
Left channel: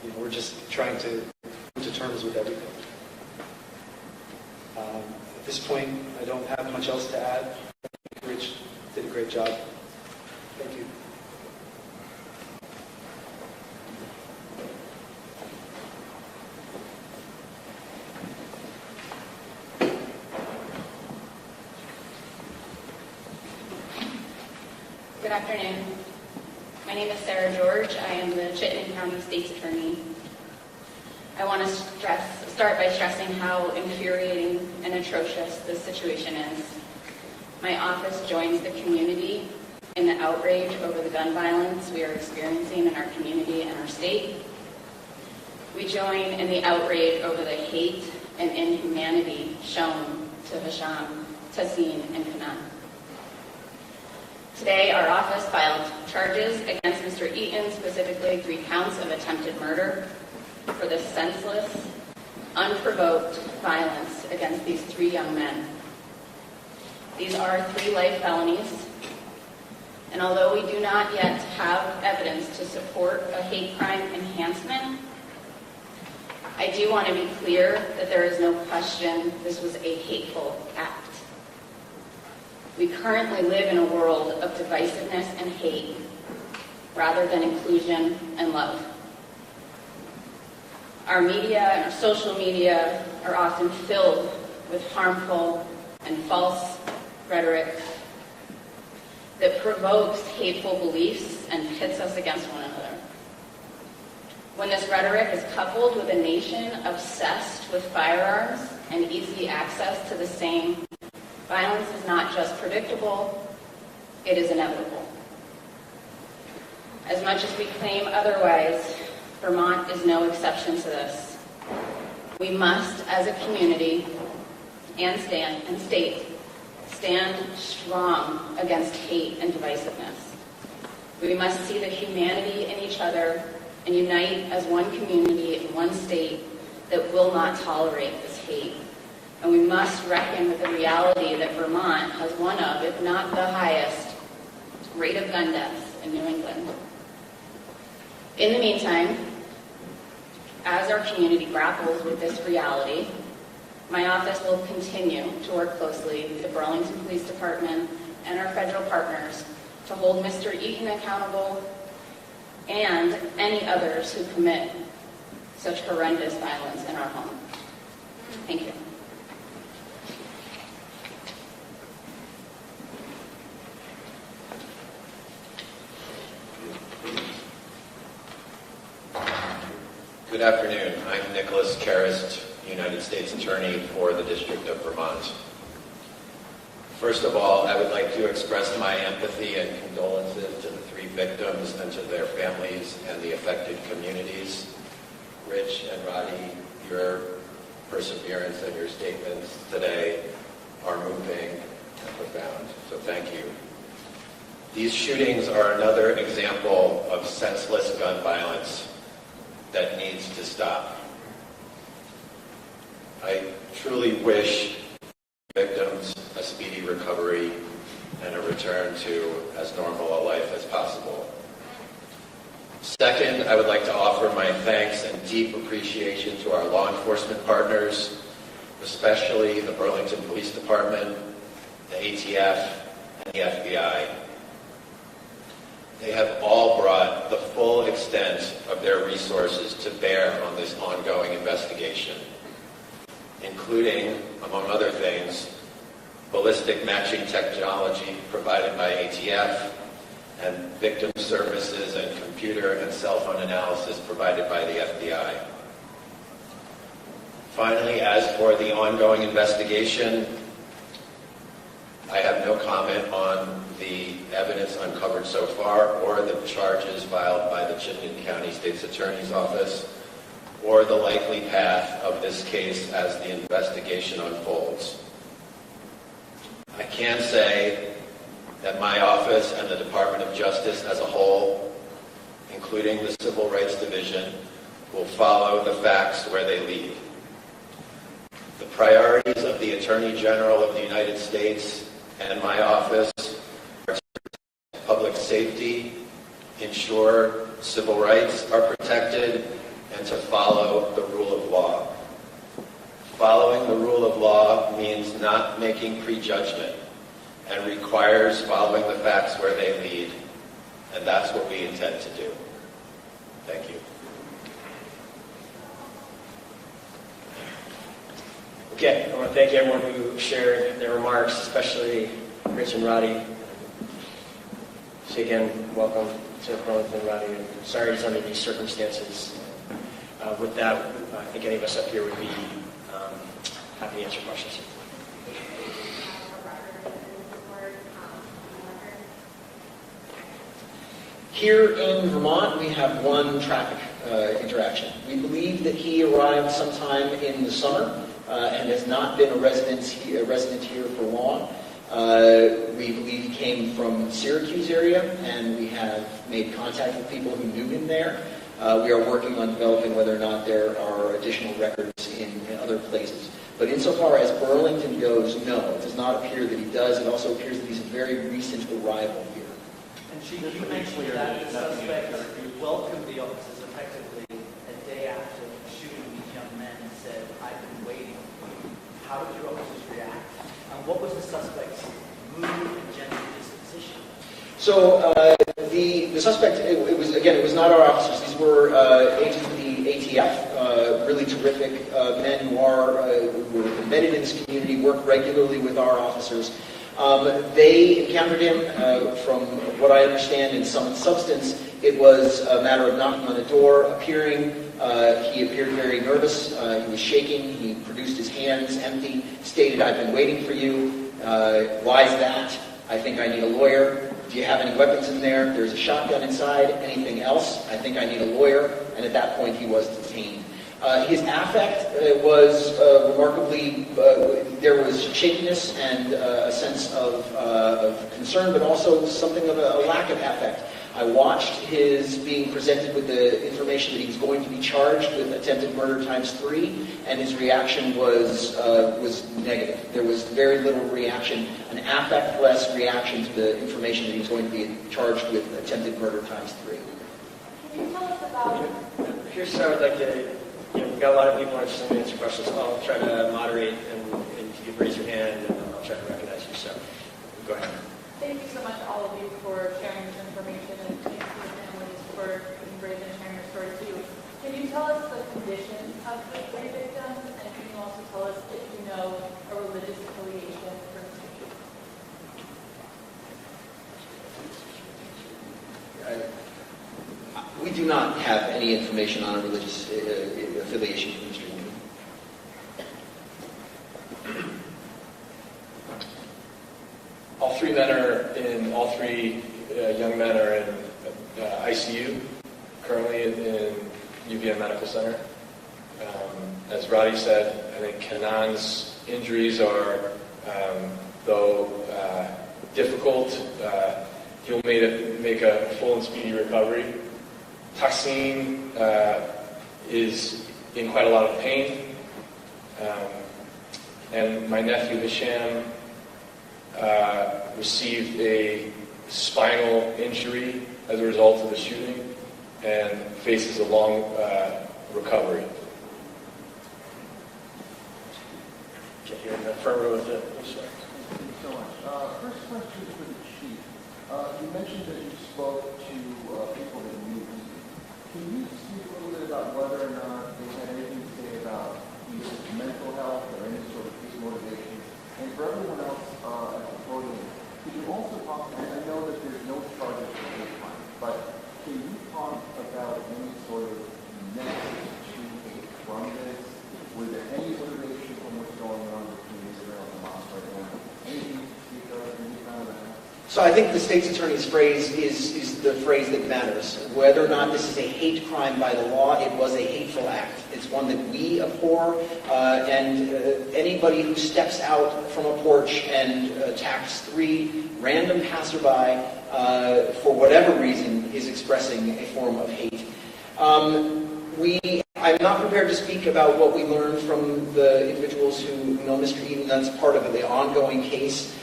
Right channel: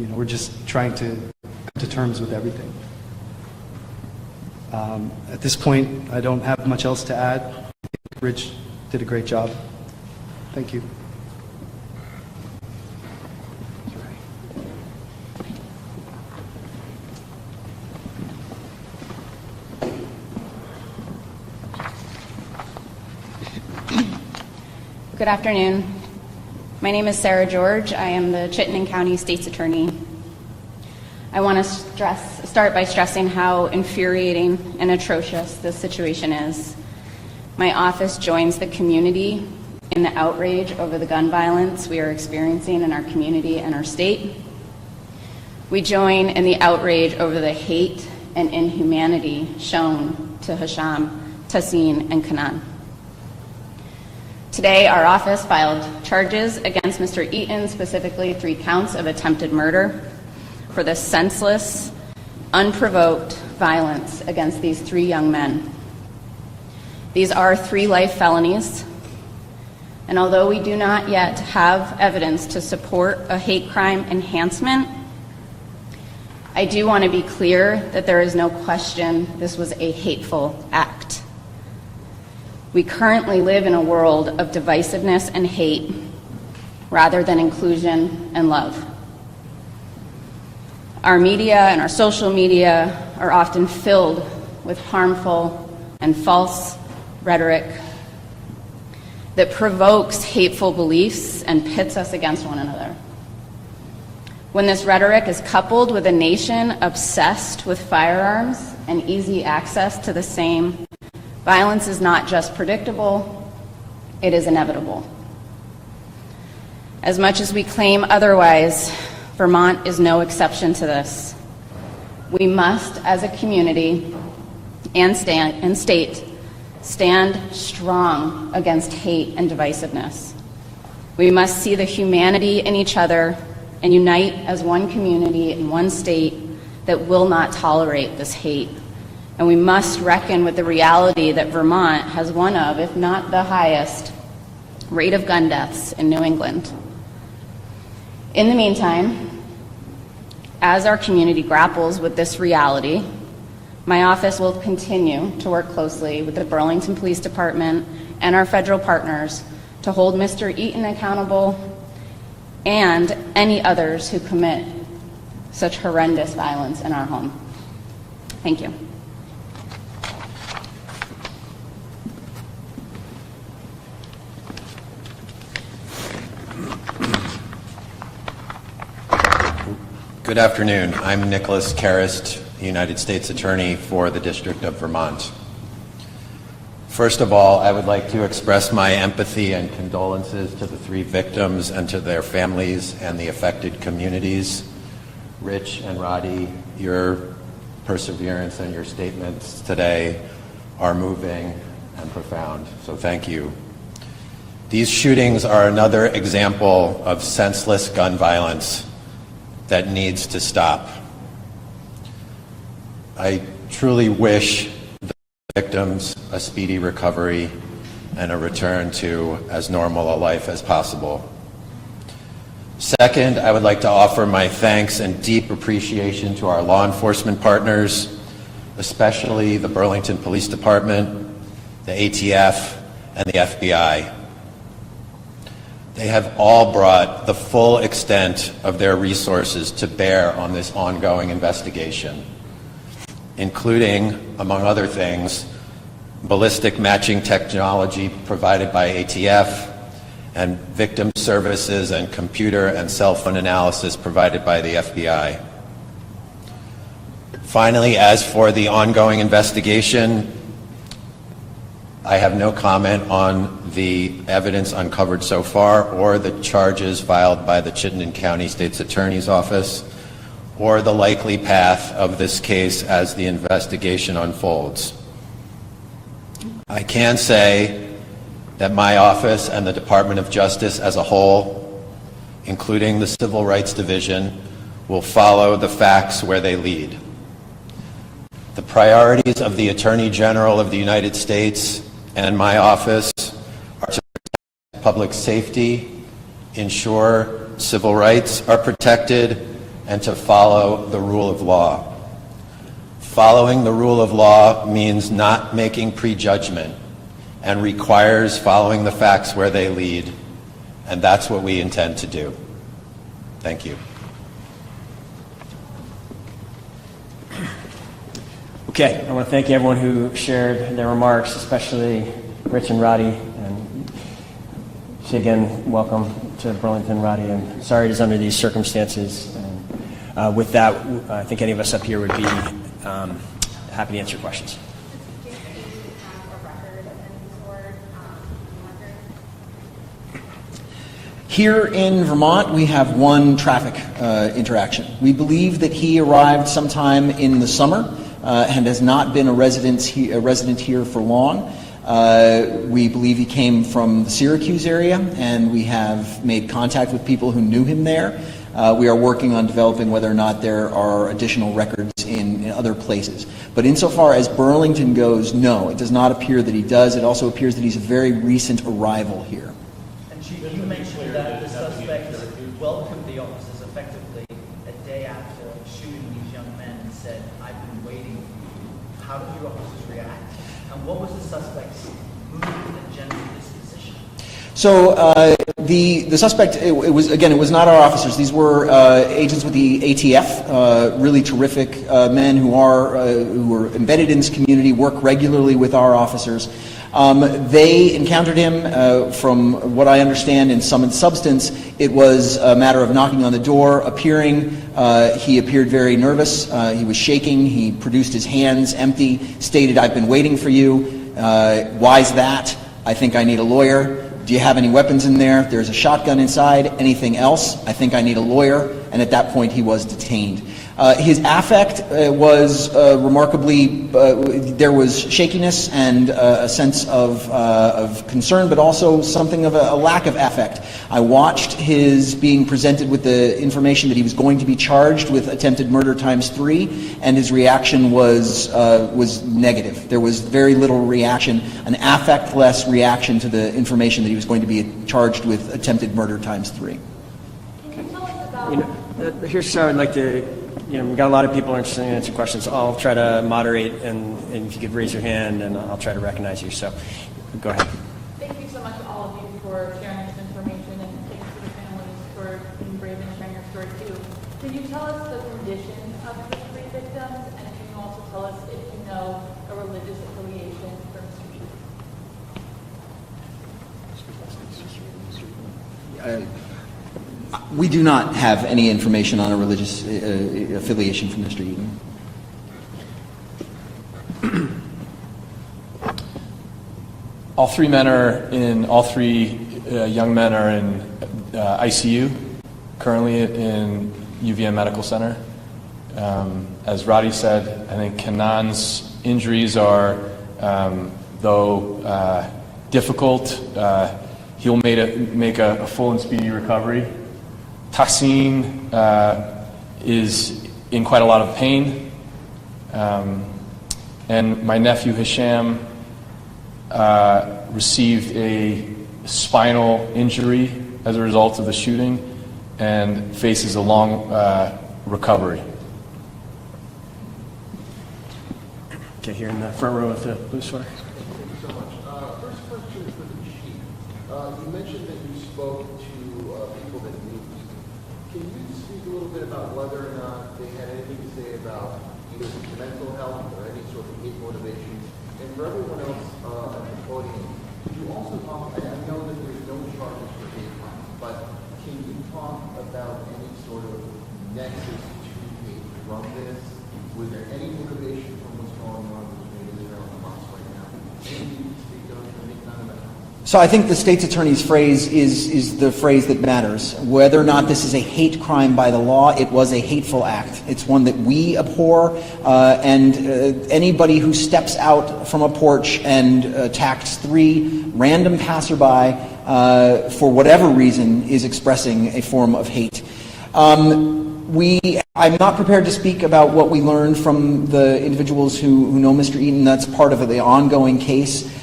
we're just trying to come to terms with everything. At this point, I don't have much else to add. I think Rich did a great job. Thank you. Good afternoon. My name is Sarah George. I am the Chittenden County State's Attorney. I want to start by stressing how infuriating and atrocious this situation is. My office joins the community in the outrage over the gun violence we are experiencing in our community and our state. We join in the outrage over the hate and inhumanity shown to Hisham, Tassin, and Kanan. Today, our office filed charges against Mr. Eaton, specifically 3 counts of attempted murder, for the senseless, unprovoked violence against these 3 young men. These are 3 life felonies, and although we do not yet have evidence to support a hate crime enhancement, I do want to be clear that there is no question this was a hateful act. We currently live in a world of divisiveness and hate rather than inclusion and love. Our media and our social media are often filled with harmful and false rhetoric that provokes hateful beliefs and pits us against one another. When this rhetoric is coupled with a nation obsessed with firearms and easy access to the same, violence is not just predictable, it is inevitable. As much as we claim otherwise, Vermont is no exception to this. We must, as a community and state, stand strong against hate and divisiveness. We must see the humanity in each other and unite as one community in one state that will not tolerate this hate. And we must reckon with the reality that Vermont has one of, if not the highest, rate of gun deaths in New England. In the meantime, as our community grapples with this reality, my office will continue to work closely with the Burlington Police Department and our federal partners to hold Mr. Eaton accountable and any others who commit such horrendous violence in our home. Thank you. Good afternoon. I'm Nicholas Karist, United States Attorney for the District of Vermont. First of all, I would like to express my empathy and condolences to the 3 victims and to their families and the affected communities. Rich and Roddy, your perseverance and your statements today are moving and profound, so thank you. These shootings are another example of senseless gun violence that needs to stop. I truly wish the victims a speedy recovery and a return to as normal a life as possible. Second, I would like to offer my thanks and deep appreciation to our law enforcement partners, especially the Burlington Police Department, the ATF, and the FBI. They have all brought the full extent of their resources to bear on this ongoing investigation, including, among other things, ballistic matching technology provided by ATF and victim services and computer and cell phone analysis provided by the FBI. Finally, as for the ongoing investigation, I have no comment on the evidence uncovered so far or the charges filed by the Chittenden County State's Attorney's Office or the likely path of this case as the investigation unfolds. I can say that my office and the Department of Justice as a whole, including the Civil Rights Division, will follow the facts where they lead. The priorities of the Attorney General of the United States and my office are to protect public safety, ensure civil rights are protected, and to follow the rule of law. Following the rule of law means not making prejudgment and requires following the facts where they lead, and that's what we intend to do. Thank you. Okay, I want to thank everyone who shared their remarks, especially Rich and Roddy. And say again, welcome to Burlington, Roddy, and sorry it's under these circumstances. And, with that, I think any of us up here would be happy to answer questions. Here in Vermont, we have one traffic interaction. We believe that he arrived sometime in the summer and has not been a resident here for long. We believe he came from the Syracuse area, and we have made contact with people who knew him there. We are working on developing whether or not there are additional records in other places. But insofar as Burlington goes, no, it does not appear that he does. It also appears that he's a very recent arrival here. And Chief, you mentioned that the suspect welcomed the officers effectively a day after shooting these young men and said, "I've been waiting." How did your officers react? And what was the suspect's mood and general disposition? So the suspect, it was not our officers. These were agents with the ATF, really terrific men who are embedded in this community, work regularly with our officers. They encountered him, from what I understand, in sum and substance. It was a matter of knocking on the door, appearing. He appeared very nervous. He was shaking. He produced his hands empty, stated, "I've been waiting for you. Why's that? I think I need a lawyer. Do you have any weapons in there? There's a shotgun inside. Anything else? I think I need a lawyer." And at that point, he was detained. His affect was remarkably, there was shakiness and a sense of concern, but also something of a lack of affect. I watched his being presented with the information that he was going to be charged with attempted murder ×3, and his reaction was negative. There was very little reaction, an affect-less reaction to the information that he was going to be charged with attempted murder ×3. Here's how I'd like to, we've got a lot of people interested in answering questions. I'll try to moderate, and if you could raise your hand, and I'll try to recognize you. So, go ahead. Thank you so much, all of you, for sharing this information, and thank you to the families for being brave and sharing your story too. Can you tell us the condition of the three victims, and can you also tell us if you know a religious affiliation for Mr. Eaton? We do not have any information on a religious affiliation from Mr. Eaton. All three young men are in ICU currently in UVM Medical Center. As Roddy said, I think Kanan's injuries are, though difficult, he'll make a full and speedy recovery. Tassin is in quite a lot of pain, and my nephew Hisham received a spinal injury as a result of the shooting and faces a long recovery. Okay, here in the front row with the blue sweater. Thank you so much. First question for the chief. You mentioned that you spoke to people that knew. Can you speak a little bit about whether or not they had anything to say about either mental health or any sort of hate motivation? And for everyone else at the podium, could you also talk, and I know that there's no charges for hate crime, but can you talk about any sort of nexus to hate from this? Was there any motivation from what's going on between Israel and Hamas right now? Anything you speak of, any kind of that? So I think the state's attorney's phrase is the phrase that matters. Whether or not this is a hate crime by the law, it was a hateful act. It's one that we abhor, and anybody who steps out from a porch and attacks 3 random passerby for whatever reason is expressing a form of hate. I'm not prepared to speak about what we learned from the individuals who know Mr. Eaton. That's part of the ongoing case.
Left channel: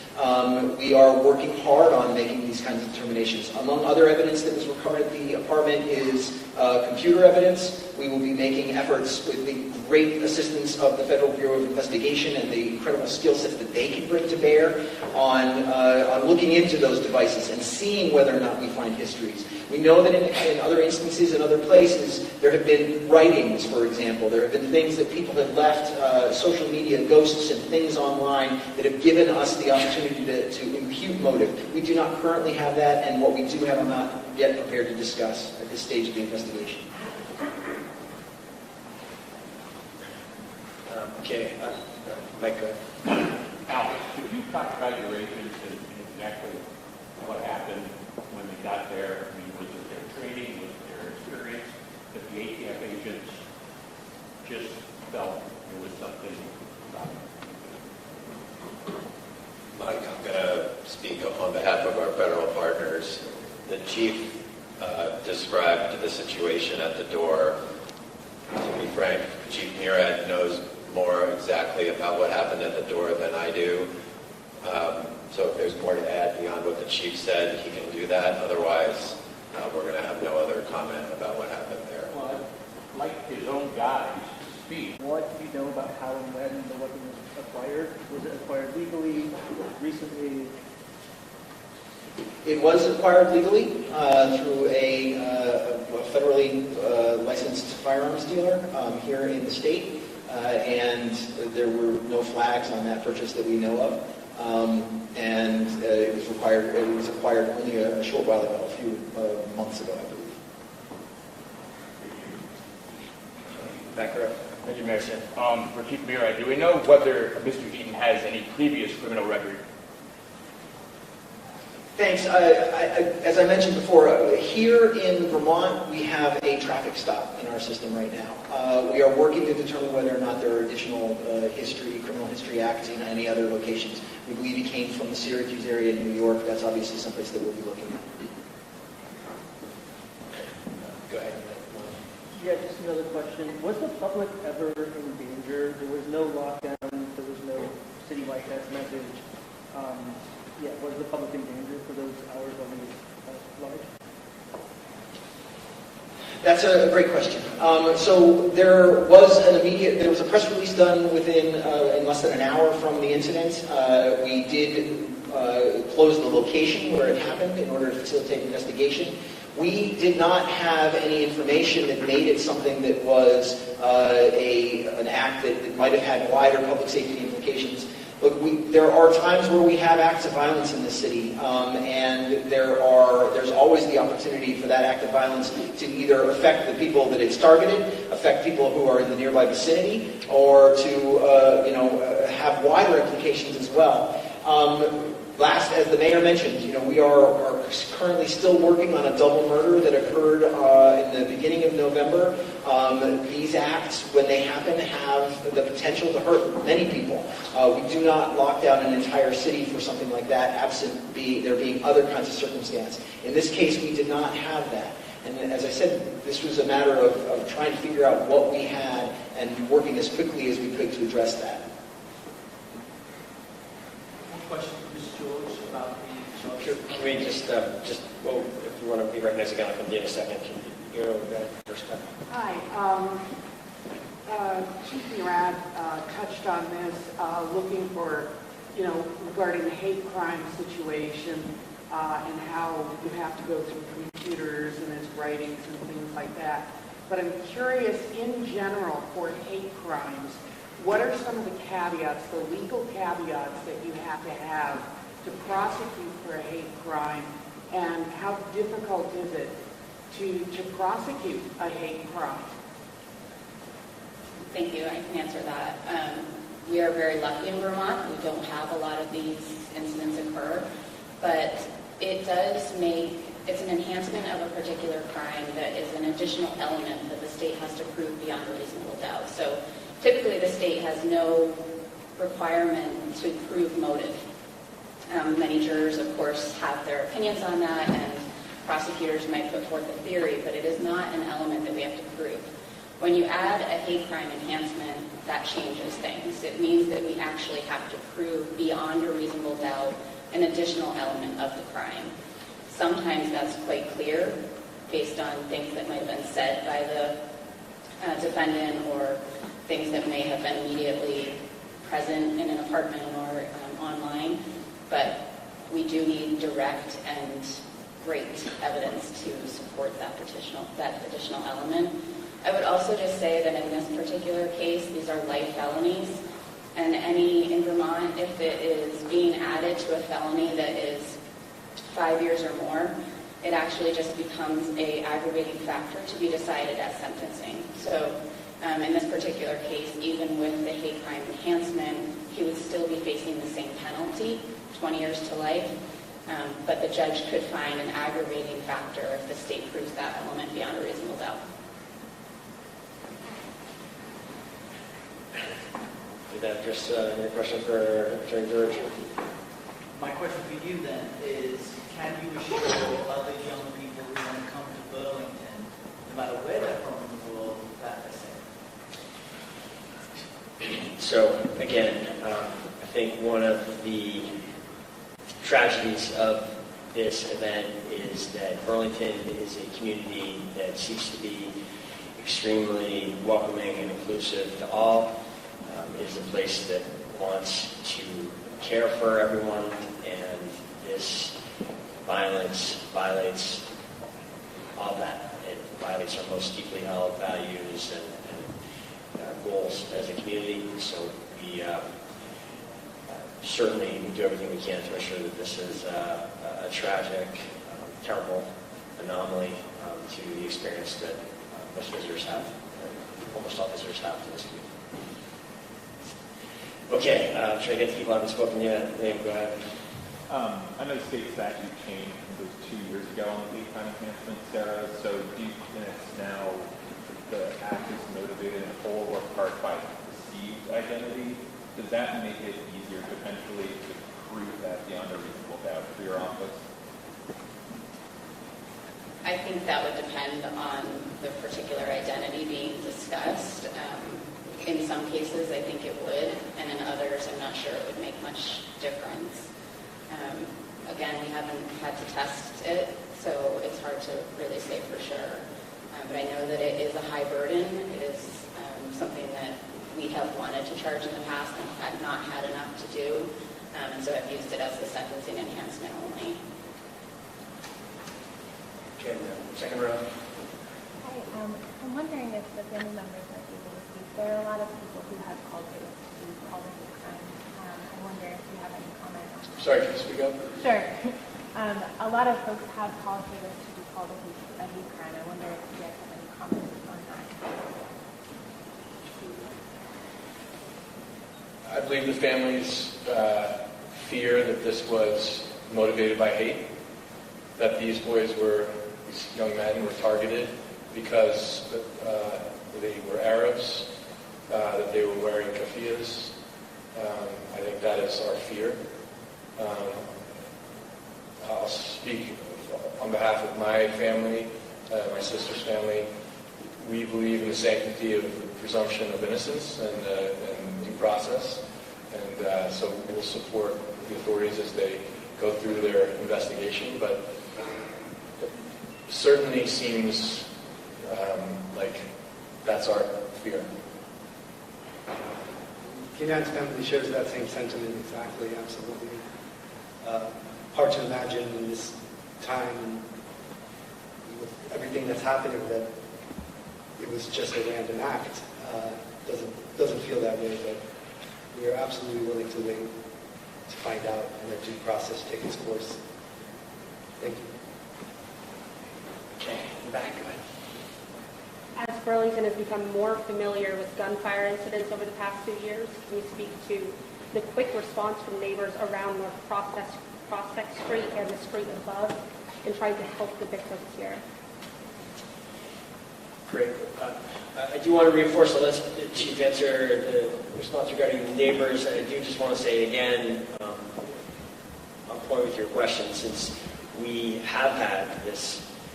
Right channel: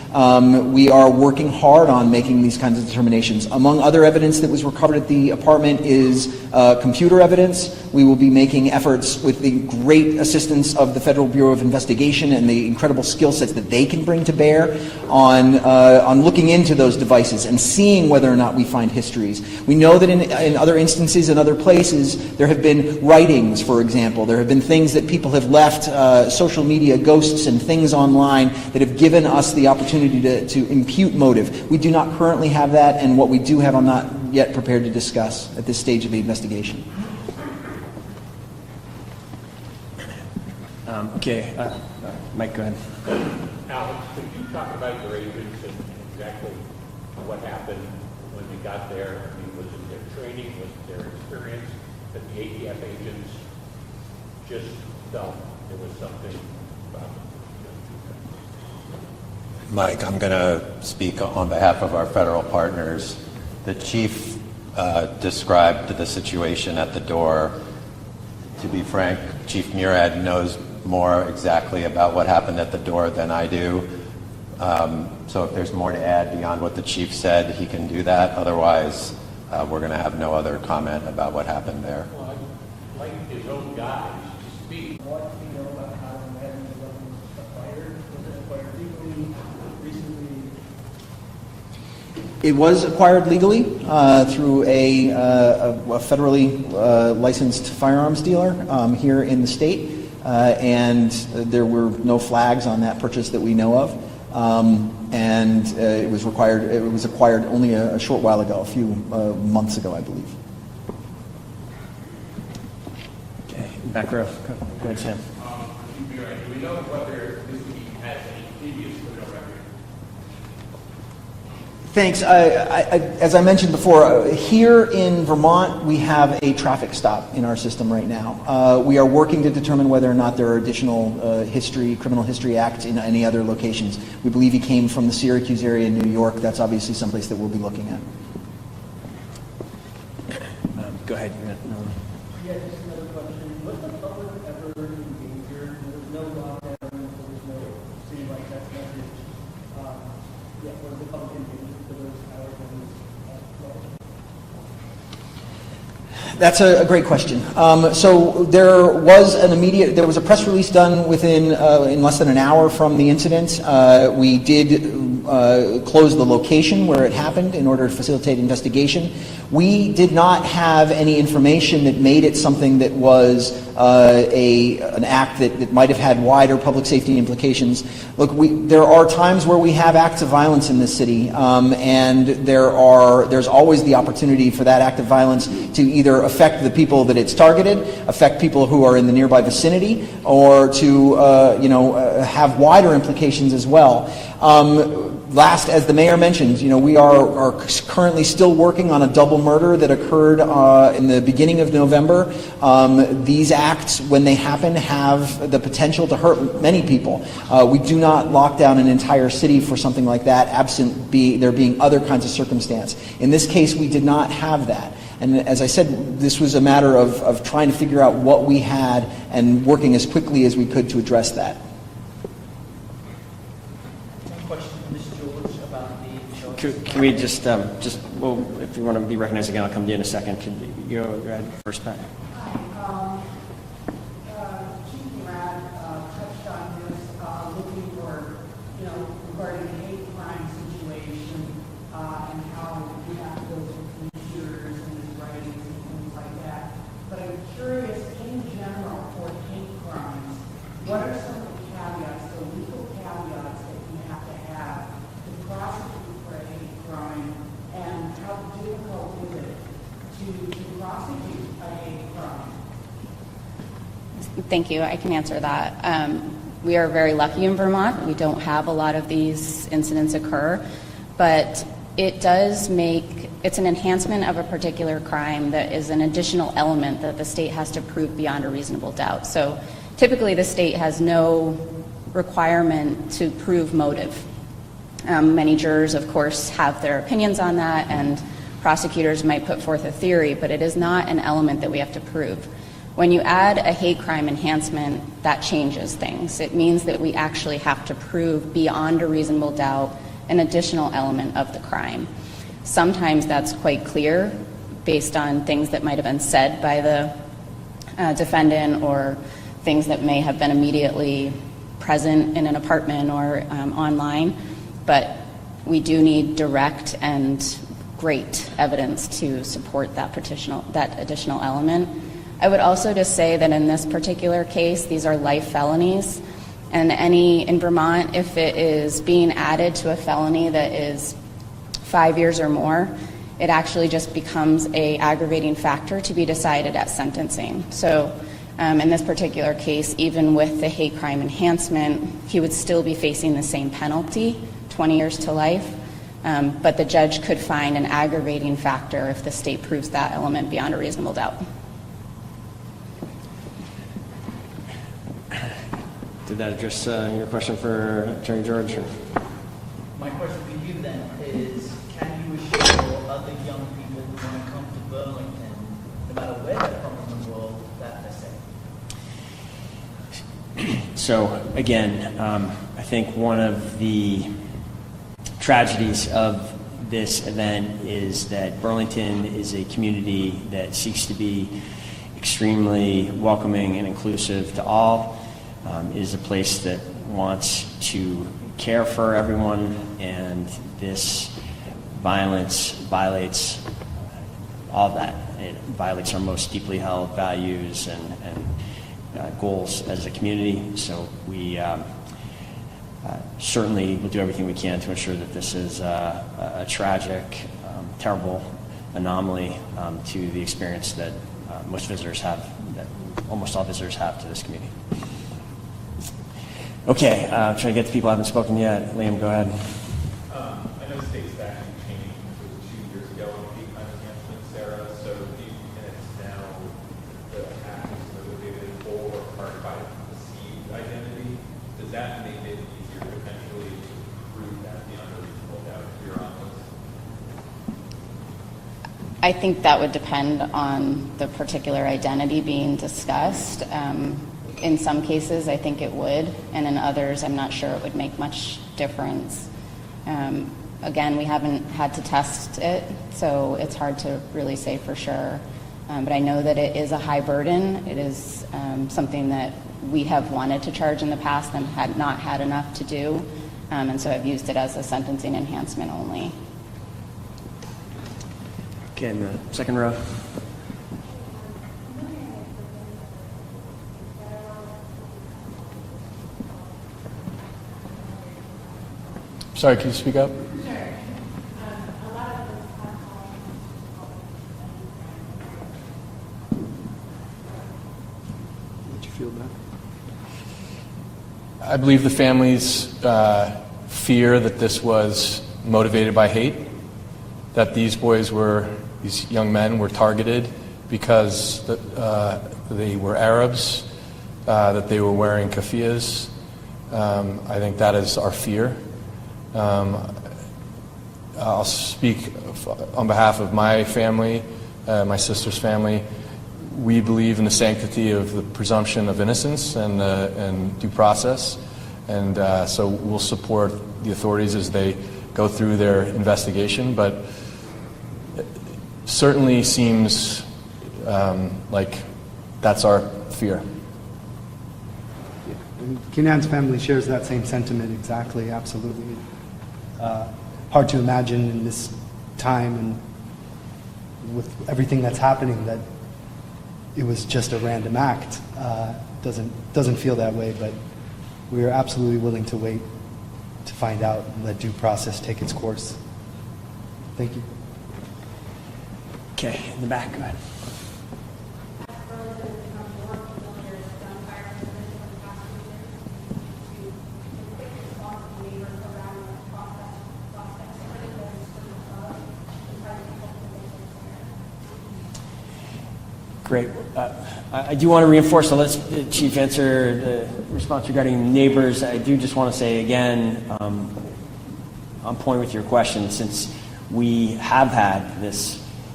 We are working hard on making these kinds of determinations. Among other evidence that was recovered at the apartment is computer evidence. We will be making efforts with the great assistance of the Federal Bureau of Investigation and the incredible skill sets that they can bring to bear on looking into those devices and seeing whether or not we find histories. We know that in other instances, in other places, there have been writings, for example. There have been things that people have left, social media ghosts and things online that have given us the opportunity to impute motive. We do not currently have that, and what we do have I'm not yet prepared to discuss at this stage of the investigation. Okay, Mike, go ahead. Alex, could you talk about your agents and exactly what happened when you got there? I mean, was it their training, was it their experience, that the ATF agents just felt there was something about them? Mike, I'm going to speak on behalf of our federal partners. The chief described the situation at the door. To be frank, Chief Murad knows more exactly about what happened at the door than I do. So if there's more to add beyond what the chief said, he can do that. Otherwise, we're going to have no other comment about what happened there. Well, I'd like his own guys to speak. What do you know about how and when the weapon was acquired? Was it acquired legally, recently? It was acquired legally through a federally licensed firearms dealer here in the state, and there were no flags on that purchase that we know of. And it was acquired only a short while ago, a few months ago, I believe. Okay, back row. For Chief Murad, do we know whether Mr. Eaton has any previous criminal record? Thanks. As I mentioned before, here in Vermont, we have a traffic stop in our system right now. We are working to determine whether or not there are additional criminal history acts in any other locations. We believe he came from the Syracuse area in New York. That's obviously someplace that we'll be looking at. Go ahead. Yeah, just another question. Was the public ever injured? There was no lockdown. There was no citywide test message. Yeah, was the public injured for those hours when it was That's a great question. So there was a press release done in less than an hour from the incident. We did close the location where it happened in order to facilitate investigation. We did not have any information that made it something that was an act that might have had wider public safety implications. Look, there are times where we have acts of violence in this city, and there's always the opportunity for that act of violence to either affect the people that it's targeted, affect people who are in the nearby vicinity, or to have wider implications as well. Last, as the mayor mentioned, we are currently still working on a double murder that occurred in the beginning of November. These acts, when they happen, have the potential to hurt many people. We do not lock down an entire city for something like that, absent there being other kinds of circumstance. In this case, we did not have that. And as I said, this was a matter of trying to figure out what we had and working as quickly as we could to address that. Can we just well, if you want to be recognized again, I'll come to you in a second. Can you go ahead first, Pat? Hi. Chief Murad touched on this, looking for, regarding the hate crime situation and how you have to go through computers and his writings and things like that. But I'm curious, in general, for hate crimes, what are some of the caveats, the legal caveats that you have to prosecute for a hate crime, and how difficult is it to prosecute a hate crime? Thank you. I can answer that. We are very lucky in Vermont. We don't have a lot of these incidents occur, but it's an enhancement of a particular crime that is an additional element that the state has to prove beyond a reasonable doubt. So typically the state has no requirement to prove motive. Many jurors, of course, have their opinions on that, and prosecutors might put forth a theory, but it is not an element that we have to prove. When you add a hate crime enhancement, that changes things. It means that we actually have to prove beyond a reasonable doubt an additional element of the crime. Sometimes that's quite clear based on things that might have been said by the defendant or things that may have been immediately present in an apartment or online, but we do need direct and great evidence to support that additional element. I would also just say that in this particular case, these are life felonies, and in Vermont, if it is being added to a felony that is 5 years or more, it actually just becomes an aggravating factor to be decided at sentencing. So in this particular case, even with the hate crime enhancement, he would still be facing the same penalty, 20 years to life, but the judge could find an aggravating factor if the state proves that element beyond a reasonable doubt. Did that address your question for Attorney George? My question to you then is, can you assure other young people who want to come to Burlington, no matter where they're from in the world, that they're safe? So again, I think one of the tragedies of this event is that Burlington is a community that seeks to be extremely welcoming and inclusive to all. It is a place that wants to care for everyone, and this violence violates all of that. It violates our most deeply held values and goals as a community. So we certainly will do everything we can to ensure that this is a tragic, terrible anomaly to the experience that most visitors have, that almost all visitors have to this community. Okay, trying to get to people who haven't spoken yet. Liam, go ahead. I know state statute changed, it was 2 years ago on hate crime enhancement, Sarah. So these minutes now, the act is motivated in whole or part by perceived identity. Does that make it easier potentially to prove that beyond a reasonable doubt for your office? I think that would depend on the particular identity being discussed. In some cases, I think it would, and in others, I'm not sure it would make much difference. Again, we haven't had to test it, so it's hard to really say for sure. But I know that it is a high burden. It is something that we have wanted to charge in the past and had not had enough to do, and so I've used it as a sentencing enhancement only. Okay, in the second row. I'm wondering if the family members are able to speak. There are a lot of people who have called it all the time. I wonder if you have any comments. Sorry, can you speak up? Sure. A lot of folks have called it a hate crime. I wonder if you have any comments on that. Did you feel that? I believe the families fear that this was motivated by hate, that these young men were targeted because they were Arabs, that they were wearing keffiyehs. I think that is our fear. I'll speak on behalf of my family, my sister's family. We believe in the sanctity of the presumption of innocence and due process, and so we'll support the authorities as they go through their investigation, but it certainly seems like that's our fear. Kenan's family shares that same sentiment exactly, absolutely. Hard to imagine in this time and with everything that's happening that it was just a random act. Doesn't feel that way, but we are absolutely willing to wait to find out and let due process take its course. Thank you. Okay, in the back, go ahead. As Burlington has become more familiar with gunfire incidents over the past few years, can you speak to the quick response from neighbors around North Prospect Street and the street above in trying to help the victims here? Great. I do want to reinforce, so let's the Chief answer the response regarding neighbors. I do just want to say again, on point with your question, since we have had this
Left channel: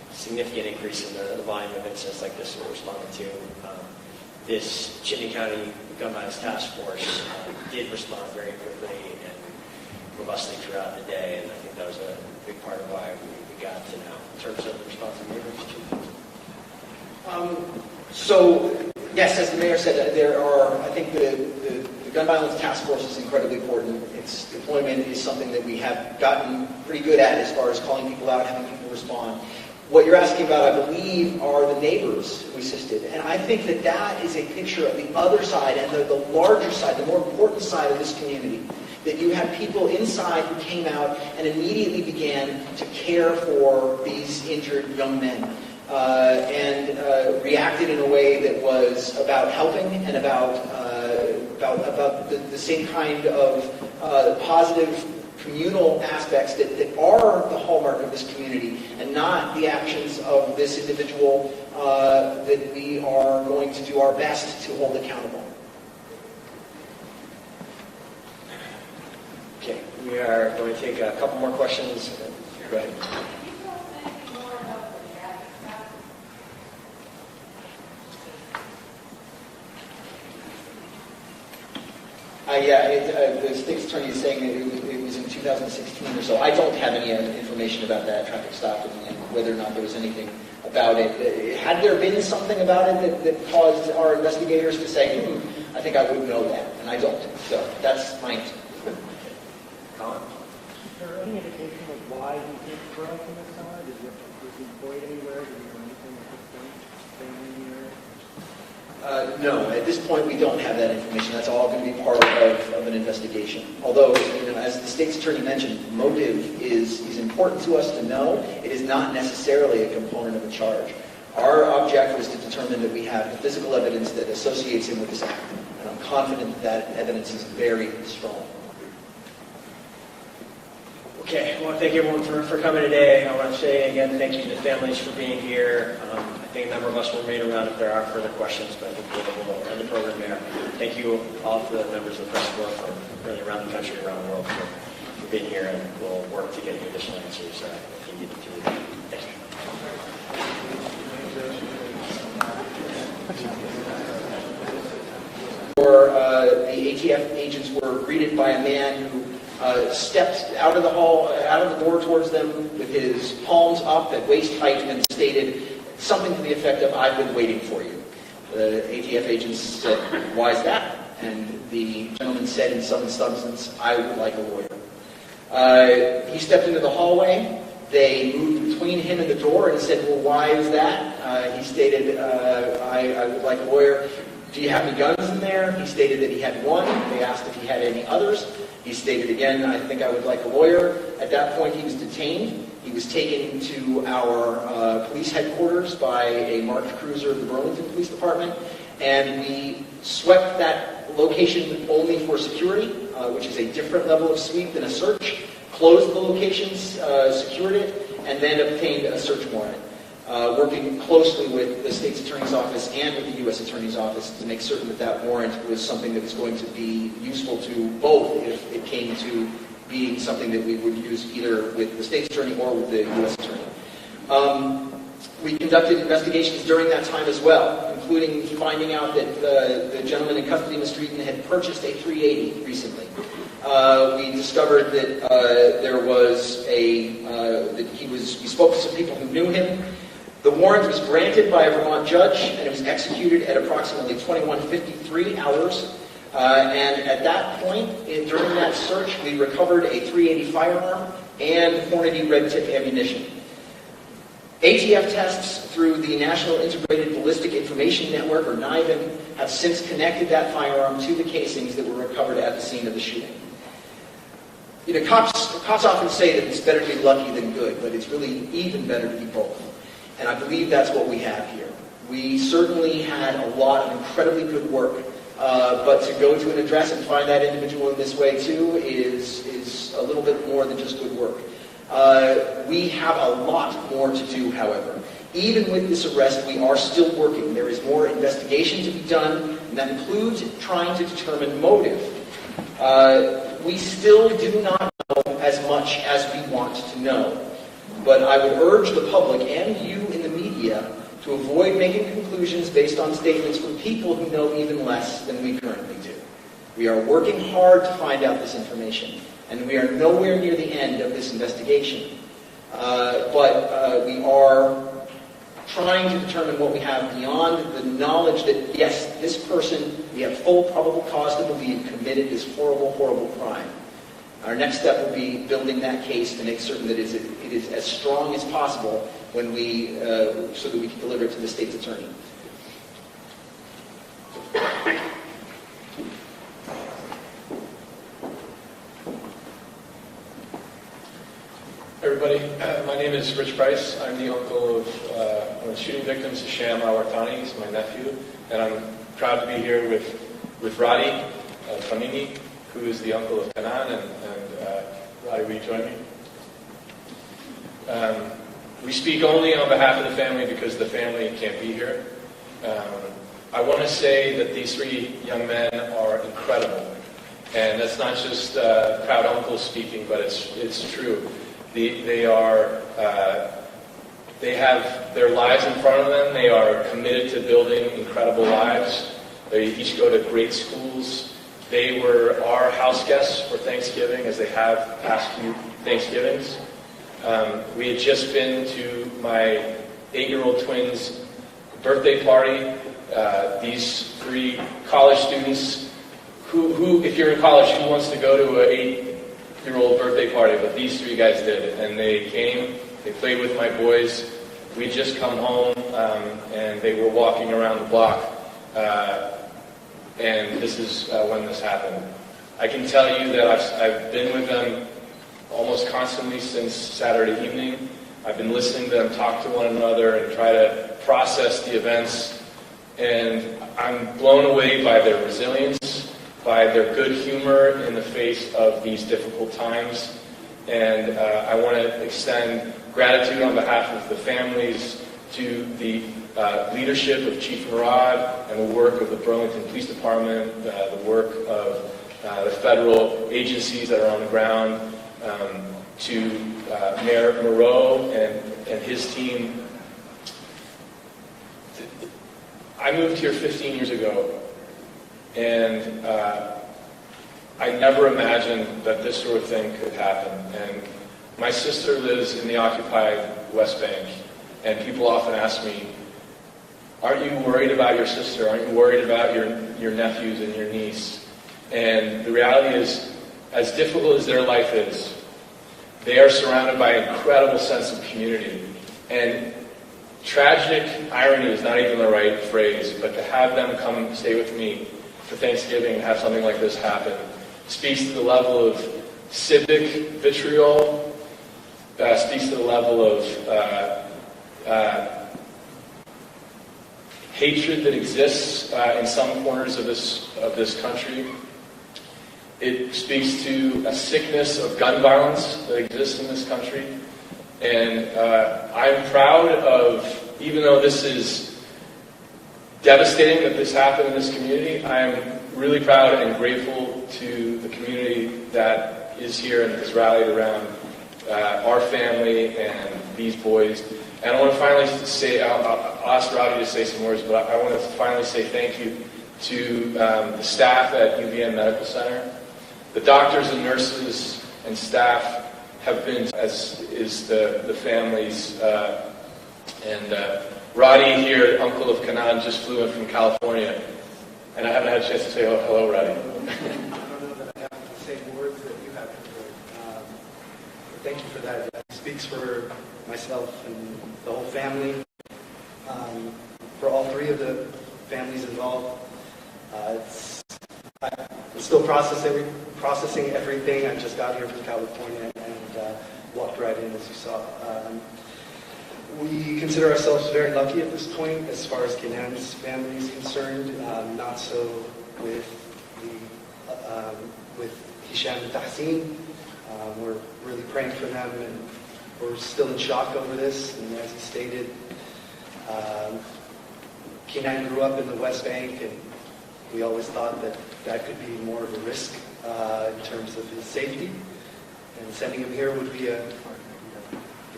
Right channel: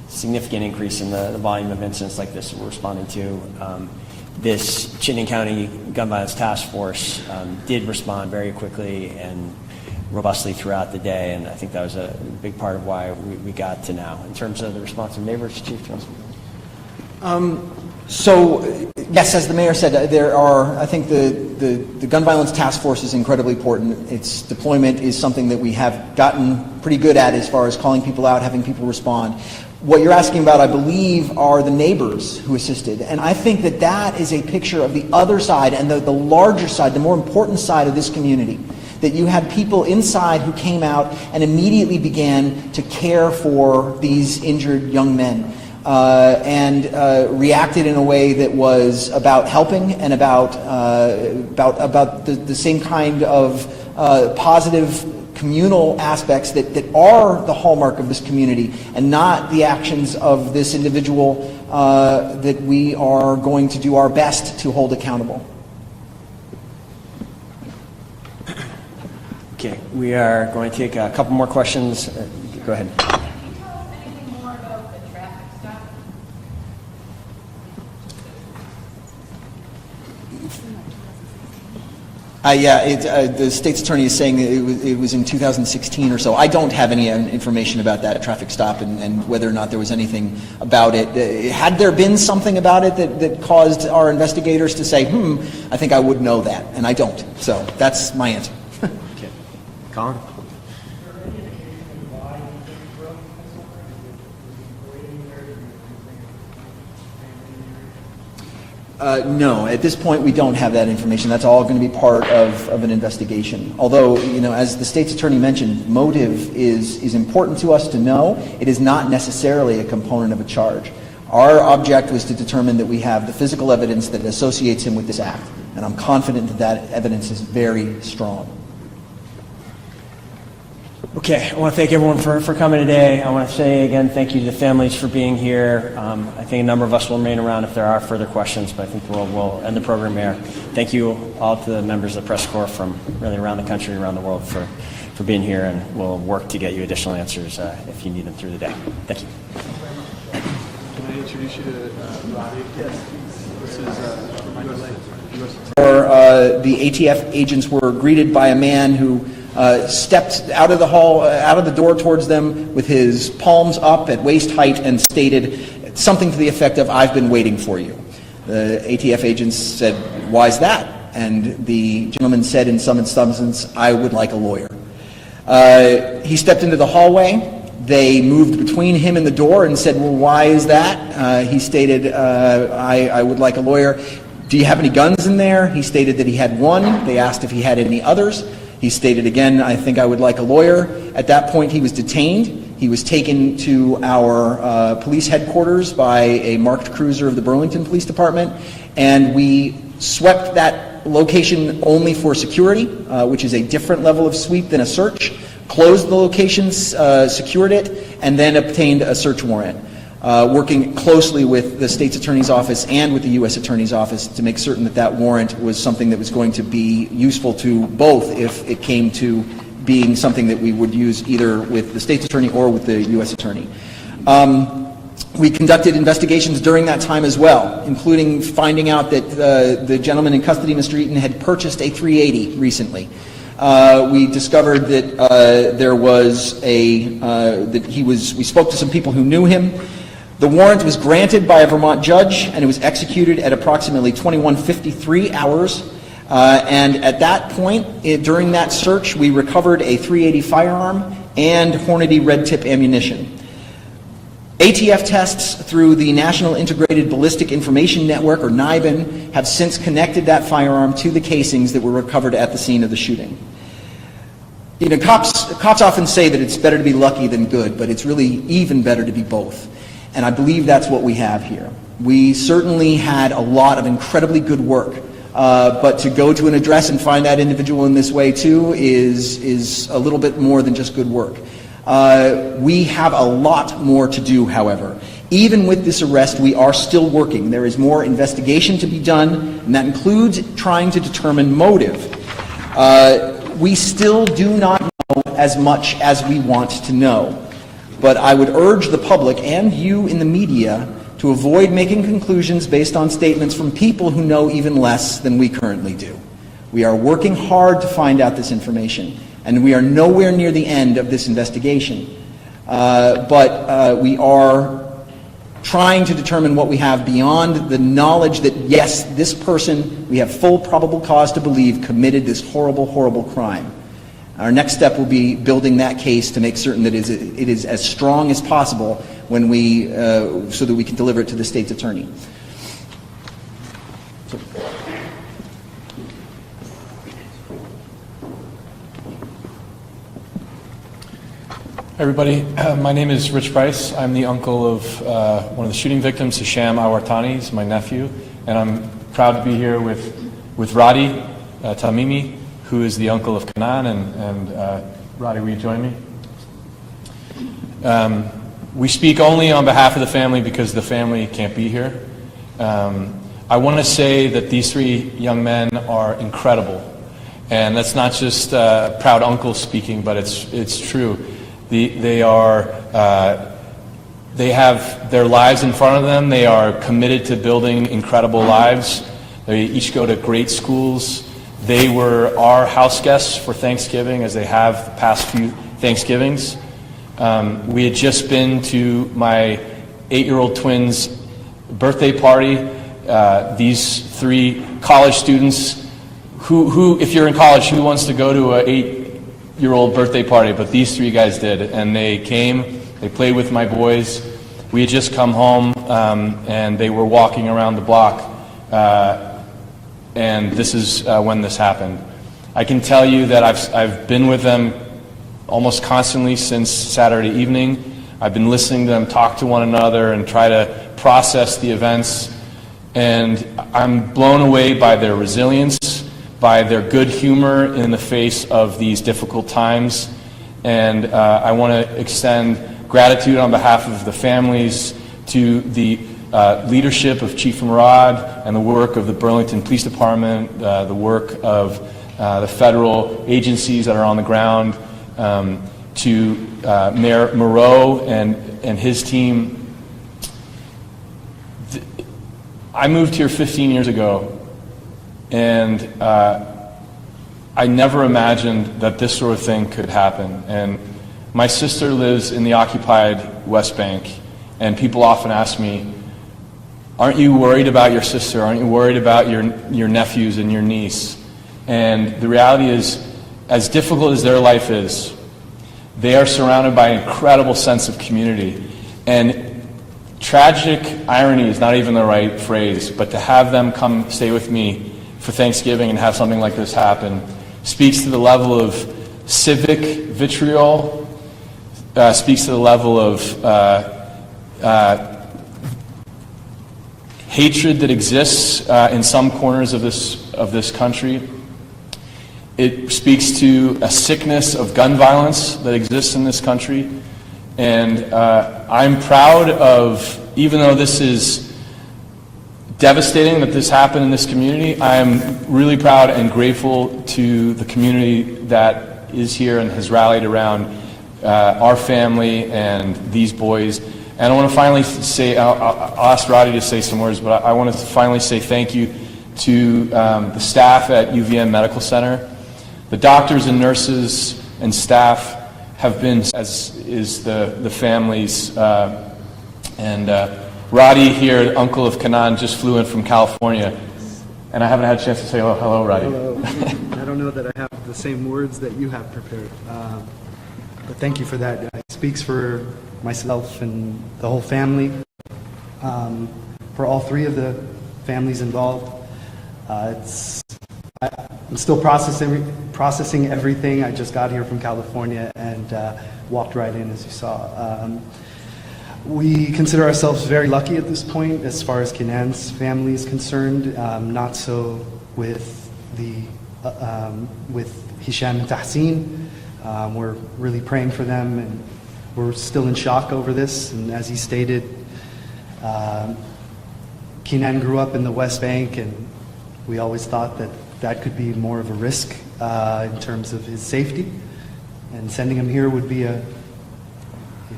significant increase in the volume of incidents like this we're responding to. This Chittenden County Gun Violence Task Force did respond very quickly and robustly throughout the day, and I think that was a big part of why we got to now. In terms of the response of neighbors, Chief Johnson? So, yes, as the mayor said, there are, I think the Gun Violence Task Force is incredibly important. Its deployment is something that we have gotten pretty good at as far as calling people out, having people respond. What you're asking about, I believe, are the neighbors who assisted. And I think that that is a picture of the other side and the larger side, the more important side of this community. That you had people inside who came out and immediately began to care for these injured young men. And reacted in a way that was about helping and about the same kind of positive communal aspects that are the hallmark of this community, and not the actions of this individual that we are going to do our best to hold accountable. Okay, we are going to take a couple more questions. Go ahead. The state's attorney is saying it was in 2016 or so. I don't have any information about that traffic stop and whether or not there was anything about it. Had there been something about it that caused our investigators to say, I think I would know that, and I don't. So that's my answer. Okay. Colin? Is there any indication of why he grew up in this summer? Was he employed anywhere? Did he do anything anywhere? No, at this point we don't have that information. That's all going to be part of an investigation. Although, as the state's attorney mentioned, motive is important to us to know. It is not necessarily a component of a charge. Our object was to determine that we have the physical evidence that associates him with this act. And I'm confident that that evidence is very strong. Okay, I want to thank everyone for coming today. I want to say again thank you to the families for being here. I think a number of us will remain around if there are further questions, but I think we'll end the program here. Thank you all to the members of the press corps from really around the country, around the world for being here, and we'll work to get you additional answers if you need them through the day. Thank you. The ATF agents were greeted by a man who stepped out of the hall, out of the door towards them with his palms up at waist height and stated something to the effect of, "I've been waiting for you." The ATF agents said, "Why is that?" And the gentleman said in some substance, "I would like a lawyer." He stepped into the hallway. They moved between him and the door and said, "Well, why is that?" He stated, I would like a lawyer. "Do you have any guns in there?" He stated that he had one. They asked if he had any others. He stated again, "I think I would like a lawyer." At that point, he was detained. He was taken to our police headquarters by a marked cruiser of the Burlington Police Department, and we swept that location only for security, which is a different level of sweep than a search, closed the locations, secured it, and then obtained a search warrant, working closely with the state's attorney's office and with the U.S. attorney's office to make certain that that warrant was something that was going to be useful to both if it came to being something that we would use either with the state's attorney or with the U.S. attorney. We conducted investigations during that time as well, including finding out that the gentleman in custody, Mr. Eaton, had purchased a .380 recently. We discovered that there was we spoke to some people who knew him. The warrant was granted by a Vermont judge, and it was executed at approximately 21:53 hours. And at that point, during that search, we recovered a .380 firearm and Hornady red tip ammunition. ATF tests through the National Integrated Ballistic Information Network, or NIBIN, have since connected that firearm to the casings that were recovered at the scene of the shooting. Cops often say that it's better to be lucky than good, but it's really even better to be both. And I believe that's what we have here. We certainly had a lot of incredibly good work, but to go to an address and find that individual in this way too is a little bit more than just good work. We have a lot more to do, however. Even with this arrest, we are still working. There is more investigation to be done, and that includes trying to determine motive. We still do not know as much as we want to know. but I would urge the public and you in the media to avoid making conclusions based on statements from people who know even less than we currently do. We are working hard to find out this information, and we are nowhere near the end of this investigation. But we are trying to determine what we have beyond the knowledge that, yes, this person, we have full probable cause to believe, committed this horrible, horrible crime. Our next step will be building that case to make certain that it is as strong as possible when we, so that we can deliver it to the state's attorney. So, Everybody, my name is Rich Price. I'm the uncle of one of the shooting victims, Hisham al-Wartani. He's my nephew, and I'm proud to be here with Radi Tamimi, who is the uncle of Kanan. And Radi, will you join me? We speak only on behalf of the family because the family can't be here. I want to say that these three young men are incredible, and that's not just proud uncle speaking, but it's true. They have their lives in front of them. They are committed to building incredible lives. They each go to great schools. They were our house guests for Thanksgiving, as they have the past few Thanksgivings. We had just been to my 8-year-old twins' birthday party. These three college students, who, if you're in college, who wants to go to an 8-year-old birthday party? But these three guys did, and they came. They played with my boys. We had just come home, and they were walking around the block, and this is when this happened. I can tell you that I've been with them almost constantly since Saturday evening. I've been listening to them talk to one another and try to process the events, and I'm blown away by their resilience, by their good humor in the face of these difficult times. And I want to extend gratitude on behalf of the families to the leadership of Chief Murad and the work of the Burlington Police Department, the work of the federal agencies that are on the ground, to Mayor Moreau and his team. I moved here 15 years ago, and I never imagined that this sort of thing could happen. And my sister lives in the occupied West Bank, and people often ask me, aren't you worried about your sister? Aren't you worried about your nephews and your niece? And the reality is, as difficult as their life is, they are surrounded by an incredible sense of community. And tragic irony is not even the right phrase, but to have them come stay with me for Thanksgiving and have something like this happen speaks to the level of civic vitriol, speaks to the level of hatred that exists in some corners of this country. It speaks to a sickness of gun violence that exists in this country. And I'm proud of, even though this is devastating that this happened in this community, I'm really proud and grateful to the community that is here and has rallied around our family and these boys. And I want to finally say, I'll ask Roddy to say some words, but I want to finally say thank you to the staff at UVM Medical Center. The doctors and nurses and staff have been, as is the families. And Roddy here, uncle of Kanan, just flew in from California. And I haven't had a chance to say hello, Roddy. I don't know that I have the same words that you have prepared. But thank you for that. It speaks for myself and the whole family, for all three of the families involved. I'm still processing everything. I just got here from California and walked right in, as you saw. We consider ourselves very lucky at this point as far as Kenan's family is concerned. Not so with Hisham and Tahsin. We're really praying for them, and we're still in shock over this. And as he stated, Kenan grew up in the West Bank, and we always thought that could be more of a risk in terms of his safety. And sending him here would be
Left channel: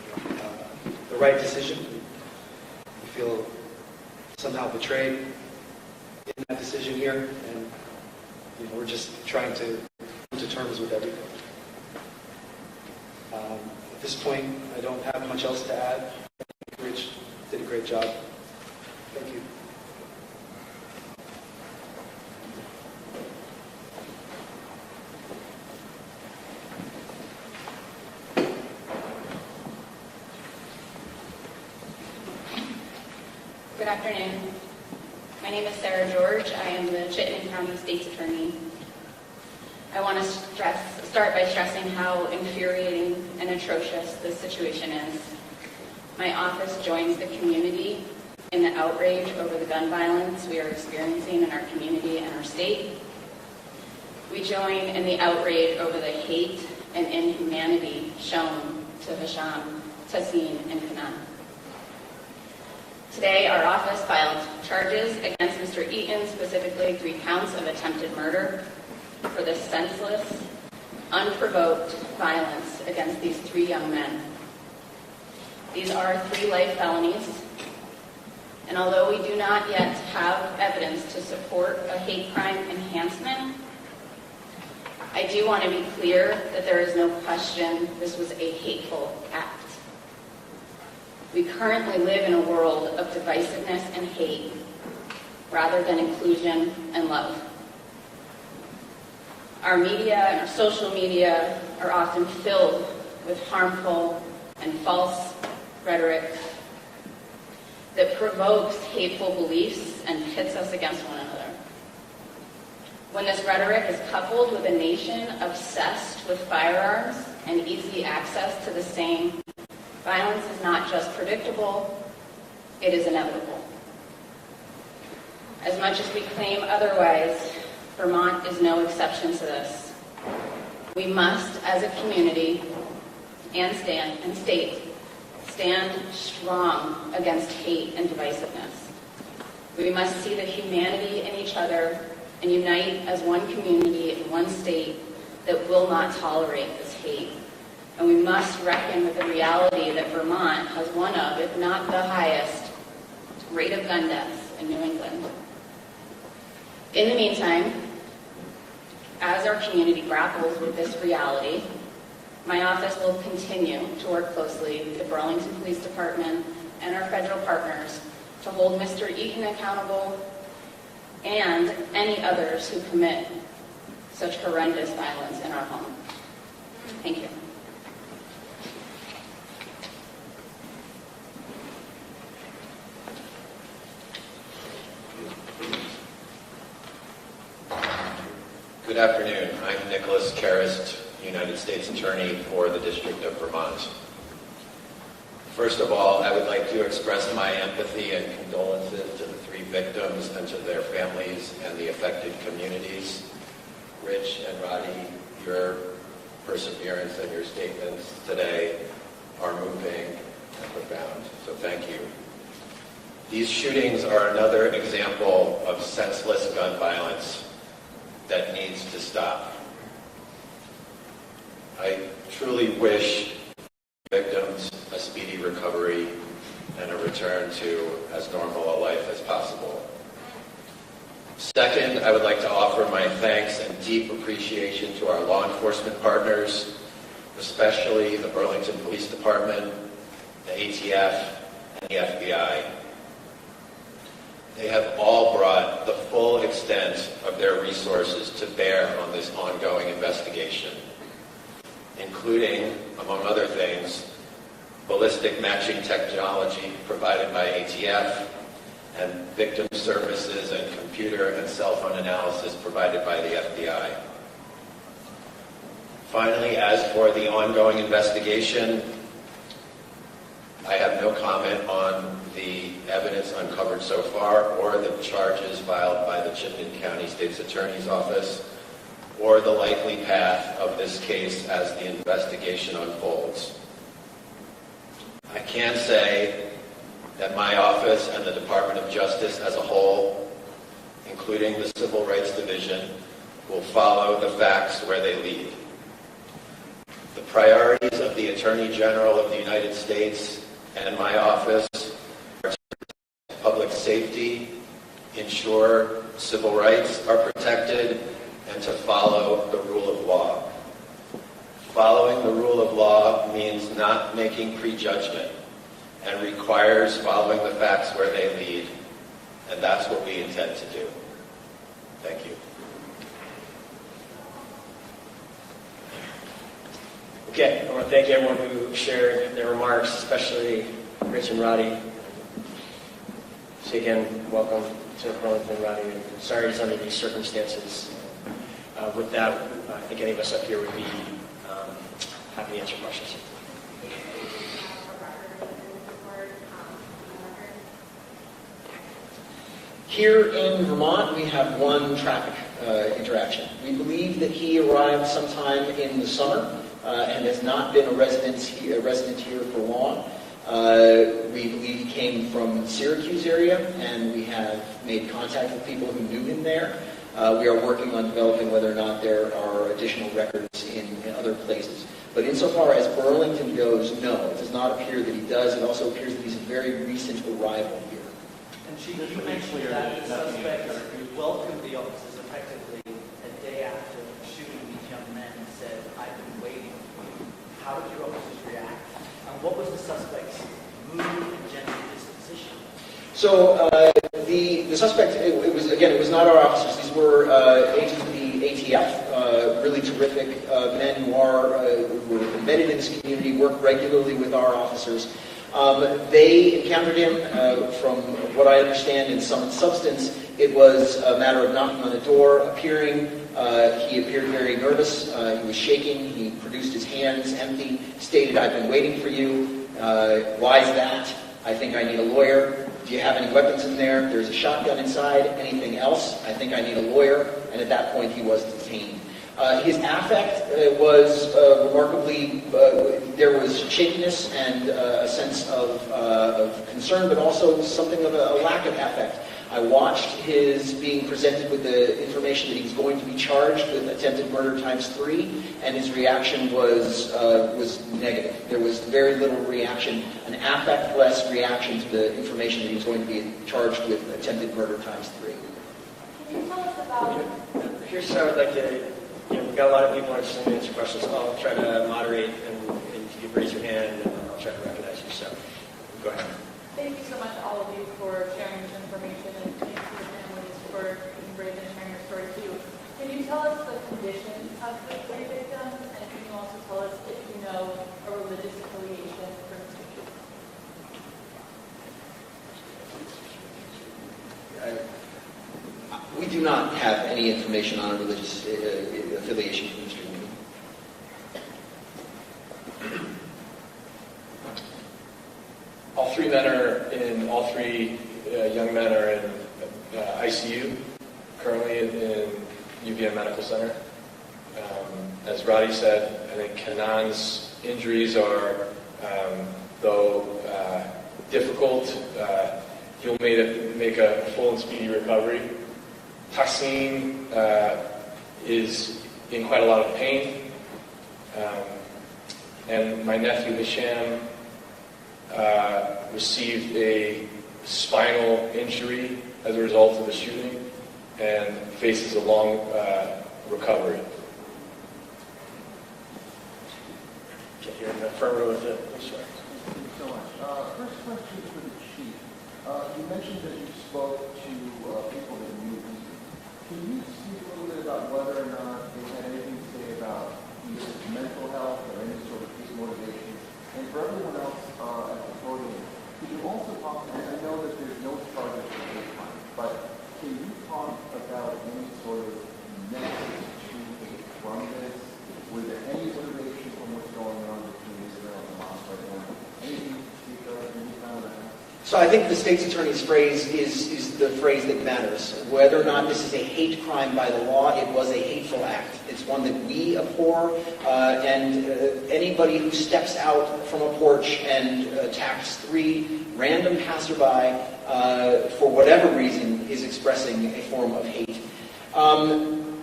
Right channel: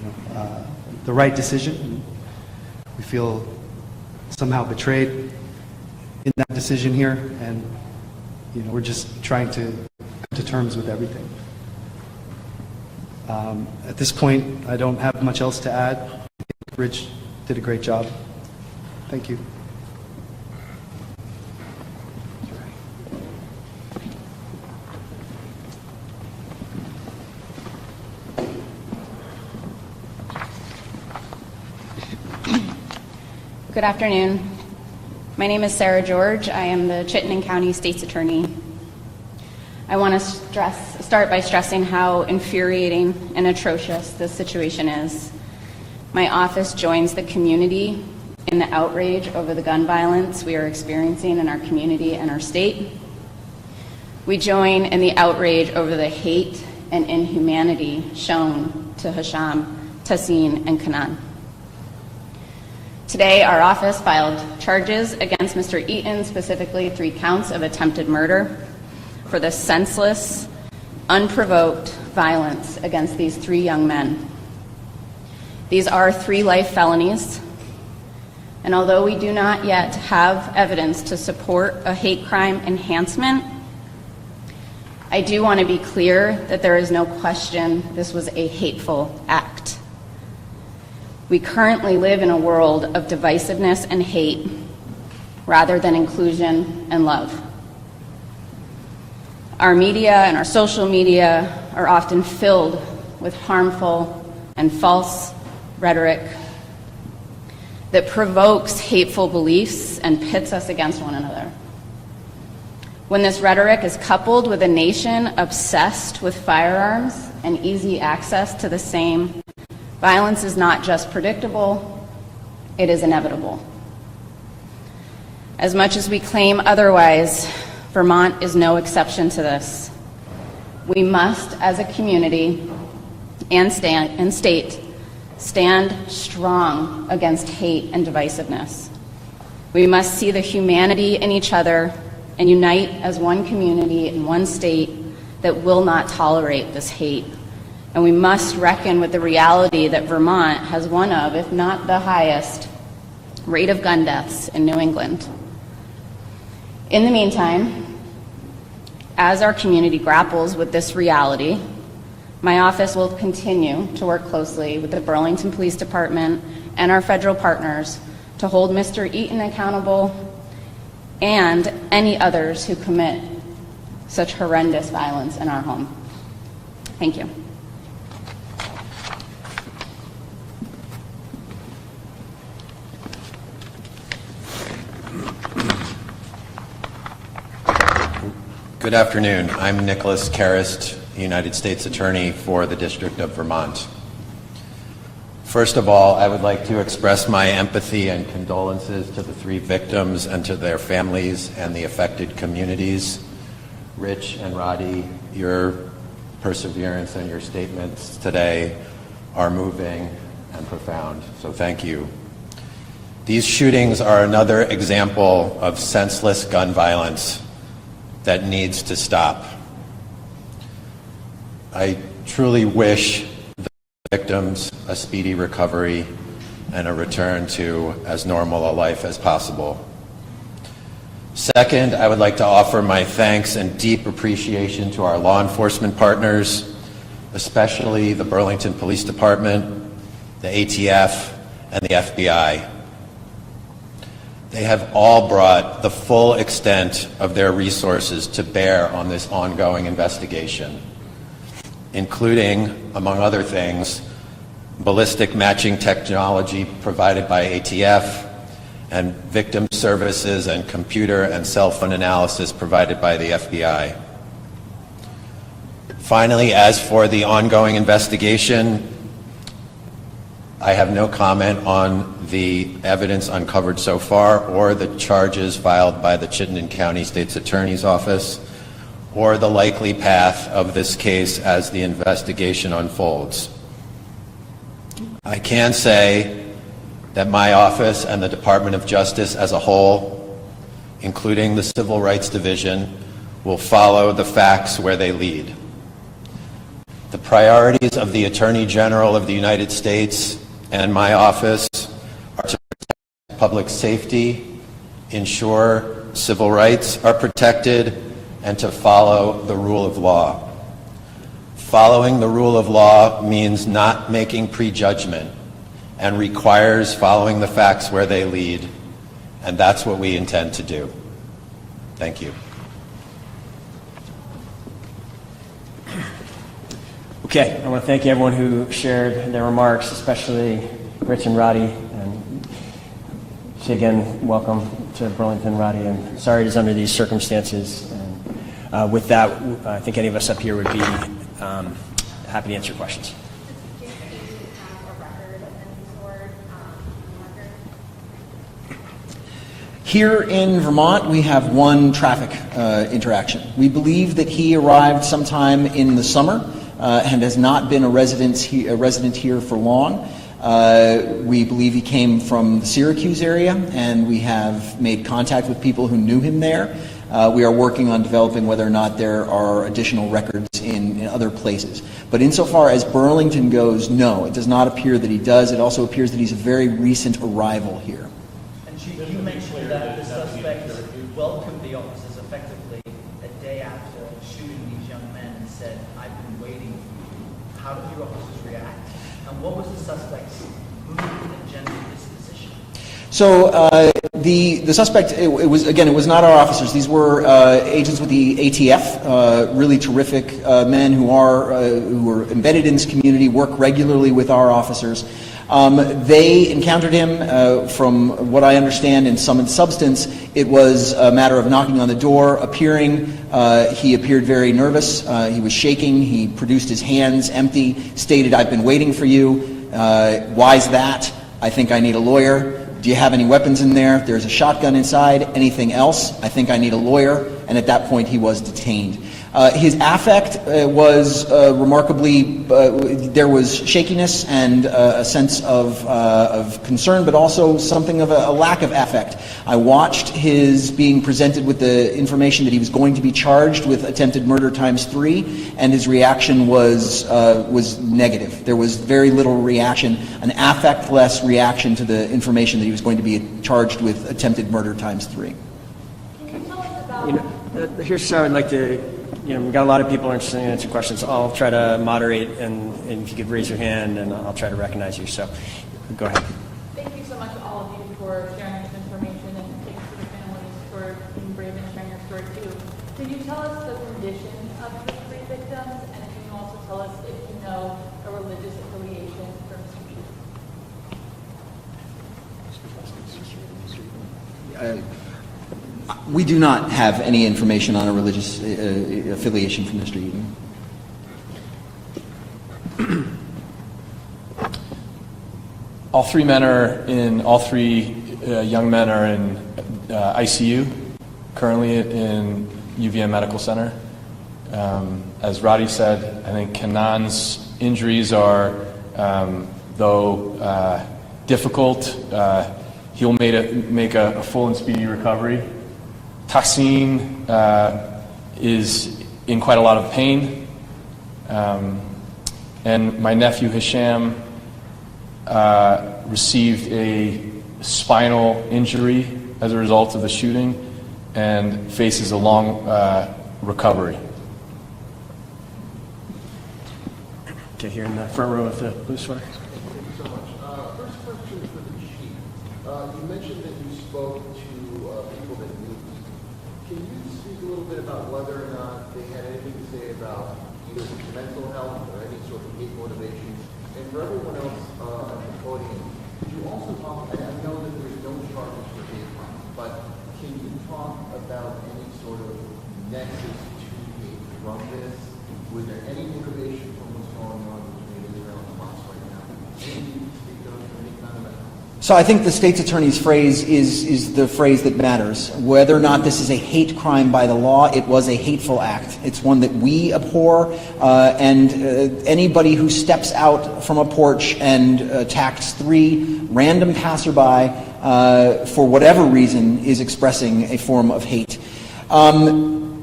the right decision. We feel somehow betrayed in that decision here, and we're just trying to come to terms with everything. At this point, I don't have much else to add. I think Rich did a great job. Thank you. Good afternoon. My name is Sarah George. I am the Chittenden County State's Attorney. I want to start by stressing how infuriating and atrocious this situation is. My office joins the community in the outrage over the gun violence we are experiencing in our community and our state. We join in the outrage over the hate and inhumanity shown to Hisham, Tassin, and Kanan. Today, our office filed charges against Mr. Eaton, specifically 3 counts of attempted murder, for the senseless, unprovoked violence against these 3 young men. These are 3 life felonies, and although we do not yet have evidence to support a hate crime enhancement, I do want to be clear that there is no question this was a hateful act. We currently live in a world of divisiveness and hate rather than inclusion and love. Our media and our social media are often filled with harmful and false rhetoric that provokes hateful beliefs and pits us against one another. When this rhetoric is coupled with a nation obsessed with firearms and easy access to the same, violence is not just predictable, it is inevitable. As much as we claim otherwise, Vermont is no exception to this. We must, as a community and state, stand strong against hate and divisiveness. We must see the humanity in each other and unite as one community in one state that will not tolerate this hate. And we must reckon with the reality that Vermont has one of, if not the highest, rate of gun deaths in New England. In the meantime, as our community grapples with this reality, my office will continue to work closely with the Burlington Police Department and our federal partners to hold Mr. Eaton accountable and any others who commit such horrendous violence in our home. Thank you. Good afternoon. I'm Nicholas Karist, United States Attorney for the District of Vermont. First of all, I would like to express my empathy and condolences to the 3 victims and to their families and the affected communities. Rich and Roddy, your perseverance and your statements today are moving and profound, so thank you. These shootings are another example of senseless gun violence that needs to stop. I truly wish the victims a speedy recovery and a return to as normal a life as possible. Second, I would like to offer my thanks and deep appreciation to our law enforcement partners, especially the Burlington Police Department, the ATF, and the FBI. They have all brought the full extent of their resources to bear on this ongoing investigation, including, among other things, ballistic matching technology provided by ATF and victim services and computer and cell phone analysis provided by the FBI. Finally, as for the ongoing investigation, I have no comment on the evidence uncovered so far or the charges filed by the Chittenden County State's Attorney's Office or the likely path of this case as the investigation unfolds. I can say that my office and the Department of Justice as a whole, including the Civil Rights Division, will follow the facts where they lead. The priorities of the Attorney General of the United States and my office are to protect public safety, ensure civil rights are protected, and to follow the rule of law. Following the rule of law means not making prejudgment and requires following the facts where they lead, and that's what we intend to do. Thank you. Okay, I want to thank everyone who shared their remarks, especially Rich and Roddy. And say again, welcome to Burlington, Roddy, and sorry it's under these circumstances. With that, I think any of us up here would be happy to answer questions. Here in Vermont, we have one traffic interaction. We believe that he arrived sometime in the summer and has not been a resident here for long. We believe he came from the Syracuse area, and we have made contact with people who knew him there. We are working on developing whether or not there are additional records in other places. But insofar as Burlington goes, no, it does not appear that he does. It also appears that he's a very recent arrival here. And Chief, you mentioned that the suspect welcomed the officers effectively a day after shooting these young men and said, "I've been waiting for you." How did your officers react? And what was the suspect's mood and general disposition? So the suspect, it was not our officers. These were agents with the ATF, really terrific men who are embedded in this community, work regularly with our officers. They encountered him, from what I understand, in sum and substance. It was a matter of knocking on the door, appearing. He appeared very nervous. He was shaking. He produced his hands empty, stated, "I've been waiting for you. Why's that? I think I need a lawyer. Do you have any weapons in there? There's a shotgun inside. Anything else? I think I need a lawyer." And at that point, he was detained. His affect was remarkably, there was shakiness and a sense of concern, but also something of a lack of affect. I watched his being presented with the information that he was going to be charged with attempted murder ×3, and his reaction was negative. There was very little reaction, an affect-less reaction to the information that he was going to be charged with attempted murder ×3. Here's how I'd like to, we've got a lot of people interested in answering questions. I'll try to moderate, and if you could raise your hand, and I'll try to recognize you. So, go ahead. Thank you so much, all of you, for sharing this information, and thanks to the families for being brave and sharing your story too. Can you tell us the condition of the three victims, and can you also tell us if you know a religious affiliation for Mr. Eaton? We do not have any information on a religious affiliation from Mr. Eaton. All three young men are in ICU, currently in UVM Medical Center. As Roddy said, I think Kanan's injuries are, though difficult, he'll make a full and speedy recovery. Tassim is in quite a lot of pain. And my nephew Hisham received a spinal injury as a result of the shooting and faces a long recovery. Okay, here in the front row with the blue sweater. Thank you so much. First question for the chief. You mentioned that you spoke to people that knew. Can you speak a little bit about whether or not they had anything to say about either mental health or any sort of hate motivations? And for everyone else at the podium, can you also talk, and I know that there's no charges for hate crime, but can you talk about any sort of nexus to hate from this? Was there any motivation from what's going on between Israel and Hamas right now? Anything you can speak of, any kind of that? So I think the state's attorney's phrase is the phrase that matters. Whether or not this is a hate crime by the law, it was a hateful act. It's one that we abhor, and anybody who steps out from a porch and attacks 3 random passerby for whatever reason is expressing a form of hate.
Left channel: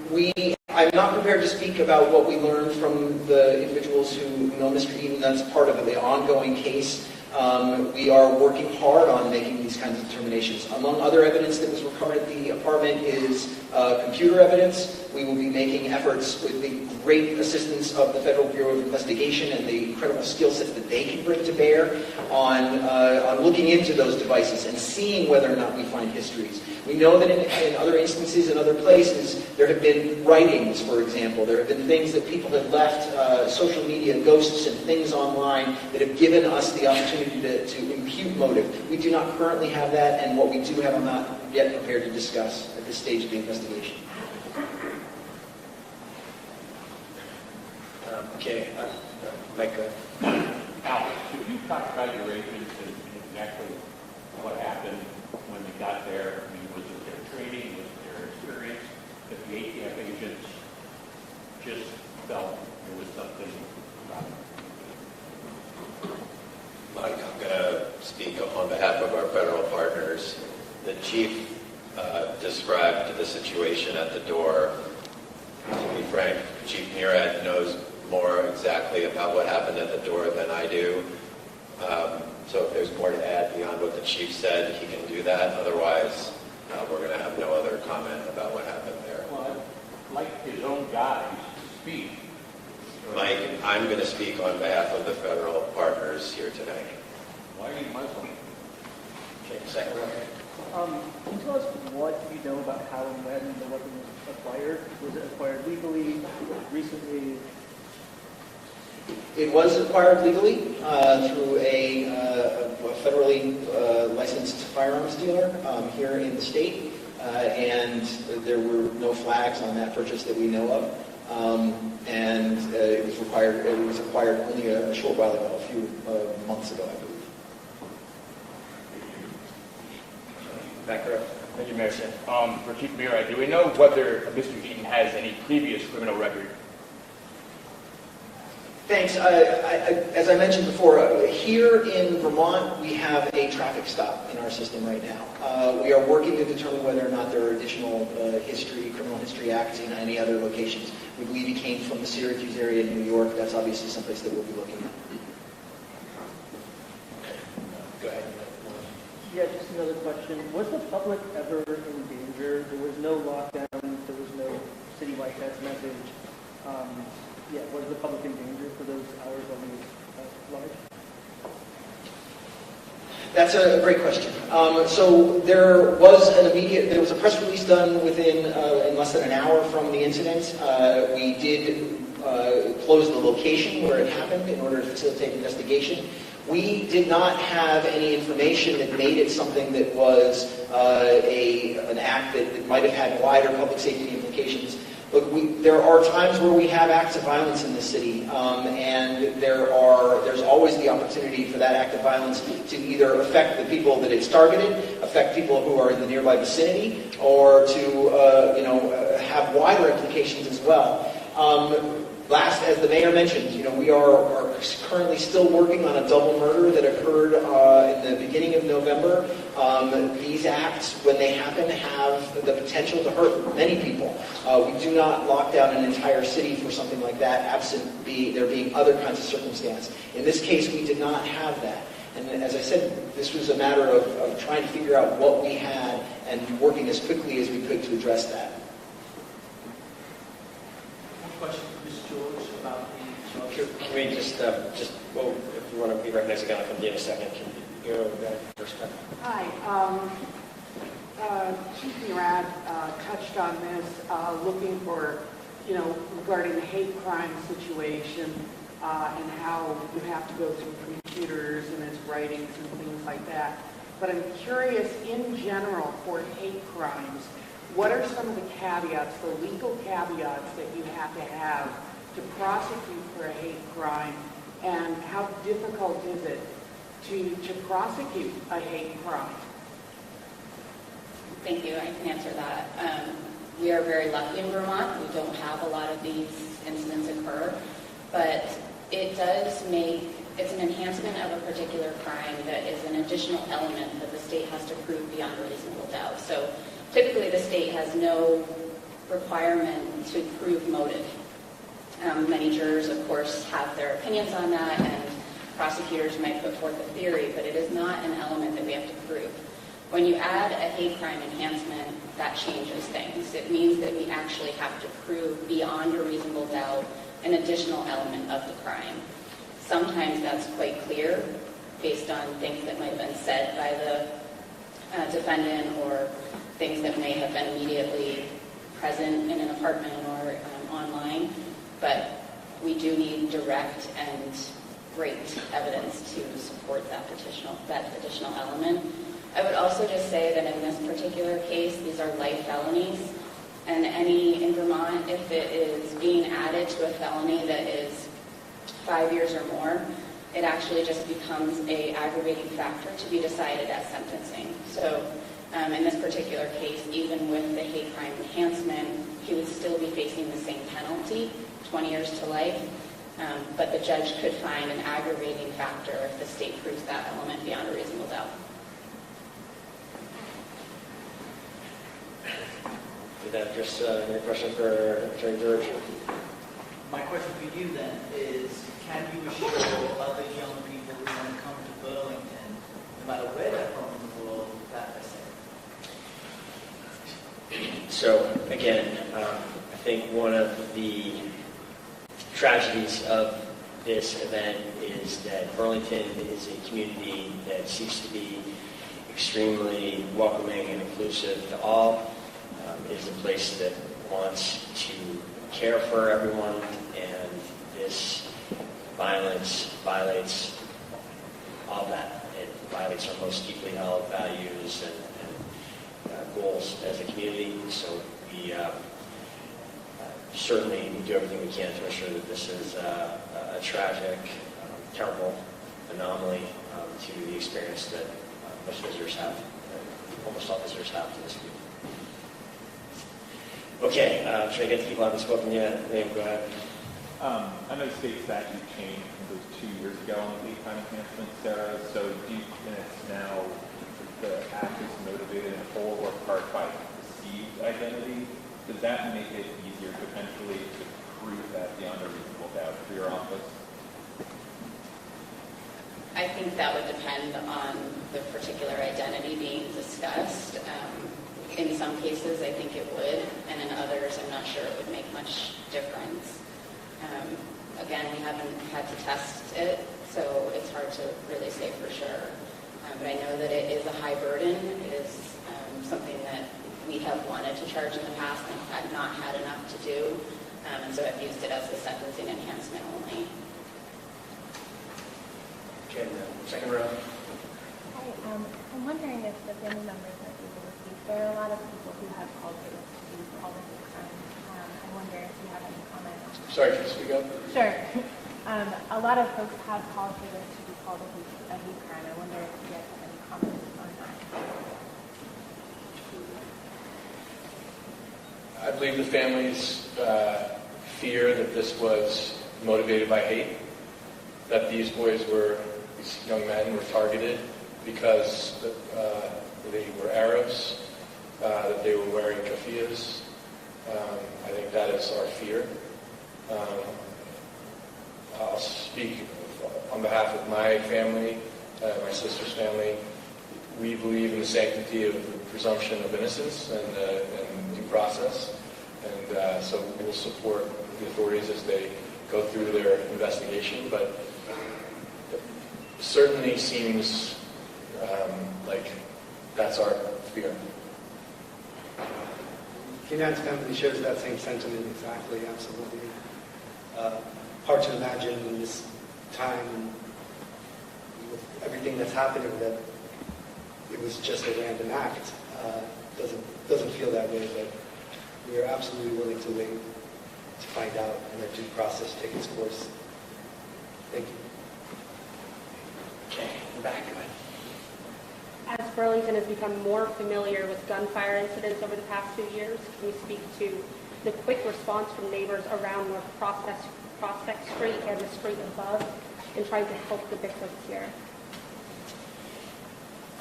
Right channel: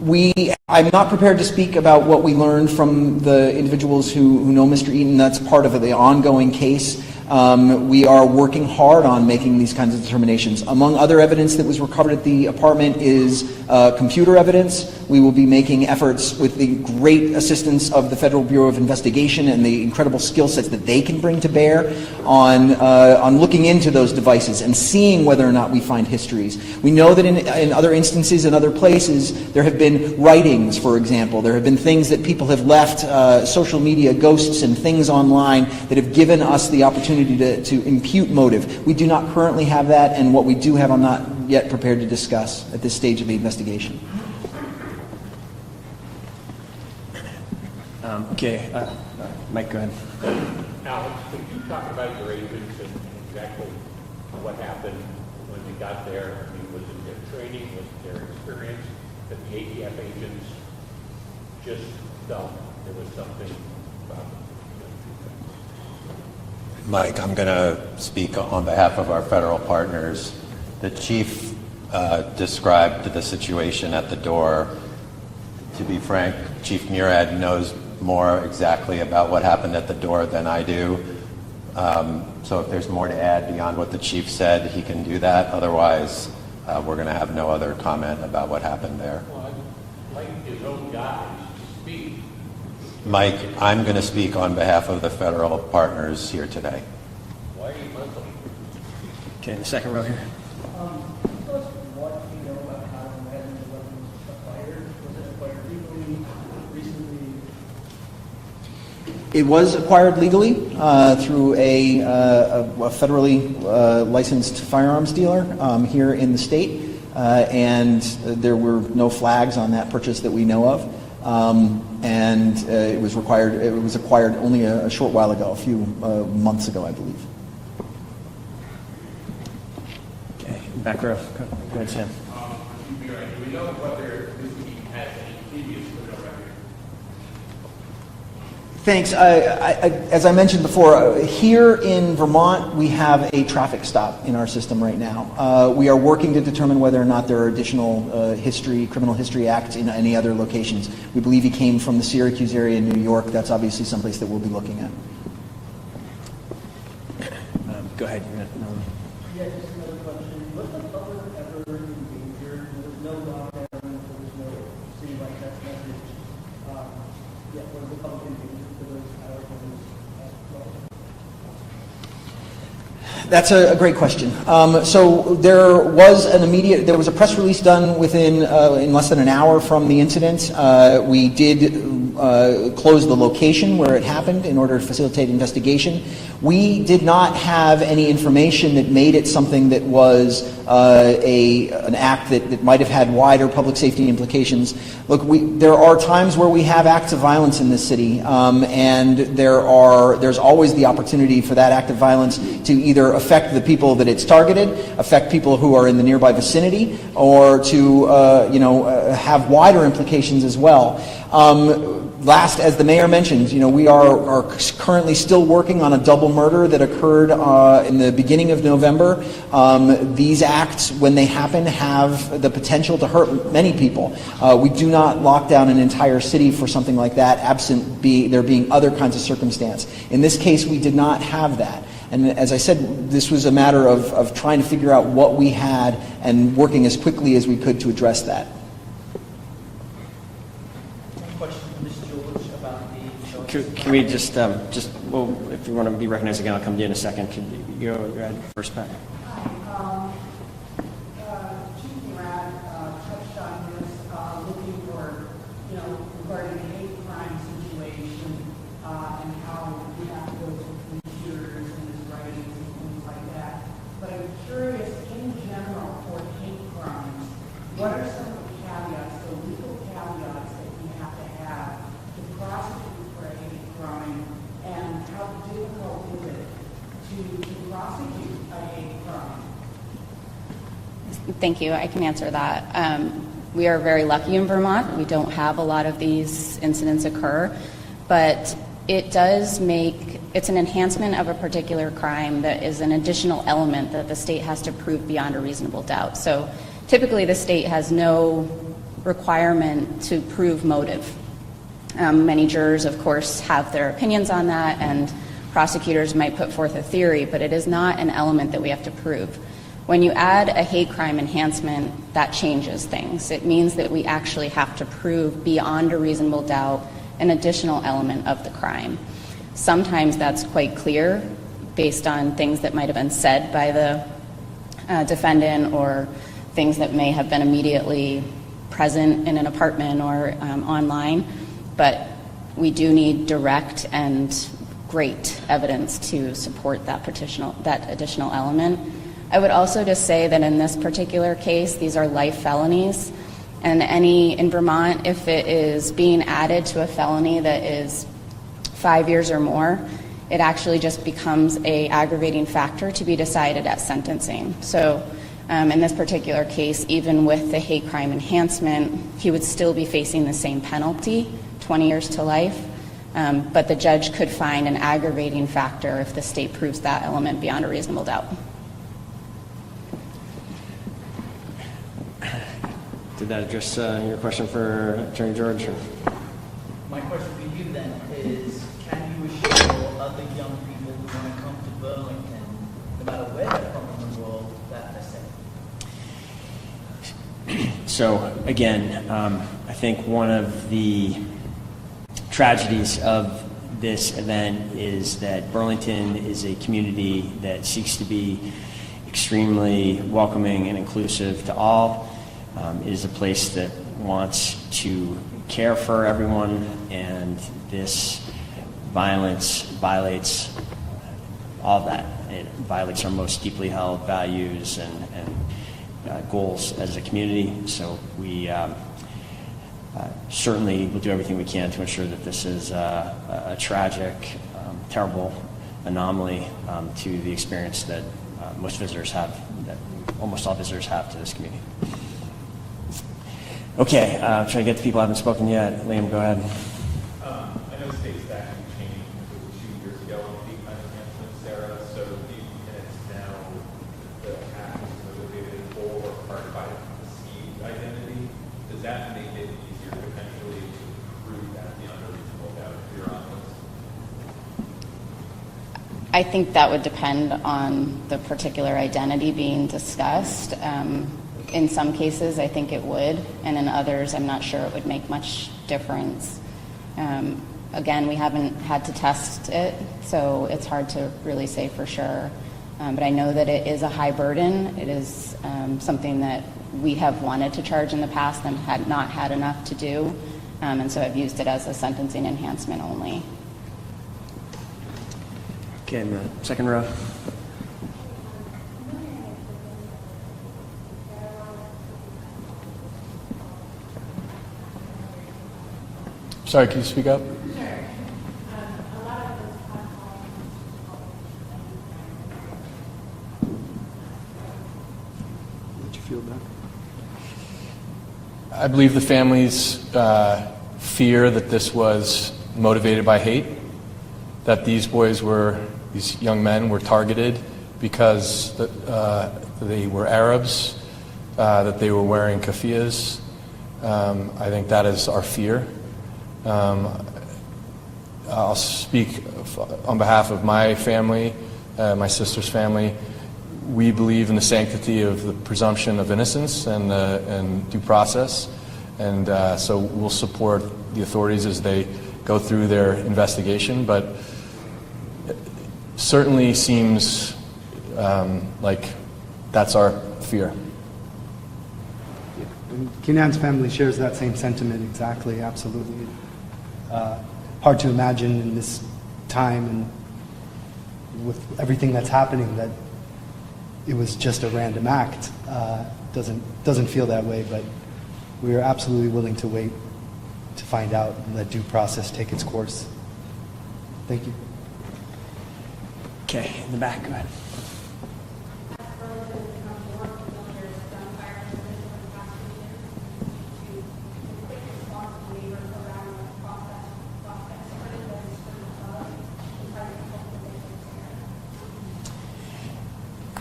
I'm not prepared to speak about what we learned from the individuals who know Mr. Eaton. That's part of the ongoing case. We are working hard on making these kinds of determinations. Among other evidence that was recovered at the apartment is computer evidence. We will be making efforts with the great assistance of the Federal Bureau of Investigation and the incredible skill sets that they can bring to bear on looking into those devices and seeing whether or not we find histories. We know that in other instances, in other places, there have been writings, for example. There have been things that people have left, social media ghosts and things online that have given us the opportunity to impute motive. We do not currently have that, and what we do have I'm not yet prepared to discuss at this stage of the investigation. Okay, Mike, go ahead. Alex, could you talk about your agents and exactly what happened when you got there? I mean, was it their training, was it their experience, that the ATF agents just felt there was something about them? Mike, I'm going to speak on behalf of our federal partners. The chief described the situation at the door. To be frank, Chief Murad knows more exactly about what happened at the door than I do. So if there's more to add beyond what the chief said, he can do that. Otherwise, we're going to have no other comment about what happened there. Well, I'd like his own guys to speak. Mike, I'm going to speak on behalf of the federal partners here today. Why are you Muslim? Okay, the second row here. Can you tell us what you know about how and when the weapon was acquired? Was it acquired legally, recently? It was acquired legally through a federally licensed firearms dealer here in the state, and there were no flags on that purchase that we know of. And it was acquired only a short while ago, a few months ago, I believe. Okay, back row. For Chief Murad, do we know whether Mr. Eaton has any previous criminal record? Thanks. As I mentioned before, here in Vermont, we have a traffic stop in our system right now. We are working to determine whether or not there are additional criminal history acts in any other locations. We believe he came from the Syracuse area in New York. That's obviously someplace that we'll be looking at. Go ahead. Yeah, just another question. Was the public ever in danger? There was no lockdown. There was no citywide test message. Was the public in danger for those hours when it was large? That's a great question. So there was a press release done in less than an hour from the incident. We did close the location where it happened in order to facilitate investigation. We did not have any information that made it something that was an act that might have had wider public safety implications. Look, there are times where we have acts of violence in this city, and there's always the opportunity for that act of violence to either affect the people that it's targeted, affect people who are in the nearby vicinity, or to have wider implications as well. Last, as the mayor mentioned, we are currently still working on a double murder that occurred in the beginning of November. These acts, when they happen, have the potential to hurt many people. We do not lock down an entire city for something like that, absent there being other kinds of circumstance. In this case, we did not have that. And as I said, this was a matter of trying to figure out what we had and working as quickly as we could to address that. Can we just well, if you want to be recognized again, I'll come to you in a second. Can you go ahead first, Pat? Hi. Chief Murad touched on this, looking for, regarding the hate crime situation and how you have to go through computers and his writings and things like that. But I'm curious, in general, for hate crimes, what are some of the caveats, the legal caveats that you have to prosecute for a hate crime, and how difficult is it to prosecute a hate crime? Thank you. I can answer that. We are very lucky in Vermont. We don't have a lot of these incidents occur, but it's an enhancement of a particular crime that is an additional element that the state has to prove beyond a reasonable doubt. So typically the state has no requirement to prove motive. Many jurors, of course, have their opinions on that, and prosecutors might put forth a theory, but it is not an element that we have to prove. When you add a hate crime enhancement, that changes things. It means that we actually have to prove beyond a reasonable doubt an additional element of the crime. Sometimes that's quite clear based on things that might have been said by the defendant or things that may have been immediately present in an apartment or online, but we do need direct and great evidence to support that additional element. I would also just say that in this particular case, these are life felonies, and in Vermont, if it is being added to a felony that is 5 years or more, it actually just becomes an aggravating factor to be decided at sentencing. So in this particular case, even with the hate crime enhancement, he would still be facing the same penalty, 20 years to life, but the judge could find an aggravating factor if the state proves that element beyond a reasonable doubt. Did that address your question for Attorney George? My question for you then is, can you assure other young people who want to come to Burlington, no matter where they're from in the world, that they're safe? So again, I think one of the tragedies of this event is that Burlington is a community that seeks to be extremely welcoming and inclusive to all. It is a place that wants to care for everyone, and this violence violates all of that. It violates our most deeply held values and goals as a community. So we certainly will do everything we can to ensure that this is a tragic, terrible anomaly to the experience that most visitors have, that almost all visitors have to this community. Okay, I'm trying to get to people who haven't spoken yet. Liam, go ahead. I know the state statute changed, it was 2 years ago on the hate crime enhancement, Sarah. So do you think it's now the act is motivated in whole or part by perceived identity? Does that make it easier potentially to prove that beyond a reasonable doubt for your office? I think that would depend on the particular identity being discussed. In some cases, I think it would, and in others, I'm not sure it would make much difference. Again, we haven't had to test it, so it's hard to really say for sure. But I know that it is a high burden. It is something that we have wanted to charge in the past and had not had enough to do, and so I've used it as a sentencing enhancement only. Okay, in the second row. I'm wondering if the family members are able to speak. There are a lot of people who have called for this all the time. I wonder if you have any comments. Sorry, can you speak up? Sure. A lot of folks have called for this to be called a hate crime. I wonder if you have any comments on that. Did you feel that? I believe the families fear that this was motivated by hate, that these young men were targeted because they were Arabs, that they were wearing keffiyehs. I think that is our fear. I'll speak on behalf of my family, my sister's family. We believe in the sanctity of the presumption of innocence and due process, and so we'll support the authorities as they go through their investigation, but it certainly seems like that's our fear. Kenan's family shares that same sentiment exactly, absolutely. Hard to imagine in this time and with everything that's happening that it was just a random act. Doesn't feel that way, but we are absolutely willing to wait to find out and let due process take its course. Thank you. Okay, in the back, go ahead. As Burlington has become more familiar with gunfire incidents over the past 2 years, can you speak to the quick response from neighbors around North Prospect Street and the street above in trying to help the victims here?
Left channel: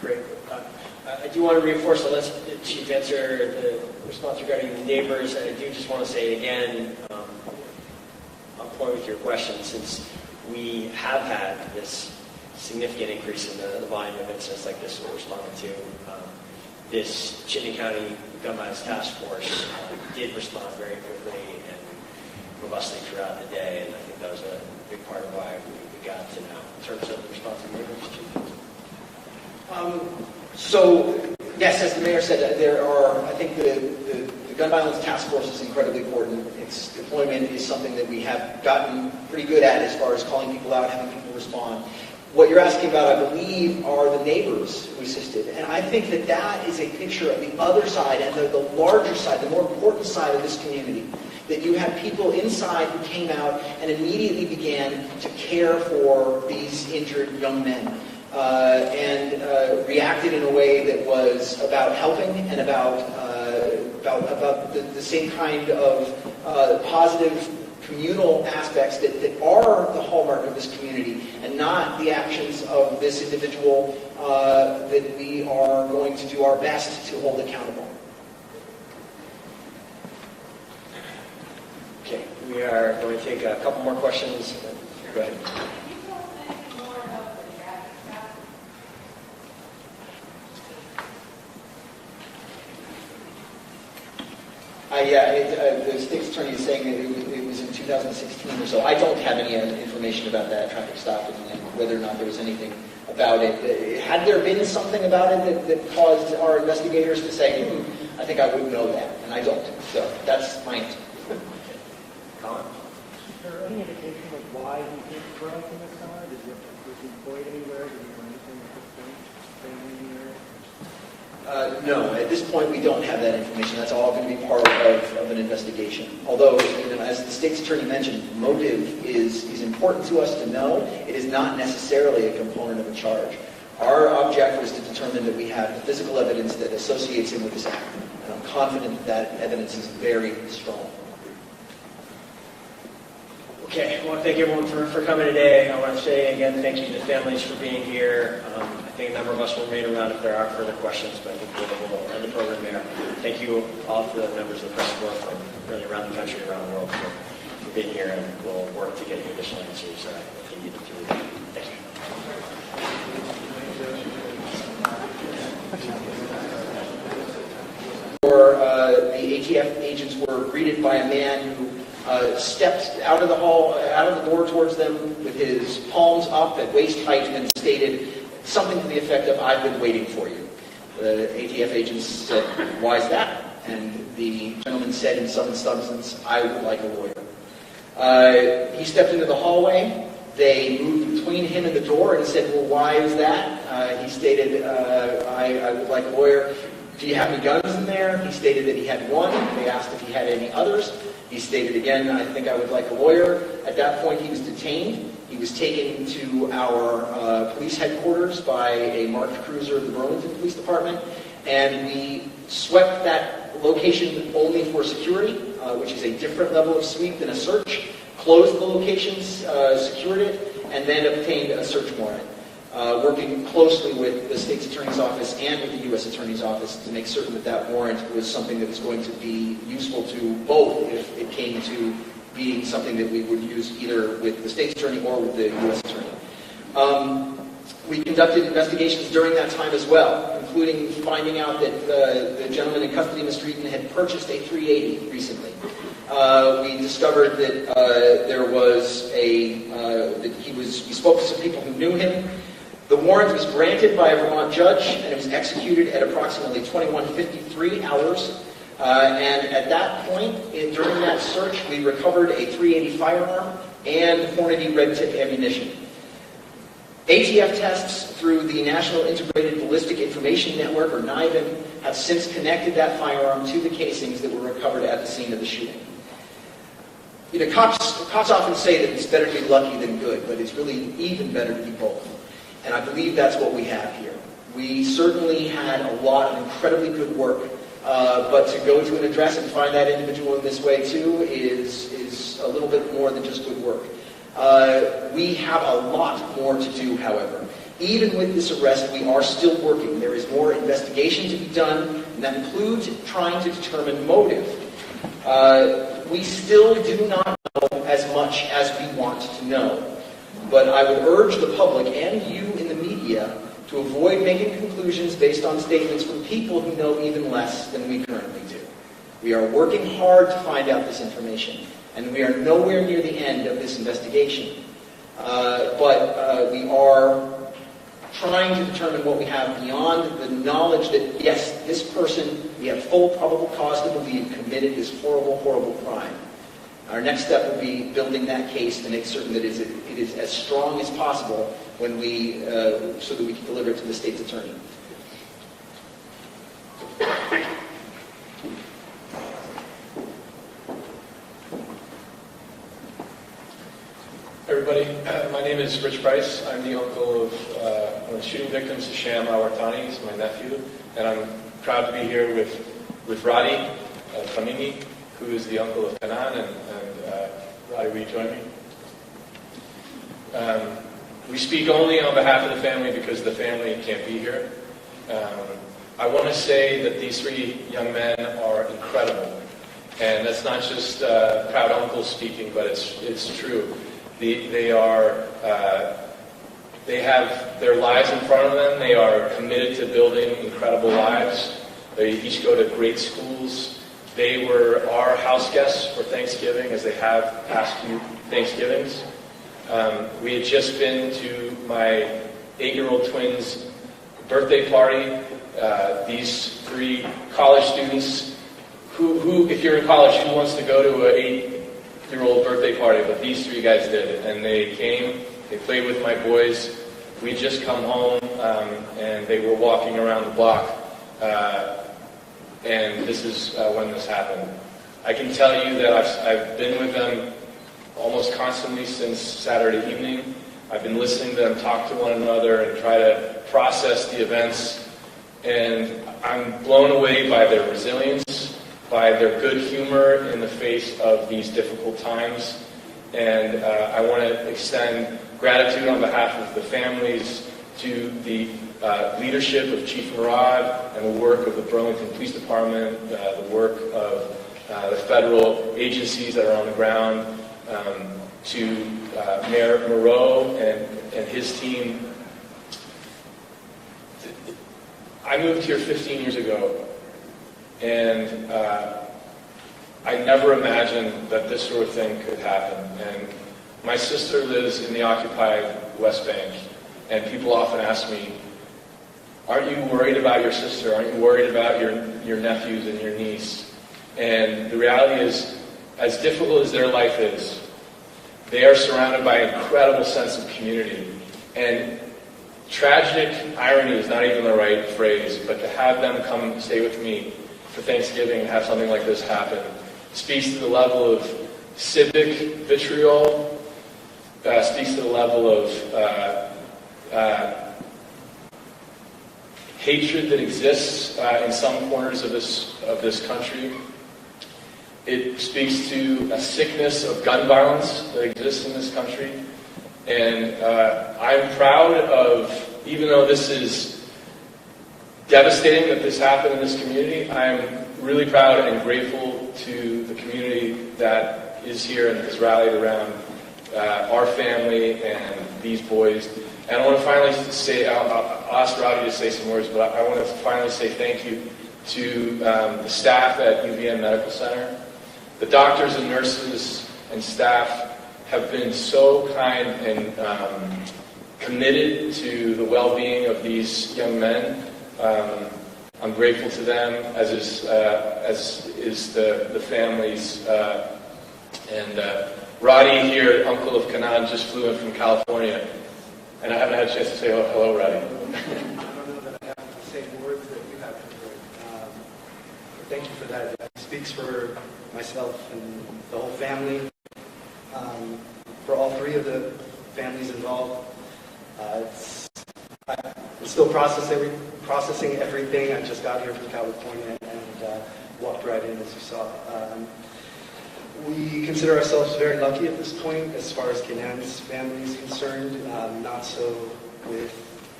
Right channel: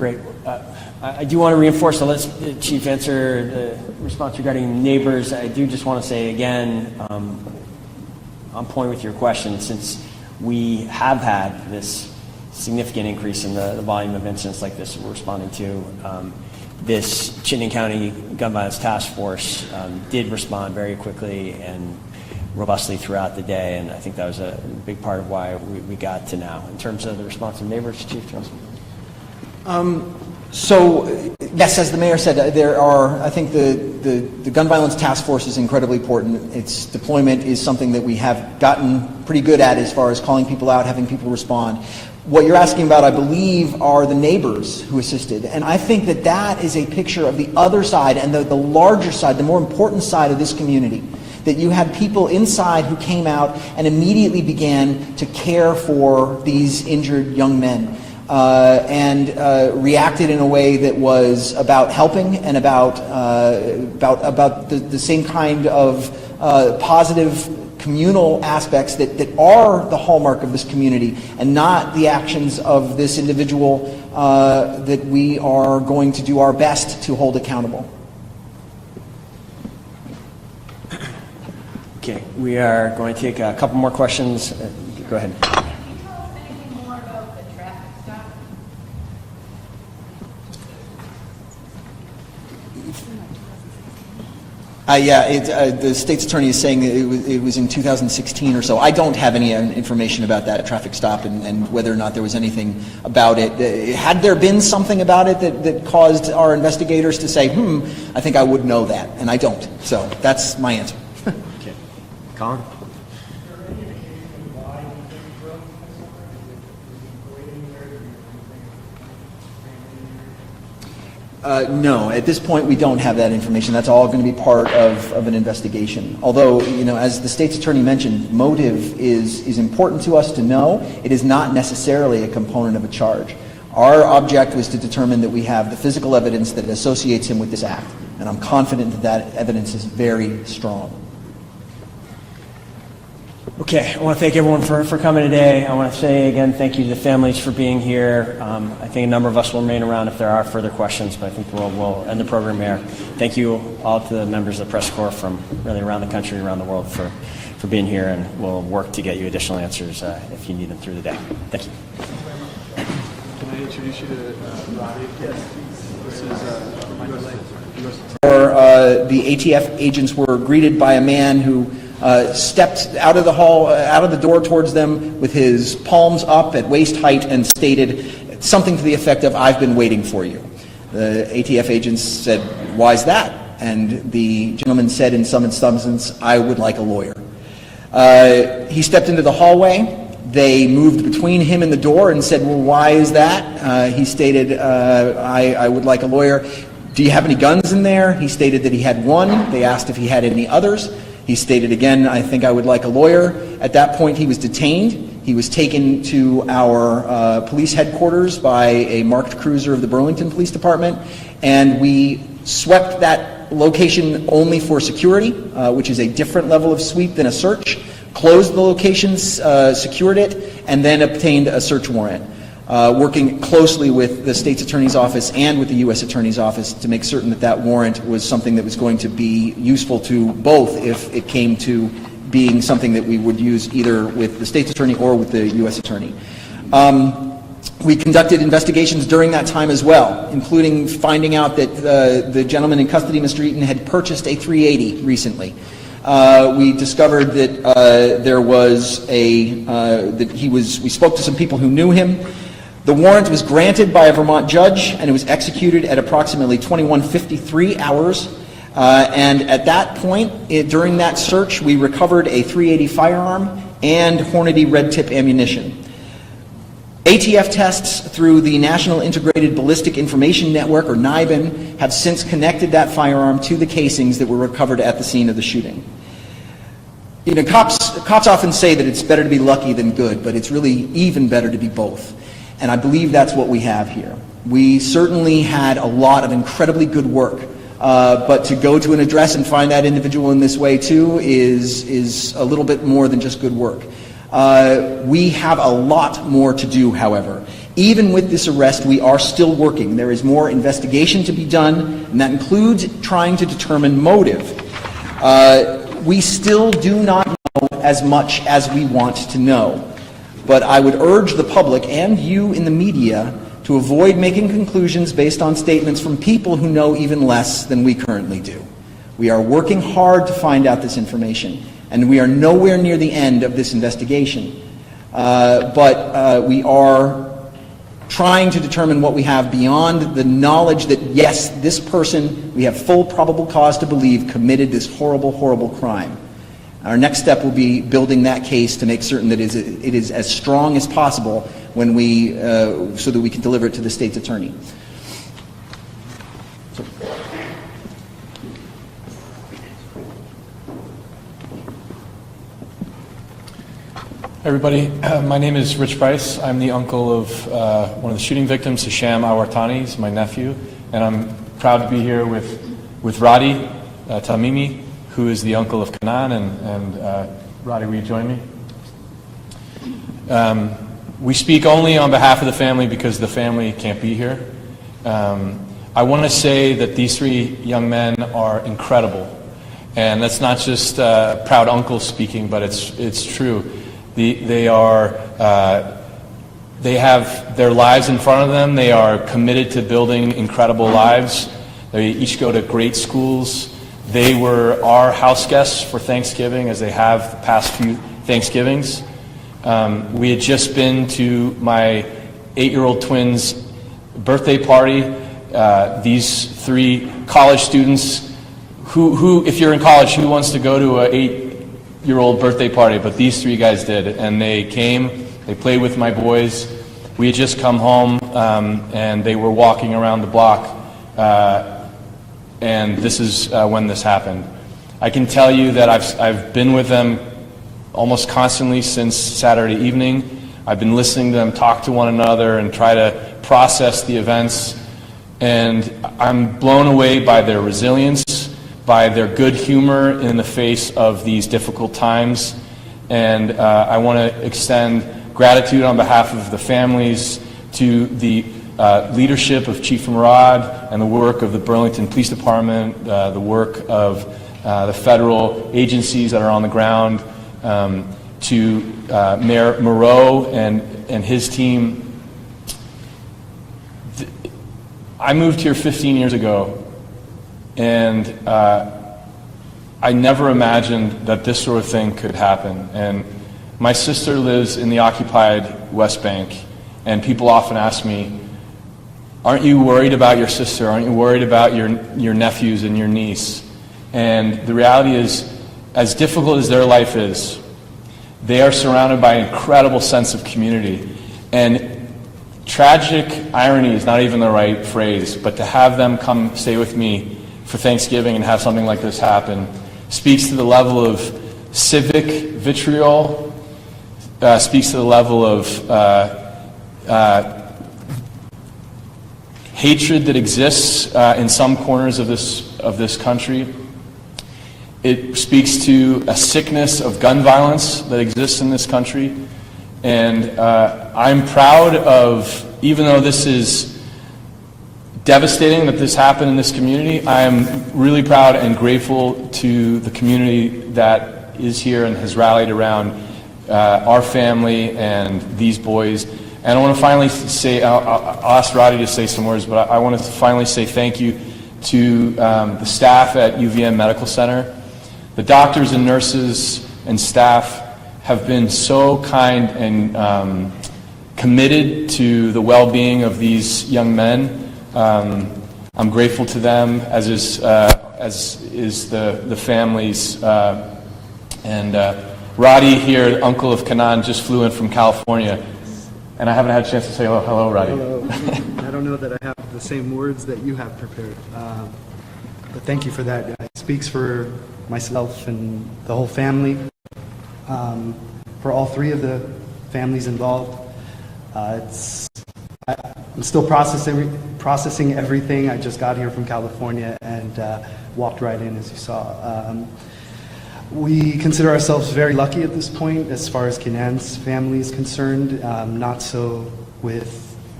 Great. I do want to reinforce, so let's Chief answer the response regarding neighbors. I do just want to say again, on point with your question, since we have had this significant increase in the volume of incidents like this we're responding to, this Chittenden County Gun Violence Task Force did respond very quickly and robustly throughout the day, and I think that was a big part of why we got to now. In terms of the response of neighbors, Chief? So, yes, as the mayor said, there are, I think the Gun Violence Task Force is incredibly important. Its deployment is something that we have gotten pretty good at as far as calling people out, having people respond. What you're asking about, I believe, are the neighbors who assisted. And I think that that is a picture of the other side and the larger side, the more important side of this community. That you had people inside who came out and immediately began to care for these injured young men. And reacted in a way that was about helping and about the same kind of positive communal aspects that are the hallmark of this community, and not the actions of this individual that we are going to do our best to hold accountable. Okay, we are going to take a couple more questions. Go ahead. The state's attorney is saying that it was in 2016 or so. I don't have any information about that traffic stop and whether or not there was anything about it. Had there been something about it that caused our investigators to say, I think I would know that, and I don't. So that's my answer. Okay. Colin? Is there any indication of why you didn't grow up in that summer? Was he employed anywhere? Did he No, at this point we don't have that information. That's all going to be part of an investigation. Although, as the state's attorney mentioned, motive is important to us to know. It is not necessarily a component of a charge. Our object was to determine that we have the physical evidence that associates him with this act. And I'm confident that evidence is very strong. Okay, I want to thank everyone for coming today. I want to say again thank you to the families for being here. I think a number of us will remain around if there are further questions, but I think we'll end the program here. Thank you all to the members of the press corps from really around the country, around the world for being here, and we'll work to get you additional answers if you need them through the day. Thank you. The ATF agents were greeted by a man who stepped out of the hall, out of the door towards them with his palms up at waist height and stated something to the effect of, "I've been waiting for you." The ATF agents said, "Why is that?" And the gentleman said in some substance, "I would like a lawyer." He stepped into the hallway. They moved between him and the door and said, "Well, why is that?" He stated, I would like a lawyer. "Do you have any guns in there?" He stated that he had one. They asked if he had any others. He stated again, "I think I would like a lawyer." At that point, he was detained. He was taken to our police headquarters by a marked cruiser of the Burlington Police Department, and we swept that location only for security, which is a different level of sweep than a search, closed the locations, secured it, and then obtained a search warrant. Working closely with the state's attorney's office and with the U.S. attorney's office to make certain that that warrant was something that was going to be useful to both if it came to being something that we would use either with the state's attorney or with the U.S. attorney. We conducted investigations during that time as well, including finding out that the gentleman in custody, Mr. Eaton, had purchased a .380 recently. We discovered that there was we spoke to some people who knew him. The warrant was granted by a Vermont judge, and it was executed at approximately 21:53 hours. And at that point, during that search, we recovered a .380 firearm and Hornady red tip ammunition. ATF tests through the National Integrated Ballistic Information Network, or NIBIN, have since connected that firearm to the casings that were recovered at the scene of the shooting. Cops often say that it's better to be lucky than good, but it's really even better to be both. And I believe that's what we have here. We certainly had a lot of incredibly good work, but to go to an address and find that individual in this way too is a little bit more than just good work. We have a lot more to do, however. Even with this arrest, we are still working. There is more investigation to be done, and that includes trying to determine motive. We still do not know as much as we want to know. But I would urge the public and you in the media to avoid making conclusions based on statements from people who know even less than we currently do. We are working hard to find out this information, and we are nowhere near the end of this investigation. But we are trying to determine what we have beyond the knowledge that, yes, this person, we have full probable cause to believe, committed this horrible, horrible crime. Our next step will be building that case to make certain that it is as strong as possible when we, so that we can deliver it to the state's attorney. Everybody, my name is Rich Bryce. I'm the uncle of one of the shooting victims, Hisham Al-Wartani. He's my nephew. And I'm proud to be here with Radi Tamimi, who is the uncle of Kanan. And Radi, will you join me? We speak only on behalf of the family because the family can't be here. I want to say that these three young men are incredible. And that's not just proud uncle speaking, but it's true. They have their lives in front of them. They are committed to building incredible lives. They each go to great schools. They were our house guests for Thanksgiving, as they have the past few Thanksgivings. We had just been to my 8-year-old twins' birthday party. These three college students who, if you're in college, who wants to go to an 8-year-old birthday party? But these three guys did, and they came, they played with my boys. We had just come home, and they were walking around the block, and this is when this happened. I can tell you that I've been with them almost constantly since Saturday evening. I've been listening to them talk to one another and try to process the events, and I'm blown away by their resilience, by their good humor in the face of these difficult times. And I want to extend gratitude on behalf of the families to the leadership of Chief Murad and the work of the Burlington Police Department, the work of the federal agencies that are on the ground, to Mayor Moreau and his team. I moved here 15 years ago, and I never imagined that this sort of thing could happen. And my sister lives in the occupied West Bank, and people often ask me, aren't you worried about your sister? Aren't you worried about your nephews and your niece? And the reality is, as difficult as their life is, they are surrounded by an incredible sense of community. And tragic irony is not even the right phrase, but to have them come stay with me for Thanksgiving and have something like this happen speaks to the level of civic vitriol, speaks to the level of hatred that exists in some corners of this country. It speaks to a sickness of gun violence that exists in this country. And I'm proud of, even though this is devastating that this happened in this community, I'm really proud and grateful to the community that is here and has rallied around our family and these boys. And I want to finally say, I'll ask Roddy to say some words, but I want to finally say thank you to the staff at UVM Medical Center. The doctors and nurses and staff have been so kind and committed to the well-being of these young men. I'm grateful to them, as is the families. And Roddy here, uncle of Kanan, just flew in from California, and I haven't had a chance to say hello, Roddy. I don't know that I have the same words that you have prepared, but thank you for that. It speaks for myself and the whole family. For all three of the families involved, I'm still processing everything. I just got here from California and walked right in, as you saw. We consider ourselves very lucky at this point as far as Kenan's family is concerned. Not so with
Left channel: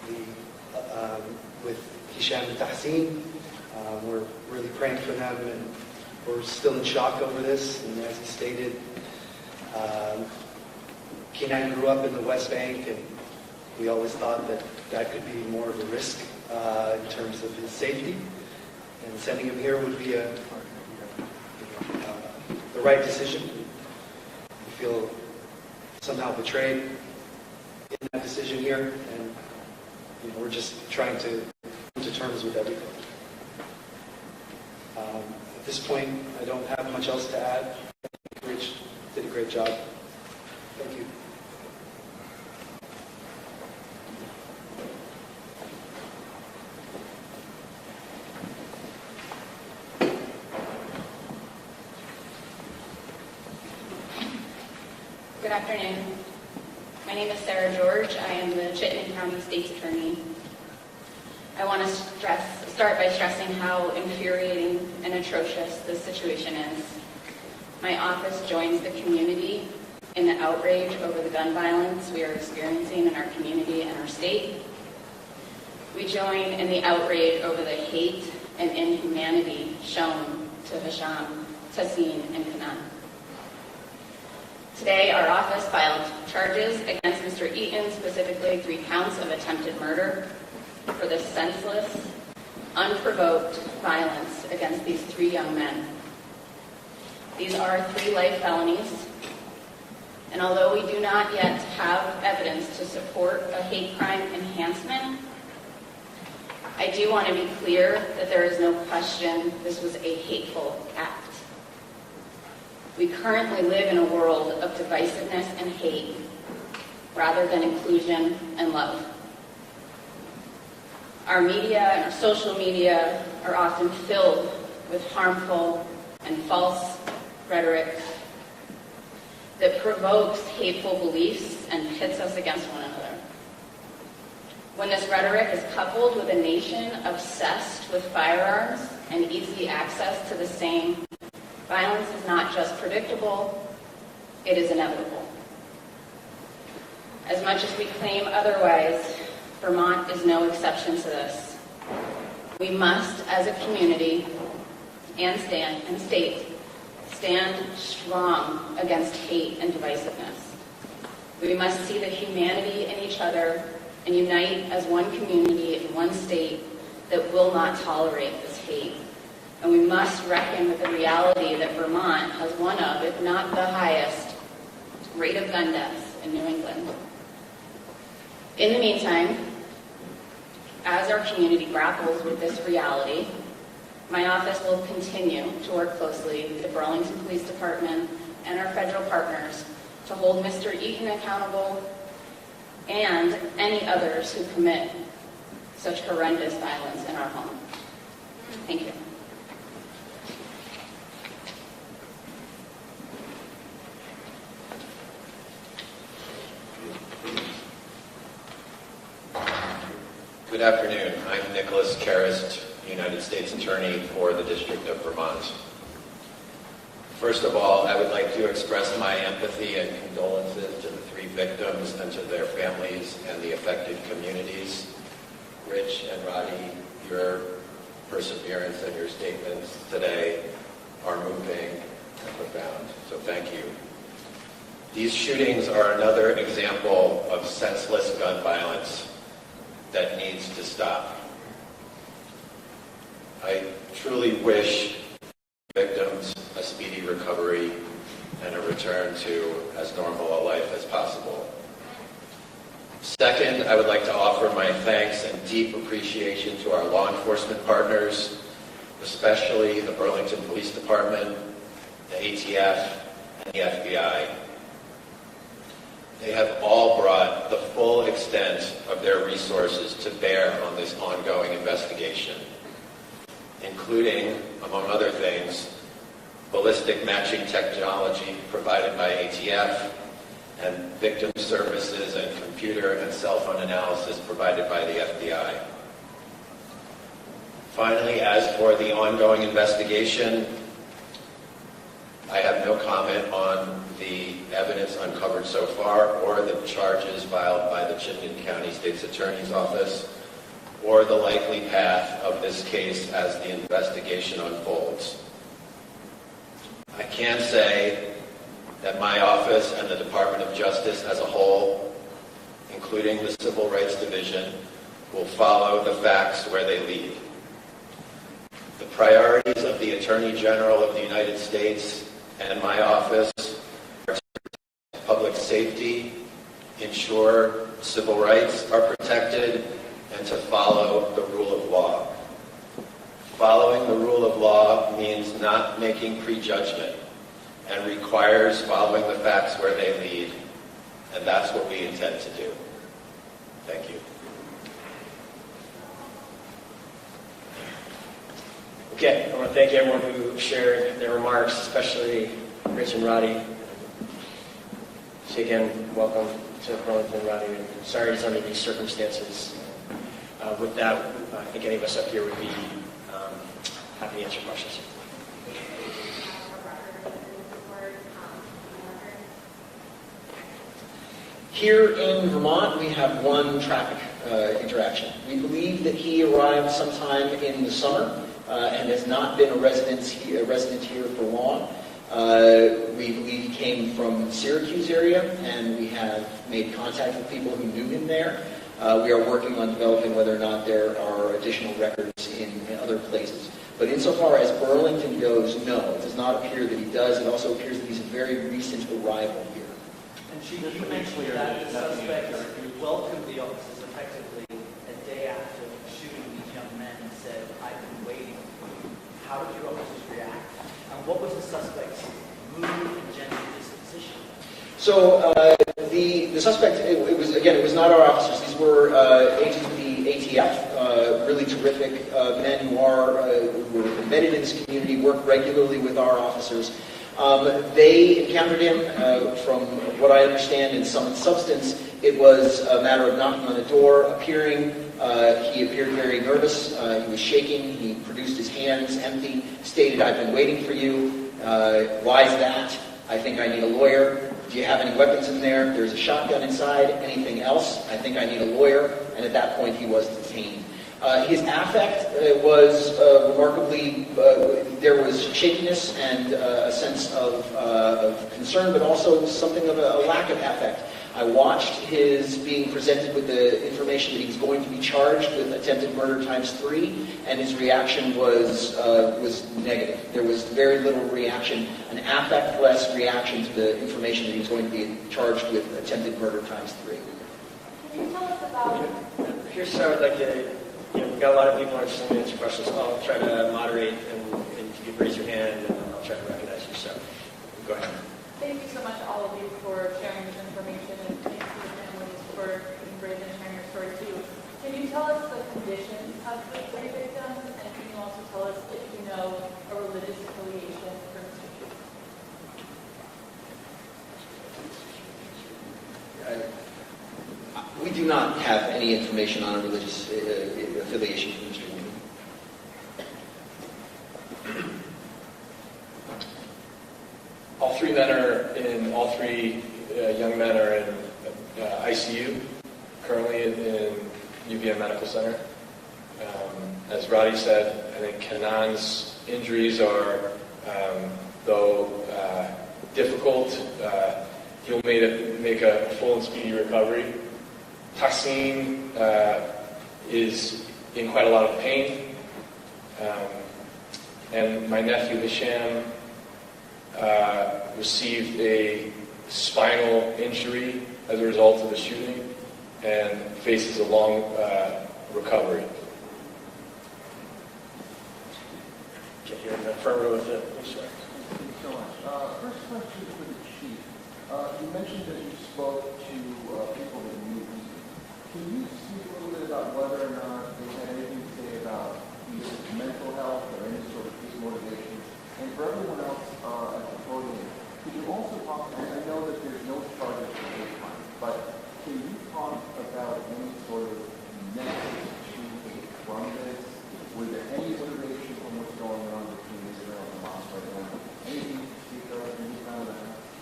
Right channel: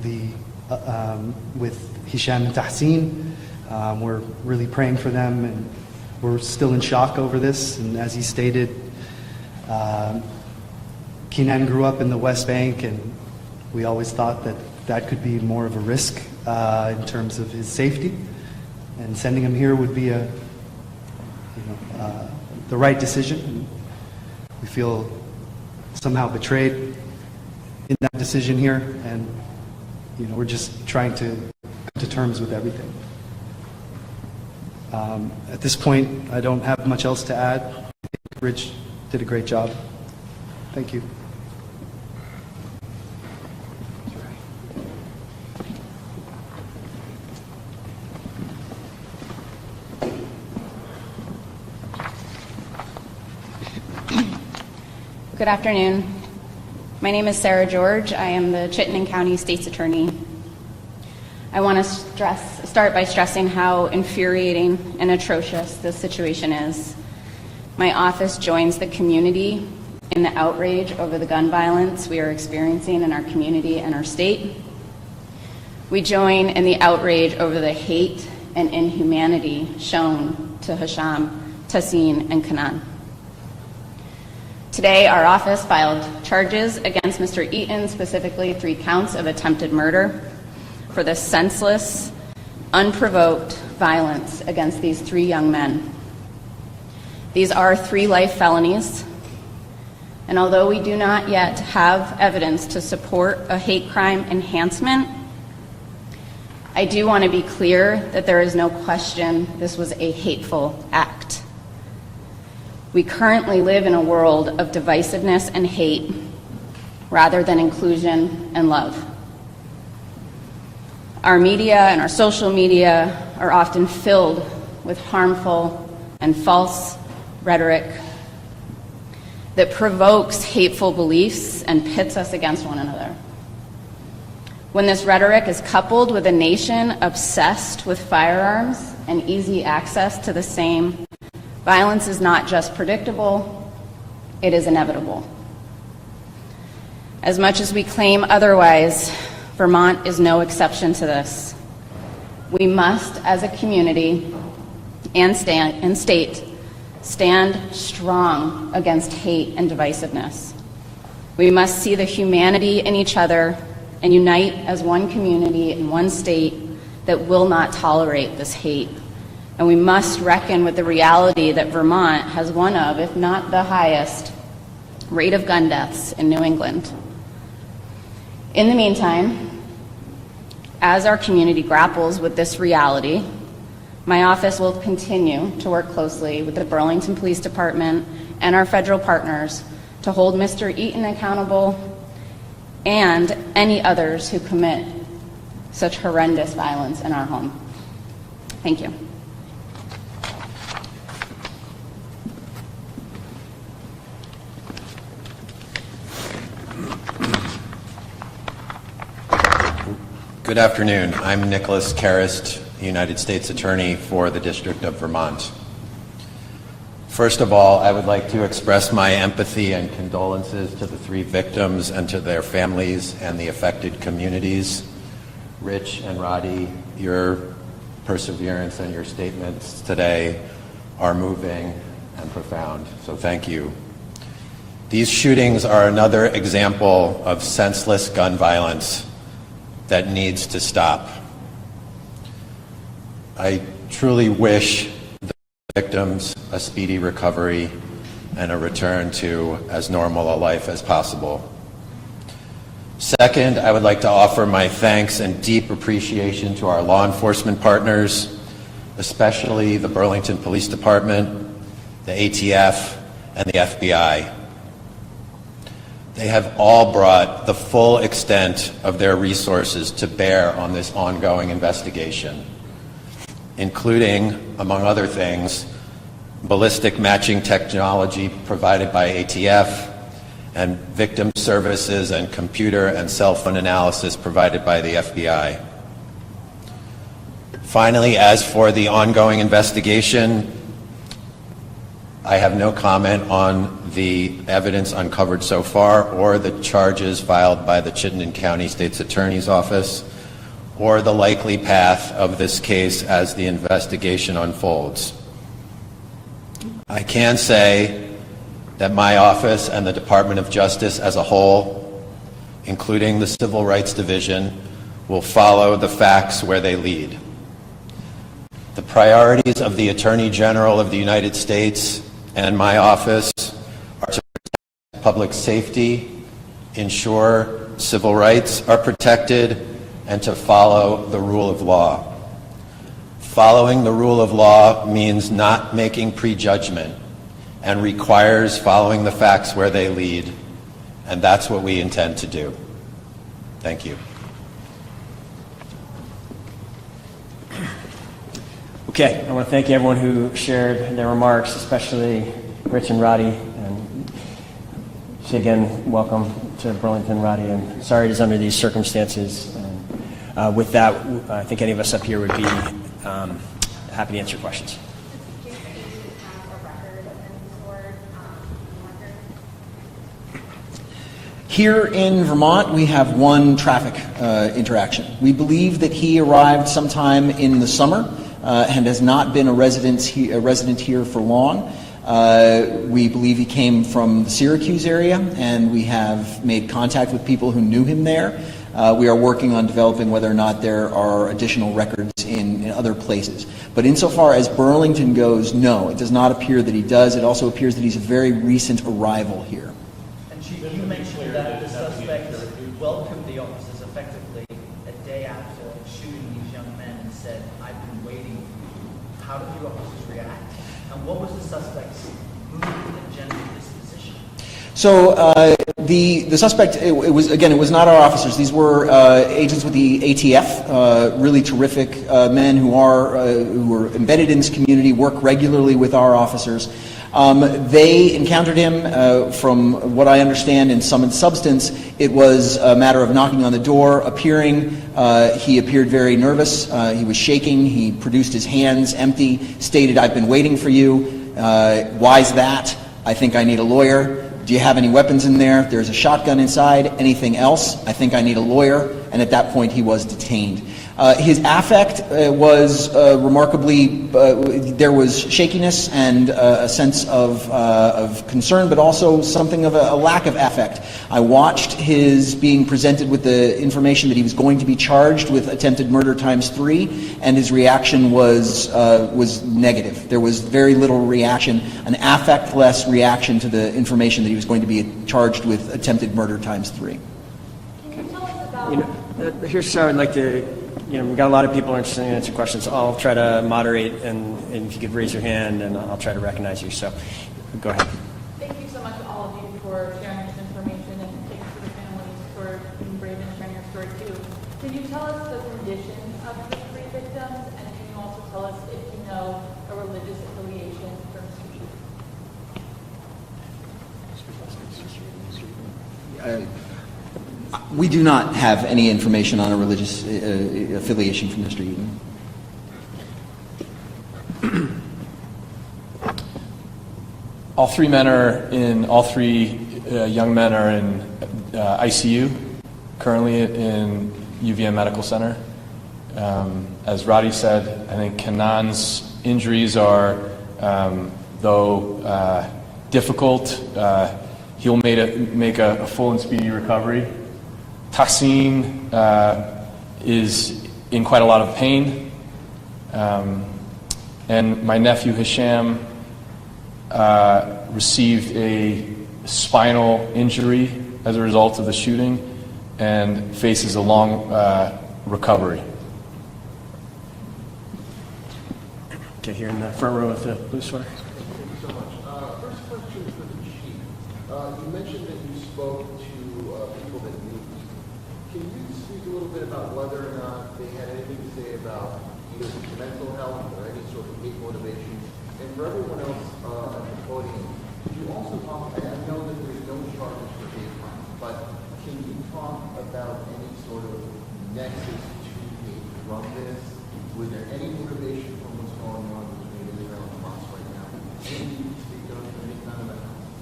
with Hisham and Tahseen. We're really praying for them, and we're still in shock over this. And as he stated, Keenan grew up in the West Bank, and we always thought that that could be more of a risk in terms of his safety. And sending him here would be the right decision. We feel somehow betrayed in that decision here, and we're just trying to come to terms with everything. At this point, I don't have much else to add. I think Rich did a great job. Thank you. Good afternoon. My name is Sarah George. I am the Chittenden County State's Attorney. I want to start by stressing how infuriating and atrocious this situation is. My office joins the community in the outrage over the gun violence we are experiencing in our community and our state. We join in the outrage over the hate and inhumanity shown to Hisham, Tahseen, and Kanan. Today, our office filed charges against Mr. Eaton, specifically 3 counts of attempted murder, for the senseless, unprovoked violence against these 3 young men. These are 3 life felonies, and although we do not yet have evidence to support a hate crime enhancement, I do want to be clear that there is no question this was a hateful act. We currently live in a world of divisiveness and hate rather than inclusion and love. Our media and our social media are often filled with harmful and false rhetoric that provokes hateful beliefs and pits us against one another. When this rhetoric is coupled with a nation obsessed with firearms and easy access to the same, violence is not just predictable, it is inevitable. As much as we claim otherwise, Vermont is no exception to this. We must, as a community and state, stand strong against hate and divisiveness. We must see the humanity in each other and unite as one community in one state that will not tolerate this hate. And we must reckon with the reality that Vermont has one of, if not the highest, rate of gun deaths in New England. In the meantime, as our community grapples with this reality, my office will continue to work closely with the Burlington Police Department and our federal partners to hold Mr. Eaton accountable and any others who commit such horrendous violence in our home. Thank you. Good afternoon. I'm Nicholas Karist, United States Attorney for the District of Vermont. First of all, I would like to express my empathy and condolences to the 3 victims and to their families and the affected communities. Rich and Roddy, your perseverance and your statements today are moving and profound, so thank you. These shootings are another example of senseless gun violence that needs to stop. I truly wish the victims a speedy recovery and a return to as normal a life as possible. Second, I would like to offer my thanks and deep appreciation to our law enforcement partners, especially the Burlington Police Department, the ATF, and the FBI. They have all brought the full extent of their resources to bear on this ongoing investigation, including, among other things, ballistic matching technology provided by ATF and victim services and computer and cell phone analysis provided by the FBI. Finally, as for the ongoing investigation, I have no comment on the evidence uncovered so far or the charges filed by the Chittenden County State's Attorney's Office or the likely path of this case as the investigation unfolds. I can say that my office and the Department of Justice as a whole, including the Civil Rights Division, will follow the facts where they lead. The priorities of the Attorney General of the United States and my office are to protect public safety, ensure civil rights are protected, and to follow the rule of law. Following the rule of law means not making prejudgment and requires following the facts where they lead, and that's what we intend to do. Thank you. Okay, I want to thank everyone who shared their remarks, especially Rich and Roddy. And say again, welcome to Burlington, Roddy, and sorry it is under these circumstances. With that, I think any of us up here would be happy to answer questions. Here in Vermont, we have one traffic interaction. We believe that he arrived sometime in the summer and has not been a resident here for long. We believe he came from the Syracuse area, and we have made contact with people who knew him there. We are working on developing whether or not there are additional records in other places. But insofar as Burlington goes, no, it does not appear that he does. It also appears that he's a very recent arrival here. And you mentioned that the suspect welcomed the officers effectively a day after shooting these young men and said, "I've been waiting." How did your officers react? And what was the suspect's mood and general disposition? So the suspect, it was not our officers. These were agents with the ATF, really terrific men who are embedded in this community, work regularly with our officers. They encountered him, from what I understand, in sum and substance. It was a matter of knocking on the door, appearing. He appeared very nervous. He was shaking. He produced his hands empty, stated, "I've been waiting for you." Why is that? "I think I need a lawyer." "Do you have any weapons in there?" "There's a shotgun inside." "Anything else?" "I think I need a lawyer." And at that point, he was detained. His affect was remarkably, there was shakiness and a sense of concern, but also something of a lack of affect. I watched his being presented with the information that he was going to be charged with attempted murder ×3, and his reaction was negative. There was very little reaction, an affect-less reaction to the information that he was going to be charged with attempted murder ×3. Here's how I'd like to, we've got a lot of people interested in answering questions. I'll try to moderate, and if you could raise your hand, and I'll try to recognize you. So, go ahead. Thank you so much to all of you for sharing this information, and thank you to the families for being brave and sharing your story too. Can you tell us the condition of the three victims, and can you also tell us if you know a religious affiliation for Mr. Cheatham? We do not have any information on a religious affiliation from Mr. Eden. All three young men are in ICU, currently in UVM Medical Center. As Roddy said, I think Kanan's injuries are, though difficult, he'll make a full and speedy recovery. Tassim is in quite a lot of pain. And my nephew Hisham received a spinal injury as a result of the shooting and faces a long recovery. Okay, here in the front row with the blue sweater. Thank you so much. First question for the chief. You mentioned that you spoke to people that knew. Can you speak a little bit about whether or not they had anything to say about either mental health or any sort of hate motivation? And for everyone else at the podium, can you also talk, and I know that there's no charges for hate crime, but can you talk about any sort of nexus to hate from this? Was there any motivation from what's going on between Israel and Hamas right now? Anything you can speak to?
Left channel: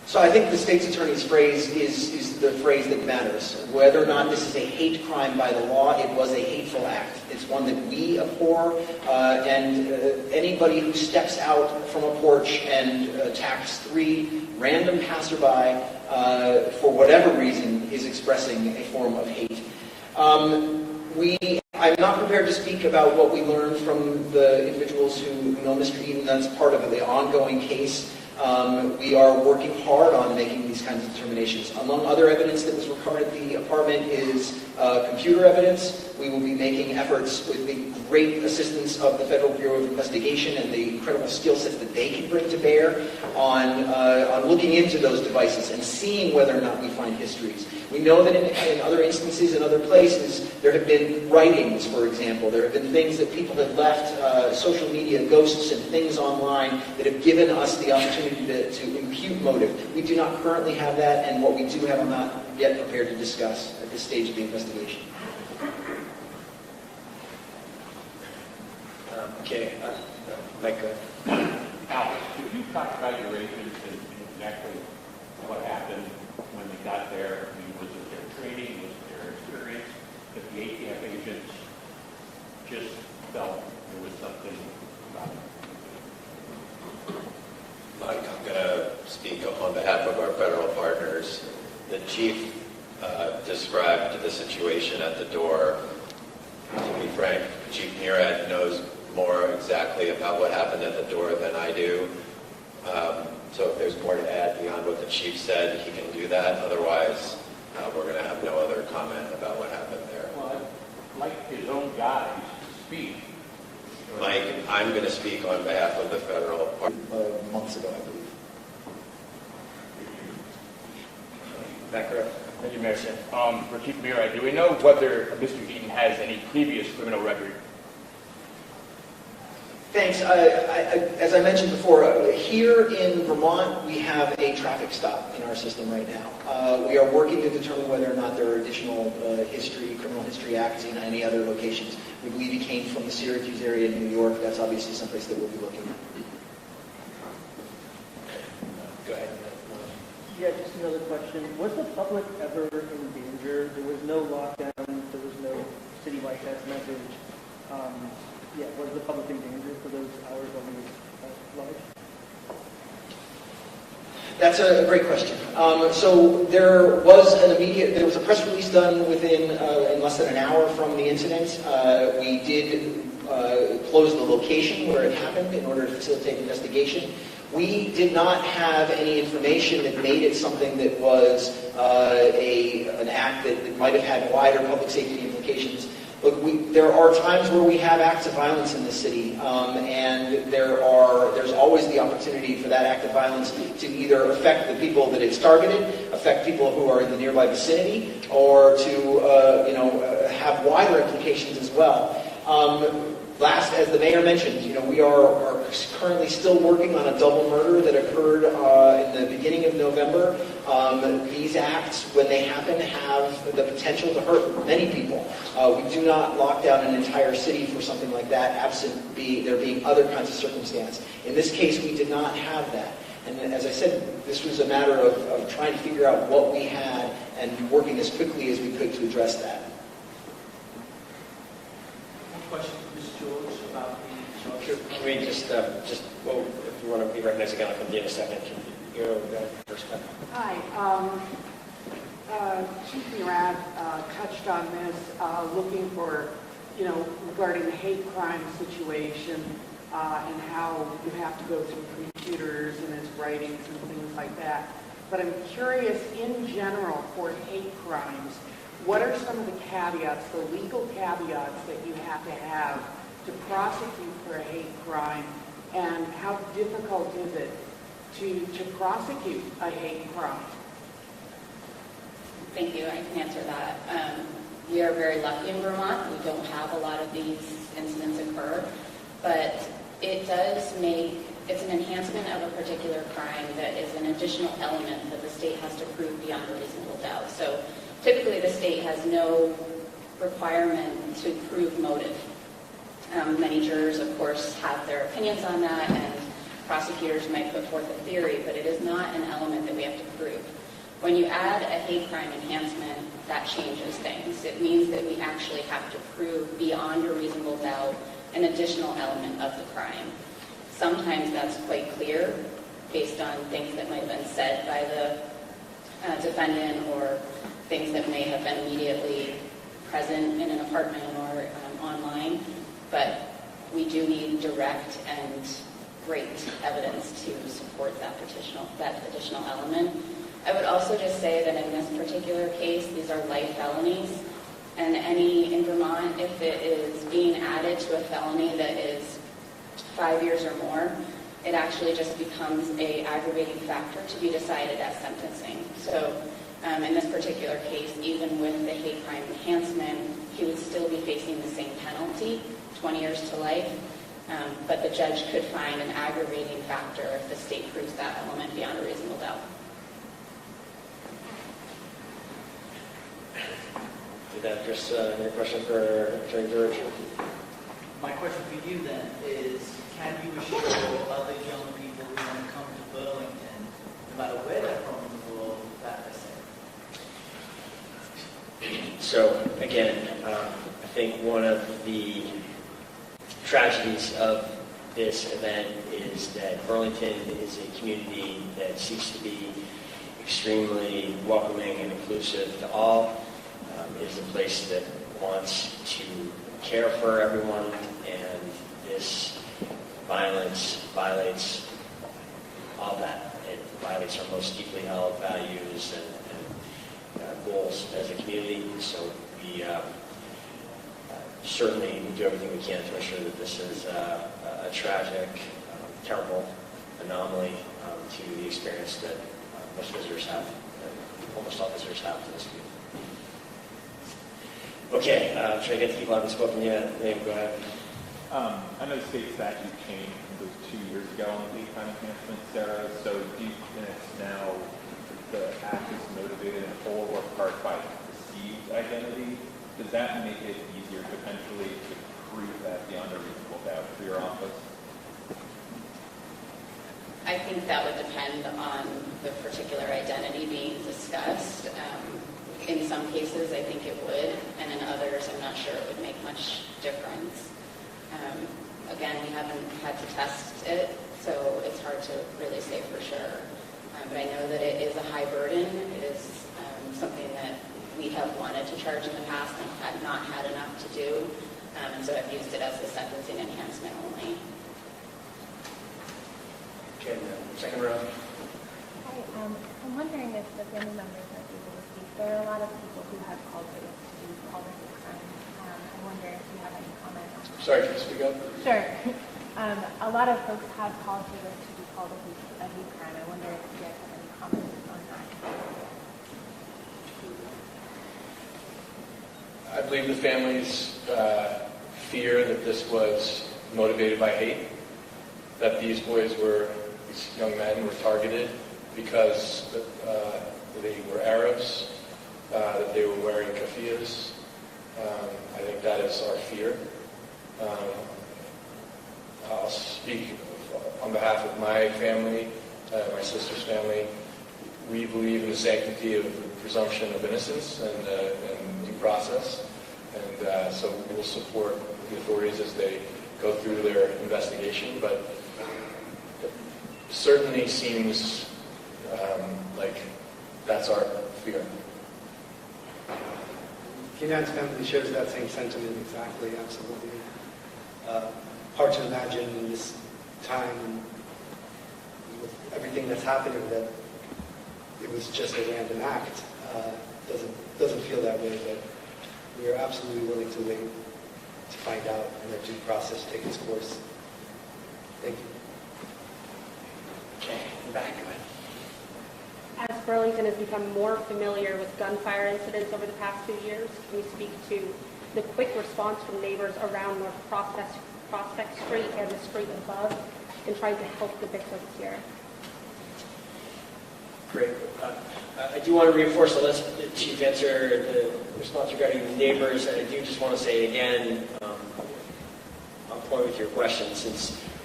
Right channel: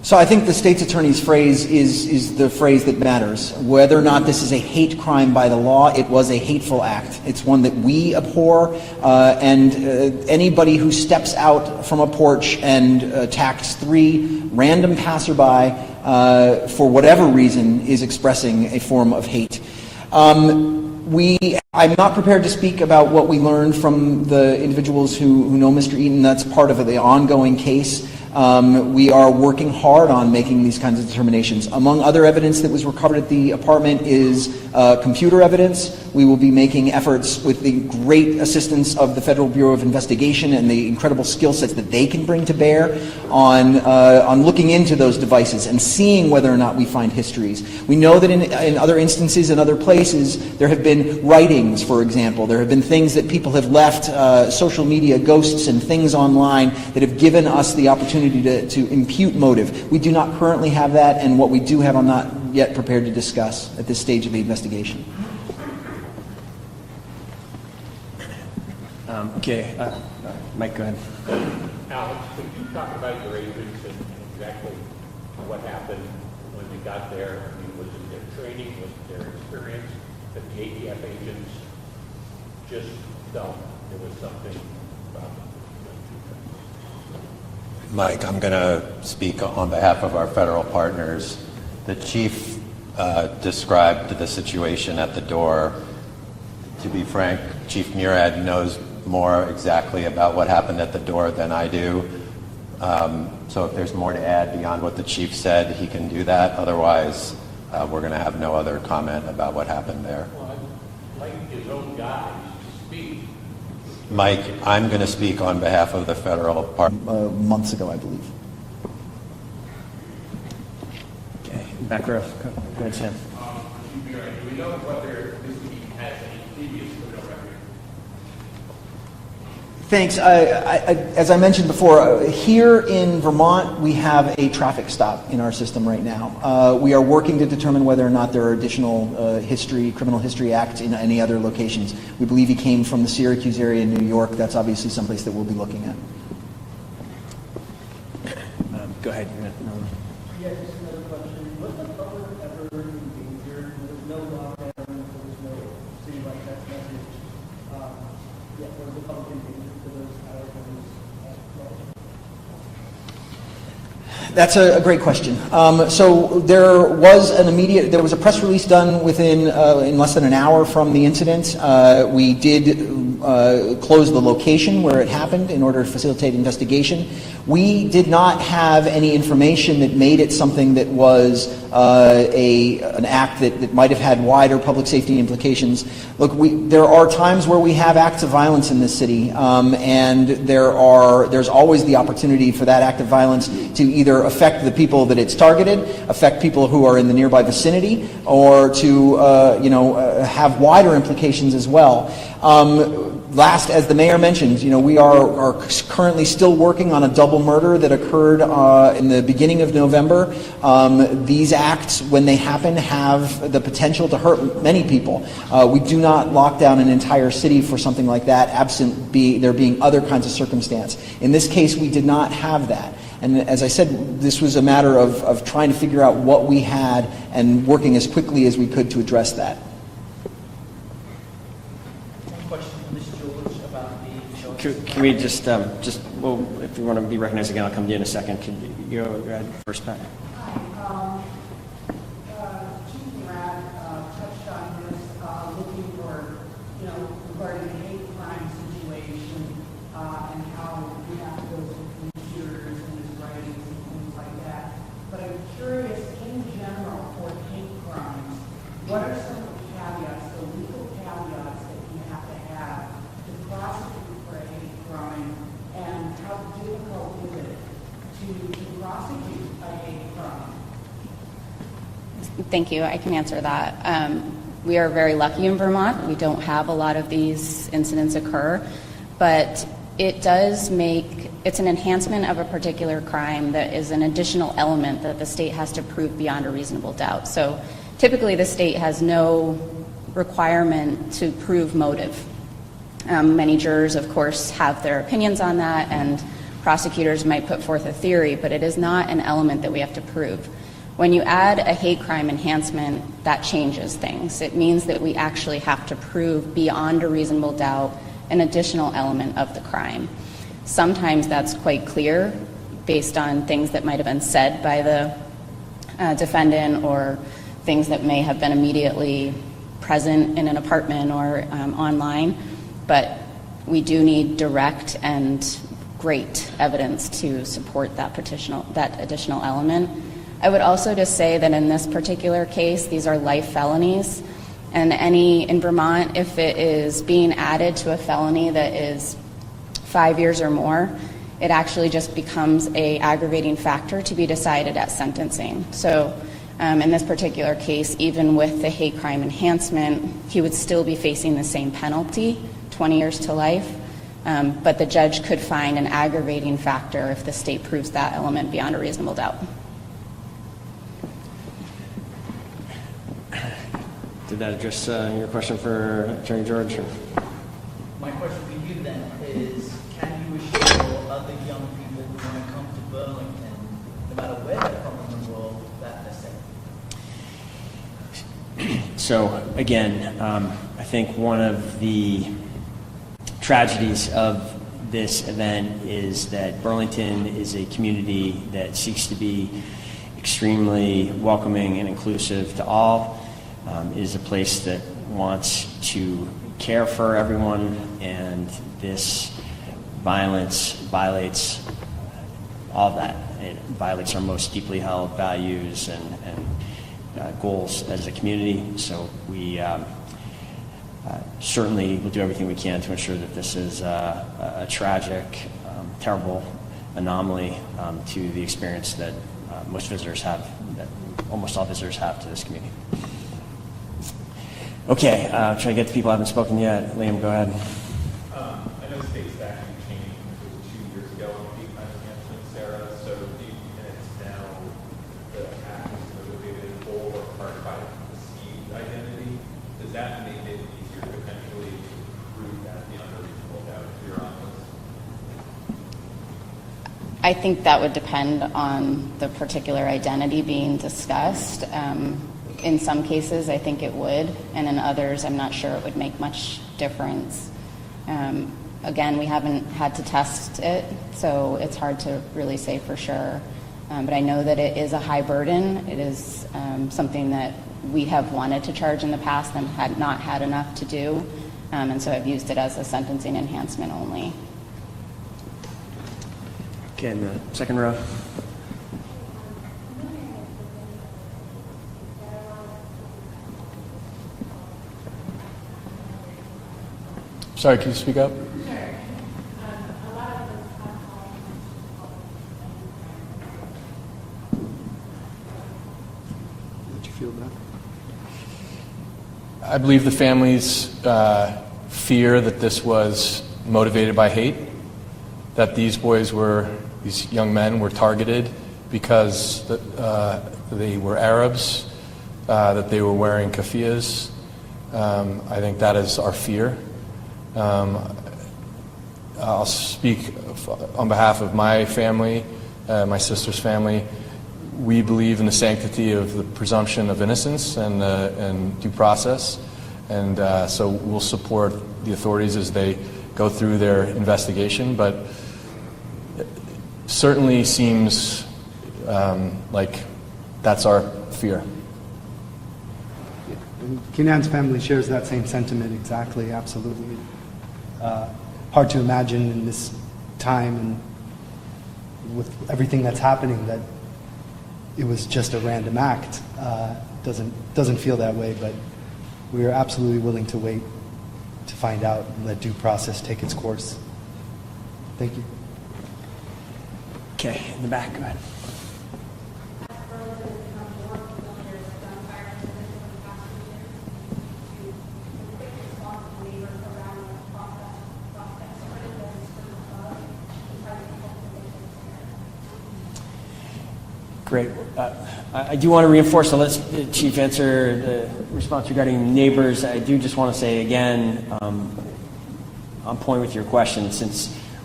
So I think the state's attorney's phrase is the phrase that matters. Whether or not this is a hate crime by the law, it was a hateful act. It's one that we abhor, and anybody who steps out from a porch and attacks 3 random passerby for whatever reason is expressing a form of hate. I'm not prepared to speak about what we learned from the individuals who know Mr. Eaton. That's part of the ongoing case. We are working hard on making these kinds of determinations. Among other evidence that was recovered at the apartment is computer evidence. We will be making efforts with the great assistance of the Federal Bureau of Investigation and the incredible skill sets that they can bring to bear on looking into those devices and seeing whether or not we find histories. We know that in other instances, in other places, there have been writings, for example. There have been things that people have left, social media ghosts and things online that have given us the opportunity to impute motive. We do not currently have that, and what we do have I'm not yet prepared to discuss at this stage of the investigation. Okay, Mike, go ahead. Alex, could you talk about your agents and exactly what happened when you got there? I mean, was it their training, was it their experience, that the ATF agents just felt there was something about it? Mike, I'm going to speak on behalf of our federal partners. The chief described the situation at the door. To be frank, Chief Murad knows more exactly about what happened at the door than I do. So if there's more to add beyond what the chief said, he can do that. Otherwise, we're going to have no other comment about what happened there. Well, like his own guys to speak. Mike, I'm going to speak on behalf of the federal partners. Months ago, I believe. Okay, back row. For Chief Murad, do we know whether Mr. Eaton has any previous criminal record? Thanks. As I mentioned before, here in Vermont, we have a traffic stop in our system right now. We are working to determine whether or not there are additional criminal history acts in any other locations. We believe he came from the Syracuse area in New York. That's obviously someplace that we'll be looking at. Go ahead. Yeah, just another question. Was the public ever injured? There was no lockdown. There was no citywide text message. Was the public injured for those hours when it was That's a great question. So there was a press release done in less than an hour from the incident. We did close the location where it happened in order to facilitate investigation. We did not have any information that made it something that was an act that might have had wider public safety implications. Look, there are times where we have acts of violence in this city, and there's always the opportunity for that act of violence to either affect the people that it's targeted, affect people who are in the nearby vicinity, or to have wider implications as well. Last, as the mayor mentioned, we are currently still working on a double murder that occurred in the beginning of November. These acts, when they happen, have the potential to hurt many people. We do not lock down an entire city for something like that, absent there being other kinds of circumstance. In this case, we did not have that. And as I said, this was a matter of trying to figure out what we had and working as quickly as we could to address that. Can we just well, if you want to be recognized again, I'll come to you in a second. Can you go ahead first, Pat? Hi. Chief Murad touched on this, looking for, regarding the hate crime situation and how you have to go through computers and his writings and things like that. But I'm curious, in general, for hate crimes, what are some of the caveats, the legal caveats that you have to prosecute for a hate crime, and how difficult is it to prosecute a hate crime? Thank you. I can answer that. We are very lucky in Vermont. We don't have a lot of these incidents occur, but it's an enhancement of a particular crime that is an additional element that the state has to prove beyond a reasonable doubt. So typically the state has no requirement to prove motive. Many jurors, of course, have their opinions on that, and prosecutors might put forth a theory, but it is not an element that we have to prove. When you add a hate crime enhancement, that changes things. It means that we actually have to prove beyond a reasonable doubt an additional element of the crime. Sometimes that's quite clear based on things that might have been said by the defendant or things that may have been immediately present in an apartment or online, but we do need direct and great evidence to support that additional element. I would also just say that in this particular case, these are life felonies, and in Vermont, if it is being added to a felony that is 5 years or more, it actually just becomes an aggravating factor to be decided at sentencing. So in this particular case, even with the hate crime enhancement, he would still be facing the same penalty, 20 years to life, but the judge could find an aggravating factor if the state proves that element beyond a reasonable doubt. Did that address your question for Attorney George? My question for you then is, can you assure other young people who want to come to Burlington, no matter where they're from in the world, that they're safe? So again, I think one of the tragedies of this event is that Burlington is a community that seeks to be extremely welcoming and inclusive to all. Is a place that wants to care for everyone, and this violence violates all of that. It violates our most deeply held values and goals as a community. So we certainly will do everything we can to ensure that this is a tragic, terrible anomaly to the experience that most visitors have, that almost all visitors have to this community. Okay, trying to get to people who haven't spoken yet. Liam, go ahead. I know state statute changed, it was 2 years ago on hate crime enhancement, Sarah. So do you think it's now the act is motivated in whole or part by perceived identity? Does that make it easier potentially to prove that beyond a reasonable doubt for your office? I think that would depend on the particular identity being discussed. In some cases, I think it would, and in others, I'm not sure it would make much difference. Again, we haven't had to test it, so it's hard to really say for sure. But I know that it is a high burden. It is something that we have wanted to charge in the past and had not had enough to do, and so I've used it as a sentencing enhancement only. Okay, in the second row. I'm wondering if the family members are able to speak. There are a lot of people who have called for these all the time. I wonder if you have any comment on that. Sorry, can you speak up? Sure. A lot of folks have called for this to be called a hate crime. I wonder if you have any comment on that. Did you feel that? I believe the families fear that this was motivated by hate, that these young men were targeted because they were Arabs, that they were wearing keffiyehs. I think that is our fear. I'll speak on behalf of my family, my sister's family. We believe in the sanctity of the presumption of innocence and due process, and so we'll support the authorities as they go through their investigation, but it certainly seems like that's our fear. Kenan's family shares that same sentiment exactly, absolutely. Hard to imagine in this time and with everything that's happening that it was just a random act. Doesn't feel that way, but we are absolutely willing to wait to find out and let due process take its course. Thank you. Okay, in the back, go ahead. As Burlington has become more familiar with gunfire incidents over the past 2 years, can you speak to the quick response from neighbors around North Prospect Street and the street above in trying to help the victims here? Great. I do want to reinforce, I'll let the Chief answer the response regarding neighbors. I do just want to say again, on point with your question, since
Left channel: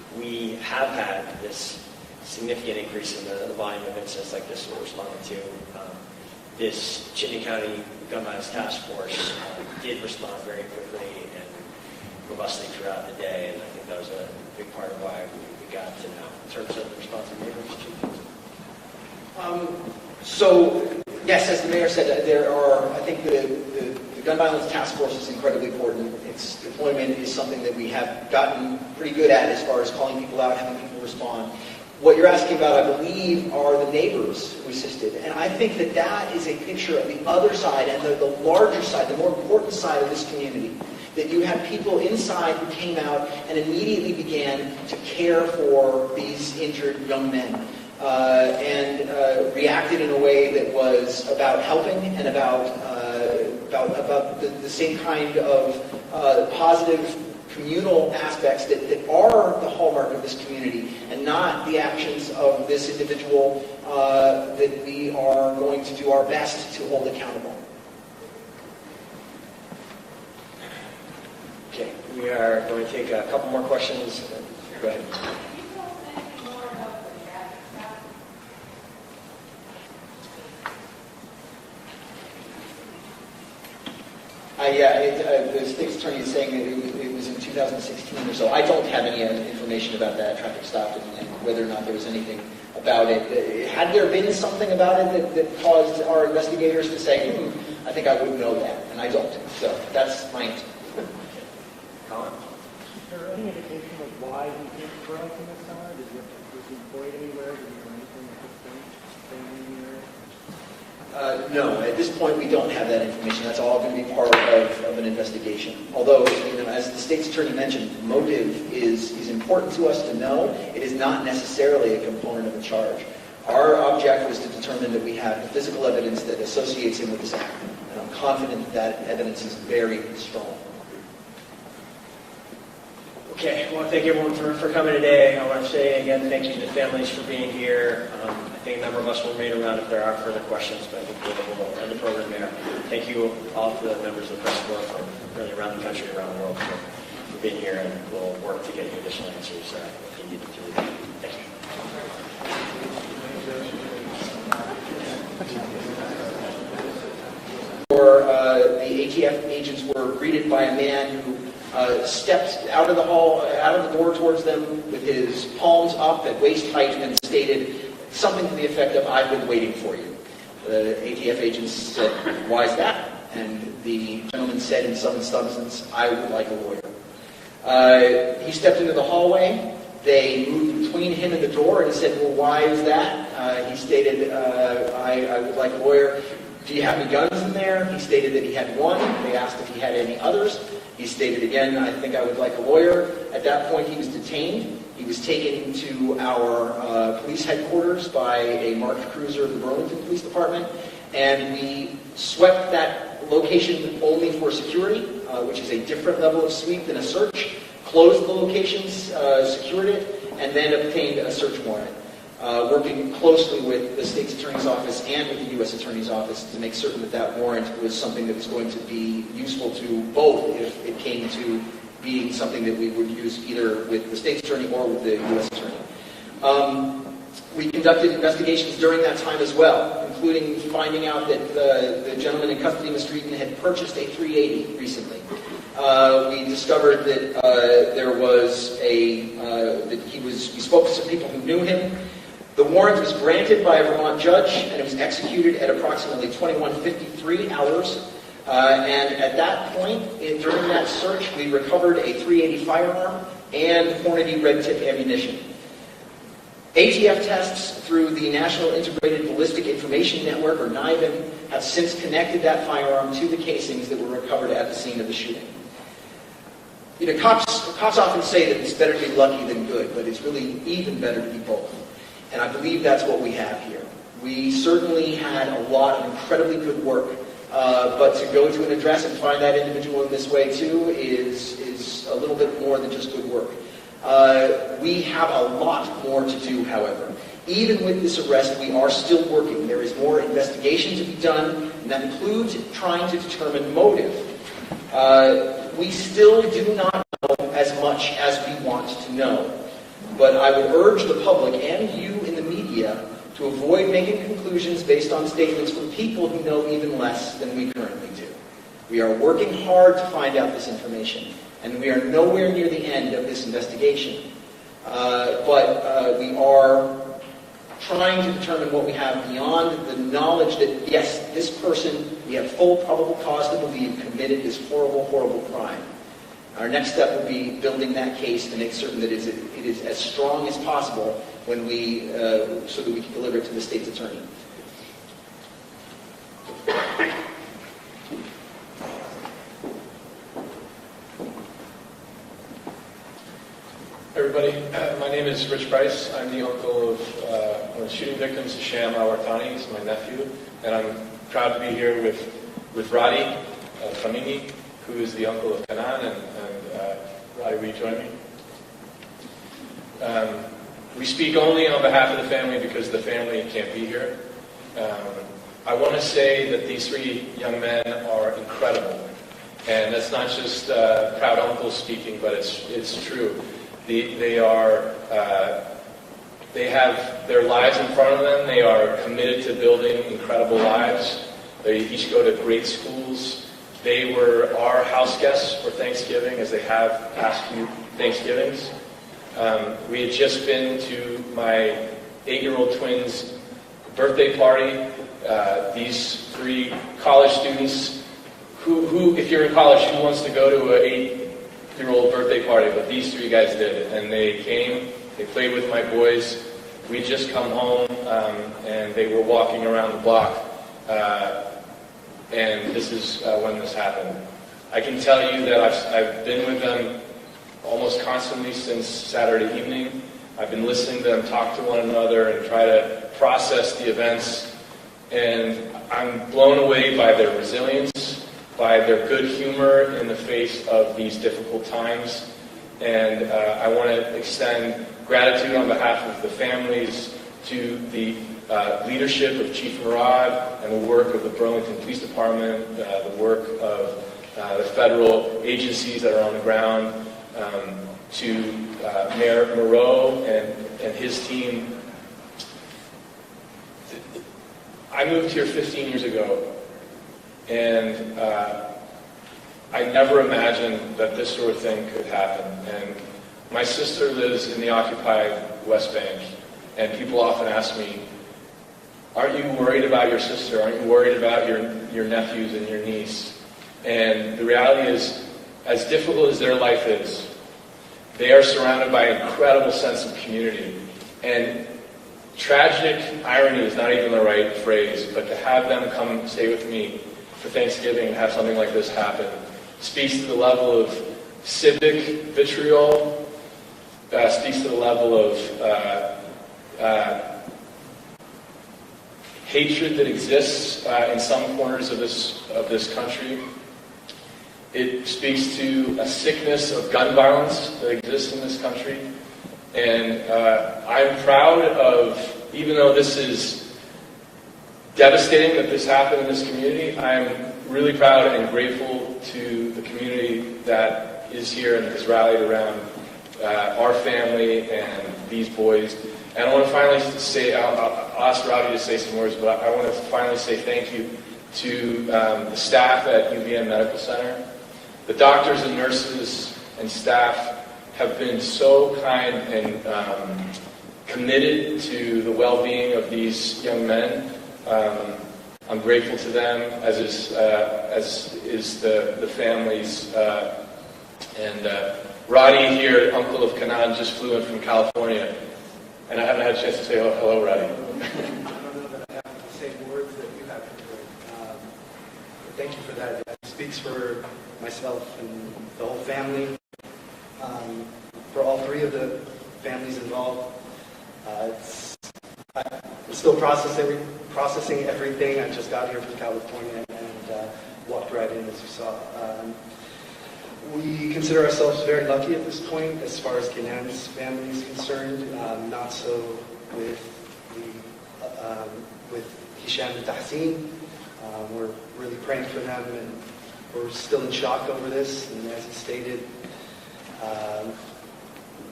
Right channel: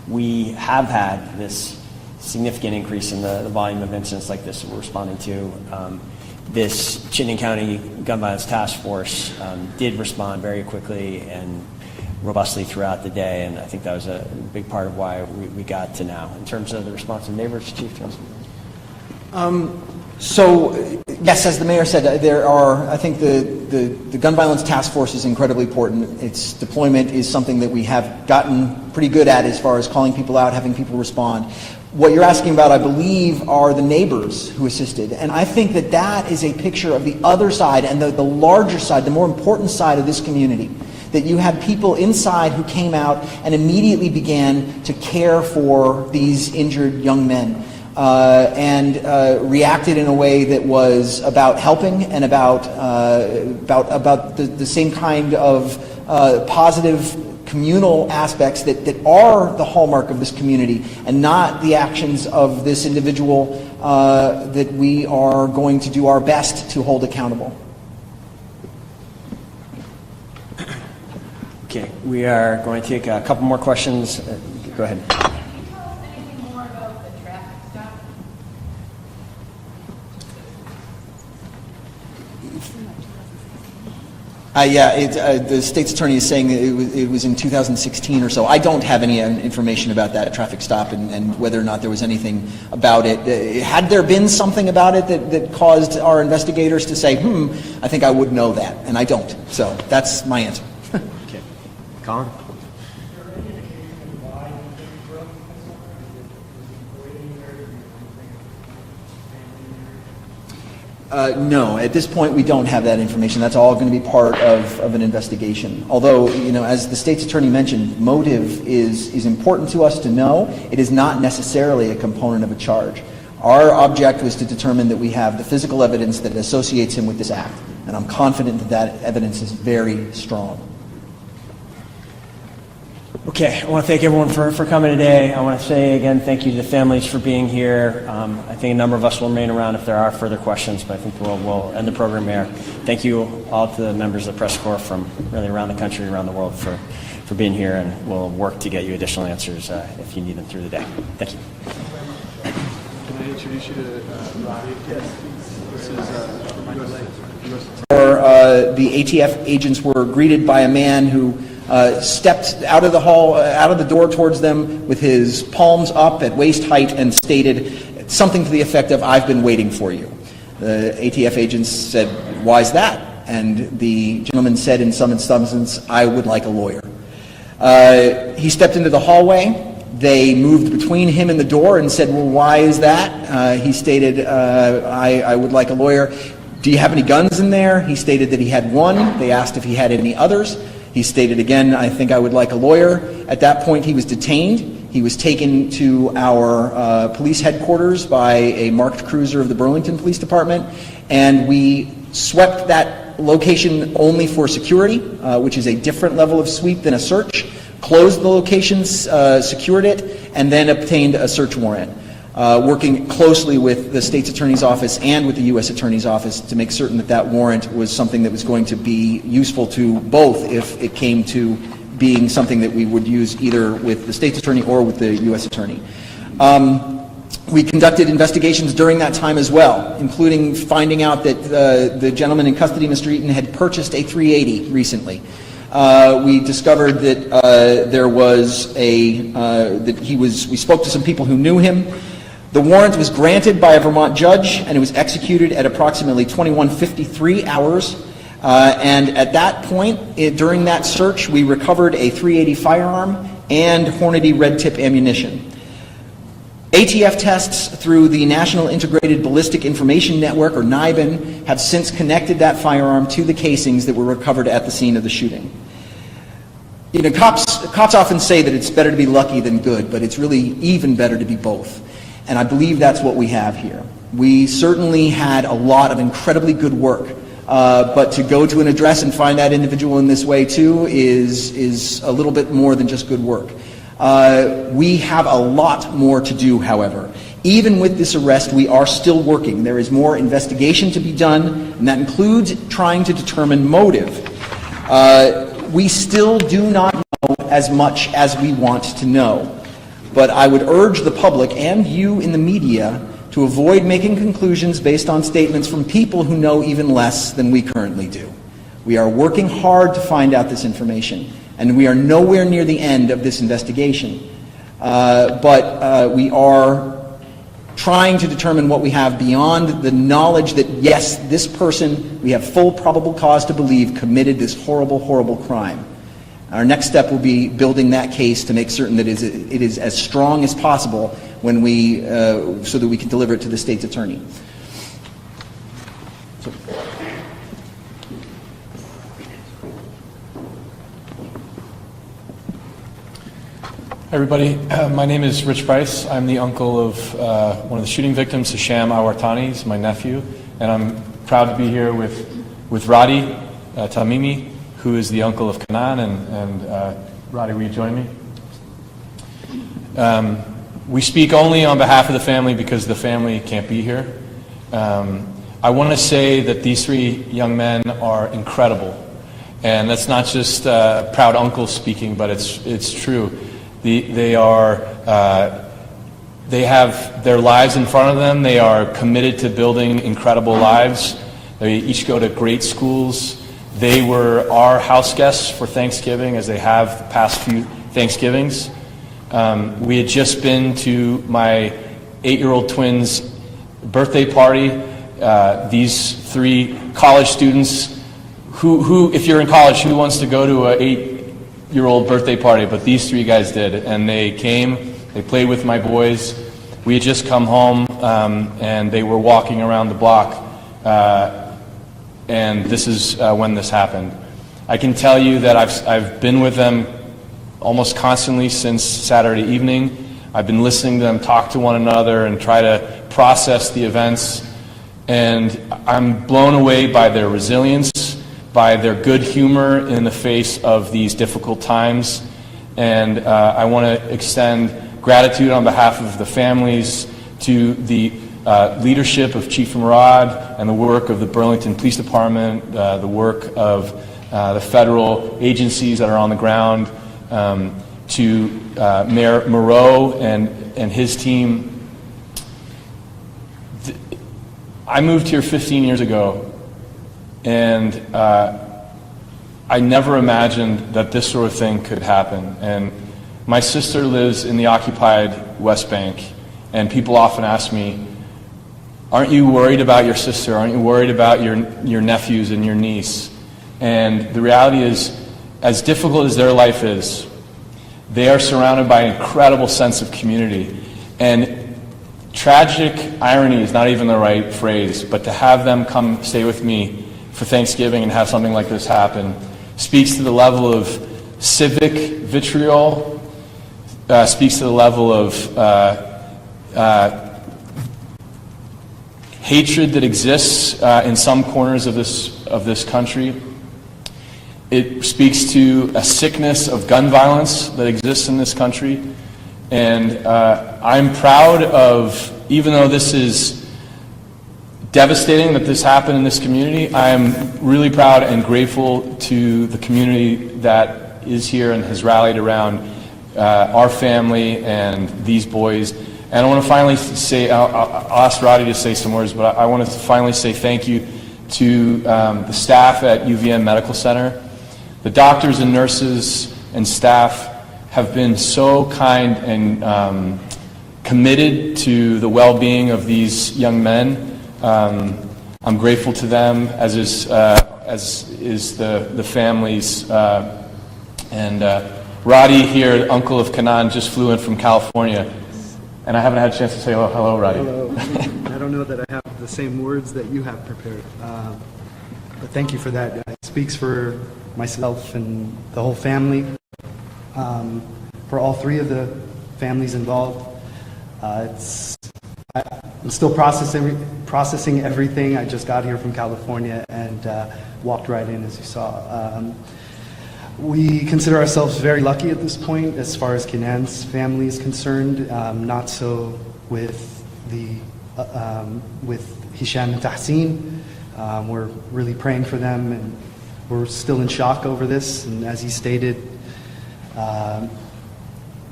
we have had this significant increase in the volume of incidents like this we're responding to. This Chittenden County Gun Violence Task Force did respond very quickly and robustly throughout the day, and I think that was a big part of why we got to now. In terms of the response of neighbors, Chief Johnson? So, yes, as the mayor said, there are, I think the Gun Violence Task Force is incredibly important. Its deployment is something that we have gotten pretty good at as far as calling people out, having people respond. What you're asking about, I believe, are the neighbors who assisted. And I think that that is a picture of the other side and the larger side, the more important side of this community. That you had people inside who came out and immediately began to care for these injured young men. And reacted in a way that was about helping and about the same kind of positive communal aspects that are the hallmark of this community, and not the actions of this individual that we are going to do our best to hold accountable. Okay, we are going to take a couple more questions. Go ahead. The state's attorney is saying that it was in 2016 or so. I don't have any information about that traffic stop and whether or not there was anything about it. Had there been something about it that caused our investigators to say, I think I would know that, and I don't. So that's my answer. Okay. Colin? Is there any indication of why he grew up in this summer? Was he employed anywhere? Did he come to No, at this point we don't have that information. That's all going to be part of an investigation. Although, as the state's attorney mentioned, motive is important to us to know. It is not necessarily a component of a charge. Our object was to determine that we have the physical evidence that associates him with this act. And I'm confident that that evidence is very strong. Okay, I want to thank everyone for coming today. I want to say again thank you to the families for being here. I think a number of us will remain around if there are further questions, but I think we'll end the program here. Thank you all to the members of the press corps from really around the country, around the world for being here, and we'll work to get you additional answers if you need them through the day. Thank you. The ATF agents were greeted by a man who stepped out of the hall, out of the door towards them with his palms up at waist height and stated something to the effect of, "I've been waiting for you." The ATF agents said, "Why is that?" And the gentleman said in some substance, "I would like a lawyer." He stepped into the hallway. They moved between him and the door and said, "Well, why is that?" He stated, I would like a lawyer. "Do you have any guns in there?" He stated that he had one. They asked if he had any others. He stated again, "I think I would like a lawyer." At that point, he was detained. He was taken to our police headquarters by a marked cruiser of the Burlington Police Department, and we swept that location only for security, which is a different level of sweep than a search, closed the location, secured it, and then obtained a search warrant, working closely with the state's attorney's office and with the U.S. attorney's office to make certain that that warrant was something that was going to be useful to both if it came to being something that we would use either with the state's attorney or with the U.S. attorney. We conducted investigations during that time as well, including finding out that the gentleman in custody, Mr. Eaton, had purchased a .380 recently. We discovered that there was we spoke to some people who knew him. The warrant was granted by a Vermont judge, and it was executed at approximately 21:53 hours. And at that point, during that search, we recovered a .380 firearm and Hornady red tip ammunition. ATF tests through the National Integrated Ballistic Information Network, or NIBIN, have since connected that firearm to the casings that were recovered at the scene of the shooting. Cops often say that it's better to be lucky than good, but it's really even better to be both. And I believe that's what we have here. We certainly had a lot of incredibly good work, but to go to an address and find that individual in this way too is a little bit more than just good work. We have a lot more to do, however. Even with this arrest, we are still working. There is more investigation to be done, and that includes trying to determine motive. We still do not know as much as we want to know. but I would urge the public and you in the media to avoid making conclusions based on statements from people who know even less than we currently do. We are working hard to find out this information, and we are nowhere near the end of this investigation. But we are trying to determine what we have beyond the knowledge that, yes, this person, we have full probable cause to believe, committed this horrible, horrible crime. Our next step will be building that case to make certain that it is as strong as possible when we, so that we can deliver it to the state's attorney. Everybody, my name is Rich Price. I'm the uncle of one of the shooting victims, Hisham al-Wartani. He's my nephew, and I'm proud to be here with Radi Tamimi, who is the uncle of Kanan. And Radi, will you join me? We speak only on behalf of the family because the family can't be here. I want to say that these three young men are incredible, and that's not just proud uncles speaking, but it's true. They have their lives in front of them. They are committed to building incredible lives. They each go to great schools. They were our house guests for Thanksgiving, as they have the past few Thanksgivings. We had just been to my 8-year-old twins' birthday party. These three college students, who, if you're in college, who wants to go to an 8-year-old birthday party? But these three guys did, and they came. They played with my boys. We had just come home, and they were walking around the block, and this is when this happened. I can tell you that I've been with them almost constantly since Saturday evening. I've been listening to them talk to one another and try to process the events, and I'm blown away by their resilience, by their good humor in the face of these difficult times. And I want to extend gratitude on behalf of the families to the leadership of Chief Murad and the work of the Burlington Police Department, the work of the federal agencies that are on the ground, to Mayor Moreau and his team. I moved here 15 years ago, and I never imagined that this sort of thing could happen. And my sister lives in the occupied West Bank, and people often ask me, aren't you worried about your sister? Aren't you worried about your nephews and your niece? And the reality is, as difficult as their life is, they are surrounded by an incredible sense of community. And tragic irony is not even the right phrase, but to have them come stay with me for Thanksgiving and have something like this happen speaks to the level of civic vitriol, speaks to the level of hatred that exists in some corners of this country. It speaks to a sickness of gun violence that exists in this country. And I'm proud of, even though this is devastating that this happened in this community, I'm really proud and grateful to the community that is here and has rallied around our family and these boys. And I want to finally say, I'll ask Roddy to say some words, but I want to finally say thank you to the staff at UVM Medical Center. The doctors and nurses and staff have been so kind and committed to the well-being of these young men. I'm grateful to them, as is the families. And Roddy here, uncle of Kanan, just flew in from California, and I haven't had a chance to say hello, Roddy. I don't know that I have the same words that you have prepared, but thank you for that. It speaks for myself and the whole family, for all three of the families involved. I'm still processing everything. I just got here from California and walked right in, as you saw. We consider ourselves very lucky at this point as far as Kenan's family is concerned. Not so with Hisham and Tahsin. We're really praying for them, and we're still in shock over this. And as he stated,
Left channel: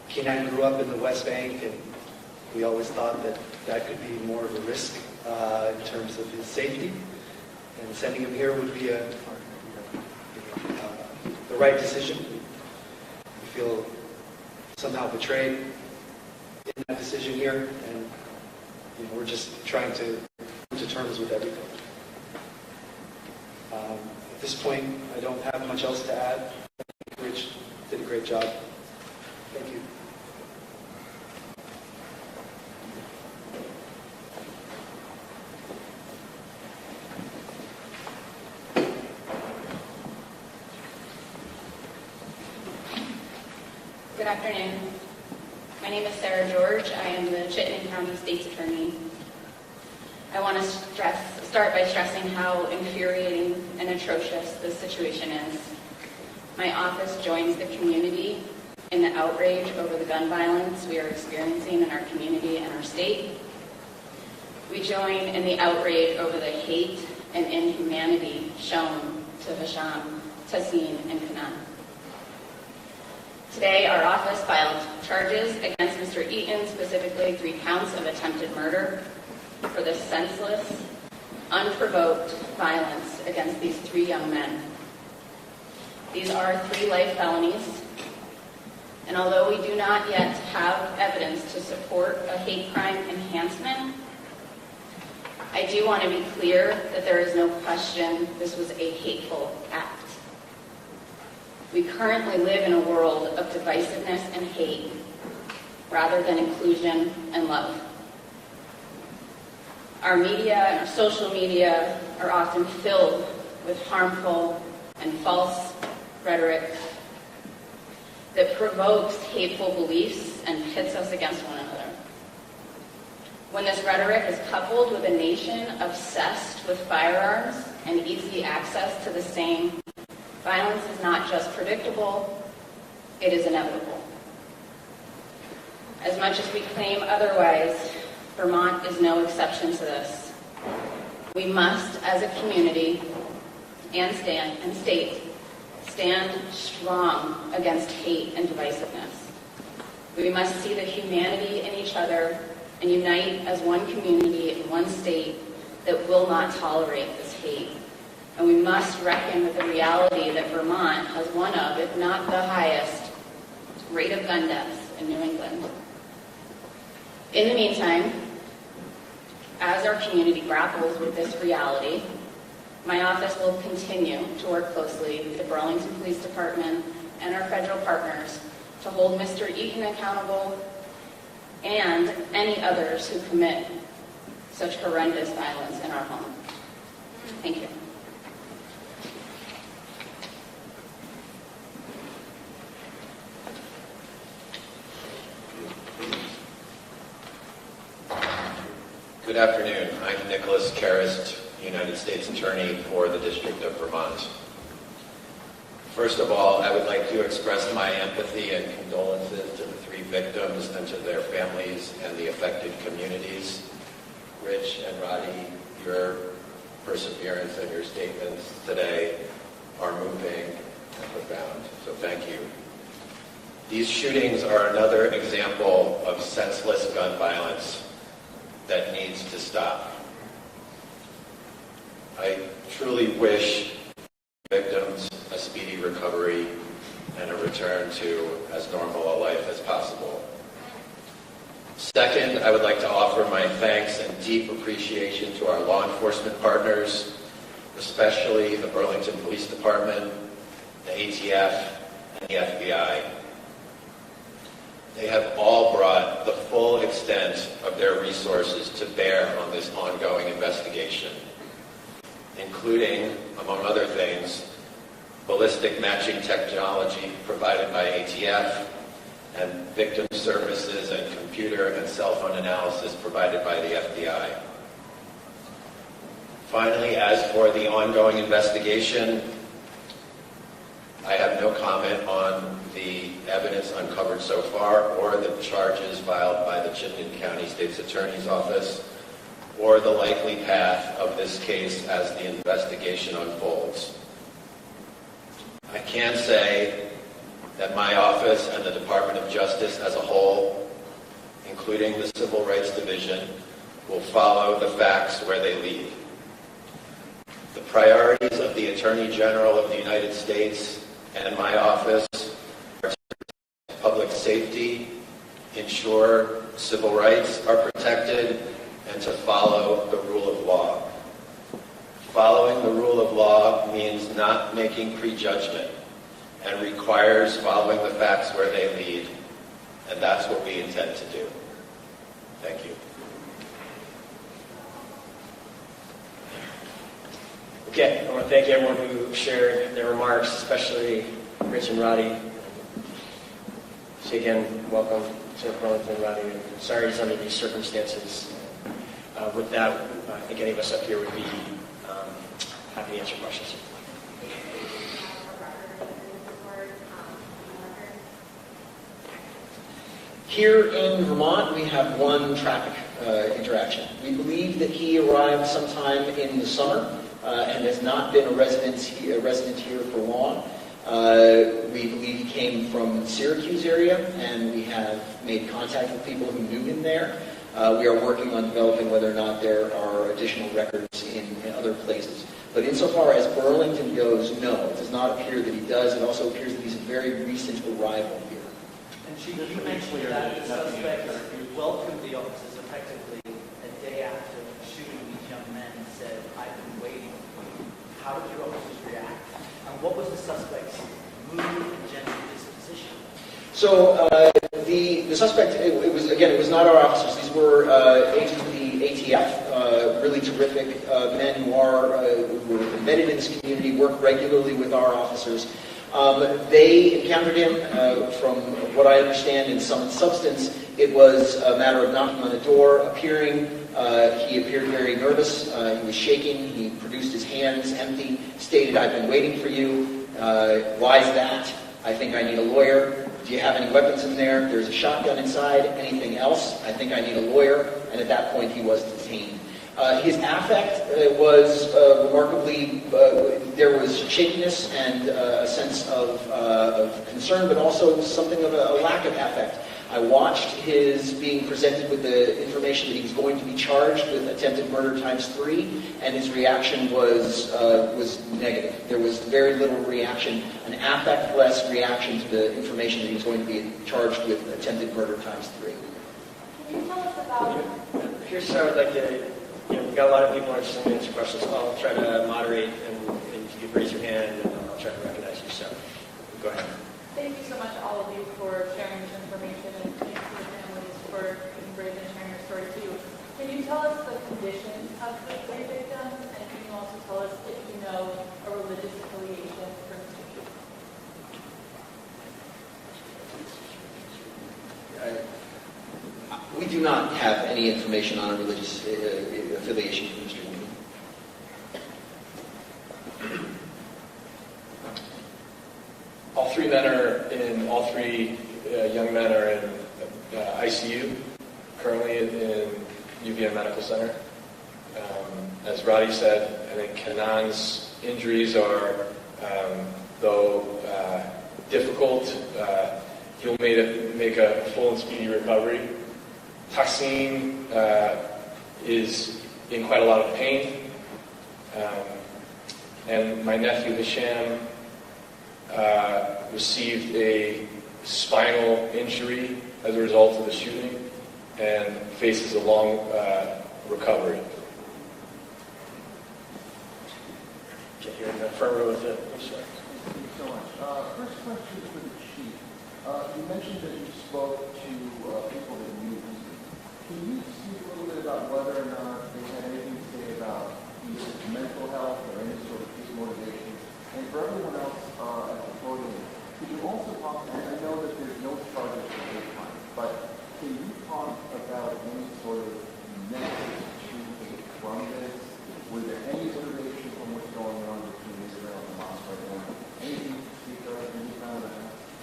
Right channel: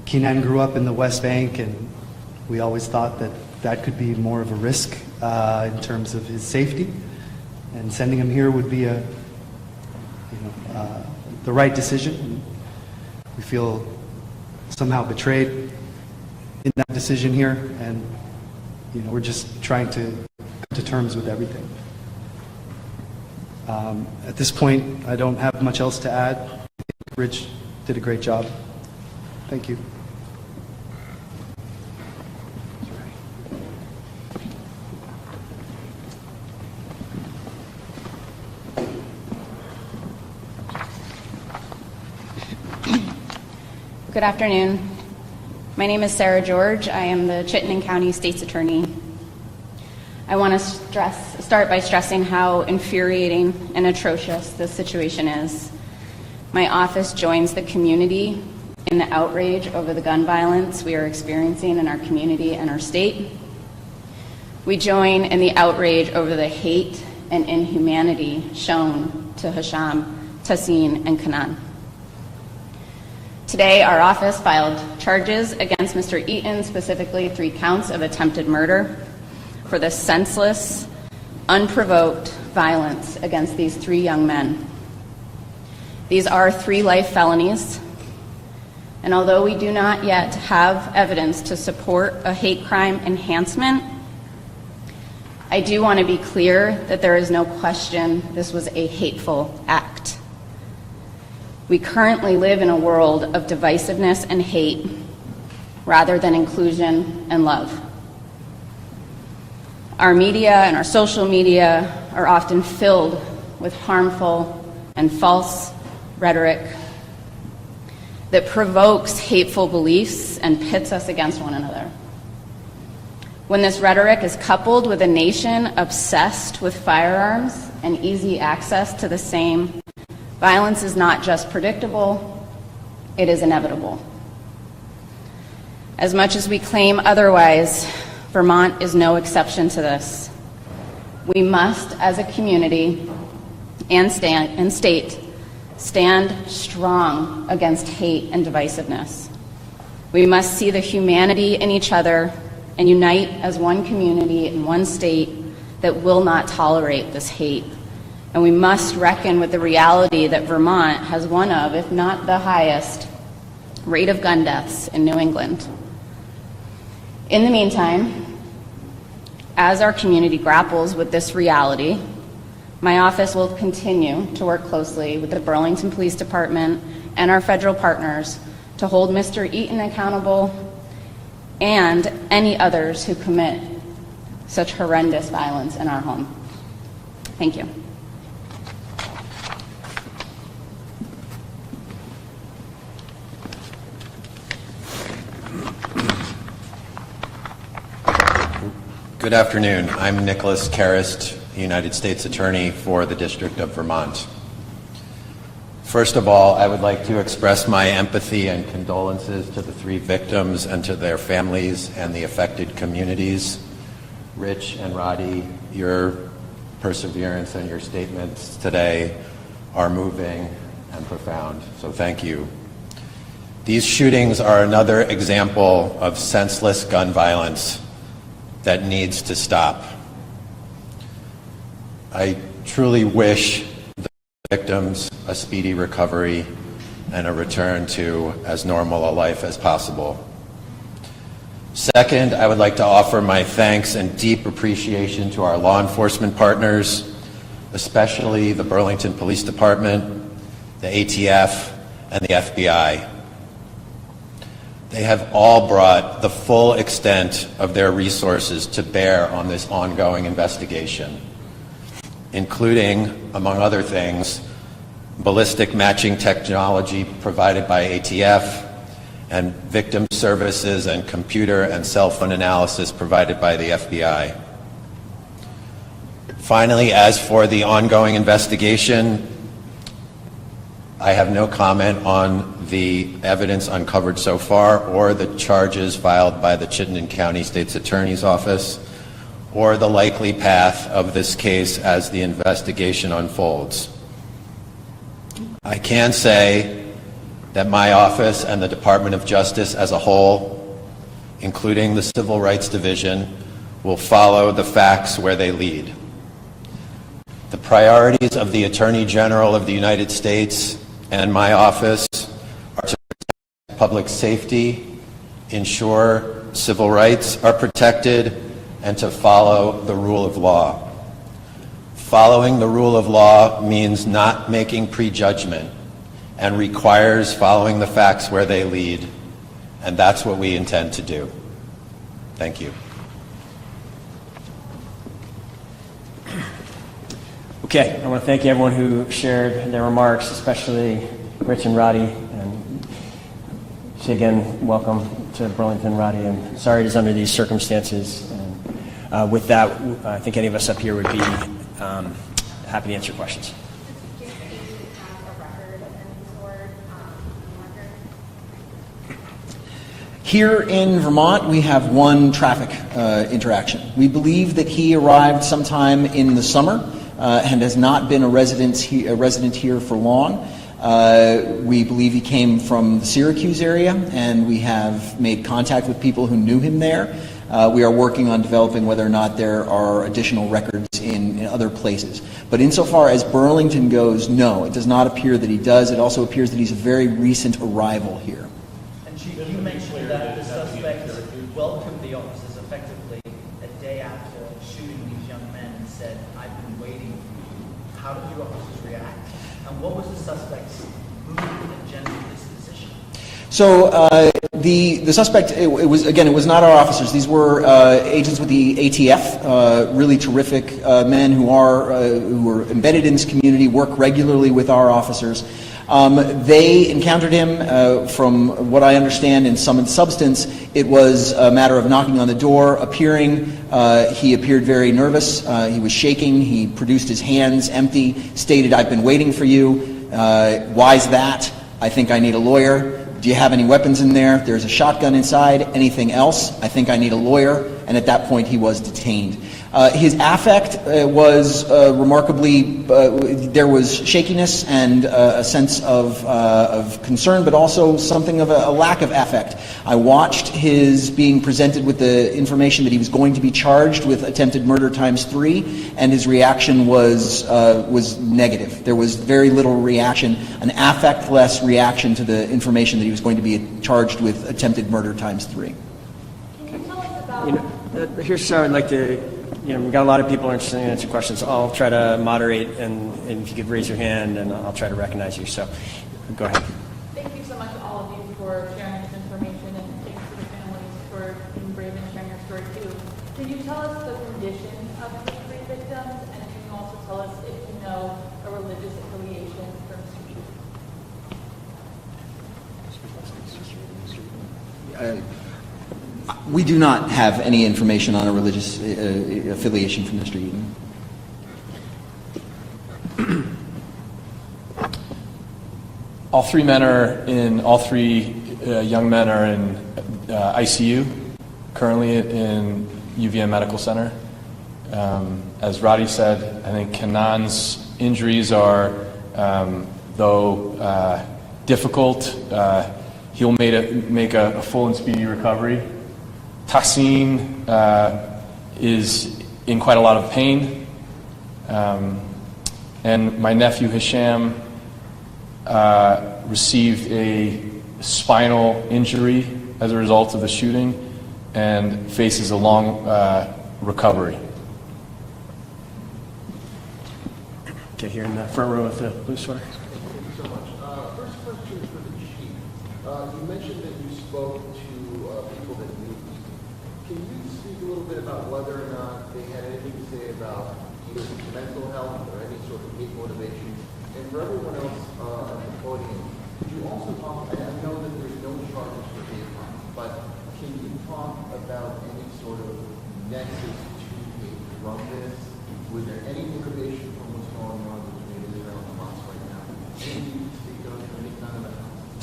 Keenan grew up in the West Bank, and we always thought that that could be more of a risk in terms of his safety, and sending him here would be the right decision. We feel somehow betrayed in that decision here, and we're just trying to come to terms with everything. At this point, I don't have much else to add. I think Rich did a great job. Thank you. Good afternoon. My name is Sarah George. I am the Chittenden County State's Attorney. I want to start by stressing how infuriating and atrocious this situation is. My office joins the community in the outrage over the gun violence we are experiencing in our community and our state. We join in the outrage over the hate and inhumanity shown to Hisham, Tassin, and Kanan. Today, our office filed charges against Mr. Eaton, specifically 3 counts of attempted murder, for the senseless, unprovoked violence against these 3 young men. These are 3 life felonies, and although we do not yet have evidence to support a hate crime enhancement, I do want to be clear that there is no question this was a hateful act. We currently live in a world of divisiveness and hate rather than inclusion and love. Our media and our social media are often filled with harmful and false rhetoric that provokes hateful beliefs and pits us against one another. When this rhetoric is coupled with a nation obsessed with firearms and easy access to the same, violence is not just predictable, it is inevitable. As much as we claim otherwise, Vermont is no exception to this. We must, as a community and state, stand strong against hate and divisiveness. We must see the humanity in each other and unite as one community in one state that will not tolerate this hate. And we must reckon with the reality that Vermont has one of, if not the highest, rate of gun deaths in New England. In the meantime, as our community grapples with this reality, my office will continue to work closely with the Burlington Police Department and our federal partners to hold Mr. Eaton accountable and any others who commit such horrendous violence in our home. Thank you. Good afternoon. I'm Nicholas Karist, United States Attorney for the District of Vermont. First of all, I would like to express my empathy and condolences to the 3 victims and to their families and the affected communities. Rich and Roddy, your perseverance and your statements today are moving and profound, so thank you. These shootings are another example of senseless gun violence that needs to stop. I truly wish the victims a speedy recovery and a return to as normal a life as possible. Second, I would like to offer my thanks and deep appreciation to our law enforcement partners, especially the Burlington Police Department, the ATF, and the FBI. They have all brought the full extent of their resources to bear on this ongoing investigation, including, among other things, ballistic matching technology provided by ATF and victim services and computer and cell phone analysis provided by the FBI. Finally, as for the ongoing investigation, I have no comment on the evidence uncovered so far or the charges filed by the Chittenden County State's Attorney's Office or the likely path of this case as the investigation unfolds. I can say that my office and the Department of Justice as a whole, including the Civil Rights Division, will follow the facts where they lead. The priorities of the Attorney General of the United States and my office are to protect public safety, ensure civil rights are protected, and to follow the rule of law. Following the rule of law means not making prejudgment and requires following the facts where they lead, and that's what we intend to do. Thank you. Okay, I want to thank everyone who shared their remarks, especially Rich and Roddy. And say again, welcome to Burlington, Roddy, and sorry it's under these circumstances. And, with that, I think any of us up here would be happy to answer questions. Here in Vermont, we have one traffic interaction. We believe that he arrived sometime in the summer and has not been a resident here for long. We believe he came from the Syracuse area, and we have made contact with people who knew him there. We are working on developing whether or not there are additional records in other places. But insofar as Burlington goes, no, it does not appear that he does. It also appears that he's a very recent arrival here. And Chief, you mentioned that the suspect welcomed the officers effectively a day after shooting these young men and said, "I've been waiting for you." How did your officers react? And what was the suspect's mood and general disposition? So the suspect, it was not our officers. These were agents with the ATF, really terrific men who are embedded in this community, work regularly with our officers. They encountered him, from what I understand, in sum and substance. It was a matter of knocking on the door, appearing. He appeared very nervous. He was shaking. He produced his hands empty, stated, "I've been waiting for you." Why's that? "I think I need a lawyer." "Do you have any weapons in there?" "There's a shotgun inside." "Anything else?" "I think I need a lawyer." And at that point, he was detained. His affect was remarkably, there was shakiness and a sense of concern, but also something of a lack of affect. I watched his being presented with the information that he was going to be charged with attempted murder ×3, and his reaction was negative. There was very little reaction, an affect-less reaction to the information that he was going to be charged with attempted murder ×3. Here's how I'd like to, we've got a lot of people interested in answering questions. I'll try to moderate, and if you could raise your hand, and I'll try to recognize you. So, go ahead. Thank you so much, all of you, for sharing this information, and thanks to the families for being brave and sharing your story too. Can you tell us the condition of the three victims, and can you also tell us if you know a religious affiliation for Mr. Eaton? We do not have any information on a religious affiliation from Mr. Eaton. All three young men are in ICU, currently in UVM Medical Center. As Roddy said, I think Kanan's injuries are, though difficult, he'll make a full and speedy recovery. Tassim is in quite a lot of pain. And my nephew Hisham received a spinal injury as a result of the shooting and faces a long recovery. Okay, here in the front row of the blue sweater. Thank you so much. First question for the chief. You mentioned that you spoke to people that knew. Can you speak a little bit about whether or not they had anything to say about either mental health or any sort of hate motivation? And for everyone else at the podium, can you also talk, and I know that there's no charges for hate crime, but can you talk about any sort of nexus to hate from this? Was there any motivation from what's going on between Israel and Hamas right now? Anything you can speak of, any kind of that?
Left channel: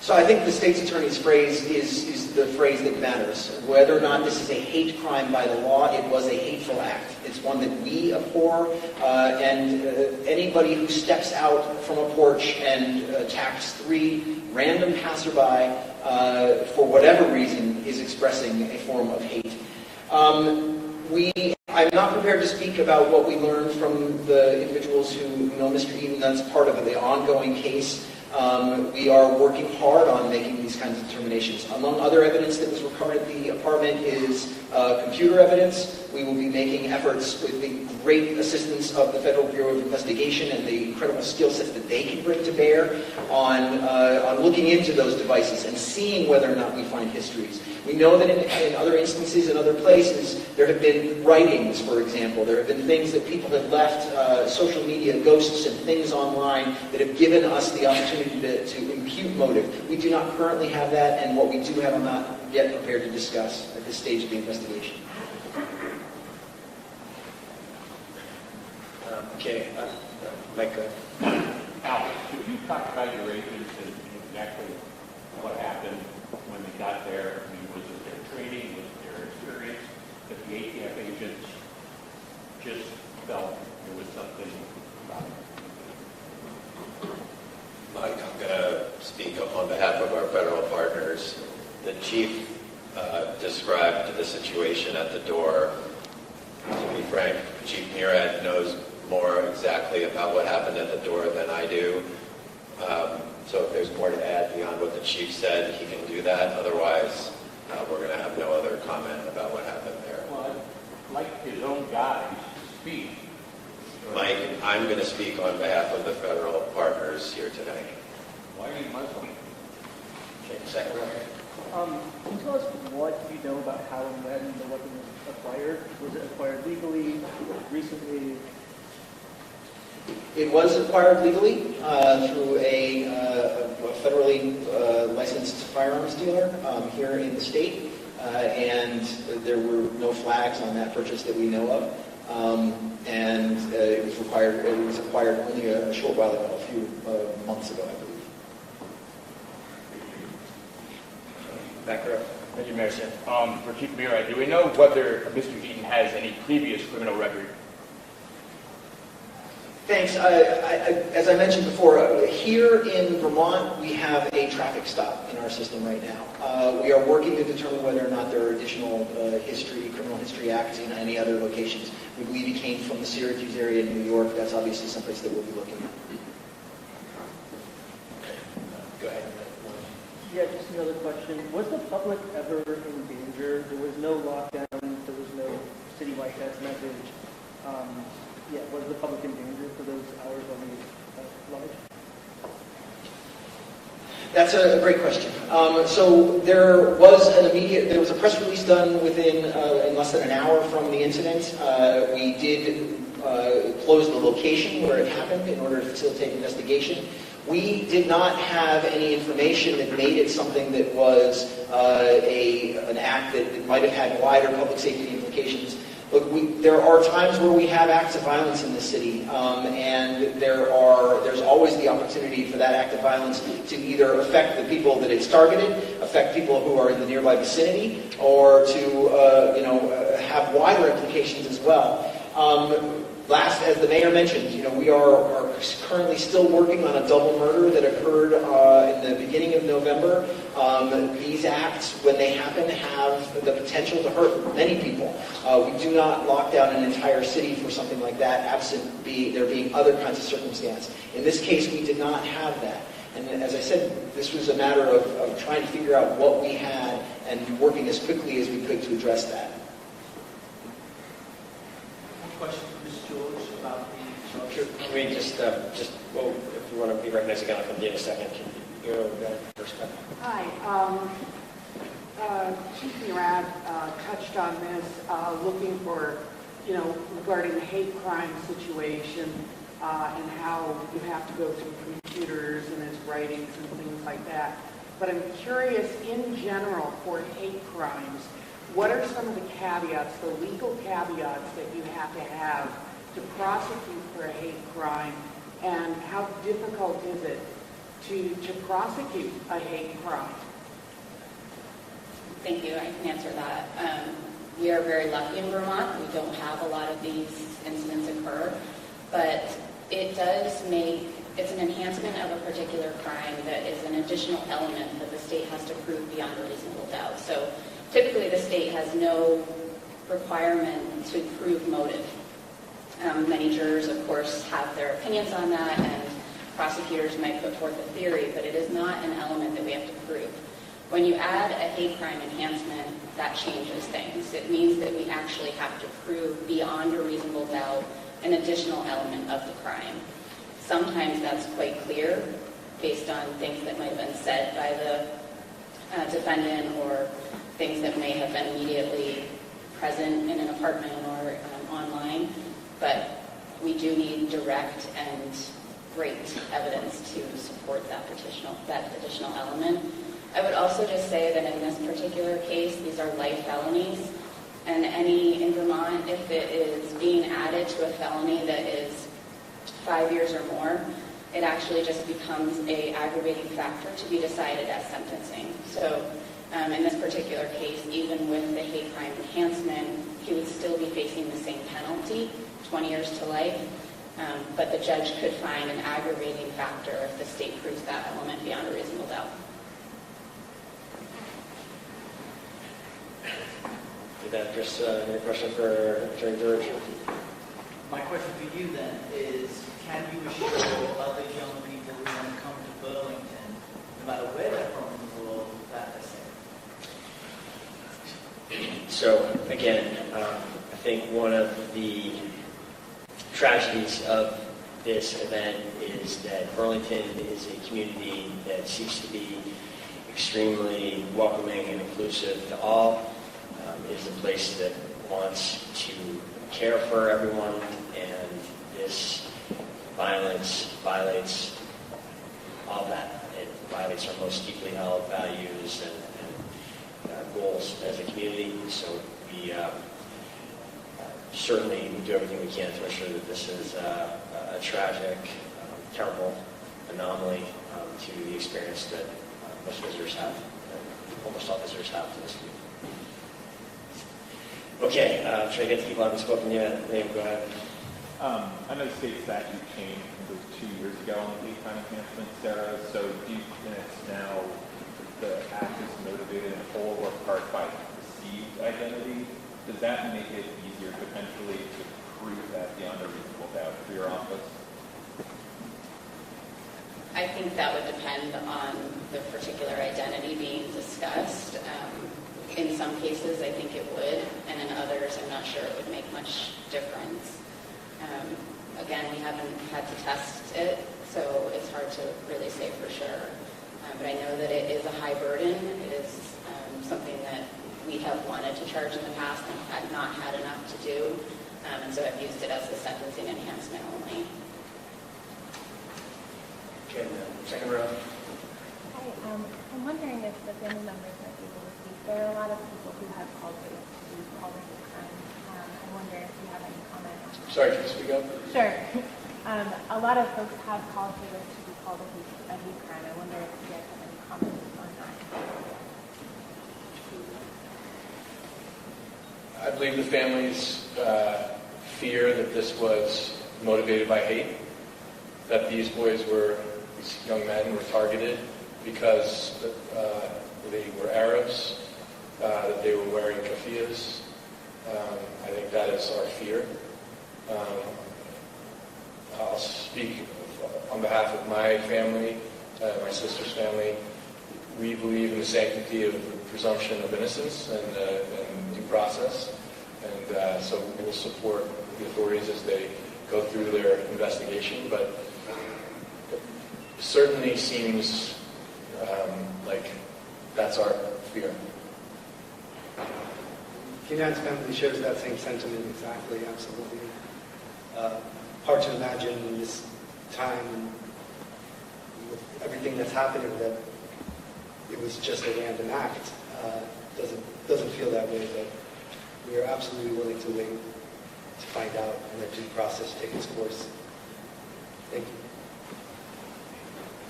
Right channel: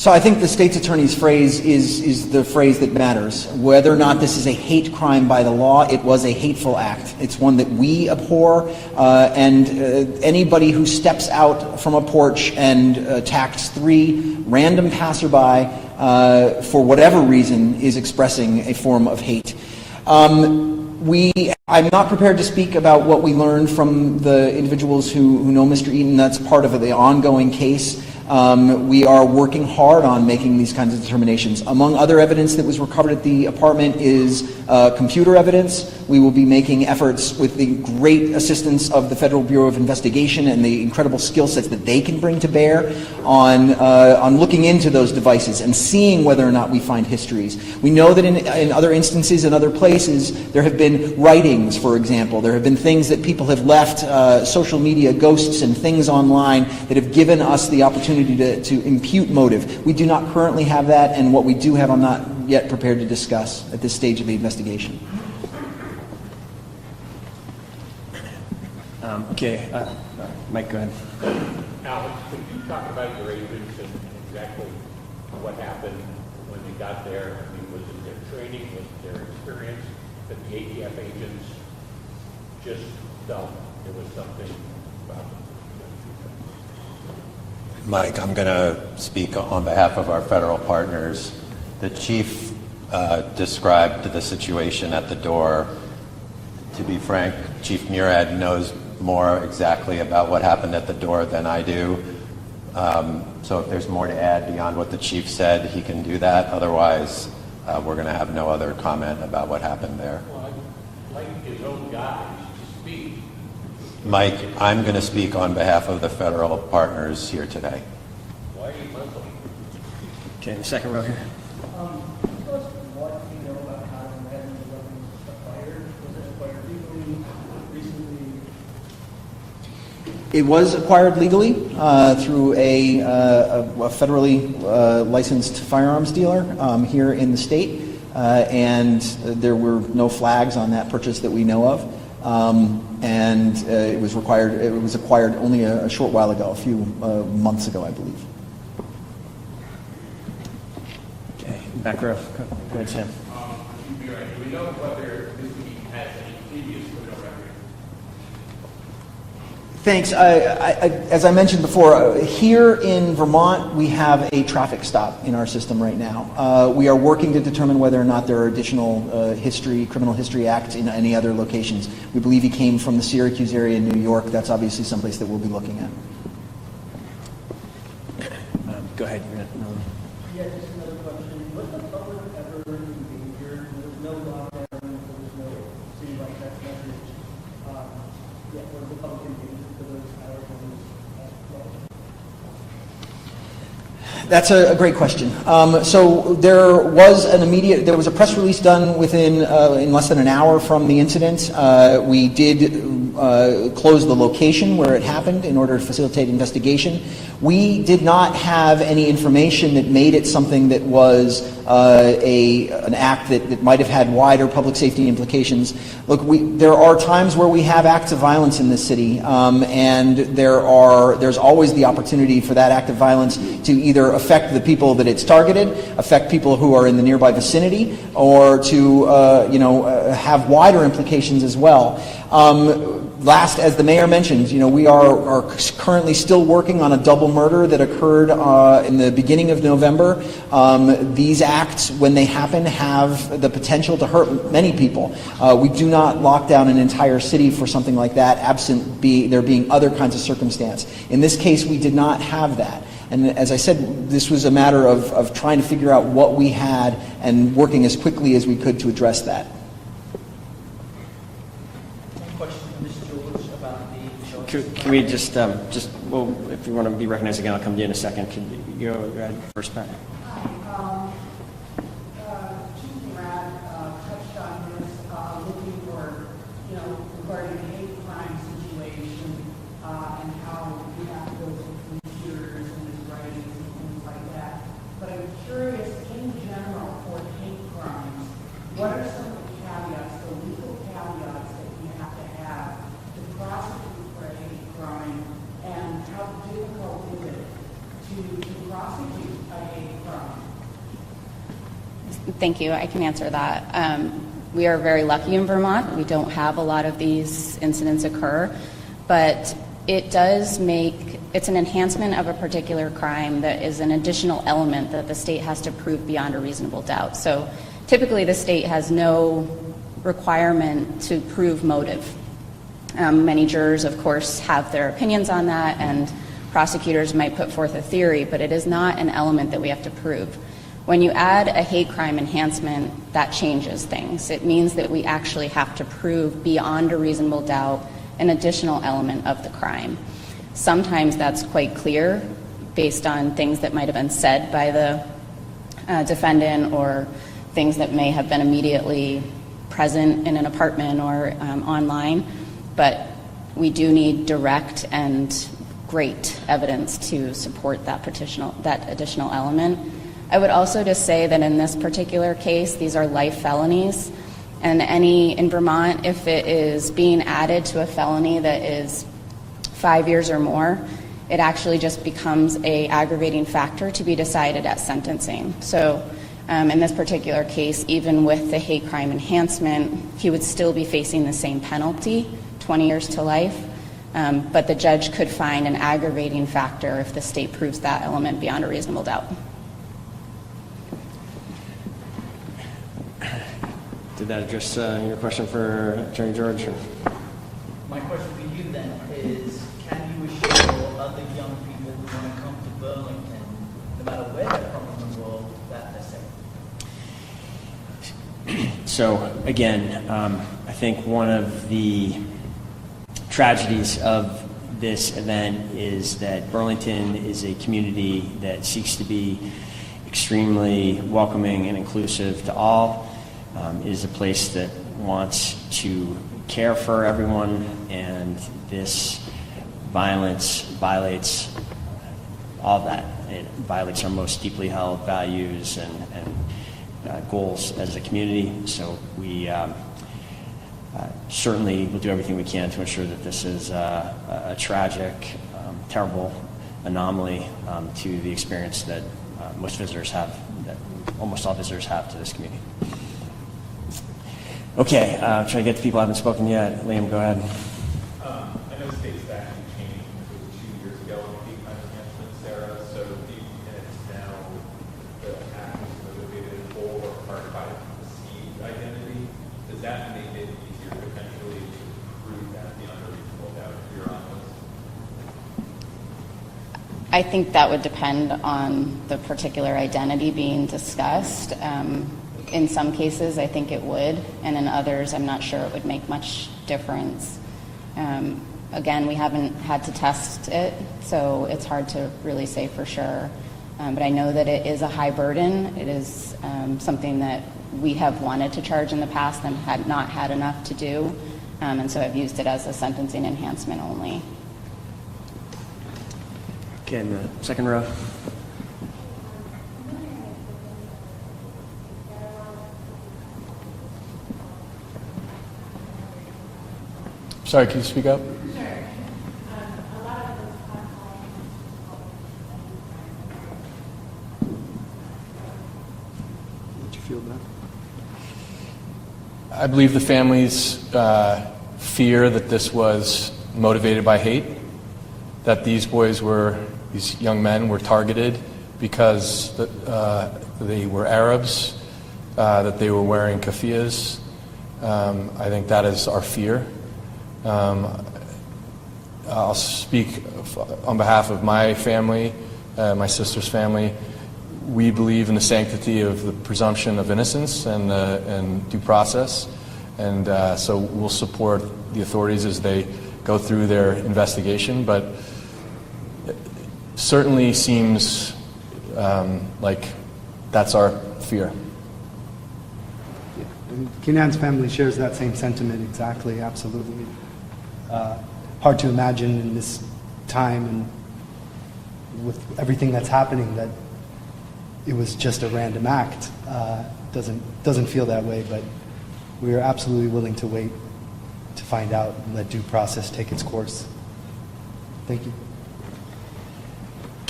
So I think the state's attorney's phrase is the phrase that matters. Whether or not this is a hate crime by the law, it was a hateful act. It's one that we abhor, and anybody who steps out from a porch and attacks 3 random passerby for whatever reason is expressing a form of hate. I'm not prepared to speak about what we learned from the individuals who know Mr. Eaton. That's part of the ongoing case. We are working hard on making these kinds of determinations. Among other evidence that was recovered at the apartment is computer evidence. We will be making efforts with the great assistance of the Federal Bureau of Investigation and the incredible skill sets that they can bring to bear on looking into those devices and seeing whether or not we find histories. We know that in other instances, in other places, there have been writings, for example. There have been things that people have left, social media ghosts and things online that have given us the opportunity to impute motive. We do not currently have that, and what we do have I'm not yet prepared to discuss at this stage of the investigation. Okay, Mike, go ahead. Alex, could you talk about your agents and exactly what happened when we got there? I mean, was it their training, was it their experience, that the ATF agents just felt there was something about it? Mike, I'm going to speak on behalf of our federal partners. The chief described the situation at the door. To be frank, Chief Murad knows more exactly about what happened at the door than I do. So if there's more to add beyond what the chief said, he can do that. Otherwise, we're going to have no other comment about what happened there. Well, I'd like his own guys to speak. Mike, I'm going to speak on behalf of the federal partners here today. Why are you Muslim? Okay, second row here. Can you tell us what you know about how and when the weapon was acquired? Was it acquired legally, recently? It was acquired legally through a federally licensed firearms dealer here in the state, and there were no flags on that purchase that we know of. And it was acquired only a short while ago, a few months ago, I believe. Okay, back row. For Chief Murad, do we know whether Mr. Eaton has any previous criminal record? Thanks. As I mentioned before, here in Vermont, we have a traffic stop in our system right now. We are working to determine whether or not there are additional criminal history acts in any other locations. We believe he came from the Syracuse area in New York. That's obviously someplace that we'll be looking at. Go ahead. Yeah, just another question. Was the public ever injured? There was no lockdown. There was no citywide test message. Was the public injured for those hours when we That's a great question. So there was a press release done in less than an hour from the incident. We did close the location where it happened in order to facilitate investigation. We did not have any information that made it something that was an act that might have had wider public safety implications. Look, there are times where we have acts of violence in this city, and there's always the opportunity for that act of violence to either affect the people that it's targeted, affect people who are in the nearby vicinity, or to have wider implications as well. Last, as the mayor mentioned, we are currently still working on a double murder that occurred in the beginning of November. These acts, when they happen, have the potential to hurt many people. We do not lock down an entire city for something like that, absent there being other kinds of circumstance. In this case, we did not have that. And as I said, this was a matter of trying to figure out what we had and working as quickly as we could to address that. Can we just well, if you want to be recognized again, I'll come to you in a second. Can you go ahead first, Pat? Hi. Chief Murad touched on this, looking for, regarding the hate crime situation and how you have to go to computers and there's writings and things like that. But I'm curious, in general, for hate crimes, what are some of the caveats, the legal caveats that you have to prosecute for a hate crime, and how difficult is it to prosecute a hate crime? Thank you. I can answer that. We are very lucky in Vermont. We don't have a lot of these incidents occur, but it does make, it's an enhancement of a particular crime that is an additional element that the state has to prove beyond a reasonable doubt. So typically the state has no requirement to prove motive. Many jurors, of course, have their opinions on that, and prosecutors might put forth a theory, but it is not an element that we have to prove. When you add a hate crime enhancement, that changes things. It means that we actually have to prove beyond a reasonable doubt an additional element of the crime. Sometimes that's quite clear based on things that might have been said by the defendant or things that may have been immediately present in an apartment or online, but we do need direct and great evidence to support that additional element. I would also just say that in this particular case, these are life felonies, and in Vermont, if it is being added to a felony that is 5 years or more, it actually just becomes an aggravating factor to be decided at sentencing. So in this particular case, even with the hate crime enhancement, he would still be facing the same penalty, 20 years to life, but the judge could find an aggravating factor if the state proves that element beyond a reasonable doubt. Did that address your question for Attorney George? My question to you then is, can you assure other young people who want to come to Burlington, no matter where they're from in the world, that they're safe? So again, I think one of the tragedies of this event is that Burlington is a community that seeks to be extremely welcoming and inclusive to all. Is a place that wants to care for everyone, and this violence violates all of that. It violates our most deeply held values and goals as a community. So we certainly will do everything we can to ensure that this is a tragic, terrible anomaly to the experience that most visitors have, that almost all visitors have to this community. Okay, trying to get to people who haven't spoken yet. Liam, go ahead. I know state statute changed, it was 2 years ago on hate crime enhancement, Sarah. So do you think it's now the act is motivated in whole or part by perceived identity? Does that make it easier potentially to prove that beyond a reasonable doubt if you're on this? I think that would depend on the particular identity being discussed. In some cases, I think it would, and in others, I'm not sure it would make much difference. Again, we haven't had to test it, so it's hard to really say for sure. But I know that it is a high burden. It is something that we have wanted to charge in the past and had not had enough to do, and so I've used it as a sentencing enhancement only. Okay, in the second row. I'm wondering if the family members are able to speak. There are a lot of people who have called me all the time. I wonder if you have any comment. Sorry, can you speak up? Sure. A lot of folks have called me to be called a hate crime. I wonder if you have any comment on that. Did you feel that? I believe the families fear that this was motivated by hate, that these young men were targeted because they were Arabs, that they were wearing keffiyehs. I think that is our fear. I'll speak on behalf of my family, my sister's family. We believe in the sanctity of the presumption of innocence and due process, and so we'll support the authorities as they go through their investigation, but it certainly seems like that's our fear. Kenan's family shares that same sentiment exactly, absolutely. Hard to imagine in this time and with everything that's happening that it was just a random act. Doesn't feel that way, but we are absolutely willing to wait to find out and let due process take its course. Thank you.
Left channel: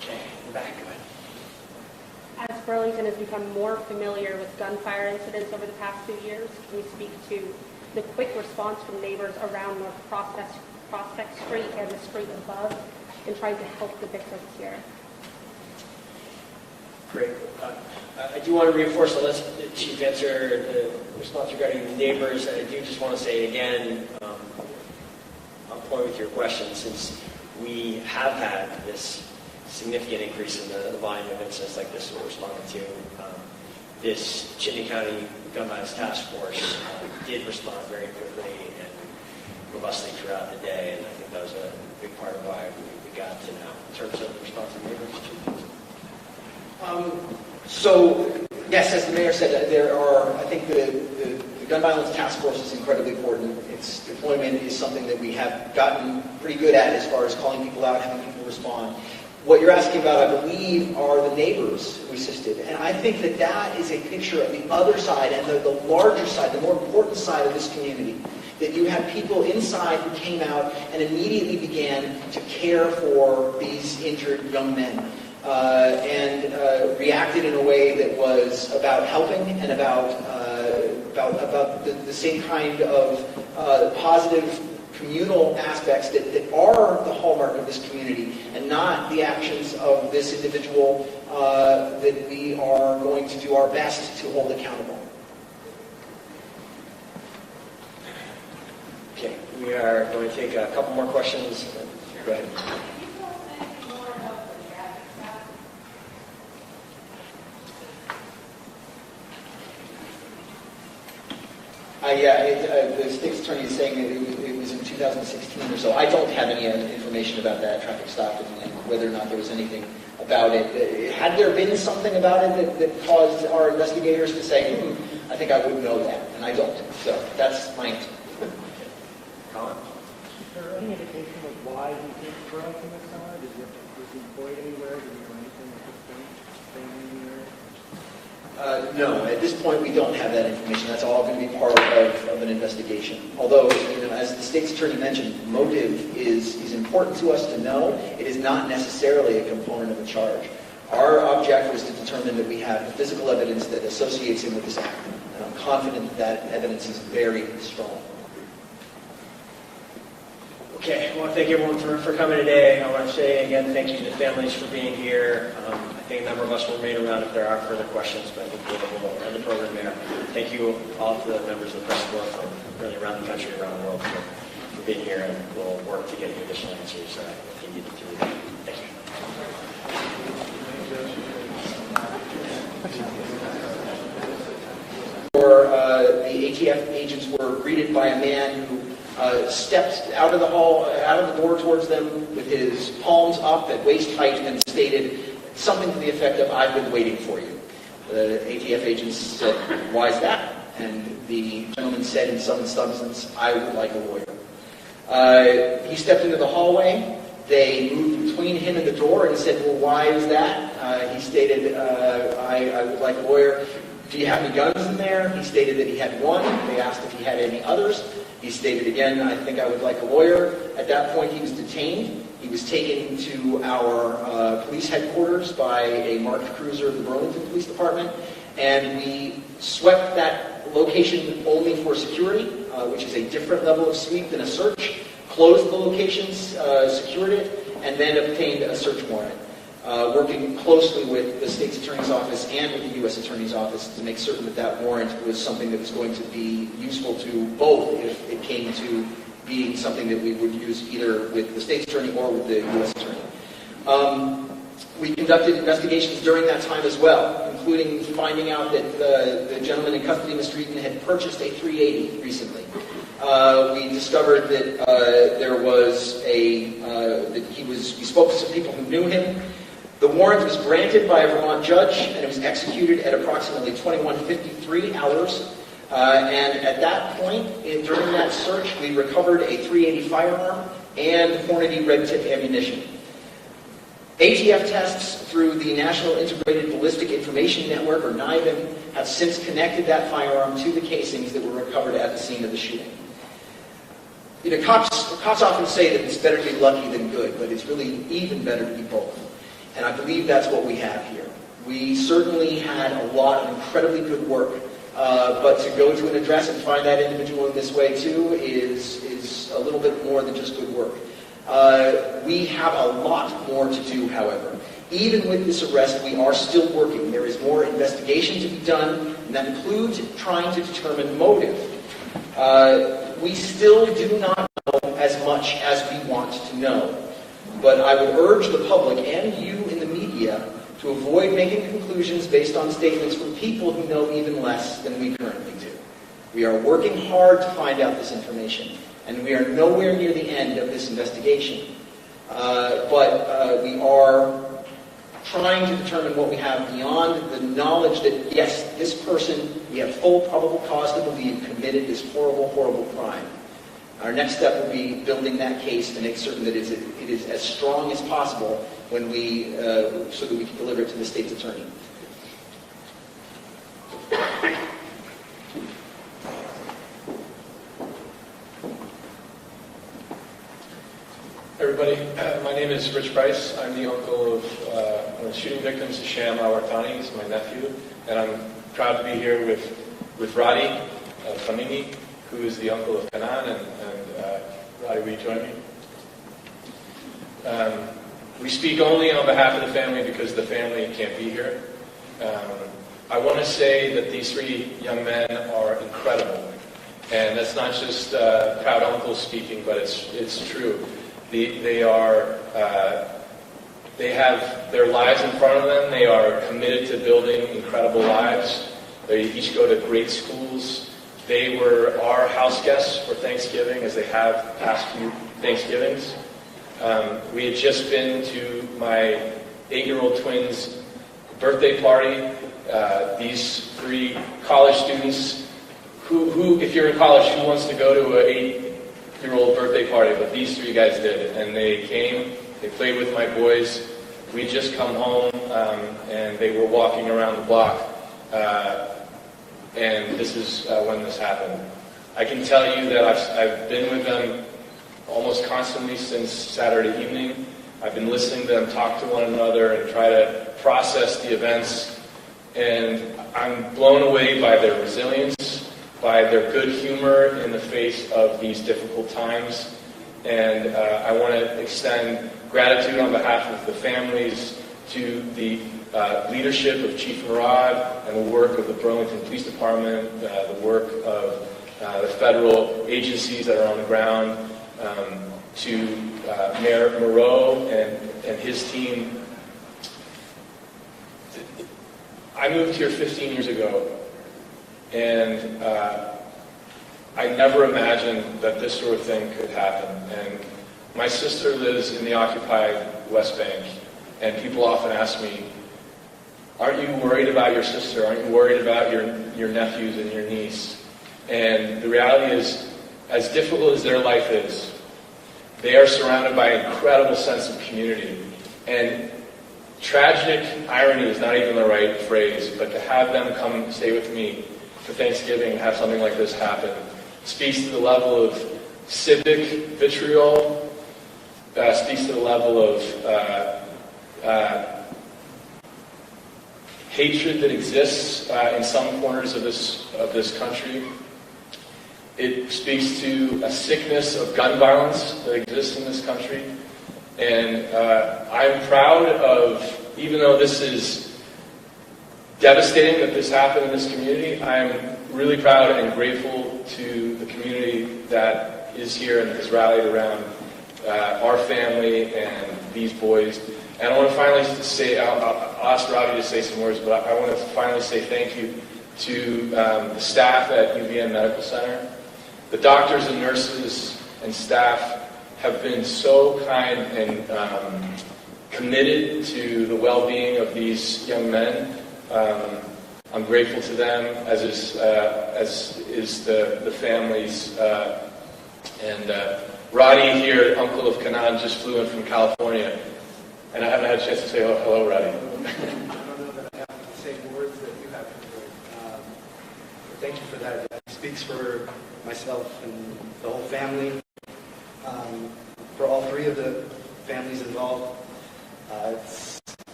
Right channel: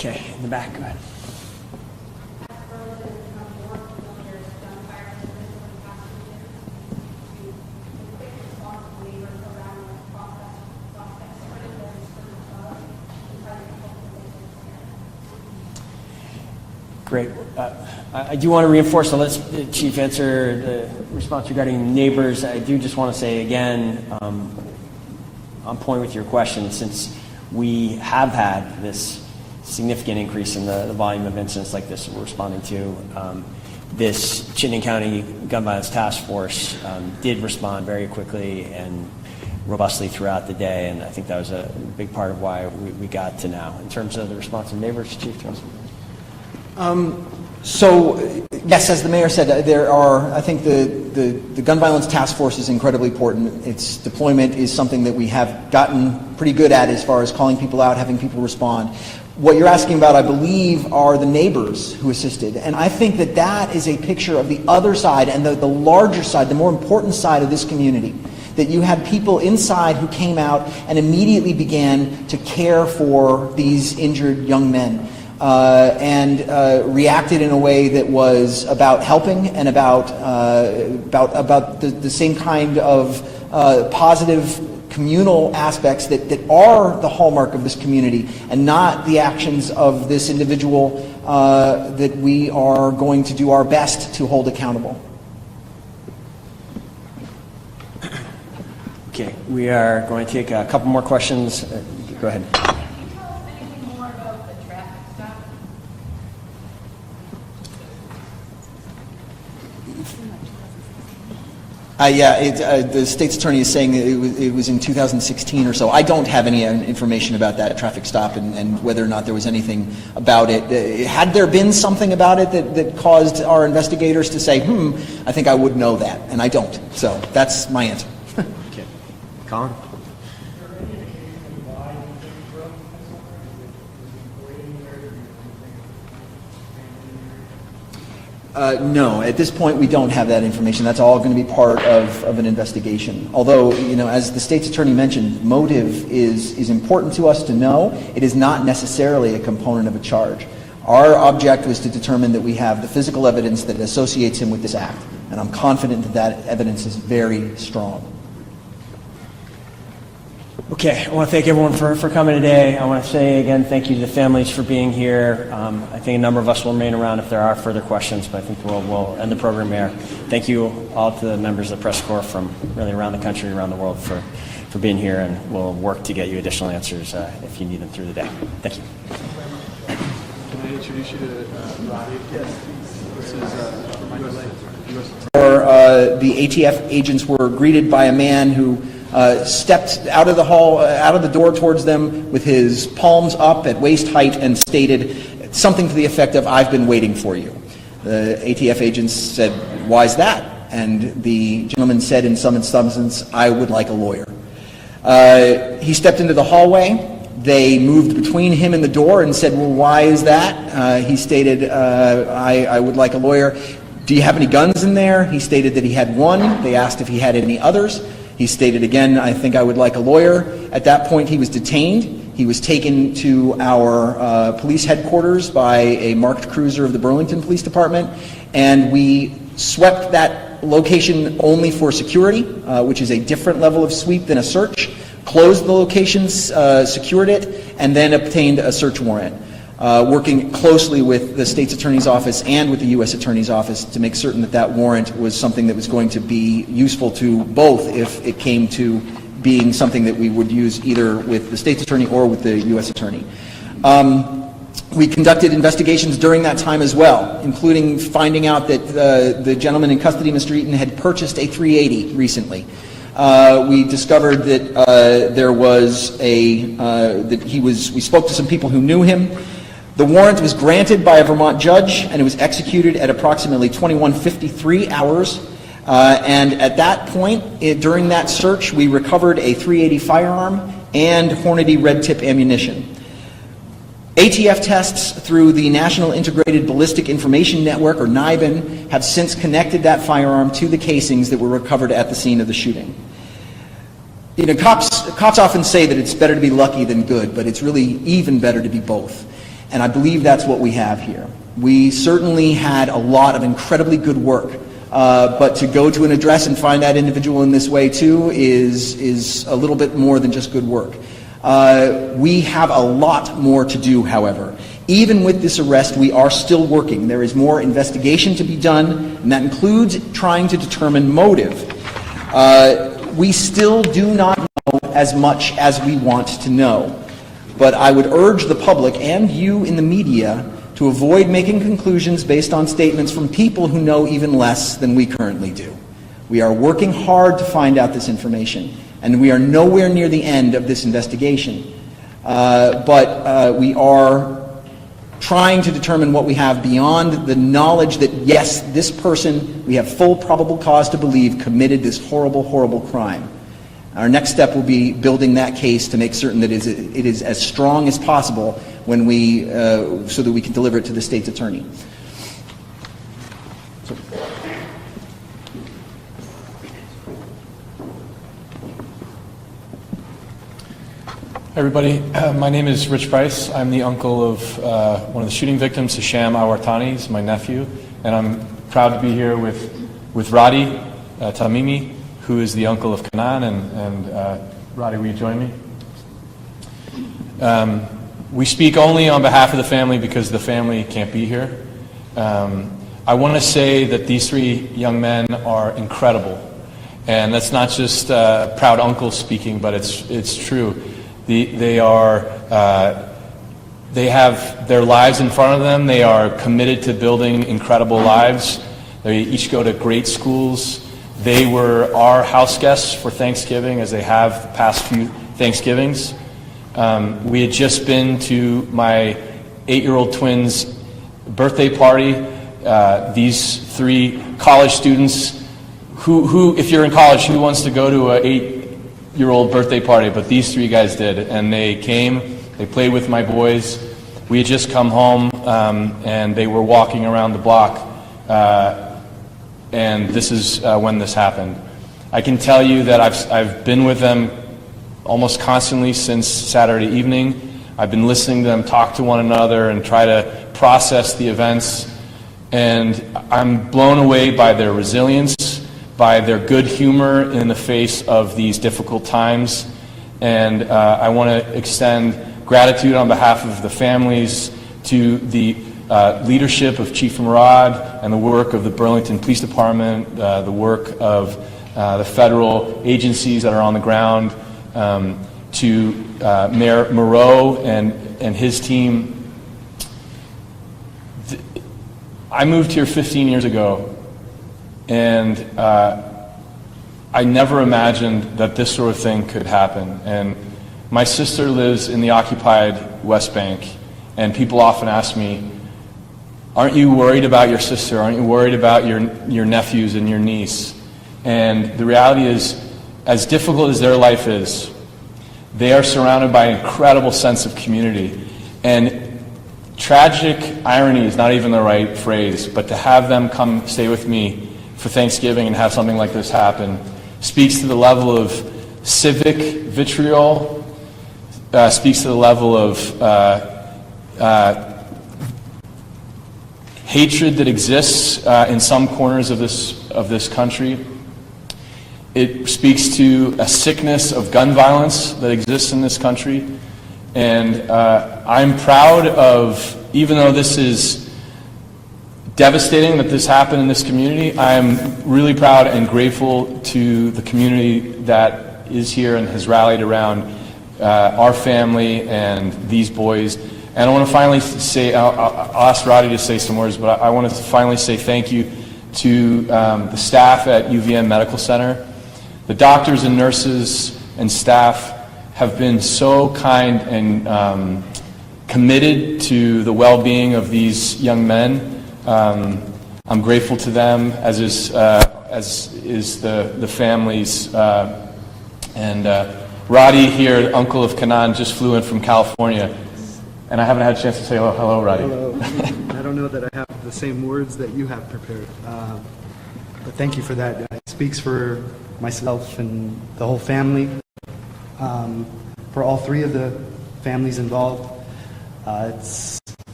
Okay, in the back, go ahead. As Burlington has become more familiar with gunfire incidents over the past 2 years, can you speak to the quick response from neighbors around North Prospect Street and the street above in trying to help the victims here? Great. I do want to reinforce, unless the Chief answer the response regarding neighbors, I do just want to say again, on point with your question, since we have had this significant increase in the volume of incidents like this we're responding to, this Chittenden County Gun Violence Task Force did respond very quickly and robustly throughout the day, and I think that was a big part of why we got to now. In terms of the response of neighbors, Chief? So, yes, as the mayor said, there are, I think the gun violence task force is incredibly important. Its deployment is something that we have gotten pretty good at as far as calling people out, having people respond. What you're asking about, I believe, are the neighbors who assisted. And I think that that is a picture of the other side and the larger side, the more important side of this community. That you had people inside who came out and immediately began to care for these injured young men. And reacted in a way that was about helping and about the same kind of positive communal aspects that are the hallmark of this community, and not the actions of this individual that we are going to do our best to hold accountable. Okay, we are going to take a couple more questions. Go ahead. The state's attorney is saying that it was in 2016 or so. I don't have any information about that traffic stop and whether or not there was anything about it. Had there been something about it that caused our investigators to say, I think I would know that, and I don't. So that's my answer. Okay. Colin? Is there any indication of why you think you were up in that summer? Was he employed anywhere? Did he do anything for family? No, at this point we don't have that information. That's all going to be part of an investigation. Although, as the state's attorney mentioned, motive is important to us to know. It is not necessarily a component of a charge. Our object was to determine that we have the physical evidence that associates him with this act. And I'm confident that that evidence is very strong. Okay, I want to thank everyone for coming today. I want to say again thank you to the families for being here. I think a number of us will remain around if there are further questions, but I think we'll end the program here. Thank you all to the members of the press corps from really around the country, around the world for being here, and we'll work to get you additional answers if you need them through the day. Thank you. The ATF agents were greeted by a man who stepped out of the hall, out of the door towards them with his palms up at waist height and stated something to the effect of, "I've been waiting for you." The ATF agents said, "Why is that?" And the gentleman said in some substance, "I would like a lawyer." He stepped into the hallway. They moved between him and the door and said, "Well, why is that?" He stated, I would like a lawyer. "Do you have any guns in there?" He stated that he had one. They asked if he had any others. He stated again, "I think I would like a lawyer." At that point, he was detained. He was taken to our police headquarters by a marked cruiser of the Burlington Police Department, and we swept that location only for security, which is a different level of sweep than a search, closed the locations, secured it, and then obtained a search warrant, working closely with the state's attorney's office and with the U.S. attorney's office to make certain that that warrant was something that was going to be useful to both if it came to being something that we would use either with the state's attorney or with the U.S. attorney. We conducted investigations during that time as well, including finding out that the gentleman in custody, Mr. Eaton, had purchased a .380 recently. We discovered that there was we spoke to some people who knew him. The warrant was granted by a Vermont judge, and it was executed at approximately 21:53 hours. And at that point, during that search, we recovered a .380 firearm and Hornady red tip ammunition. ATF tests through the National Integrated Ballistic Information Network, or NIBIN, have since connected that firearm to the casings that were recovered at the scene of the shooting. Cops often say that it's better to be lucky than good, but it's really even better to be both. And I believe that's what we have here. We certainly had a lot of incredibly good work, but to go to an address and find that individual in this way too is a little bit more than just good work. We have a lot more to do, however. Even with this arrest, we are still working. There is more investigation to be done, and that includes trying to determine motive. We still do not know as much as we want to know. But I would urge the public and you in the media to avoid making conclusions based on statements from people who know even less than we currently do. We are working hard to find out this information, and we are nowhere near the end of this investigation. But we are trying to determine what we have beyond the knowledge that, yes, this person, we have full probable cause to believe, committed this horrible, horrible crime. Our next step will be building that case to make certain that it is as strong as possible when we, so that we can deliver it to the state's attorney. Everybody, my name is Rich Price. I'm the uncle of one of the shooting victims, Hisham al-Wartani. He's my nephew, and I'm proud to be here with Radi Tamimi, who is the uncle of Kanan. And Radi, will you join me? We speak only on behalf of the family because the family can't be here. I want to say that these three young men are incredible, and that's not just proud uncle speaking, but it's true. They have their lives in front of them. They are committed to building incredible lives. They each go to great schools. They were our house guests for Thanksgiving, as they have the past few Thanksgivings. We had just been to my 8-year-old twins' birthday party. These three college students who, if you're in college, who wants to go to an 8-year-old birthday party? But these three guys did, and they came, they played with my boys. We had just come home, and they were walking around the block, and this is when this happened. I can tell you that I've been with them almost constantly since Saturday evening. I've been listening to them talk to one another and try to process the events, and I'm blown away by their resilience, by their good humor in the face of these difficult times. And I want to extend gratitude on behalf of the families to the leadership of Chief Murad and the work of the Burlington Police Department, the work of the federal agencies that are on the ground, to Mayor Moreau and his team. I moved here 15 years ago, and I never imagined that this sort of thing could happen. And my sister lives in the occupied West Bank, and people often ask me, aren't you worried about your sister? Aren't you worried about your nephews and your niece? And the reality is, as difficult as their life is, they are surrounded by an incredible sense of community. And tragic irony is not even the right phrase, but to have them come stay with me for Thanksgiving and have something like this happen speaks to the level of civic vitriol, speaks to the level of hatred that exists in some corners of this country. It speaks to a sickness of gun violence that exists in this country. And I'm proud of, even though this is devastating that this happened in this community, I'm really proud and grateful to the community that is here and has rallied around our family and these boys. And I want to finally say, I'll ask Roddy to say some words, but I want to finally say thank you to the staff at UVM Medical Center. The doctors and nurses and staff have been so kind and committed to the well-being of these young men. I'm grateful to them, as is the families. And Roddy here, uncle of Kanan, just flew in from California, and I haven't had a chance to say hello, Roddy. I don't know that I have the same words that you have prepared, but thank you for that. It speaks for myself and the whole family, for all three of the families involved. It's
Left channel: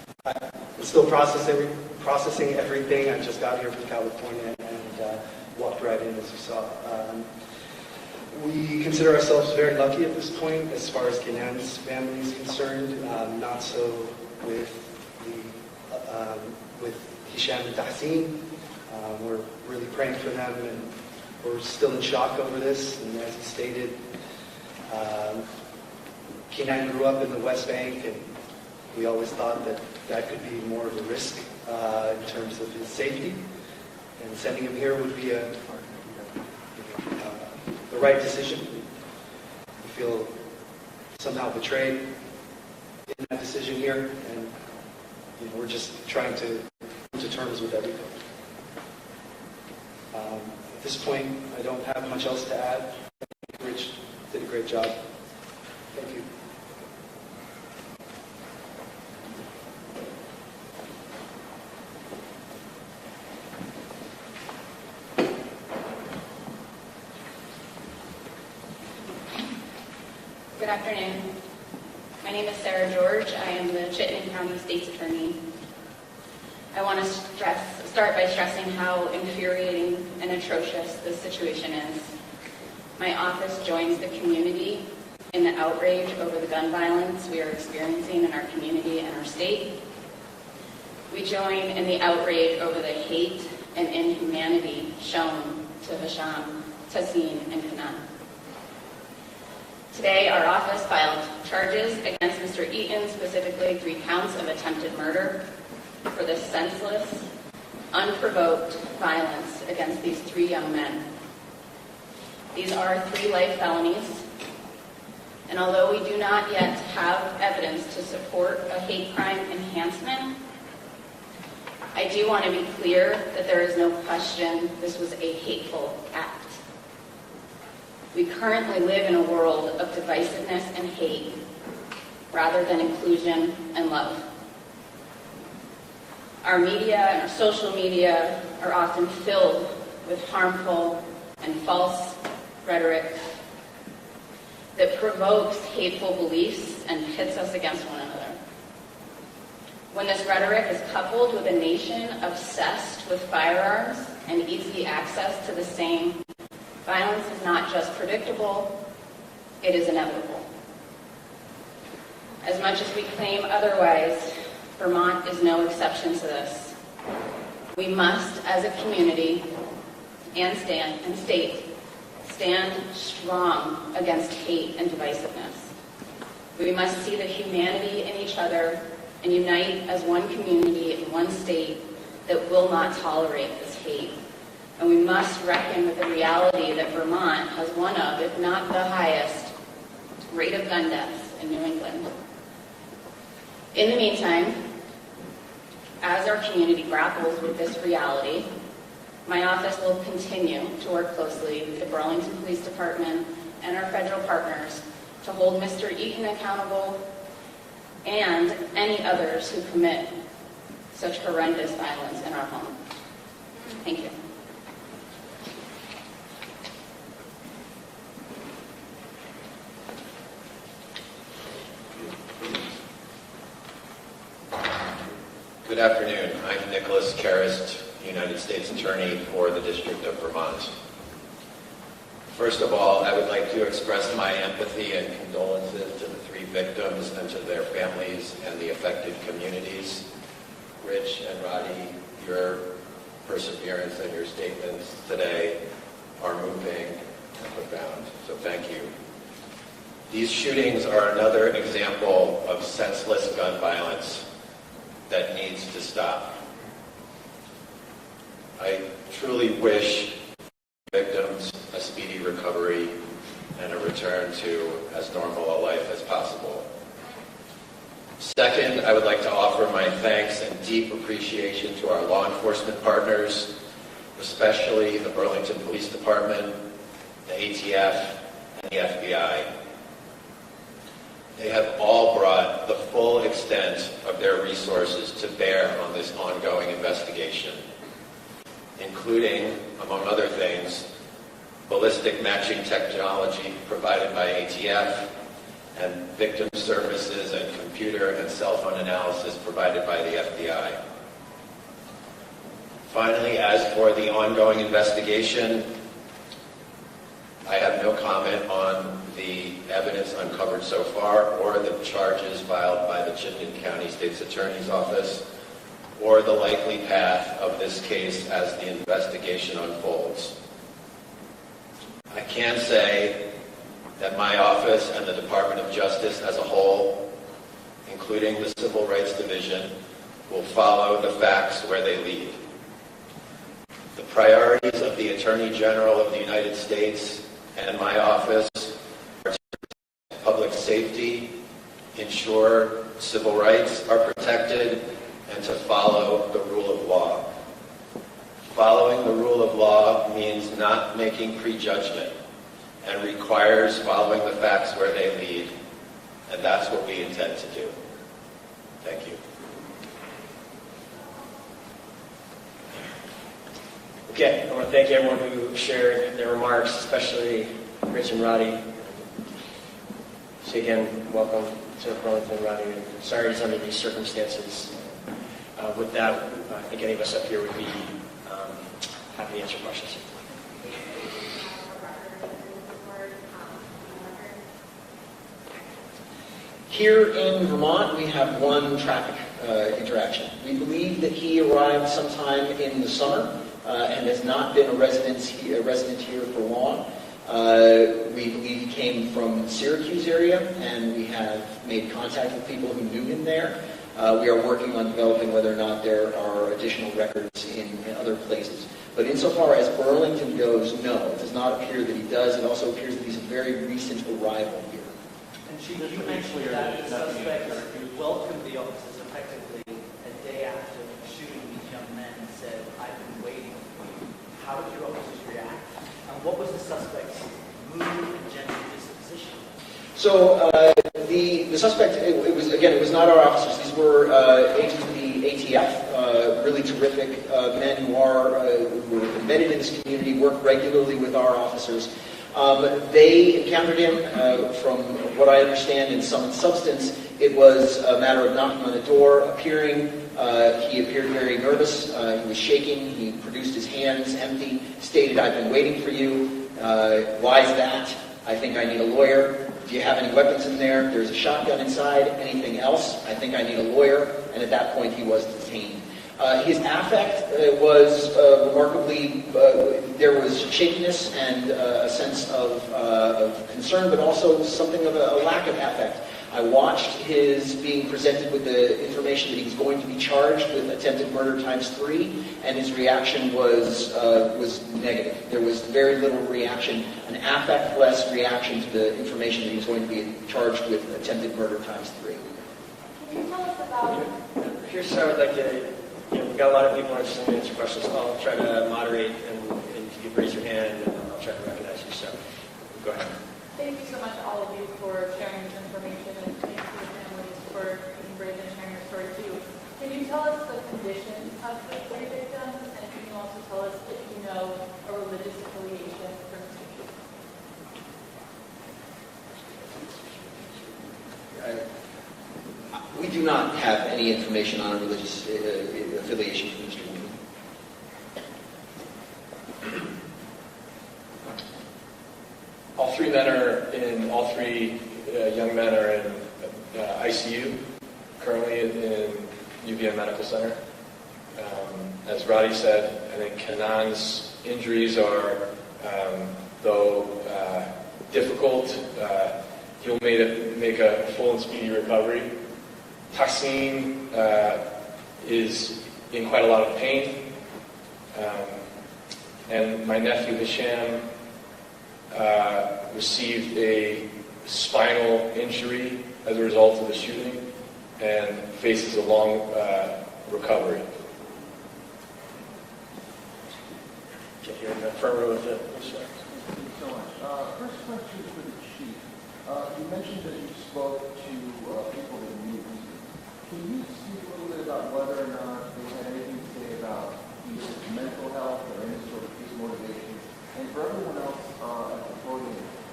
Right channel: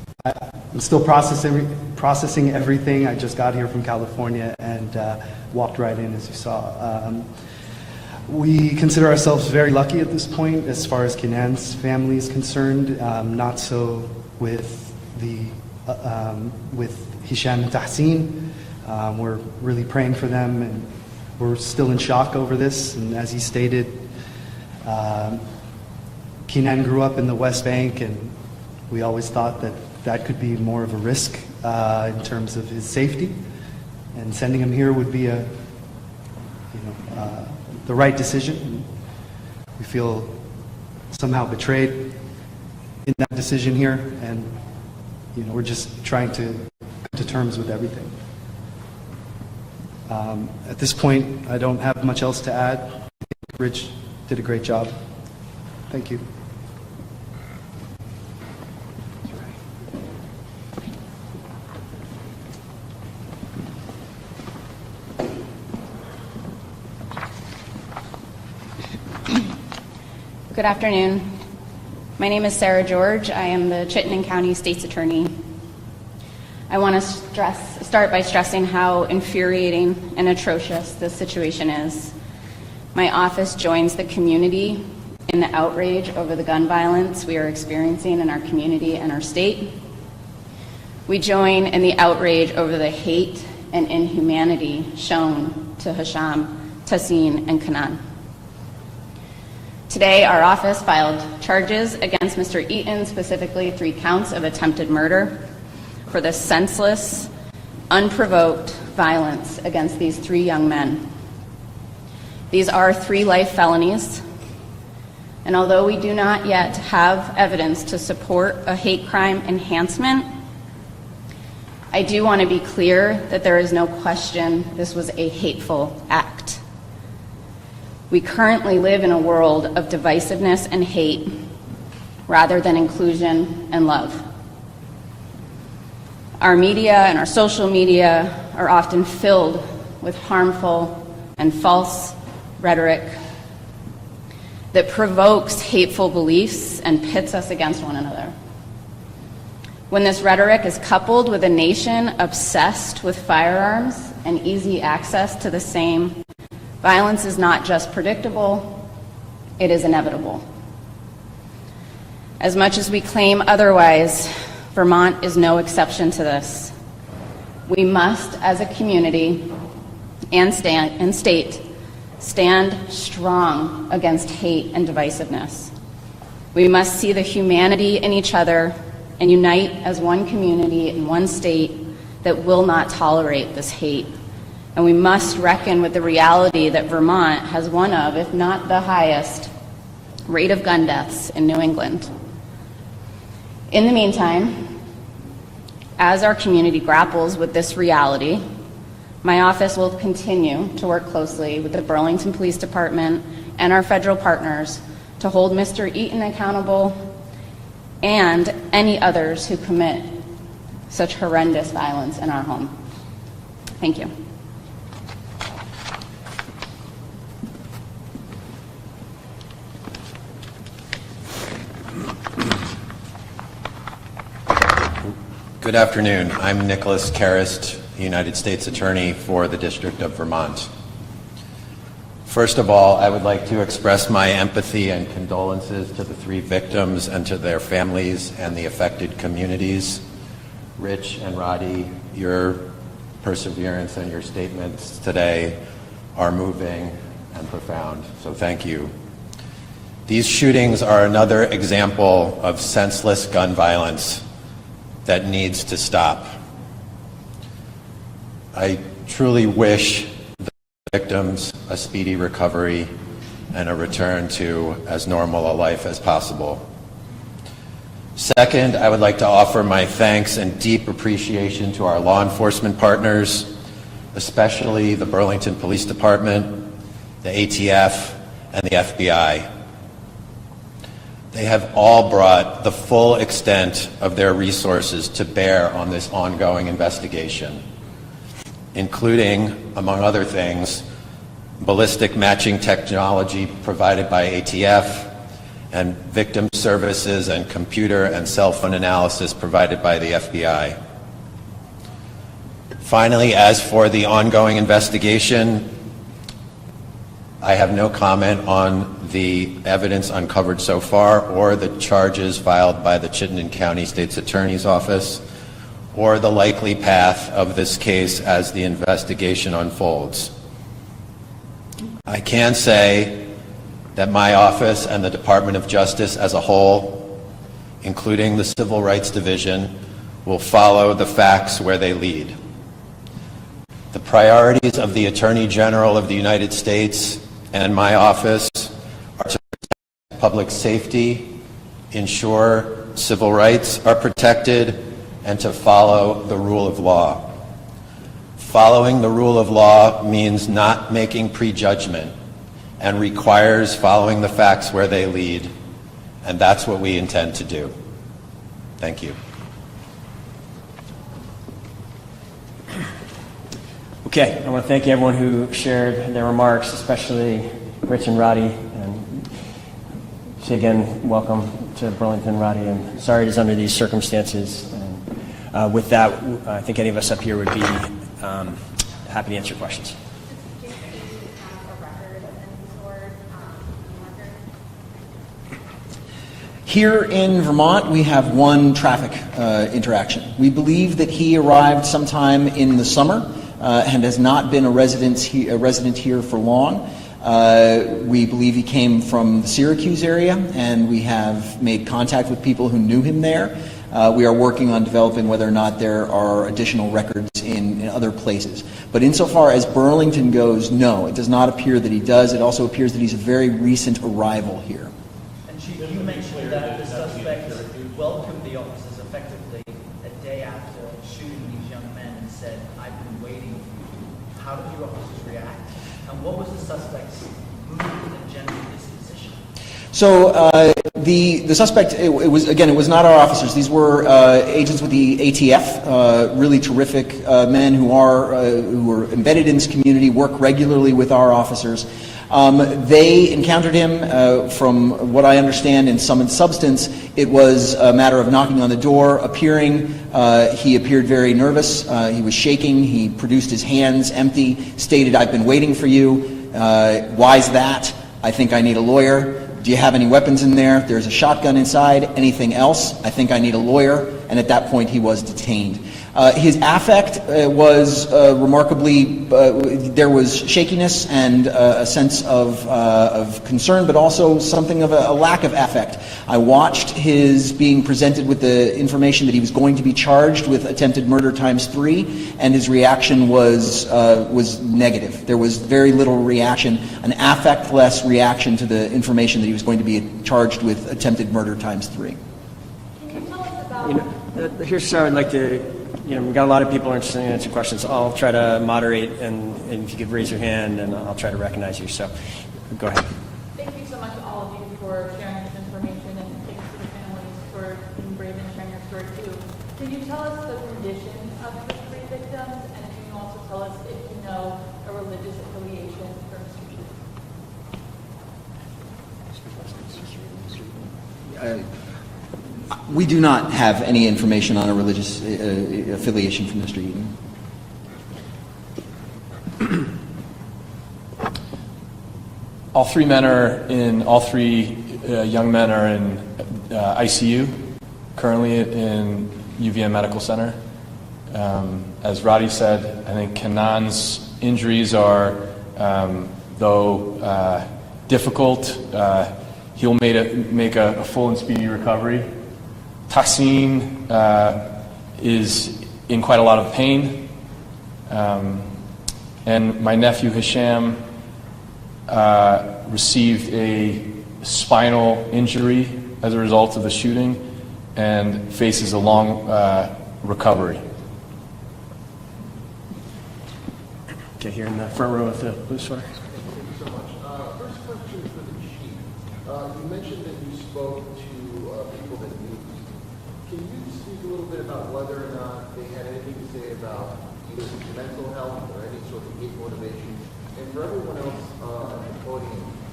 I'm still processing everything. I just got here from California and walked right in, as you saw. We consider ourselves very lucky at this point as far as Kenan's family is concerned. Not so with Hisham and Tahsin. We're really praying for them, and we're still in shock over this. And as he stated, Kenan grew up in the West Bank, and we always thought that that could be more of a risk in terms of his safety. And sending him here would be the right decision. We feel somehow betrayed in that decision here, and we're just trying to come to terms with everything. At this point, I don't have much else to add. I think Rich did a great job. Thank you. Good afternoon. My name is Sarah George. I am the Chittenden County State's Attorney. I want to start by stressing how infuriating and atrocious this situation is. My office joins the community in the outrage over the gun violence we are experiencing in our community and our state. We join in the outrage over the hate and inhumanity shown to Hisham, Tahsin, and Kenan. Today, our office filed charges against Mr. Eaton, specifically 3 counts of attempted murder, for the senseless, unprovoked violence against these 3 young men. These are 3 life felonies, and although we do not yet have evidence to support a hate crime enhancement, I do want to be clear that there is no question this was a hateful act. We currently live in a world of divisiveness and hate rather than inclusion and love. Our media and our social media are often filled with harmful and false rhetoric that provokes hateful beliefs and pits us against one another. When this rhetoric is coupled with a nation obsessed with firearms and easy access to the same, violence is not just predictable, it is inevitable. As much as we claim otherwise, Vermont is no exception to this. We must, as a community and state, stand strong against hate and divisiveness. We must see the humanity in each other and unite as one community in one state that will not tolerate this hate. And we must reckon with the reality that Vermont has one of, if not the highest, rate of gun deaths in New England. In the meantime, as our community grapples with this reality, my office will continue to work closely with the Burlington Police Department and our federal partners to hold Mr. Eaton accountable and any others who commit such horrendous violence in our home. Thank you. Good afternoon. I'm Nicholas Karist, United States Attorney for the District of Vermont. First of all, I would like to express my empathy and condolences to the 3 victims and to their families and the affected communities. Rich and Roddy, your perseverance and your statements today are moving and profound, so thank you. These shootings are another example of senseless gun violence that needs to stop. I truly wish the victims a speedy recovery and a return to as normal a life as possible. Second, I would like to offer my thanks and deep appreciation to our law enforcement partners, especially the Burlington Police Department, the ATF, and the FBI. They have all brought the full extent of their resources to bear on this ongoing investigation, including, among other things, ballistic matching technology provided by ATF and victim services and computer and cell phone analysis provided by the FBI. Finally, as for the ongoing investigation, I have no comment on the evidence uncovered so far or the charges filed by the Chittenden County State's Attorney's Office or the likely path of this case as the investigation unfolds. I can say that my office and the Department of Justice as a whole, including the Civil Rights Division, will follow the facts where they lead. The priorities of the Attorney General of the United States and my office are to protect public safety, ensure civil rights are protected, and to follow the rule of law. Following the rule of law means not making prejudgment and requires following the facts where they lead, and that's what we intend to do. Thank you. Okay, I want to thank everyone who shared their remarks, especially Rich and Roddy. And say again, welcome to Burlington, Roddy, and sorry it's under these circumstances. And, with that, I think any of us up here would be happy to answer questions. Here in Vermont, we have one traffic interaction. We believe that he arrived sometime in the summer and has not been a resident here for long. We believe he came from the Syracuse area, and we have made contact with people who knew him there. We are working on developing whether or not there are additional records in other places. But insofar as Burlington goes, no, it does not appear that he does. It also appears that he's a very recent arrival here. And Chief, you mentioned that the suspect welcomed the officers effectively a day after shooting these young men and said, "I've been waiting for you." How did your officers react? And what was the suspect's mood and general disposition? So the suspect, it was not our officers. These were agents with the ATF, really terrific men who are embedded in this community, work regularly with our officers. They encountered him, from what I understand, in sum and substance, it was a matter of knocking on the door, appearing. He appeared very nervous. He was shaking. He produced his hands empty, stated, "I've been waiting for you. Why's that? I think I need a lawyer. Do you have any weapons in there? There's a shotgun inside. Anything else? I think I need a lawyer." And at that point, he was detained. His affect was remarkably, there was shakiness and a sense of concern, but also something of a lack of affect. I watched his being presented with the information that he was going to be charged with attempted murder ×3, and his reaction was negative. There was very little reaction, an affect-less reaction to the information that he was going to be charged with attempted murder ×3. Can you tell us about... Here's how I'd like to... we've got a lot of people interested in answering questions. I'll try to moderate, and if you could raise your hand, and I'll try to recognize you. So, go ahead. Thank you so much, all of you, for sharing this information, and thanks to the families for being brave and sharing your story, too. Can you tell us the condition of the three victims, and can you also tell us if you know a religious affiliation or We do not have any information on a religious affiliation from Mr. Eaton. All three young men are in ICU, currently in UVM Medical Center. As Roddy said, I think Kanan's injuries are, though difficult, he'll make a full and speedy recovery. Tassim is in quite a lot of pain. And my nephew Hisham received a spinal injury as a result of the shooting and faces a long recovery. Okay, here in the front row with the blue sweater. Thank you so much. First question for the chief. You mentioned that you spoke to people that knew. Can you speak a little bit about whether or not they had anything to say about either mental health or any sort of hate motivation? And for everyone else at the podium,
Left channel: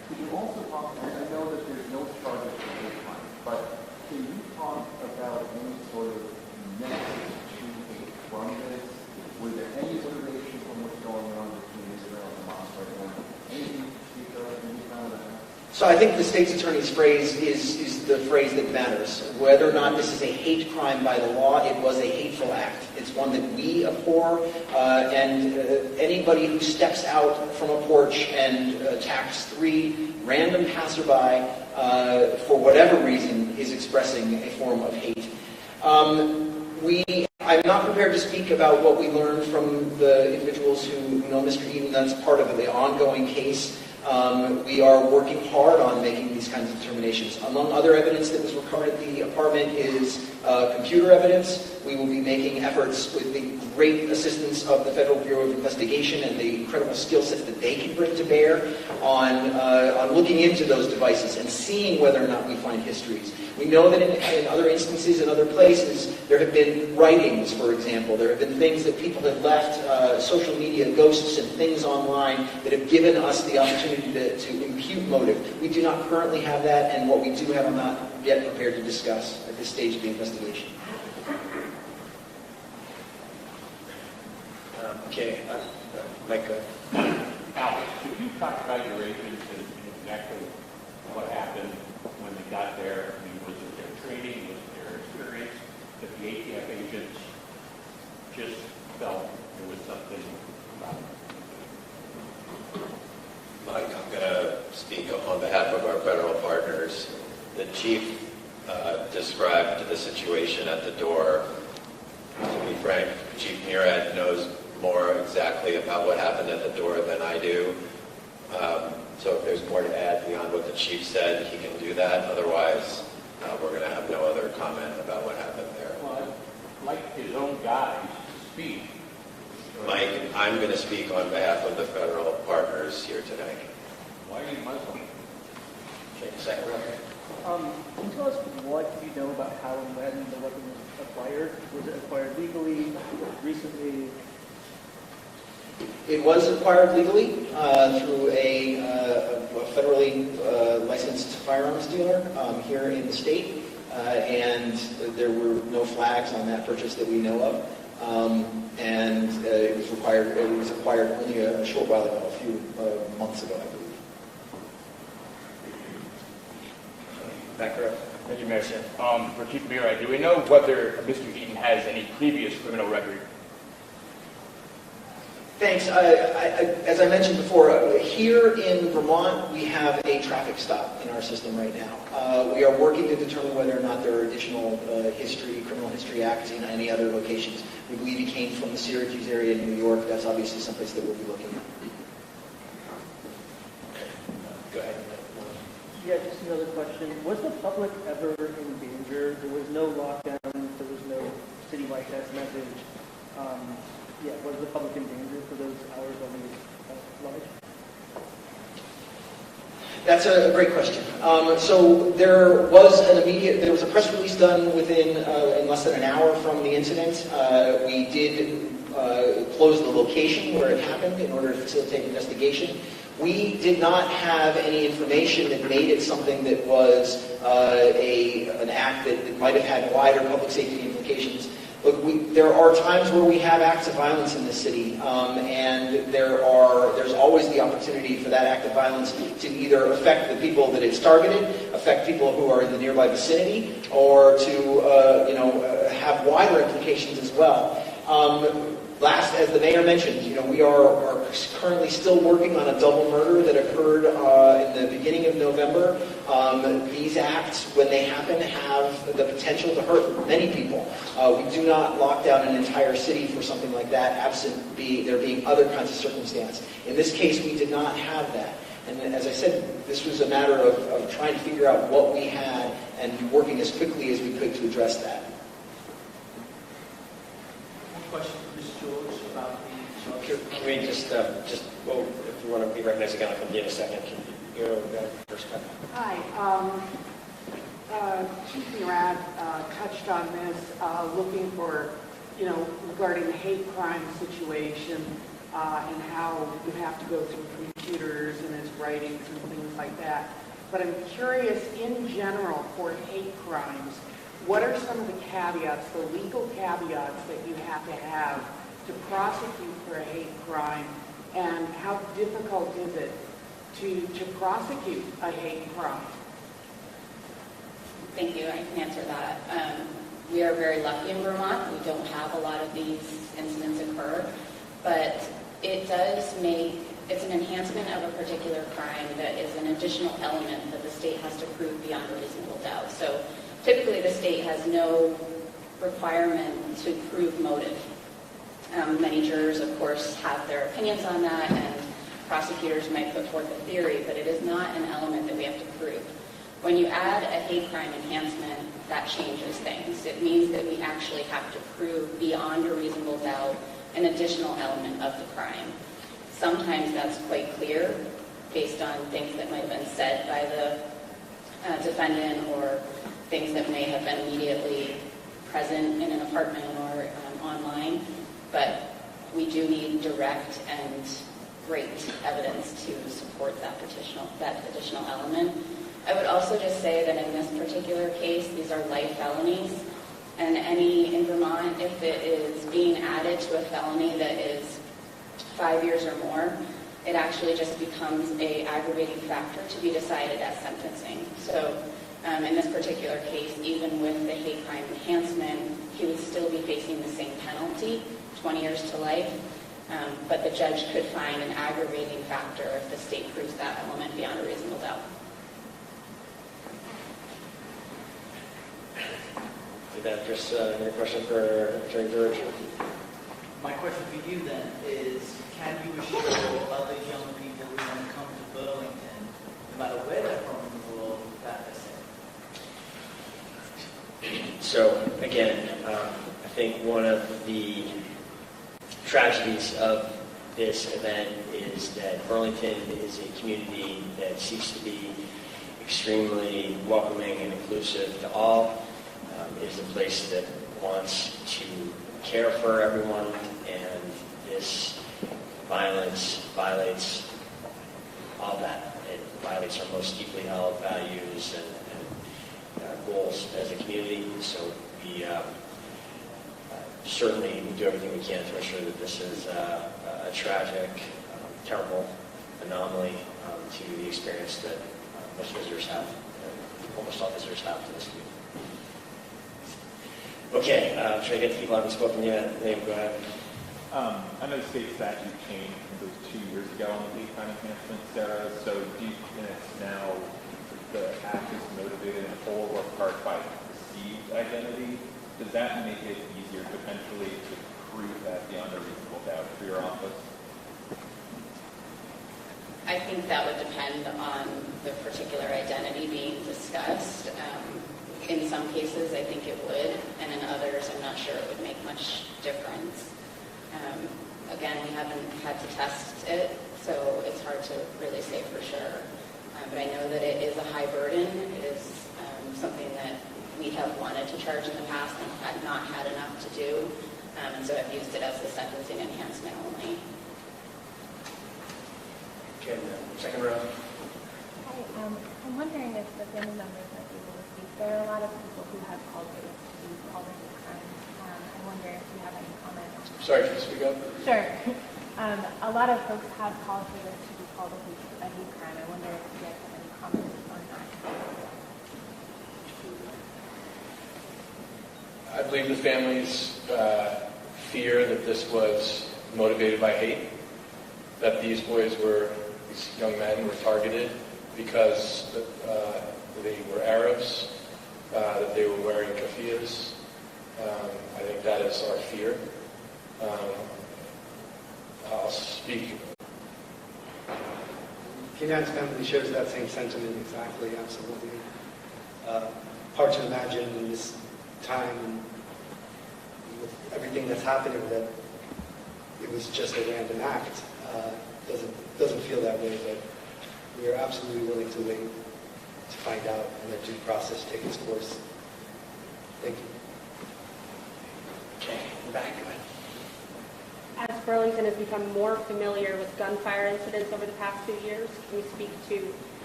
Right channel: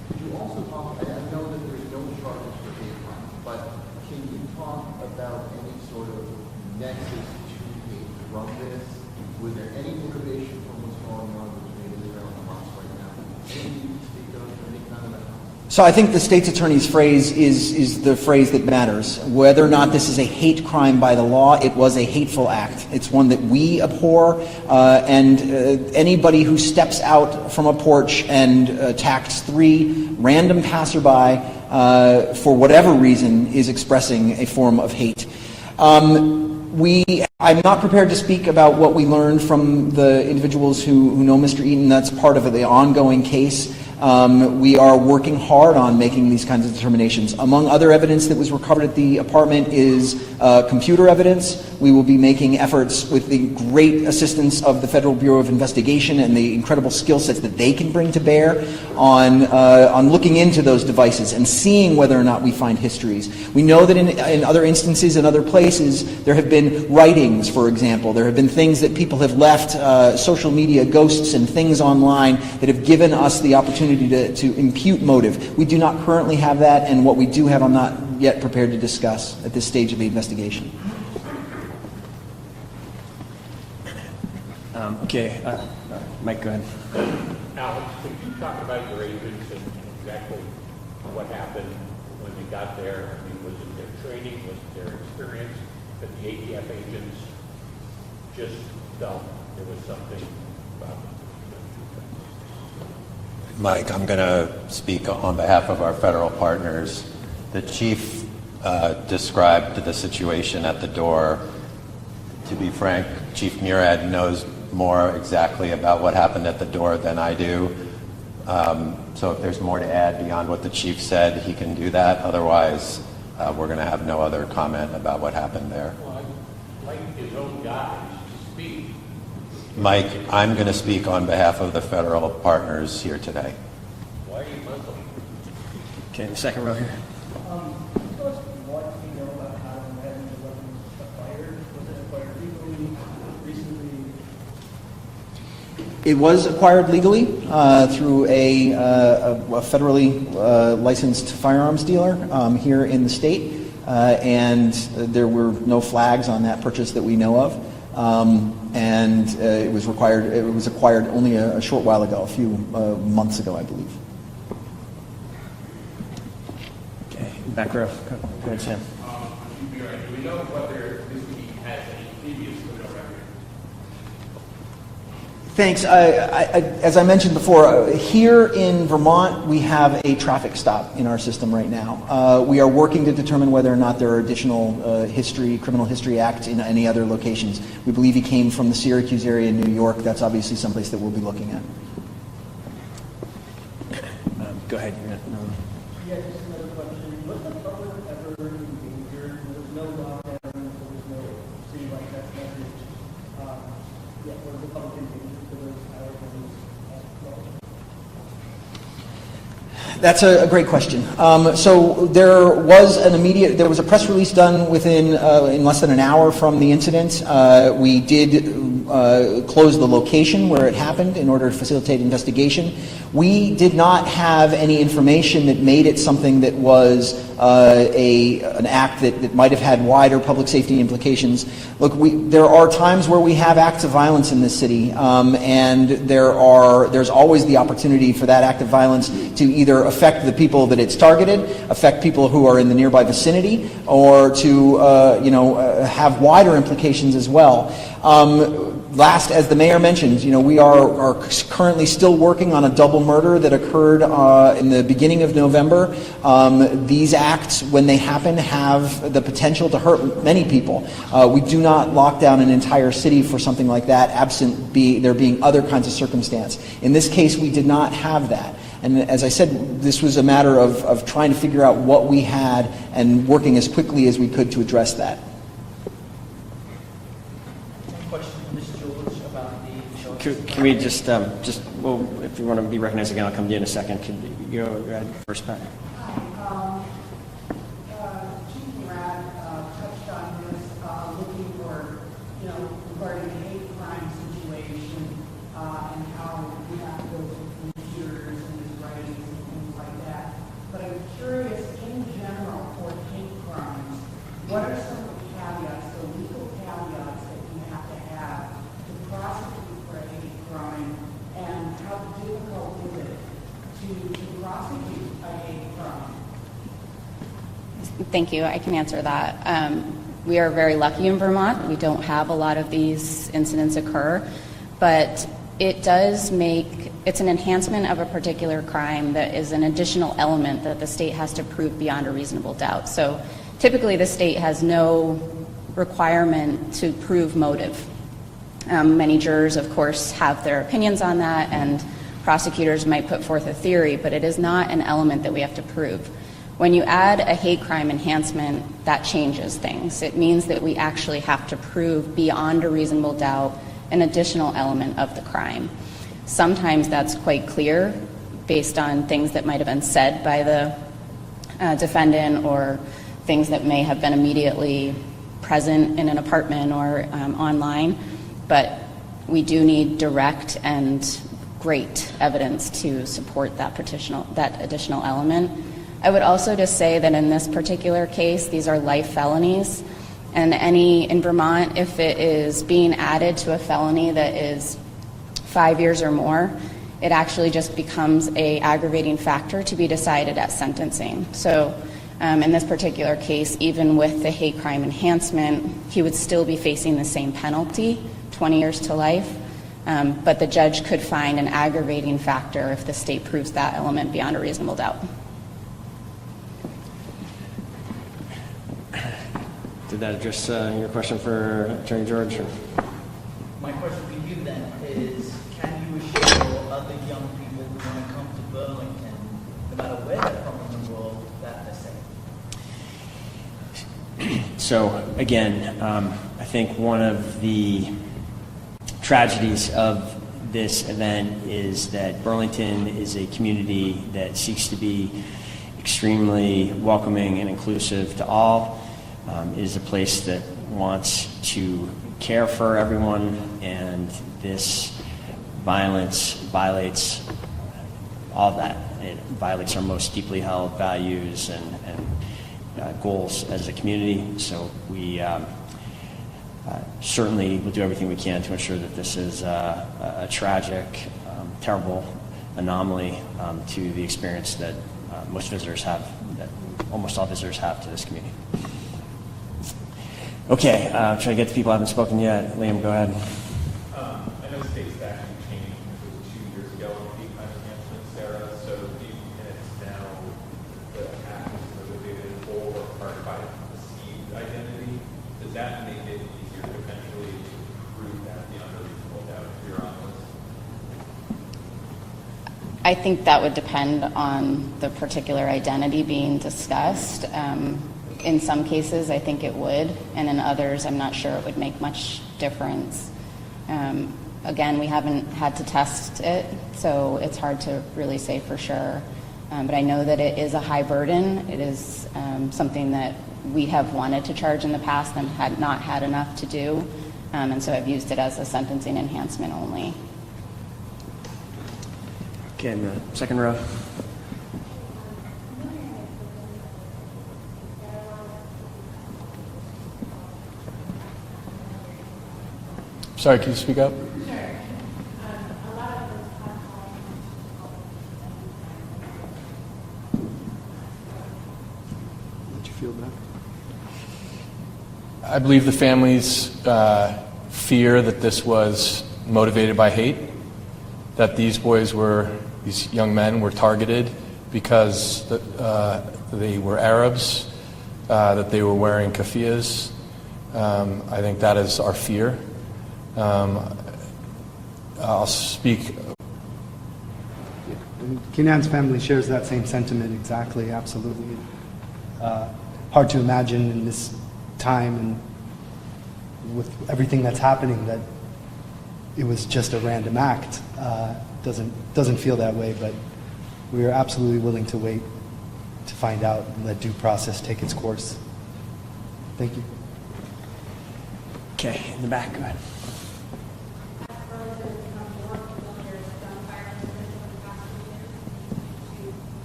Could you also talk, and I know that there's no charges for hate crime, but can you talk about any sort of nexus to hate from this? Was there any information from what's going on between Israel and Hamas right now? Anything you can speak of, any kind of that? So I think the state's attorney's phrase is the phrase that matters. Whether or not this is a hate crime by the law, it was a hateful act. It's one that we abhor, and anybody who steps out from a porch and attacks 3 random passerby for whatever reason is expressing a form of hate. I'm not prepared to speak about what we learned from the individuals who know Mr. Eaton. That's part of the ongoing case. We are working hard on making these kinds of determinations. Among other evidence that was recovered at the apartment is computer evidence. We will be making efforts with the great assistance of the Federal Bureau of Investigation and the incredible skill sets that they can bring to bear on looking into those devices and seeing whether or not we find histories. We know that in other instances, in other places, there have been writings, for example. There have been things that people have left, social media ghosts and things online that have given us the opportunity to impute motive. We do not currently have that, and what we do have I'm not yet prepared to discuss at this stage of the investigation. Okay, Mike, go ahead. Alex, could you talk about your agents and exactly what happened when they got there? I mean, was it their training, was it their experience, that the ATF agents just felt there was something about them? Mike, I'm going to speak on behalf of our federal partners. The chief described the situation at the door. To be frank, Chief Murad knows more exactly about what happened at the door than I do. So if there's more to add beyond what the chief said, he can do that. Otherwise, we're going to have no other comment about what happened there. Well, I'd like his own guys to speak. Mike, I'm going to speak on behalf of the federal partners here today. Why are you Muslim? Okay, second row here. Can you tell us what you know about how and when the weapon was acquired? Was it acquired legally, recently? It was acquired legally through a federally licensed firearms dealer here in the state, and there were no flags on that purchase that we know of. And it was acquired only a short while ago, a few months ago, I believe. Okay, back row. For Chief Murad, do we know whether Mr. Eaton has any previous criminal record? Thanks. As I mentioned before, here in Vermont, we have a traffic stop in our system right now. We are working to determine whether or not there are additional criminal history acts in any other locations. We believe he came from the Syracuse area in New York. That's obviously someplace that we'll be looking at. Go ahead. Yeah, just another question. Was the public ever injured? There was no lockdown. There was no city-wide test message. Was the public injured for those hours when it was That's a great question. So there was a press release done in less than an hour from the incident. We did close the location where it happened in order to facilitate investigation. We did not have any information that made it something that was an act that might have had wider public safety implications. Look, there are times where we have acts of violence in this city, and there's always the opportunity for that act of violence to either affect the people that it's targeted, affect people who are in the nearby vicinity, or to have wider implications as well. Last, as the mayor mentioned, we are currently still working on a double murder that occurred in the beginning of November. These acts, when they happen, have the potential to hurt many people. We do not lock down an entire city for something like that, absent there being other kinds of circumstance. In this case, we did not have that. And as I said, this was a matter of trying to figure out what we had and working as quickly as we could to address that. Can we just well, if you want to be recognized again, I'll come to you in a second. Can you go ahead first, Pat? Hi. Chief Murad touched on this, looking for, regarding the hate crime situation and how you have to go through computers and his writings and things like that. But I'm curious, in general, for hate crimes, what are some of the caveats, the legal caveats that you have to prosecute for a hate crime, and how difficult is it to prosecute a hate crime? Thank you. I can answer that. We are very lucky in Vermont. We don't have a lot of these incidents occur, but it does make, it's an enhancement of a particular crime that is an additional element that the state has to prove beyond a reasonable doubt. So typically the state has no requirement to prove motive. Many jurors, of course, have their opinions on that, and prosecutors might put forth a theory, but it is not an element that we have to prove. When you add a hate crime enhancement, that changes things. It means that we actually have to prove beyond a reasonable doubt an additional element of the crime. Sometimes that's quite clear based on things that might have been said by the defendant, or things that may have been immediately present in an apartment or online. But we do need direct and great evidence to support that additional element. I would also just say that in this particular case, these are life felonies, and in Vermont, if it is being added to a felony that is 5 years or more, it actually just becomes an aggravating factor to be decided at sentencing. So in this particular case, even with the hate crime enhancement, he would still be facing the same penalty, 20 years to life, but the judge could find an aggravating factor if the state proves that element beyond a reasonable doubt. Did that address your question for Attorney George? My question to you then is, can you assure other young people who want to come to Burlington, no matter where they're from in the world, that they're safe? So again, I think one of the tragedies of this event is that Burlington is a community that seeks to be extremely welcoming and inclusive to all. Is a place that wants to care for everyone, and this violence violates all of that. It violates our most deeply held values and goals as a community. So we certainly will do everything we can to ensure that this is a tragic, terrible anomaly to the experience that most visitors have, that almost all visitors have to this community. Okay, trying to get to people who haven't spoken yet. Liam, go ahead. I know state statute changed, it was 2 years ago on the kind of enhancement, Sarah. So do you think it's now the act is motivated in whole or part by perceived identity? Does that make it easier potentially to prove that beyond a reasonable doubt for your office? I think that would depend on the particular identity being discussed. In some cases, I think it would, and in others, I'm not sure it would make much difference. Again, we haven't had to test it, so it's hard to really say for sure. But I know that it is a high burden. It is something that we have wanted to charge in the past and had not had enough to do, and so I've used it as a sentencing enhancement only. Okay, in the second row. I'm wondering if the family members are able to speak. There are a lot of people who have called me all the time. I wonder if you have any comments. Sorry, can you speak up? Sure. A lot of folks have called me to call it a hate crime. I wonder if you have any comments on that. Did you feel that? I believe the families fear that this was motivated by hate, that these young men were targeted because they were Arabs, that they were wearing keffiyehs. I think that is our fear. I'll speak. Kenan's family shares that same sentiment exactly, absolutely. Hard to imagine in this time and with everything that's happening that it was just a random act. Doesn't feel that way, but we are absolutely willing to wait to find out and let due process take its course. Thank you. Okay, in the back, go ahead. As Burlington has become more familiar with gunfire incidents over the past few years, can you speak to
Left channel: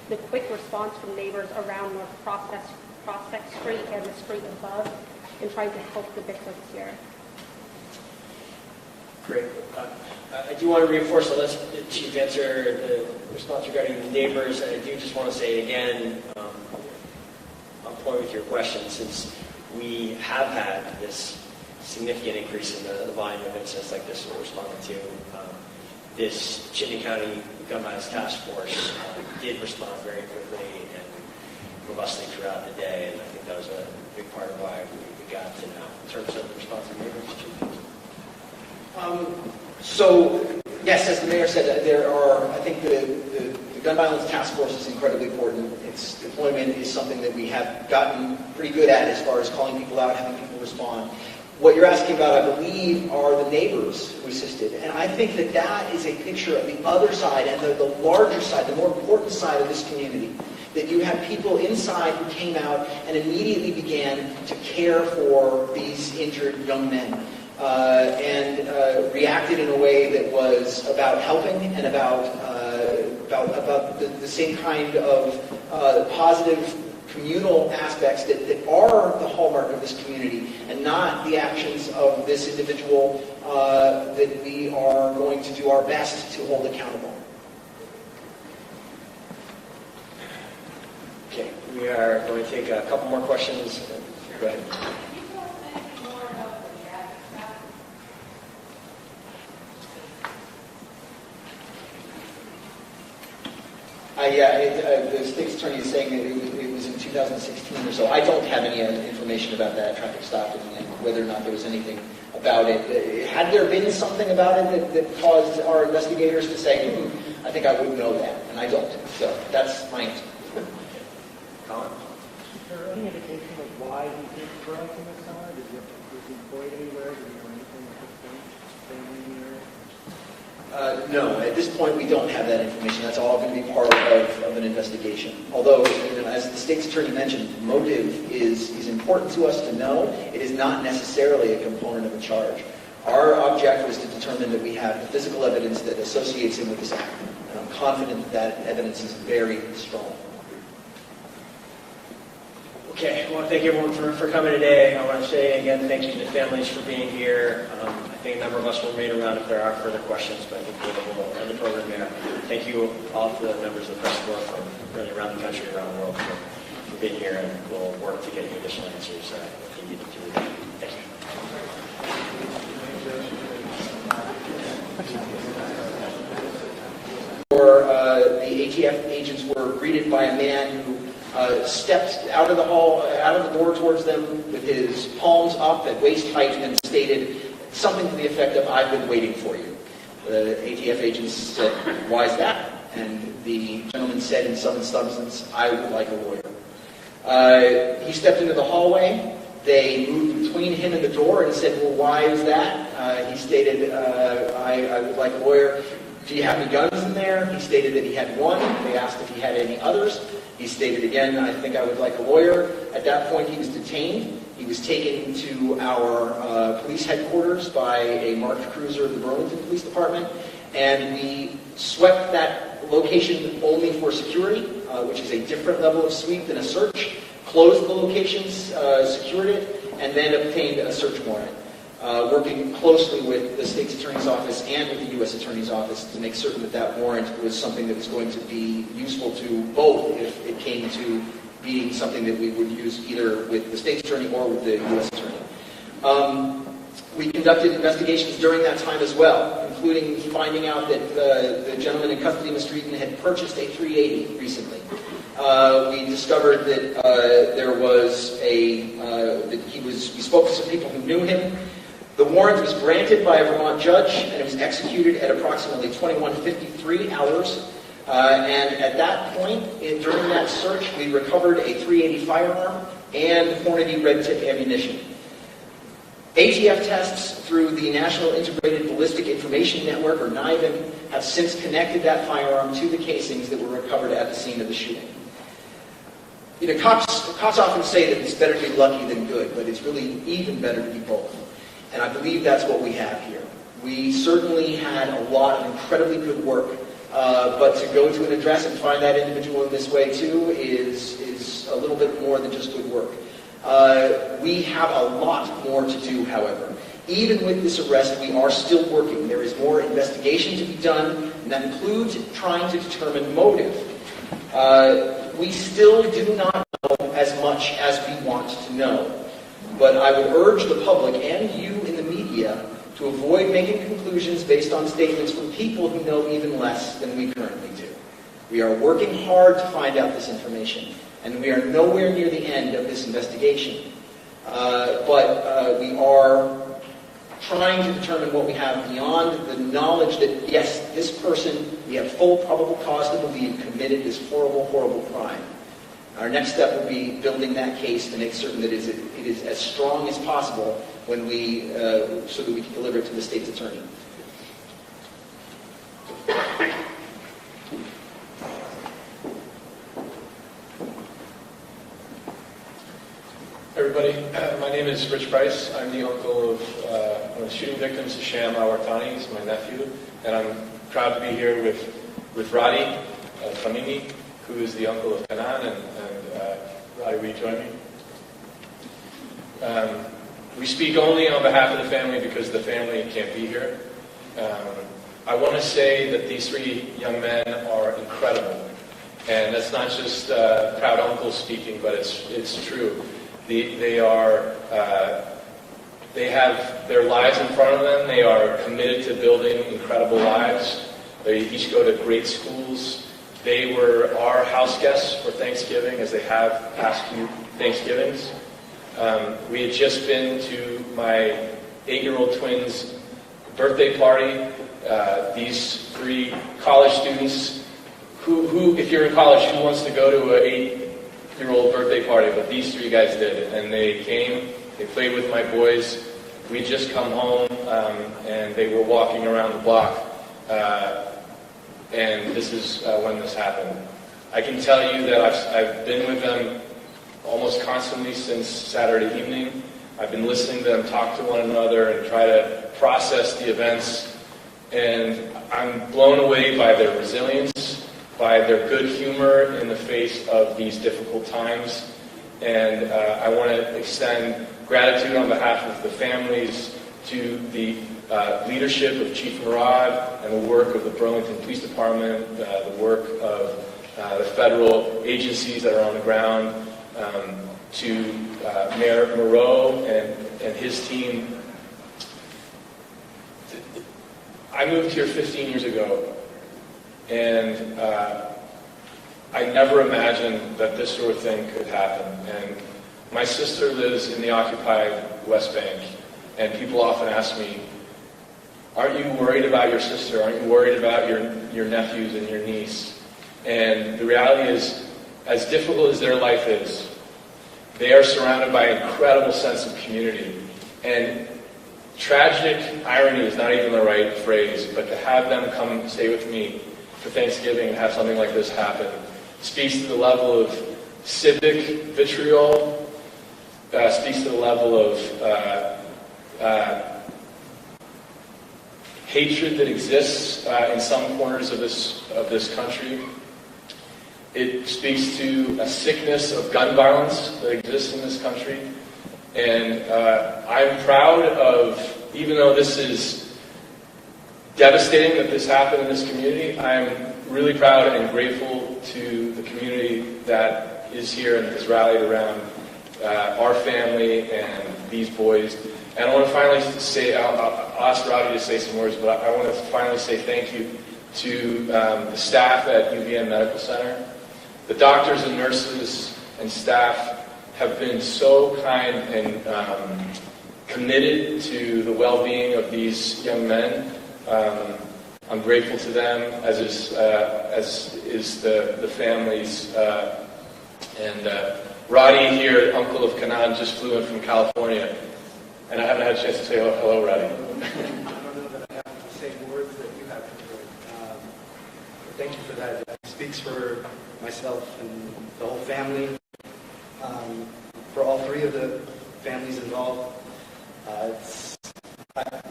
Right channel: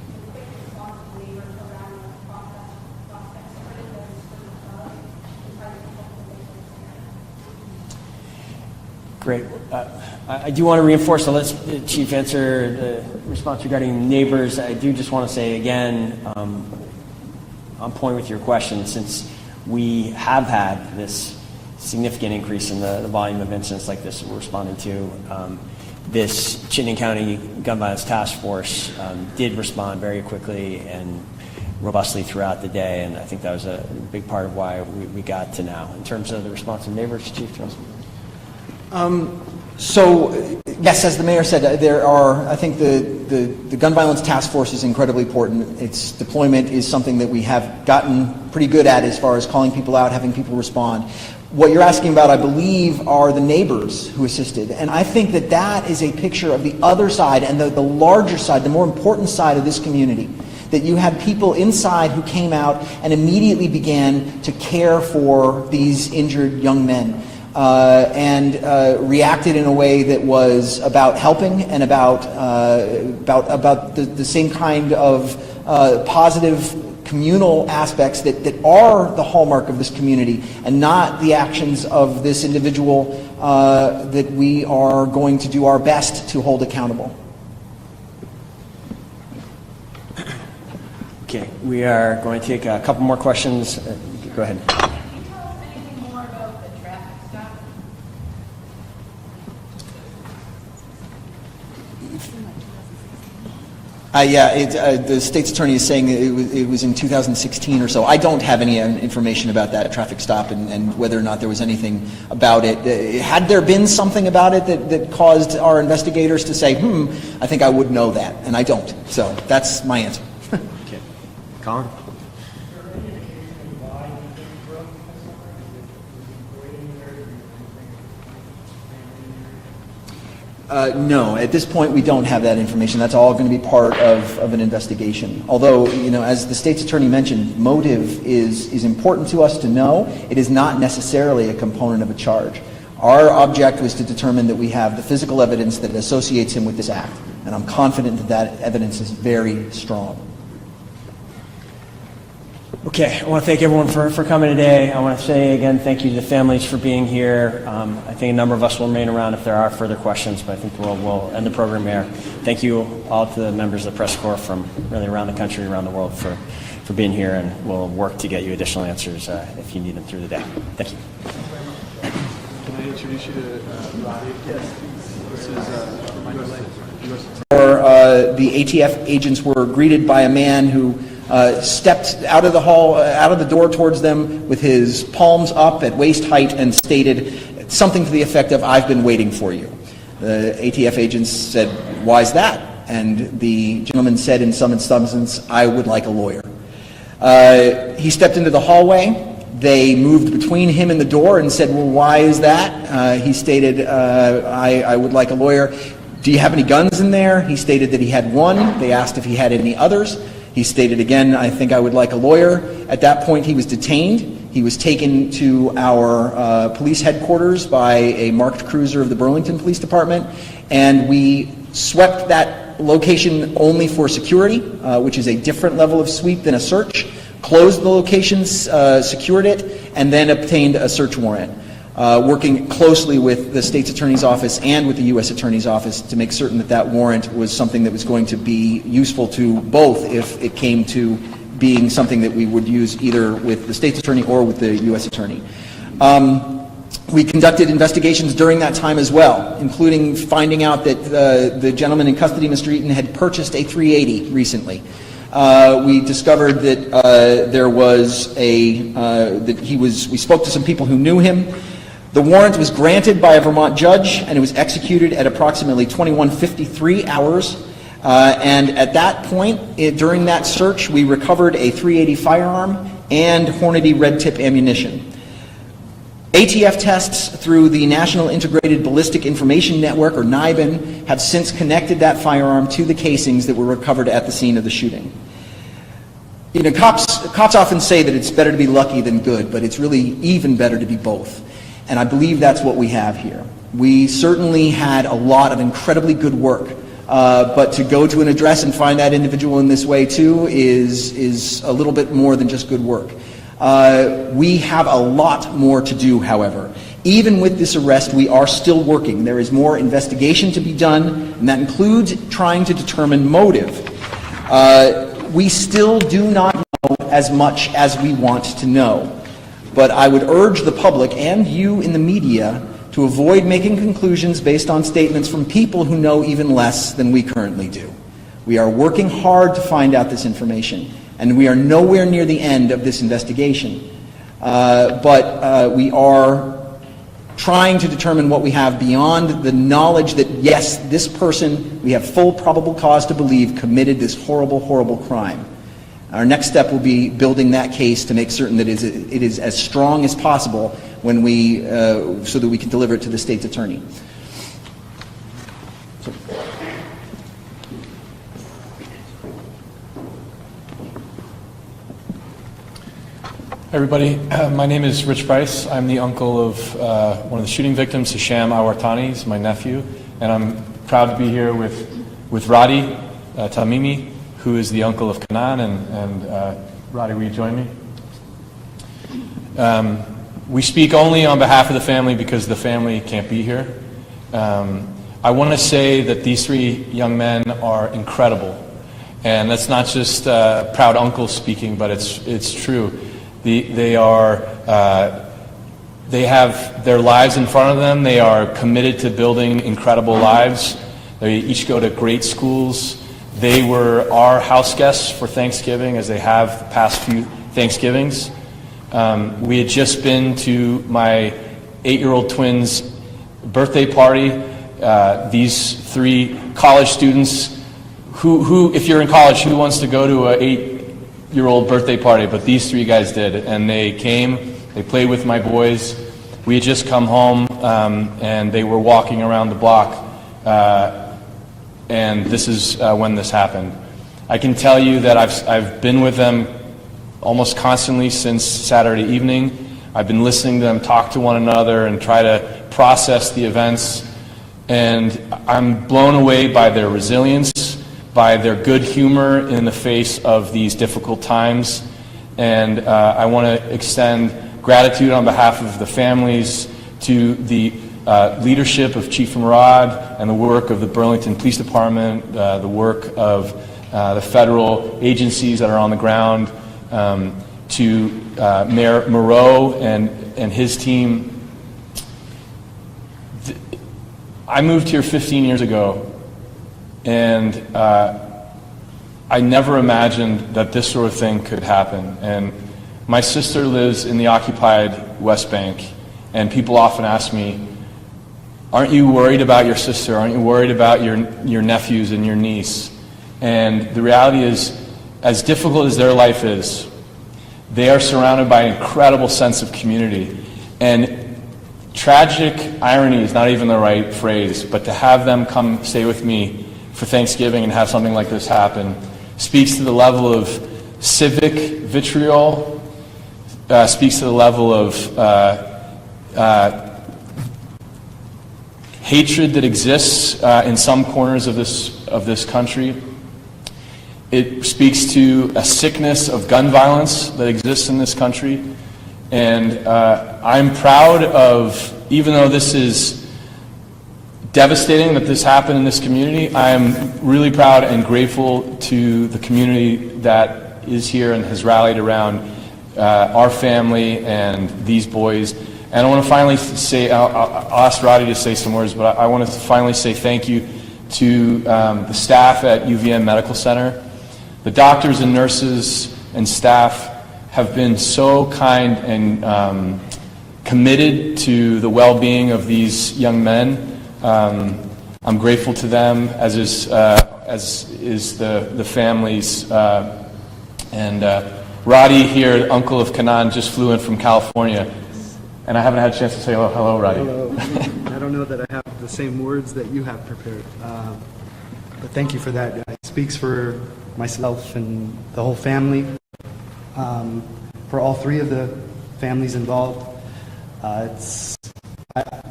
the quick response from neighbors around North Prospect Street and the street above in trying to help the victims here. Great. I do want to reinforce, so let's, Chief, answer the response regarding neighbors. I do just want to say again, on point with your question, since we have had this significant increase in the volume of incidents like this we're responding to, this Chittenden County Gun Violence Task Force did respond very quickly and robustly throughout the day, and I think that was a big part of why we got to now. In terms of the response of neighbors, Chief? So, yes, as the mayor said, there are, I think the Gun Violence Task Force is incredibly important. Its deployment is something that we have gotten pretty good at as far as calling people out, having people respond. What you're asking about, I believe, are the neighbors who assisted. And I think that that is a picture of the other side and the larger side, the more important side of this community. That you had people inside who came out and immediately began to care for these injured young men. And reacted in a way that was about helping and about the same kind of positive communal aspects that are the hallmark of this community, and not the actions of this individual that we are going to do our best to hold accountable. Okay, we are going to take a couple more questions. Go ahead. The state's attorney is saying it was in 2016 or so. I don't have any information about that traffic stop and whether or not there was anything about it. Had there been something about it that caused our investigators to say, I think I would know that, and I don't. So that's my answer. Okay. Colin? Is there any indication of why you didn't correct the next summer? Was he employed anywhere? Did he do anything for No, at this point we don't have that information. That's all going to be part of an investigation. Although, as the state's attorney mentioned, motive is important to us to know. It is not necessarily a component of a charge. Our object was to determine that we have the physical evidence that associates him with this act. And I'm confident that that evidence is very strong. Okay, I want to thank everyone for coming today. I want to say again thank you to the families for being here. I think a number of us will remain around if there are further questions, but I think we'll end the program here. Thank you all to the members of the press corps from really around the country, around the world for being here, and we'll work to get you additional answers if you need them through the day. Thank you. Can I introduce you to The ATF agents were greeted by a man who stepped out of the door towards them with his palms up at waist height and stated something to the effect of, "I've been waiting for you." The ATF agents said, "Why is that?" And the gentleman said in some substance, "I would like a lawyer." He stepped into the hallway. They moved between him and the door and said, "Well, why is that?" He stated, I would like a lawyer. "Do you have any guns in there?" He stated that he had one. They asked if he had any others. He stated again, "I think I would like a lawyer." At that point, he was detained. He was taken to our police headquarters by a marked cruiser of the Burlington Police Department, and we swept that location only for security, which is a different level of sweep than a search, closed the locations, secured it, and then obtained a search warrant. Working closely with the state's attorney's office and with the U.S. attorney's office to make certain that that warrant was something that was going to be useful to both if it came to being something that we would use either with the state's attorney or with the U.S. attorney. We conducted investigations during that time as well, including finding out that the gentleman in custody, Mr. Eaton, had purchased a .380 recently. We discovered that there was we spoke to some people who knew him. The warrant was granted by a Vermont judge, and it was executed at approximately 21:53 hours. And at that point, during that search, we recovered a .380 firearm and Hornady red tip ammunition. ATF tests through the National Integrated Ballistic Information Network, or NIBIN, have since connected that firearm to the casings that were recovered at the scene of the shooting. Cops often say that it's better to be lucky than good, but it's really even better to be both. And I believe that's what we have here. We certainly had a lot of incredibly good work But to go to an address and find that individual in this way too is a little bit more than just good work. We have a lot more to do, however. Even with this arrest, we are still working. There is more investigation to be done, and that includes trying to determine motive. We still do not know as much as we want to know. But I would urge the public and you in the media to avoid making conclusions based on statements from people who know even less than we currently do. We are working hard to find out this information, and we are nowhere near the end of this investigation. But we are trying to determine what we have beyond the knowledge that, yes, this person, we have full probable cause to believe, committed this horrible, horrible crime. Our next step will be building that case to make certain that it is as strong as possible when we, so that we can deliver it to the state's attorney. Everybody, my name is Rich Bryce. I'm the uncle of one of the shooting victims, Hisham Al-Wartani. He's my nephew, and I'm proud to be here with Radi Tamimi, who is the uncle of Kanan, and Radi, will you join me? We speak only on behalf of the family because the family can't be here. I want to say that these three young men are incredible, and that's not just proud uncle speaking, but it's true. They have their lives in front of them. They are committed to building incredible lives. They each go to great schools. They were our house guests for Thanksgiving, as they have the past few Thanksgivings. We had just been to my 8-year-old twins' birthday party. These three college students who, if you're in college, who wants to go to an 8-year-old birthday party? But these three guys did, and they came, they played with my boys. We had just come home, and they were walking around the block, and this is when this happened. I can tell you that I've been with them almost constantly since Saturday evening. I've been listening to them talk to one another and try to process the events, and I'm blown away by their resilience, by their good humor in the face of these difficult times. And I want to extend gratitude on behalf of the families to the leadership of Chief Murad and the work of the Burlington Police Department, the work of the federal agencies that are on the ground, to Mayor Moreau and his team. I moved here 15 years ago, and I never imagined that this sort of thing could happen. And my sister lives in the occupied West Bank, and people often ask me, aren't you worried about your sister? Aren't you worried about your nephews and your niece? And the reality is, as difficult as their life is, they are surrounded by an incredible sense of community. And tragic irony is not even the right phrase, but to have them come stay with me for Thanksgiving and have something like this happen speaks to the level of civic vitriol, speaks to the level of hatred that exists in some corners of this country. It speaks to a sickness of gun violence that exists in this country. And I'm proud of, even though this is devastating that this happened in this community, I'm really proud and grateful to the community that is here and has rallied around our family and these boys. And I want to finally say, I'll ask Roddy to say some words, but I want to finally say thank you to the staff at UVM Medical Center. The doctors and nurses and staff have been so kind and committed to the well-being of these young men. I'm grateful to them, as is the families. And Roddy here, uncle of Kanan, just flew in from California, and I haven't had a chance to say hello, Roddy. I don't know that I have the same words that you have prepared, but thank you for that. It speaks for myself and the whole family, for all three of the families involved.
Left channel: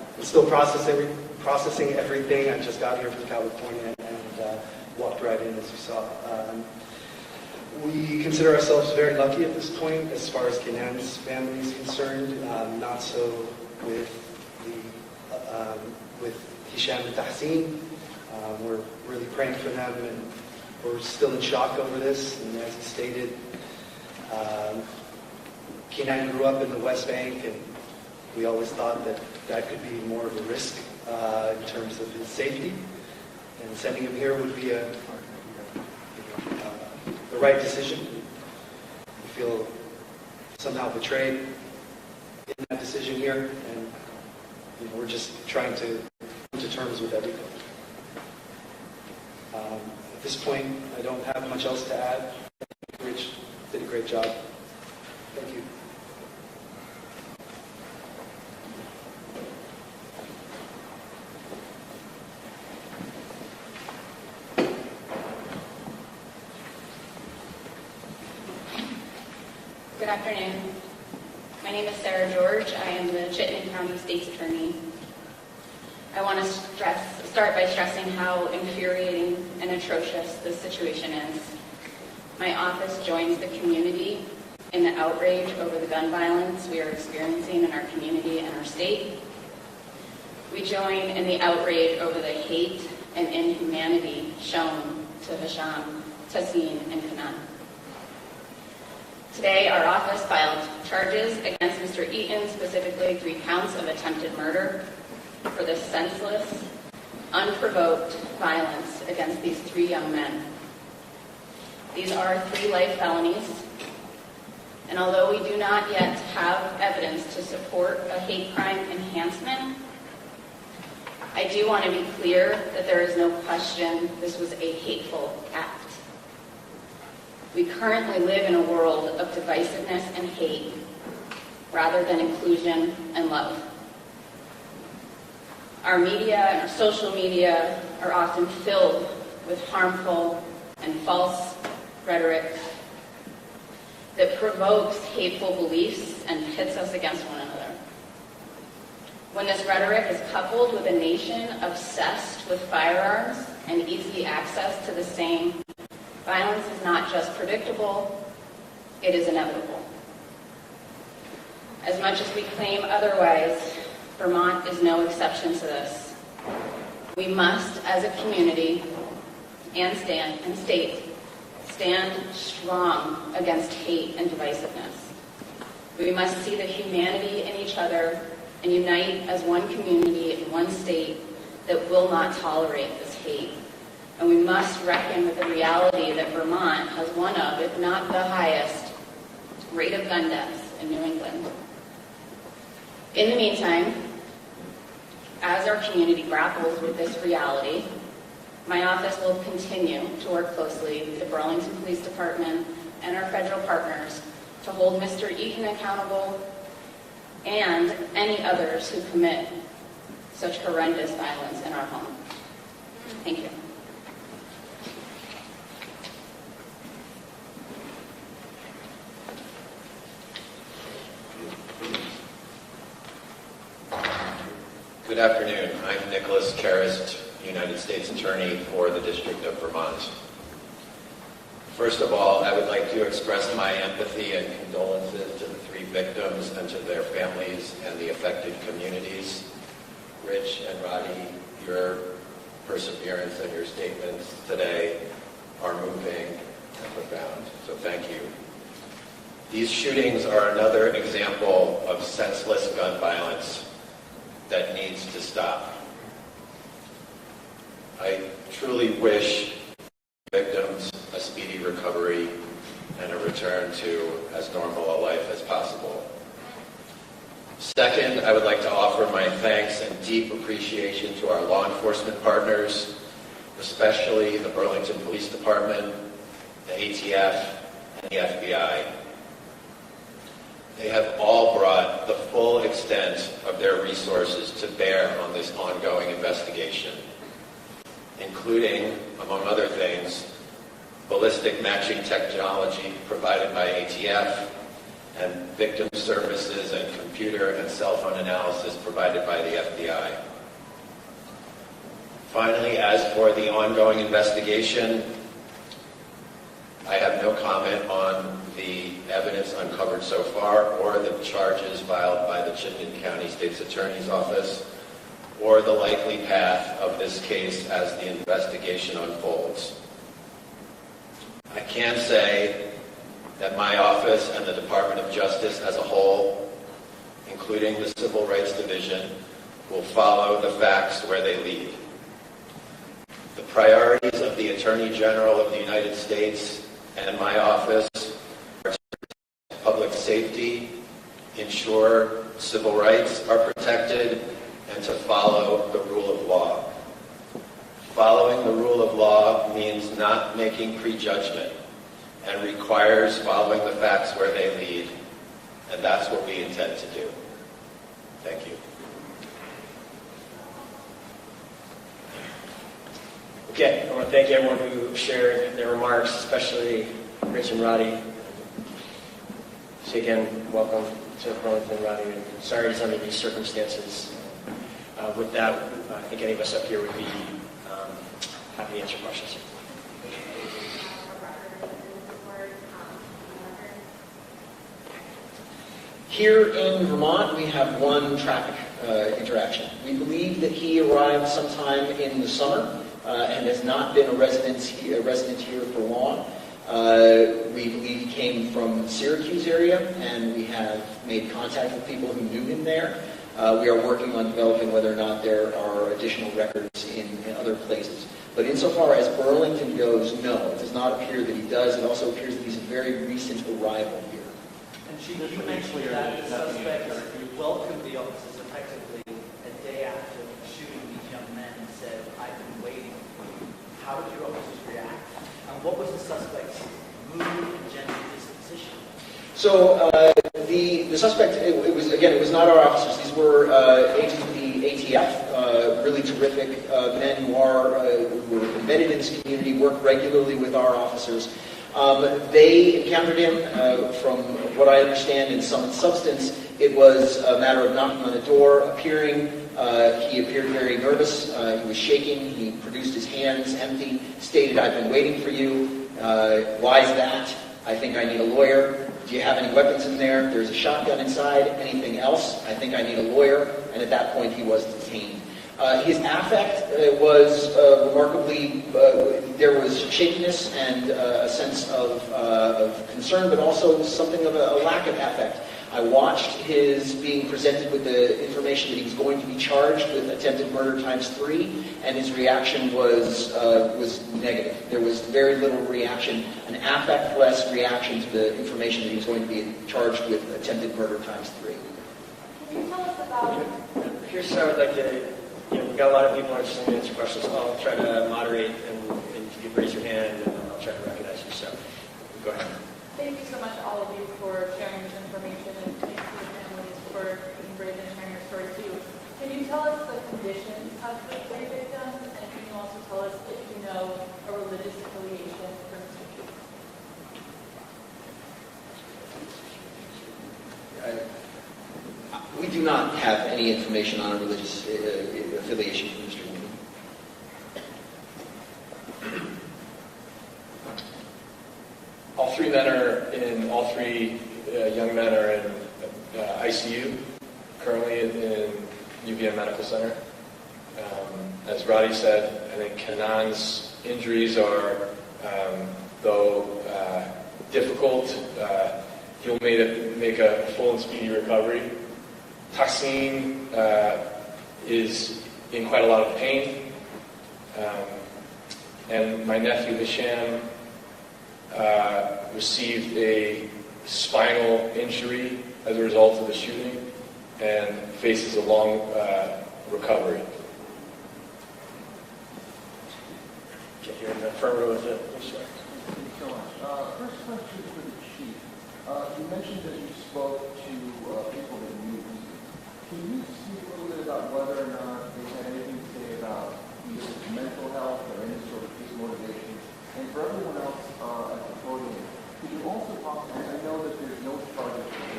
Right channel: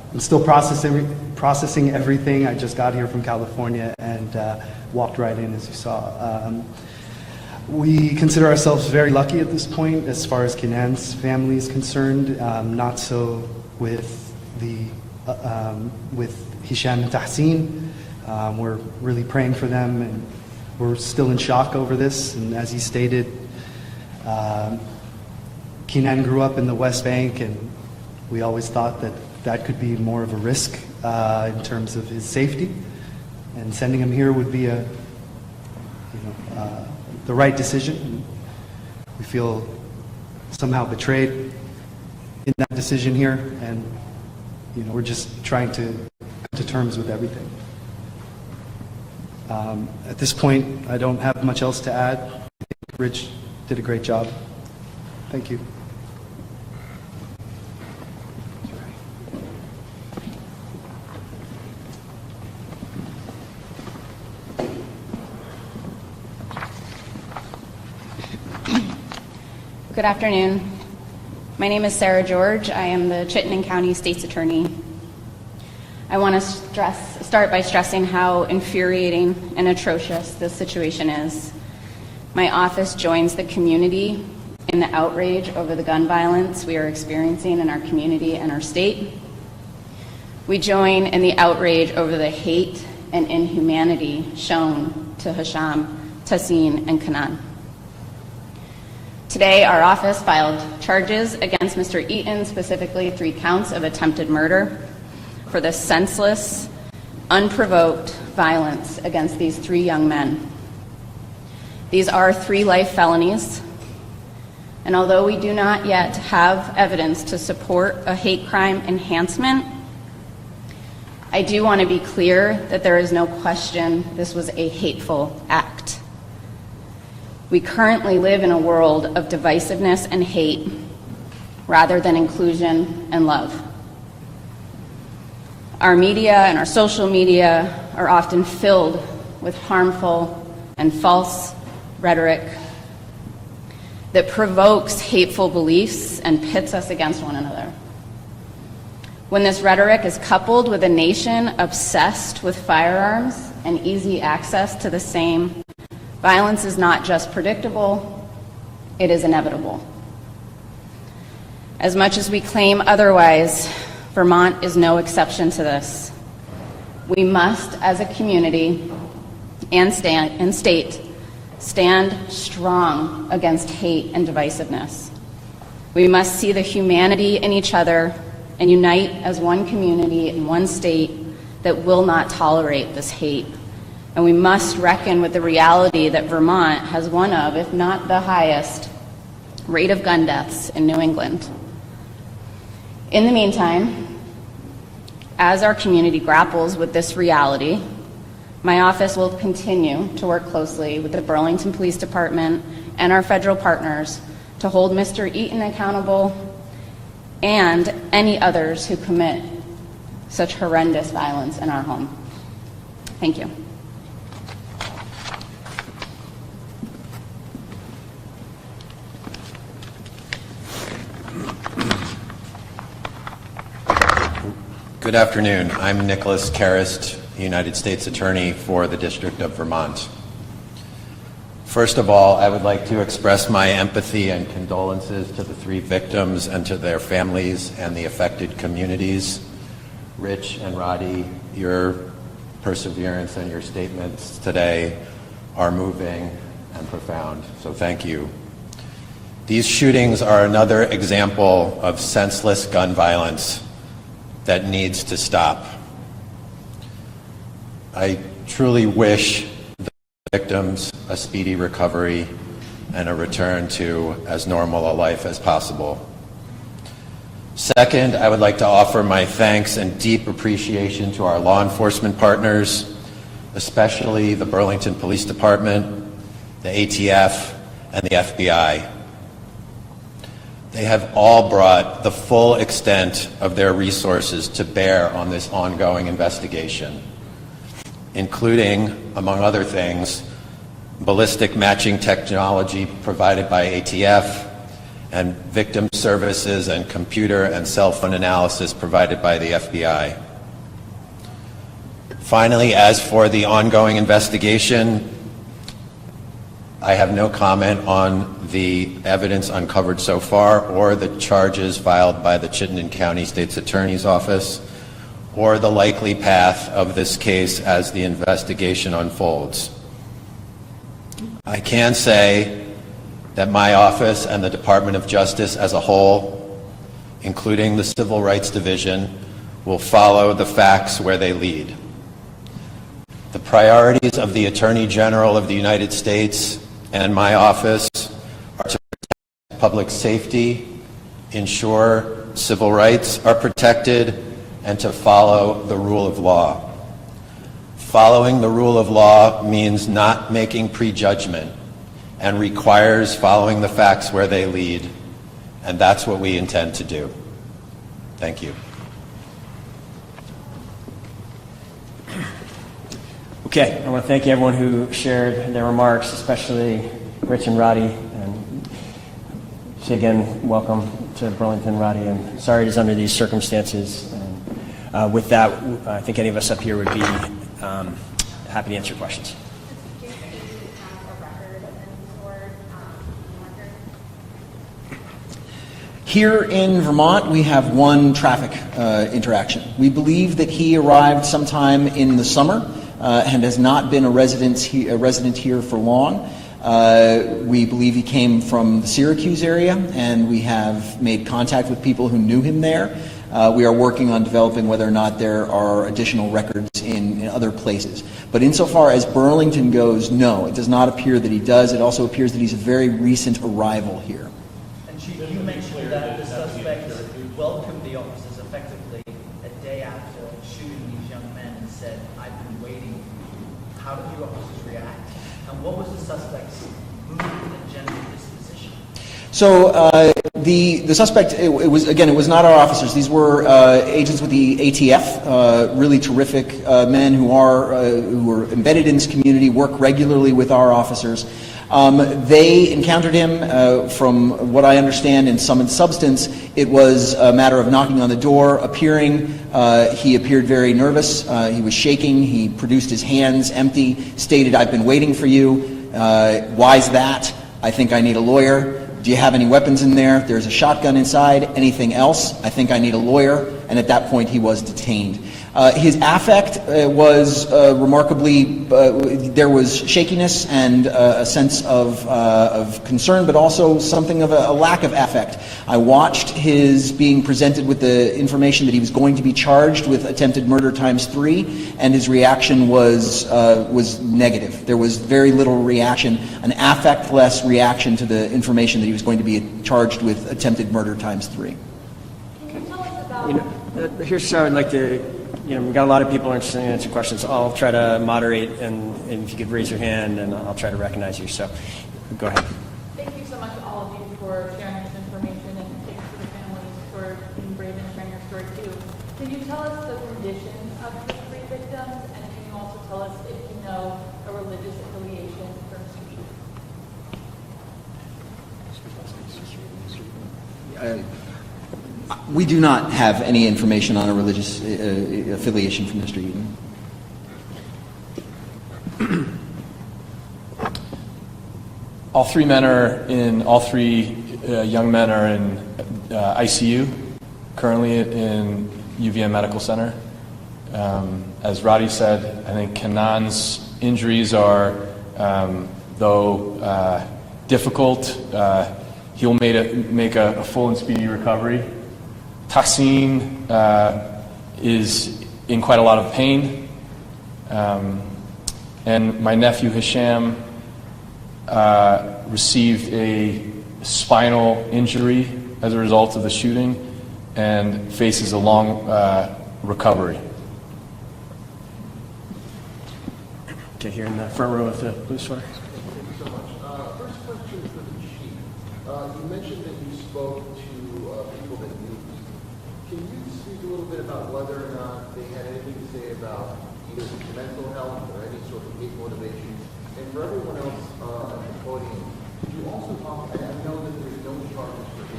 I'm still processing everything. I just got here from California and walked right in, as you saw. We consider ourselves very lucky at this point as far as Kenan's family is concerned. Not so with Hisham and Tahsin. We're really praying for them, and we're still in shock over this. And as he stated, Kenan grew up in the West Bank, and we always thought that that could be more of a risk in terms of his safety. And sending him here would be the right decision. We feel somehow betrayed in that decision here, and we're just trying to come to terms with everything. At this point, I don't have much else to add. I think Rich did a great job. Thank you. Good afternoon. My name is Sarah George. I am the Chittenden County State's Attorney. I want to start by stressing how infuriating and atrocious this situation is. My office joins the community in the outrage over the gun violence we are experiencing in our community and our state. We join in the outrage over the hate and inhumanity shown to Hisham, Tahsin, and Kenan. Today, our office filed charges against Mr. Eaton, specifically 3 counts of attempted murder, for the senseless, unprovoked violence against these 3 young men. These are 3 life felonies, and although we do not yet have evidence to support a hate crime enhancement, I do want to be clear that there is no question this was a hateful act. We currently live in a world of divisiveness and hate rather than inclusion and love. Our media and our social media are often filled with harmful and false rhetoric that provokes hateful beliefs and pits us against one another. When this rhetoric is coupled with a nation obsessed with firearms and easy access to the same, violence is not just predictable, it is inevitable. As much as we claim otherwise, Vermont is no exception to this. We must, as a community and state, stand strong against hate and divisiveness. We must see the humanity in each other and unite as one community in one state that will not tolerate this hate. And we must reckon with the reality that Vermont has one of, if not the highest, rate of gun deaths in New England. In the meantime, as our community grapples with this reality, my office will continue to work closely with the Burlington Police Department and our federal partners to hold Mr. Eaton accountable and any others who commit such horrendous violence in our home. Thank you. Good afternoon. I'm Nicholas Karist, United States Attorney for the District of Vermont. First of all, I would like to express my empathy and condolences to the 3 victims and to their families and the affected communities. Rich and Roddy, your perseverance and your statements today are moving and profound, so thank you. These shootings are another example of senseless gun violence that needs to stop. I truly wish the victims a speedy recovery and a return to as normal a life as possible. Second, I would like to offer my thanks and deep appreciation to our law enforcement partners, especially the Burlington Police Department, the ATF, and the FBI. They have all brought the full extent of their resources to bear on this ongoing investigation, including, among other things, ballistic matching technology provided by ATF, and victim services and computer and cell phone analysis provided by the FBI. Finally, as for the ongoing investigation, I have no comment on the evidence uncovered so far or the charges filed by the Chittenden County State's Attorney's Office or the likely path of this case as the investigation unfolds. I can say that my office and the Department of Justice as a whole, including the Civil Rights Division, will follow the facts where they lead. The priorities of the Attorney General of the United States and my office are to protect public safety, ensure civil rights are protected, and to follow the rule of law. Following the rule of law means not making prejudgment and requires following the facts where they lead, and that's what we intend to do. Thank you. Okay, I want to thank everyone who shared their remarks, especially Rich and Roddy. And say again, welcome to Burlington, Roddy. And sorry it is under these circumstances. With that, I think any of us up here would be happy to answer questions. Here in Vermont, we have one traffic interaction. We believe that he arrived sometime in the summer and has not been a resident here for long. We believe he came from the Syracuse area, and we have made contact with people who knew him there. We are working on developing whether or not there are additional records in other places. But insofar as Burlington goes, no, it does not appear that he does. It also appears that he's a very recent arrival here. And Chief, you mentioned that the suspect welcomed the officers effectively a day after shooting these young men and said, "I've been waiting." How did your officers react? And what was the suspect's mood and general disposition? So the suspect, it was not our officers. These were agents with the ATF, really terrific men who are embedded in this community, work regularly with our officers. They encountered him, from what I understand, in sum and substance, it was a matter of knocking on the door, appearing. He appeared very nervous. He was shaking. He produced his hands empty, stated, "I've been waiting for you." Why is that? "I think I need a lawyer." "Do you have any weapons in there?" "There's a shotgun inside." "Anything else?" "I think I need a lawyer." And at that point, he was detained. His affect was remarkably, there was shakiness and a sense of concern, but also something of a lack of affect. I watched his being presented with the information that he was going to be charged with attempted murder ×3, and his reaction was negative. There was very little reaction, an affect-less reaction to the information that he was going to be charged with attempted murder ×3. Here's how I'd like to, we've got a lot of people interested in answering questions. I'll try to moderate, and if you could raise your hand, and I'll try to recognize you. So, go ahead. Thank you so much, all of you, for sharing this information, and thank you to the families for being brave and sharing your story too. Can you tell us the condition of the three victims, and can you also tell us if you know a religious affiliation for Mr. Keaton? We do not have any information on a religious affiliation from Mr. Eden. All three young men are in ICU, currently in UVM Medical Center. As Roddy said, I think Kanan's injuries are, though difficult, he'll make a full and speedy recovery. Tassim is in quite a lot of pain. And my nephew Hisham received a spinal injury as a result of the shooting and faces a long recovery. Okay, here in the front row with the blue sweater. Thank you so much. First question for the chief. You mentioned that you spoke to people that knew. Can you speak a little bit about whether or not they had anything to say about either mental health or any sort of hate motivation? And for everyone else at the podium, could you also talk, I know that there's no charges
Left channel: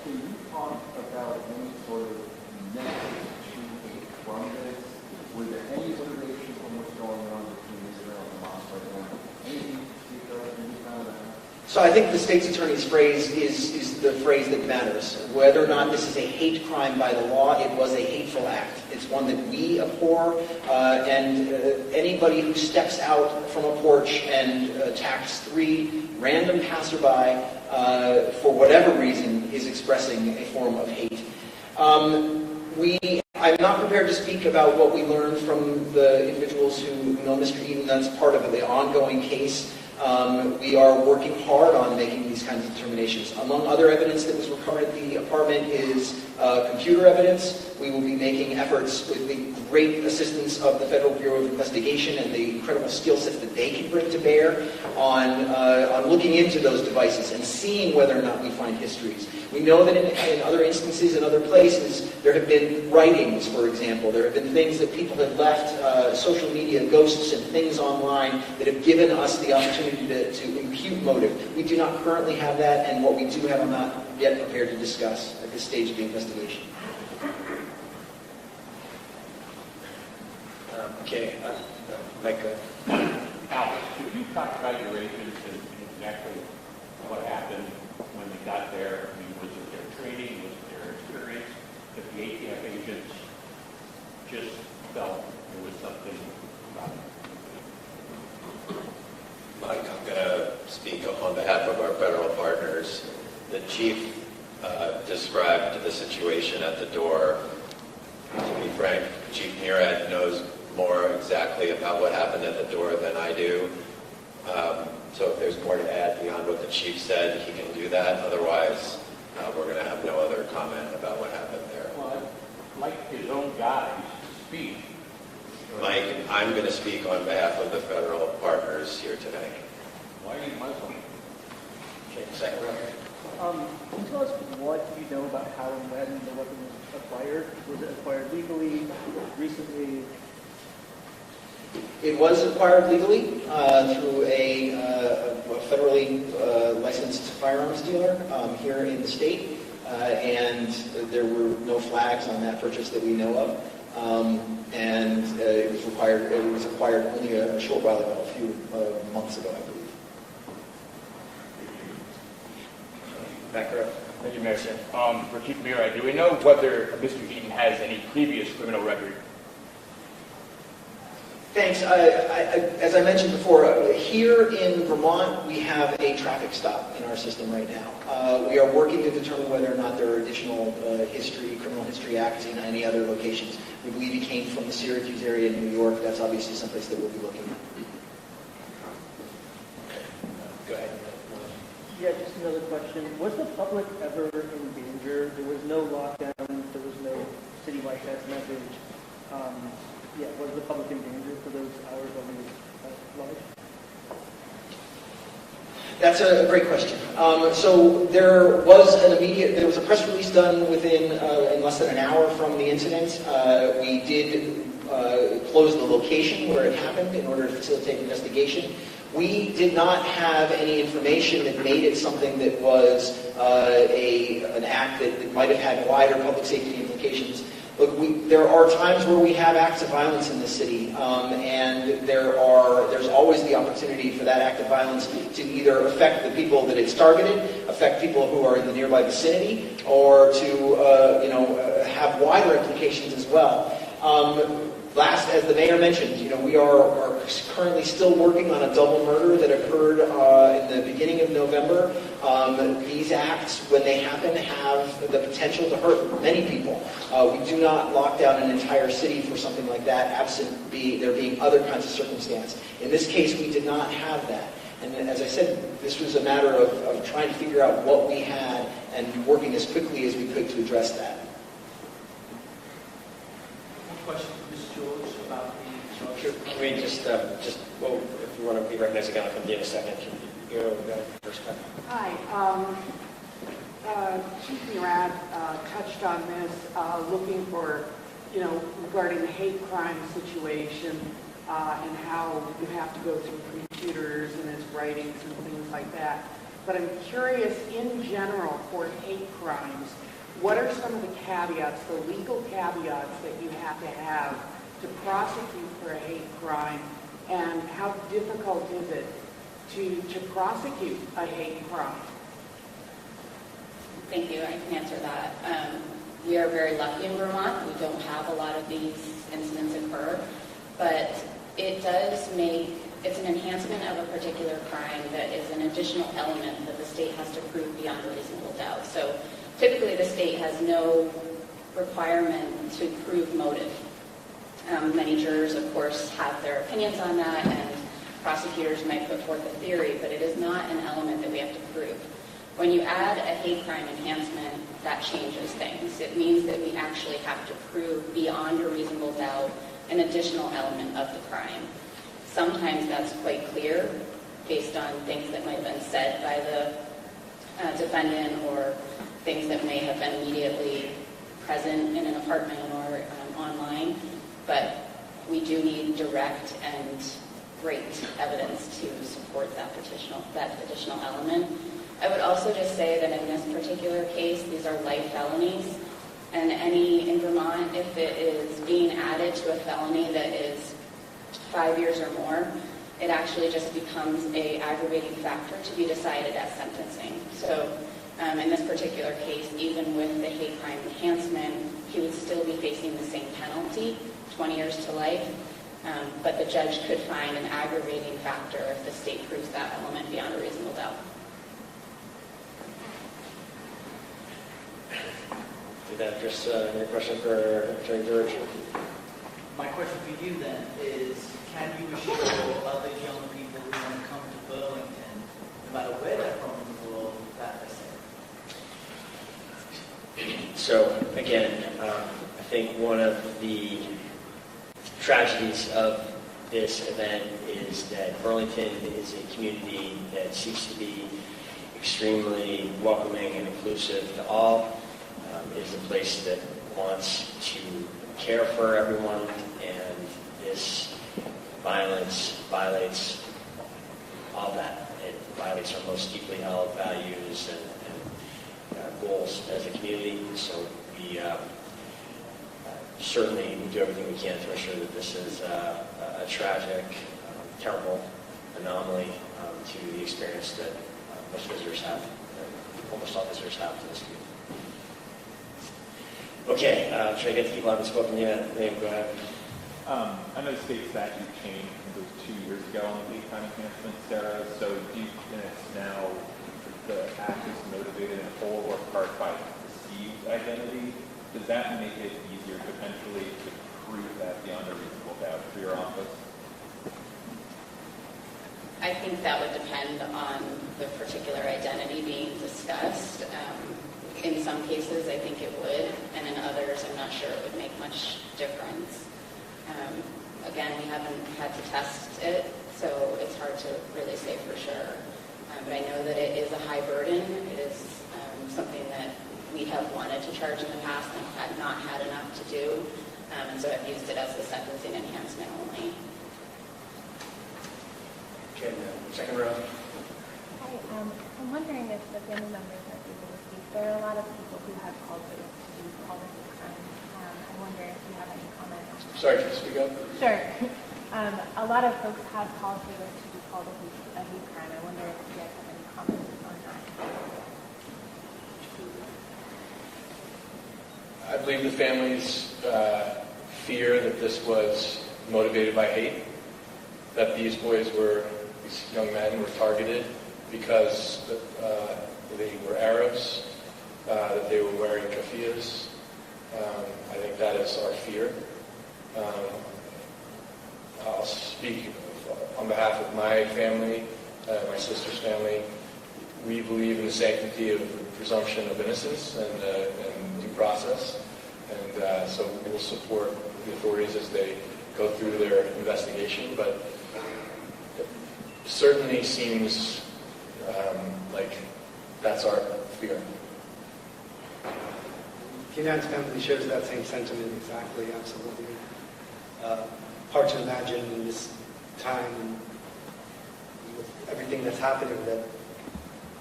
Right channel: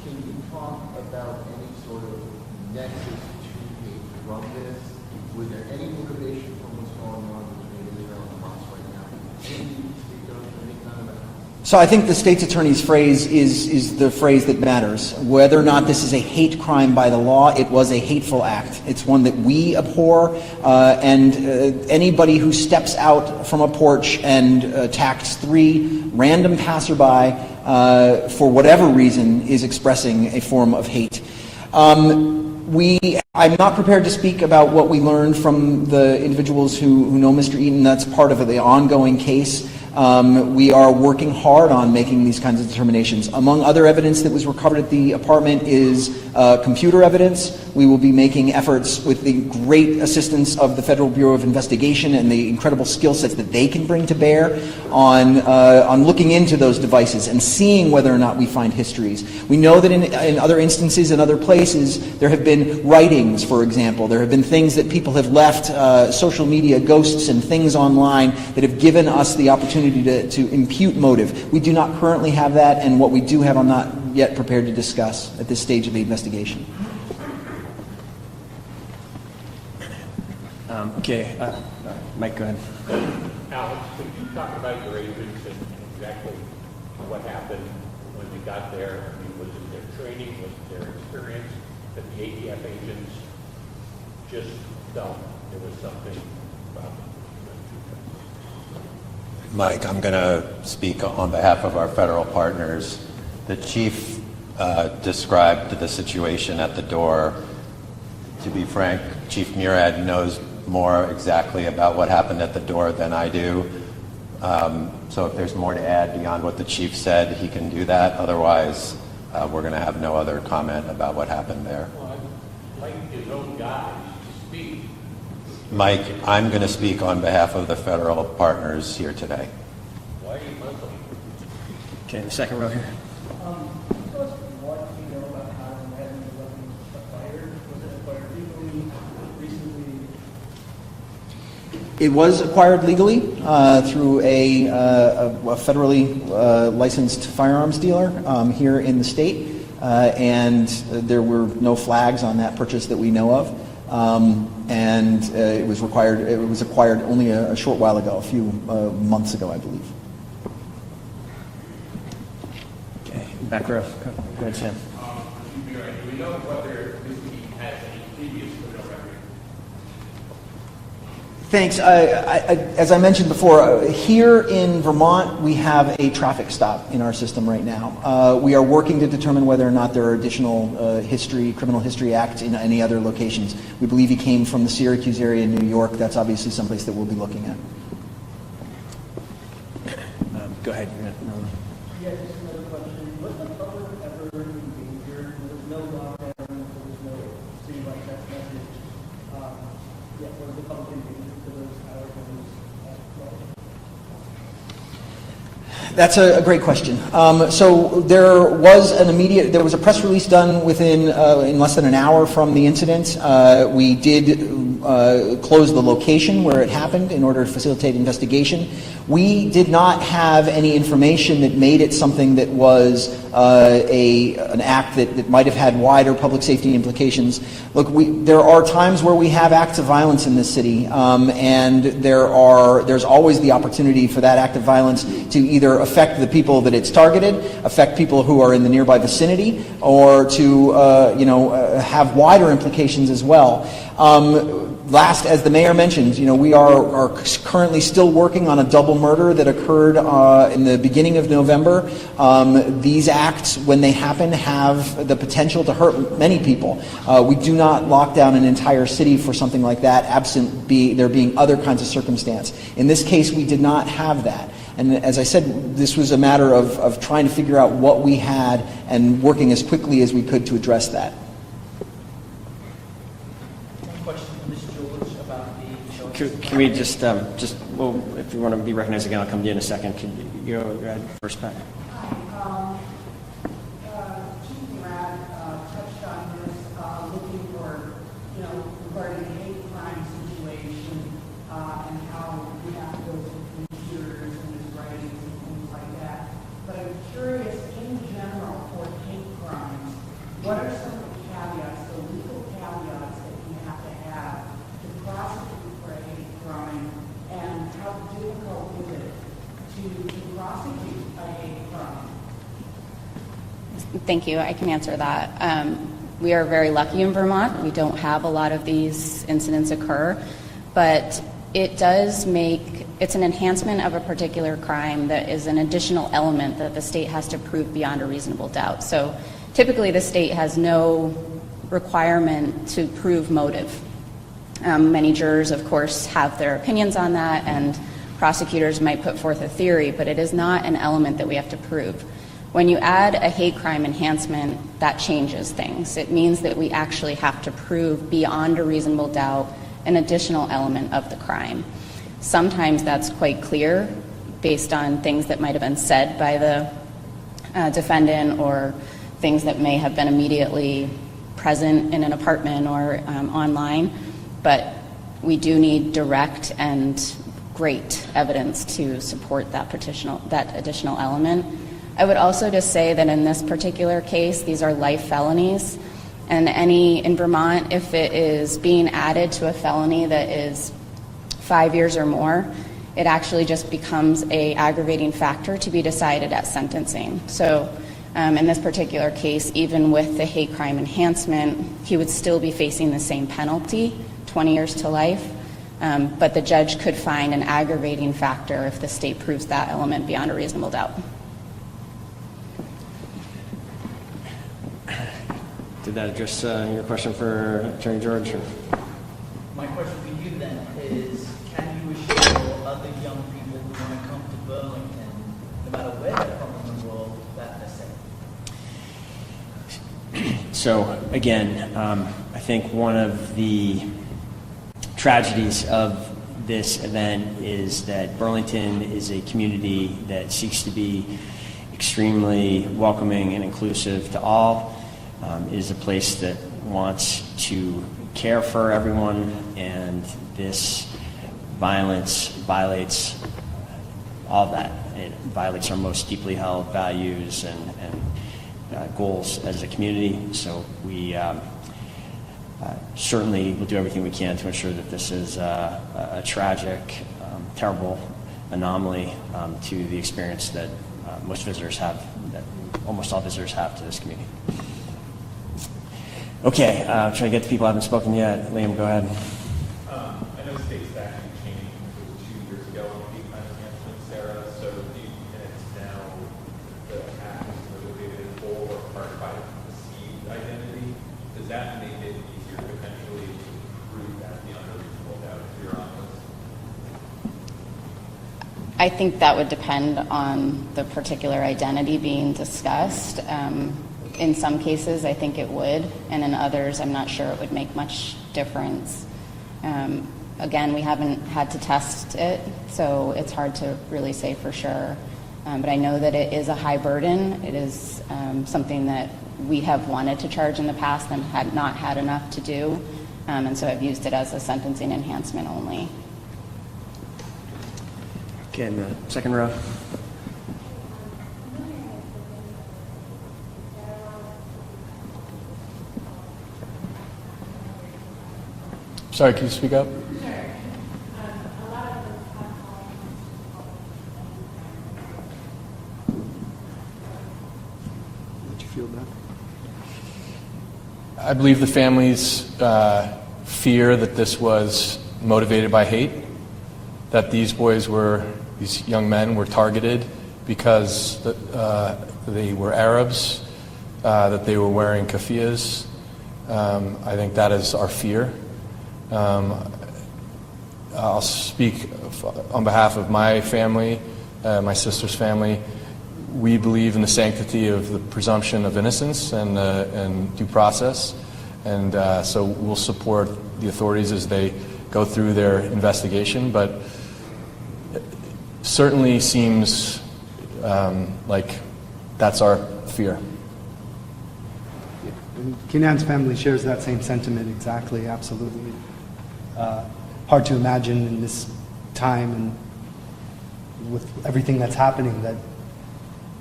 can you talk about any sort of nexus between hate from this? Was there any information from what's going on between Israel and Hamas right now? Anything you can speak of, any kind of that? So I think the state's attorney's phrase is the phrase that matters. Whether or not this is a hate crime by the law, it was a hateful act. It's one that we abhor, and anybody who steps out from a porch and attacks 3 random passerby for whatever reason is expressing a form of hate. I'm not prepared to speak about what we learned from the individuals who know Mr. Eaton. That's part of the ongoing case. We are working hard on making these kinds of determinations. Among other evidence that was recovered at the apartment is computer evidence. We will be making efforts with the great assistance of the Federal Bureau of Investigation and the incredible skill sets that they can bring to bear on looking into those devices and seeing whether or not we find histories. We know that in other instances, in other places, there have been writings, for example. There have been things that people have left, social media ghosts and things online that have given us the opportunity to impute motive. We do not currently have that, and what we do have I'm not yet prepared to discuss at this stage of the investigation. Okay, Mike, go ahead. Alex, could you talk about your agents and exactly what happened when you got there? I mean, was it their training, was it their experience, that the ATF agents just felt there was something about it? Mike, I'm going to speak on behalf of our federal partners. The chief described the situation at the door. To be frank, Chief Murad knows more exactly about what happened at the door than I do. So if there's more to add beyond what the chief said, he can do that. Otherwise, we're going to have no other comment about what happened there. Well, I'd like his own guys to speak. Mike, I'm going to speak on behalf of the federal partners here today. Why are you Muslim? Okay, second row here. Can you tell us what you know about how and when the weapon was acquired? Was it acquired legally, recently? It was acquired legally through a federally licensed firearms dealer here in the state, and there were no flags on that purchase that we know of. And it was acquired only a short while ago, a few months ago, I believe. Okay, back row. For Chief Murad, do we know whether Mr. Eaton has any previous criminal record? Thanks. As I mentioned before, here in Vermont, we have a traffic stop in our system right now. We are working to determine whether or not there are additional criminal history acts in any other locations. We believe he came from the Syracuse area in New York. That's obviously someplace that we'll be looking at. Go ahead. Yeah, just another question. Was the public ever injured? There was no lockdown. There was no citywide text message. Was the public injured for those hours of this? That's a great question. So there was a press release done within in less than an hour from the incident. We did close the location where it happened in order to facilitate investigation. We did not have any information that made it something that was an act that might have had wider public safety implications. Look, there are times where we have acts of violence in this city, and there's always the opportunity for that act of violence to either affect the people that it's targeted, affect people who are in the nearby vicinity, or to have wider implications as well. Last, as the mayor mentioned, we are currently still working on a double murder that occurred in the beginning of November. These acts, when they happen, have the potential to hurt many people. We do not lock down an entire city for something like that, absent there being other kinds of circumstance. In this case, we did not have that. And as I said, this was a matter of trying to figure out what we had and working as quickly as we could to address that. Can we just well, if you want to be recognized again, I'll come to you in a second. Can you go right first, Pat? Hi. Chief Murad touched on this, looking for, regarding the hate crime situation and how you have to go through computers and his writings and things like that. but I'm curious, in general, for hate crimes, what are some of the caveats, the legal caveats that you have to prosecute for a hate crime, and how difficult is it to prosecute a hate crime? Thank you. I can answer that. We are very lucky in Vermont. We don't have a lot of these incidents occur, but it does make, it's an enhancement of a particular crime that is an additional element that the state has to prove beyond a reasonable doubt. So typically the state has no requirement to prove motive. Many jurors, of course, have their opinions on that, and prosecutors might put forth a theory, but it is not an element that we have to prove. When you add a hate crime enhancement, that changes things. It means that we actually have to prove beyond a reasonable doubt an additional element of the crime. Sometimes that's quite clear based on things that might have been said by the defendant, or things that may have been immediately present in an apartment or online. But we do need direct and great evidence to support that additional element. I would also just say that in this particular case, these are life felonies, and in Vermont, if it is being added to a felony that is 5 years or more, it actually just becomes an aggravating factor to be decided at sentencing. So in this particular case, even with the hate crime enhancement, he would still be facing the same penalty, 20 years to life, but the judge could find an aggravating factor if the state proves that element beyond a reasonable doubt. Did that address your question for Attorney George? My question for you then is, can you assure other young people who want to come to Burlington, no matter where they're from in the world, that they're safe? So again, I think one of the tragedies of this event is that Burlington is a community that seeks to be extremely welcoming and inclusive to all. Is a place that wants to care for everyone, and this violence violates all of that. It violates our most deeply held values and goals as a community. So we certainly will do everything we can to ensure that this is a tragic, terrible anomaly to the experience that most visitors have, that almost all visitors have to this community. Okay, trying to get to people who haven't spoken yet. Liam, go ahead. I know the state statute changed, I think it was 2 years ago on hate crime enhancement, Sarah. So do you think that now the act is motivated in whole or part by perceived identity? Does that make it easier potentially to prove that beyond a reasonable doubt for your office? I think that would depend on the particular identity being discussed. In some cases, I think it would, and in others, I'm not sure it would make much difference. Again, we haven't had to test it, so it's hard to really say for sure. But I know that it is a high burden. It is something that we have wanted to charge in the past and had not had enough to do, and so I've used it as a sentencing enhancement only. Okay, in the second row. I'm wondering if the family members are able to speak. There are a lot of people who have called for this all the time. I wonder if you have any comments. Sorry, can you speak up? Sure. A lot of folks have called for this to be called a hate crime. I wonder if you guys have any comments on that. Did you feel that? I believe the families fear that this was motivated by hate, that these young men were targeted because they were Arabs, that they were wearing keffiyehs. I think that is our fear. I'll speak on behalf of my family, my sister's family. We believe in the sanctity of the presumption of innocence and due process, and so we'll support the authorities as they go through their investigation, but it certainly seems like that's our fear. Kenan's family shares that same sentiment exactly, absolutely. Hard to imagine in this time and with everything that's happening that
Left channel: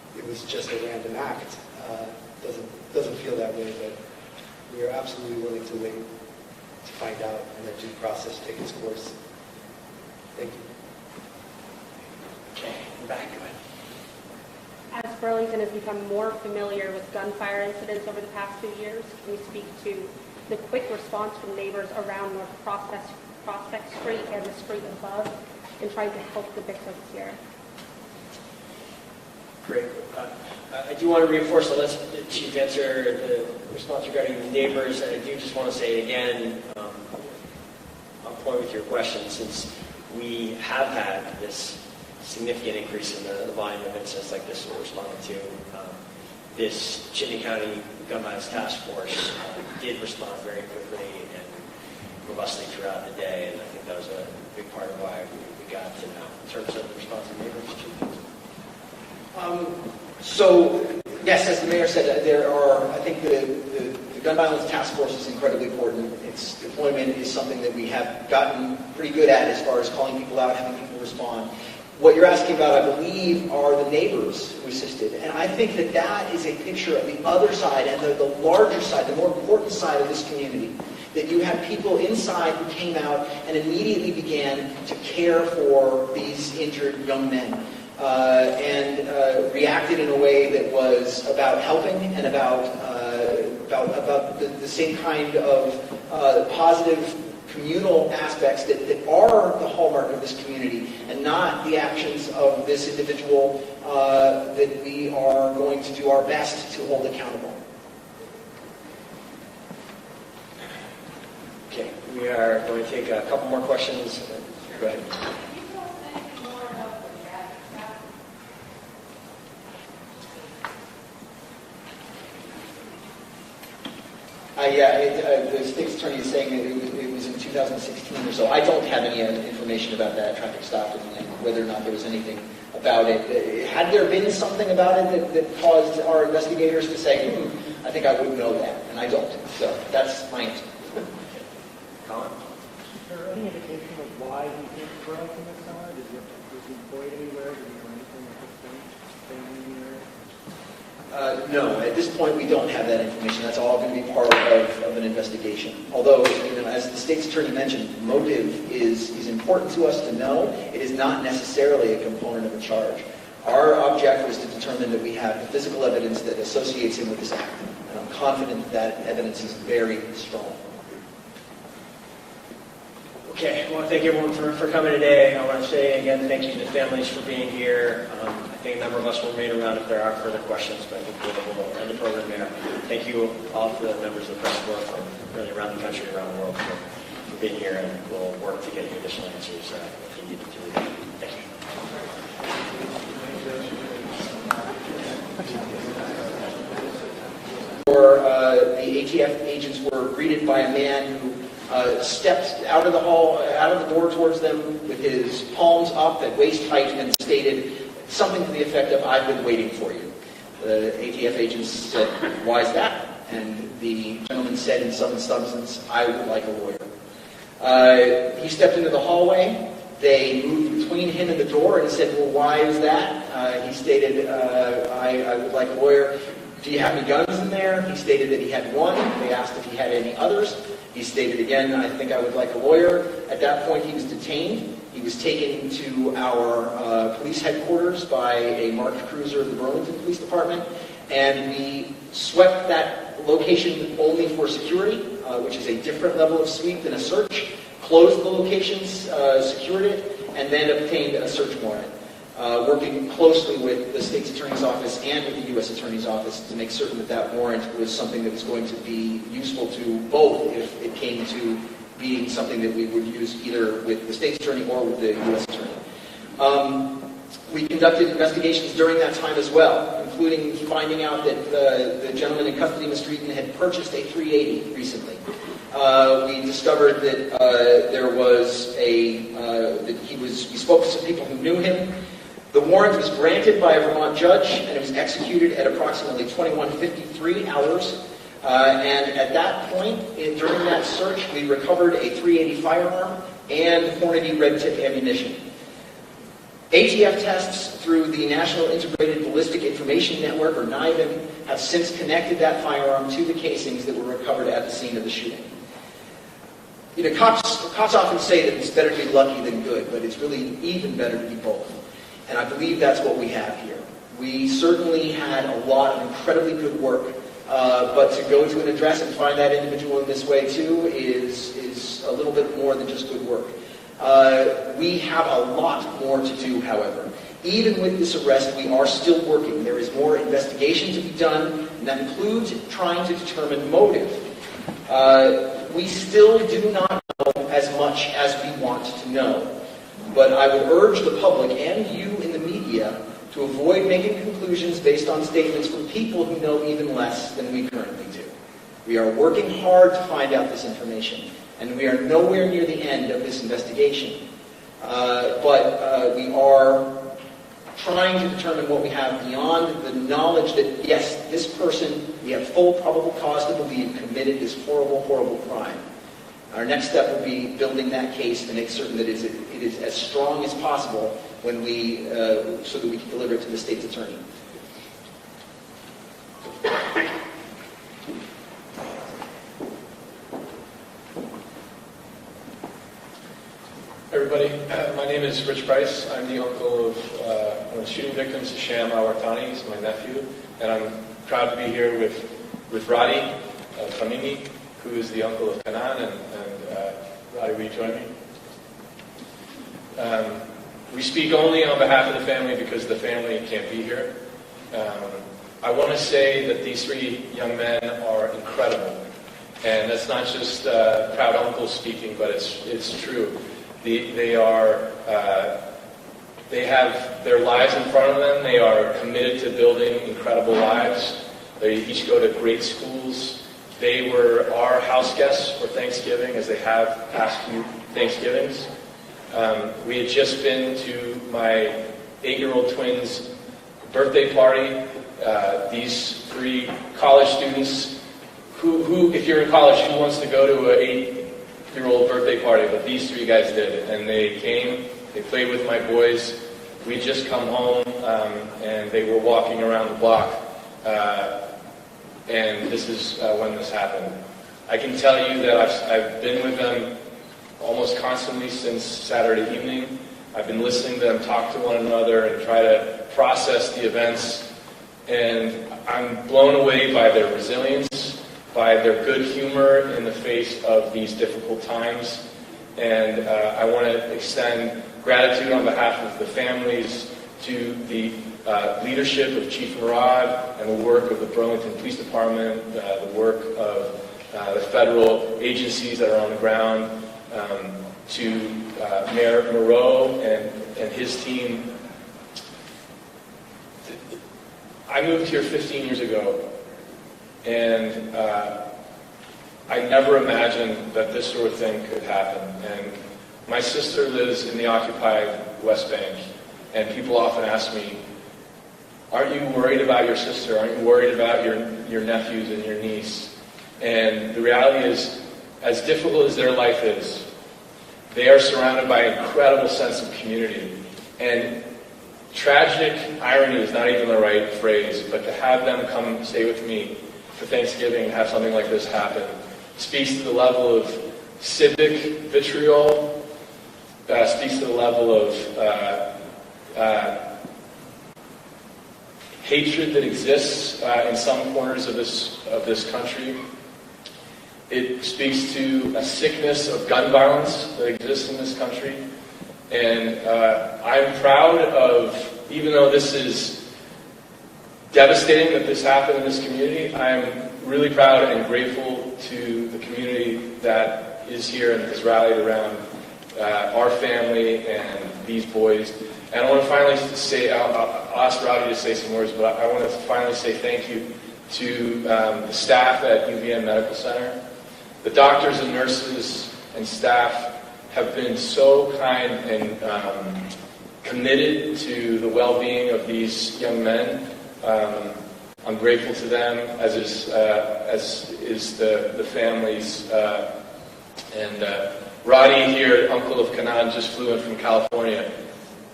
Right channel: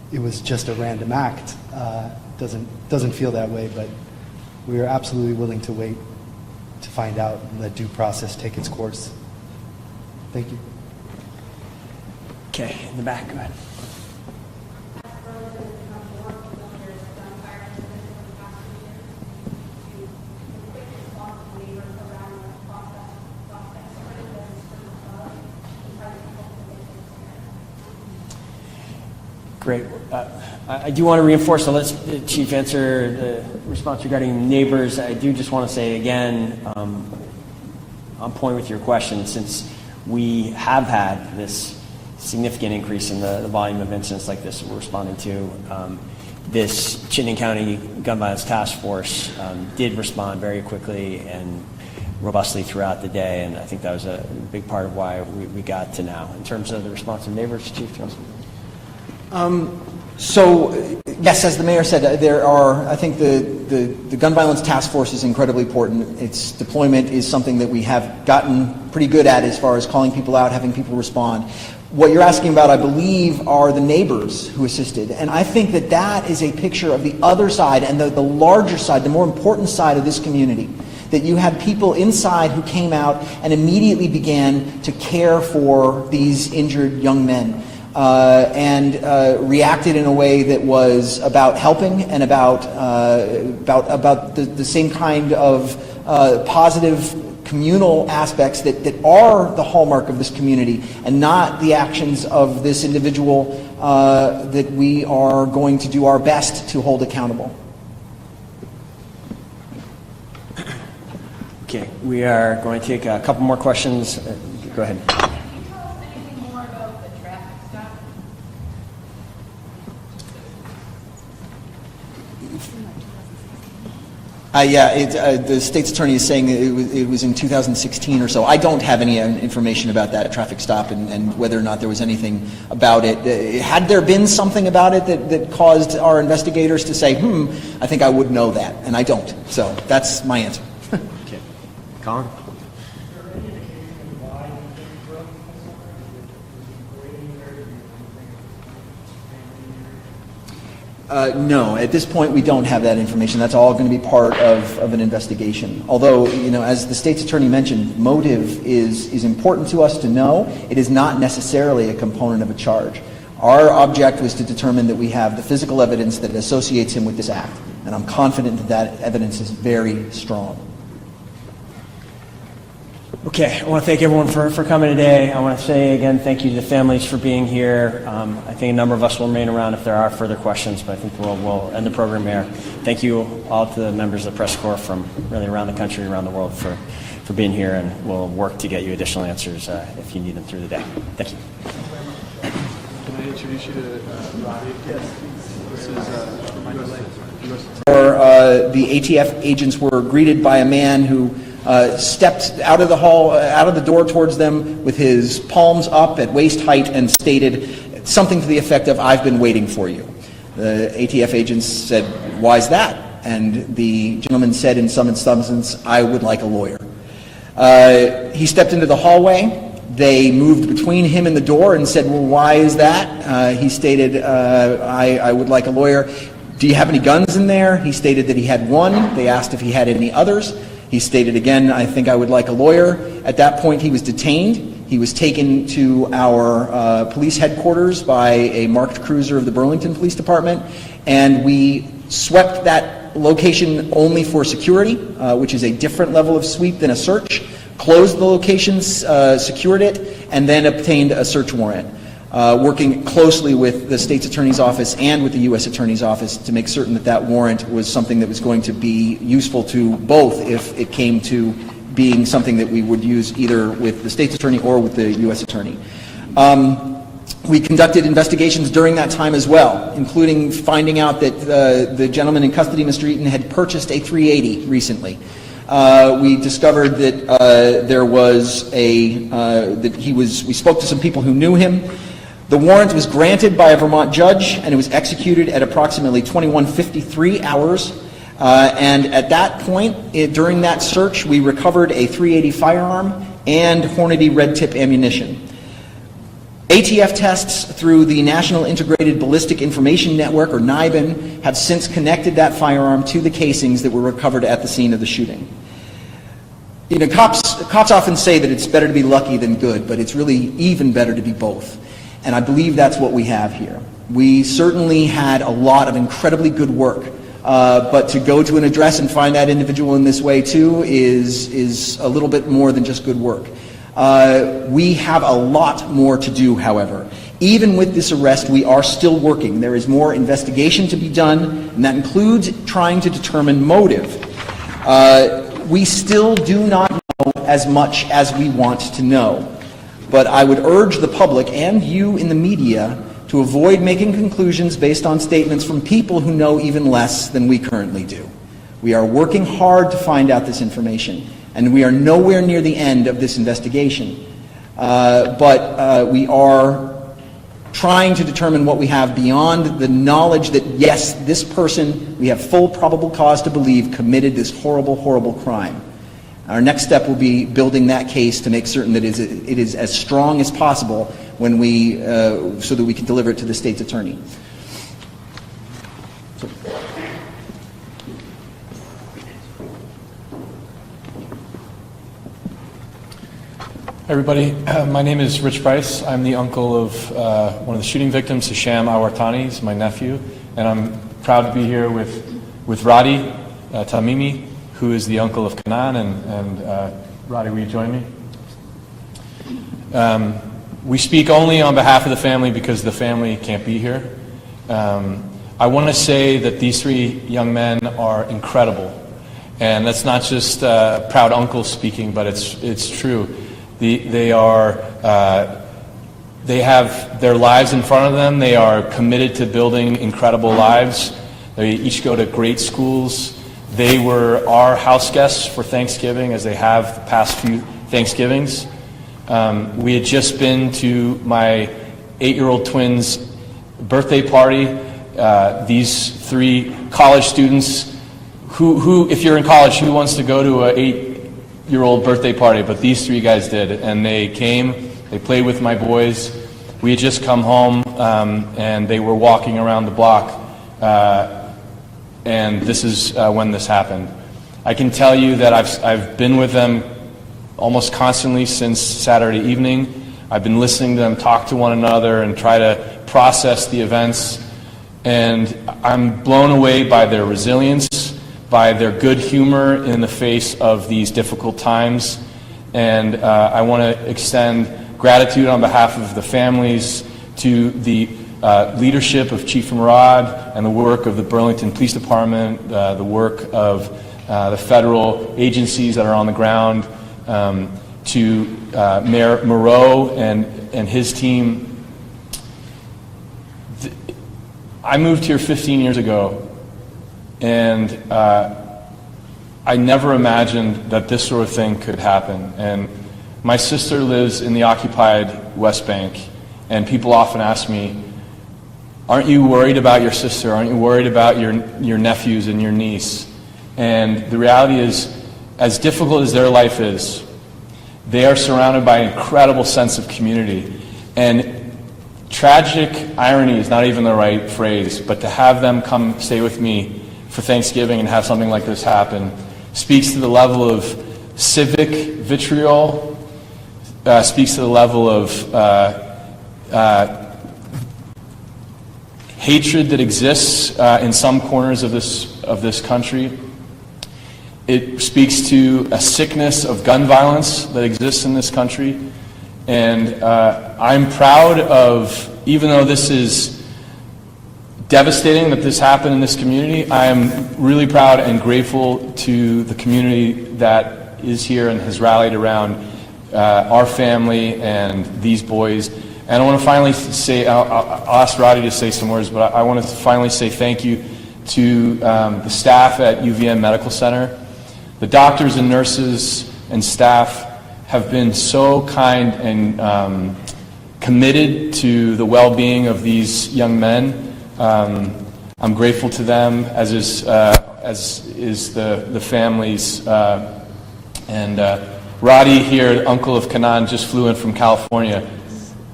it was just a random act. Doesn't feel that way, but we are absolutely willing to wait to find out and let due process take its course. Thank you. Okay, in the back, go ahead. As Burlington has become more familiar with gunfire incidents over the past 2 years, can you speak to the quick response from neighbors around North Prospect Street and the street above in trying to help the victims here? Great. I do want to reinforce, so let's Chief answer the response regarding neighbors. I do just want to say again, on point with your question, since we have had this significant increase in the volume of incidents like this we're responding to, this Chittenden County Gun Violence Task Force did respond very quickly and robustly throughout the day, and I think that was a big part of why we got to now. In terms of the response of neighbors, Chief? So, yes, as the mayor said, there are, I think the Gun Violence Task Force is incredibly important. Its deployment is something that we have gotten pretty good at as far as calling people out, having people respond. What you're asking about, I believe, are the neighbors who assisted. And I think that that is a picture of the other side and the larger side, the more important side of this community. That you had people inside who came out and immediately began to care for these injured young men. And reacted in a way that was about helping and about the same kind of positive communal aspects that are the hallmark of this community, and not the actions of this individual that we are going to do our best to hold accountable. Okay, we are going to take a couple more questions. Go ahead. The state's attorney is saying that it was in 2016 or so. I don't have any information about that traffic stop and whether or not there was anything about it. Had there been something about it that caused our investigators to say, I think I would know that, and I don't. So that's my answer. Okay. Colin? Is there any indication of why you didn't grow up in that summer? Was he employed anywhere? Did he do anything for family here? No, at this point we don't have that information. That's all going to be part of an investigation. Although, as the state's attorney mentioned, motive is important to us to know. It is not necessarily a component of a charge. Our object was to determine that we have the physical evidence that associates him with this act. And I'm confident that that evidence is very strong. Okay, I want to thank everyone for coming today. I want to say again thank you to the families for being here. I think a number of us will remain around if there are further questions, but I think we'll end the program here. Thank you all to the members of the press corps from really around the country, around the world for being here, and we'll work to get you additional answers if you need them through the day. Thank you. Can I introduce you to The ATF agents were greeted by a man who stepped out of the hall, out of the door towards them with his palms up at waist height and stated something to the effect of, "I've been waiting for you." The ATF agents said, "Why is that?" And the gentleman said in some substance, "I would like a lawyer." He stepped into the hallway. They moved between him and the door and said, "Well, why is that?" He stated, I would like a lawyer. "Do you have any guns in there?" He stated that he had one. They asked if he had any others. He stated again, "I think I would like a lawyer." At that point, he was detained. He was taken to our police headquarters by a marked cruiser of the Burlington Police Department, and we swept that location only for security, which is a different level of sweep than a search, closed the location, secured it, and then obtained a search warrant, working closely with the state's attorney's office and with the U.S. attorney's office to make certain that that warrant was something that was going to be useful to both if it came to being something that we would use either with the state's attorney or with the U.S. attorney. We conducted investigations during that time as well, including finding out that the gentleman in custody, Mr. Eaton, had purchased a 380 recently. We discovered that there was we spoke to some people who knew him. The warrant was granted by a Vermont judge, and it was executed at approximately 21:53 hours. And at that point, during that search, we recovered a .380 firearm and Hornady red tip ammunition. ATF tests through the National Integrated Ballistic Information Network, or NIBIN, have since connected that firearm to the casings that were recovered at the scene of the shooting. You know, cops often say that it's better to be lucky than good, but it's really even better to be both. And I believe that's what we have here. We certainly had a lot of incredibly good work, but to go to an address and find that individual in this way too is a little bit more than just good work. We have a lot more to do, however. Even with this arrest, we are still working. There is more investigation to be done, and that includes trying to determine motive. We still do not know as much as we want to know. But I would urge the public and you in the media to avoid making conclusions based on statements from people who know even less than we currently do. We are working hard to find out this information, and we are nowhere near the end of this investigation. But we are trying to determine what we have beyond the knowledge that, yes, this person, we have full probable cause to believe, committed this horrible, horrible crime. Our next step will be building that case to make certain that it is as strong as possible when we, so that we can deliver it to the state's attorney. Everybody, my name is Rich Bryce. I'm the uncle of one of the shooting victims, Hisham al-Wartani. He's my nephew, and I'm proud to be here with Radi Tamimi, who is the uncle of Kanan, and Radi, will you join me? We speak only on behalf of the family because the family can't be here. I want to say that these three young men are incredible, and that's not just proud uncle speaking, but it's true. They have their lives in front of them. They are committed to building incredible lives. They each go to great schools. They were our house guests for Thanksgiving, as they have the past few Thanksgivings. We had just been to my 8-year-old twins' birthday party. These three college students, who, if you're in college, who wants to go to an 8-year-old birthday party? But these three guys did, and they came. They played with my boys. We had just come home, and they were walking around the block. And this is when this happened. I can tell you that I've been with them almost constantly since Saturday evening. I've been listening to them talk to one another and try to process the events. And I'm blown away by their resilience, by their good humor in the face of these difficult times. And I want to extend gratitude on behalf of the families to the leadership of Chief Murad and the work of the Burlington Police Department, the work of the federal agencies that are on the ground, to Mayor Moreau and his team. I moved here 15 years ago, and I never imagined that this sort of thing could happen. And my sister lives in the occupied West Bank, and people often ask me, aren't you worried about your sister? Aren't you worried about your nephews and your niece? And the reality is, as difficult as their life is, they are surrounded by an incredible sense of community. And tragic irony is not even the right phrase, but to have them come stay with me for Thanksgiving and have something like this happen speaks to the level of civic vitriol, speaks to the level of hatred that exists in some corners of this country. It speaks to a sickness of gun violence that exists in this country. And I'm proud of, even though this is devastating that this happened in this community, I'm really proud and grateful to the community that is here and has rallied around our family and these boys. And I want to finally say, I'll ask Roddy to say some words, but I want to finally say thank you to the staff at UVM Medical Center. The doctors and nurses and staff have been so kind and committed to the well-being of these young men. I'm grateful to them, as is the families. And Roddy here, uncle of Kanan, just flew in from California.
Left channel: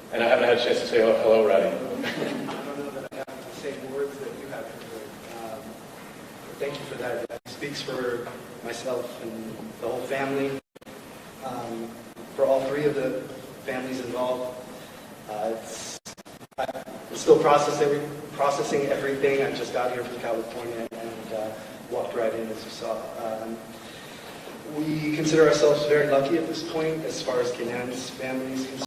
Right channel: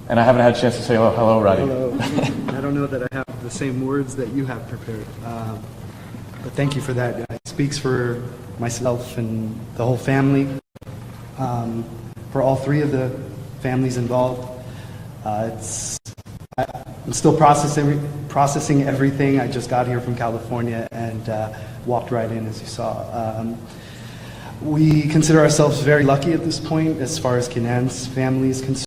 And I haven't had a chance to say hello, Roddy. I don't know that I have the same words that you have prepared, but thank you for that. It speaks for myself and the whole family, for all three of the families involved. I'm still processing everything. I just got here from California and walked right in, as you saw. We consider ourselves very lucky at this point as far as Kenan's family is concerned.